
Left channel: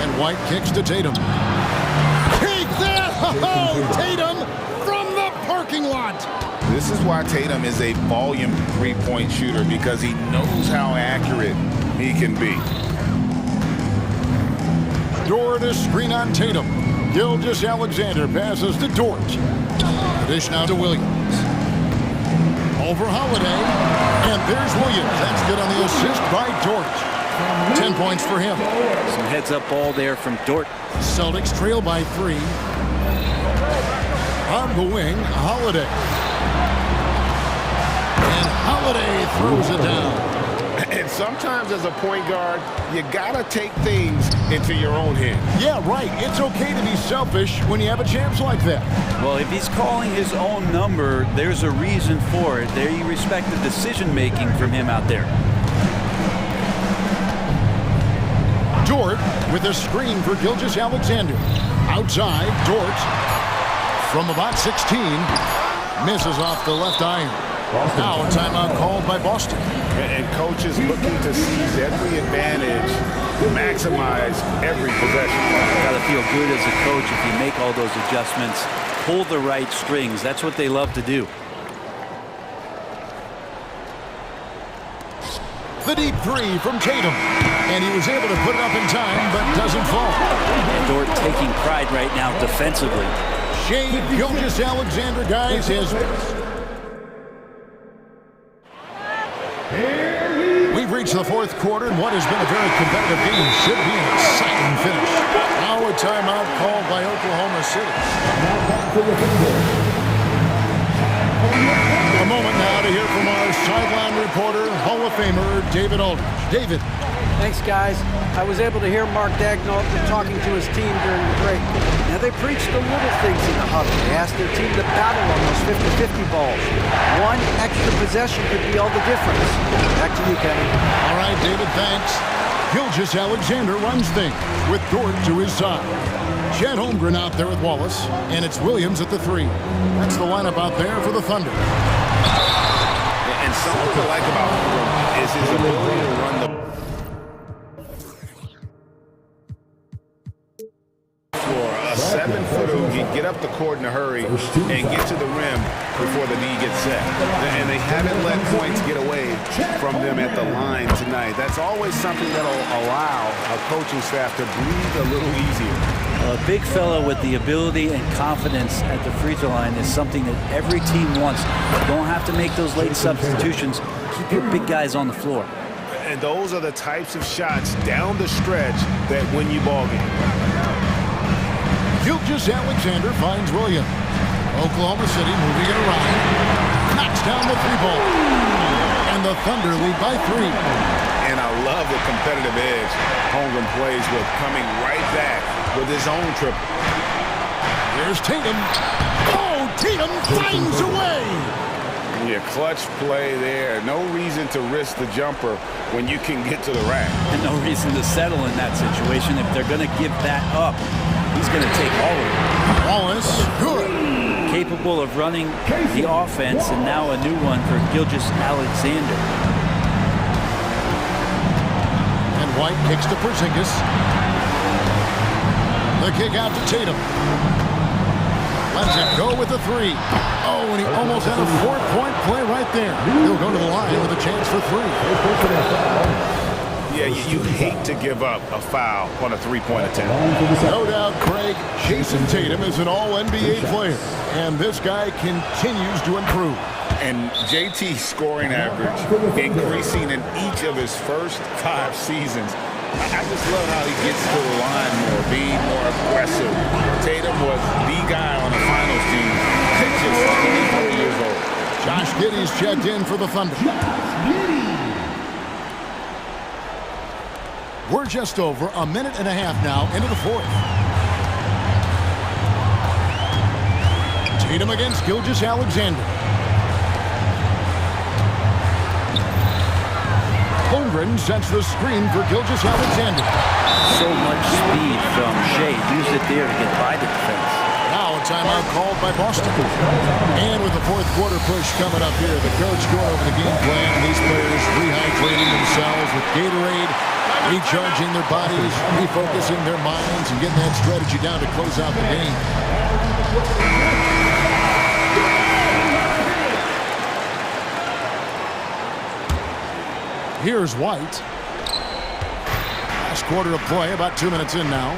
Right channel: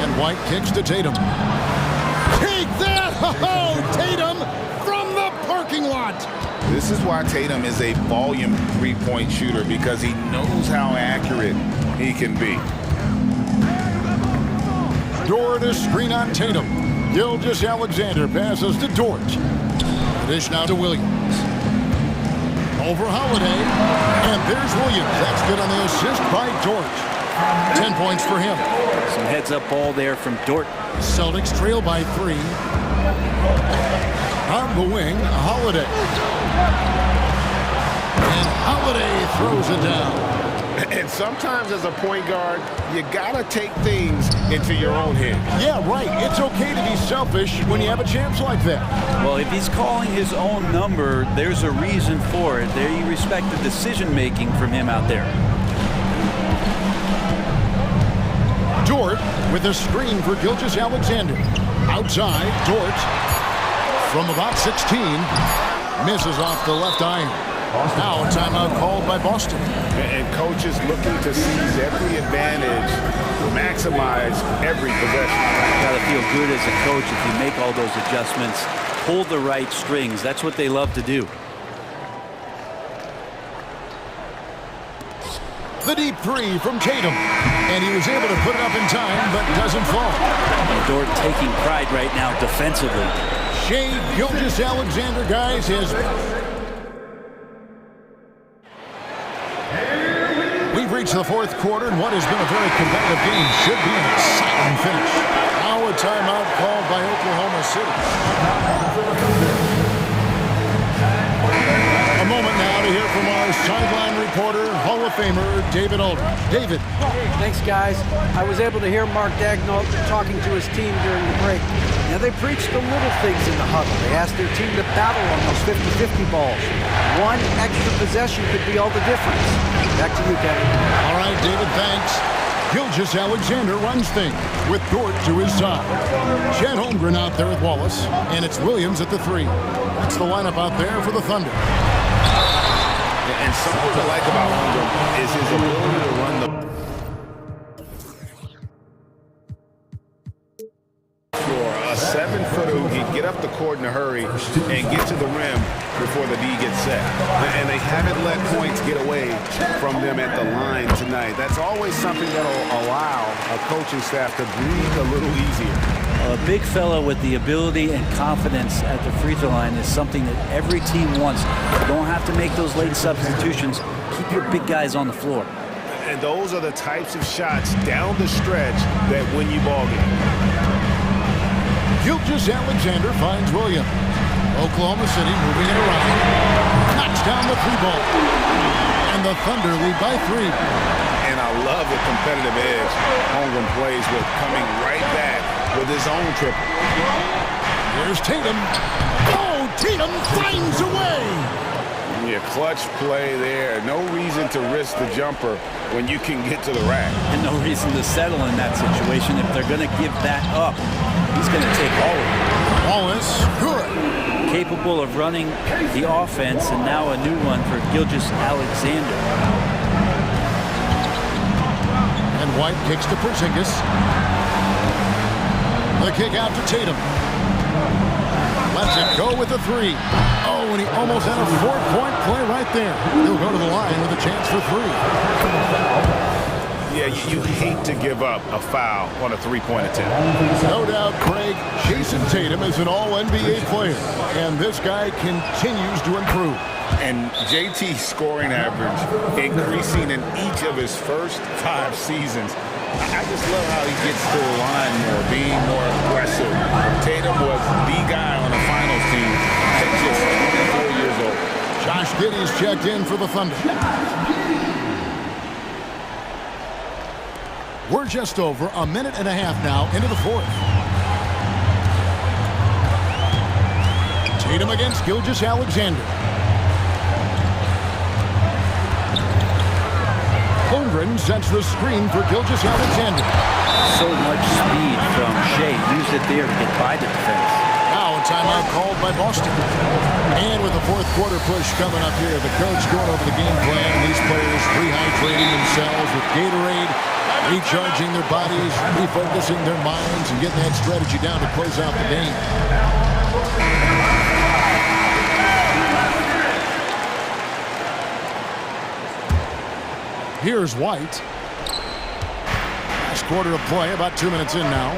And White kicks to Tatum. Take that! Oh, Tatum from the parking lot. This is why Tatum is a volume three-point shooter, because he knows how accurate he can be. Dort is screen on Tatum. Gilgeous-Alexander passes to Dort. The dish now to Williams. Over Holiday. And there's Williams. That's good on the assist by Dort. 10 points for him. Some heads-up ball there from Dort. Celtics trail by 3. On the wing, Holiday. And Holiday throws it down. And sometimes as a point guard, you gotta take things into your own hands. Yeah, right. It's okay to be selfish when you have a chance like that. Well, if he's calling his own number, there's a reason for it. There you respect the decision-making from him out there. Dort with a screen for Gilgeous-Alexander. Outside, Dort from about 16 misses off the left iron. Now a timeout called by Boston. And coaches looking to seize every advantage, maximize every possession. Got to feel good as a coach if you make all those adjustments, pull the right strings. That's what they love to do. The deep three from Tatum. And he was able to put it up in time, but doesn't fall. And Dort taking pride right now defensively. Shai Gilgeous-Alexander, guys, has... We've reached the fourth quarter, and what has been a very competitive game should be an exciting finish. Now a timeout called by Oklahoma City. A moment now to hear from our sideline reporter, Hall of Famer David Aldridge. David. Thanks, guys. I was able to hear Mark Daigneault talking to his team during the break. Now, they preached the little things in the huddle. They asked their team to battle on those 50-50 balls. One extra possession could be all the difference. Back to you, Kevin. All right, David, thanks. Gilgeous-Alexander runs things with Dort to his side. Chet Holmgren out there with Wallace, and it's Williams at the 3. That's the lineup out there for the Thunder. And something to like about Holmgren is his ability to run the floor. A 7-footer who can get up the court in a hurry and get to the rim before the D gets set. And they haven't let points get away from them at the line tonight. That's always something that'll allow a coaching staff to breathe a little easier. A big fella with the ability and confidence at the free throw line is something that every team wants. You don't have to make those late substitutions. Keep your big guys on the floor. And those are the types of shots down the stretch that win you ball games. Gilgeous-Alexander finds Williams. Oklahoma City moving it around. Knocks down the 3-ball. And the Thunder lead by 3. And I love the competitive edge Holmgren plays with, coming right back with his own triple. Here's Tatum. Oh, Tatum finds a way. Yeah, clutch play there. No reason to risk the jumper when you can get to the rack. And no reason to settle in that situation. If they're going to give that up, he's going to take all of it. Wallace, good. Capable of running the offense, and now a new one for Gilgeous-Alexander. And White kicks to Porzingis. The kick out to Tatum. Lets it go with a 3. Oh, and he almost had a 4-point play right there. He'll go to the line with a chance for 3. Yeah, you hate to give up a foul on a 3-point attempt. No doubt, Craig, Jason Tatum is an all-NBA player, and this guy continues to improve. And JT's scoring average increasing in each of his first 5 seasons. I just love how he gets to the line more, being more aggressive. Tatum was the guy on the finals team at just 24 years old. Josh Giddey's checked in for the Thunder. We're just over a minute and a half now into the 4th. Tatum against Gilgeous-Alexander. Holmgren sets the screen for Gilgeous-Alexander. So much speed from Shai. Used it there to get by the defense. Now a timeout called by Boston. And with the 4th quarter push coming up here, the coach going over the game plan, and these players rehydrating themselves with Gatorade, recharging their bodies, refocusing their minds, and getting that strategy down to close out the game. Here's White. Last quarter of play, about 2 minutes in now.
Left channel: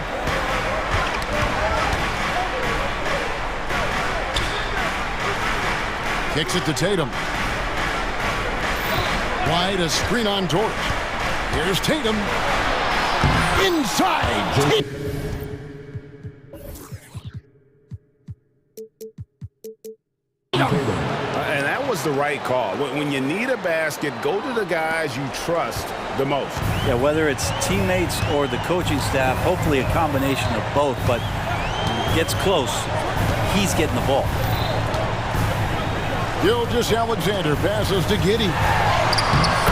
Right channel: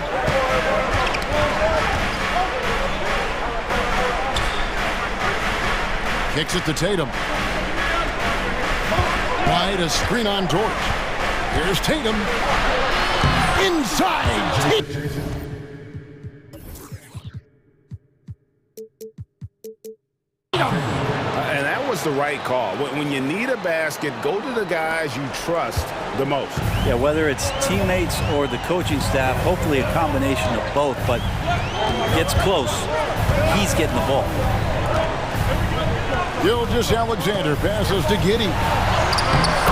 Kicks it to Tatum. White, a screen on Dort. Here's Tatum. Inside. And that was the right call. When you need a basket, go to the guys you trust the most. Yeah, whether it's teammates or the coaching staff, hopefully a combination of both, but when it gets close, he's getting the ball. Gilgeous-Alexander passes to Giddey.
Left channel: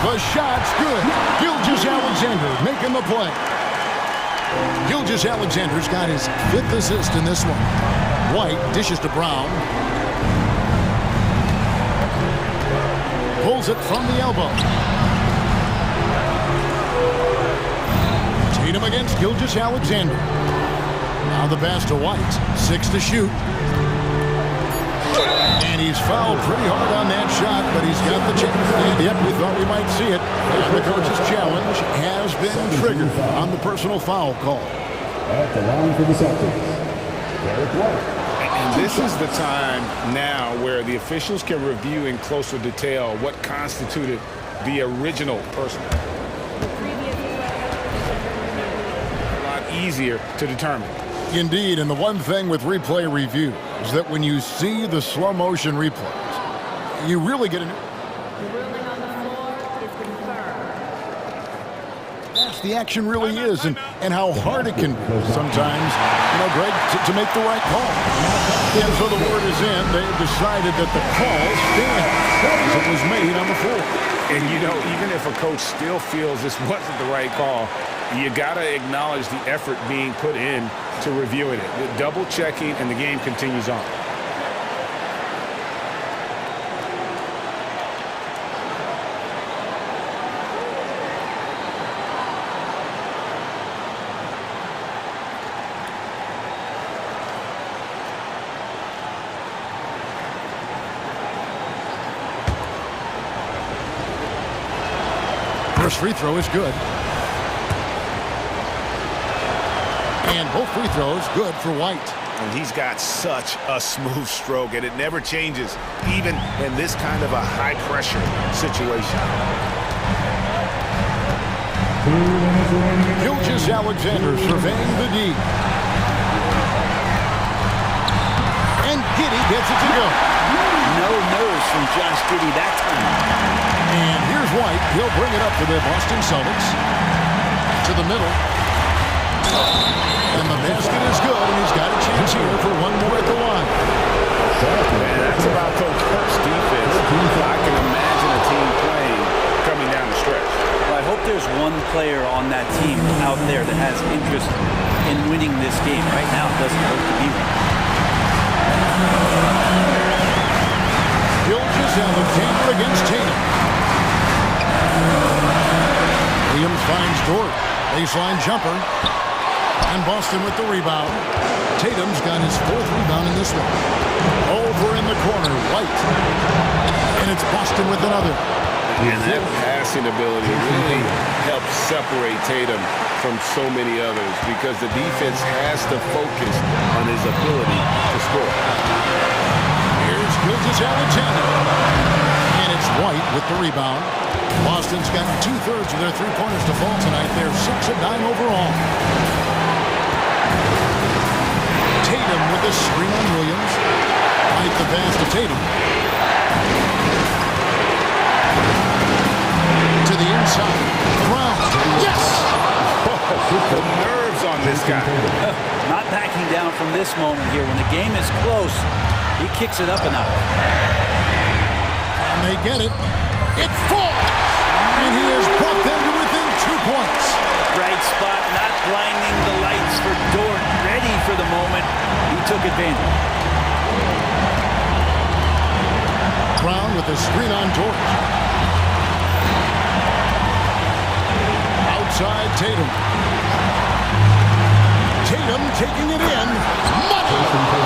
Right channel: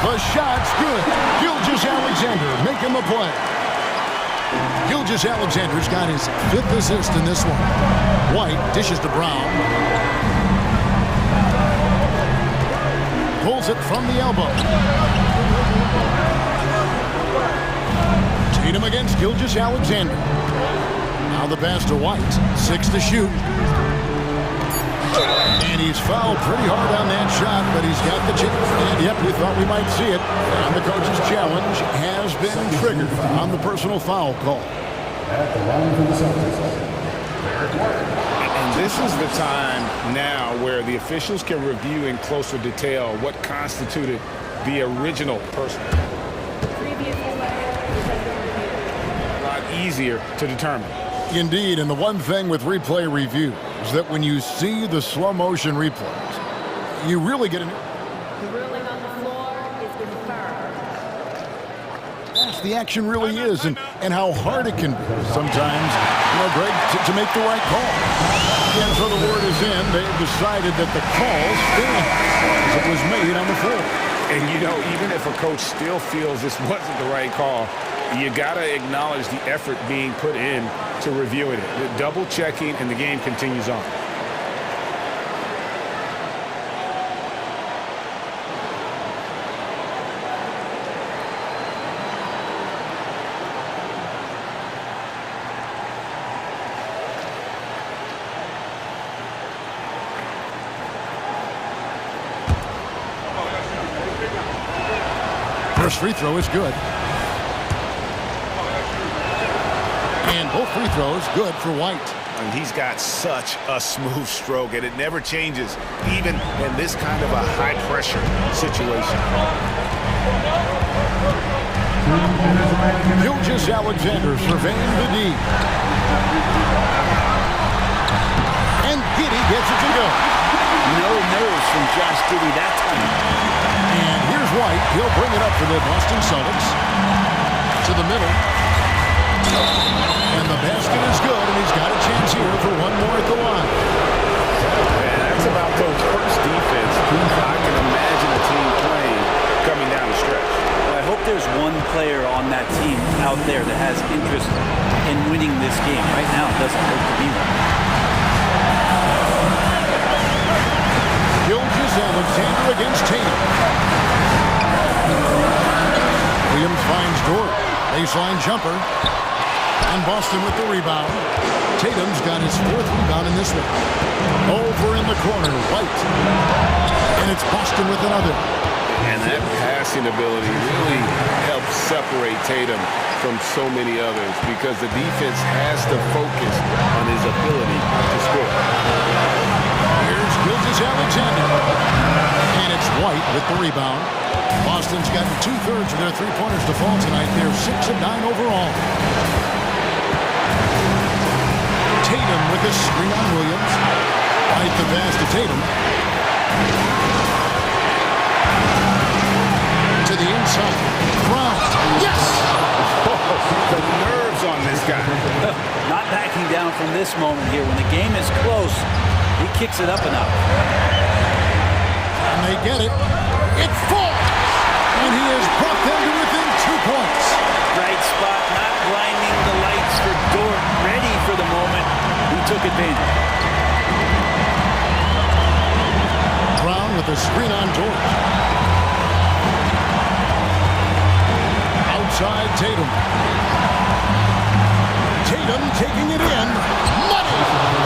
The shot's good. Gilgeous-Alexander making the play. Gilgeous-Alexander's got his 5th assist in this one. White dishes to Brown. Pulls it from the elbow. Tatum against Gilgeous-Alexander. Now the pass to White. 6 to shoot. And he's fouled pretty hard on that shot, but he's got the chance. And yep, we thought we might see it. And the coach's challenge has been triggered on the personal foul call. At the line for the Celtics, Derek White. And this is the time now where the officials can review in closer detail what constituted the original personal. The previous play is under review. A lot easier to determine. Indeed, and the one thing with replay review is that when you see the slow motion replays, you really get a new... The ruling on the floor is confirmed. Fast the action really is, and how hard it can be sometimes, Greg, to make the right call. And so the word is in. They've decided that the call stands as it was made on the floor. And, even if a coach still feels this wasn't the right call, you got to acknowledge the effort being put in to reviewing it. Double checking, and the game continues on. First free throw is good. And both free throws good for White. And he's got such a smooth stroke, and it never changes, even in this kind of a high-pressure situation. Gilgeous-Alexander surveying the D. And Giddey gets it to go. No nerves from Josh Giddey that time. And here's White. He'll bring it up for the Boston Celtics. To the middle. And the basket is good, and he's got a chance here for one more at the line. Man, that's about the worst defense I can imagine a team playing coming down the stretch. Well, I hope there's one player on that team out there that has interest in winning this game. Right now, it doesn't look to be one. Gilgeous-Alexander against Tatum. Williams finds Dort. Baseline jumper. And Boston with the rebound. Tatum's got his 4th rebound in this one. Over in the corner, White. And it's Boston with another. And that passing ability really helps separate Tatum from so many others because the defense has to focus on his ability to score. Here's Gilgeous-Alexander. And it's White with the rebound. Boston's gotten 2/3 of their three-pointers to fall tonight. They're 6 of 9 overall. Tatum with a screen on Williams. White the pass to Tatum. To the inside. Brown. Yes! Oh, the nerves on this guy. Not backing down from this moment here. When the game is close, he kicks it up a notch. And they get it. It falls! And he has brought them to within 2 points. Right spot, not blinding the lights for Dort. Ready for the moment. He took advantage. Brown with a screen on Dort. Outside Tatum. Tatum taking it in. Money!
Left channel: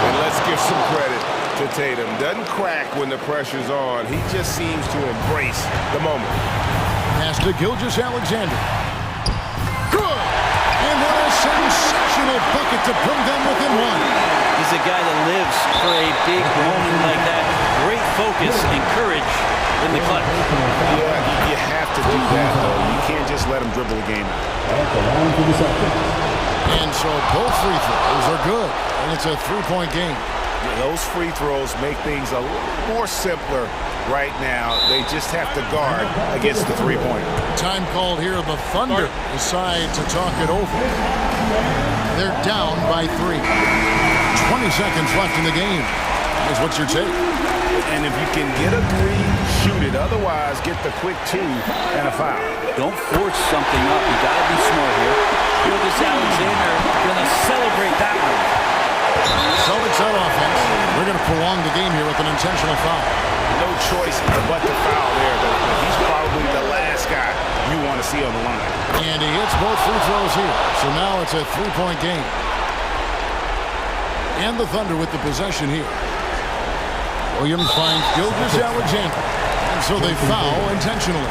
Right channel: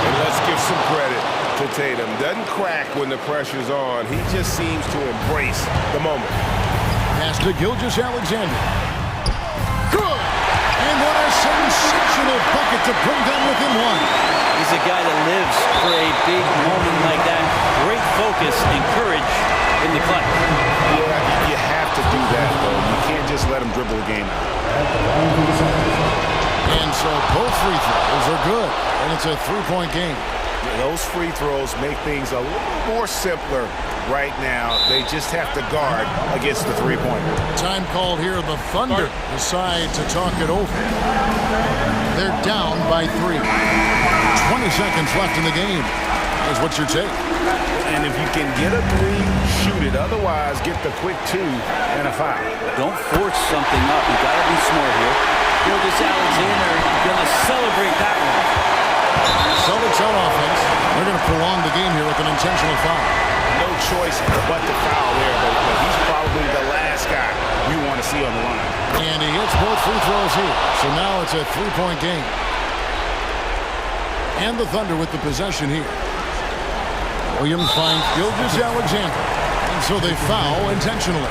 And let's give some credit to Tatum. Doesn't crack when the pressure's on. He just seems to embrace the moment. Pass to Gilgeous-Alexander. Good! And what a sensational bucket to bring them within 1. He's a guy that lives for a big moment like that. Great focus and courage in the clutch. Yeah, you have to do that, though. You can't just let him dribble the game out. And so both free throws are good. And it's a 3-point game. Those free throws make things a little more simpler right now. They just have to guard against the three-pointer. Time called here. The Thunder decide to talk it over. They're down by 3. 20 seconds left in the game. Is what's your take? And if you can get a 3, shoot it. Otherwise, get the quick 2 and a foul. Don't force something up. You got to be smart here. Gilgeous-Alexander going to celebrate that one. Celtics on offense. They're going to prolong the game here with an intentional foul. No choice but to foul there, but he's probably the last guy you want to see on the line. And he hits both free throws here. So now it's a 3-point game. And the Thunder with the possession here. Williams finds Gilgeous-Alexander. And so they foul intentionally.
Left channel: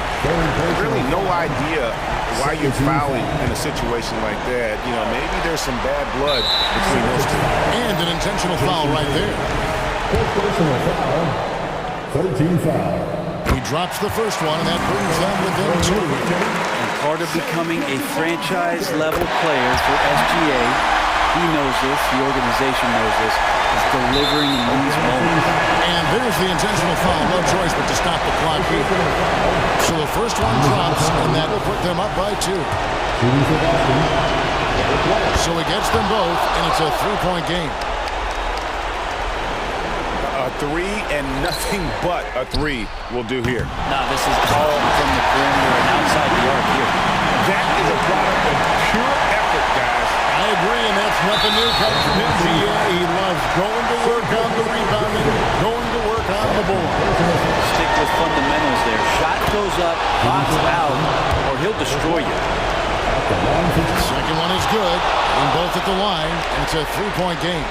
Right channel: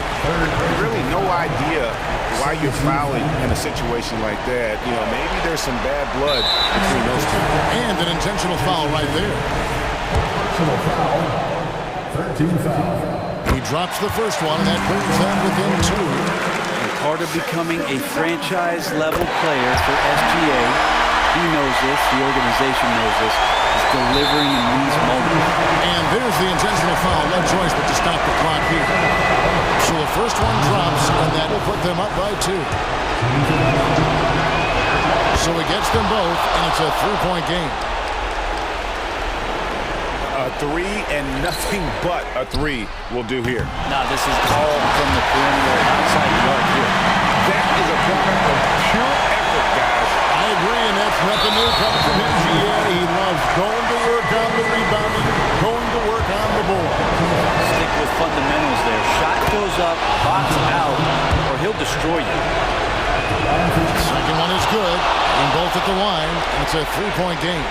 Really no idea why you're fouling in a situation like that. You know, maybe there's some bad blood between those two. And an intentional foul right there. Personal foul. 13 foul. He drops the first one, and that brings them within 2. And part of becoming a franchise-level player for SGA, he knows this, the organization knows this, is delivering in these moments. And there's the intentional foul. No choice but to stop the clock here. So the first one drops, and that will put them up by 2. So he gets them both, and it's a 3-point game. A 3 and nothing but a 3 will do here. Now this is all from the perimeter and outside the arc here. That is a product of pure effort, guys. I agree, and that's nothing new coming from him, GA. He loves going to work on the rebounding, going to work on the board. Stick with fundamentals there. Shot goes up, box out, or he'll destroy you. Second one is good, and both at the line, and it's a 3-point game.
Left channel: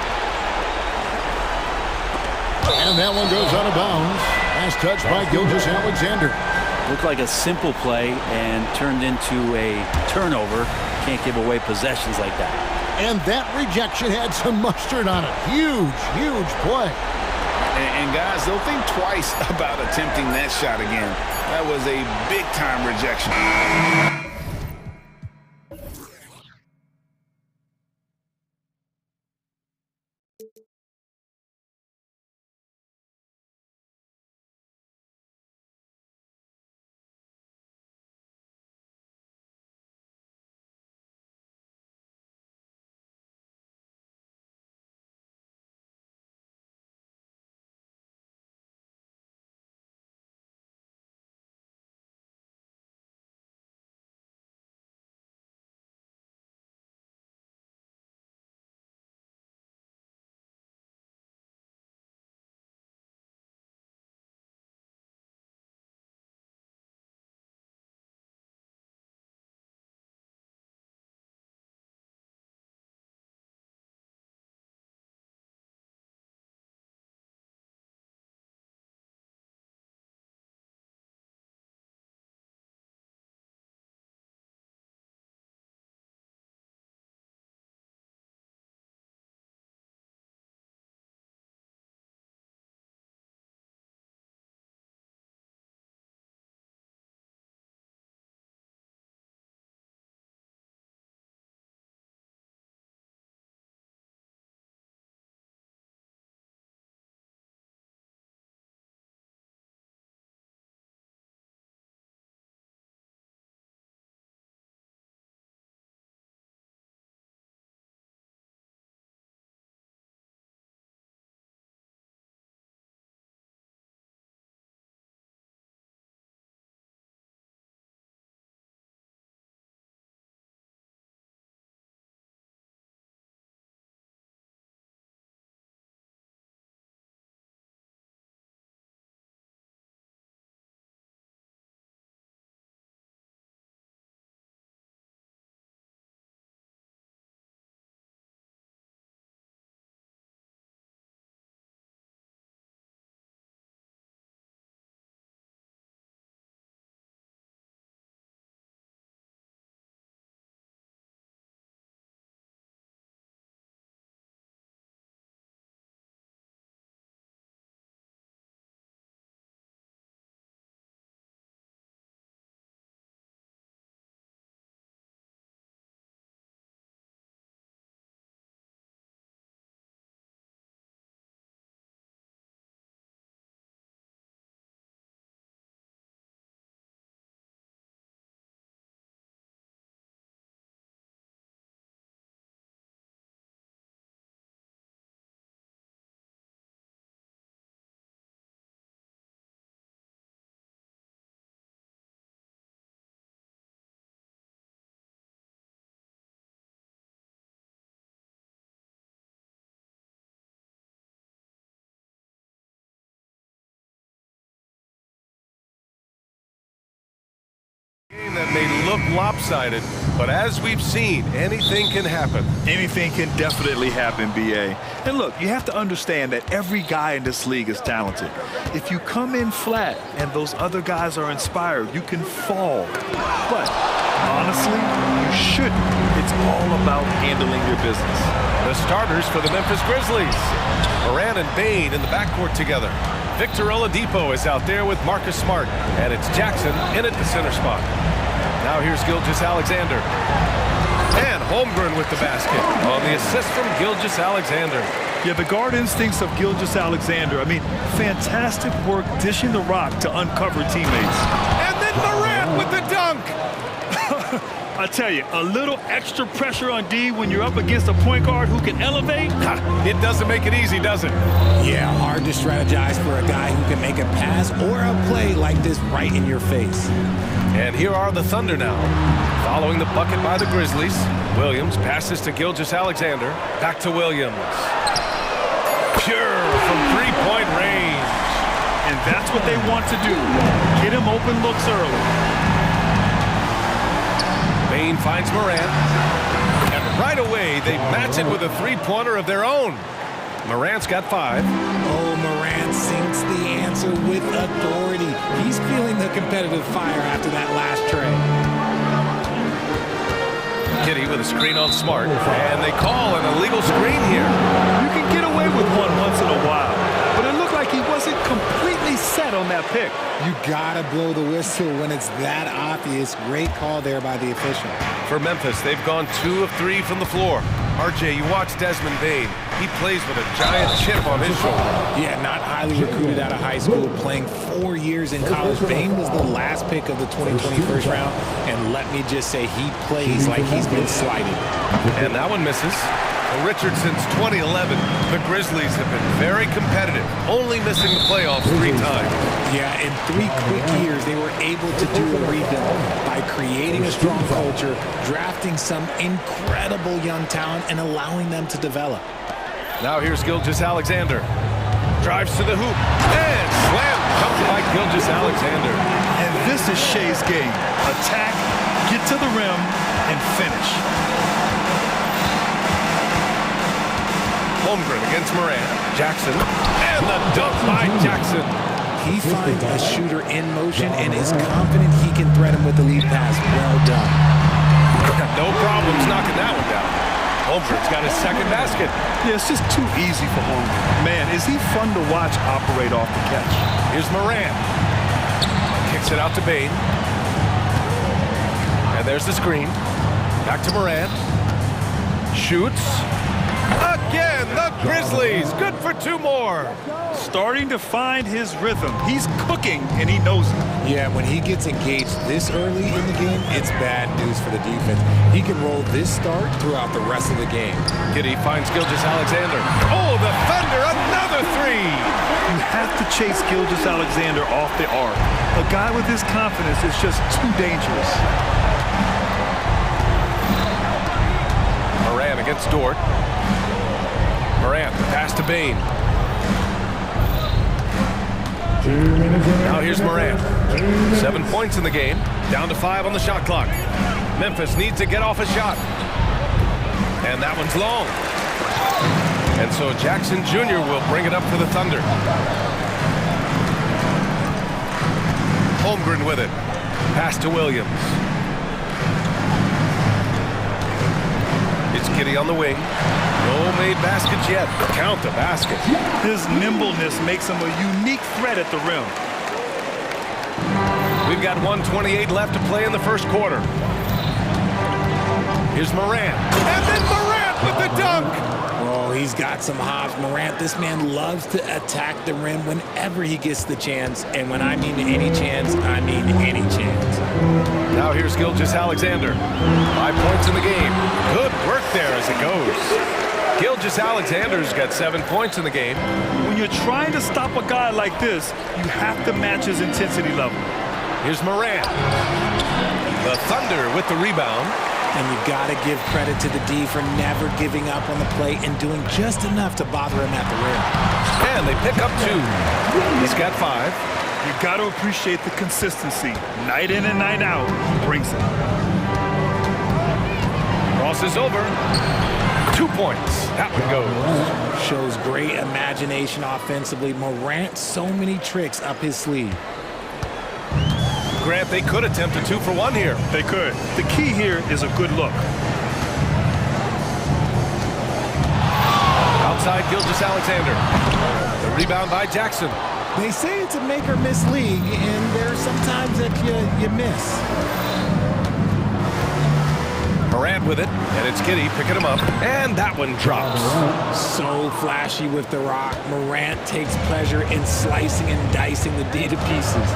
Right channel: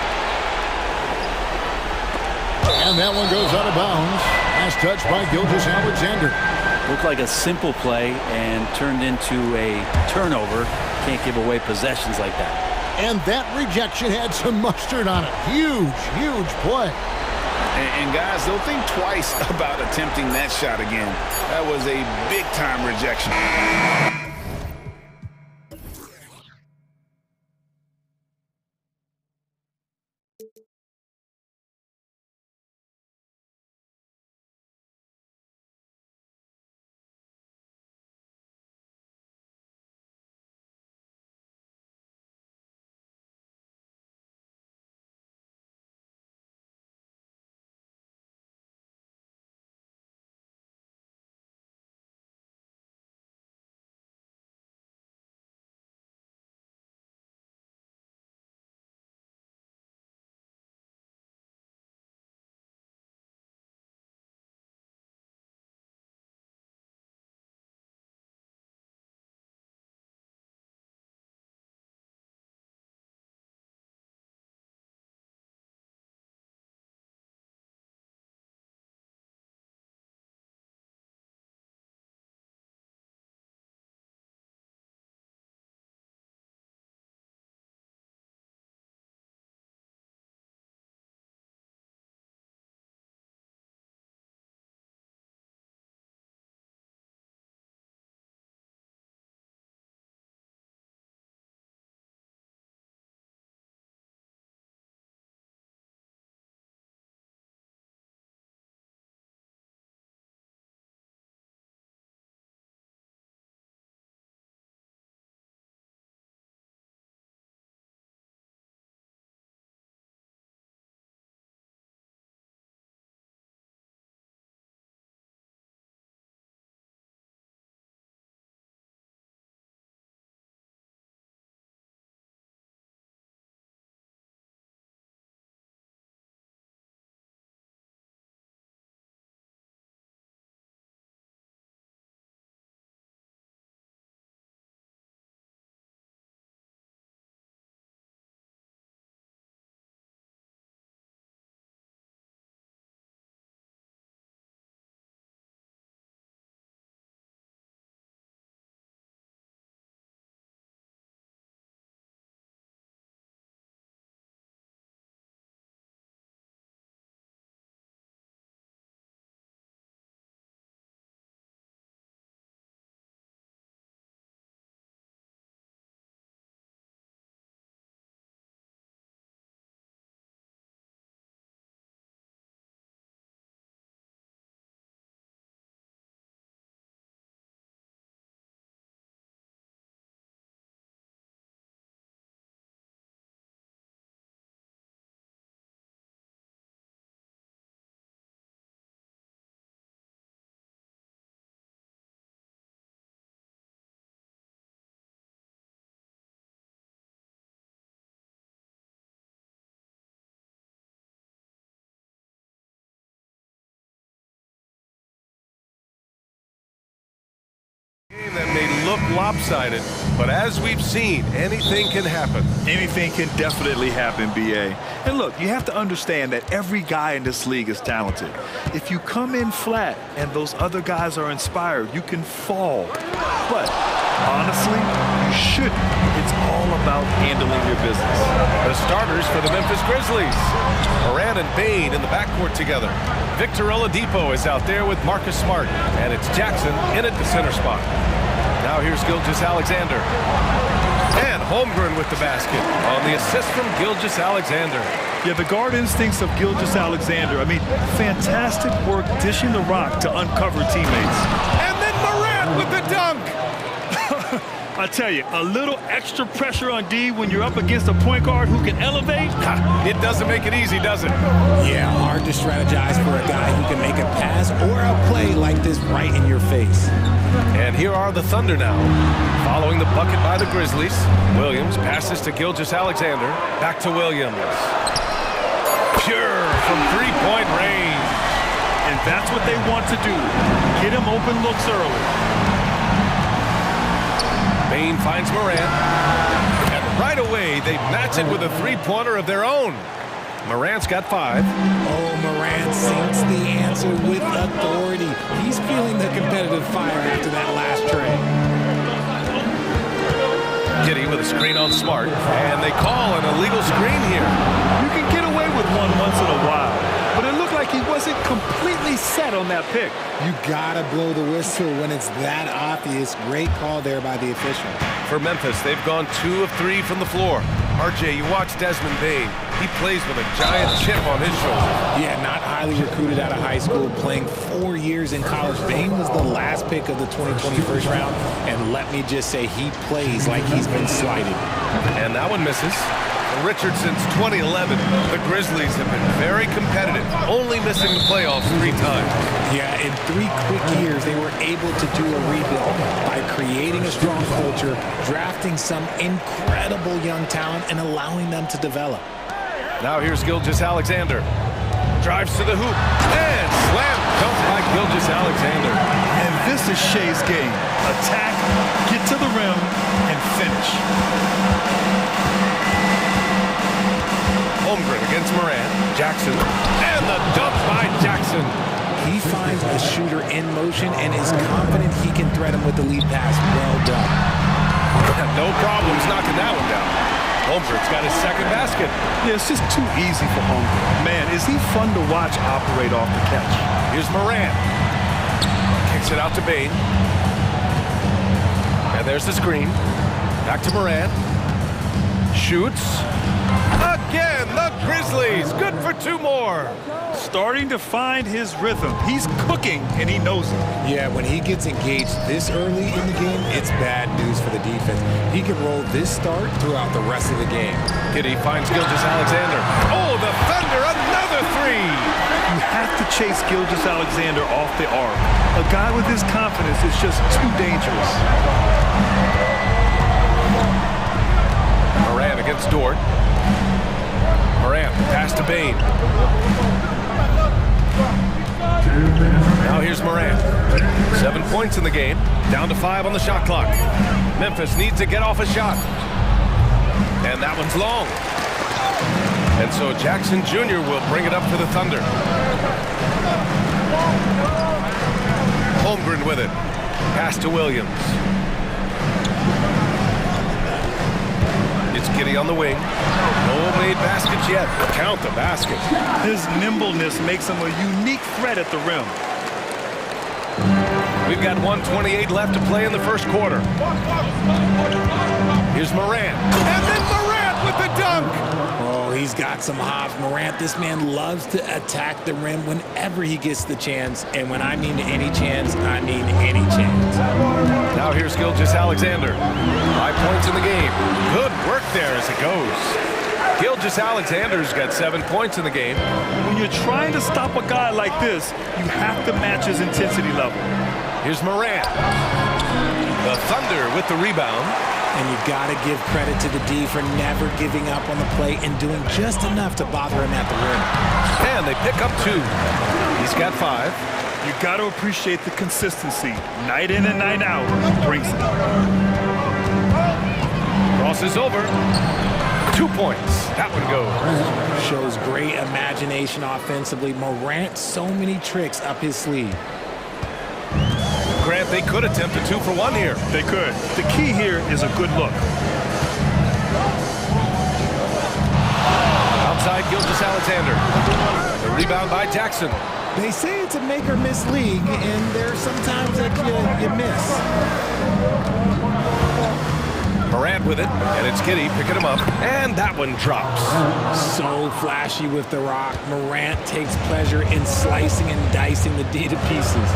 And that one goes out of bounds. Last touch by Gilgeous-Alexander. Looked like a simple play and turned into a turnover. Can't give away possessions like that. And that rejection had some mustard on it. Huge, huge play. And guys, they'll think twice about attempting that shot again. That was a big-time rejection. may look lopsided, but as we've seen, anything can happen. Anything can definitely happen, BA. And look, you have to understand that every guy in this league is talented. If you come in flat and those other guys are inspired, you can fall. But honestly, you shouldn't. It's all about handling your business. The starters for the Memphis Grizzlies. Moran and Bain in the backcourt together. Victor Oladipo is out there with Marcus Smart, and it's Jackson in at the center spot. Now here's Gilgeous-Alexander. And Holmgren with the basket on the assist from Gilgeous-Alexander. Yeah, the guard instincts of Gilgeous-Alexander. I mean, fantastic work dishing the rock to uncover teammates. And then Morant with the dunk. I tell you, a little extra pressure on D when you're up against a point guard who can elevate. It doesn't make it easy, does it? Yeah, hard to strategize for a guy who can make a pass or a play like this right in your face. And here are the Thunder now. Following the bucket by the Grizzlies, Williams passes to Gilgeous-Alexander. Back to Williams. Pure from three-point range. And that's what they want to do. Get him open looks early. Bain finds Morant, and right away they match it with a three-pointer of their own. Morant's got 5. Oh, Morant sinks the answer with authority. He's feeling the competitive fire after that last tray. Kitty with a screen on Smart, and they call an illegal screen here. You can get away with one once in a while, but it looked like he wasn't completely set on that pick. You gotta blow the whistle when it's that obvious. Great call there by the official. For Memphis, they've gone 2 of 3 from the floor. RJ, you watch Desmond Bain. He plays with a giant chip on his shoulder. Yeah, not highly recruited out of high school, playing 4 years in college. Bain was the last pick of the 2020 first round, and let me just say he plays like he's been slighted. And that one misses. For Richard, since 2011, the Grizzlies have been very competitive, only missing the playoffs 3 times. Yeah, in 3 quick years, they were able to do a rebuild by creating a strong culture, drafting some incredible young talent, and allowing them to develop. Now here's Gilgeous-Alexander. Drives to the hoop, and slam dunk by Gilgeous-Alexander. And this is Shea's game. Attack, get to the rim, and finish. Holmgren against Morant. Jackson, and the dunk by Jackson. He finds a shooter in motion and is confident he can thread him with the lead pass. Well done. No problems knocking that one down. Holmgren's got his second basket. Yeah, it's just too easy for Holmgren. Man, is he fun to watch operate off the catch. Here's Morant. Kicks it out to Bain. And there's the screen. Back to Morant. Shoots. Again, the Grizzlies. Good for 2 more. Starting to find his rhythm. He's cooking, and he knows it. Yeah, when he gets engaged this early in the game, it's bad news for the defense. He can roll this start throughout the rest of the game. Kitty finds Gilgeous-Alexander. Oh, the Thunder, another 3. You have to chase Gilgeous-Alexander off the arc. A guy with his confidence is just too dangerous. Morant against Dort. Morant, the pass to Bain. Now here's Morant. 7 points in the game, down to 5 on the shot clock. Memphis needs to get off a shot. And that one's long. And so Jackson Jr. will bring it up for the Thunder. Holmgren with it. Pass to Williams. It's Kitty on the wing. No made baskets yet. Count the basket. His nimbleness makes him a unique threat at the rim. We've got 1:28 left to play in the first quarter. Here's Morant. And then Morant with the dunk. Oh, he's got some hops. Morant, this man loves to attack the rim whenever he gets the chance. And when I mean any chance, I mean any chance. Now here's Gilgeous-Alexander. 5 points in the game. Good work there as it goes. Gilgeous-Alexander's got 7 points in the game. When you're trying to stop a guy like this, you have to match his intensity level. Here's Morant. The Thunder with the rebound. And you got to give credit to the D for never giving up on the play and doing just enough to bother him at the rim. And they pick up 2. He's got 5. You got to appreciate the consistency. Night in and night out, he brings it. Crosses over. 2 points. That one goes. Shows great imagination offensively. Morant, so many tricks up his sleeve. Grant, they could attempt a 2-for-1 here. They could. The key here is a good look. Outside Gilgeous-Alexander. The rebound by Jackson. They say it's a make or miss league, and there's sometimes that you miss. Morant with it, and it's Giddey picking him up, and that one drops. So flashy with the rock. Morant takes pleasure in slicing and dicing the D to pieces.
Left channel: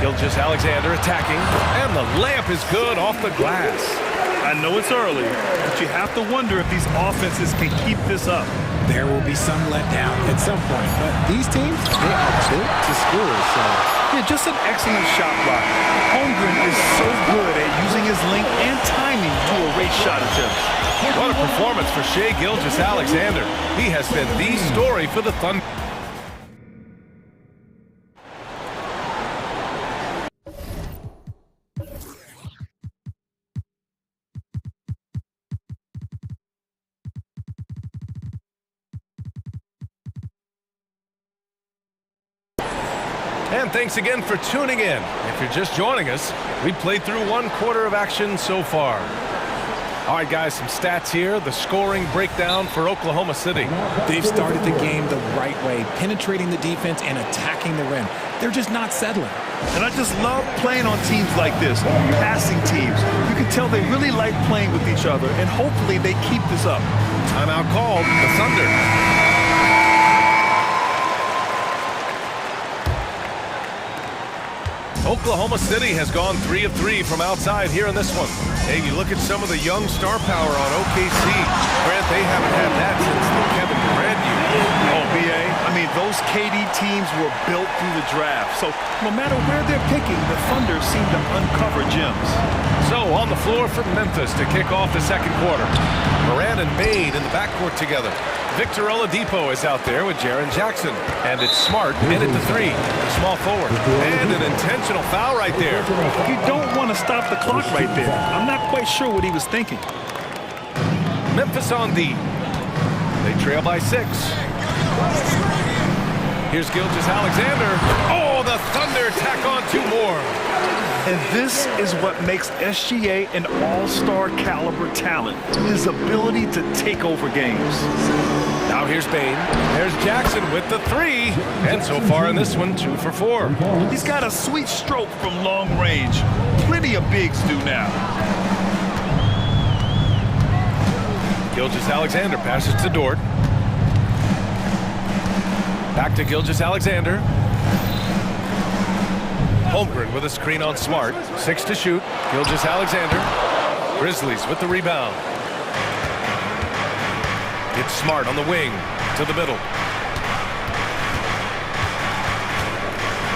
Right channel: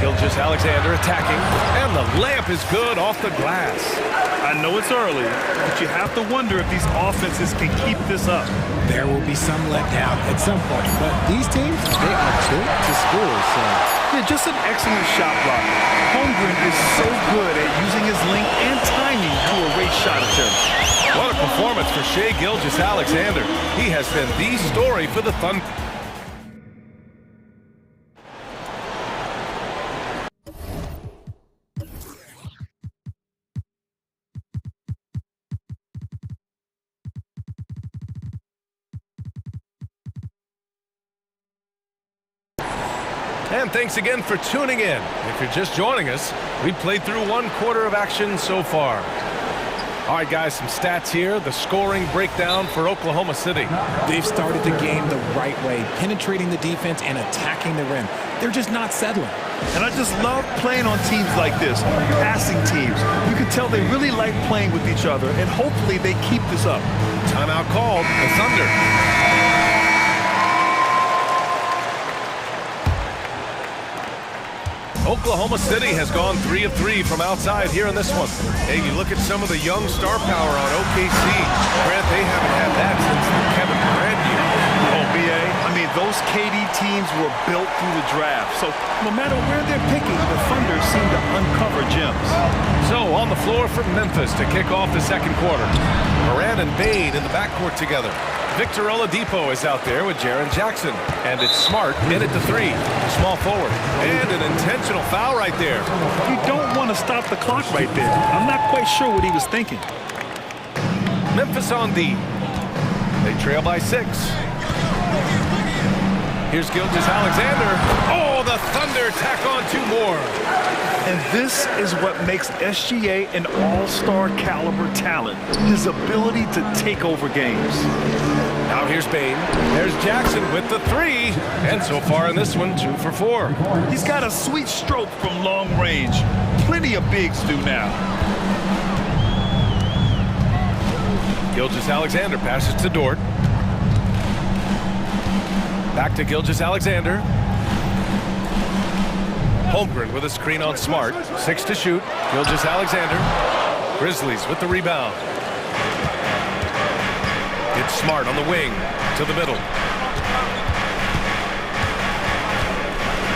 Gilgeous-Alexander attacking, and the layup is good off the glass. I know it's early, but you have to wonder if these offenses can keep this up. There will be some letdown at some point, but these teams, they are built to score, so. Yeah, just an excellent shot blocker. Holmgren is so good at using his length and timing to erase shot attempts. What a performance for Shai Gilgeous-Alexander. He has been the story for the Thunder. And thanks again for tuning in. If you're just joining us, we played through 1 quarter of action so far. All right, guys, some stats here. The scoring breakdown for Oklahoma City. They've started the game the right way, penetrating the defense and attacking the rim. They're just not settling. And I just love playing on teams like this, passing teams. You can tell they really like playing with each other, and hopefully they keep this up. Timeout called. The Thunder. Oklahoma City has gone 3 of 3 from outside here in this one. Hey, you look at some of the young star power on OKC. Grant, they haven't had that since the Kevin Durant years. Oh, BA, I mean, those KD teams were built through the draft. So no matter where they're picking, the Thunder seem to uncover gems. So on the floor for Memphis to kick off the second quarter. Morant and Bane in the backcourt together. Victor Oladipo is out there with Jaren Jackson. And it's Smart in at the 3, the small forward. And an intentional foul right there. You don't want to stop the clock right there. I'm not quite sure what he was thinking. Memphis on D. They trail by 6. Here's Gilgeous-Alexander. Oh, the Thunder tack on 2 more. And this is what makes SGA an all-star caliber talent. His ability to take over games. Now here's Bane. There's Jackson with the 3. And so far in this one, 2 for 4. He's got a sweet stroke from long range. Plenty of bigs do now. Gilgeous-Alexander passes to Dort. Back to Gilgeous-Alexander. Holmgren with a screen on Smart. 6 to shoot. Gilgeous-Alexander. Grizzlies with the rebound. It's Smart on the wing to the middle.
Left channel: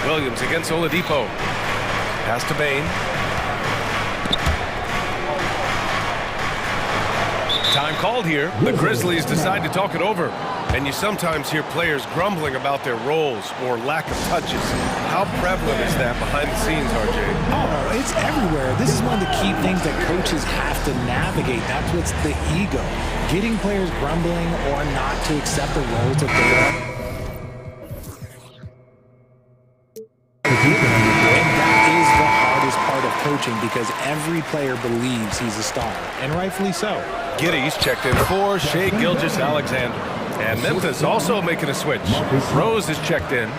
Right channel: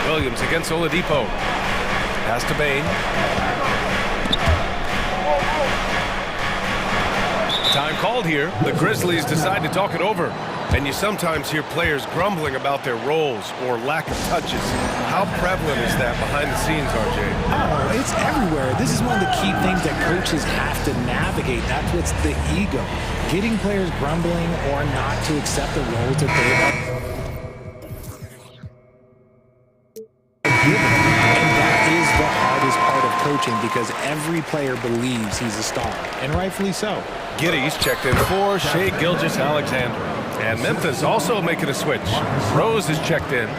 Williams against Oladipo. Pass to Bane. Time called here. The Grizzlies decide to talk it over. And you sometimes hear players grumbling about their roles or lack of touches. How prevalent is that behind the scenes, RJ? Oh, it's everywhere. This is one of the key things that coaches have to navigate. That's what's the ego. Getting players grumbling or not to accept the roles that they are given. And that is the hardest part of coaching because every player believes he's a star, and rightfully so. Giddey's checked in for Shai Gilgeous-Alexander. And Memphis also making a switch. Rose is checked in.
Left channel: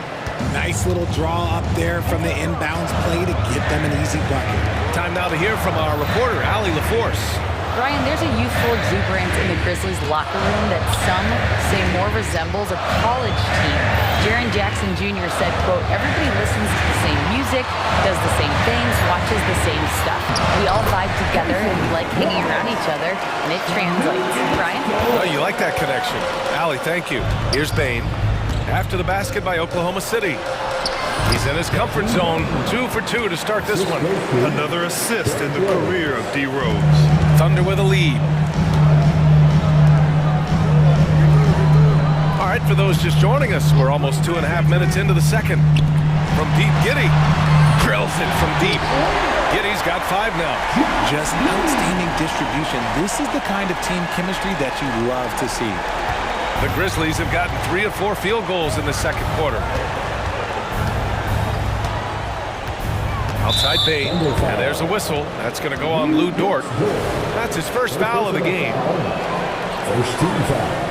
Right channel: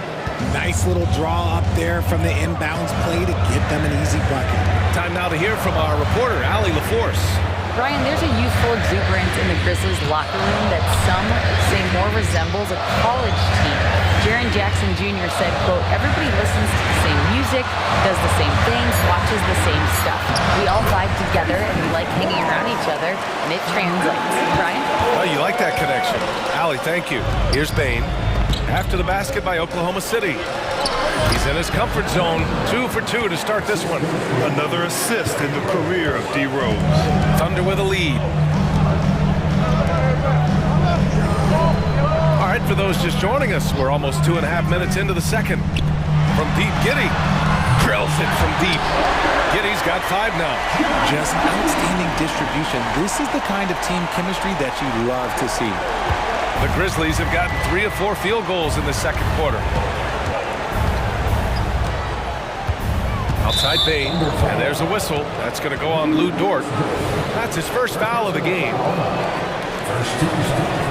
Nice little draw up there from the inbounds play to get them an easy bucket. Time now to hear from our reporter, Allie LaForce. Brian, there's a youthful exuberance in the Grizzlies locker room that some say more resembles a college team. Jaren Jackson Jr. said, quote, everybody listens to the same music, does the same things, watches the same stuff. We all vibe together and we like hanging around each other, and it translates. Brian? Oh, you like that connection. Allie, thank you. Here's Bane. After the basket by Oklahoma City. He's in his comfort zone. 2 for 2 to start this one. Another assist in the career of D. Rose. Thunder with a lead. All right, for those just joining us, we're almost 2.5 minutes into the second. From deep, Giddy drills it from deep. Giddy's got 5 now. Just outstanding distribution. This is the kind of team chemistry that you love to see. The Grizzlies have gotten 3 of 4 field goals in the second quarter. Outside Bain, and there's a whistle. That's going to go on Lou Dort. That's his first foul of the game. First team foul.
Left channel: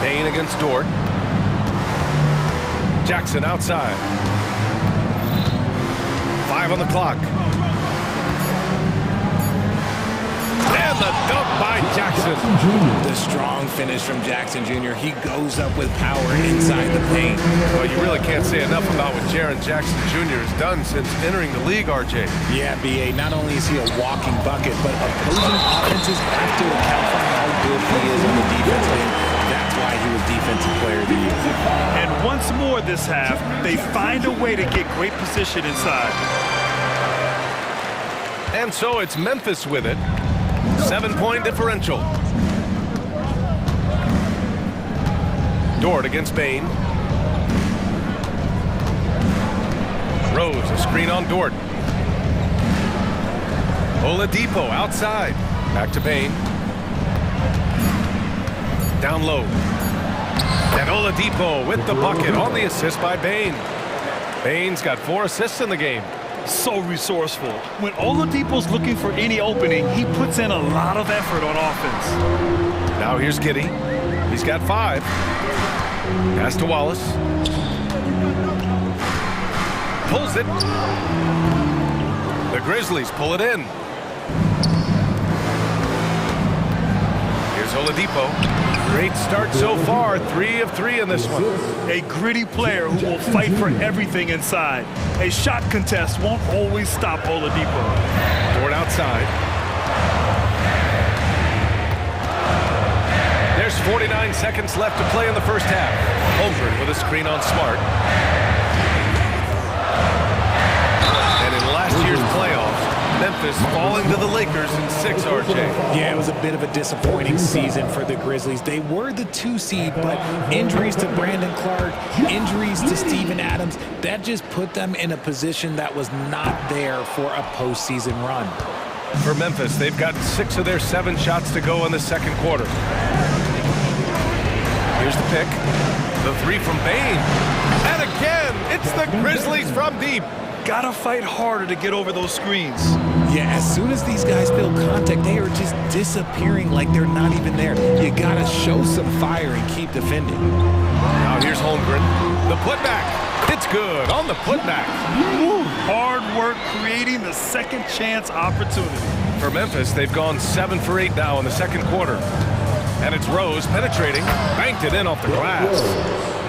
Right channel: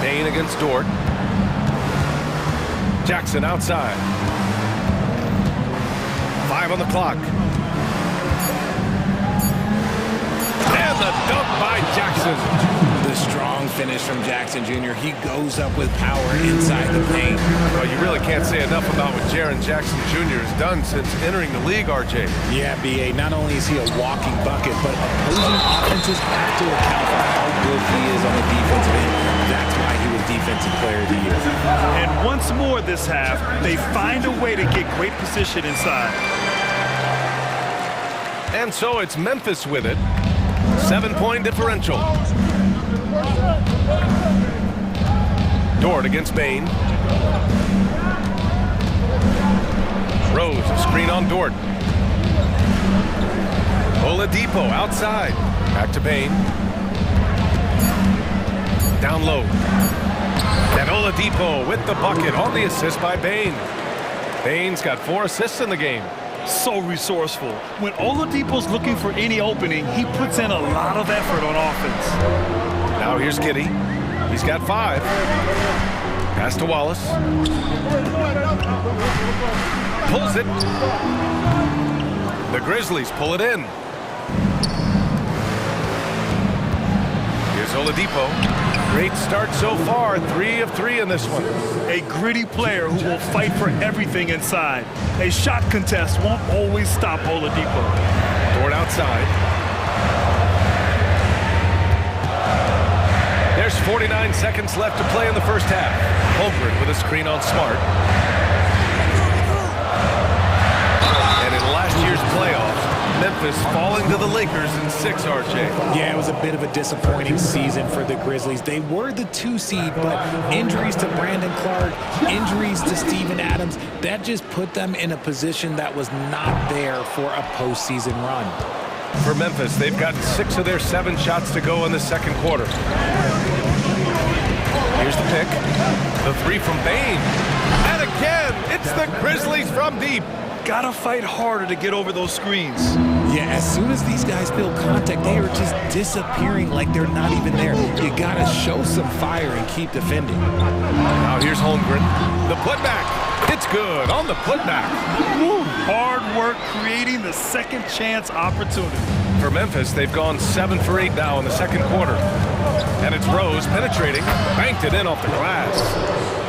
Bain against Dort. Jackson outside. 5 on the clock. And the dunk by Jackson. The strong finish from Jackson Jr. He goes up with power inside the paint. Well, you really can't say enough about what Jaren Jackson Jr. has done since entering the league, RJ. Yeah, BA, not only is he a walking bucket, but opposing offenses have to account for how good he is on the defensive end. That's why he was Defensive Player of the Year. And once more this half, they find a way to get great position inside. And so it's Memphis with it. 7-point differential. Dort against Bain. Rose, a screen on Dort. Oladipo outside. Back to Bain. Down low. And Oladipo with the bucket on the assist by Bain. Bain's got 4 assists in the game. So resourceful. When Oladipo's looking for any opening, he puts in a lot of effort on offense. Now here's Giddey. He's got 5. Pass to Wallace. Pulls it. The Grizzlies pull it in. Here's Oladipo. Great start so far. 3 of 3 in this one. A gritty player who will fight for everything inside. A shot contest won't always stop Oladipo. Dort outside. There's 49 seconds left to play in the first half. Holmgren with a screen on Smart. And in last year's playoffs, Memphis falling to the Lakers in 6, RJ. Yeah, it was a bit of a disappointing season for the Grizzlies. They were the 2 seed, but injuries to Brandon Clark, injuries to Steven Adams, that just put them in a position that was not there for a postseason run. For Memphis, they've gotten 6 of their 7 shots to go in the second quarter. Here's the pick. The 3 from Bain. And again, it's the Grizzlies from deep. Gotta fight harder to get over those screens. Yeah, as soon as these guys feel contact, they are just disappearing like they're not even there. You gotta show some fire and keep defending. Now here's Holmgren. The putback. It's good on the putback. Woo. Hard work creating the second chance opportunity. For Memphis, they've gone 7 for 8 now in the second quarter. And it's Rose penetrating. Banked it in off the glass.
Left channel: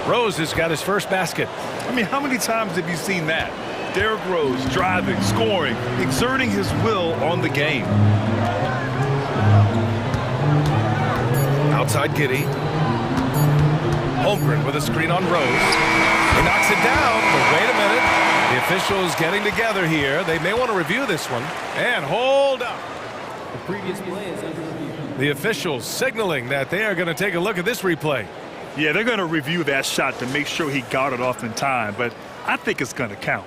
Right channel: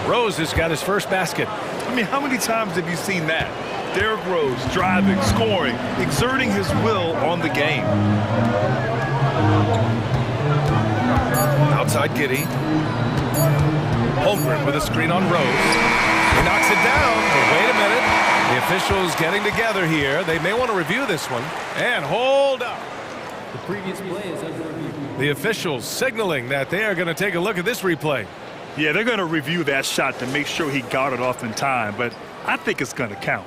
Rose has got his first basket. I mean, how many times have you seen that? Derrick Rose driving, scoring, exerting his will on the game. Outside Giddey. Holmgren with a screen on Rose. He knocks it down, but wait a minute. The officials getting together here. They may want to review this one. And hold up. The previous play is under review. The officials signaling that they are going to take a look at this replay. Yeah, they're going to review that shot to make sure he got it off in time, but I think it's going to count.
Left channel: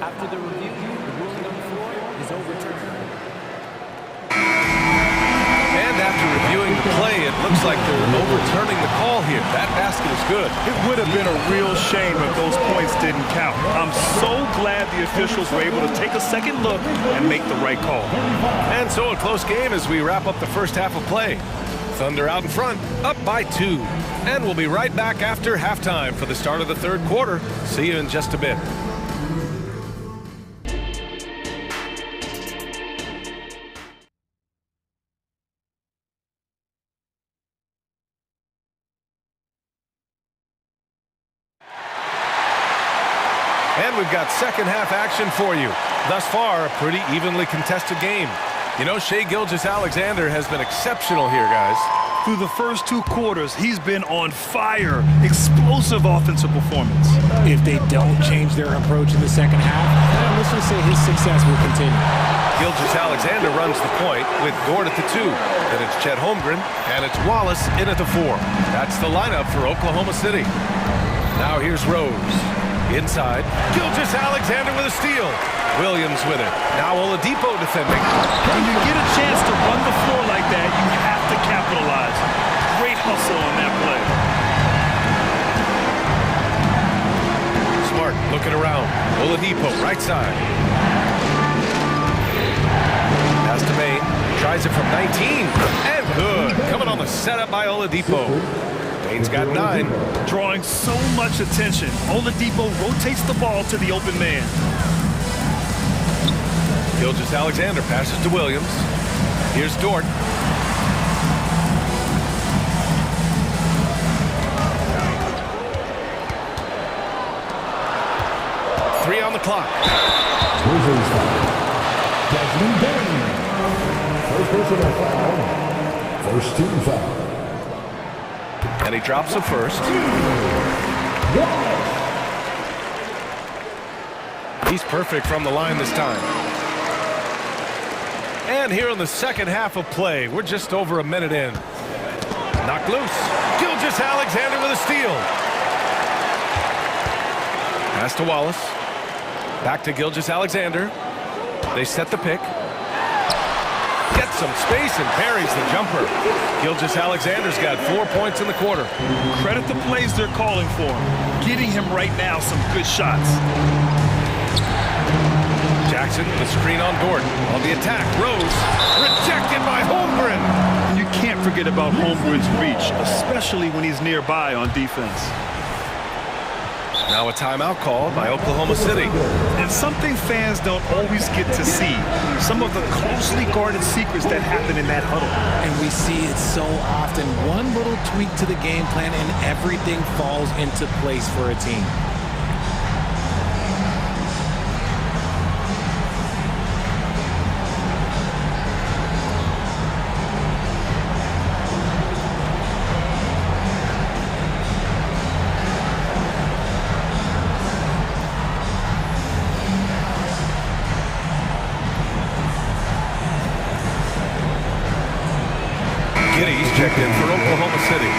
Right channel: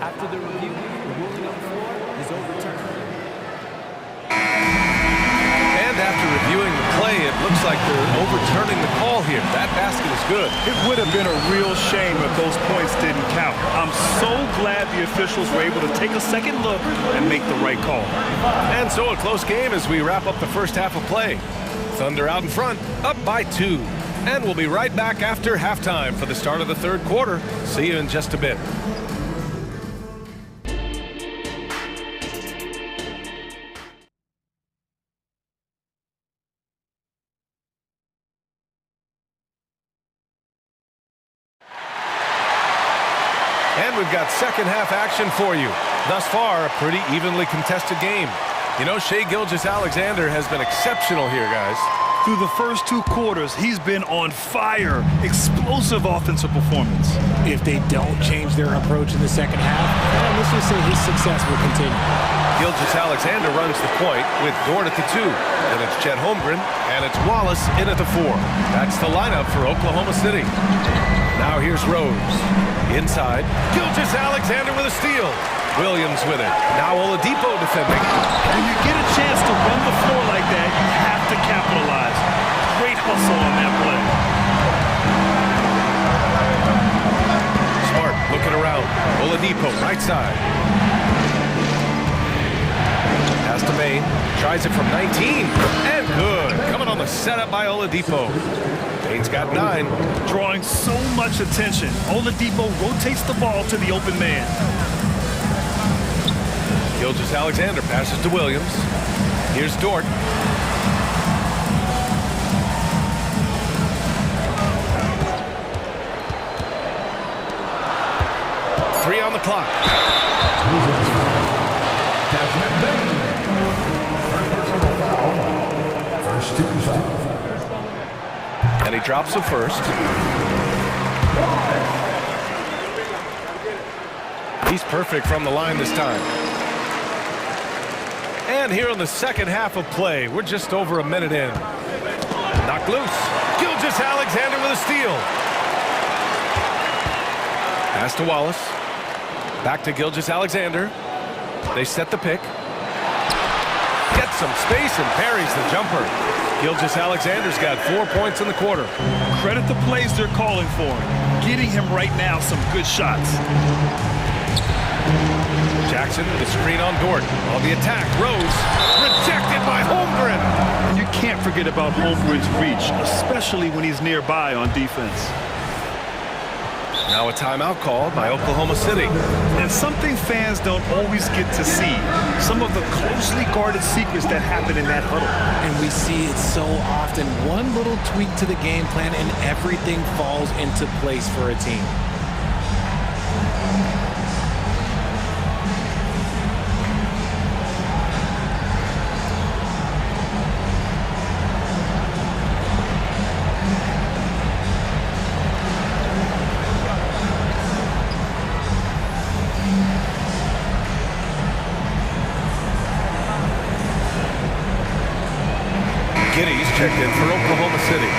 After the review, the ruling on the floor is overturned. And after reviewing the play, it looks like they're overturning the call here. That basket is good. It would have been a real shame if those points didn't count. I'm so glad the officials were able to take a second look and make the right call. And so a close game as we wrap up the first half of play. Thunder out in front, up by 2. And we'll be right back after halftime for the start of the third quarter. See you in just a bit. And we've got second half action for you. Thus far, a pretty evenly contested game. You know, Shai Gilgeous-Alexander has been exceptional here, guys. Through the first 2 quarters, he's been on fire. Explosive offensive performance. If they don't change their approach in the second half, let's just say his success will continue. Gilgeous-Alexander runs the point with Dort at the 2. Then it's Chet Holmgren, and it's Wallace in at the 4. That's the lineup for Oklahoma City. Now here's Rose. Inside, Gilgeous-Alexander with a steal. Williams with it. Now Oladipo defending. When you get a chance to run the floor like that, you have to capitalize. Great hustle on that play. Smart looking around. Oladipo right side. Pass to Maine. Tries it from 19. And good. Coming on the setup by Oladipo. Maine's got 9. Drawing so much attention. Oladipo rotates the ball to the open man. Gilgeous-Alexander passes to Williams. Here's Dort. Three on the clock. Desmond Bain. First personal foul. First team foul. And he drops the first. He's perfect from the line this time. And here in the second half of play, we're just over a minute in. Knocked loose. Gilgeous-Alexander with a steal. Pass to Wallace. Back to Gilgeous-Alexander. They set the pick. Gets some space and parries the jumper. Gilgeous-Alexander's got 4 points in the quarter. Credit the plays they're calling for him. Getting him right now some good shots. Jackson with a screen on Dort. On the attack, Rose. Rejected by Holmgren. And you can't forget about Holmgren's reach, especially when he's nearby on defense. Now a timeout called by Oklahoma City. And something fans don't always get to see. Some of the closely guarded secrets that happen in that huddle. And we see it so often. One little tweak to the game plan and everything falls into place for a team. Giddy's checked in for Oklahoma City.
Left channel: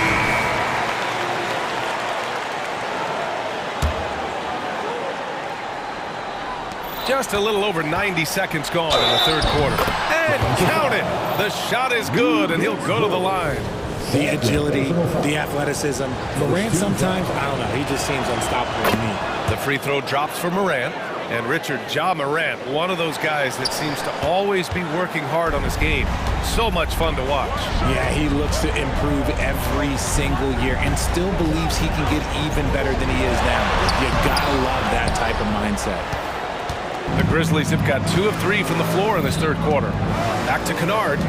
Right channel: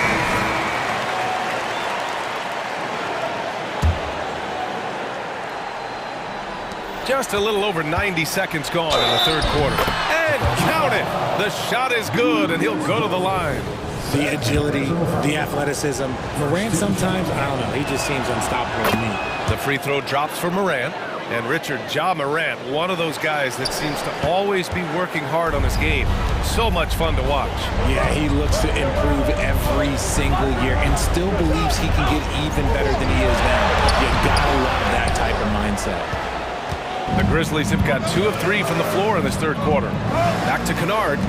Just a little over 90 seconds gone in the third quarter. And count it! The shot is good, and he'll go to the line. The agility, the athleticism. Morant sometimes, I don't know, he just seems unstoppable to me. The free throw drops for Morant. And Richard, Ja Morant, one of those guys that seems to always be working hard on his game. So much fun to watch. Yeah, he looks to improve every single year and still believes he can get even better than he is now. You gotta love that type of mindset. The Grizzlies have got 2 of 3 from the floor in this third quarter. Back to Kennard.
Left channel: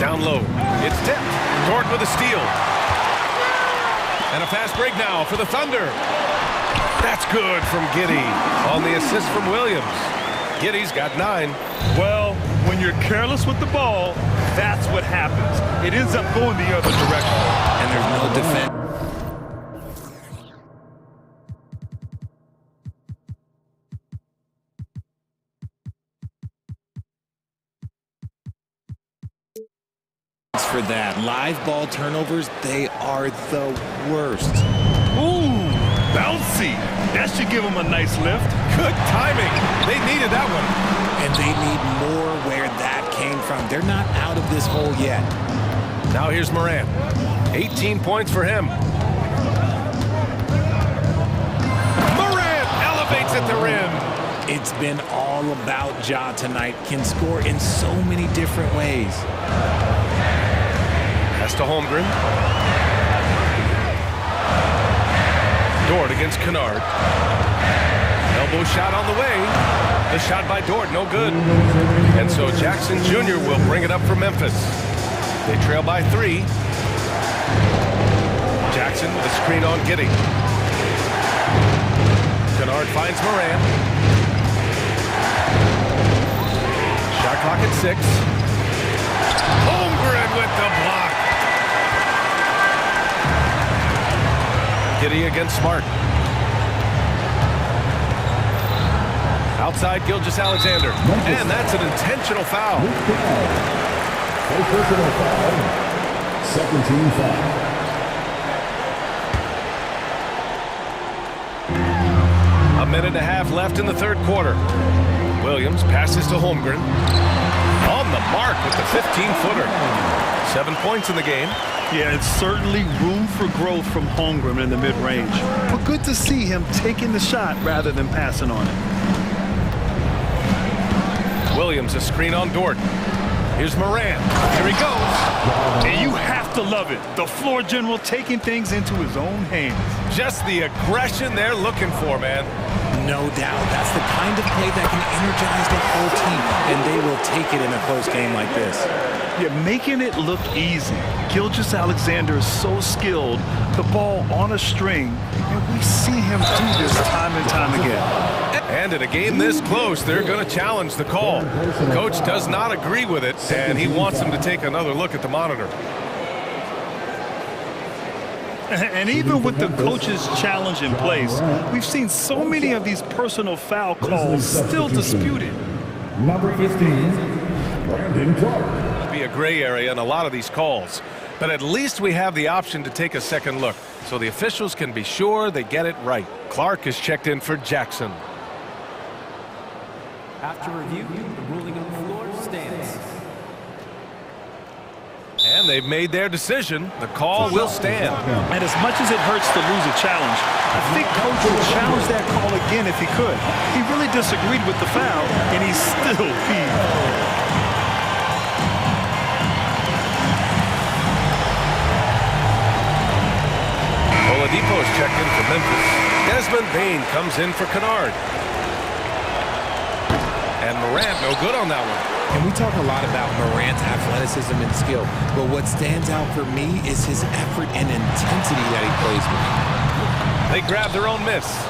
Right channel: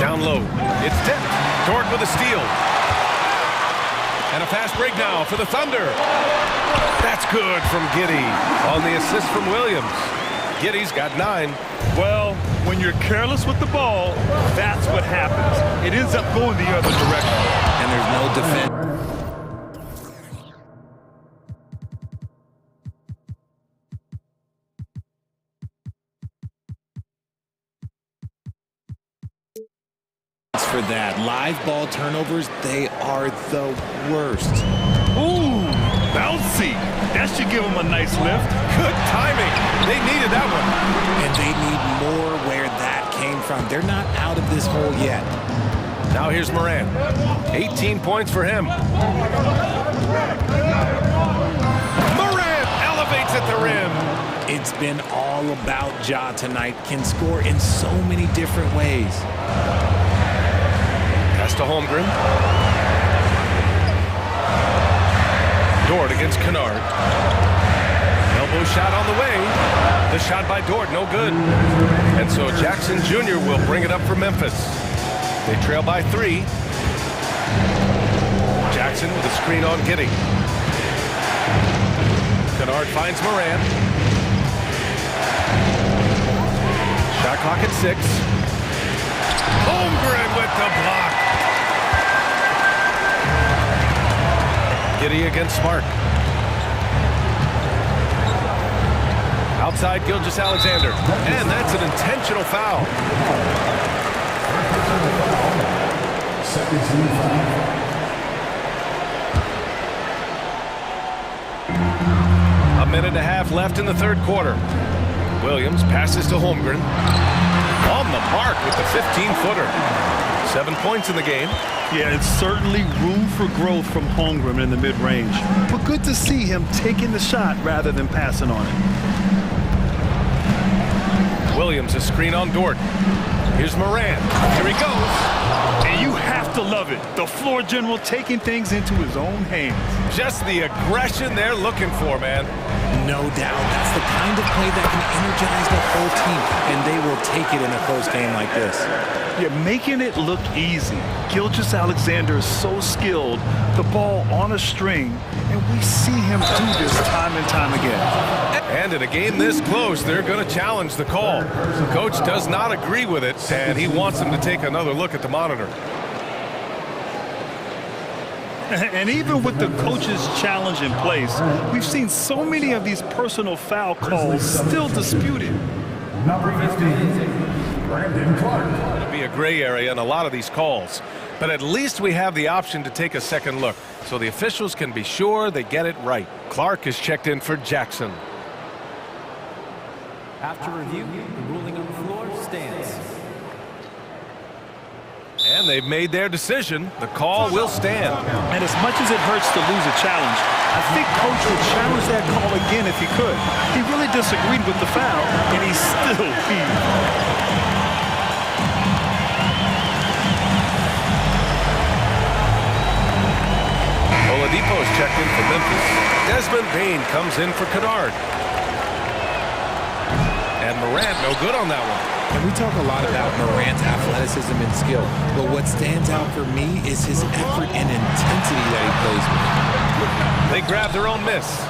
Down low. It's tipped. Dort with a steal. And a fast break now for the Thunder. That's good from Giddey on the assist from Williams. Giddey's got 9. Well, when you're careless with the ball, that's what happens. It ends up going the other direction. And there's no defense. For that. Live ball turnovers, they are the worst. Ooh, bouncy. That should give them a nice lift. Good timing. They needed that one. And they need more where that came from. They're not out of this hole yet. Now here's Morant. 18 points for him. Morant elevates at the rim. It's been all about Ja tonight. Can score in so many different ways. Pass to Holmgren. Dort against Kennard. Elbow shot on the way. The shot by Dort, no good. And so Jackson Jr. will bring it up for Memphis. They trail by 3. Jackson with a screen on Giddey. Kennard finds Morant. Shot clock at 6. Holmgren with the block. Giddey against Smart. Outside Gilgeous-Alexander. And that's an intentional foul. First personal foul. Second team foul. A minute and a half left in the third quarter. Williams passes to Holmgren. On the mark with the 15-footer. 7 points in the game. Yeah, it's certainly room for growth from Holmgren in the mid-range. But good to see him taking the shot rather than passing on it. Williams a screen on Dort. Here's Moran. Here he goes. And you have to love it. The floor general taking things into his own hands. Just the aggression they're looking for, man. No doubt. That's the kind of play that can energize the whole team, and they will take it in a close game like this. Yeah, making it look easy. Gilgeous-Alexander is so skilled, the ball on a string, and we see him do this time and time again. And in a game this close, they're going to challenge the call. The coach does not agree with it, and he wants them to take another look at the monitor. And even with the coach's challenge in place, we've seen so many of these personal foul calls still disputed. Number 15, Brandon Clark. It'll be a gray area in a lot of these calls, but at least we have the option to take a second look, so the officials can be sure they get it right. Clark is checked in for Jackson. After review, the ruling on the floor stands. And they've made their decision. The call will stand. And as much as it hurts to lose a challenge, I think coach would challenge that call again if he could. He really disagreed with the foul, and he still heaved. Oladipo's checked in for Memphis. Desmond Bane comes in for Kennard. And Morant no good on that one. And we talk a lot about Morant's athleticism and skill, but what stands out for me is his effort and intensity that he plays with. They grab their own miss.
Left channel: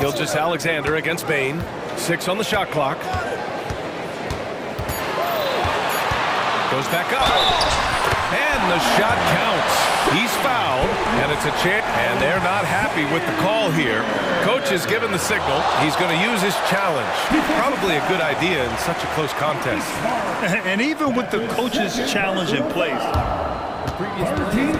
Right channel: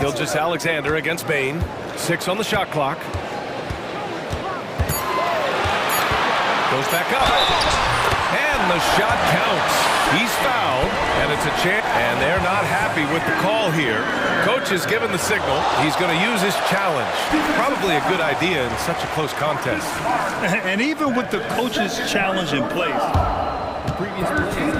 Gilgeous-Alexander against Bane. 6 on the shot clock. Goes back up. And the shot counts. He's fouled, and it's a chance. And they're not happy with the call here. Coach has given the signal. He's going to use his challenge. Probably a good idea in such a close contest. And even with the coach's challenge in place, The previous play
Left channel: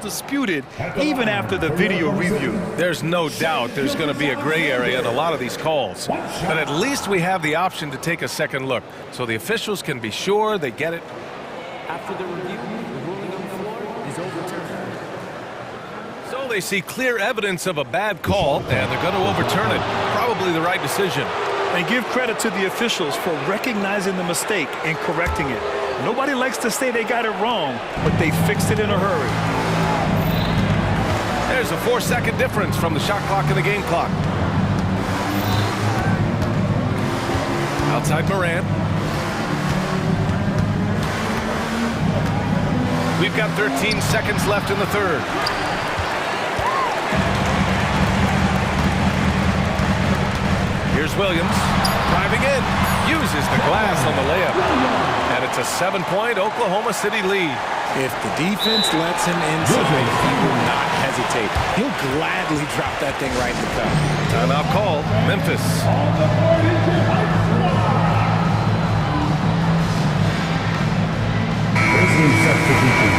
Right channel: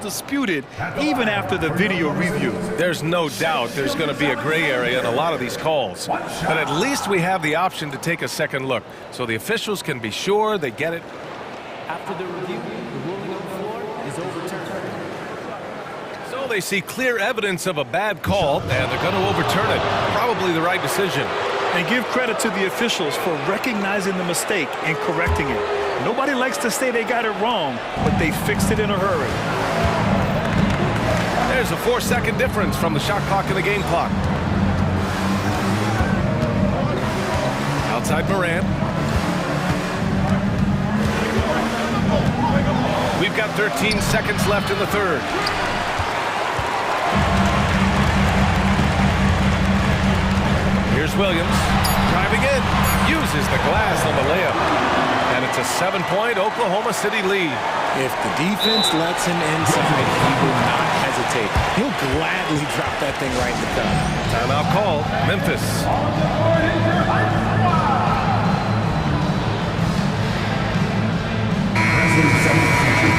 disputed even after the video review. There's no doubt there's going to be a gray area in a lot of these calls. But at least we have the option to take a second look, so the officials can be sure they get it. After the review, the ruling on the floor is overturned. So they see clear evidence of a bad call, and they're going to overturn it. Probably the right decision. And give credit to the officials for recognizing the mistake and correcting it. Nobody likes to say they got it wrong, but they fixed it in a hurry. There's a 4-second difference from the shot clock and the game clock. Outside Morant. We've got 13 seconds left in the third. Here's Williams, driving in, uses the glass on the layup. And it's a 7-point Oklahoma City lead. If the defense lets him inside, he will not hesitate. He'll gladly drop that thing right in the cup. Timeout called, Memphis. Grizzlies substitution.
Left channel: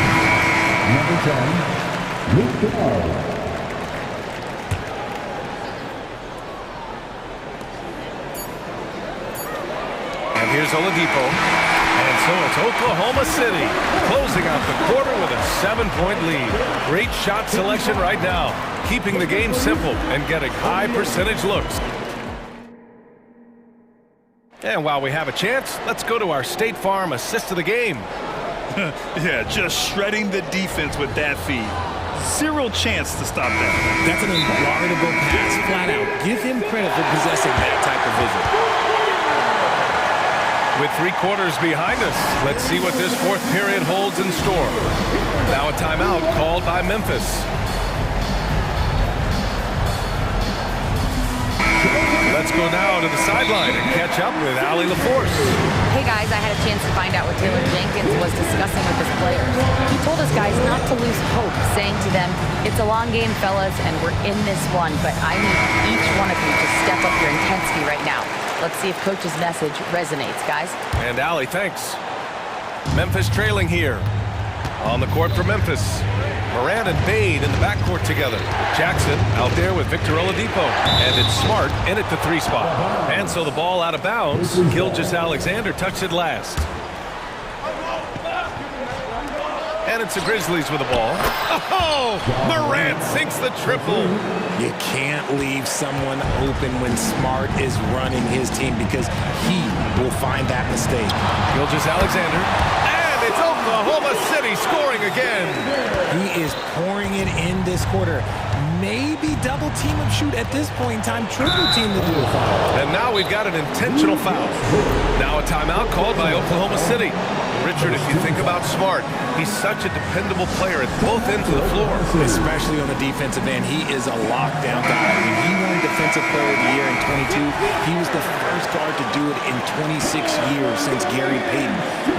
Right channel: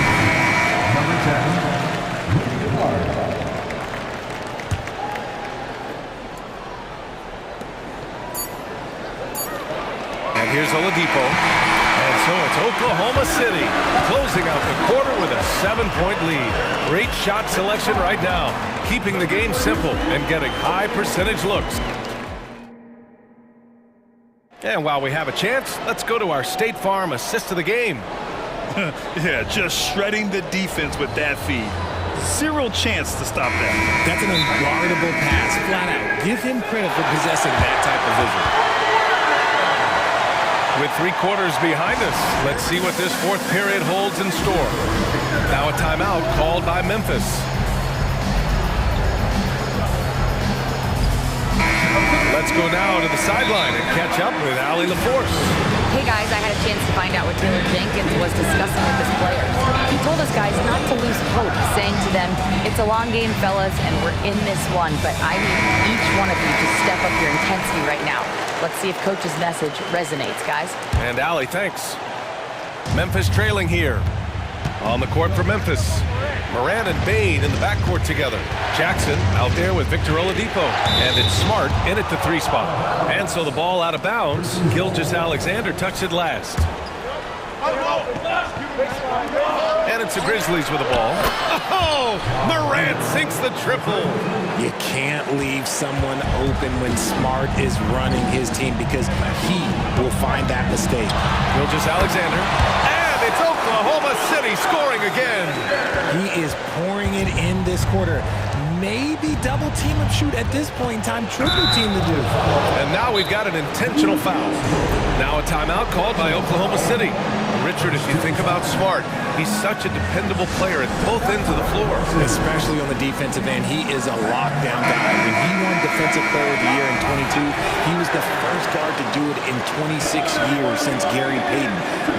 Number 10, Luke Kennard. And here's Oladipo. And so it's Oklahoma City closing out the quarter with a 7-point lead. Great shot selection right now, keeping the game simple and getting high percentage looks. And while we have a chance, let's go to our State Farm assist of the game. Yeah, just shredding the defense with that feed. Zero chance to stop that. That's an unguardable pass, flat out. Give him credit for possessing that type of vision. With 3 quarters behind us, let's see what this fourth period holds in store. Now a timeout called by Memphis. Let's go now to the sideline and catch up with Allie LaForce. Hey guys, I had a chance to find out what Taylor Jenkins was discussing with his players. He told us guys not to lose hope, saying to them, it's a long game, fellas, and we're in this one, but I need each one of you to step up your intensity right now. Let's see if Coach's message resonates, guys. And Allie, thanks. Memphis trailing here. On the court for Memphis. Moran and Bain in the backcourt together. Jackson out there with Victor Oladipo. And it's Smart in at the 3 spot. And so the ball out of bounds. Gilgeous-Alexander touched it last. And it's the Grizzlies with the ball. Oh! Morant sinks the triple. You can't leave someone open when Smart is running his team because he will find that mistake. Gilgeous-Alexander. And it's Oklahoma City scoring again. He is pouring it in this quarter. Maybe double team him shoot at this point in time, triple team to do. And now we've got an intentional foul. Now a timeout called by Oklahoma City. Richard, if you think about Smart, he's such a dependable player at both ends of the floor. Especially on the defensive end, he is a lockdown guy. When he won Defensive Player of the Year in 22, he was the first guard to do it in 26 years since Gary Payton.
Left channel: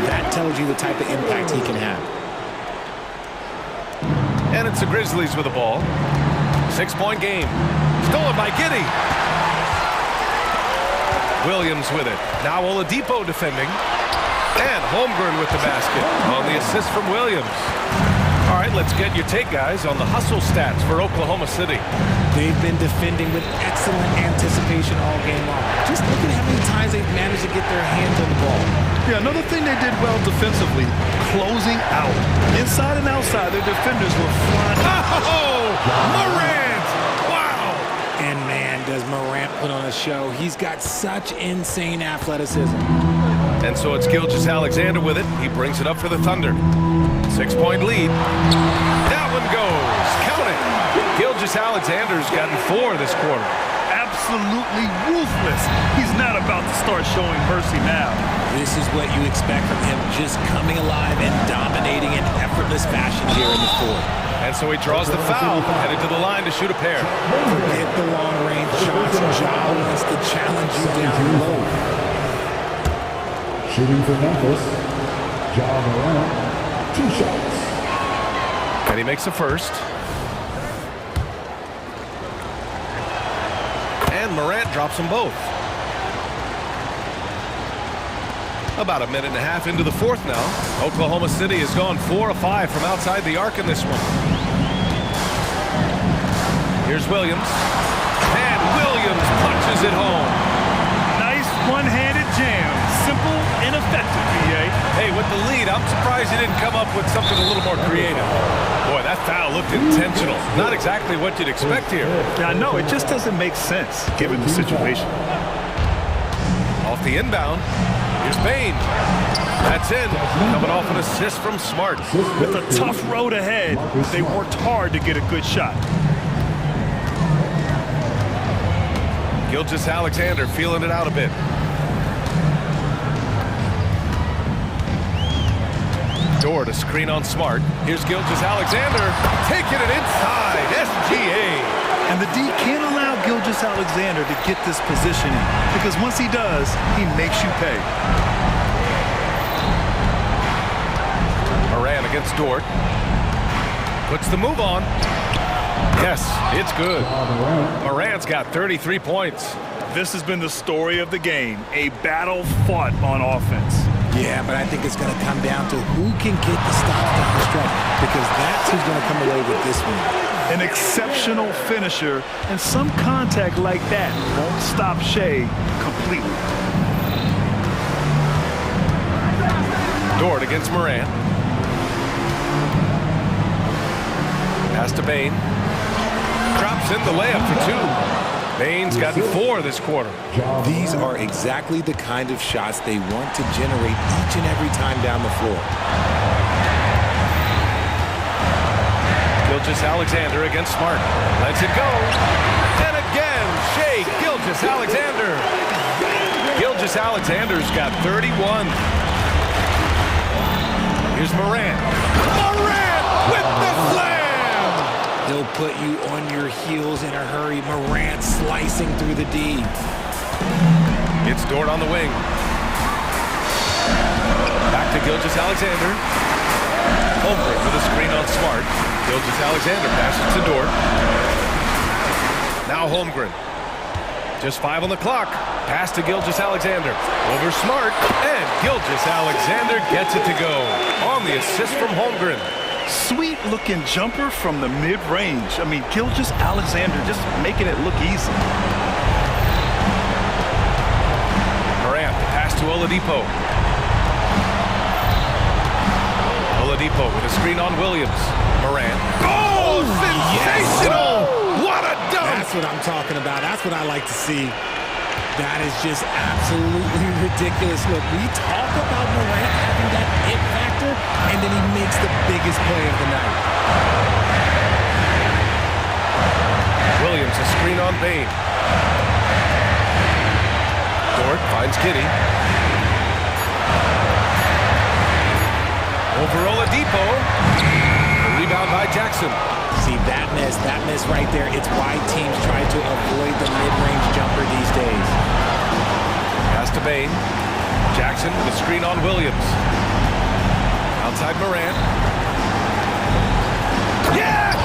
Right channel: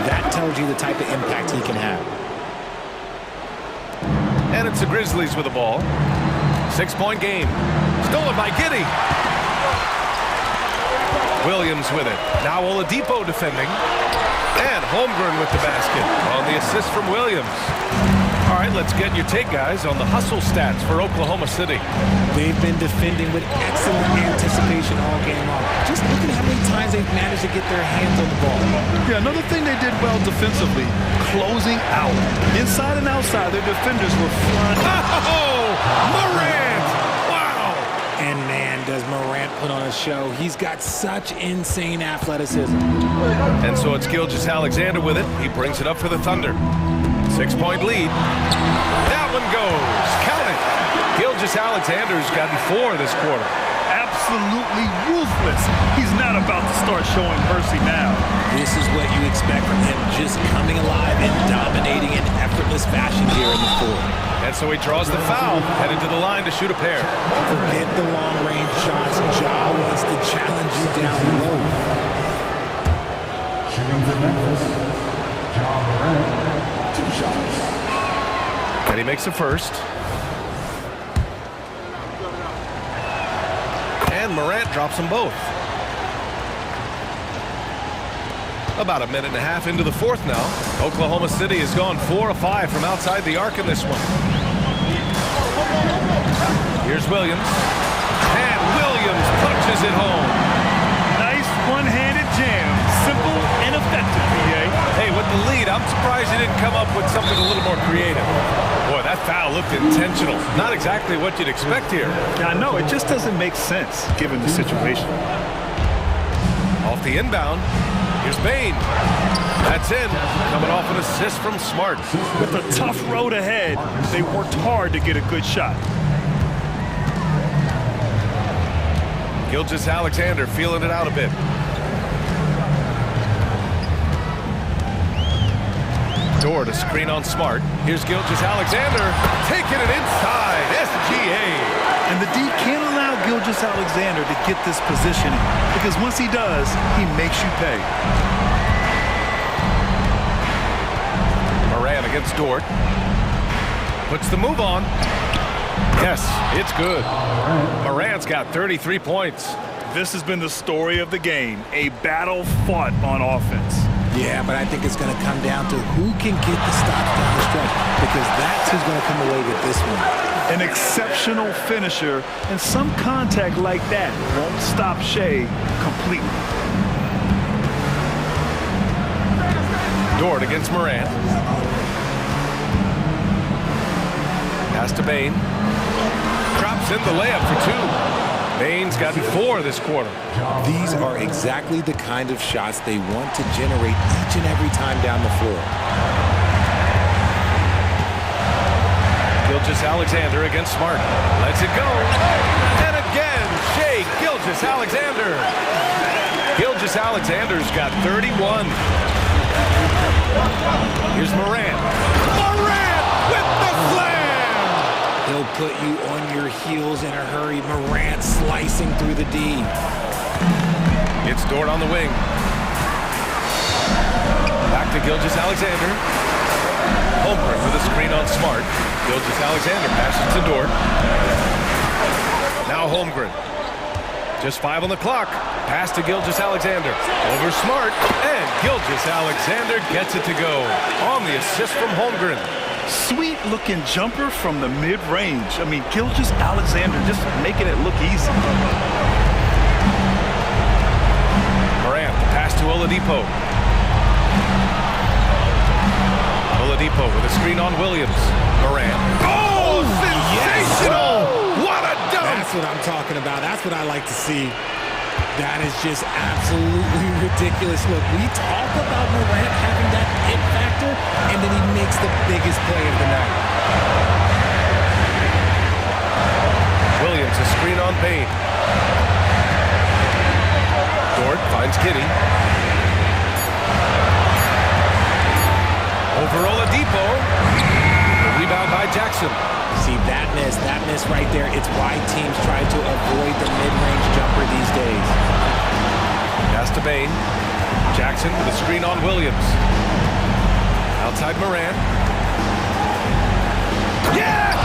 That tells you the type of impact he can have. And it's the Grizzlies with the ball. 6-point game. Stolen by Giddey. Williams with it. Now Oladipo defending. And Holmgren with the basket on the assist from Williams. All right, let's get your take, guys, on the hustle stats for Oklahoma City. They've been defending with excellent anticipation all game long. Just look at how many times they've managed to get their hands on the ball. Yeah, another thing they did well defensively, closing out. Inside and outside, their defenders were flying. Oh, Morant! Wow! And man, does Morant put on a show. He's got such insane athleticism. And so it's Gilgeous-Alexander with it. He brings it up for the Thunder. 6-point lead. That one goes. Count it. Gilgeous-Alexander's gotten 4 this quarter. Absolutely ruthless. He's not about to start showing mercy now. This is what you expect from him, just coming alive and dominating in effortless fashion here in the fourth. And so he draws the foul, headed to the line to shoot a pair. Forget the long-range shots. Ja wants to challenge you down low. Shooting for Memphis, Ja Morant, 2 shots. And he makes the first. And Morant drops them both. About a minute and a half into the fourth now. Oklahoma City has gone 4 of 5 from outside the arc in this one. Here's Williams. And Williams punches it home. Nice one-handed jam. Simple and effective, B.A. Hey, with the lead, I'm surprised he didn't come up with something a little more creative. Boy, that foul looked intentional. Not exactly what you'd expect here. Yeah, I know. It just doesn't make sense, given the situation. Off the inbound, here's Bain. That's in. Coming off an assist from Smart. With a tough road ahead, they worked hard to get a good shot. Gilgeous-Alexander feeling it out a bit. Door to screen on Smart. Here's Gilgeous-Alexander taking it inside. SGA. And the D can't allow Gilgeous-Alexander to get this positioning because once he does, he makes you pay. Moran against Dort. Puts the move on. Yes, it's good. Morant's got 33 points. This has been the story of the game, a battle fought on offense. Yeah, but I think it's going to come down to who can get the stops down the stretch because that's who's going to come away with this one. An exceptional finisher, and some contact like that won't stop Shea completely. Dort against Morant. Pass to Bain. Drops in the layup for 2. Bain's gotten 4 this quarter. These are exactly the kind of shots they want to generate each and every time down the floor. Gilgeous-Alexander against Smart. Lets it go. And again, Shea Gilgeous-Alexander. Gilgeous-Alexander's got 31. Here's Morant. Morant with the slam! He'll put you on your heels in a hurry. Morant slicing through the D. It's Dort on the wing. Back to Gilgeous-Alexander. Holmgren with a screen on Smart. Gilgeous-Alexander passes to Dort. Now Holmgren. Just 5 on the clock. Pass to Gilgeous-Alexander. Over Smart. And Gilgeous-Alexander gets it to go. On the assist from Holmgren. Sweet looking jumper from the mid-range. I mean, Gilgeous-Alexander just making it look easy. Morant, the pass to Oladipo. Oladipo with a screen on Williams. Morant. Oh, sensational! Yes. What a dunk! That's what I'm talking about. That's what I like to see. That is just absolutely ridiculous. Look, we talk about Morant having that it factor, and then he makes the biggest play of the night. Williams, a screen on Bain. Dort finds Kitty. Over Oladipo. The rebound by Jackson. See, that miss right there, it's why teams try to avoid the mid-range jumper these days. Pass to Bain. Jackson with a screen on Williams. Outside Morant. Yes!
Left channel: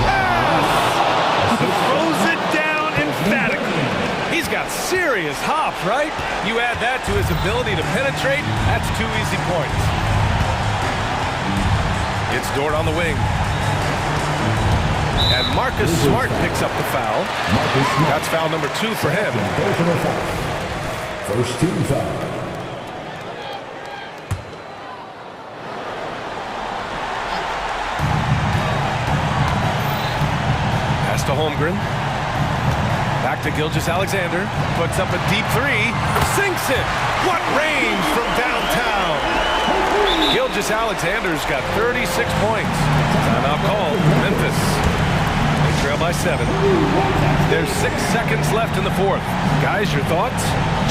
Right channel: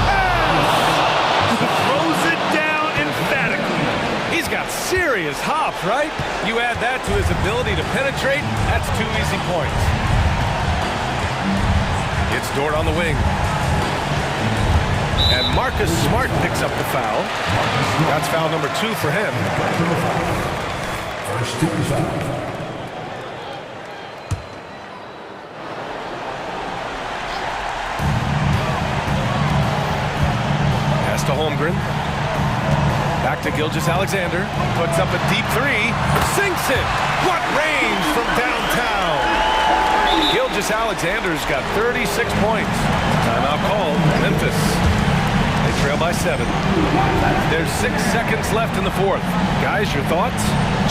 Throws it down emphatically. He's got serious hop, right? You add that to his ability to penetrate, that's 2 easy points. It's Dort on the wing. And Marcus Smart picks up the foul. That's foul number 2 for him. Personal foul. First team foul. Pass to Holmgren. Back to Gilgeous-Alexander. Puts up a deep 3. Sinks it. What range from downtown. Gilgeous-Alexander's got 36 points. Timeout called. Memphis. They trail by 7. There's 6 seconds left in the fourth. Guys, your thoughts?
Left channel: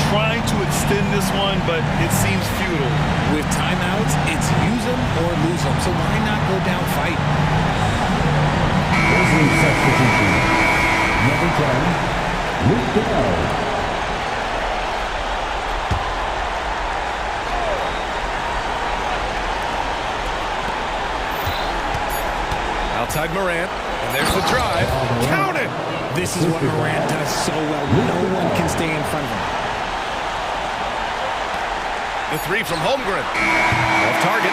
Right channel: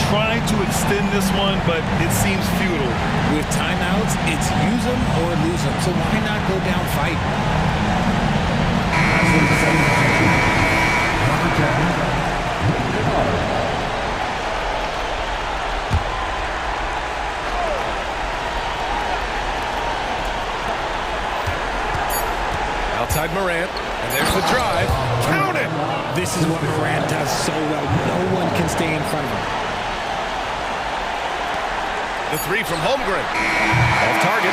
Trying to extend this one, but it seems futile. With timeouts, it's use them or lose them. So why not go down fight? Number 10, Luke Kennard. Outside Morant, and there's the drive. Count it! This is what Morant does so well. No one can stay in front of him. The 3 from Holmgren. Off target.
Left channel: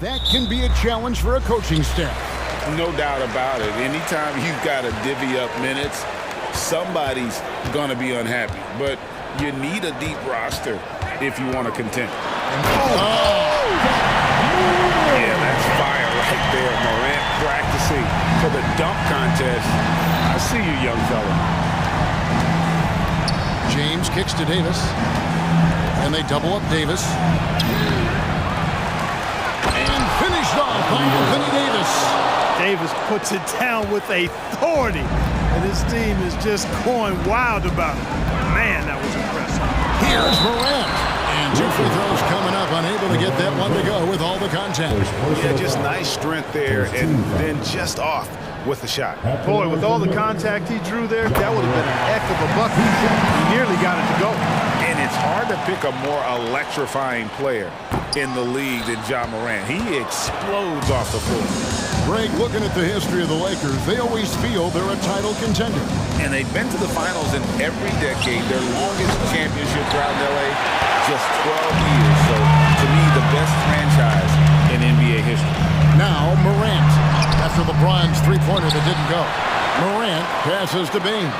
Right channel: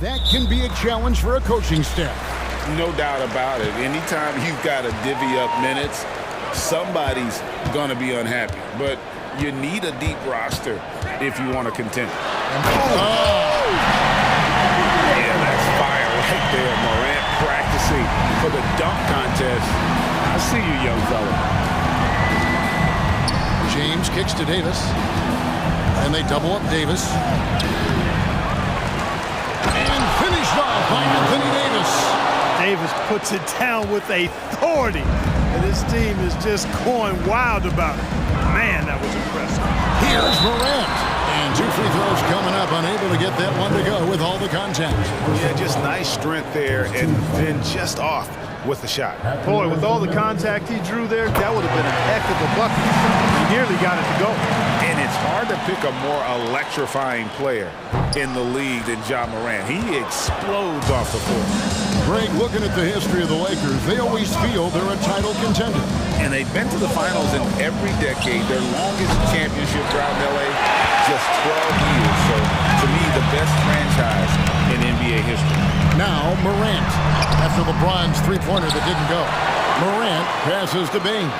That can be a challenge for a coaching staff. No doubt about it. Anytime you've got to divvy up minutes, somebody's going to be unhappy. But you need a deep roster if you want to contend. Yeah, that's fire right there. Morant practicing for the dunk contest. I see you, young fella. James kicks to Davis. And they double up Davis. And finished off by Anthony Davis. Davis puts it down with authority. And his team is just going wild about it. Man, that was impressive. Here's Morant. And 2 free throws coming up, unable to get that one to go with all the contact. Yeah, just nice strength there, and then just off with the shot. Boy, with all the contact he drew there, that would have been a heck of a bucket. He nearly got it to go. And it's hard to pick a more electrifying player in the league than Ja Morant. He explodes off the floor. Greg, looking at the history of the Lakers, they always feel they're a title contender. And they've been to the finals in every decade. Their longest championship drought in L.A., just 12 years. So, to me, the best franchise in NBA history. Now, Morant. After LeBron's three-pointer that didn't go. Morant passes to Bane.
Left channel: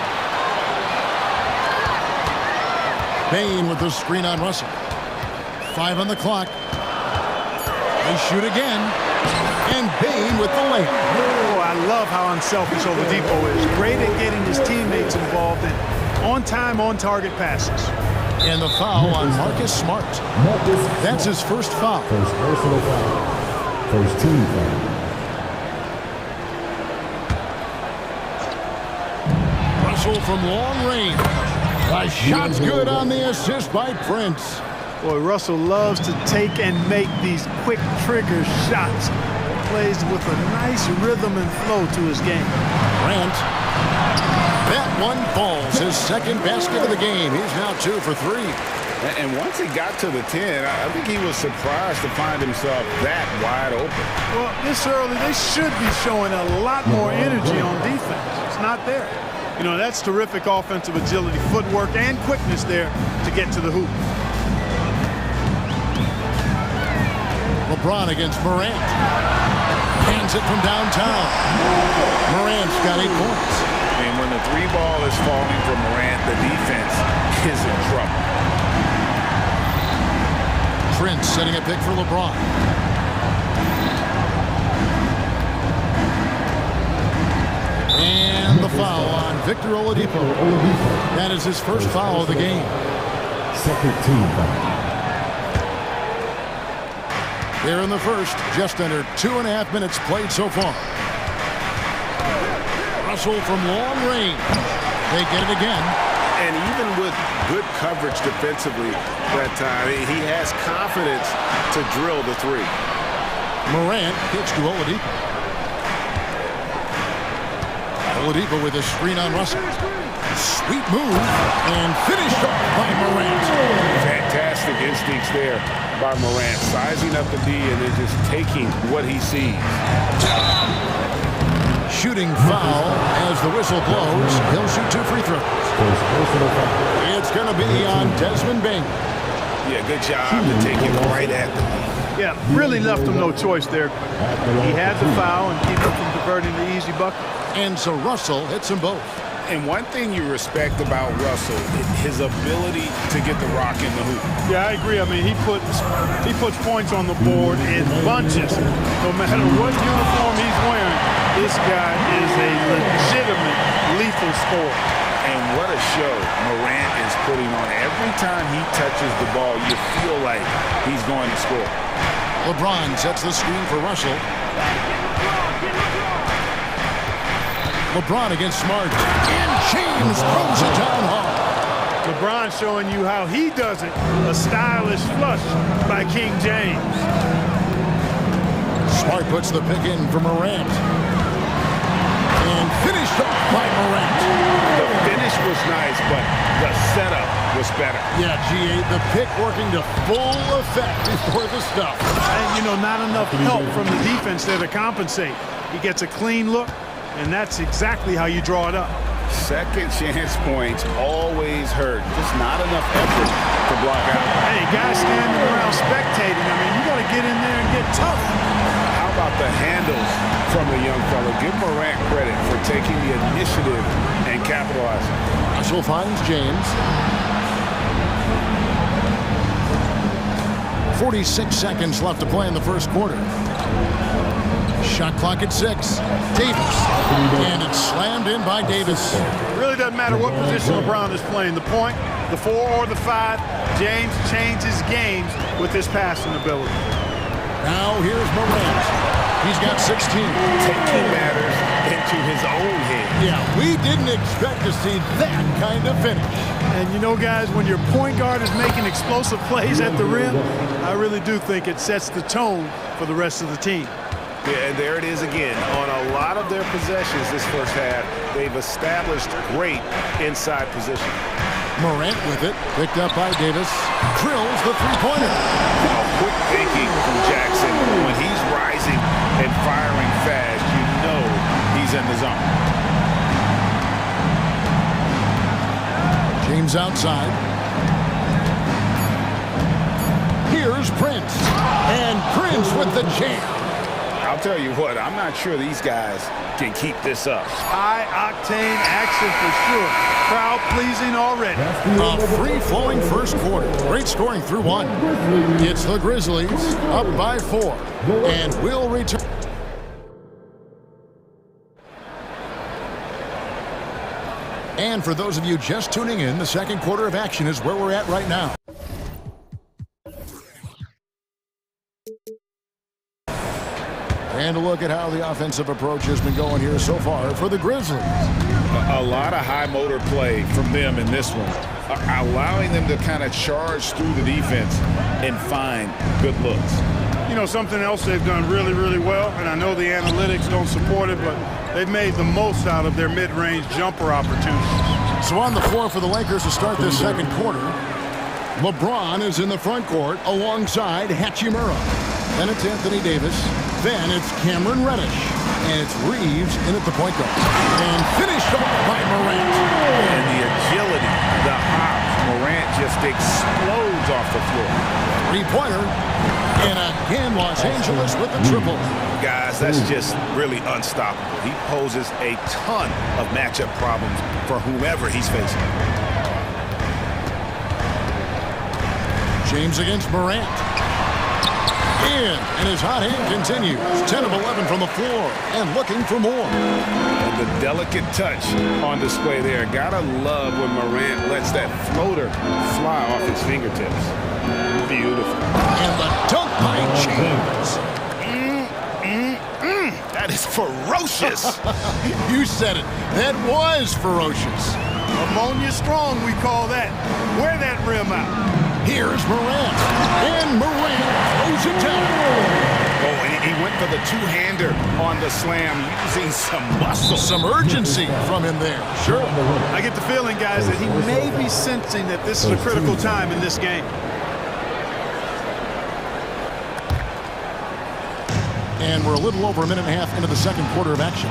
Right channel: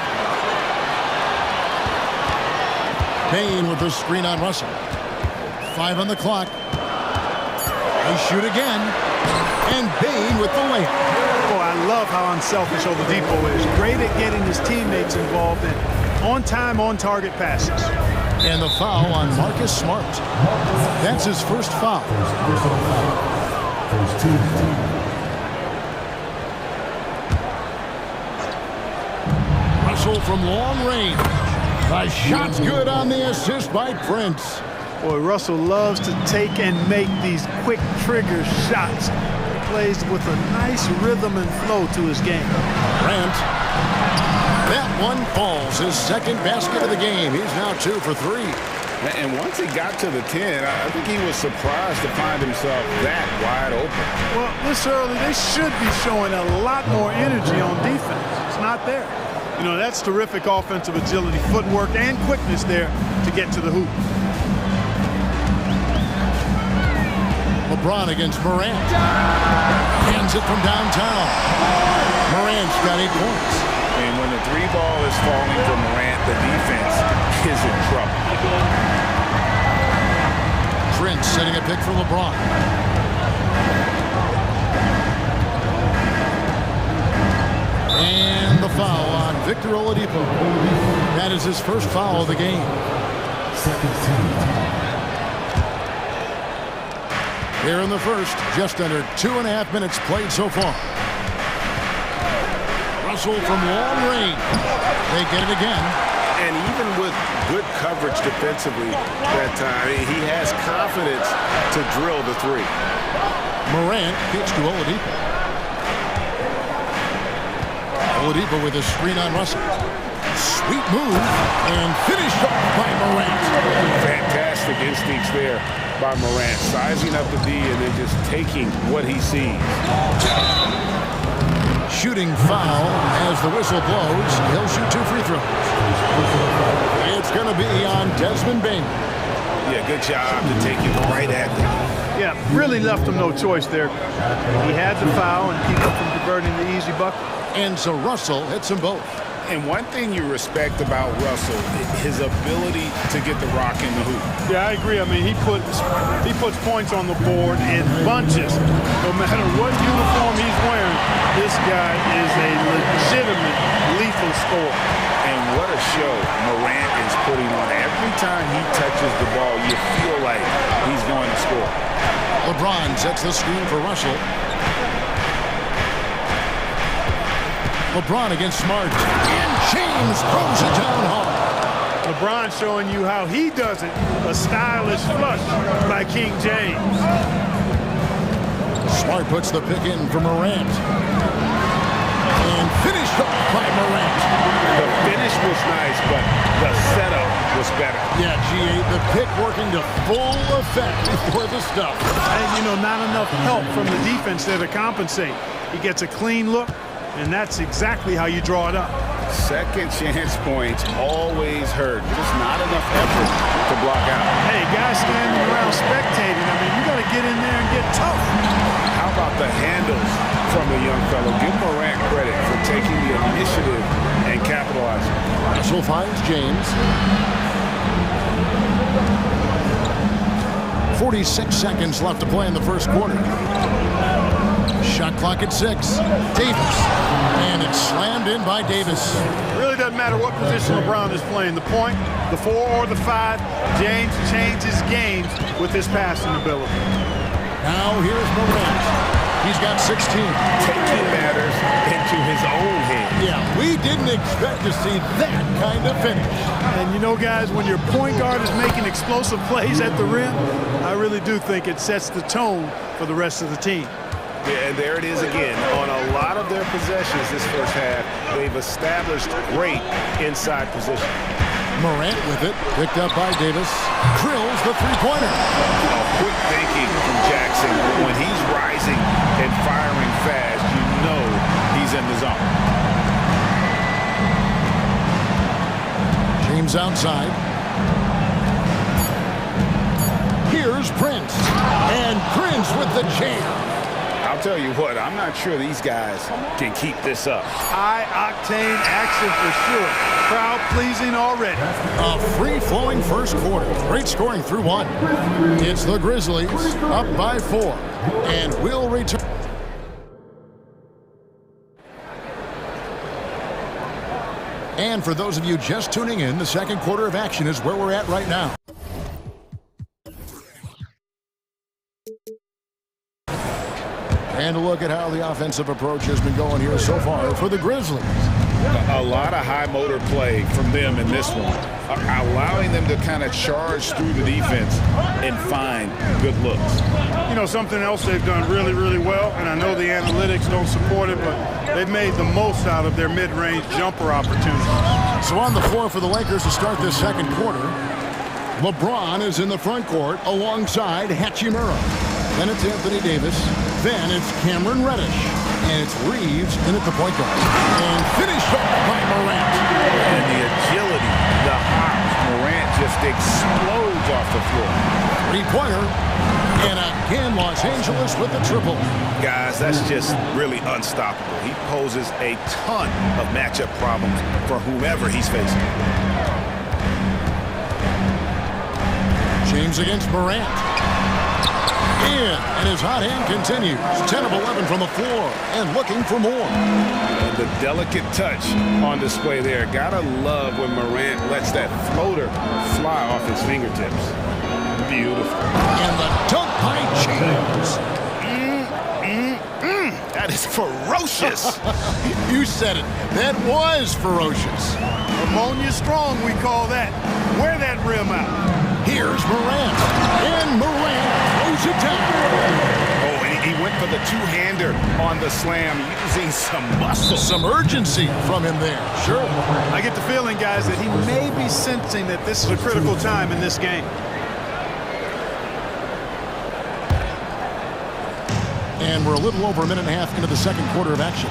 Bane with the screen on Russell. 5 on the clock. They shoot again. And Bane with the layup. Oh, I love how unselfish Oladipo is. Great at getting his teammates involved in on-time, on-target passes. And the foul on Marcus Smart. That's his first foul. First personal foul. First team foul. Russell from long range. The shot's good on the assist by Prince. Boy, Russell loves to take and make these quick trigger shots. He plays with a nice rhythm and flow to his game. Grant. That one falls. His second basket of the game. He's now 2 for 3. And once he got to the 10, I think he was surprised to find himself that wide open. Well, this early, they should be showing a lot more energy on defense. It's not there. You know, that's terrific offensive agility, footwork, and quickness there to get to the hoop. LeBron against Morant. Hands it from downtown. Morant's got 8 points. And when the 3 ball is falling for Morant, the defense is in trouble. Prince setting a pick for LeBron. And the foul on Victor Oladipo. That is his first foul of the game. Second team foul. Here in the first, just under 2.5 minutes played so far. Russell from long range. They get it again. And even with good coverage defensively that time, he has confidence to drill the 3. Morant kicks to Oladipo. Oladipo with a screen on Russell. Sweet move and finished off by Morant. Fantastic instincts there by Morant, sizing up the D and then just taking what he sees. Shooting foul as the whistle blows. He'll shoot 2 free throws. It's going to be on Desmond Bane. Yeah, good job to take it right at the D. Yeah, really left him no choice there. He had the foul and keep him from converting the easy bucket. And so Russell hits them both. And one thing you respect about Russell, his ability to get the rock in the hoop. Yeah, I agree. I mean, he puts points on the board in bunches. No matter what uniform he's wearing, this guy is a legitimate lethal scorer. And what a show Morant is putting on. Every time he touches the ball, you feel like he's going to score. LeBron sets the screen for Russell. LeBron against Smart. And James throws it down hard. LeBron showing you how he does it. A stylish flush by King James. Smart puts the pick in for Morant. And finished off by Morant. The finish was nice, but the setup was better. Yeah, G8, the pick working to full effect before the stuff. And, you know, not enough help from the defense there to compensate. He gets a clean look, and that's exactly how you draw it up. Second chance points always hurt. Just not enough effort to block out. Hey, guys standing around spectating. I mean, you got to get in there and get tough. How about the handles from the young fellow? Give Morant credit for taking the initiative and capitalizing. Russell finds James. 46 seconds left to play in the first quarter. Shot clock at 6. Davis. And it's slammed in by Davis. Really doesn't matter what position LeBron is playing, the point, the 4 or the 5. James changes games with his passing ability. Now here's Morant. He's got 16. Taking matters into his own hands. Yeah, we didn't expect to see that kind of finish. And you know, guys, when your point guard is making explosive plays at the rim, I really do think it sets the tone for the rest of the team. Yeah, and there it is again. On a lot of their possessions this first half, they've established great inside position. Morant with it, picked up by Davis. Drills the three-pointer. Quick thinking from Jackson. When he's rising and firing fast, you know he's in the zone. James outside. Here's Prince. And Prince with the jam. I'll tell you what, I'm not sure these guys can keep this up. High-octane action for sure. Crowd-pleasing already. A free-flowing first quarter. Great scoring through 1. It's the Grizzlies up by 4. And we'll return. And for those of you just tuning in, the second quarter of action is where we're at right now. And a look at how the offensive approach has been going here so far for the Grizzlies. A lot of high motor play from them in this one, allowing them to kind of charge through the defense and find good looks. You know, something else they've done really, really well, and I know the analytics don't support it, but they've made the most out of their mid-range jumper opportunities. So on the floor for the Lakers to start this second quarter, LeBron is in the front court alongside Hachimura. Then it's Anthony Davis. Then it's Cameron Reddish. And it's Reeves in at the point guard. And finished off by Morant. And the agility, the hops. Morant just explodes off the floor. Three-pointer. And again, Los Angeles with the triple. Guys, that's just really unstoppable. He poses a ton of matchup problems for whomever he's facing. James against Morant. And his hot hand continues. 10 of 11 from the floor and looking for more. And the delicate touch on display there. Gotta love when Morant lets that floater fly off his fingertips. Beautiful. And the dunk by James. That is ferocious. You said it. That was ferocious. Ammonia strong, we call that. Wear that rim out. Here's Morant. And Morant throws it down. Oh, and he went for the two-hander on the slam, using some muscle. Some urgency from him there. Sure. I get the feeling, guys, that he may be sensing that this is a critical time in this game. And we're a little over a minute and a half into the second quarter of action.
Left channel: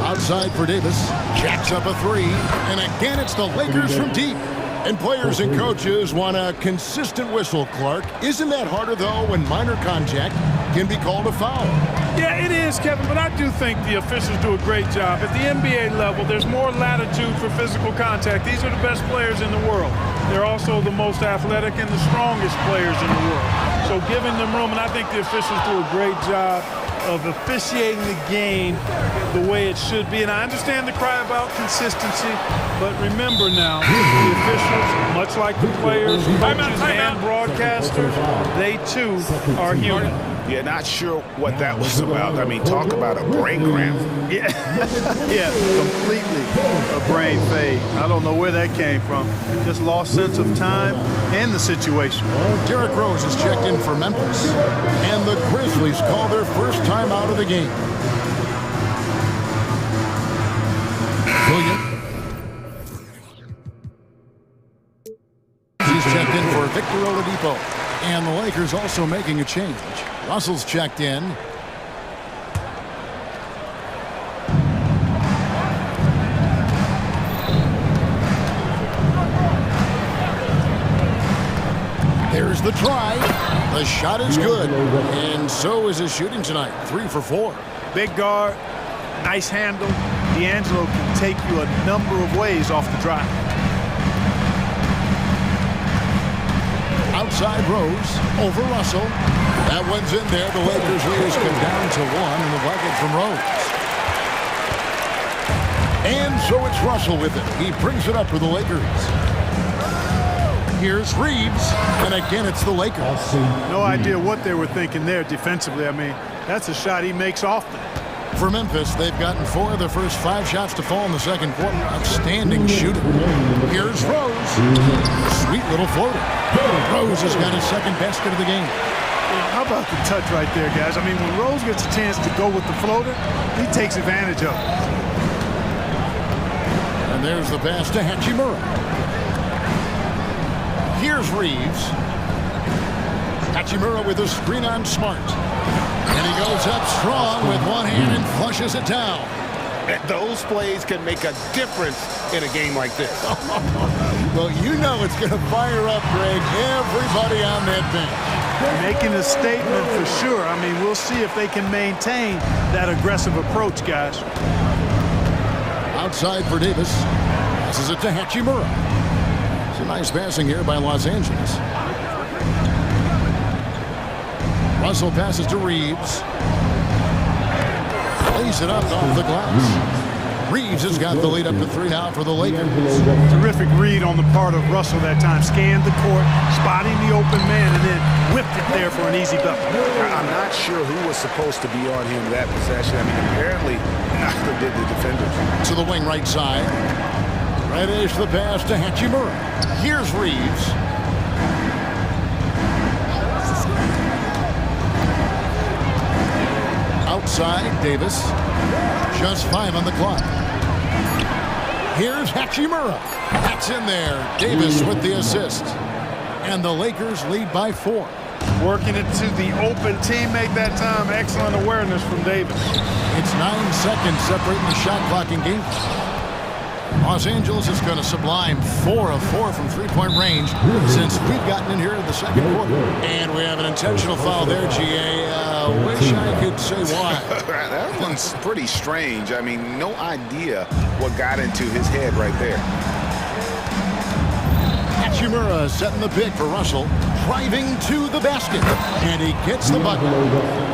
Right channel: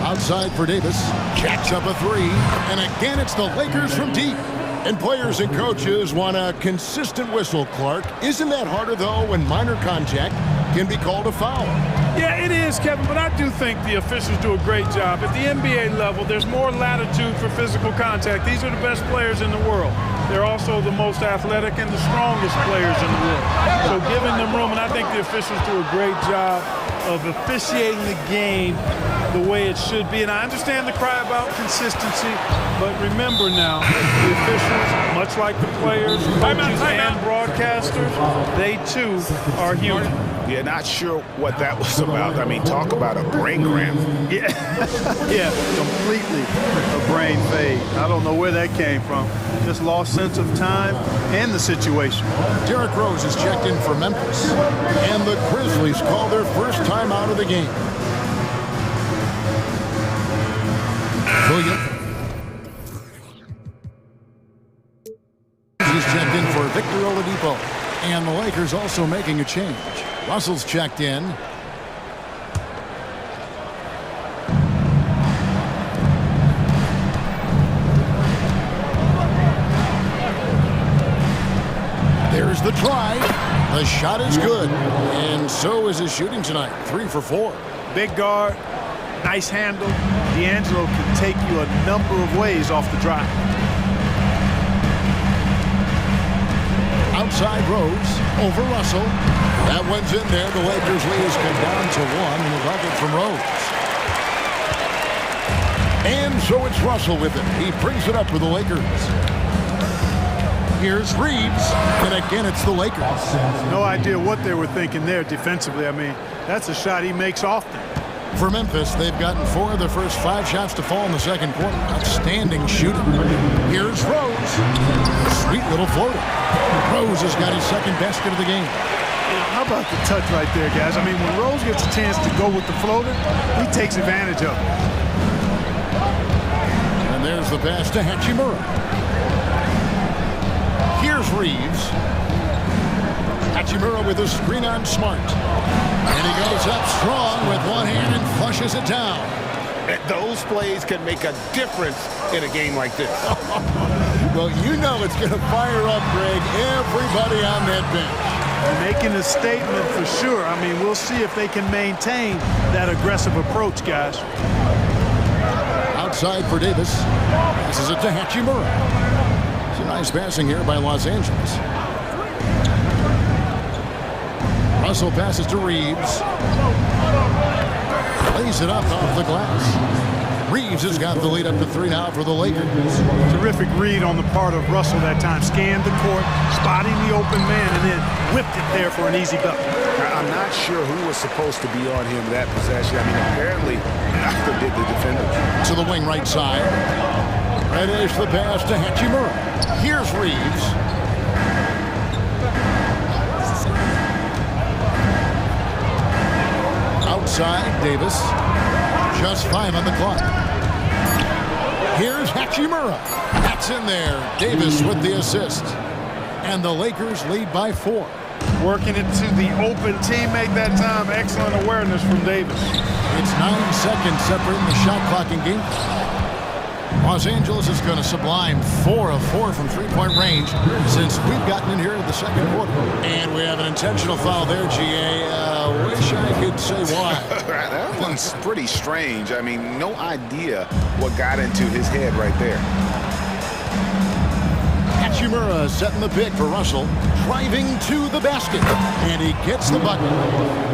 Outside for Davis. Jacks up a three. And again, it's the Lakers from deep. And players and coaches want a consistent whistle, Clark. Isn't that harder, though, when minor contact can be called a foul? Yeah, it is, Kevin, but I do think the officials do a great job. At the NBA level, there's more latitude for physical contact. These are the best players in the world. They're also the most athletic and the strongest players in the world. So giving them room, and I think the officials do a great job of officiating the game the way it should be. And I understand the cry about consistency, but remember now, the officials, much like the players, coaches, and broadcasters, they too are human. Yeah, not sure what that was about. I mean, talk about a brain cramp. Yeah, yeah, completely a brain fade. I don't know where that came from. Just lost sense of time and the situation. Derrick Rose is checked in for Memphis, and the Grizzlies call their first time out of the game. Williams. He's checked in for Victor Oladipo. And the Lakers also making a change. Russell's checked in. There's the try. The shot is good. And so is his shooting tonight. 3 for 4. Big guard, nice handle. D'Angelo can take you a number of ways off the drive. Outside Rose, over Russell. That one's in there. The Lakers lead is cut down to 1 in the bucket from Rose. And so it's Russell with it. He brings it up for the Lakers. Here's Reeves, and again it's the Lakers. No idea what they were thinking there defensively. I mean, that's a shot he makes often. For Memphis, they've gotten 4 of their first 5 shots to fall in the second quarter. Outstanding shooting. Here's Rose. Sweet little floater. Rose has got his second basket of the game. You know, how about the touch right there, guys? I mean, when Rose gets a chance to go with the floater, he takes advantage of it. And there's the pass to Hachimura. Here's Reeves. Hachimura with a screen on Smart. And he goes up strong with one hand and flushes it down. Those plays can make a difference in a game like this. Well, you know it's going to fire up, Greg, everybody on that bench. Making a statement for sure. I mean, we'll see if they can maintain that aggressive approach, guys. Outside for Davis. Passes it to Hachimura. It's a nice passing here by Los Angeles. Russell passes to Reeves. Lays it up off the glass. Reeves has got the lead up to 3 now for the Lakers. Terrific read on the part of Russell that time. Scanned the court, spotting the open man, and then whipped it there for an easy bucket. I'm not sure who was supposed to be on him that possession. I mean, apparently neither did the defenders. To the wing right side. Reddish the pass to Hachimura. Here's Reeves. Outside, Davis. Just 5 on the clock. Here's Hachimura. That's in there. Davis with the assist. And the Lakers lead by 4. Working it to the open teammate that time. Excellent awareness from Davis. It's 9 seconds separating the shot clock and game clock. Los Angeles is going to sublime 4 of 4 from 3-point range since we've gotten in here in the second quarter. And we have an intentional foul there, GA. Wish I could say why. That one's pretty strange. I mean, no idea what got into his head right there. Hachimura setting the pick for Russell. Driving to the basket. And he gets the bucket.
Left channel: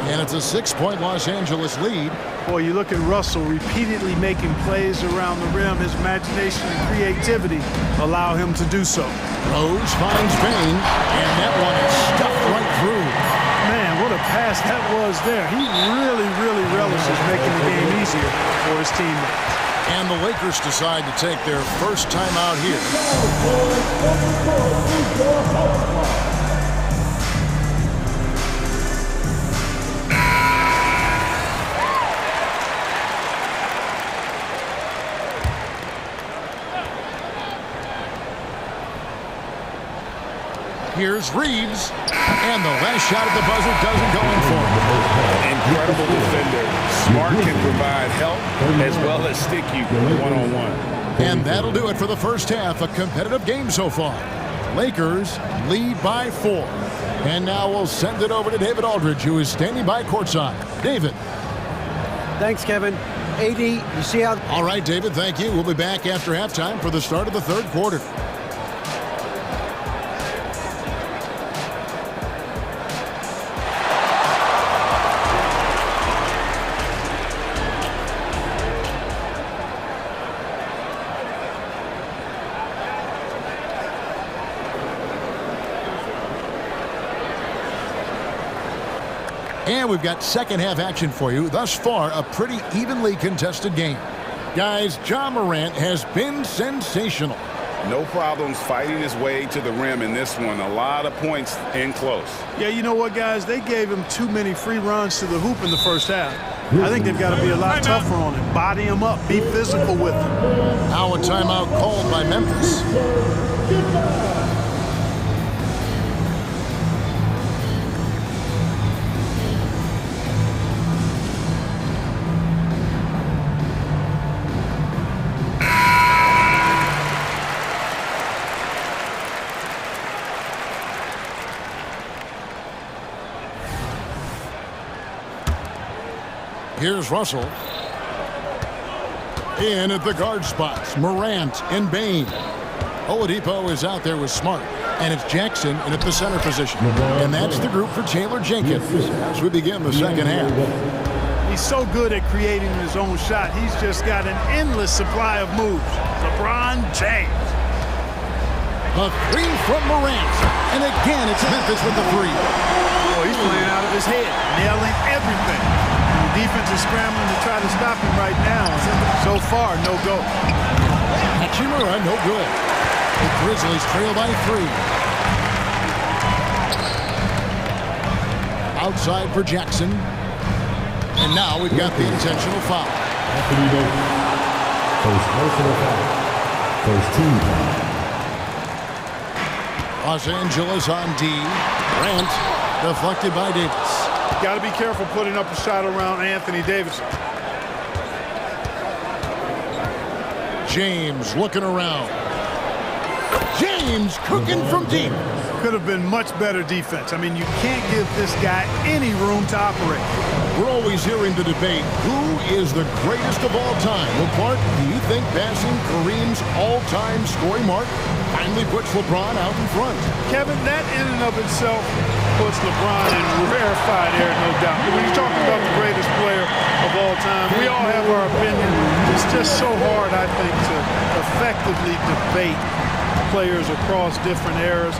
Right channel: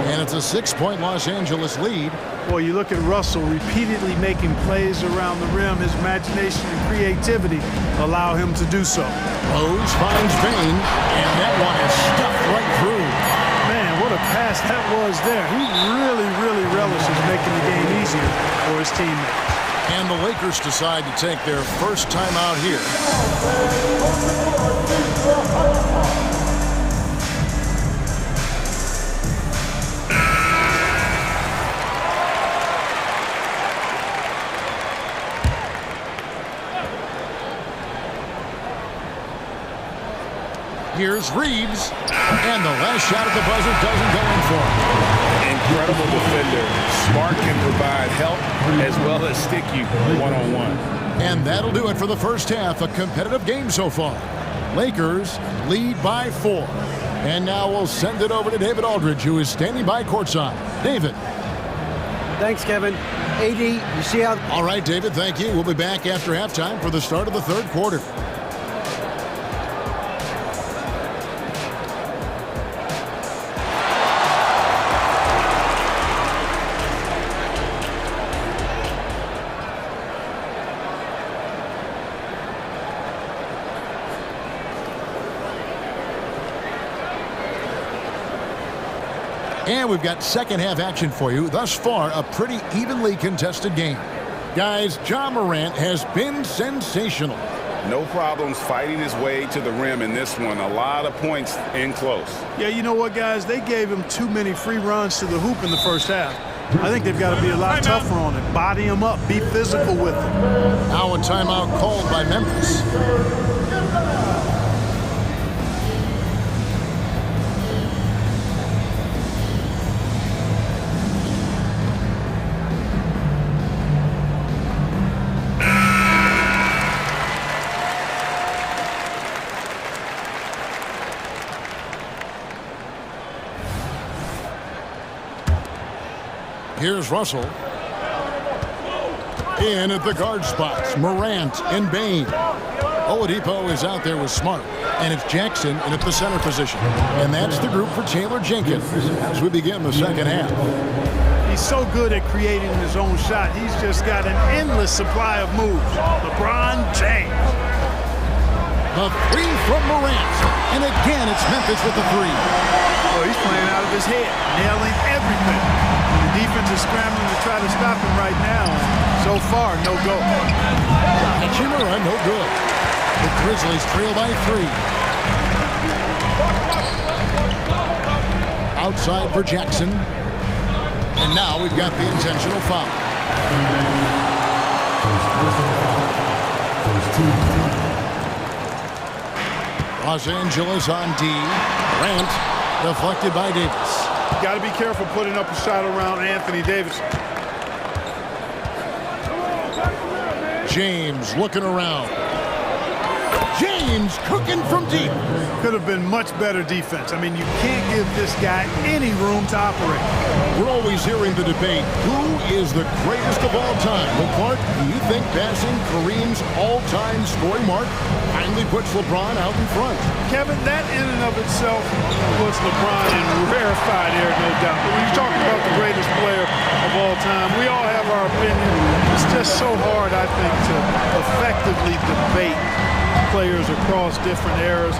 And it's a 6-point Los Angeles lead. Boy, you look at Russell repeatedly making plays around the rim. His imagination and creativity allow him to do so. Rose finds Payne, and that one is stuffed right through. Man, what a pass that was there. He really relishes making the game easier for his teammates. And the Lakers decide to take their first time out here. Here's Reeves, and the last shot at the buzzer doesn't go in for him. Incredible defender. Smart can provide help as well as stick you one-on-one. And that'll do it for the first half. A competitive game so far. Lakers lead by 4. And now we'll send it over to David Aldridge, who is standing by courtside. David. Thanks, Kevin. AD, you see how... All right, David, thank you. We'll be back after halftime for the start of the third quarter. And we've got second half action for you. Thus far, a pretty evenly contested game. Guys, Ja Morant has been sensational. No problems fighting his way to the rim in this one. A lot of points in close. Yeah, you know what, guys? They gave him too many free runs to the hoop in the first half. I think they've got to be a lot tougher on him. Body him up. Be physical with him. Now a timeout called by Memphis. Here's Russell. In at the guard spots, Morant and Bain. Oladipo is out there with Smart. And it's Jackson in at the center position. And that's the group for Taylor Jenkins as we begin the second half. He's so good at creating his own shot. He's just got an endless supply of moves. LeBron James. The three from Morant. And again, it's Memphis with the three. Boy, he's playing out of his head, nailing everything. And the defense is scrambling to try to stop him right now. And so far, no go. Hachimura, no good. The Grizzlies trail by 3. Outside for Jackson. And now we've got the intentional foul. First personal foul. First team foul. Los Angeles on D. Grant deflected by Davis. Got to be careful putting up a shot around Anthony Davis. James looking around. James cooking from deep. Could have been much better defense. I mean, you can't give this guy any room to operate. We're always hearing the debate, who is the greatest of all time? Well, Clark, do you think passing Kareem's all-time scoring mark finally puts LeBron out in front? Kevin, that in and of itself puts LeBron in rarefied air, no doubt. But when you're talking about the greatest player of all time, we all have our opinion. It's just so hard, I think, to effectively debate players across different eras.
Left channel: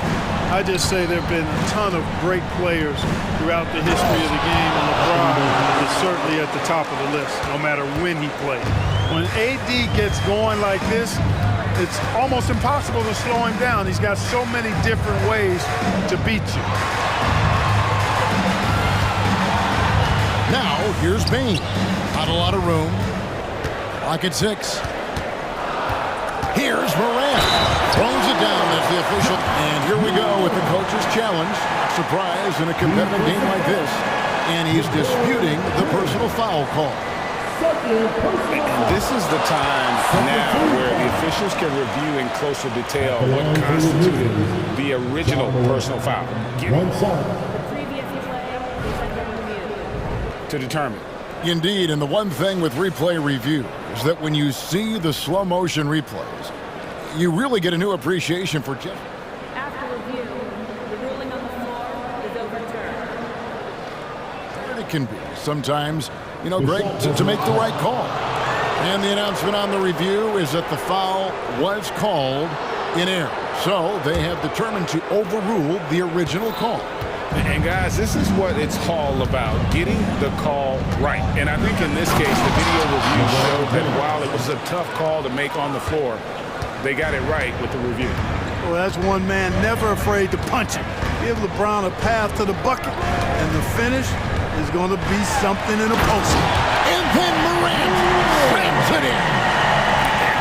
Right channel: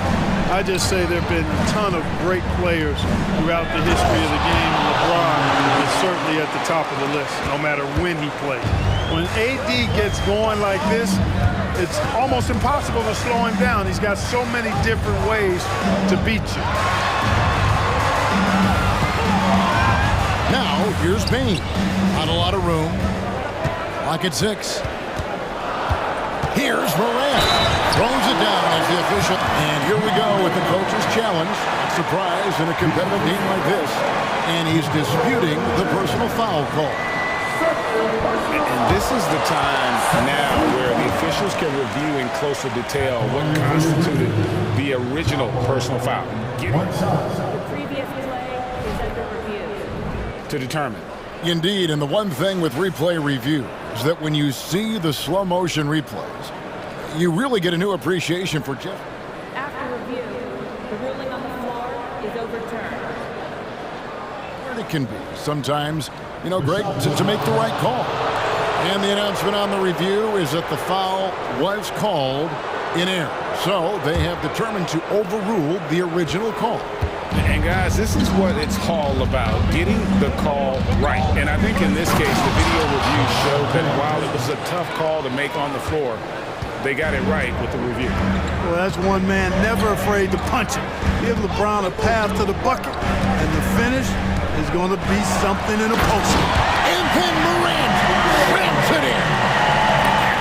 I just say there have been a ton of great players throughout the history of the game, and LeBron is certainly at the top of the list, no matter when he played. When AD gets going like this, it's almost impossible to slow him down. He's got so many different ways to beat you. Now, here's Bain. Not a lot of room. Clock at 6. Here's Morant. Throws it down as the official. And here we go with the coach's challenge. Not surprised in a competitive game like this. And he's disputing the personal foul call. And this is the time now where the officials can review in closer detail what constituted the original personal foul. The previous play is under review. To determine. Indeed, and the one thing with replay review is that when you see the slow motion replays, you really get a new appreciation for just. After review, the ruling on the floor is overturned. Where it can be sometimes, you know, Greg, to make the right call. And the announcement on the review is that the foul was called in error. So they have determined to overrule the original call. And guys, this is what it's all about, getting the call right. And I think in this case, the video review showed that while it was a tough call to make on the floor, they got it right with the review. Well, that's one man never afraid to punch it. Give LeBron a path to the bucket, and the finish is going to be something in a post. And then Morant slams it in.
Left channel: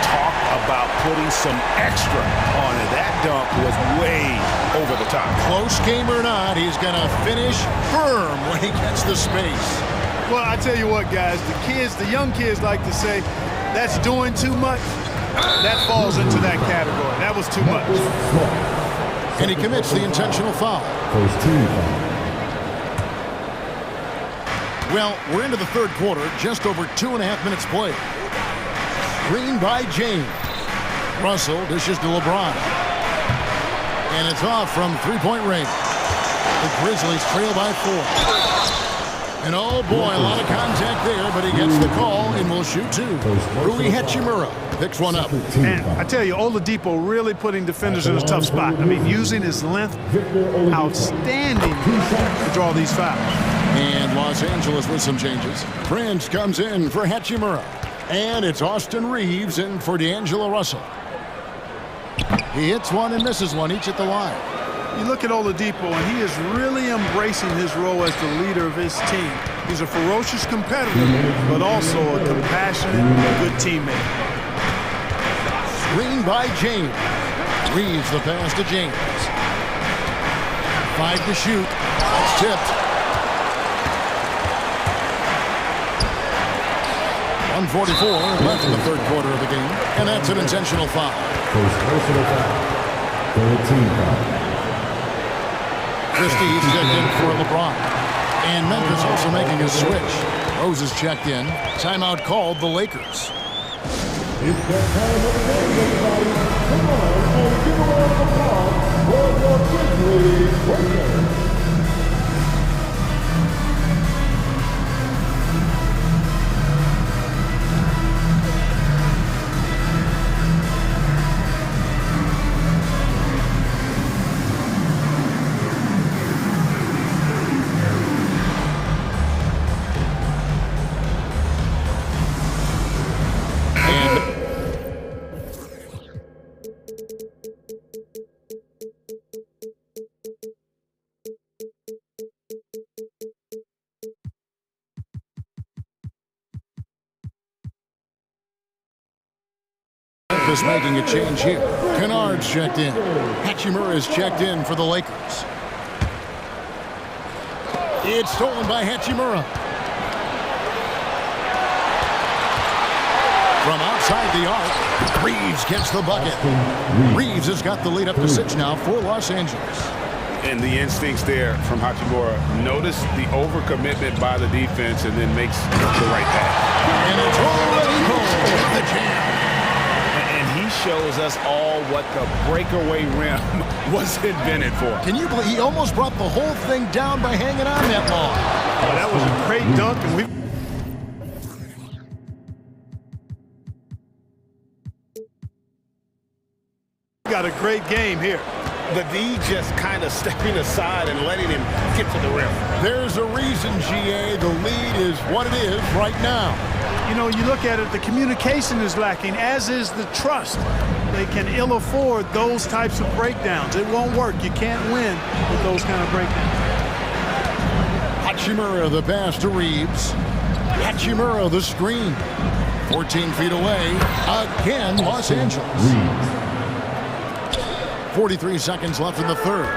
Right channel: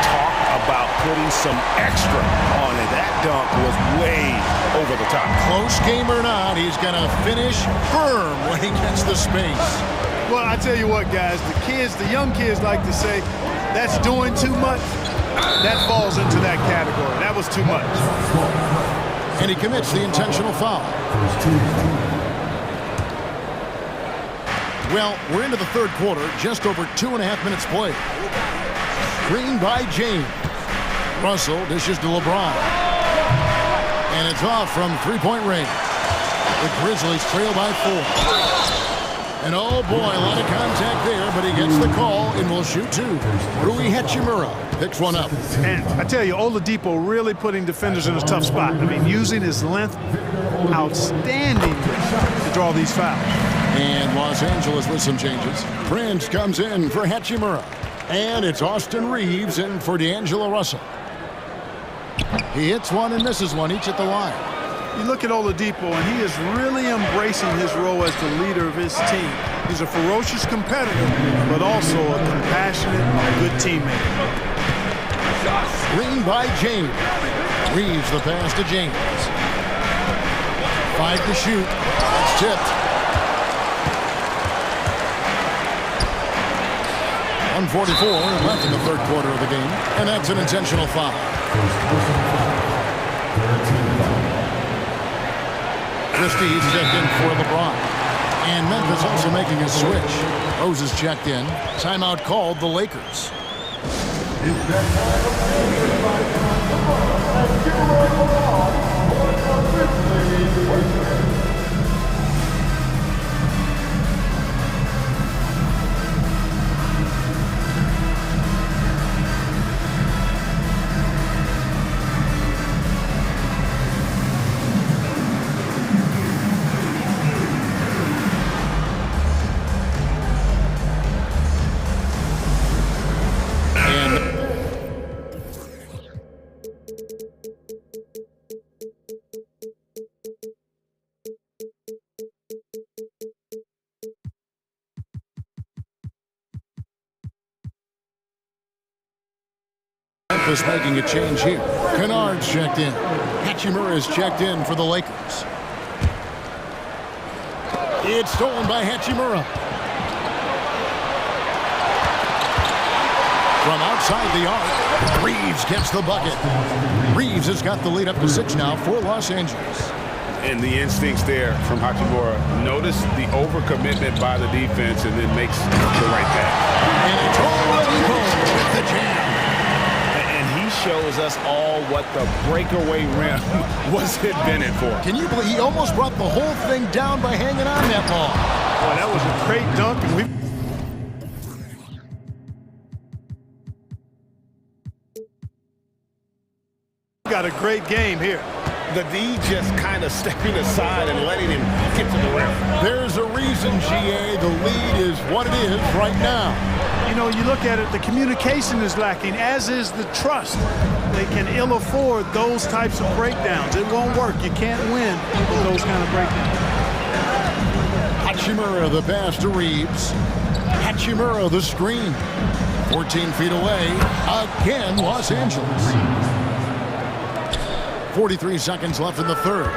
Talk about putting some extra on it. That dunk was way over the top. Close game or not, he's going to finish firm when he gets the space. Well, I tell you what, guys, the young kids like to say, that's doing too much. That falls into that category. That was too much. And he commits the intentional foul. First team foul. Well, we're into the third quarter, just over 2.5 minutes played. Screen by James. Russell dishes to LeBron. And it's off from three-point range. The Grizzlies trail by 4. And oh boy, a lot of contact there, but he gets the call and will shoot 2. Rui Hachimura picks one up. And I tell you, Oladipo really putting defenders in a tough spot. I mean, using his length, outstanding to draw these fouls. And Los Angeles with some changes. Prince comes in for Hachimura. And it's Austin Reeves in for D'Angelo Russell. He hits one and misses one, each at the line. You look at Oladipo, and he is really embracing his role as the leader of his team. He's a ferocious competitor, but also a compassionate, good teammate. Screen by James. Reeves the pass to James. 5 to shoot. That's tipped. 1:44 left in the third quarter of the game, and that's an intentional foul. First personal foul. Third team foul. Christie's checked in for LeBron. And Memphis also making his switch. Rose is checked in. Timeout called the Lakers. It's that time of day, everybody. Come on and give a round of applause for your Grizzlies Lakers. Memphis making a change here. Kennard's checked in. Hachimura is checked in for the Lakers. It's stolen by Hachimura. From outside the arc, Reeves gets the bucket. Reeves has got the lead up to 6 now for Los Angeles. And the instincts there from Hachimura. Notice the overcommitment by the defense and then makes the right pass. And it's already home with the jam. And he shows us all what the breakaway rim was invented for. Can you believe he almost brought the whole thing down by hanging on that long? Boy, that was a great dunk, and we got a great game here. The D just kind of stepping aside and letting him get to the rim. There's a reason, GA, the lead is what it is right now. You know, you look at it, the communication is lacking, as is the trust. They can ill afford those types of breakdowns. It won't work. You can't win with those kind of breakdowns. Hachimura the pass to Reeves. Hachimura the screen. 14 feet away. Again, Los Angeles. 43 seconds left in the third.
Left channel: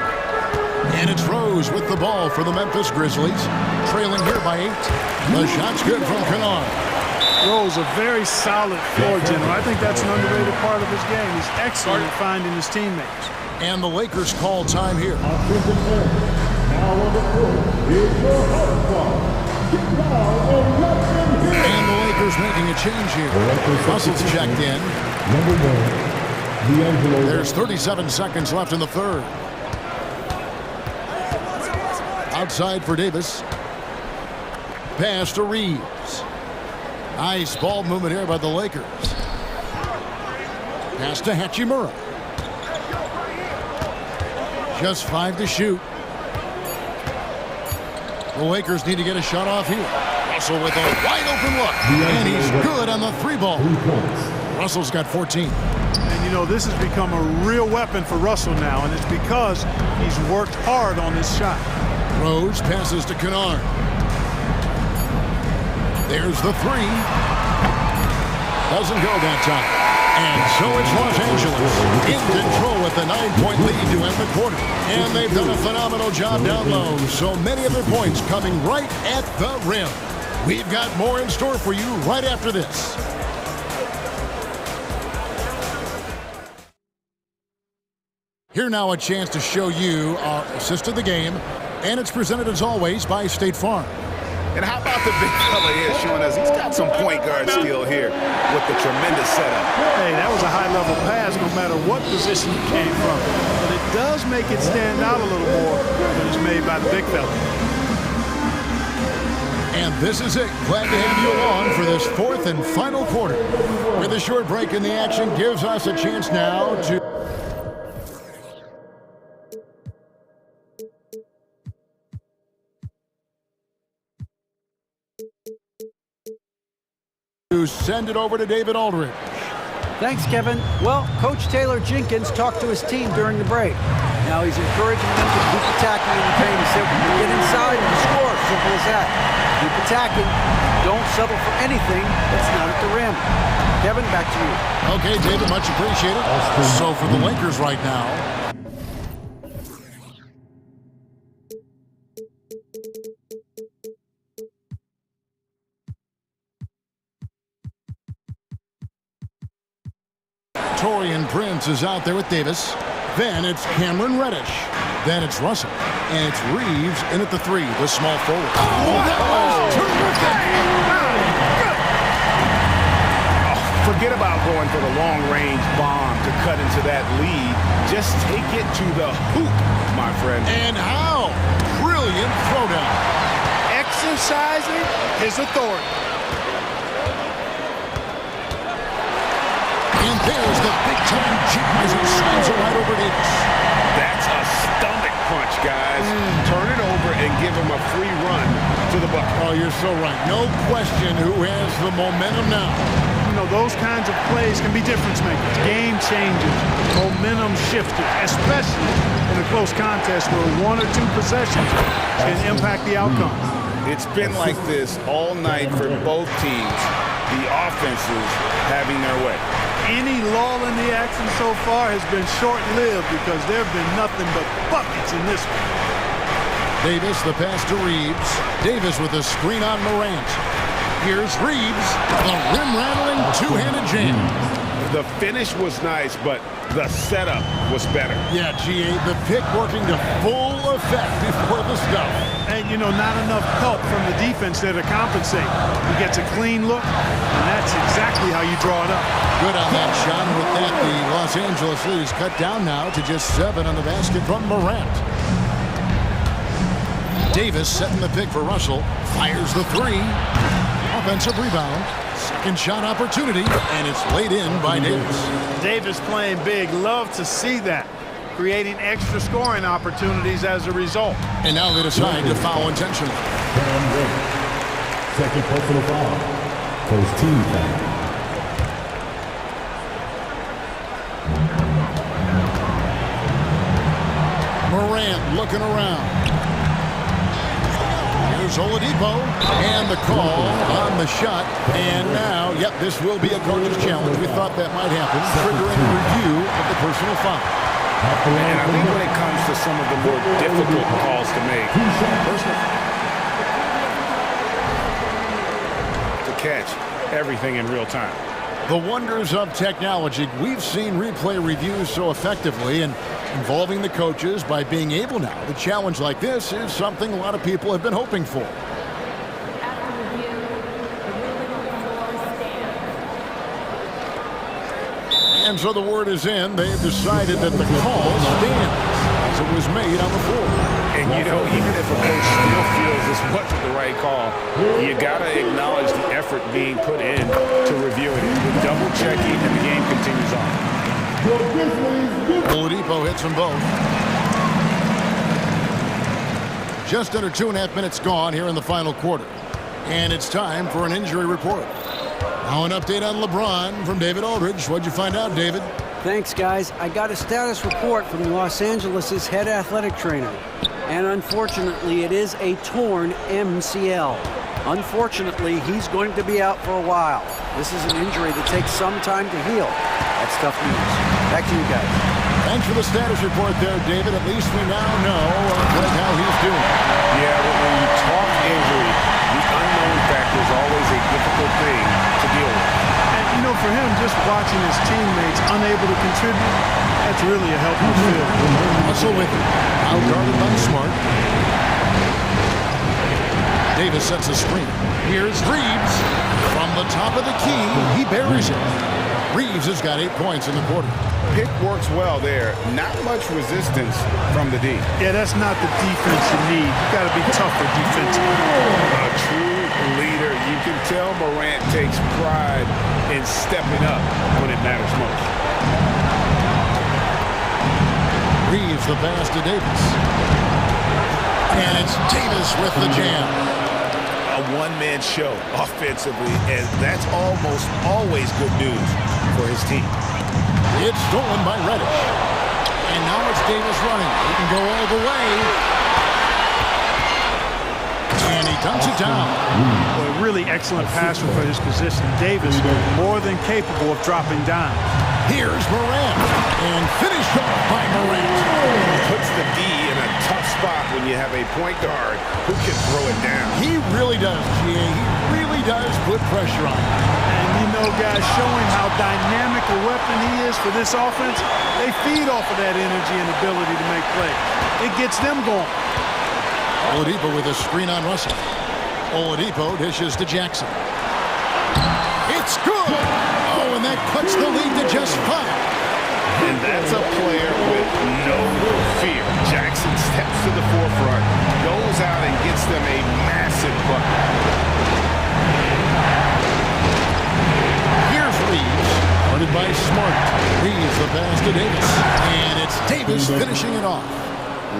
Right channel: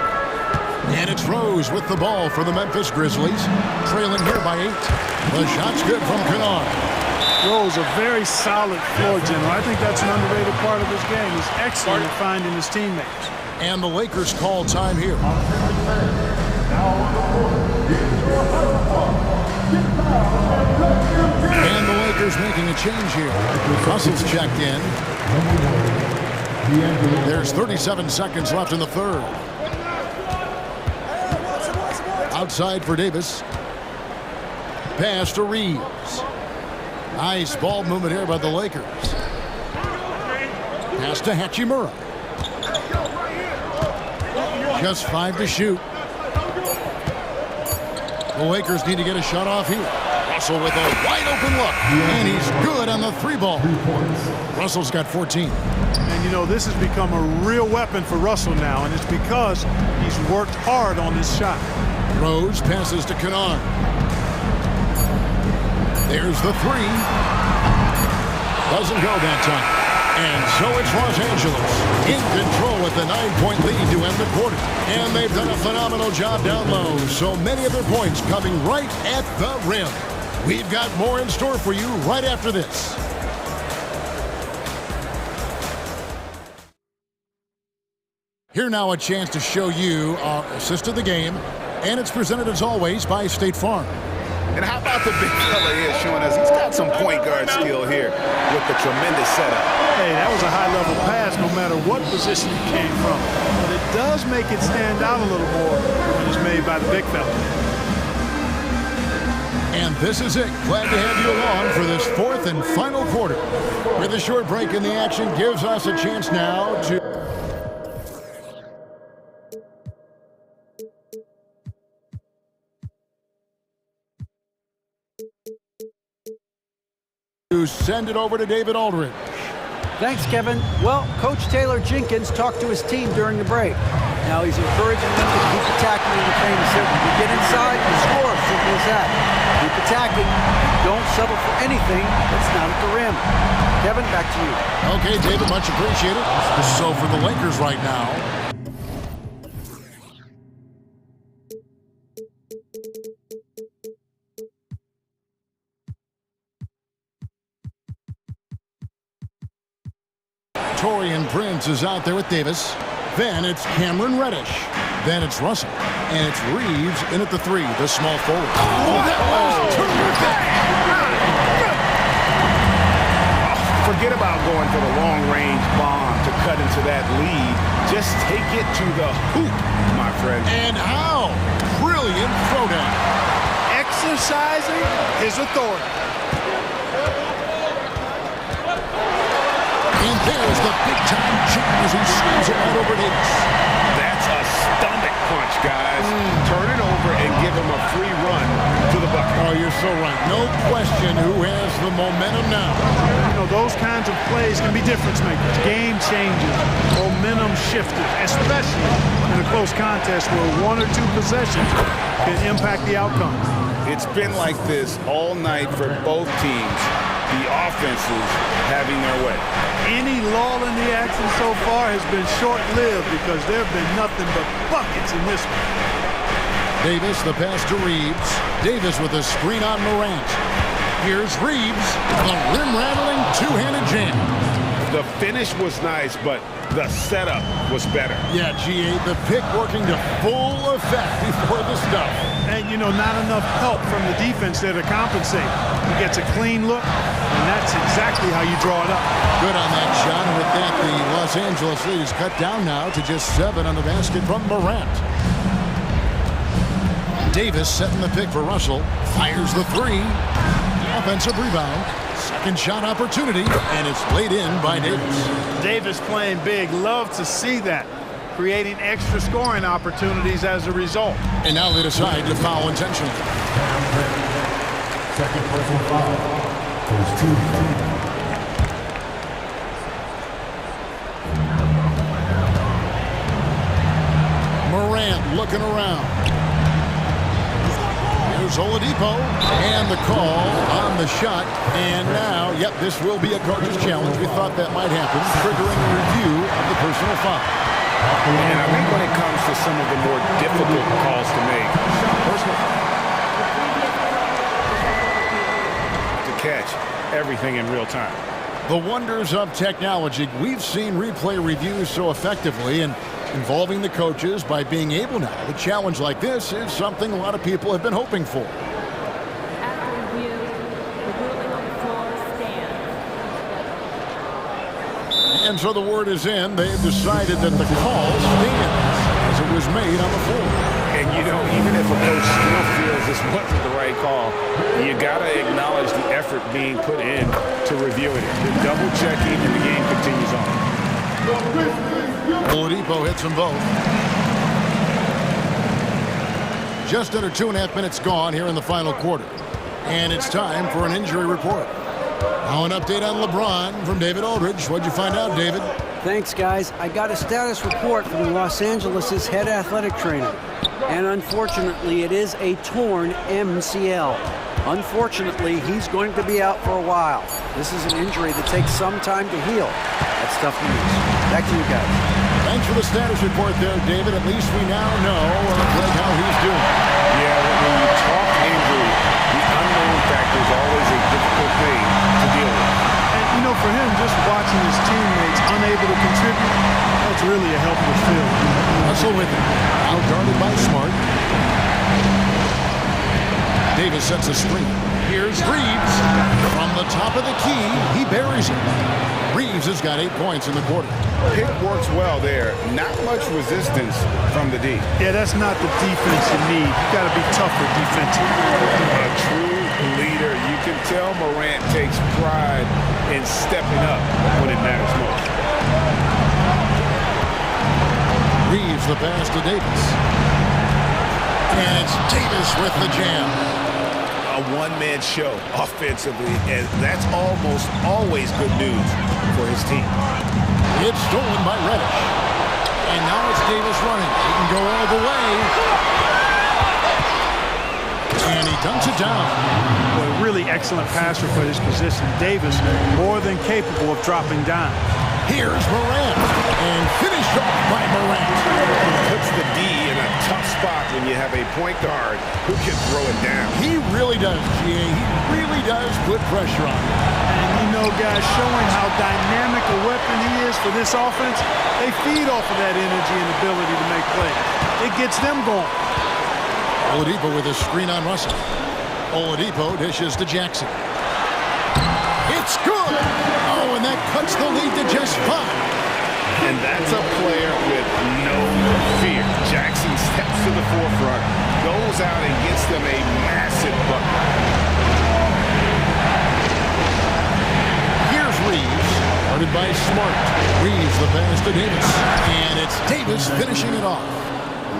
And it's Rose with the ball for the Memphis Grizzlies. Trailing here by 8. The shot's good from Kennard. Rose, a very solid floor general. I think that's an underrated part of his game. He's excellent at finding his teammates. And the Lakers call time here. Now on the court is your hot spot. Get down and let them hit. And the Lakers making a change here. Russell's checked in. Number 1, D'Angelo. There's 37 seconds left in the third. Outside for Davis. Pass to Reeves. Nice ball movement here by the Lakers. Pass to Hachimura. Just 5 to shoot. The Lakers need to get a shot off here. Russell with a wide open look. And he's good on the 3-ball. Russell's got 14. And you know, this has become a real weapon for Russell now, and it's because he's worked hard on this shot. Rose passes to Kennard. There's the 3. Doesn't go that time. And so it's Los Angeles in control with the 9-point lead to end the quarter. And they've done a phenomenal job down low. So many of their points coming right at the rim. We've got more in store for you right after this. Here now a chance to show you our assist of the game. And it's presented as always by State Farm. And how about the big fella here showing us he's got some point guard skill here with the tremendous setup. Hey, that was a high-level pass no matter what position it came from. But it does make it stand out a little more when it's made by the big fella. And this is it. Glad to have you along for this 4th and final quarter. With a short break in the action gives us a chance now to send it over to David Aldridge. Thanks, Kevin. Well, Coach Taylor Jenkins talked to his team during the break. Now he's encouraging them to keep attacking in the paint. He said, when we get inside, we score. Simple as that. Keep attacking and don't settle for anything that's not at the rim. Kevin, back to you. Okay, David, much appreciated. So for the Lakers right now, Torian Prince is out there with Davis. Then it's Cameron Reddish. Then it's Russell. And it's Reeves in at the 3, the small forward. Oh, that was terrific! Forget about going for the long-range bomb to cut into that lead. Just take it to the hoop, my friend. And how? Brilliant throwdown. Exercising his authority. And there's the big-time jam as he swings it right over Davis. That's a stomach punch, guys. Turn it over and give him a free run to the bucket. Oh, you're so right. No question who has the momentum now. You know, those kinds of plays can be difference makers, game changers, momentum shifters, especially in a close contest where 1 or 2 possessions can impact the outcome. It's been like this all night for both teams. The offenses having their way. Any lull in the action so far has been short-lived because there have been nothing but buckets in this one. Davis, the pass to Reeves. Davis with a screen on Morant. Here's Reeves, the rim-rattling two-handed jam. The finish was nice, but the setup was better. Yeah, GA, the pick working to full effect before the stuff. And, you know, not enough help from the defense there to compensate. He gets a clean look, and that's exactly how you draw it up. Good on that shot, and with that, the Los Angeles lead is cut down now to just 7 on the basket from Morant. Davis setting the pick for Russell. Fires the 3. Offensive rebound. Second shot opportunity, and it's laid in by Davis. Davis playing big. Love to see that. Creating extra scoring opportunities as a result. And now they decide to foul intentionally. Second personal foul. First team foul. Morant looking around. Here's Oladipo, and the call on the shot. And now, yep, this will be a coach's challenge. We thought that might happen, triggering a review of the personal foul. And I think when it comes to some of the more difficult calls to make, to catch everything in real time. The wonders of technology. We've seen replay reviews so effectively, and involving the coaches by being able now to challenge like this is something a lot of people have been hoping for. After review, the ruling on the floor stands. And so the word is in. They've decided that the call stands as it was made on the floor. And, you know, even if a coach still feels this wasn't the right call, you got to acknowledge the effort being put in to reviewing it. The double checking, and the game continues on. Oladipo hits them both. Just under 2.5 minutes gone here in the final quarter. And it's time for an injury report. Now an update on LeBron from David Aldridge. What'd you find out, David? Thanks, guys. I got a status report from Los Angeles' head athletic trainer. And unfortunately, it is a torn MCL. Unfortunately, he's going to be out for a while. This is an injury that takes some time to heal. That's tough news. Back to you guys. Thanks for the status report there, David. At least we now know, Greg, how he's doing. Yeah, when you talk injury, the unknown factor is always a difficult thing to deal with. And, you know, for him, just watching his teammates unable to contribute, that's really a helpless feeling. Russell with it. Out guarded by Smart. Davis sets a screen. Here's Reeves. From the top of the key, he buries it. Reeves has got 8 points in the quarter. Pick works well there. Not much resistance from the D. Yeah, that's not the defense you need. You got to be tougher defensively. A true leader. You can tell Morant takes pride in stepping up when it matters most. Reeves the pass to Davis. And it's Davis with the jam. A one-man show offensively, and that's almost always good news for his team. It's stolen by Reddish. And now it's Davis running. He can go all the way. And he dunks it down. Well, a really excellent passer for his position. Davis more than capable of dropping dimes. Here's Morant, and finished off by Morant. Puts the D in a tough spot when you have a point guard who can throw it down. He really does, GA. He really does put pressure on him. And you know, guys, showing how dynamic a weapon he is for this offense, they feed off of that energy and ability to make plays. It gets them going. Oladipo with a screen on Russell. Oladipo dishes to Jackson. It's good! Oh, and that cuts the lead to just 5. And that's a player with no fear. Jackson steps to the forefront, goes out and gets them a massive bucket. Here's Reeves, guarded by Smart. Reeves the pass to Davis. And it's Davis finishing it off.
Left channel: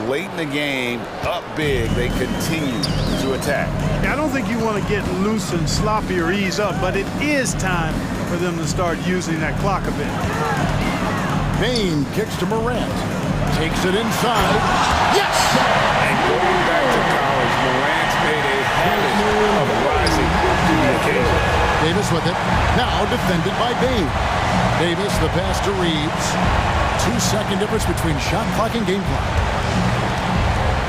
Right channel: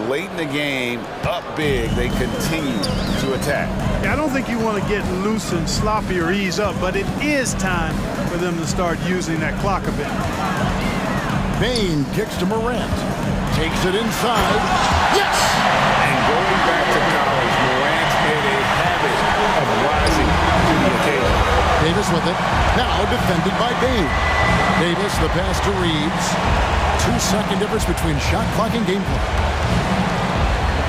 Late in the game, up big, they continue to attack. Yeah, I don't think you want to get loose and sloppy or ease up, but it is time for them to start using that clock a bit. Bain kicks to Morant. Takes it inside. Yes! And going back to college, Morant's made a habit of rising to the occasion. Davis with it. Now defended by Bain. Davis, the pass to Reeves. 2-second difference between shot clock and game clock.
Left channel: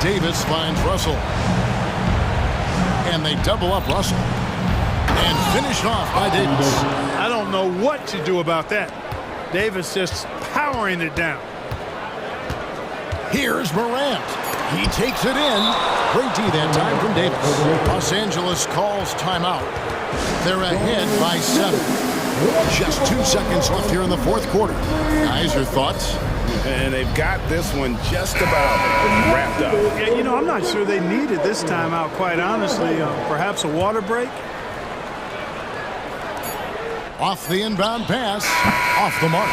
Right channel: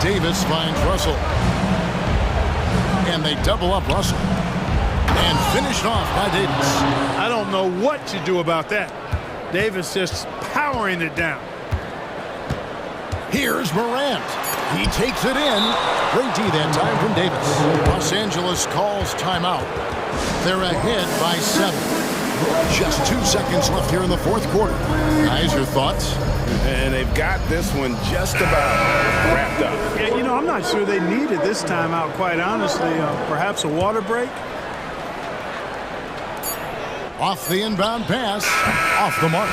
Davis finds Russell. And they double up Russell. And finished off by Davis. I don't know what to do about that. Davis just powering it down. Here's Morant. He takes it in. Great D that time from Davis. Los Angeles calls timeout. They're ahead by 7. Just 2 seconds left here in the fourth quarter. Guys, your thoughts? And they've got this one just about wrapped up. Yeah, you know, I'm not sure they needed this timeout, quite honestly. Perhaps a water break? Off the inbound pass. Off the mark.